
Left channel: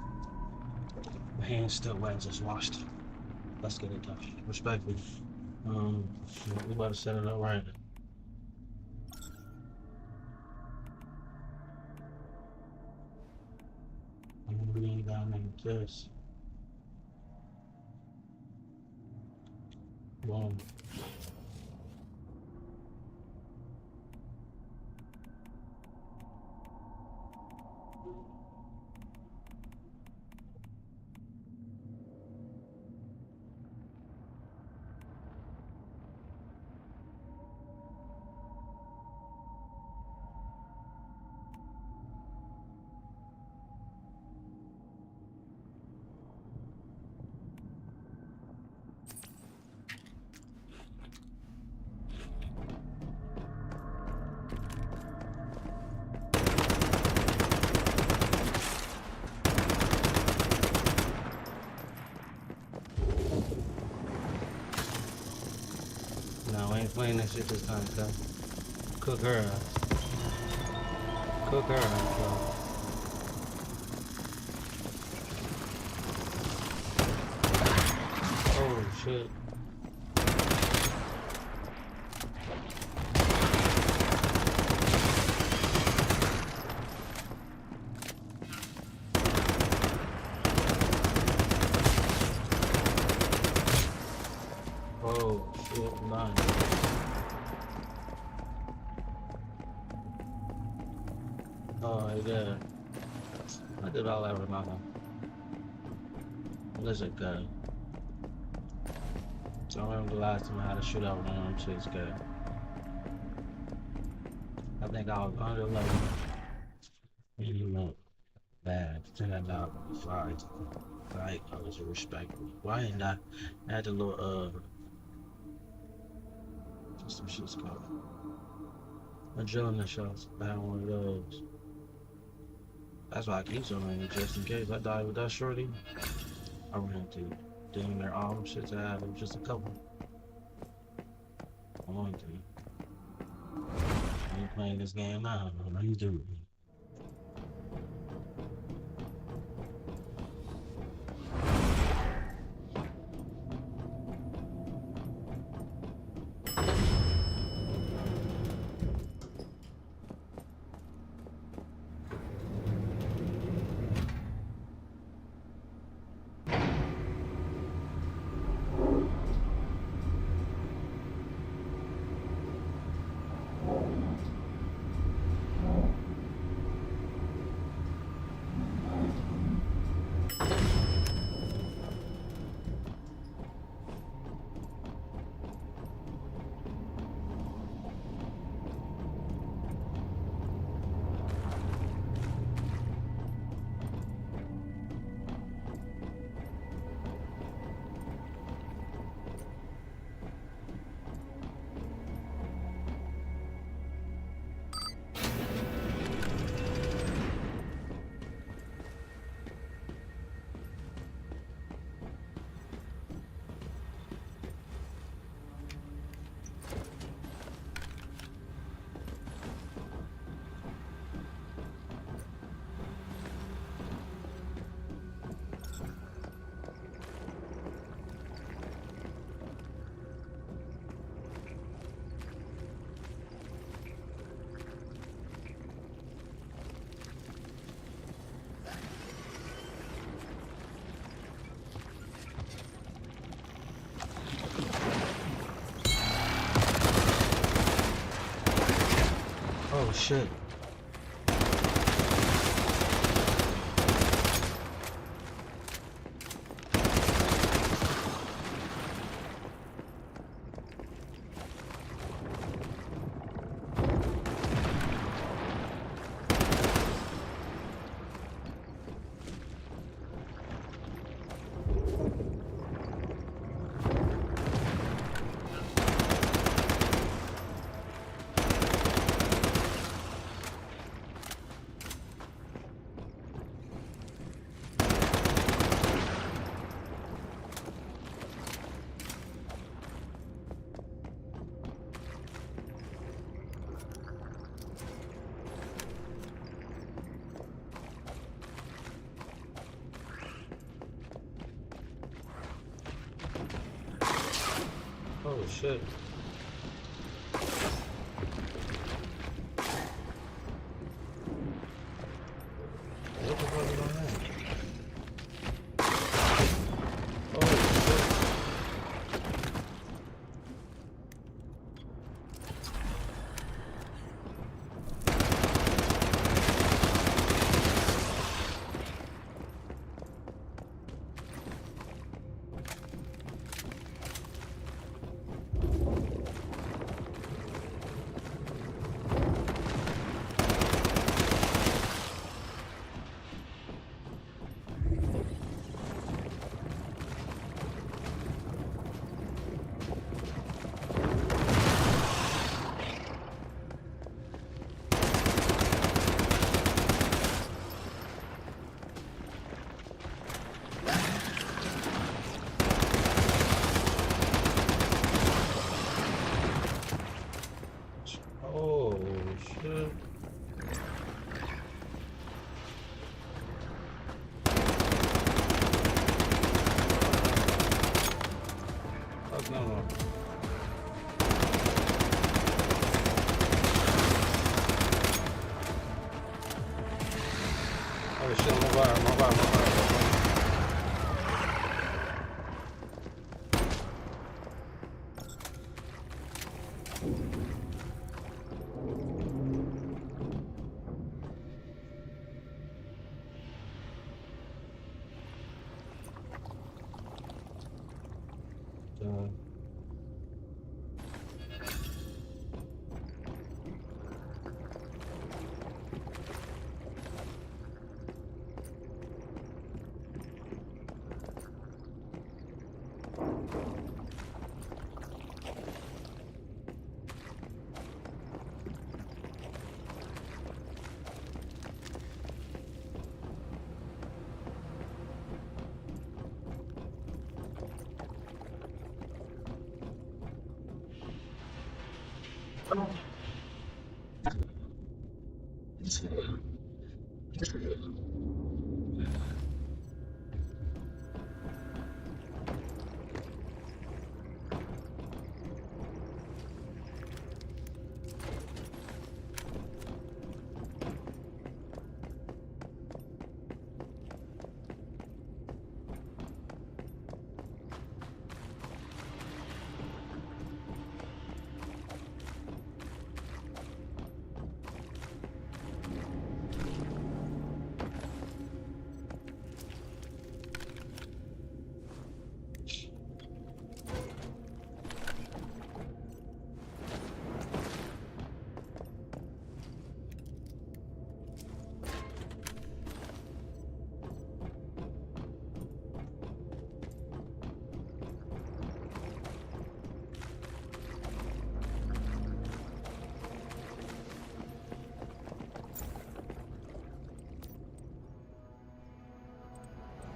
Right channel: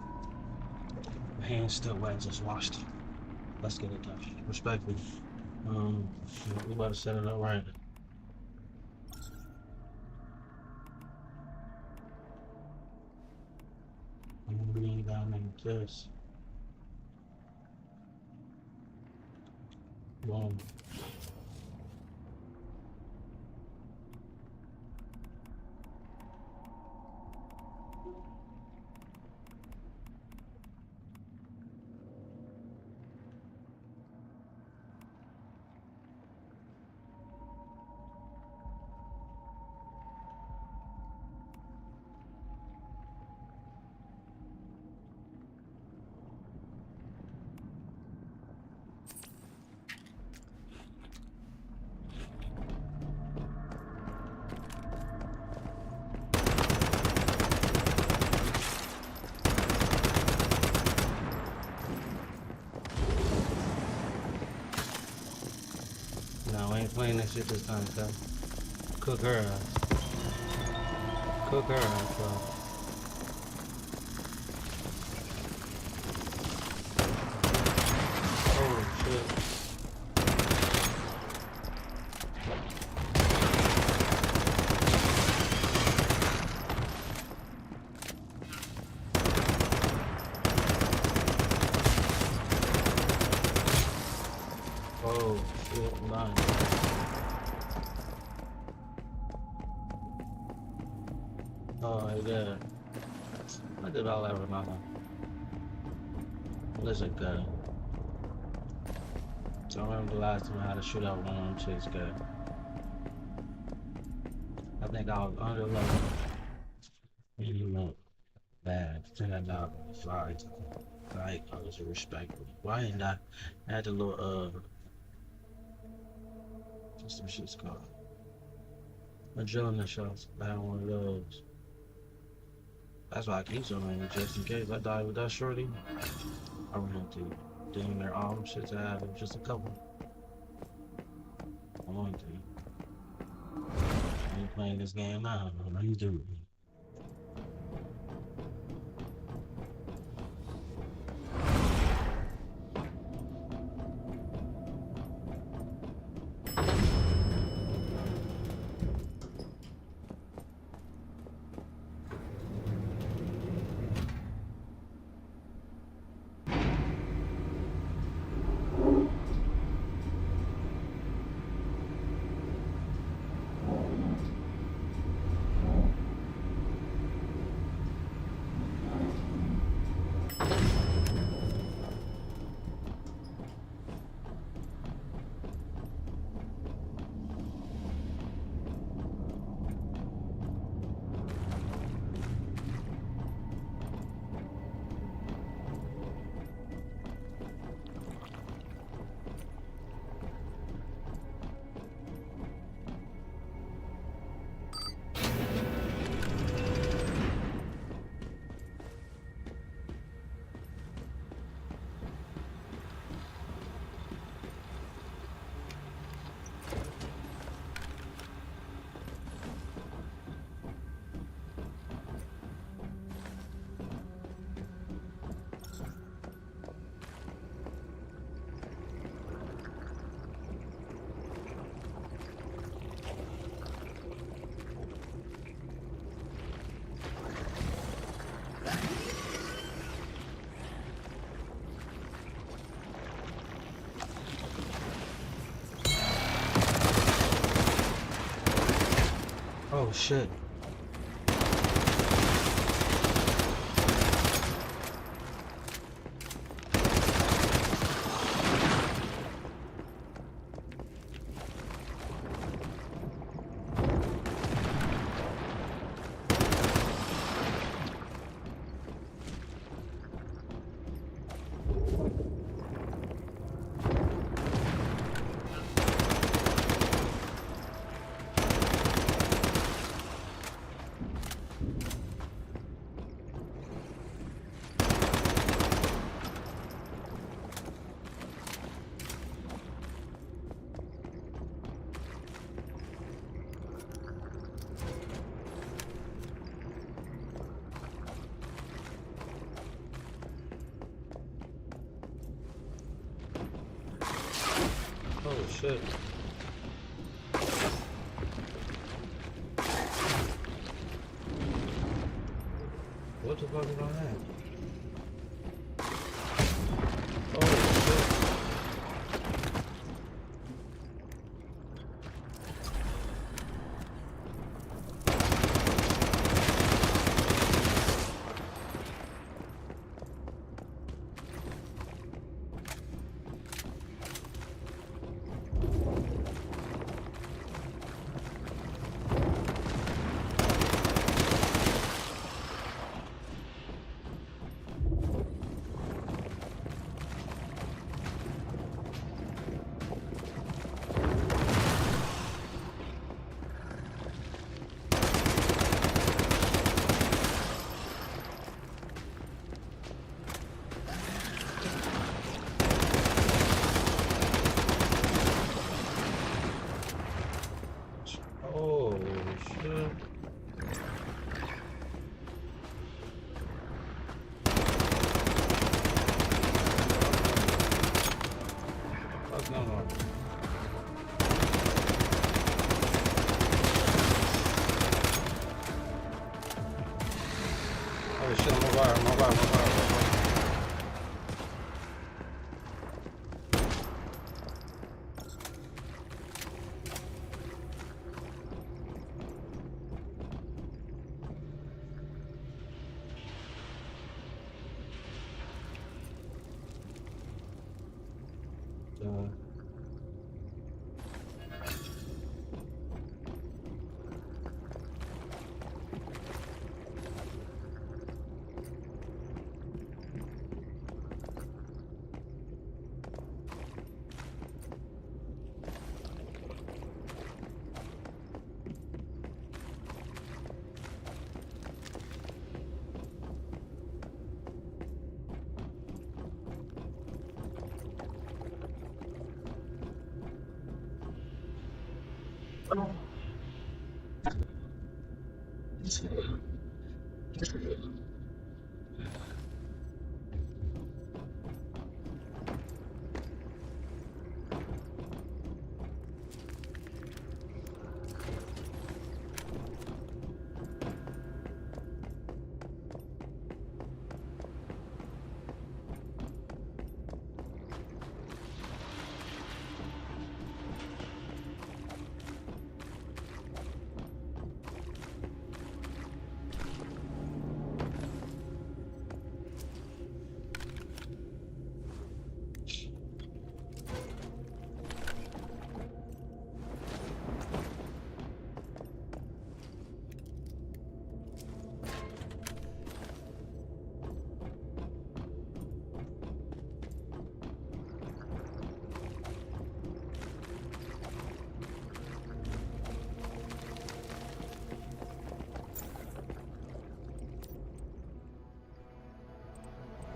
My hand's still wet, just washed. Let's get it done. Respectfully. We about to set it up right. I'm gonna bring it down like this. Boom. now. We ain't playing that shit this time, cuz. Cook her ass. Cook her ass, bro. Oh, shit. Oh, shit, nice. Oh, yeah. I did all that with mama. Listen, good. So I remember the last time I had a shootout with one of them chicks, good. I think I was under 11. And you know, bad. $10 flies. Like, I was respectful. Why ain't I had the little, what's some shit's called? Adrenaline shots. I had one of those. That's why I keep so many, just in case I die with that shorty. I ran to damn near all them shits I had. It was just a couple. I want to. I ain't playing this game now. What you do? Oh shit. Oh shit. What the fuck is on that? Oh shit.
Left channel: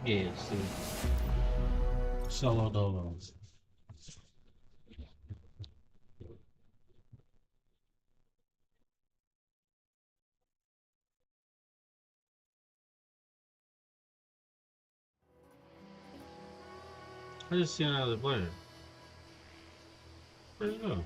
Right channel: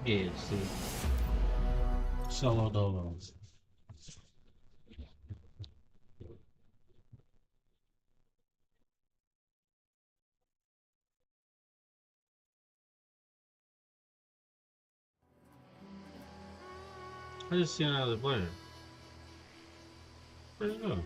Yeah, see. Solo dolos. I just see another player. Where'd you go?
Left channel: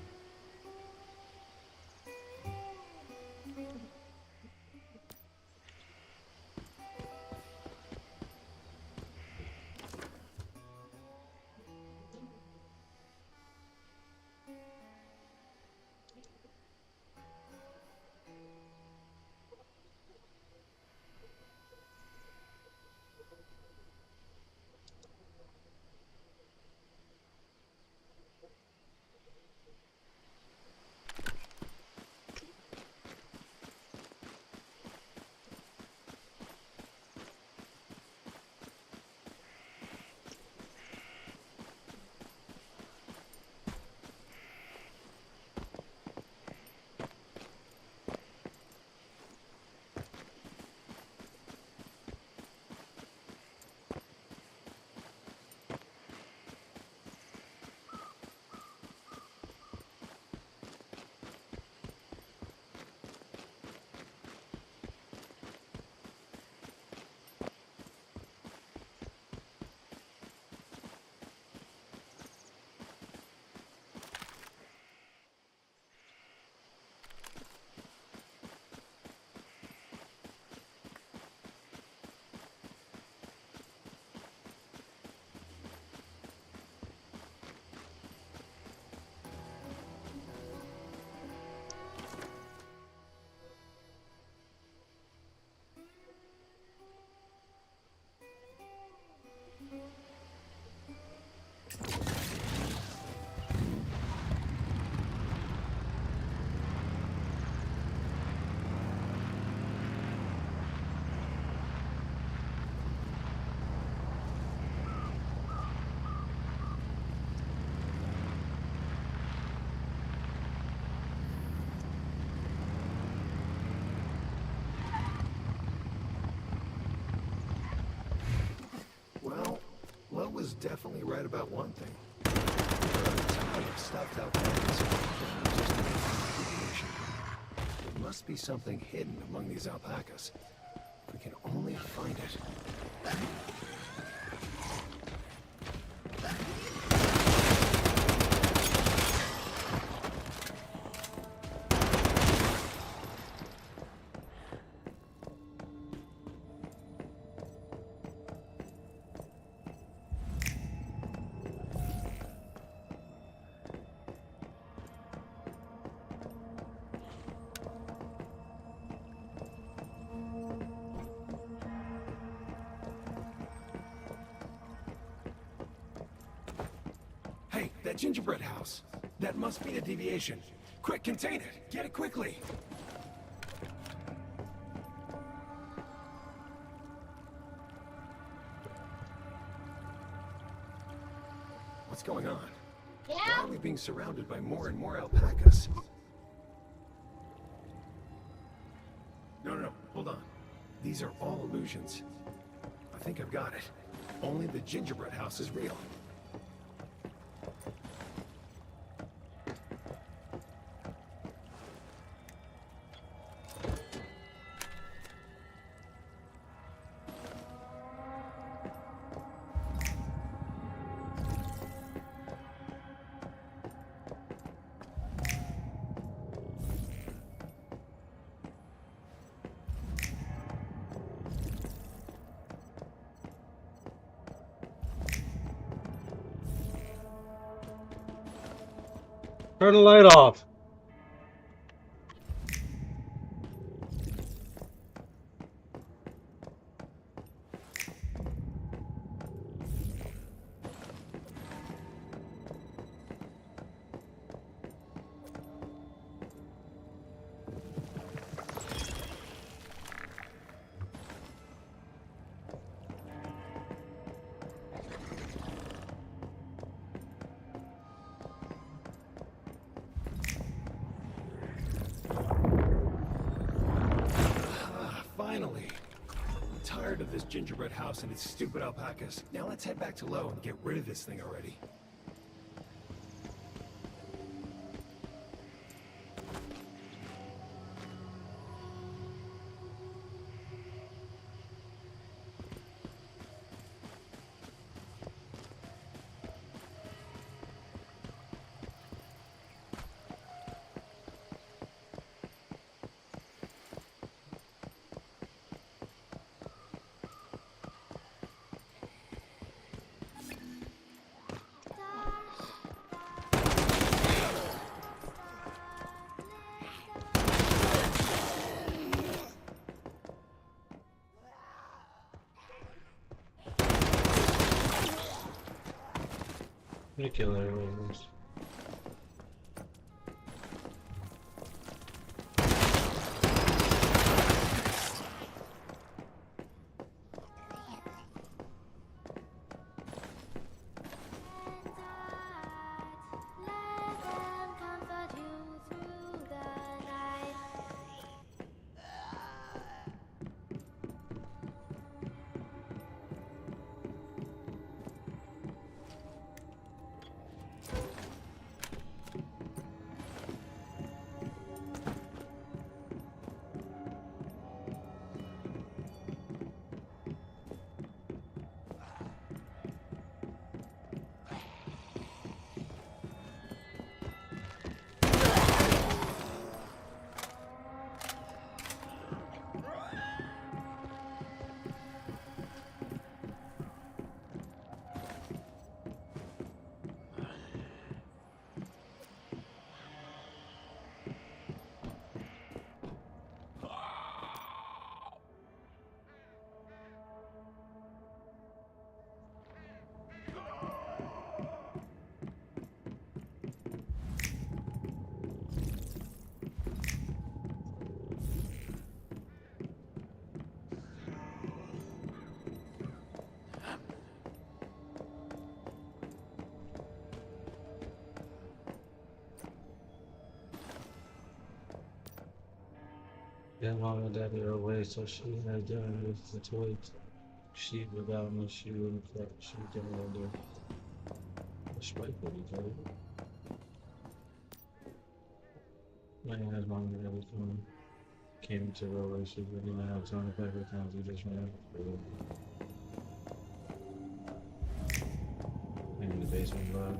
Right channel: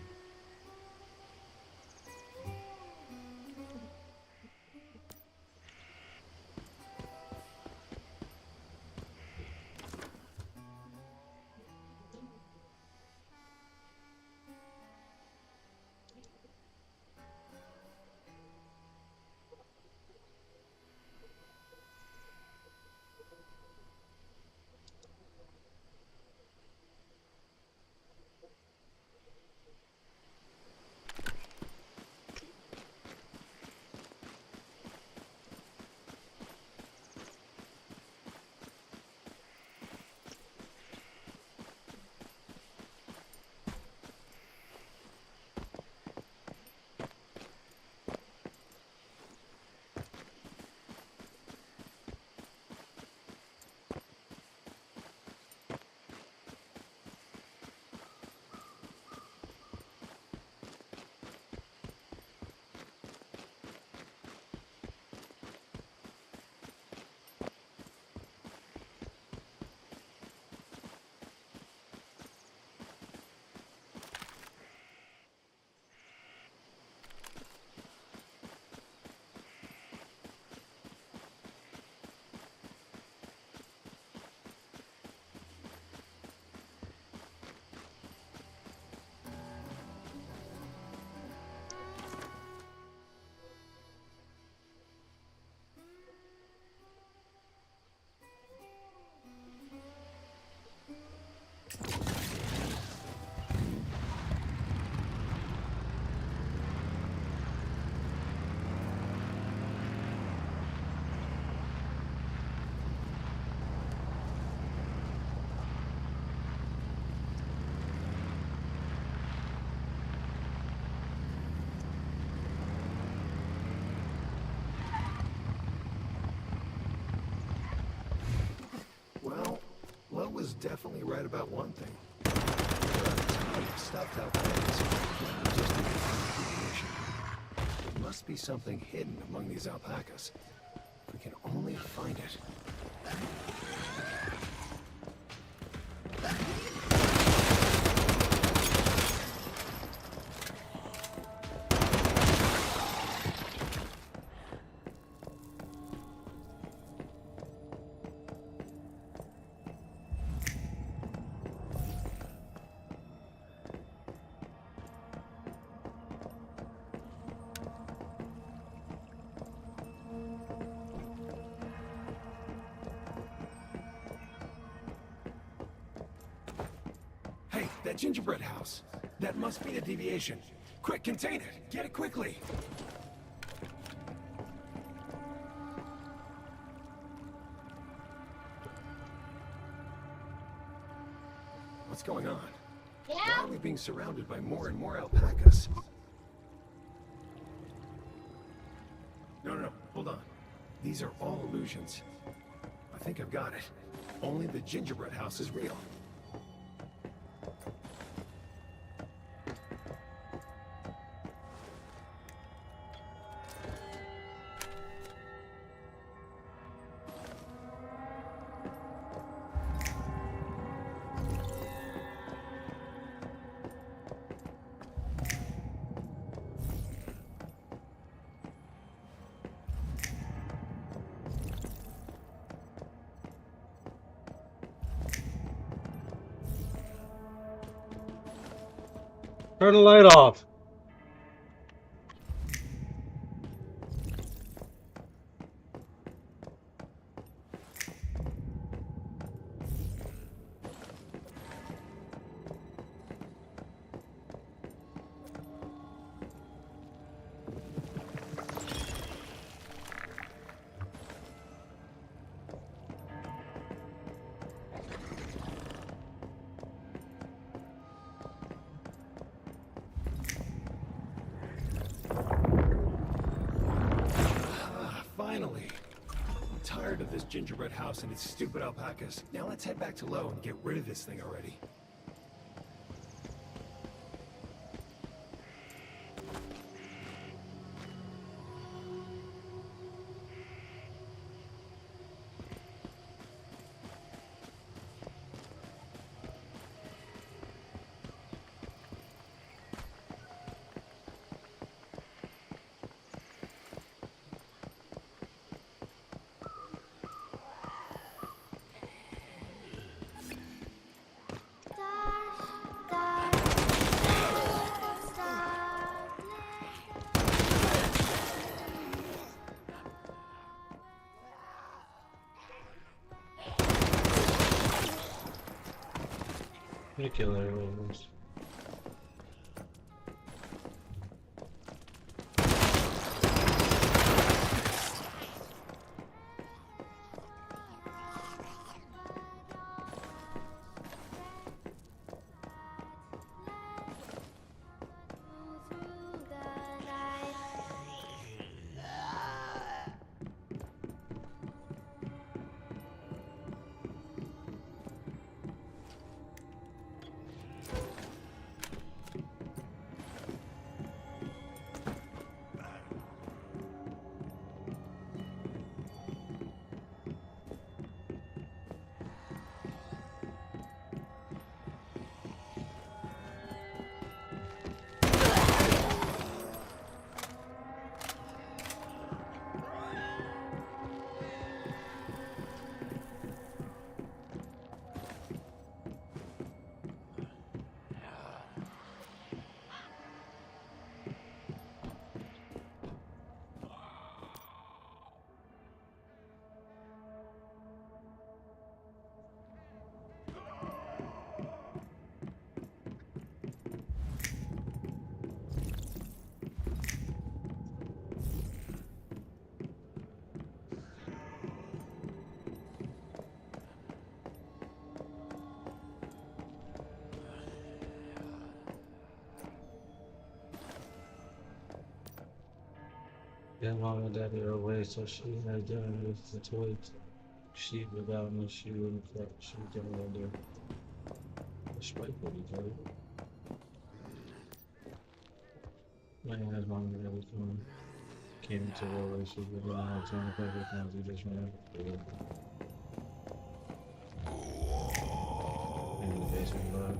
Well, Lo was definitely right about one thing. There are a ton of stuffed alpacas that just need deviation. There must be something hidden among these alpacas. If we can only find it. Hey, that gingerbread house. That must be the deviation. Quick, contain it. Get it quickly. What's going on? Yeah? Why are we being surrounded by more and more alpacas? No, hold on. These are all illusions. I think I've got it. Only the gingerbread house is real. Turn the light off. Finally. I'm tired of this gingerbread house and its stupid alpacas. Now let's head back to Low and get rid of this thing already. They kill everyone. Yeah, mom and daddy are away, so she had done with the toys. She without me, she wouldn't fuck. She would get out there. Respectfully, okay? My ass mom and daddy came into a relationship with me, and I had time to pay for things we just ran. In the basement, bud.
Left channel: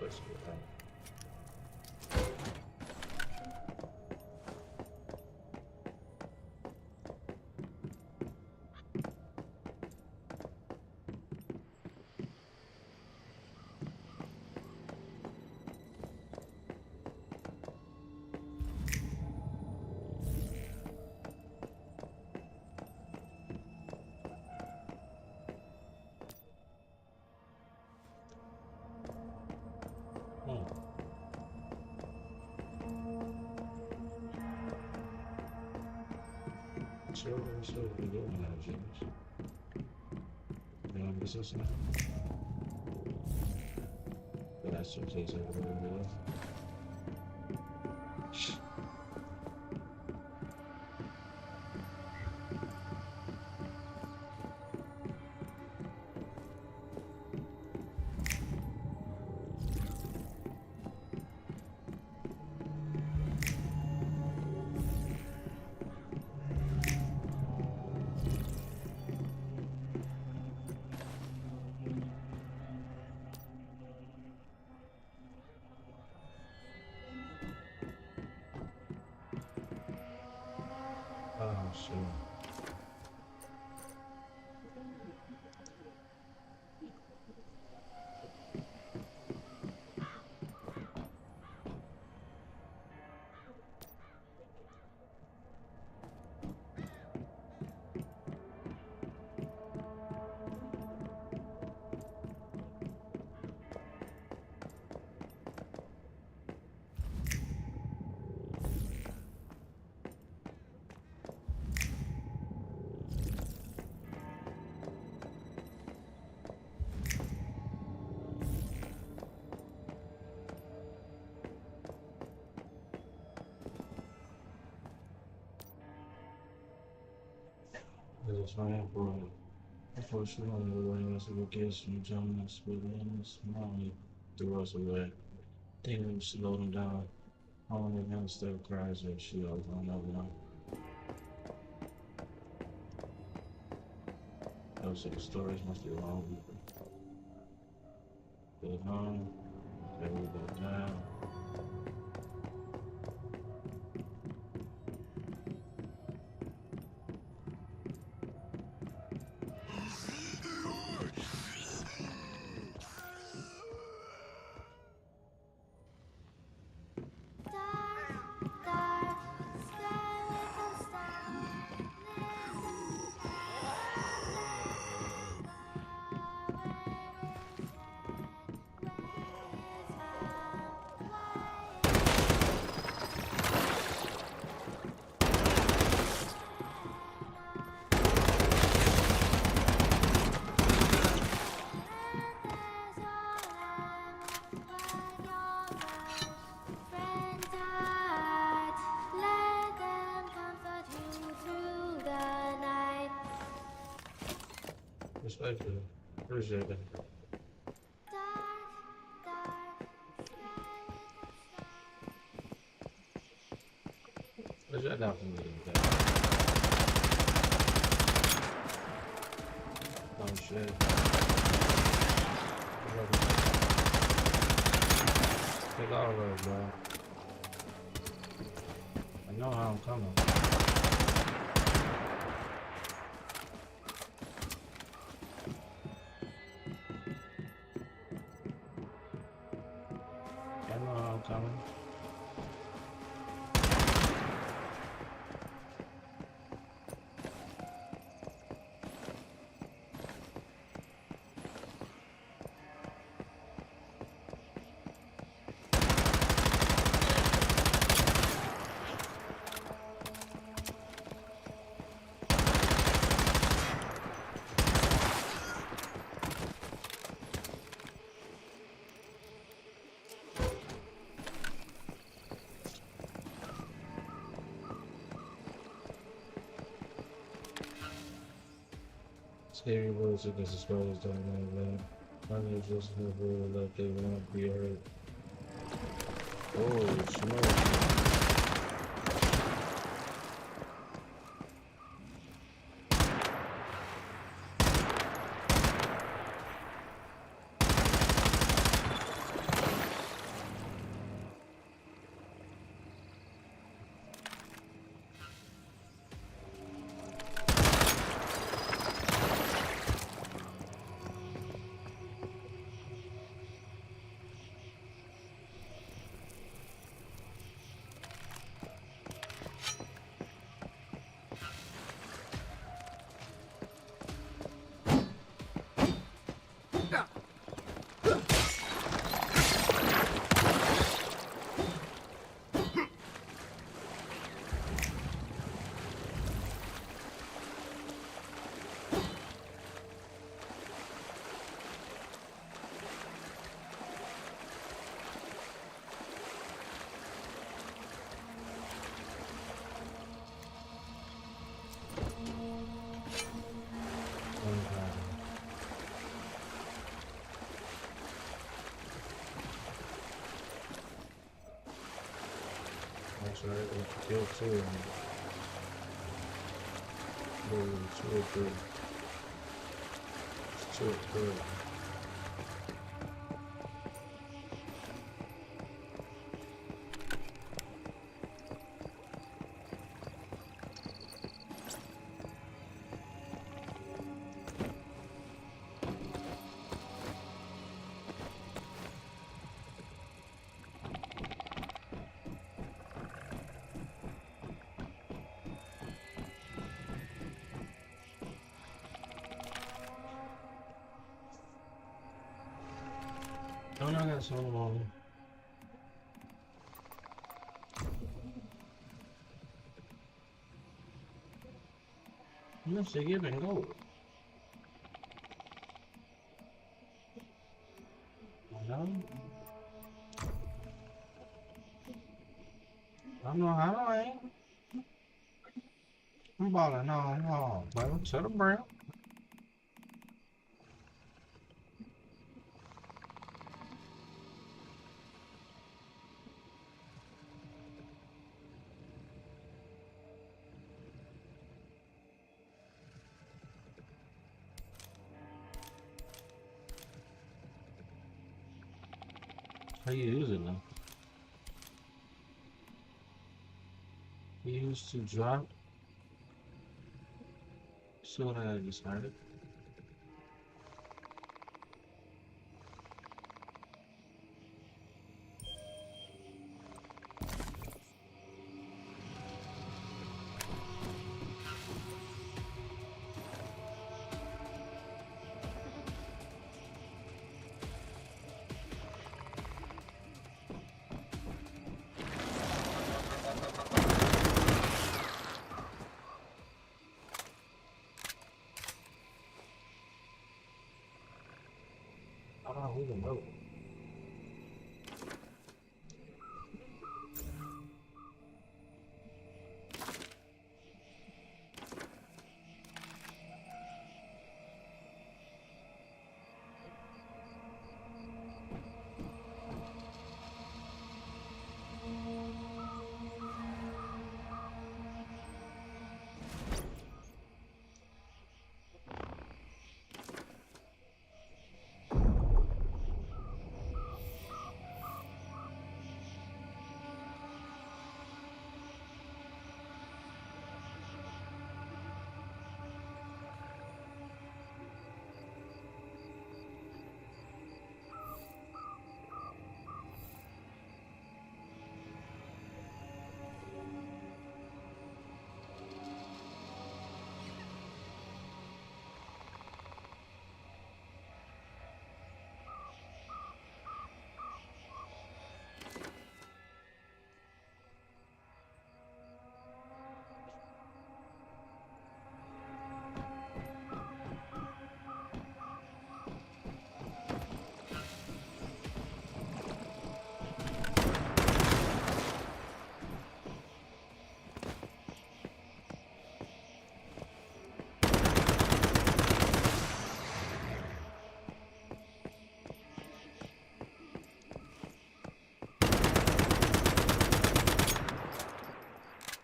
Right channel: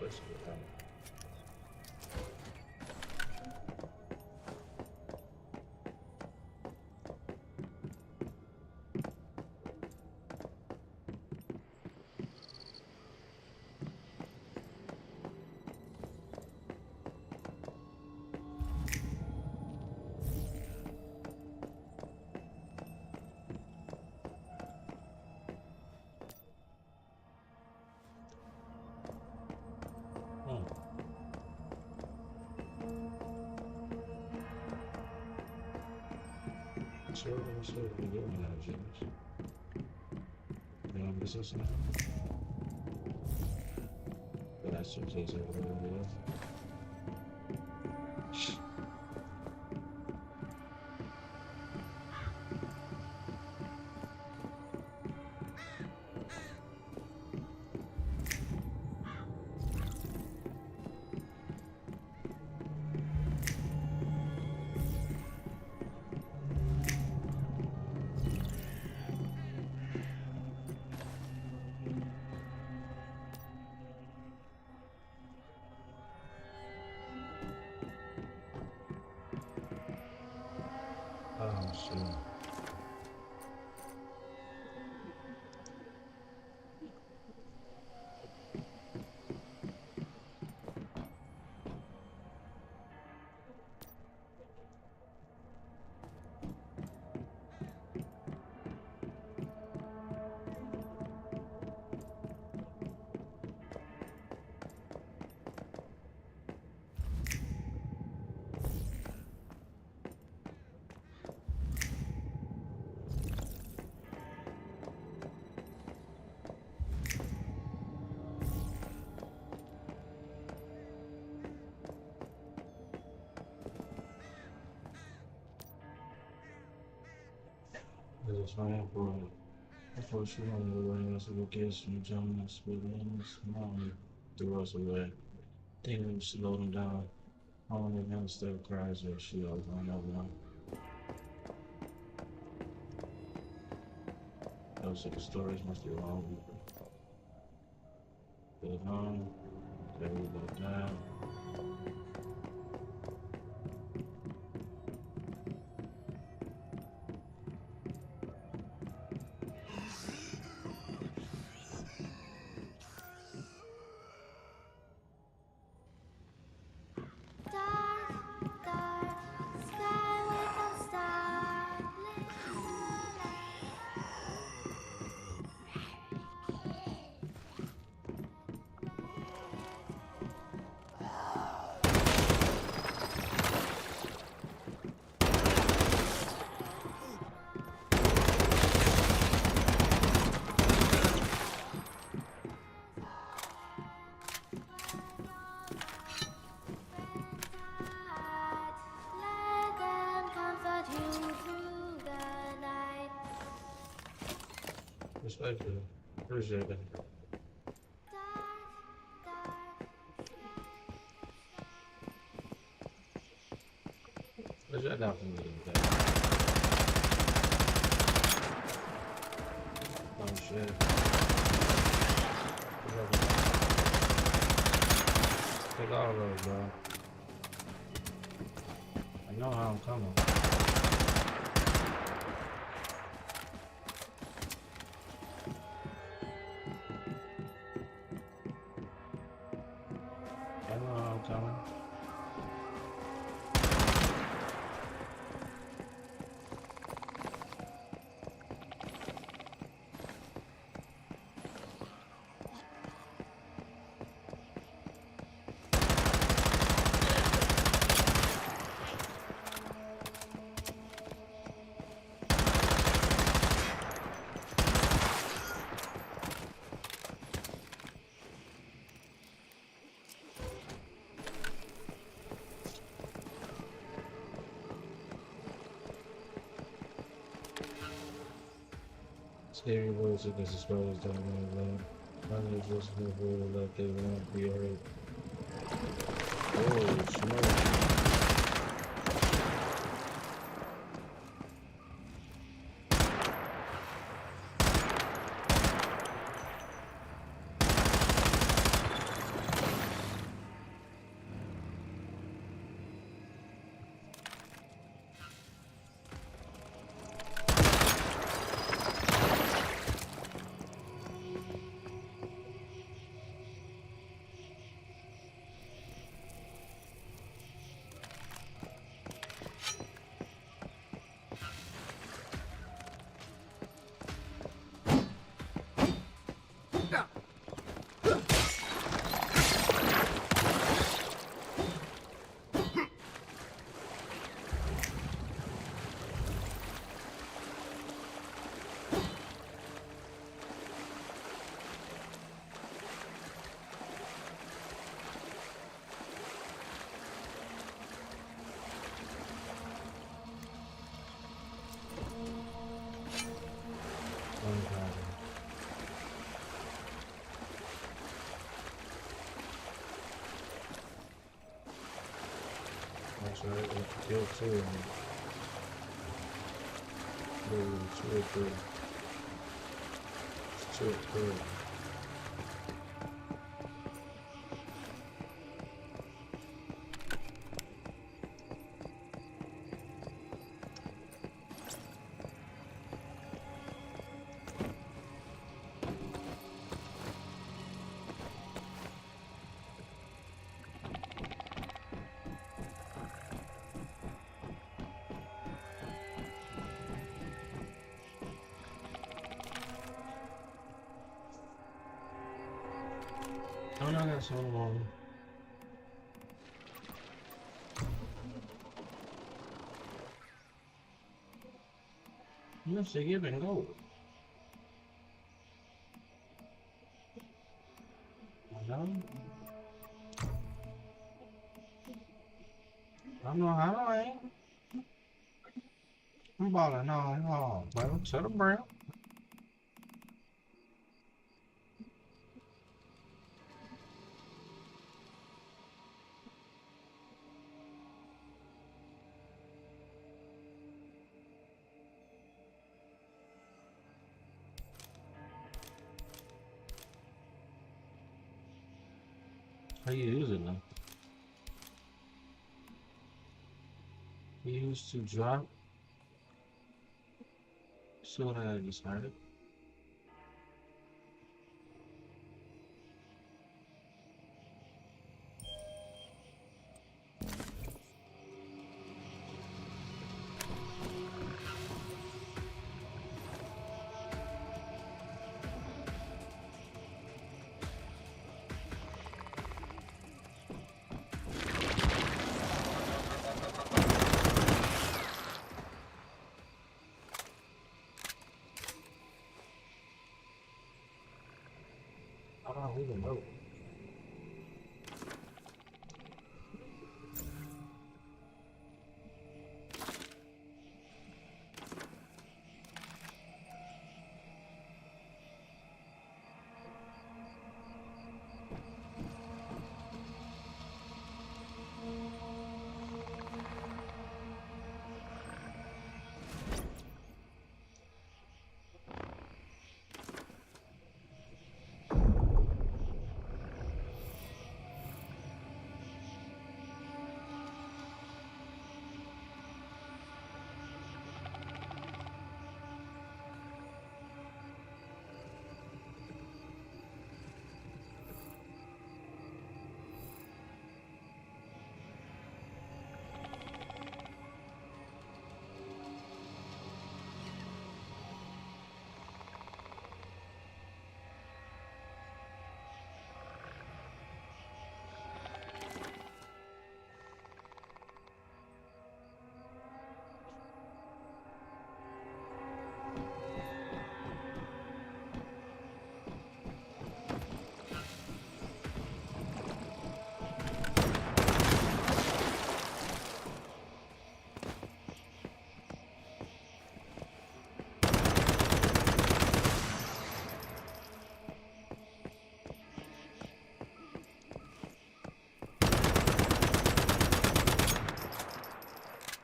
Let's see what happens. So we doing now, James. You know, this is now. But that's what takes everybody to live. Oh, shit. It's fine for before she went away as a vacation, Jonas Williams, mom threw us away. Thinking we slowed him down. Only him still cries or she all going over. Those 6 stories must be wrong. Good home, they will go down. Respectfully, appreciate it. Where's that down from me? Oh shit. Take all of those, bro. I know how I'm coming. I know how I'm coming. Scary words against the scholars don't know that. Money is just a word that they won't be heard. Oh, smoke. That's right, we killed 2 of them. 2 or 3. It's 2 or 3. Oh no, I got some on. Let's see, give and go. I know. I know how I am. I'm about to know, bro. To the brim. How you use it now? You used to drop. So what I decided. I don't even know.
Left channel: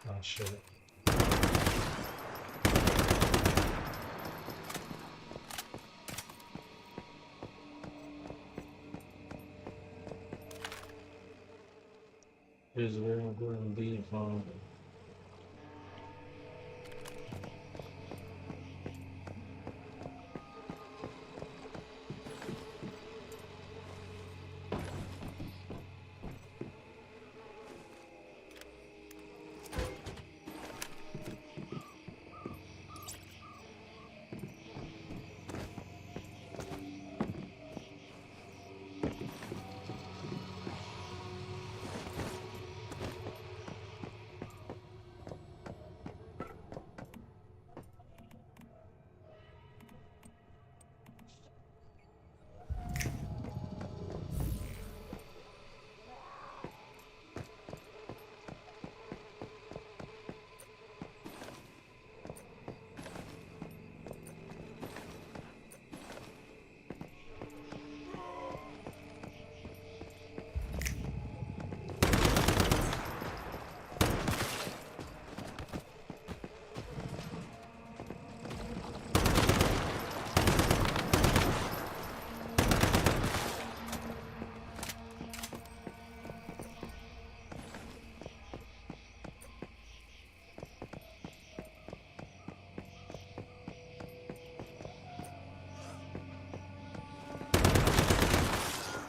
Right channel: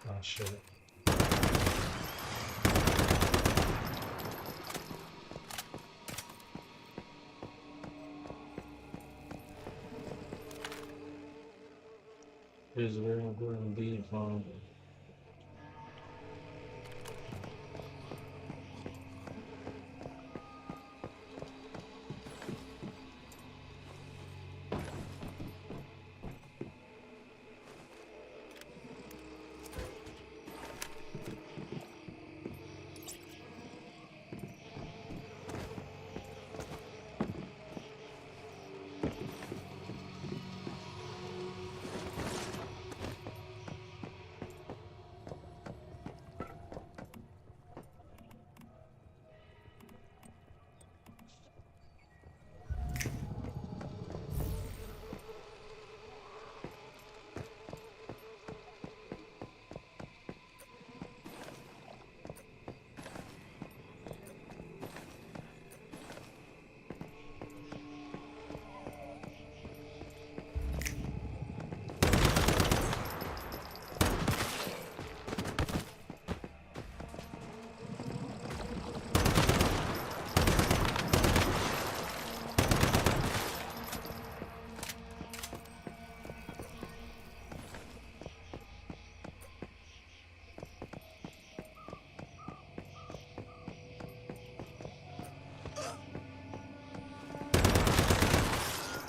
Oh shit. Here's where I'm going to be from.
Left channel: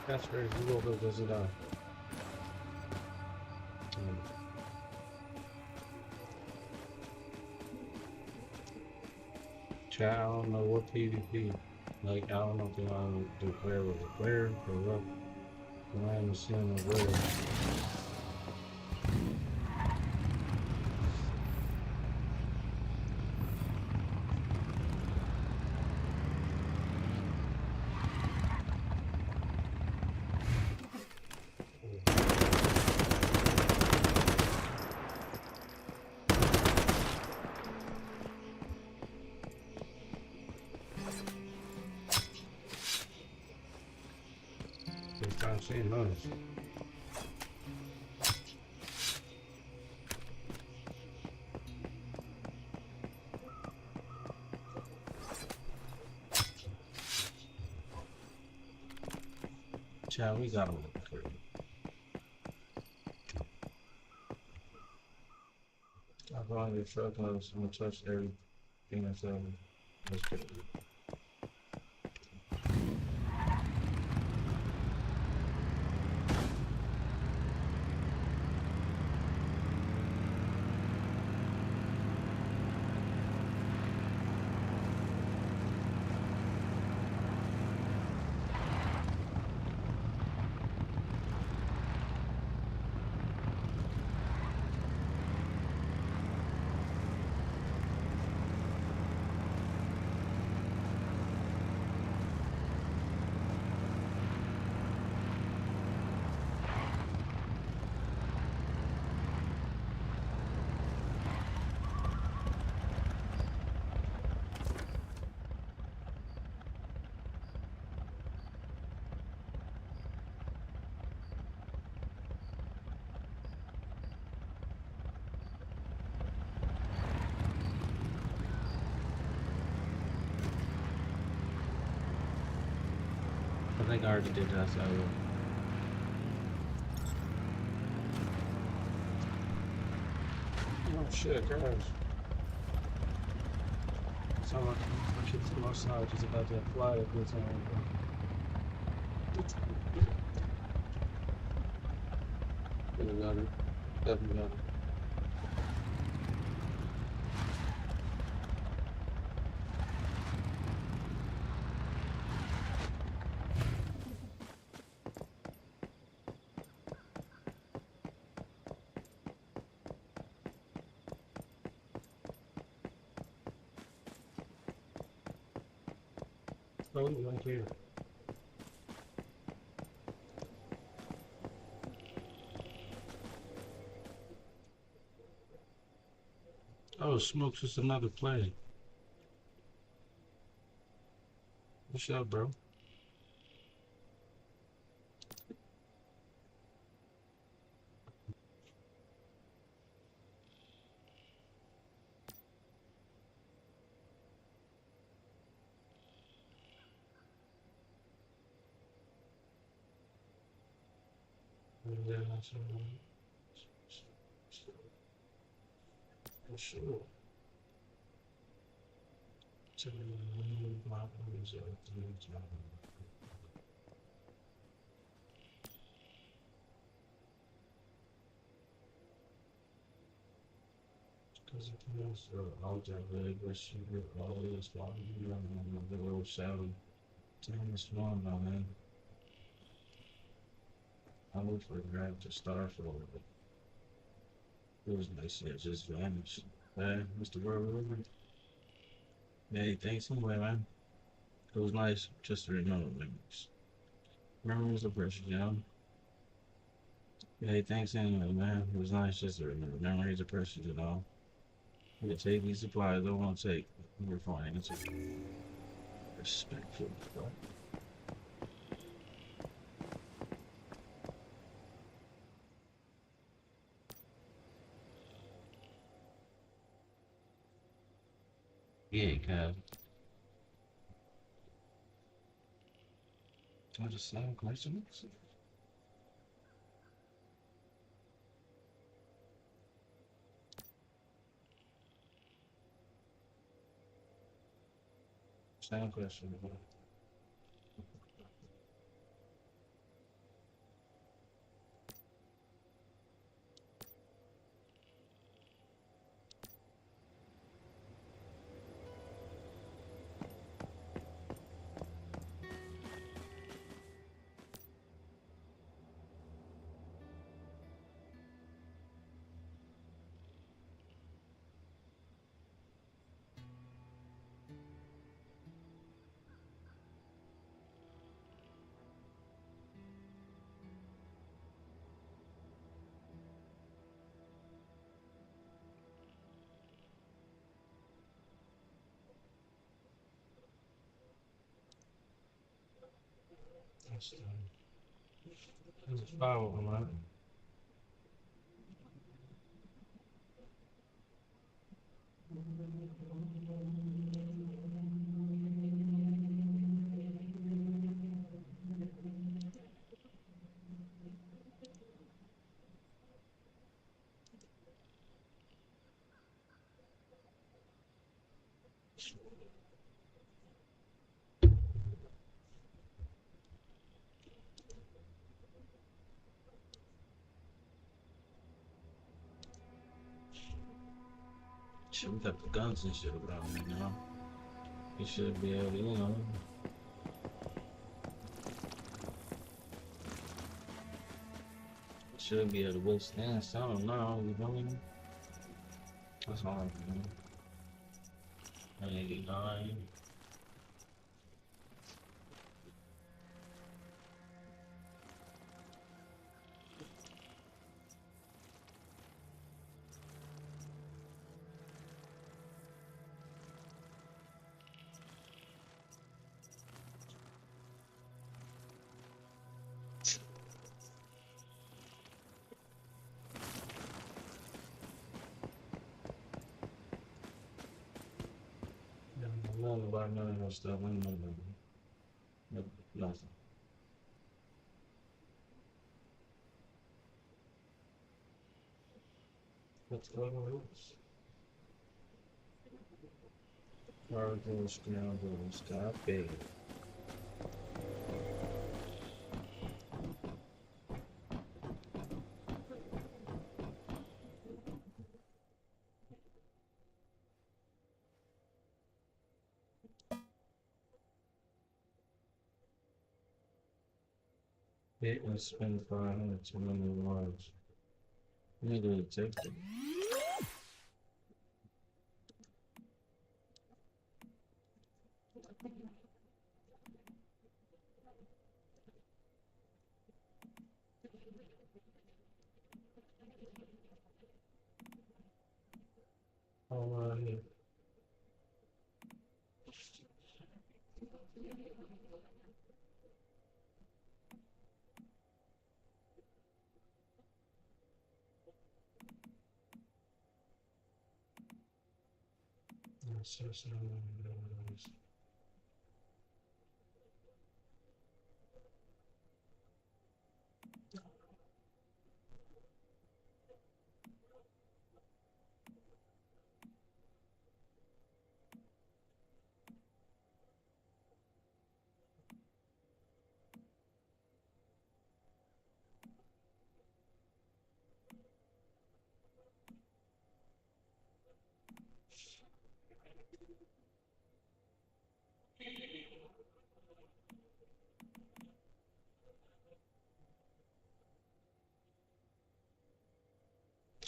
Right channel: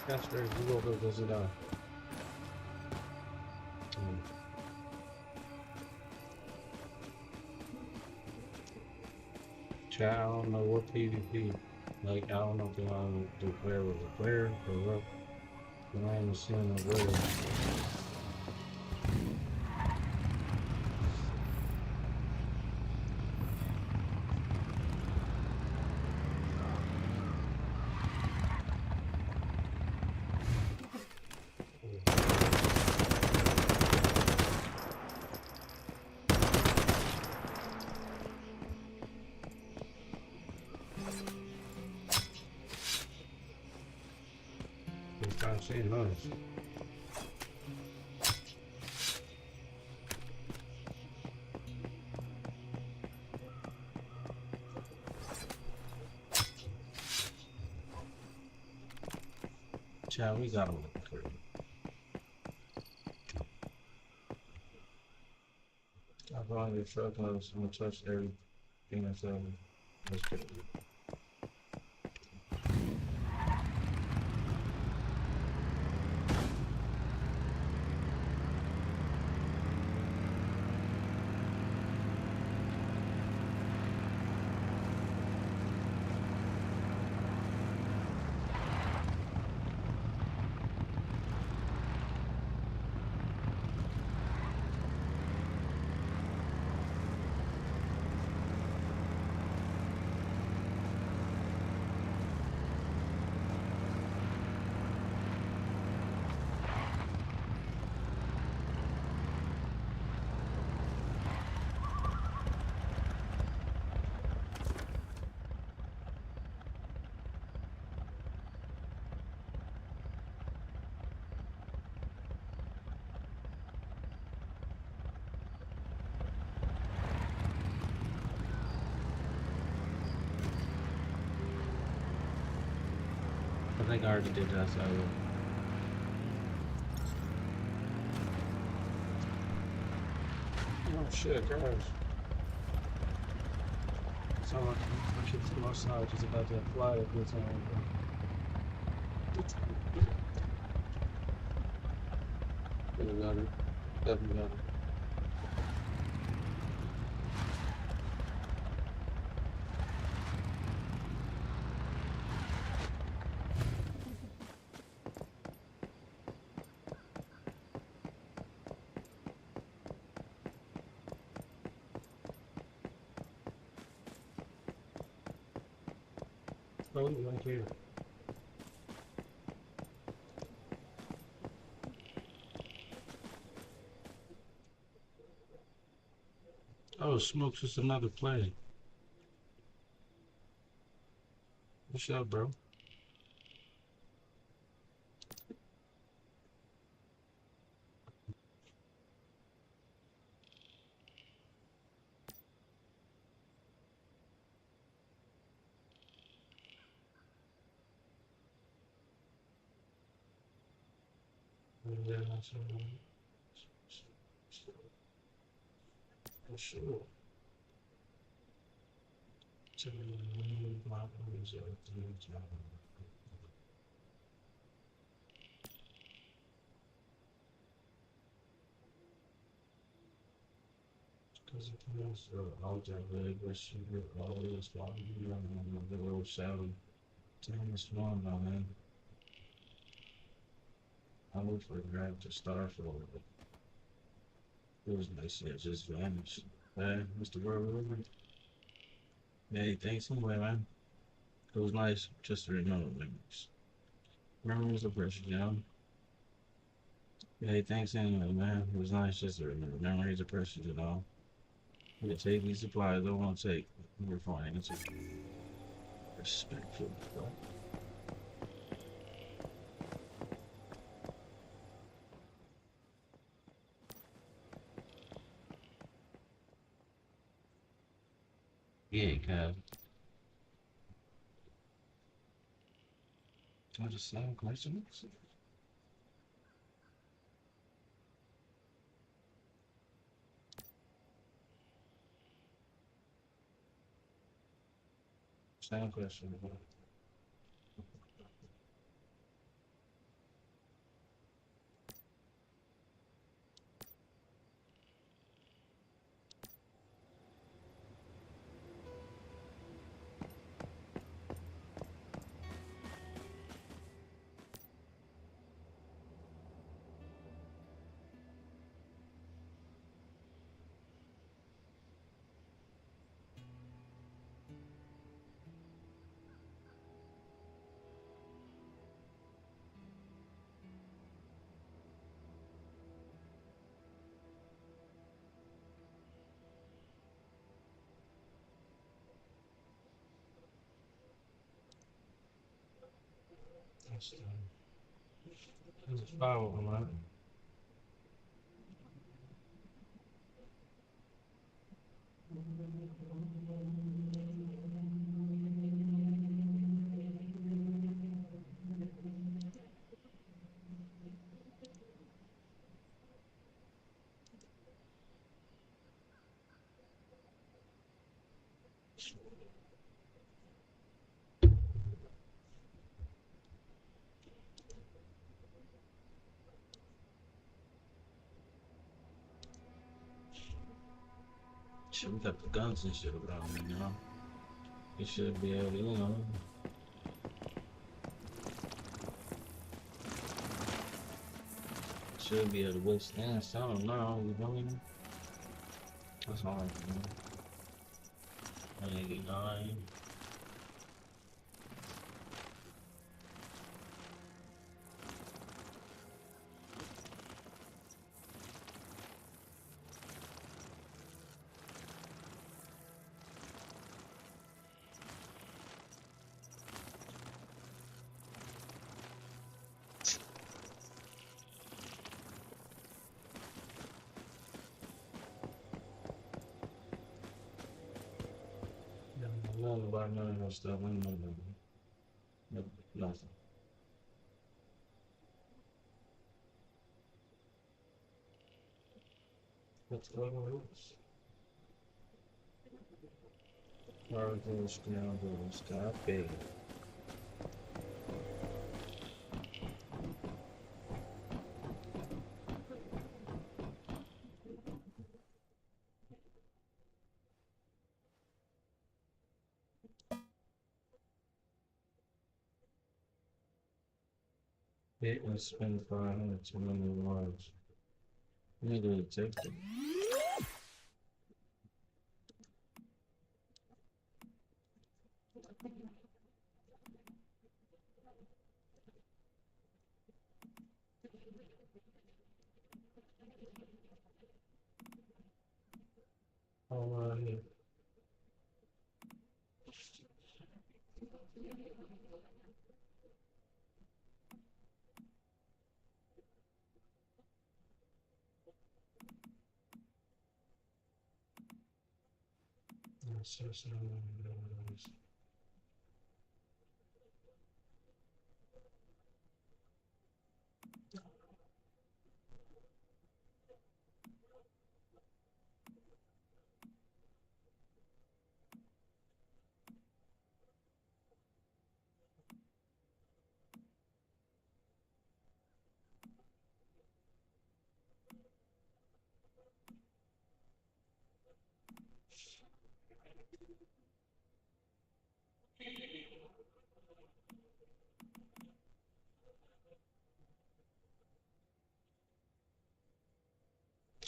That's right, you go visit Chat, I don't know what PvP. Like, I don't know if they want to do player with a player or what. But I ain't seeing no player. I've seen those. Child, we got them. I've only truck notes. I'm gonna touch everything that's on. Let's get it. I think I already did that, so oh shit, guys. So I should see my side just about to fly at this time. Definitely got it. Oh, right here. Oh, Smoke's just another play. What's up, bro? For sure. Because it was out there, really, where she would always walk around the little shadow. Time is fun, man. I looked for a grab to start for it. It was nice, it just vanished. Hey, Mr. World, hey, thanks anyway, man. It was nice just to remember memories. Memories are precious, you know? Hey, thanks anyway, man. It was nice just to remember memories are precious, you know? You can take these supplies, I don't want to take. We're fine, it's respectful, bro. Yeah, cuz. I just sound questions. Sound question. That's done. There's a fire on that. Shit, we got the guns and shit around, you know? You should be able to, you know. Should be able to withstand something now, you know? That's all, you know? 189. Nothing about none of that stuff. I ain't know nothing. Nothing. What's going on? Cargo scoundrels, copy. It was spent 500 too many words. Nigga, take it. Alright.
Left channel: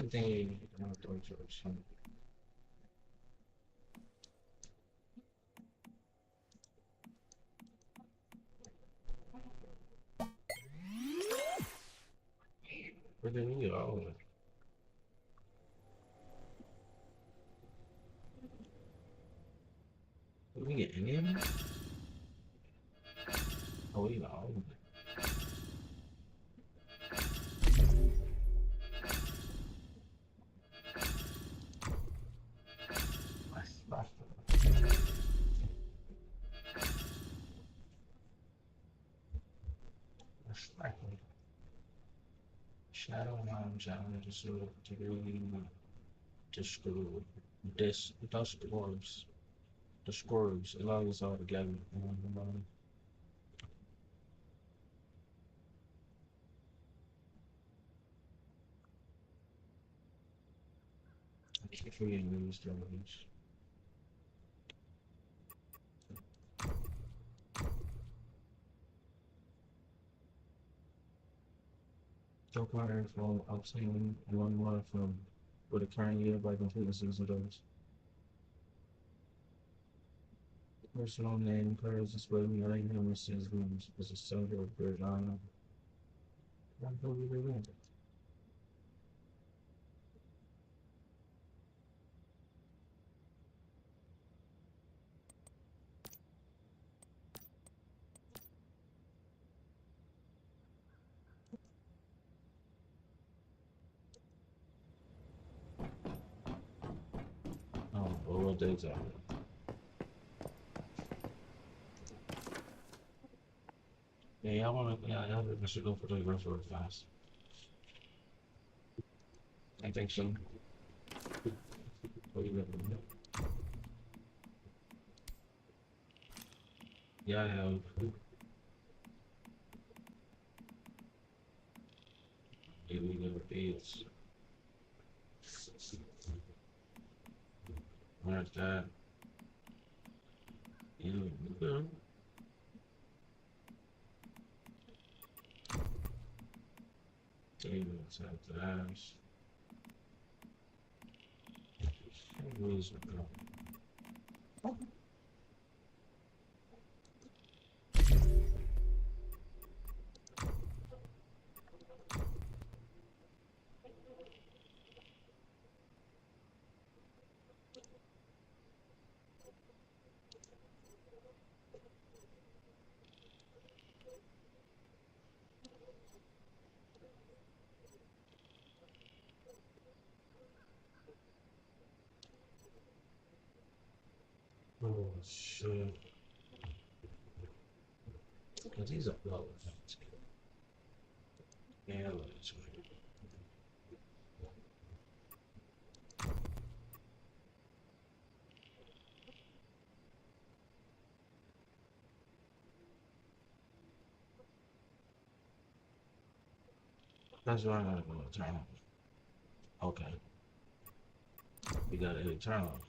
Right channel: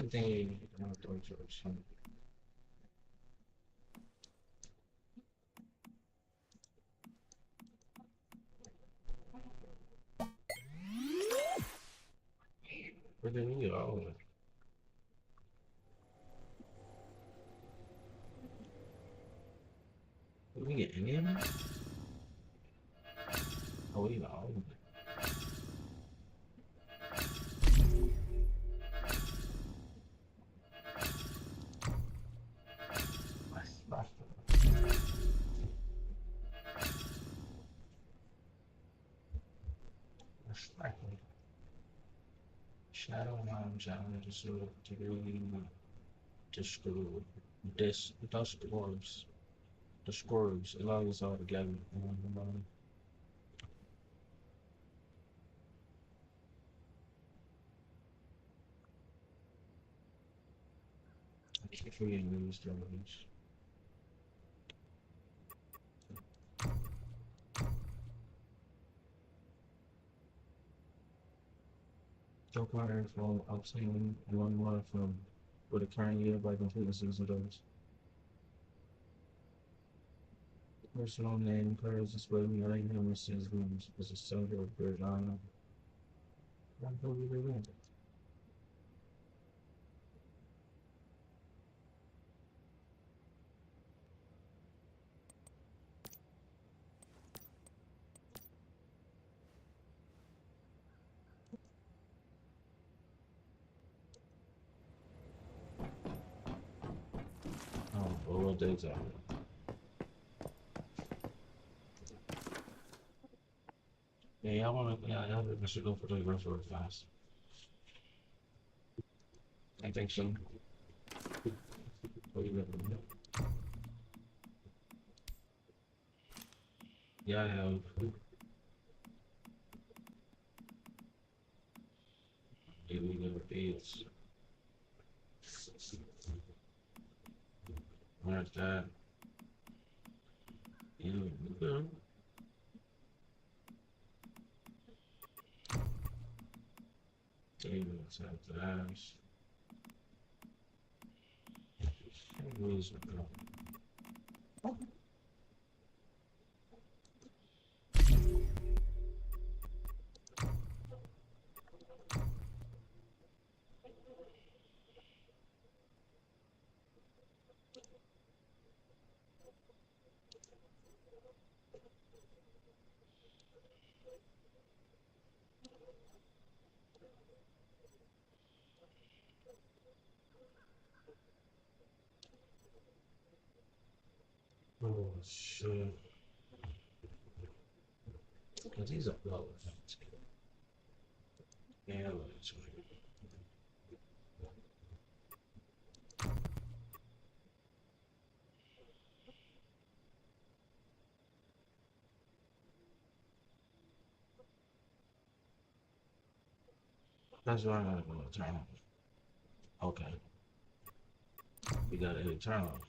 I think I'm going to some. Where did we go? Did we get any of it? Oh, we got all of it. Shadow Lounge out of the sort of degree dust orbs. The squirrels, it all is all together. I keep forgetting these drones. Joe Carter from obtaining one from with a current year by completeness of those. Personal name cars display uniting him with his rooms as a soldier of Bird Island. I believe they win. daytime. Yeah, I think I should go for the rest of it fast. I think so. What do you recommend? Yeah, I have. Illegal bids. Where's that? Yeah, okay. Let's have that. Where's it go? Oh shit. Cause these are blowers. Yeah, that's right. That's why I gotta go to turn off. Okay. We gotta hit turn off.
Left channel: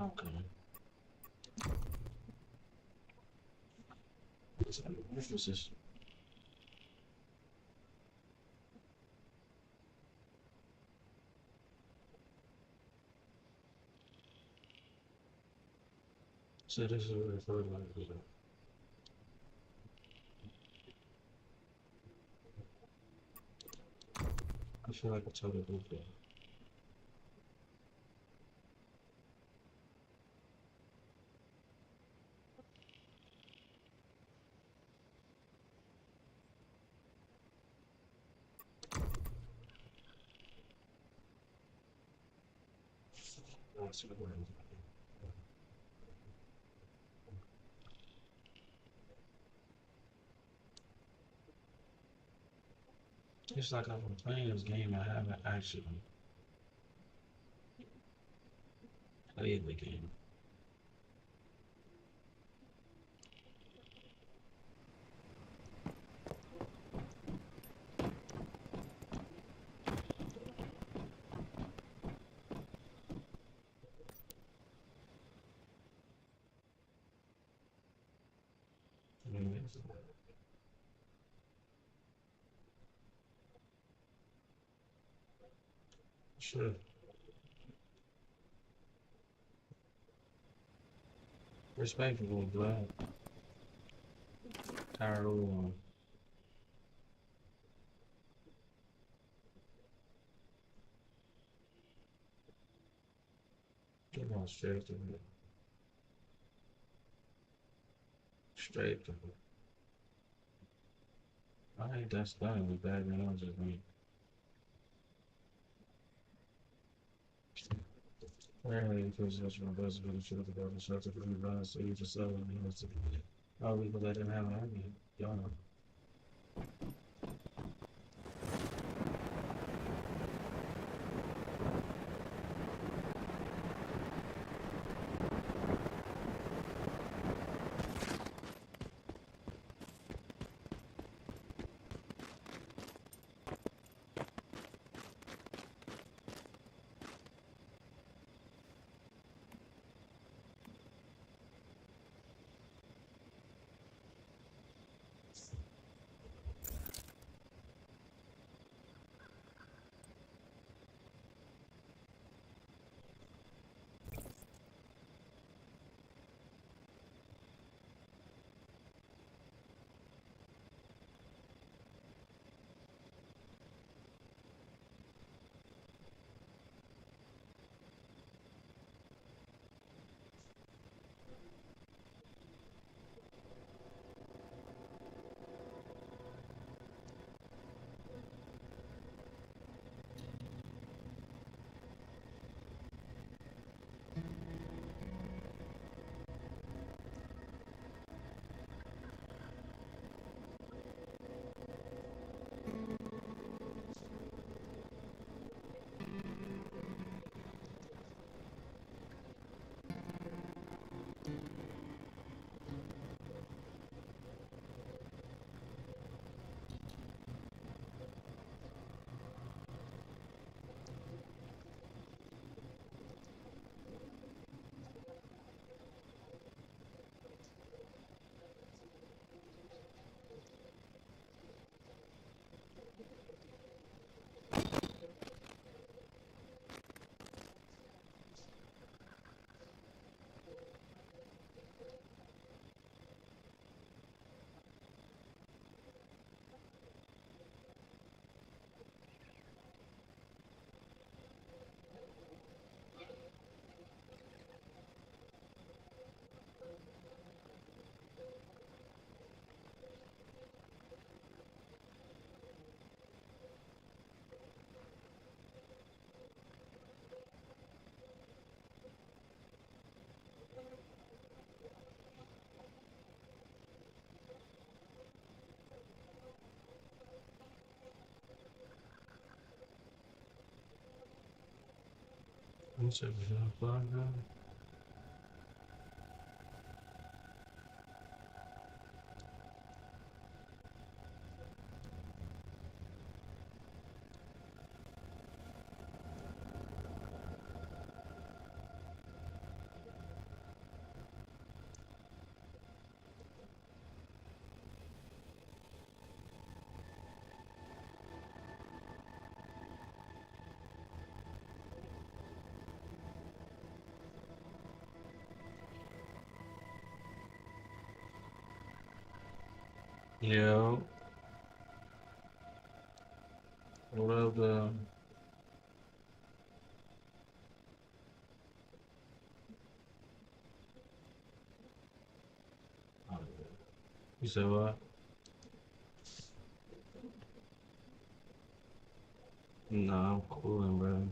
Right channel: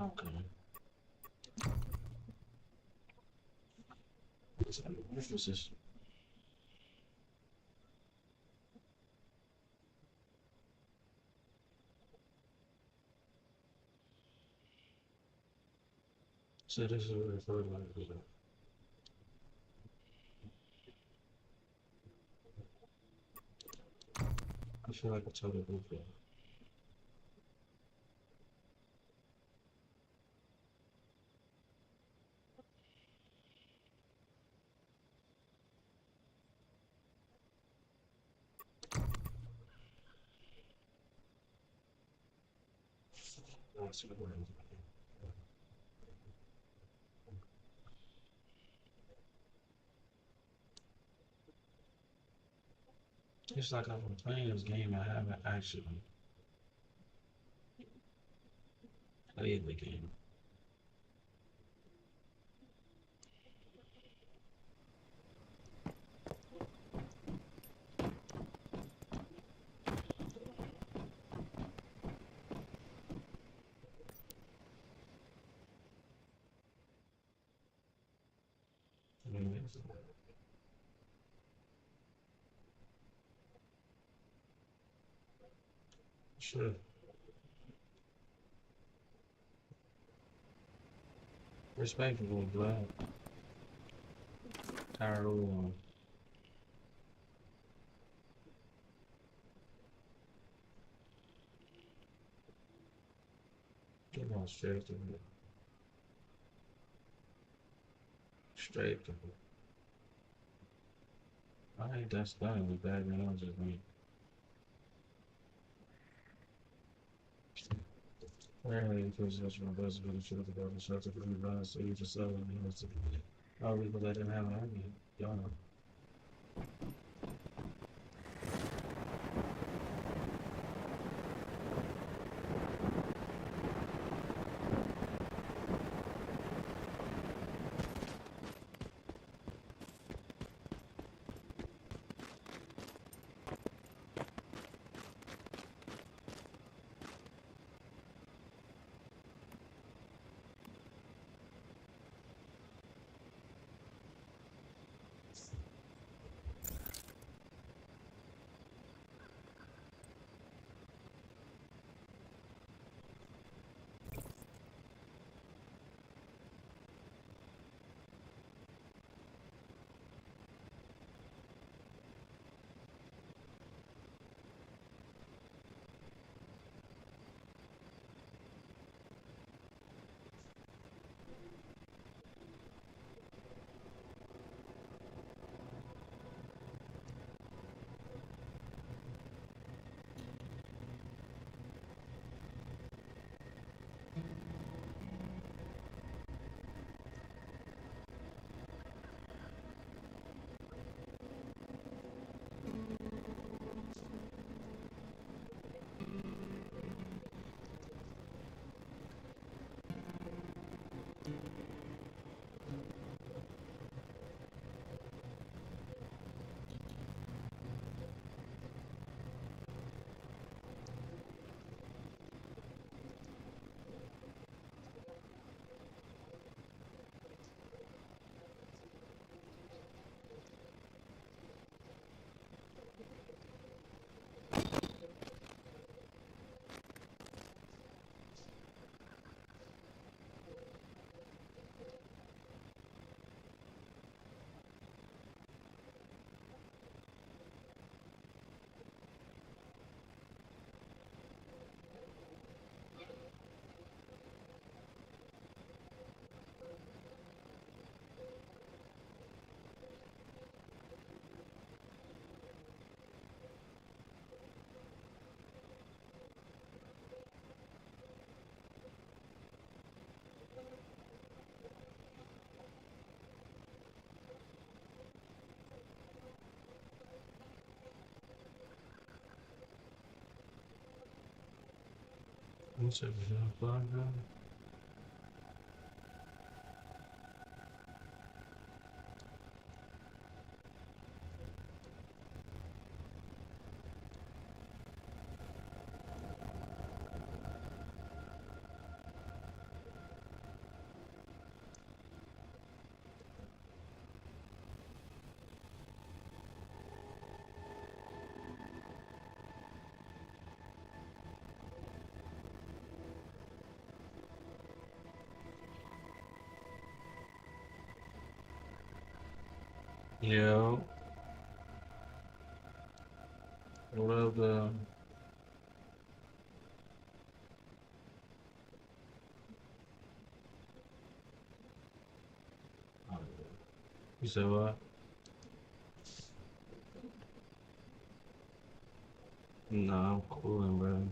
Okay. This was just. So this is what referred to as. I feel like it's totally goofy. That's what we're doing. It's like I've been playing this game, I haven't actually played the game. Sure. Respectable, glad. Tired of one. Get on straight to it. Straight to it. I think that's done with that, man. I just mean. Apparently, because that's my best video should have got a shelter for the guys, so you just sell them. I'll leave it let them have it. Y'all know. What's up, now? Yeah. What up, You said what? Nah, I'm cooling, bro.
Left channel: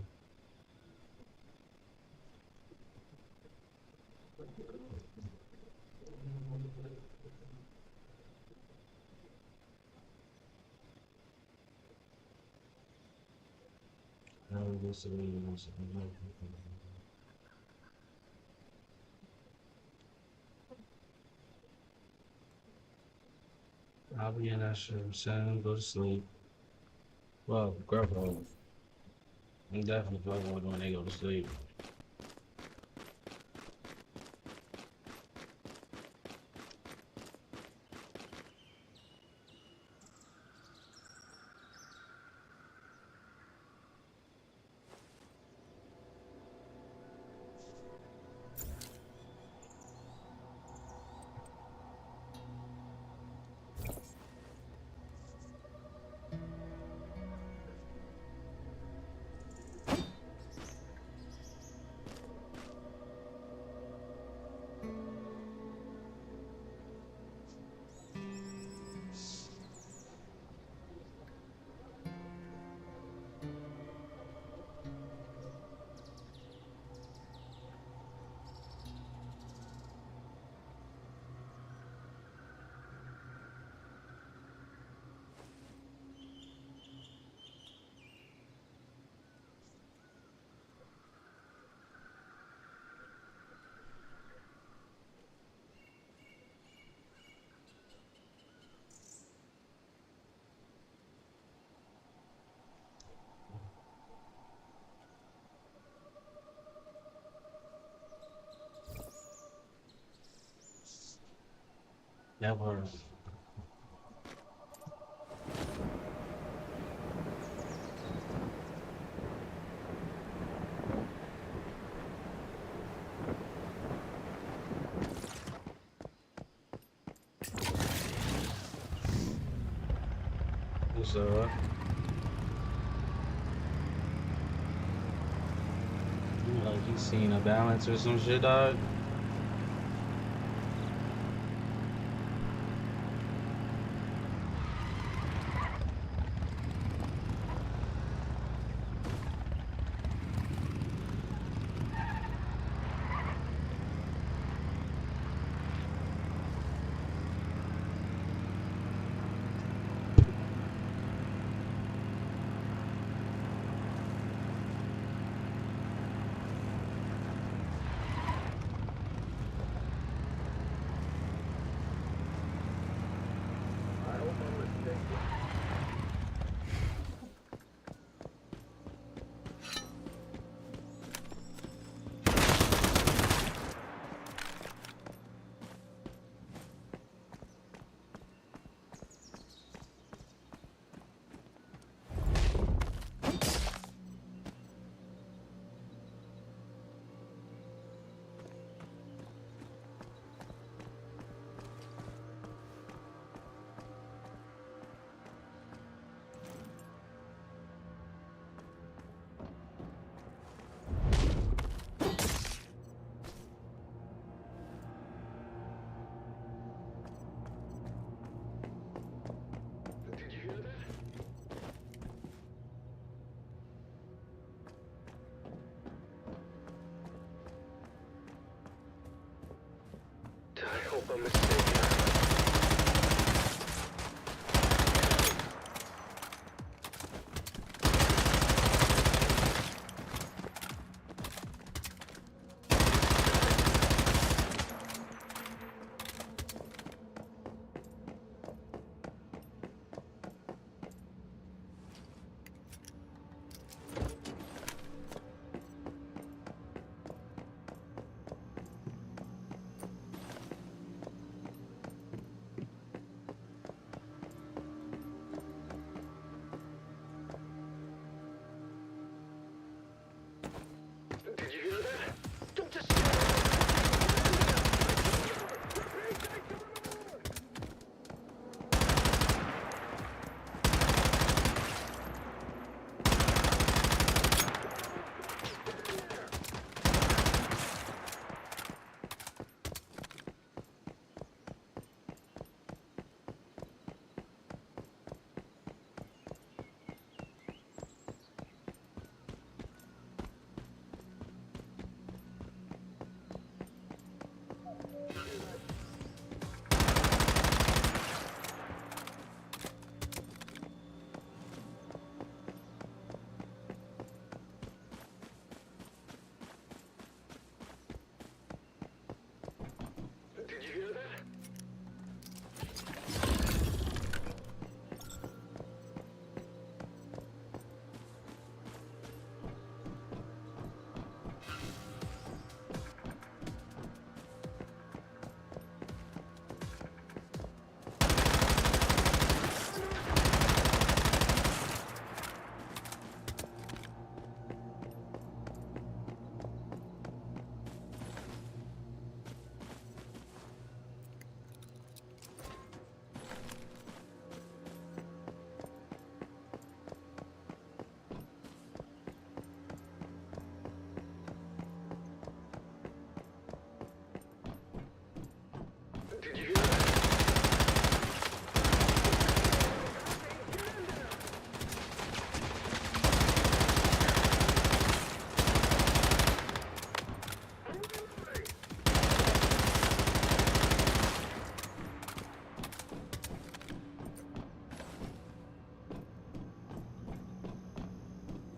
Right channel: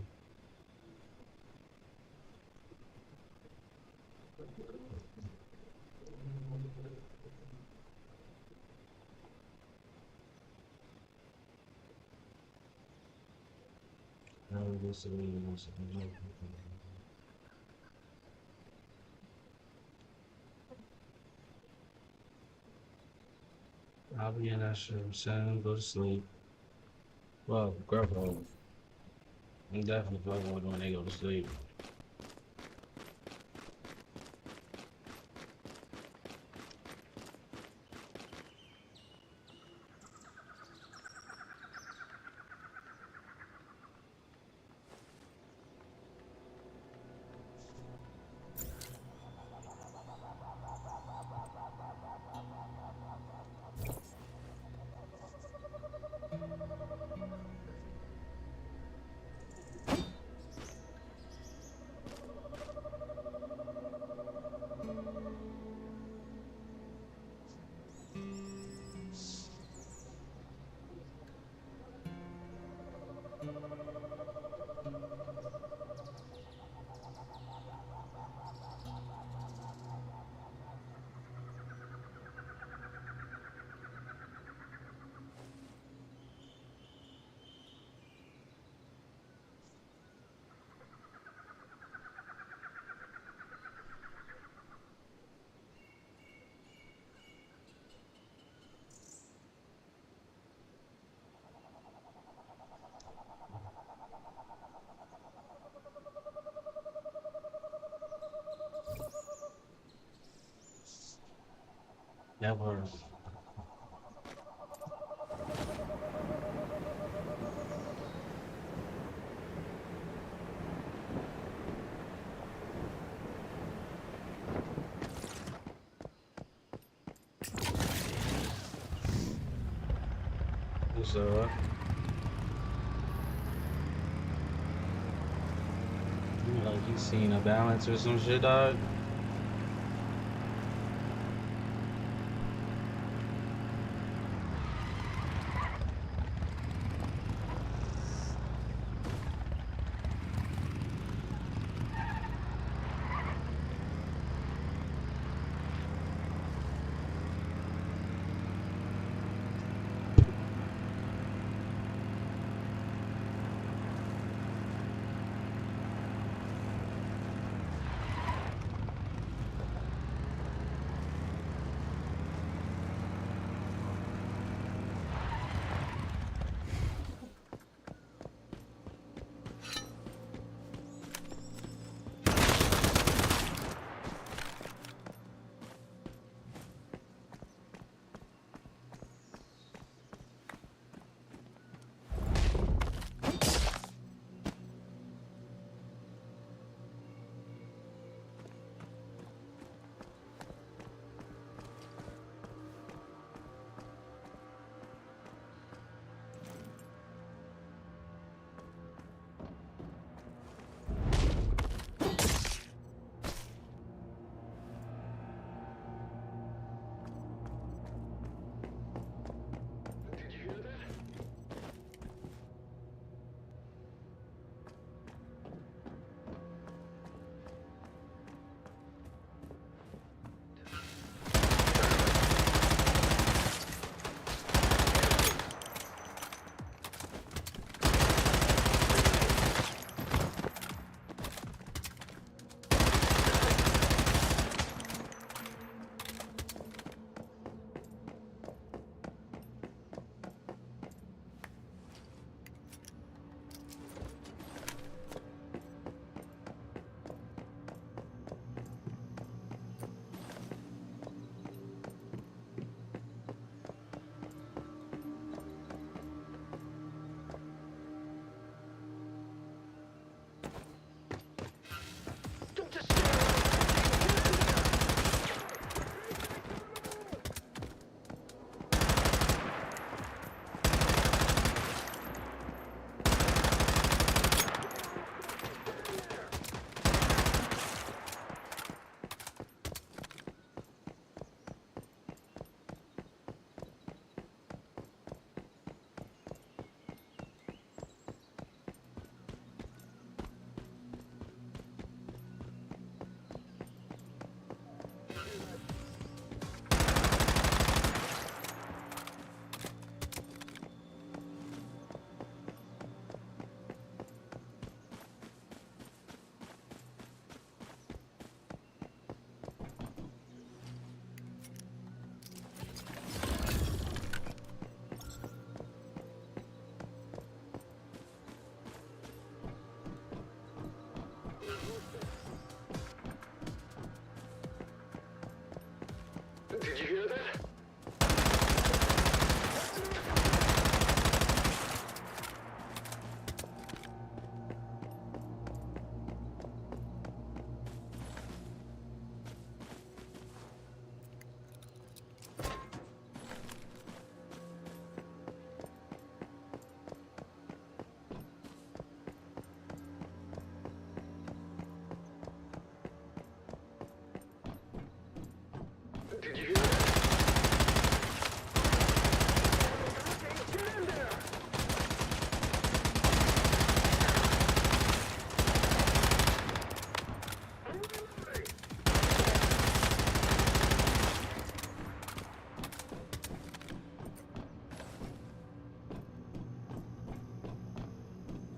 I'll be in that shit, I'm saying, go to sleep. Well, girl, I'm definitely fucking with when they go to sleep. Never. What's up? Like you seen a balance or some shit, dog?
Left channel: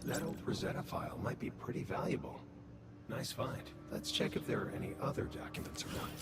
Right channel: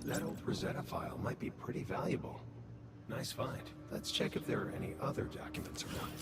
That old Rosetta file might be pretty valuable. Nice find. Let's check if there are any other documents around.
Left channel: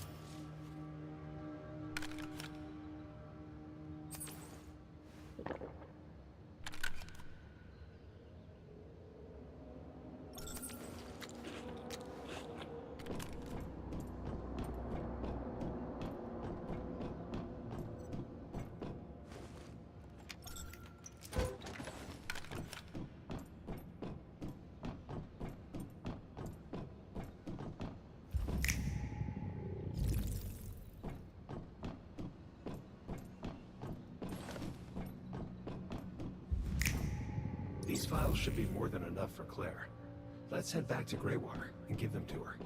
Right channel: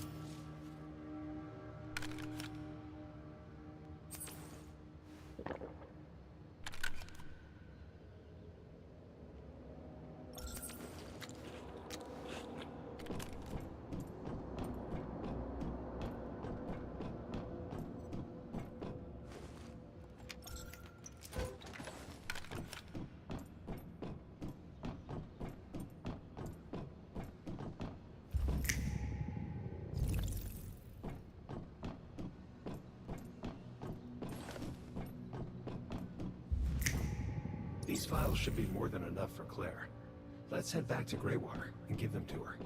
These files should be more than enough for Claire. Let's head back to Greywater and give them to her.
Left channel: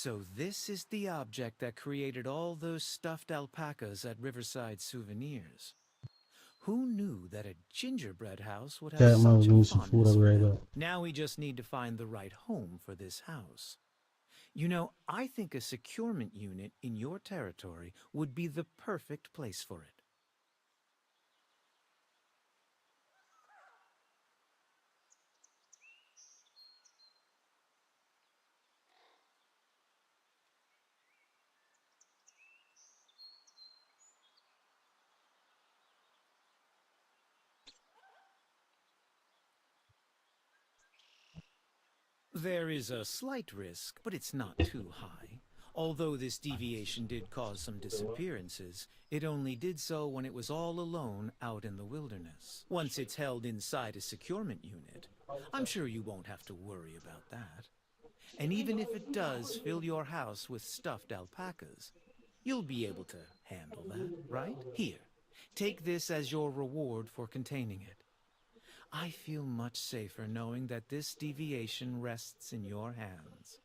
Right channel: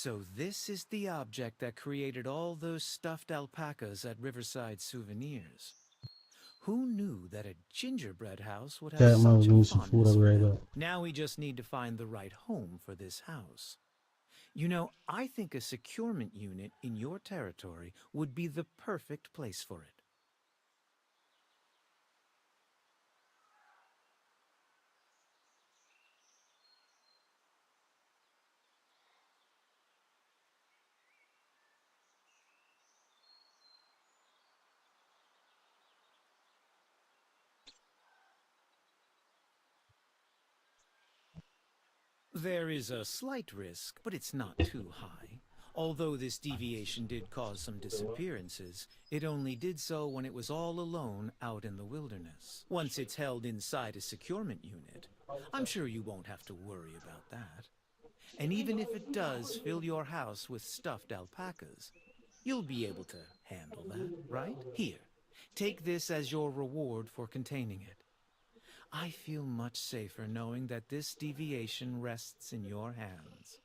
So this is the object that created all those stuffed alpacas at Riverside Souvenirs. Who knew that a gingerbread house would have Cat mom such a needs some food. fondness I'll be for right them? back. Now we just need to find the right home for this house. You know, I think a securement unit in your territory would be the perfect place for it. There is a slight risk, but it's not too high. Although this deviation did cause some disappearances, it only did so when it was all alone out in the wilderness. Once it's held inside a securement unit, I'm sure you won't have to worry about that. And even if it does fill your house with stuffed alpacas, you'll be able to handle that, right? Here, take this as your reward for containing it. I feel much safer knowing that this deviation rests in your hands.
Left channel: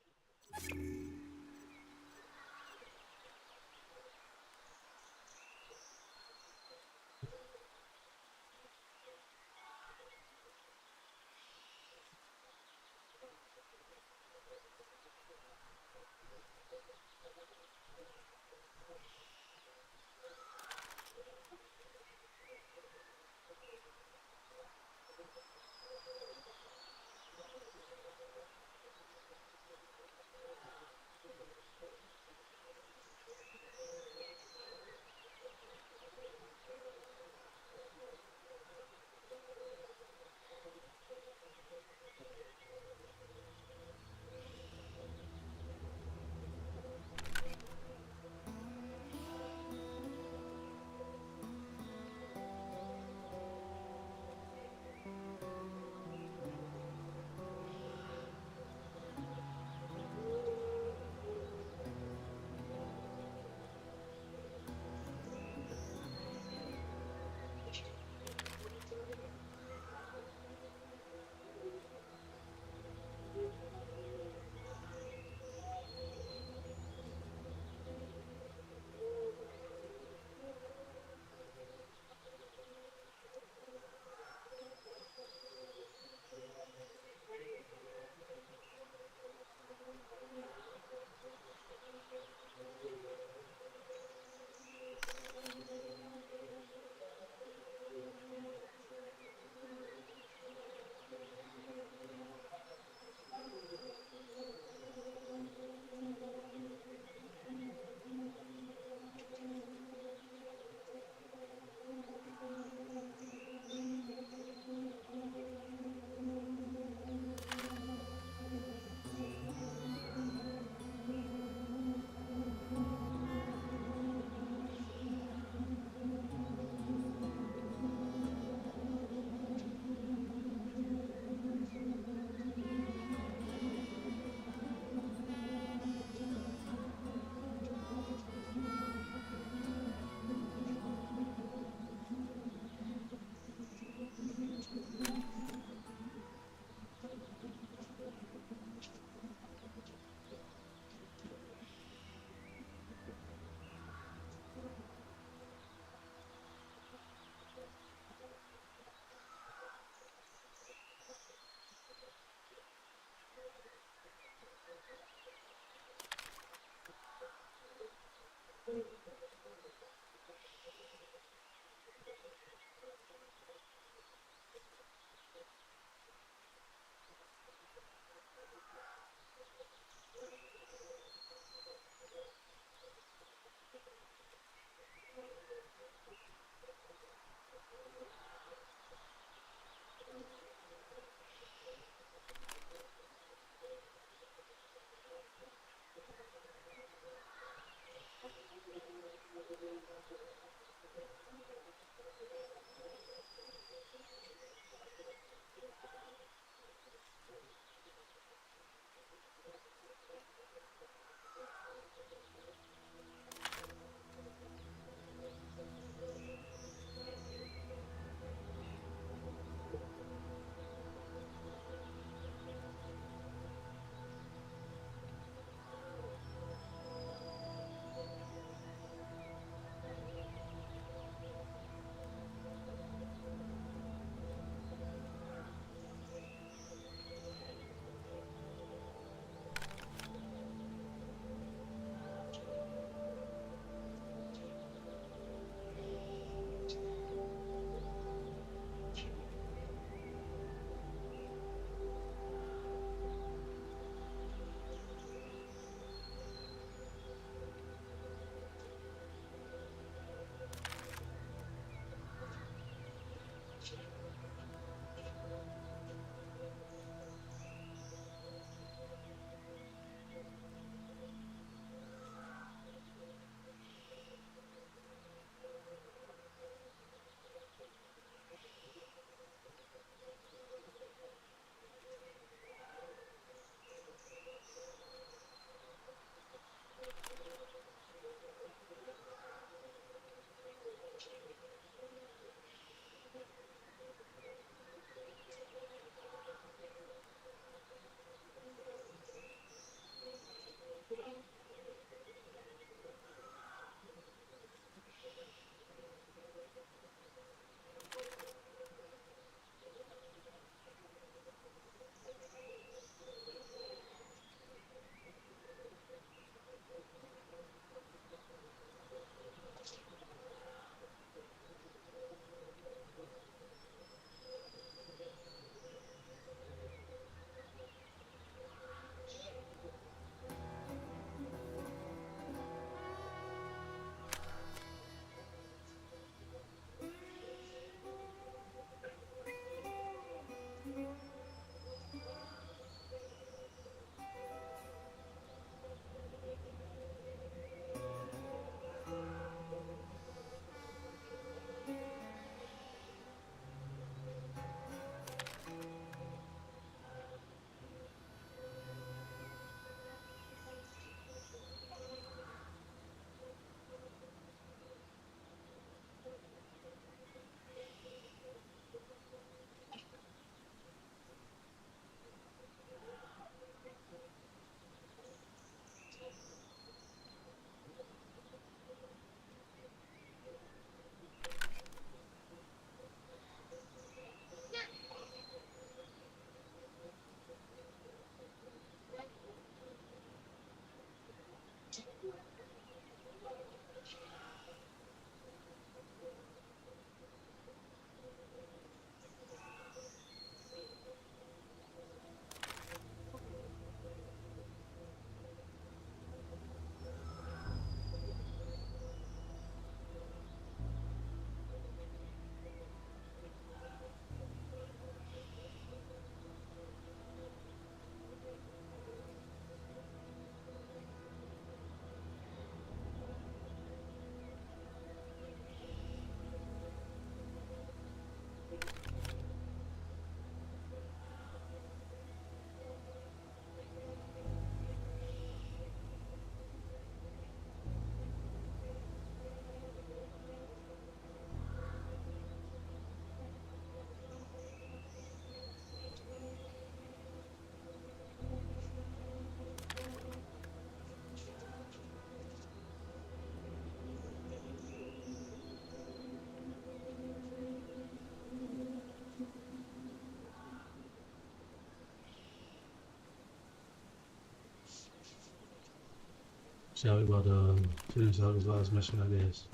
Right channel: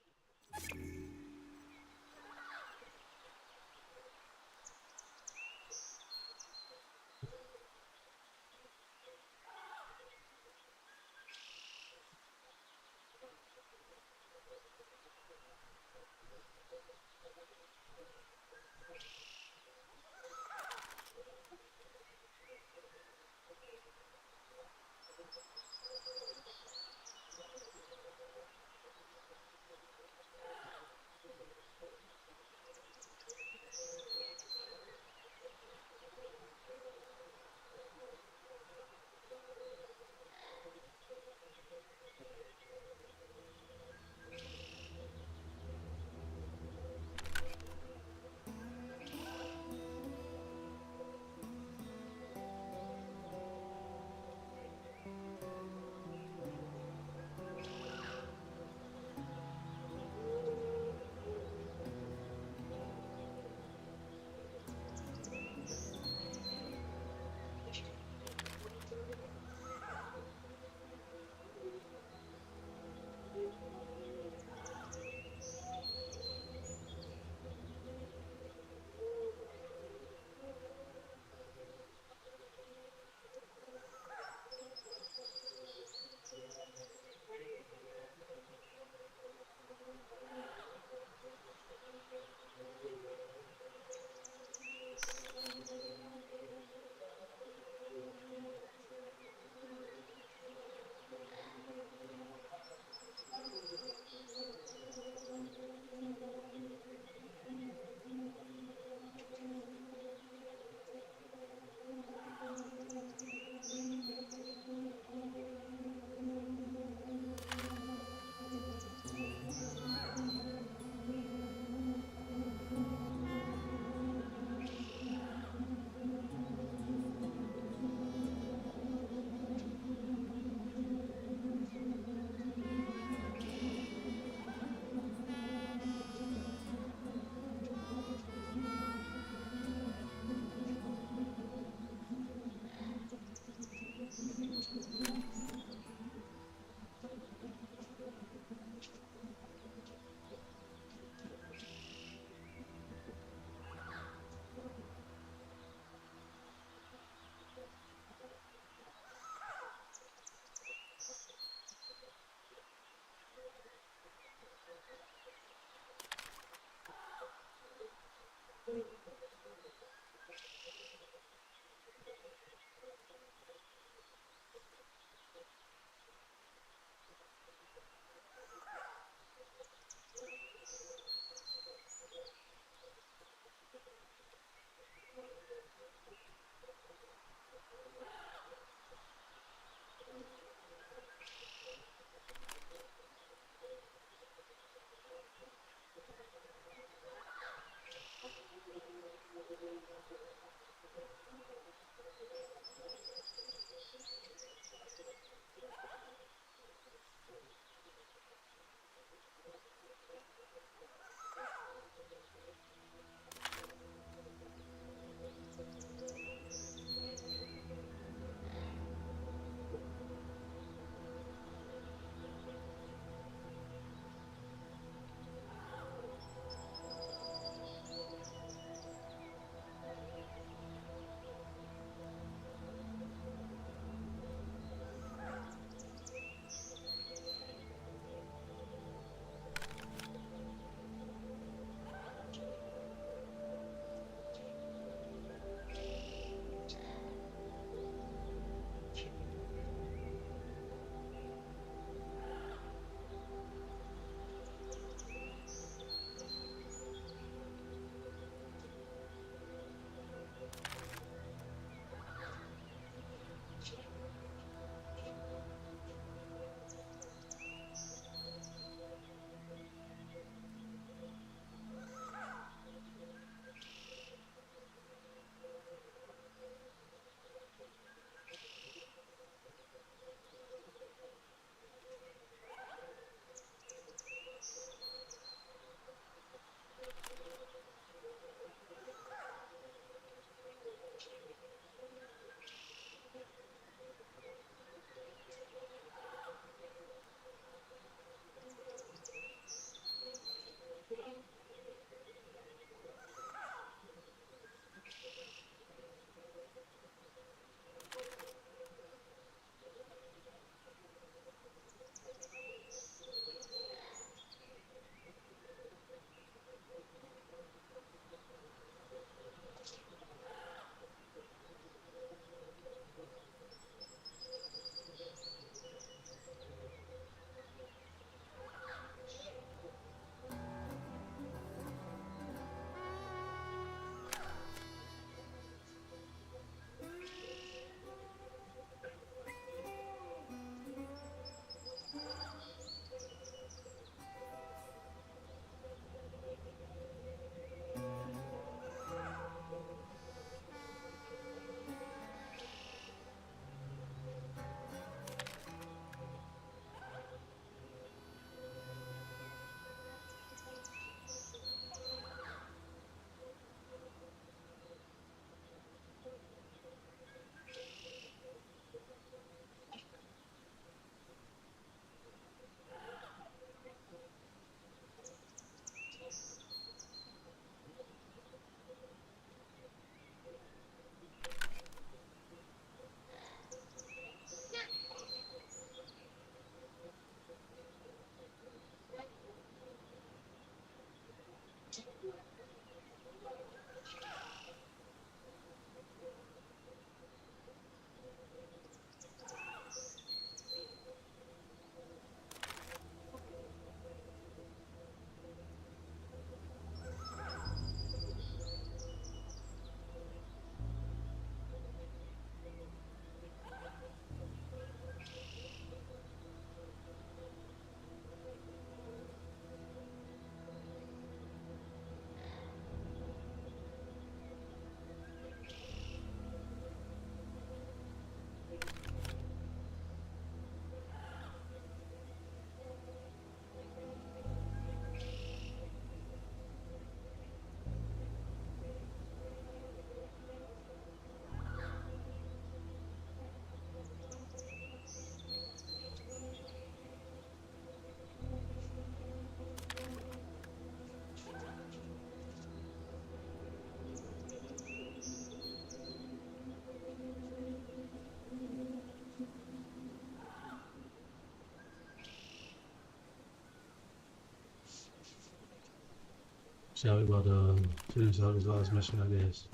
Shall we about to finish out this last mission, I guess.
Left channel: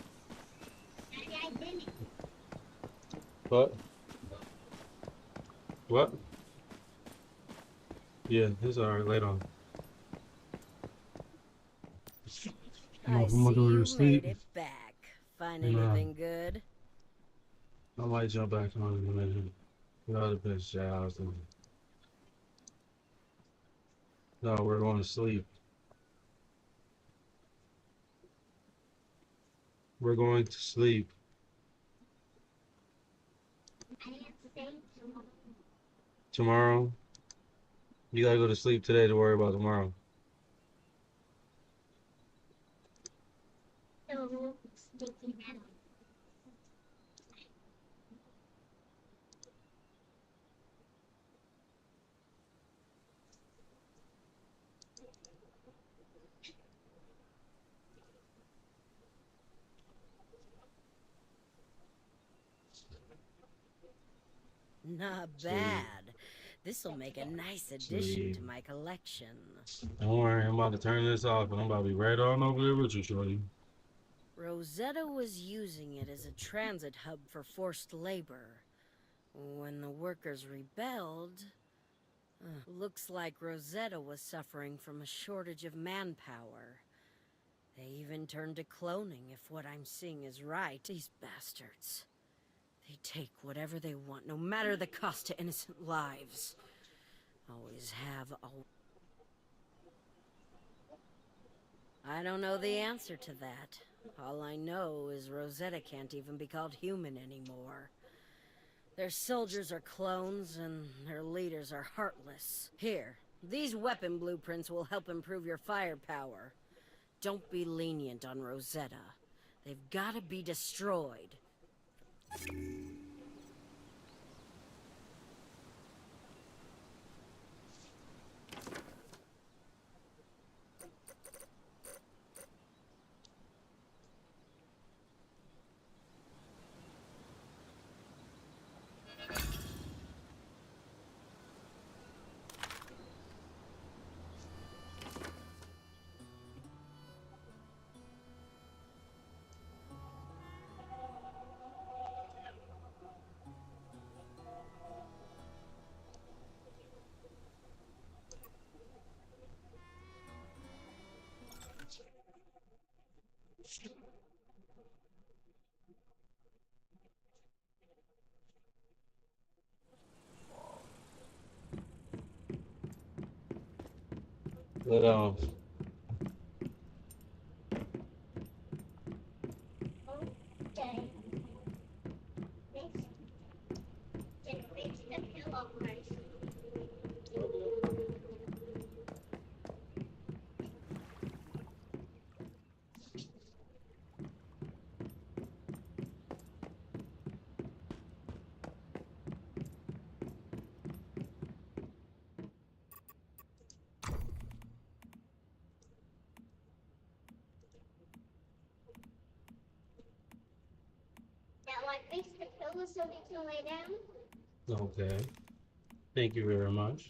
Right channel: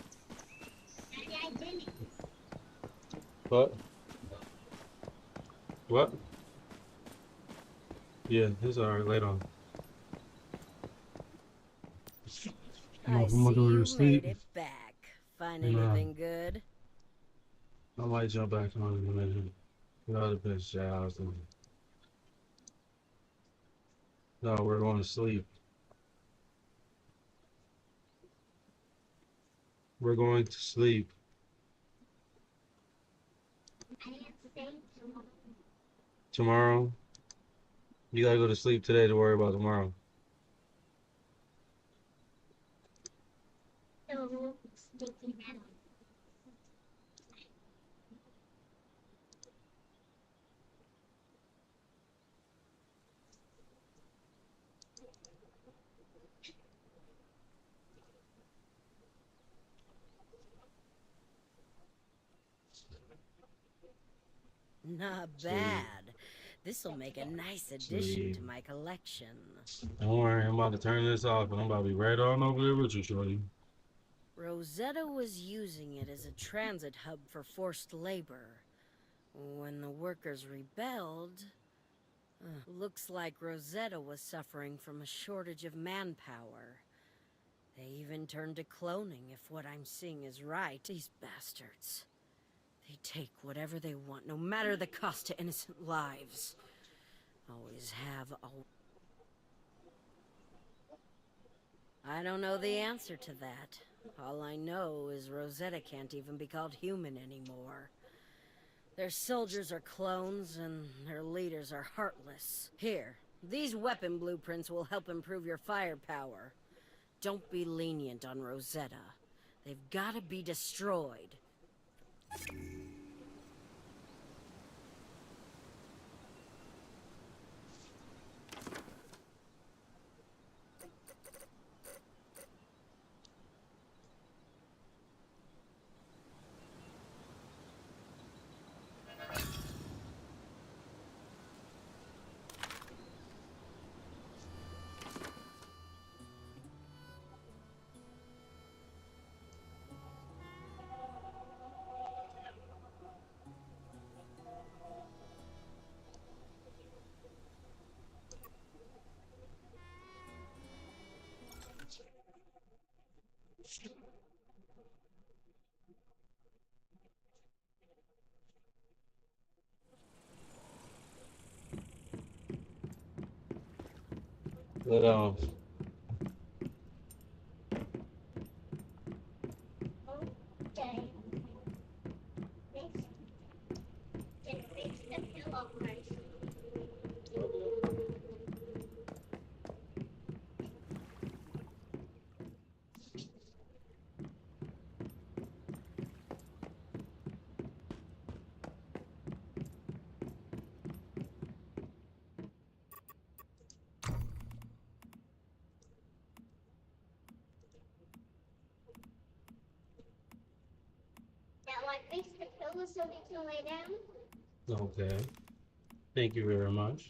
What? What? Yeah, it's alright, later on. I see you made it back. Find anything good? I might jump back on in a minute. Get all the best jobs. No, we're going to sleep. We're going to sleep. Tomorrow? You gotta go to sleep today to worry about tomorrow. Not bad. This'll make a nice addition to my collection. Don't worry, I'm about to turn this off and I'm about to be right on over there with you, shorty. Rosetta was using it as a transit hub for forced labor. When the workers rebelled, looks like Rosetta was suffering from a shortage of manpower. They even turned to cloning, if what I'm seeing is right. These bastards. They take whatever they want, no matter the cost to innocent lives. Always have, I don't know the answer to that. All I know is Rosetta can't even be called human anymore. Their soldiers are clones, and their leaders are heartless. Here, these weapon blueprints will help improve your firepower. Don't be lenient on Rosetta. They've gotta be destroyed. But Makes the pillow so they can lay down. okay. Thank you very much.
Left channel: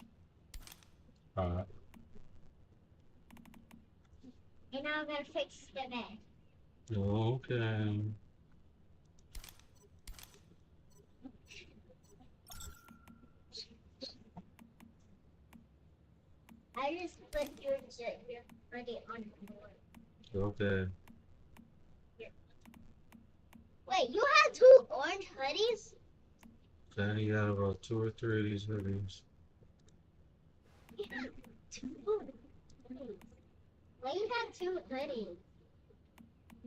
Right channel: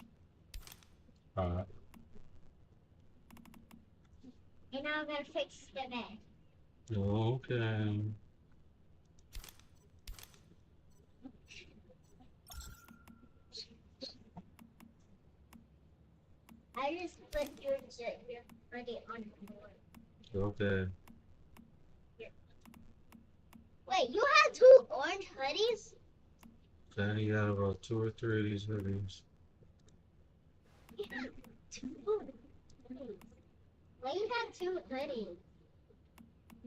Alright. And now I'm gonna fix the bed. Okay. I just put your ready on the board. Okay. Wait, you have 2 orange hoodies? Okay, you got about 2 or 3 of these hoodies. You have 2 hoodies. Why you have 2 hoodies?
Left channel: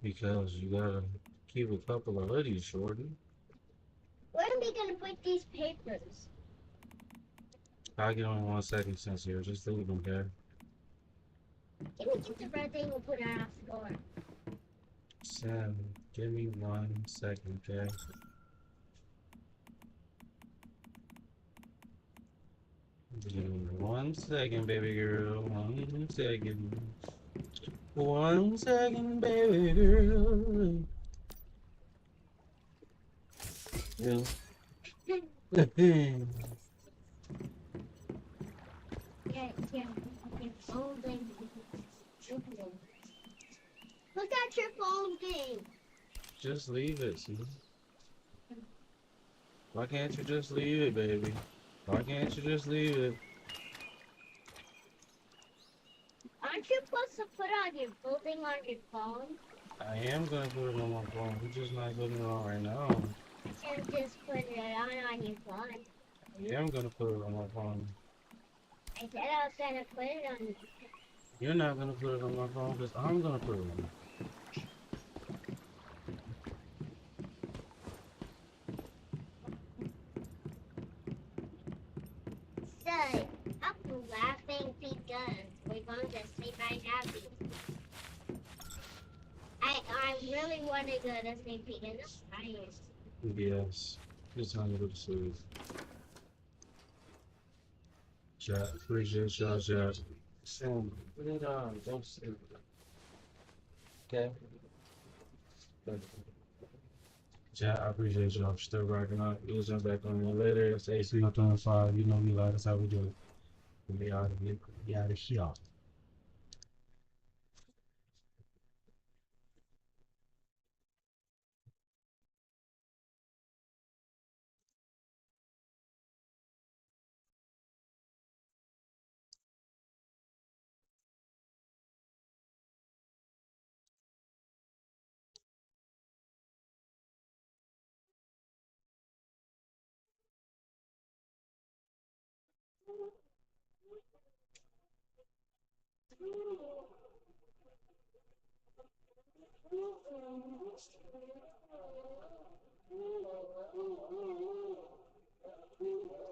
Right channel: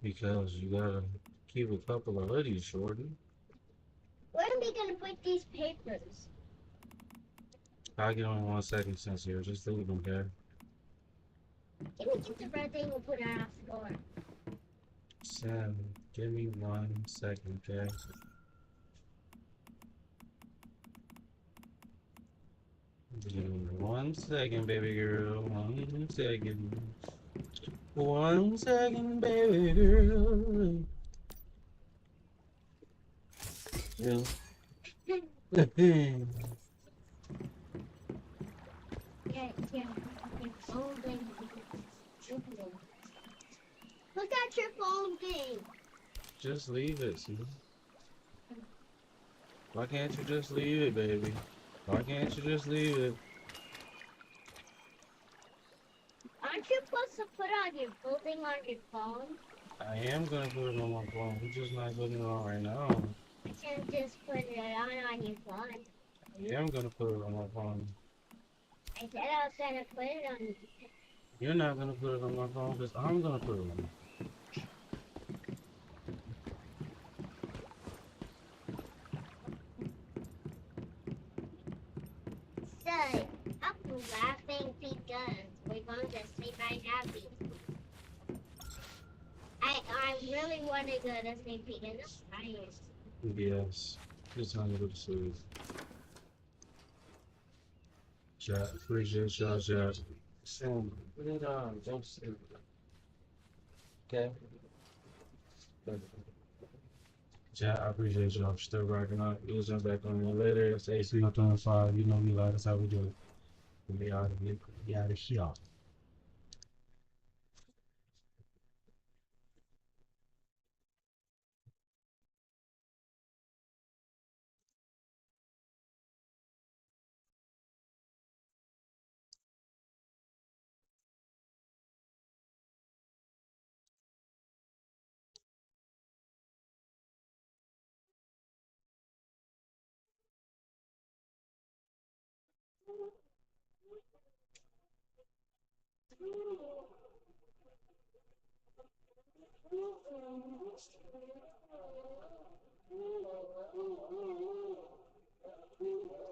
Because you gotta keep a couple of hoodies, shorty. Where are we gonna put these papers? I'll get on 1 second since here. Just leave them, okay? Can we get the red thing and put it on the floor? Sam, give me 1 second, okay? Give me 1 second, baby girl. 1 second. 1 second, baby girl. Yeah. Look at your phone thing. Just leave it, see? Why can't you just leave it, baby? Why can't you just leave it? Aren't you supposed to put on your clothing on your phone? I am gonna put it on my phone. We're just not putting it on right now. You can't just put it on your phone. I am gonna put it on my phone. I said I was gonna put it on. You're not gonna put it on my phone because I'm gonna put it on. So, I'm laughing because we're going to sleep right now. I really want to go to sleep because I'm tired. Yes. It's time to go to sleep. Chat, appreciate y'all, chat. Sam, put it on. Don't sleep. Okay? Chat, I appreciate y'all for still rocking out. We'll jump back on there later. It's AC 25. You know we like. That's how we do it. We out of here. We out of here.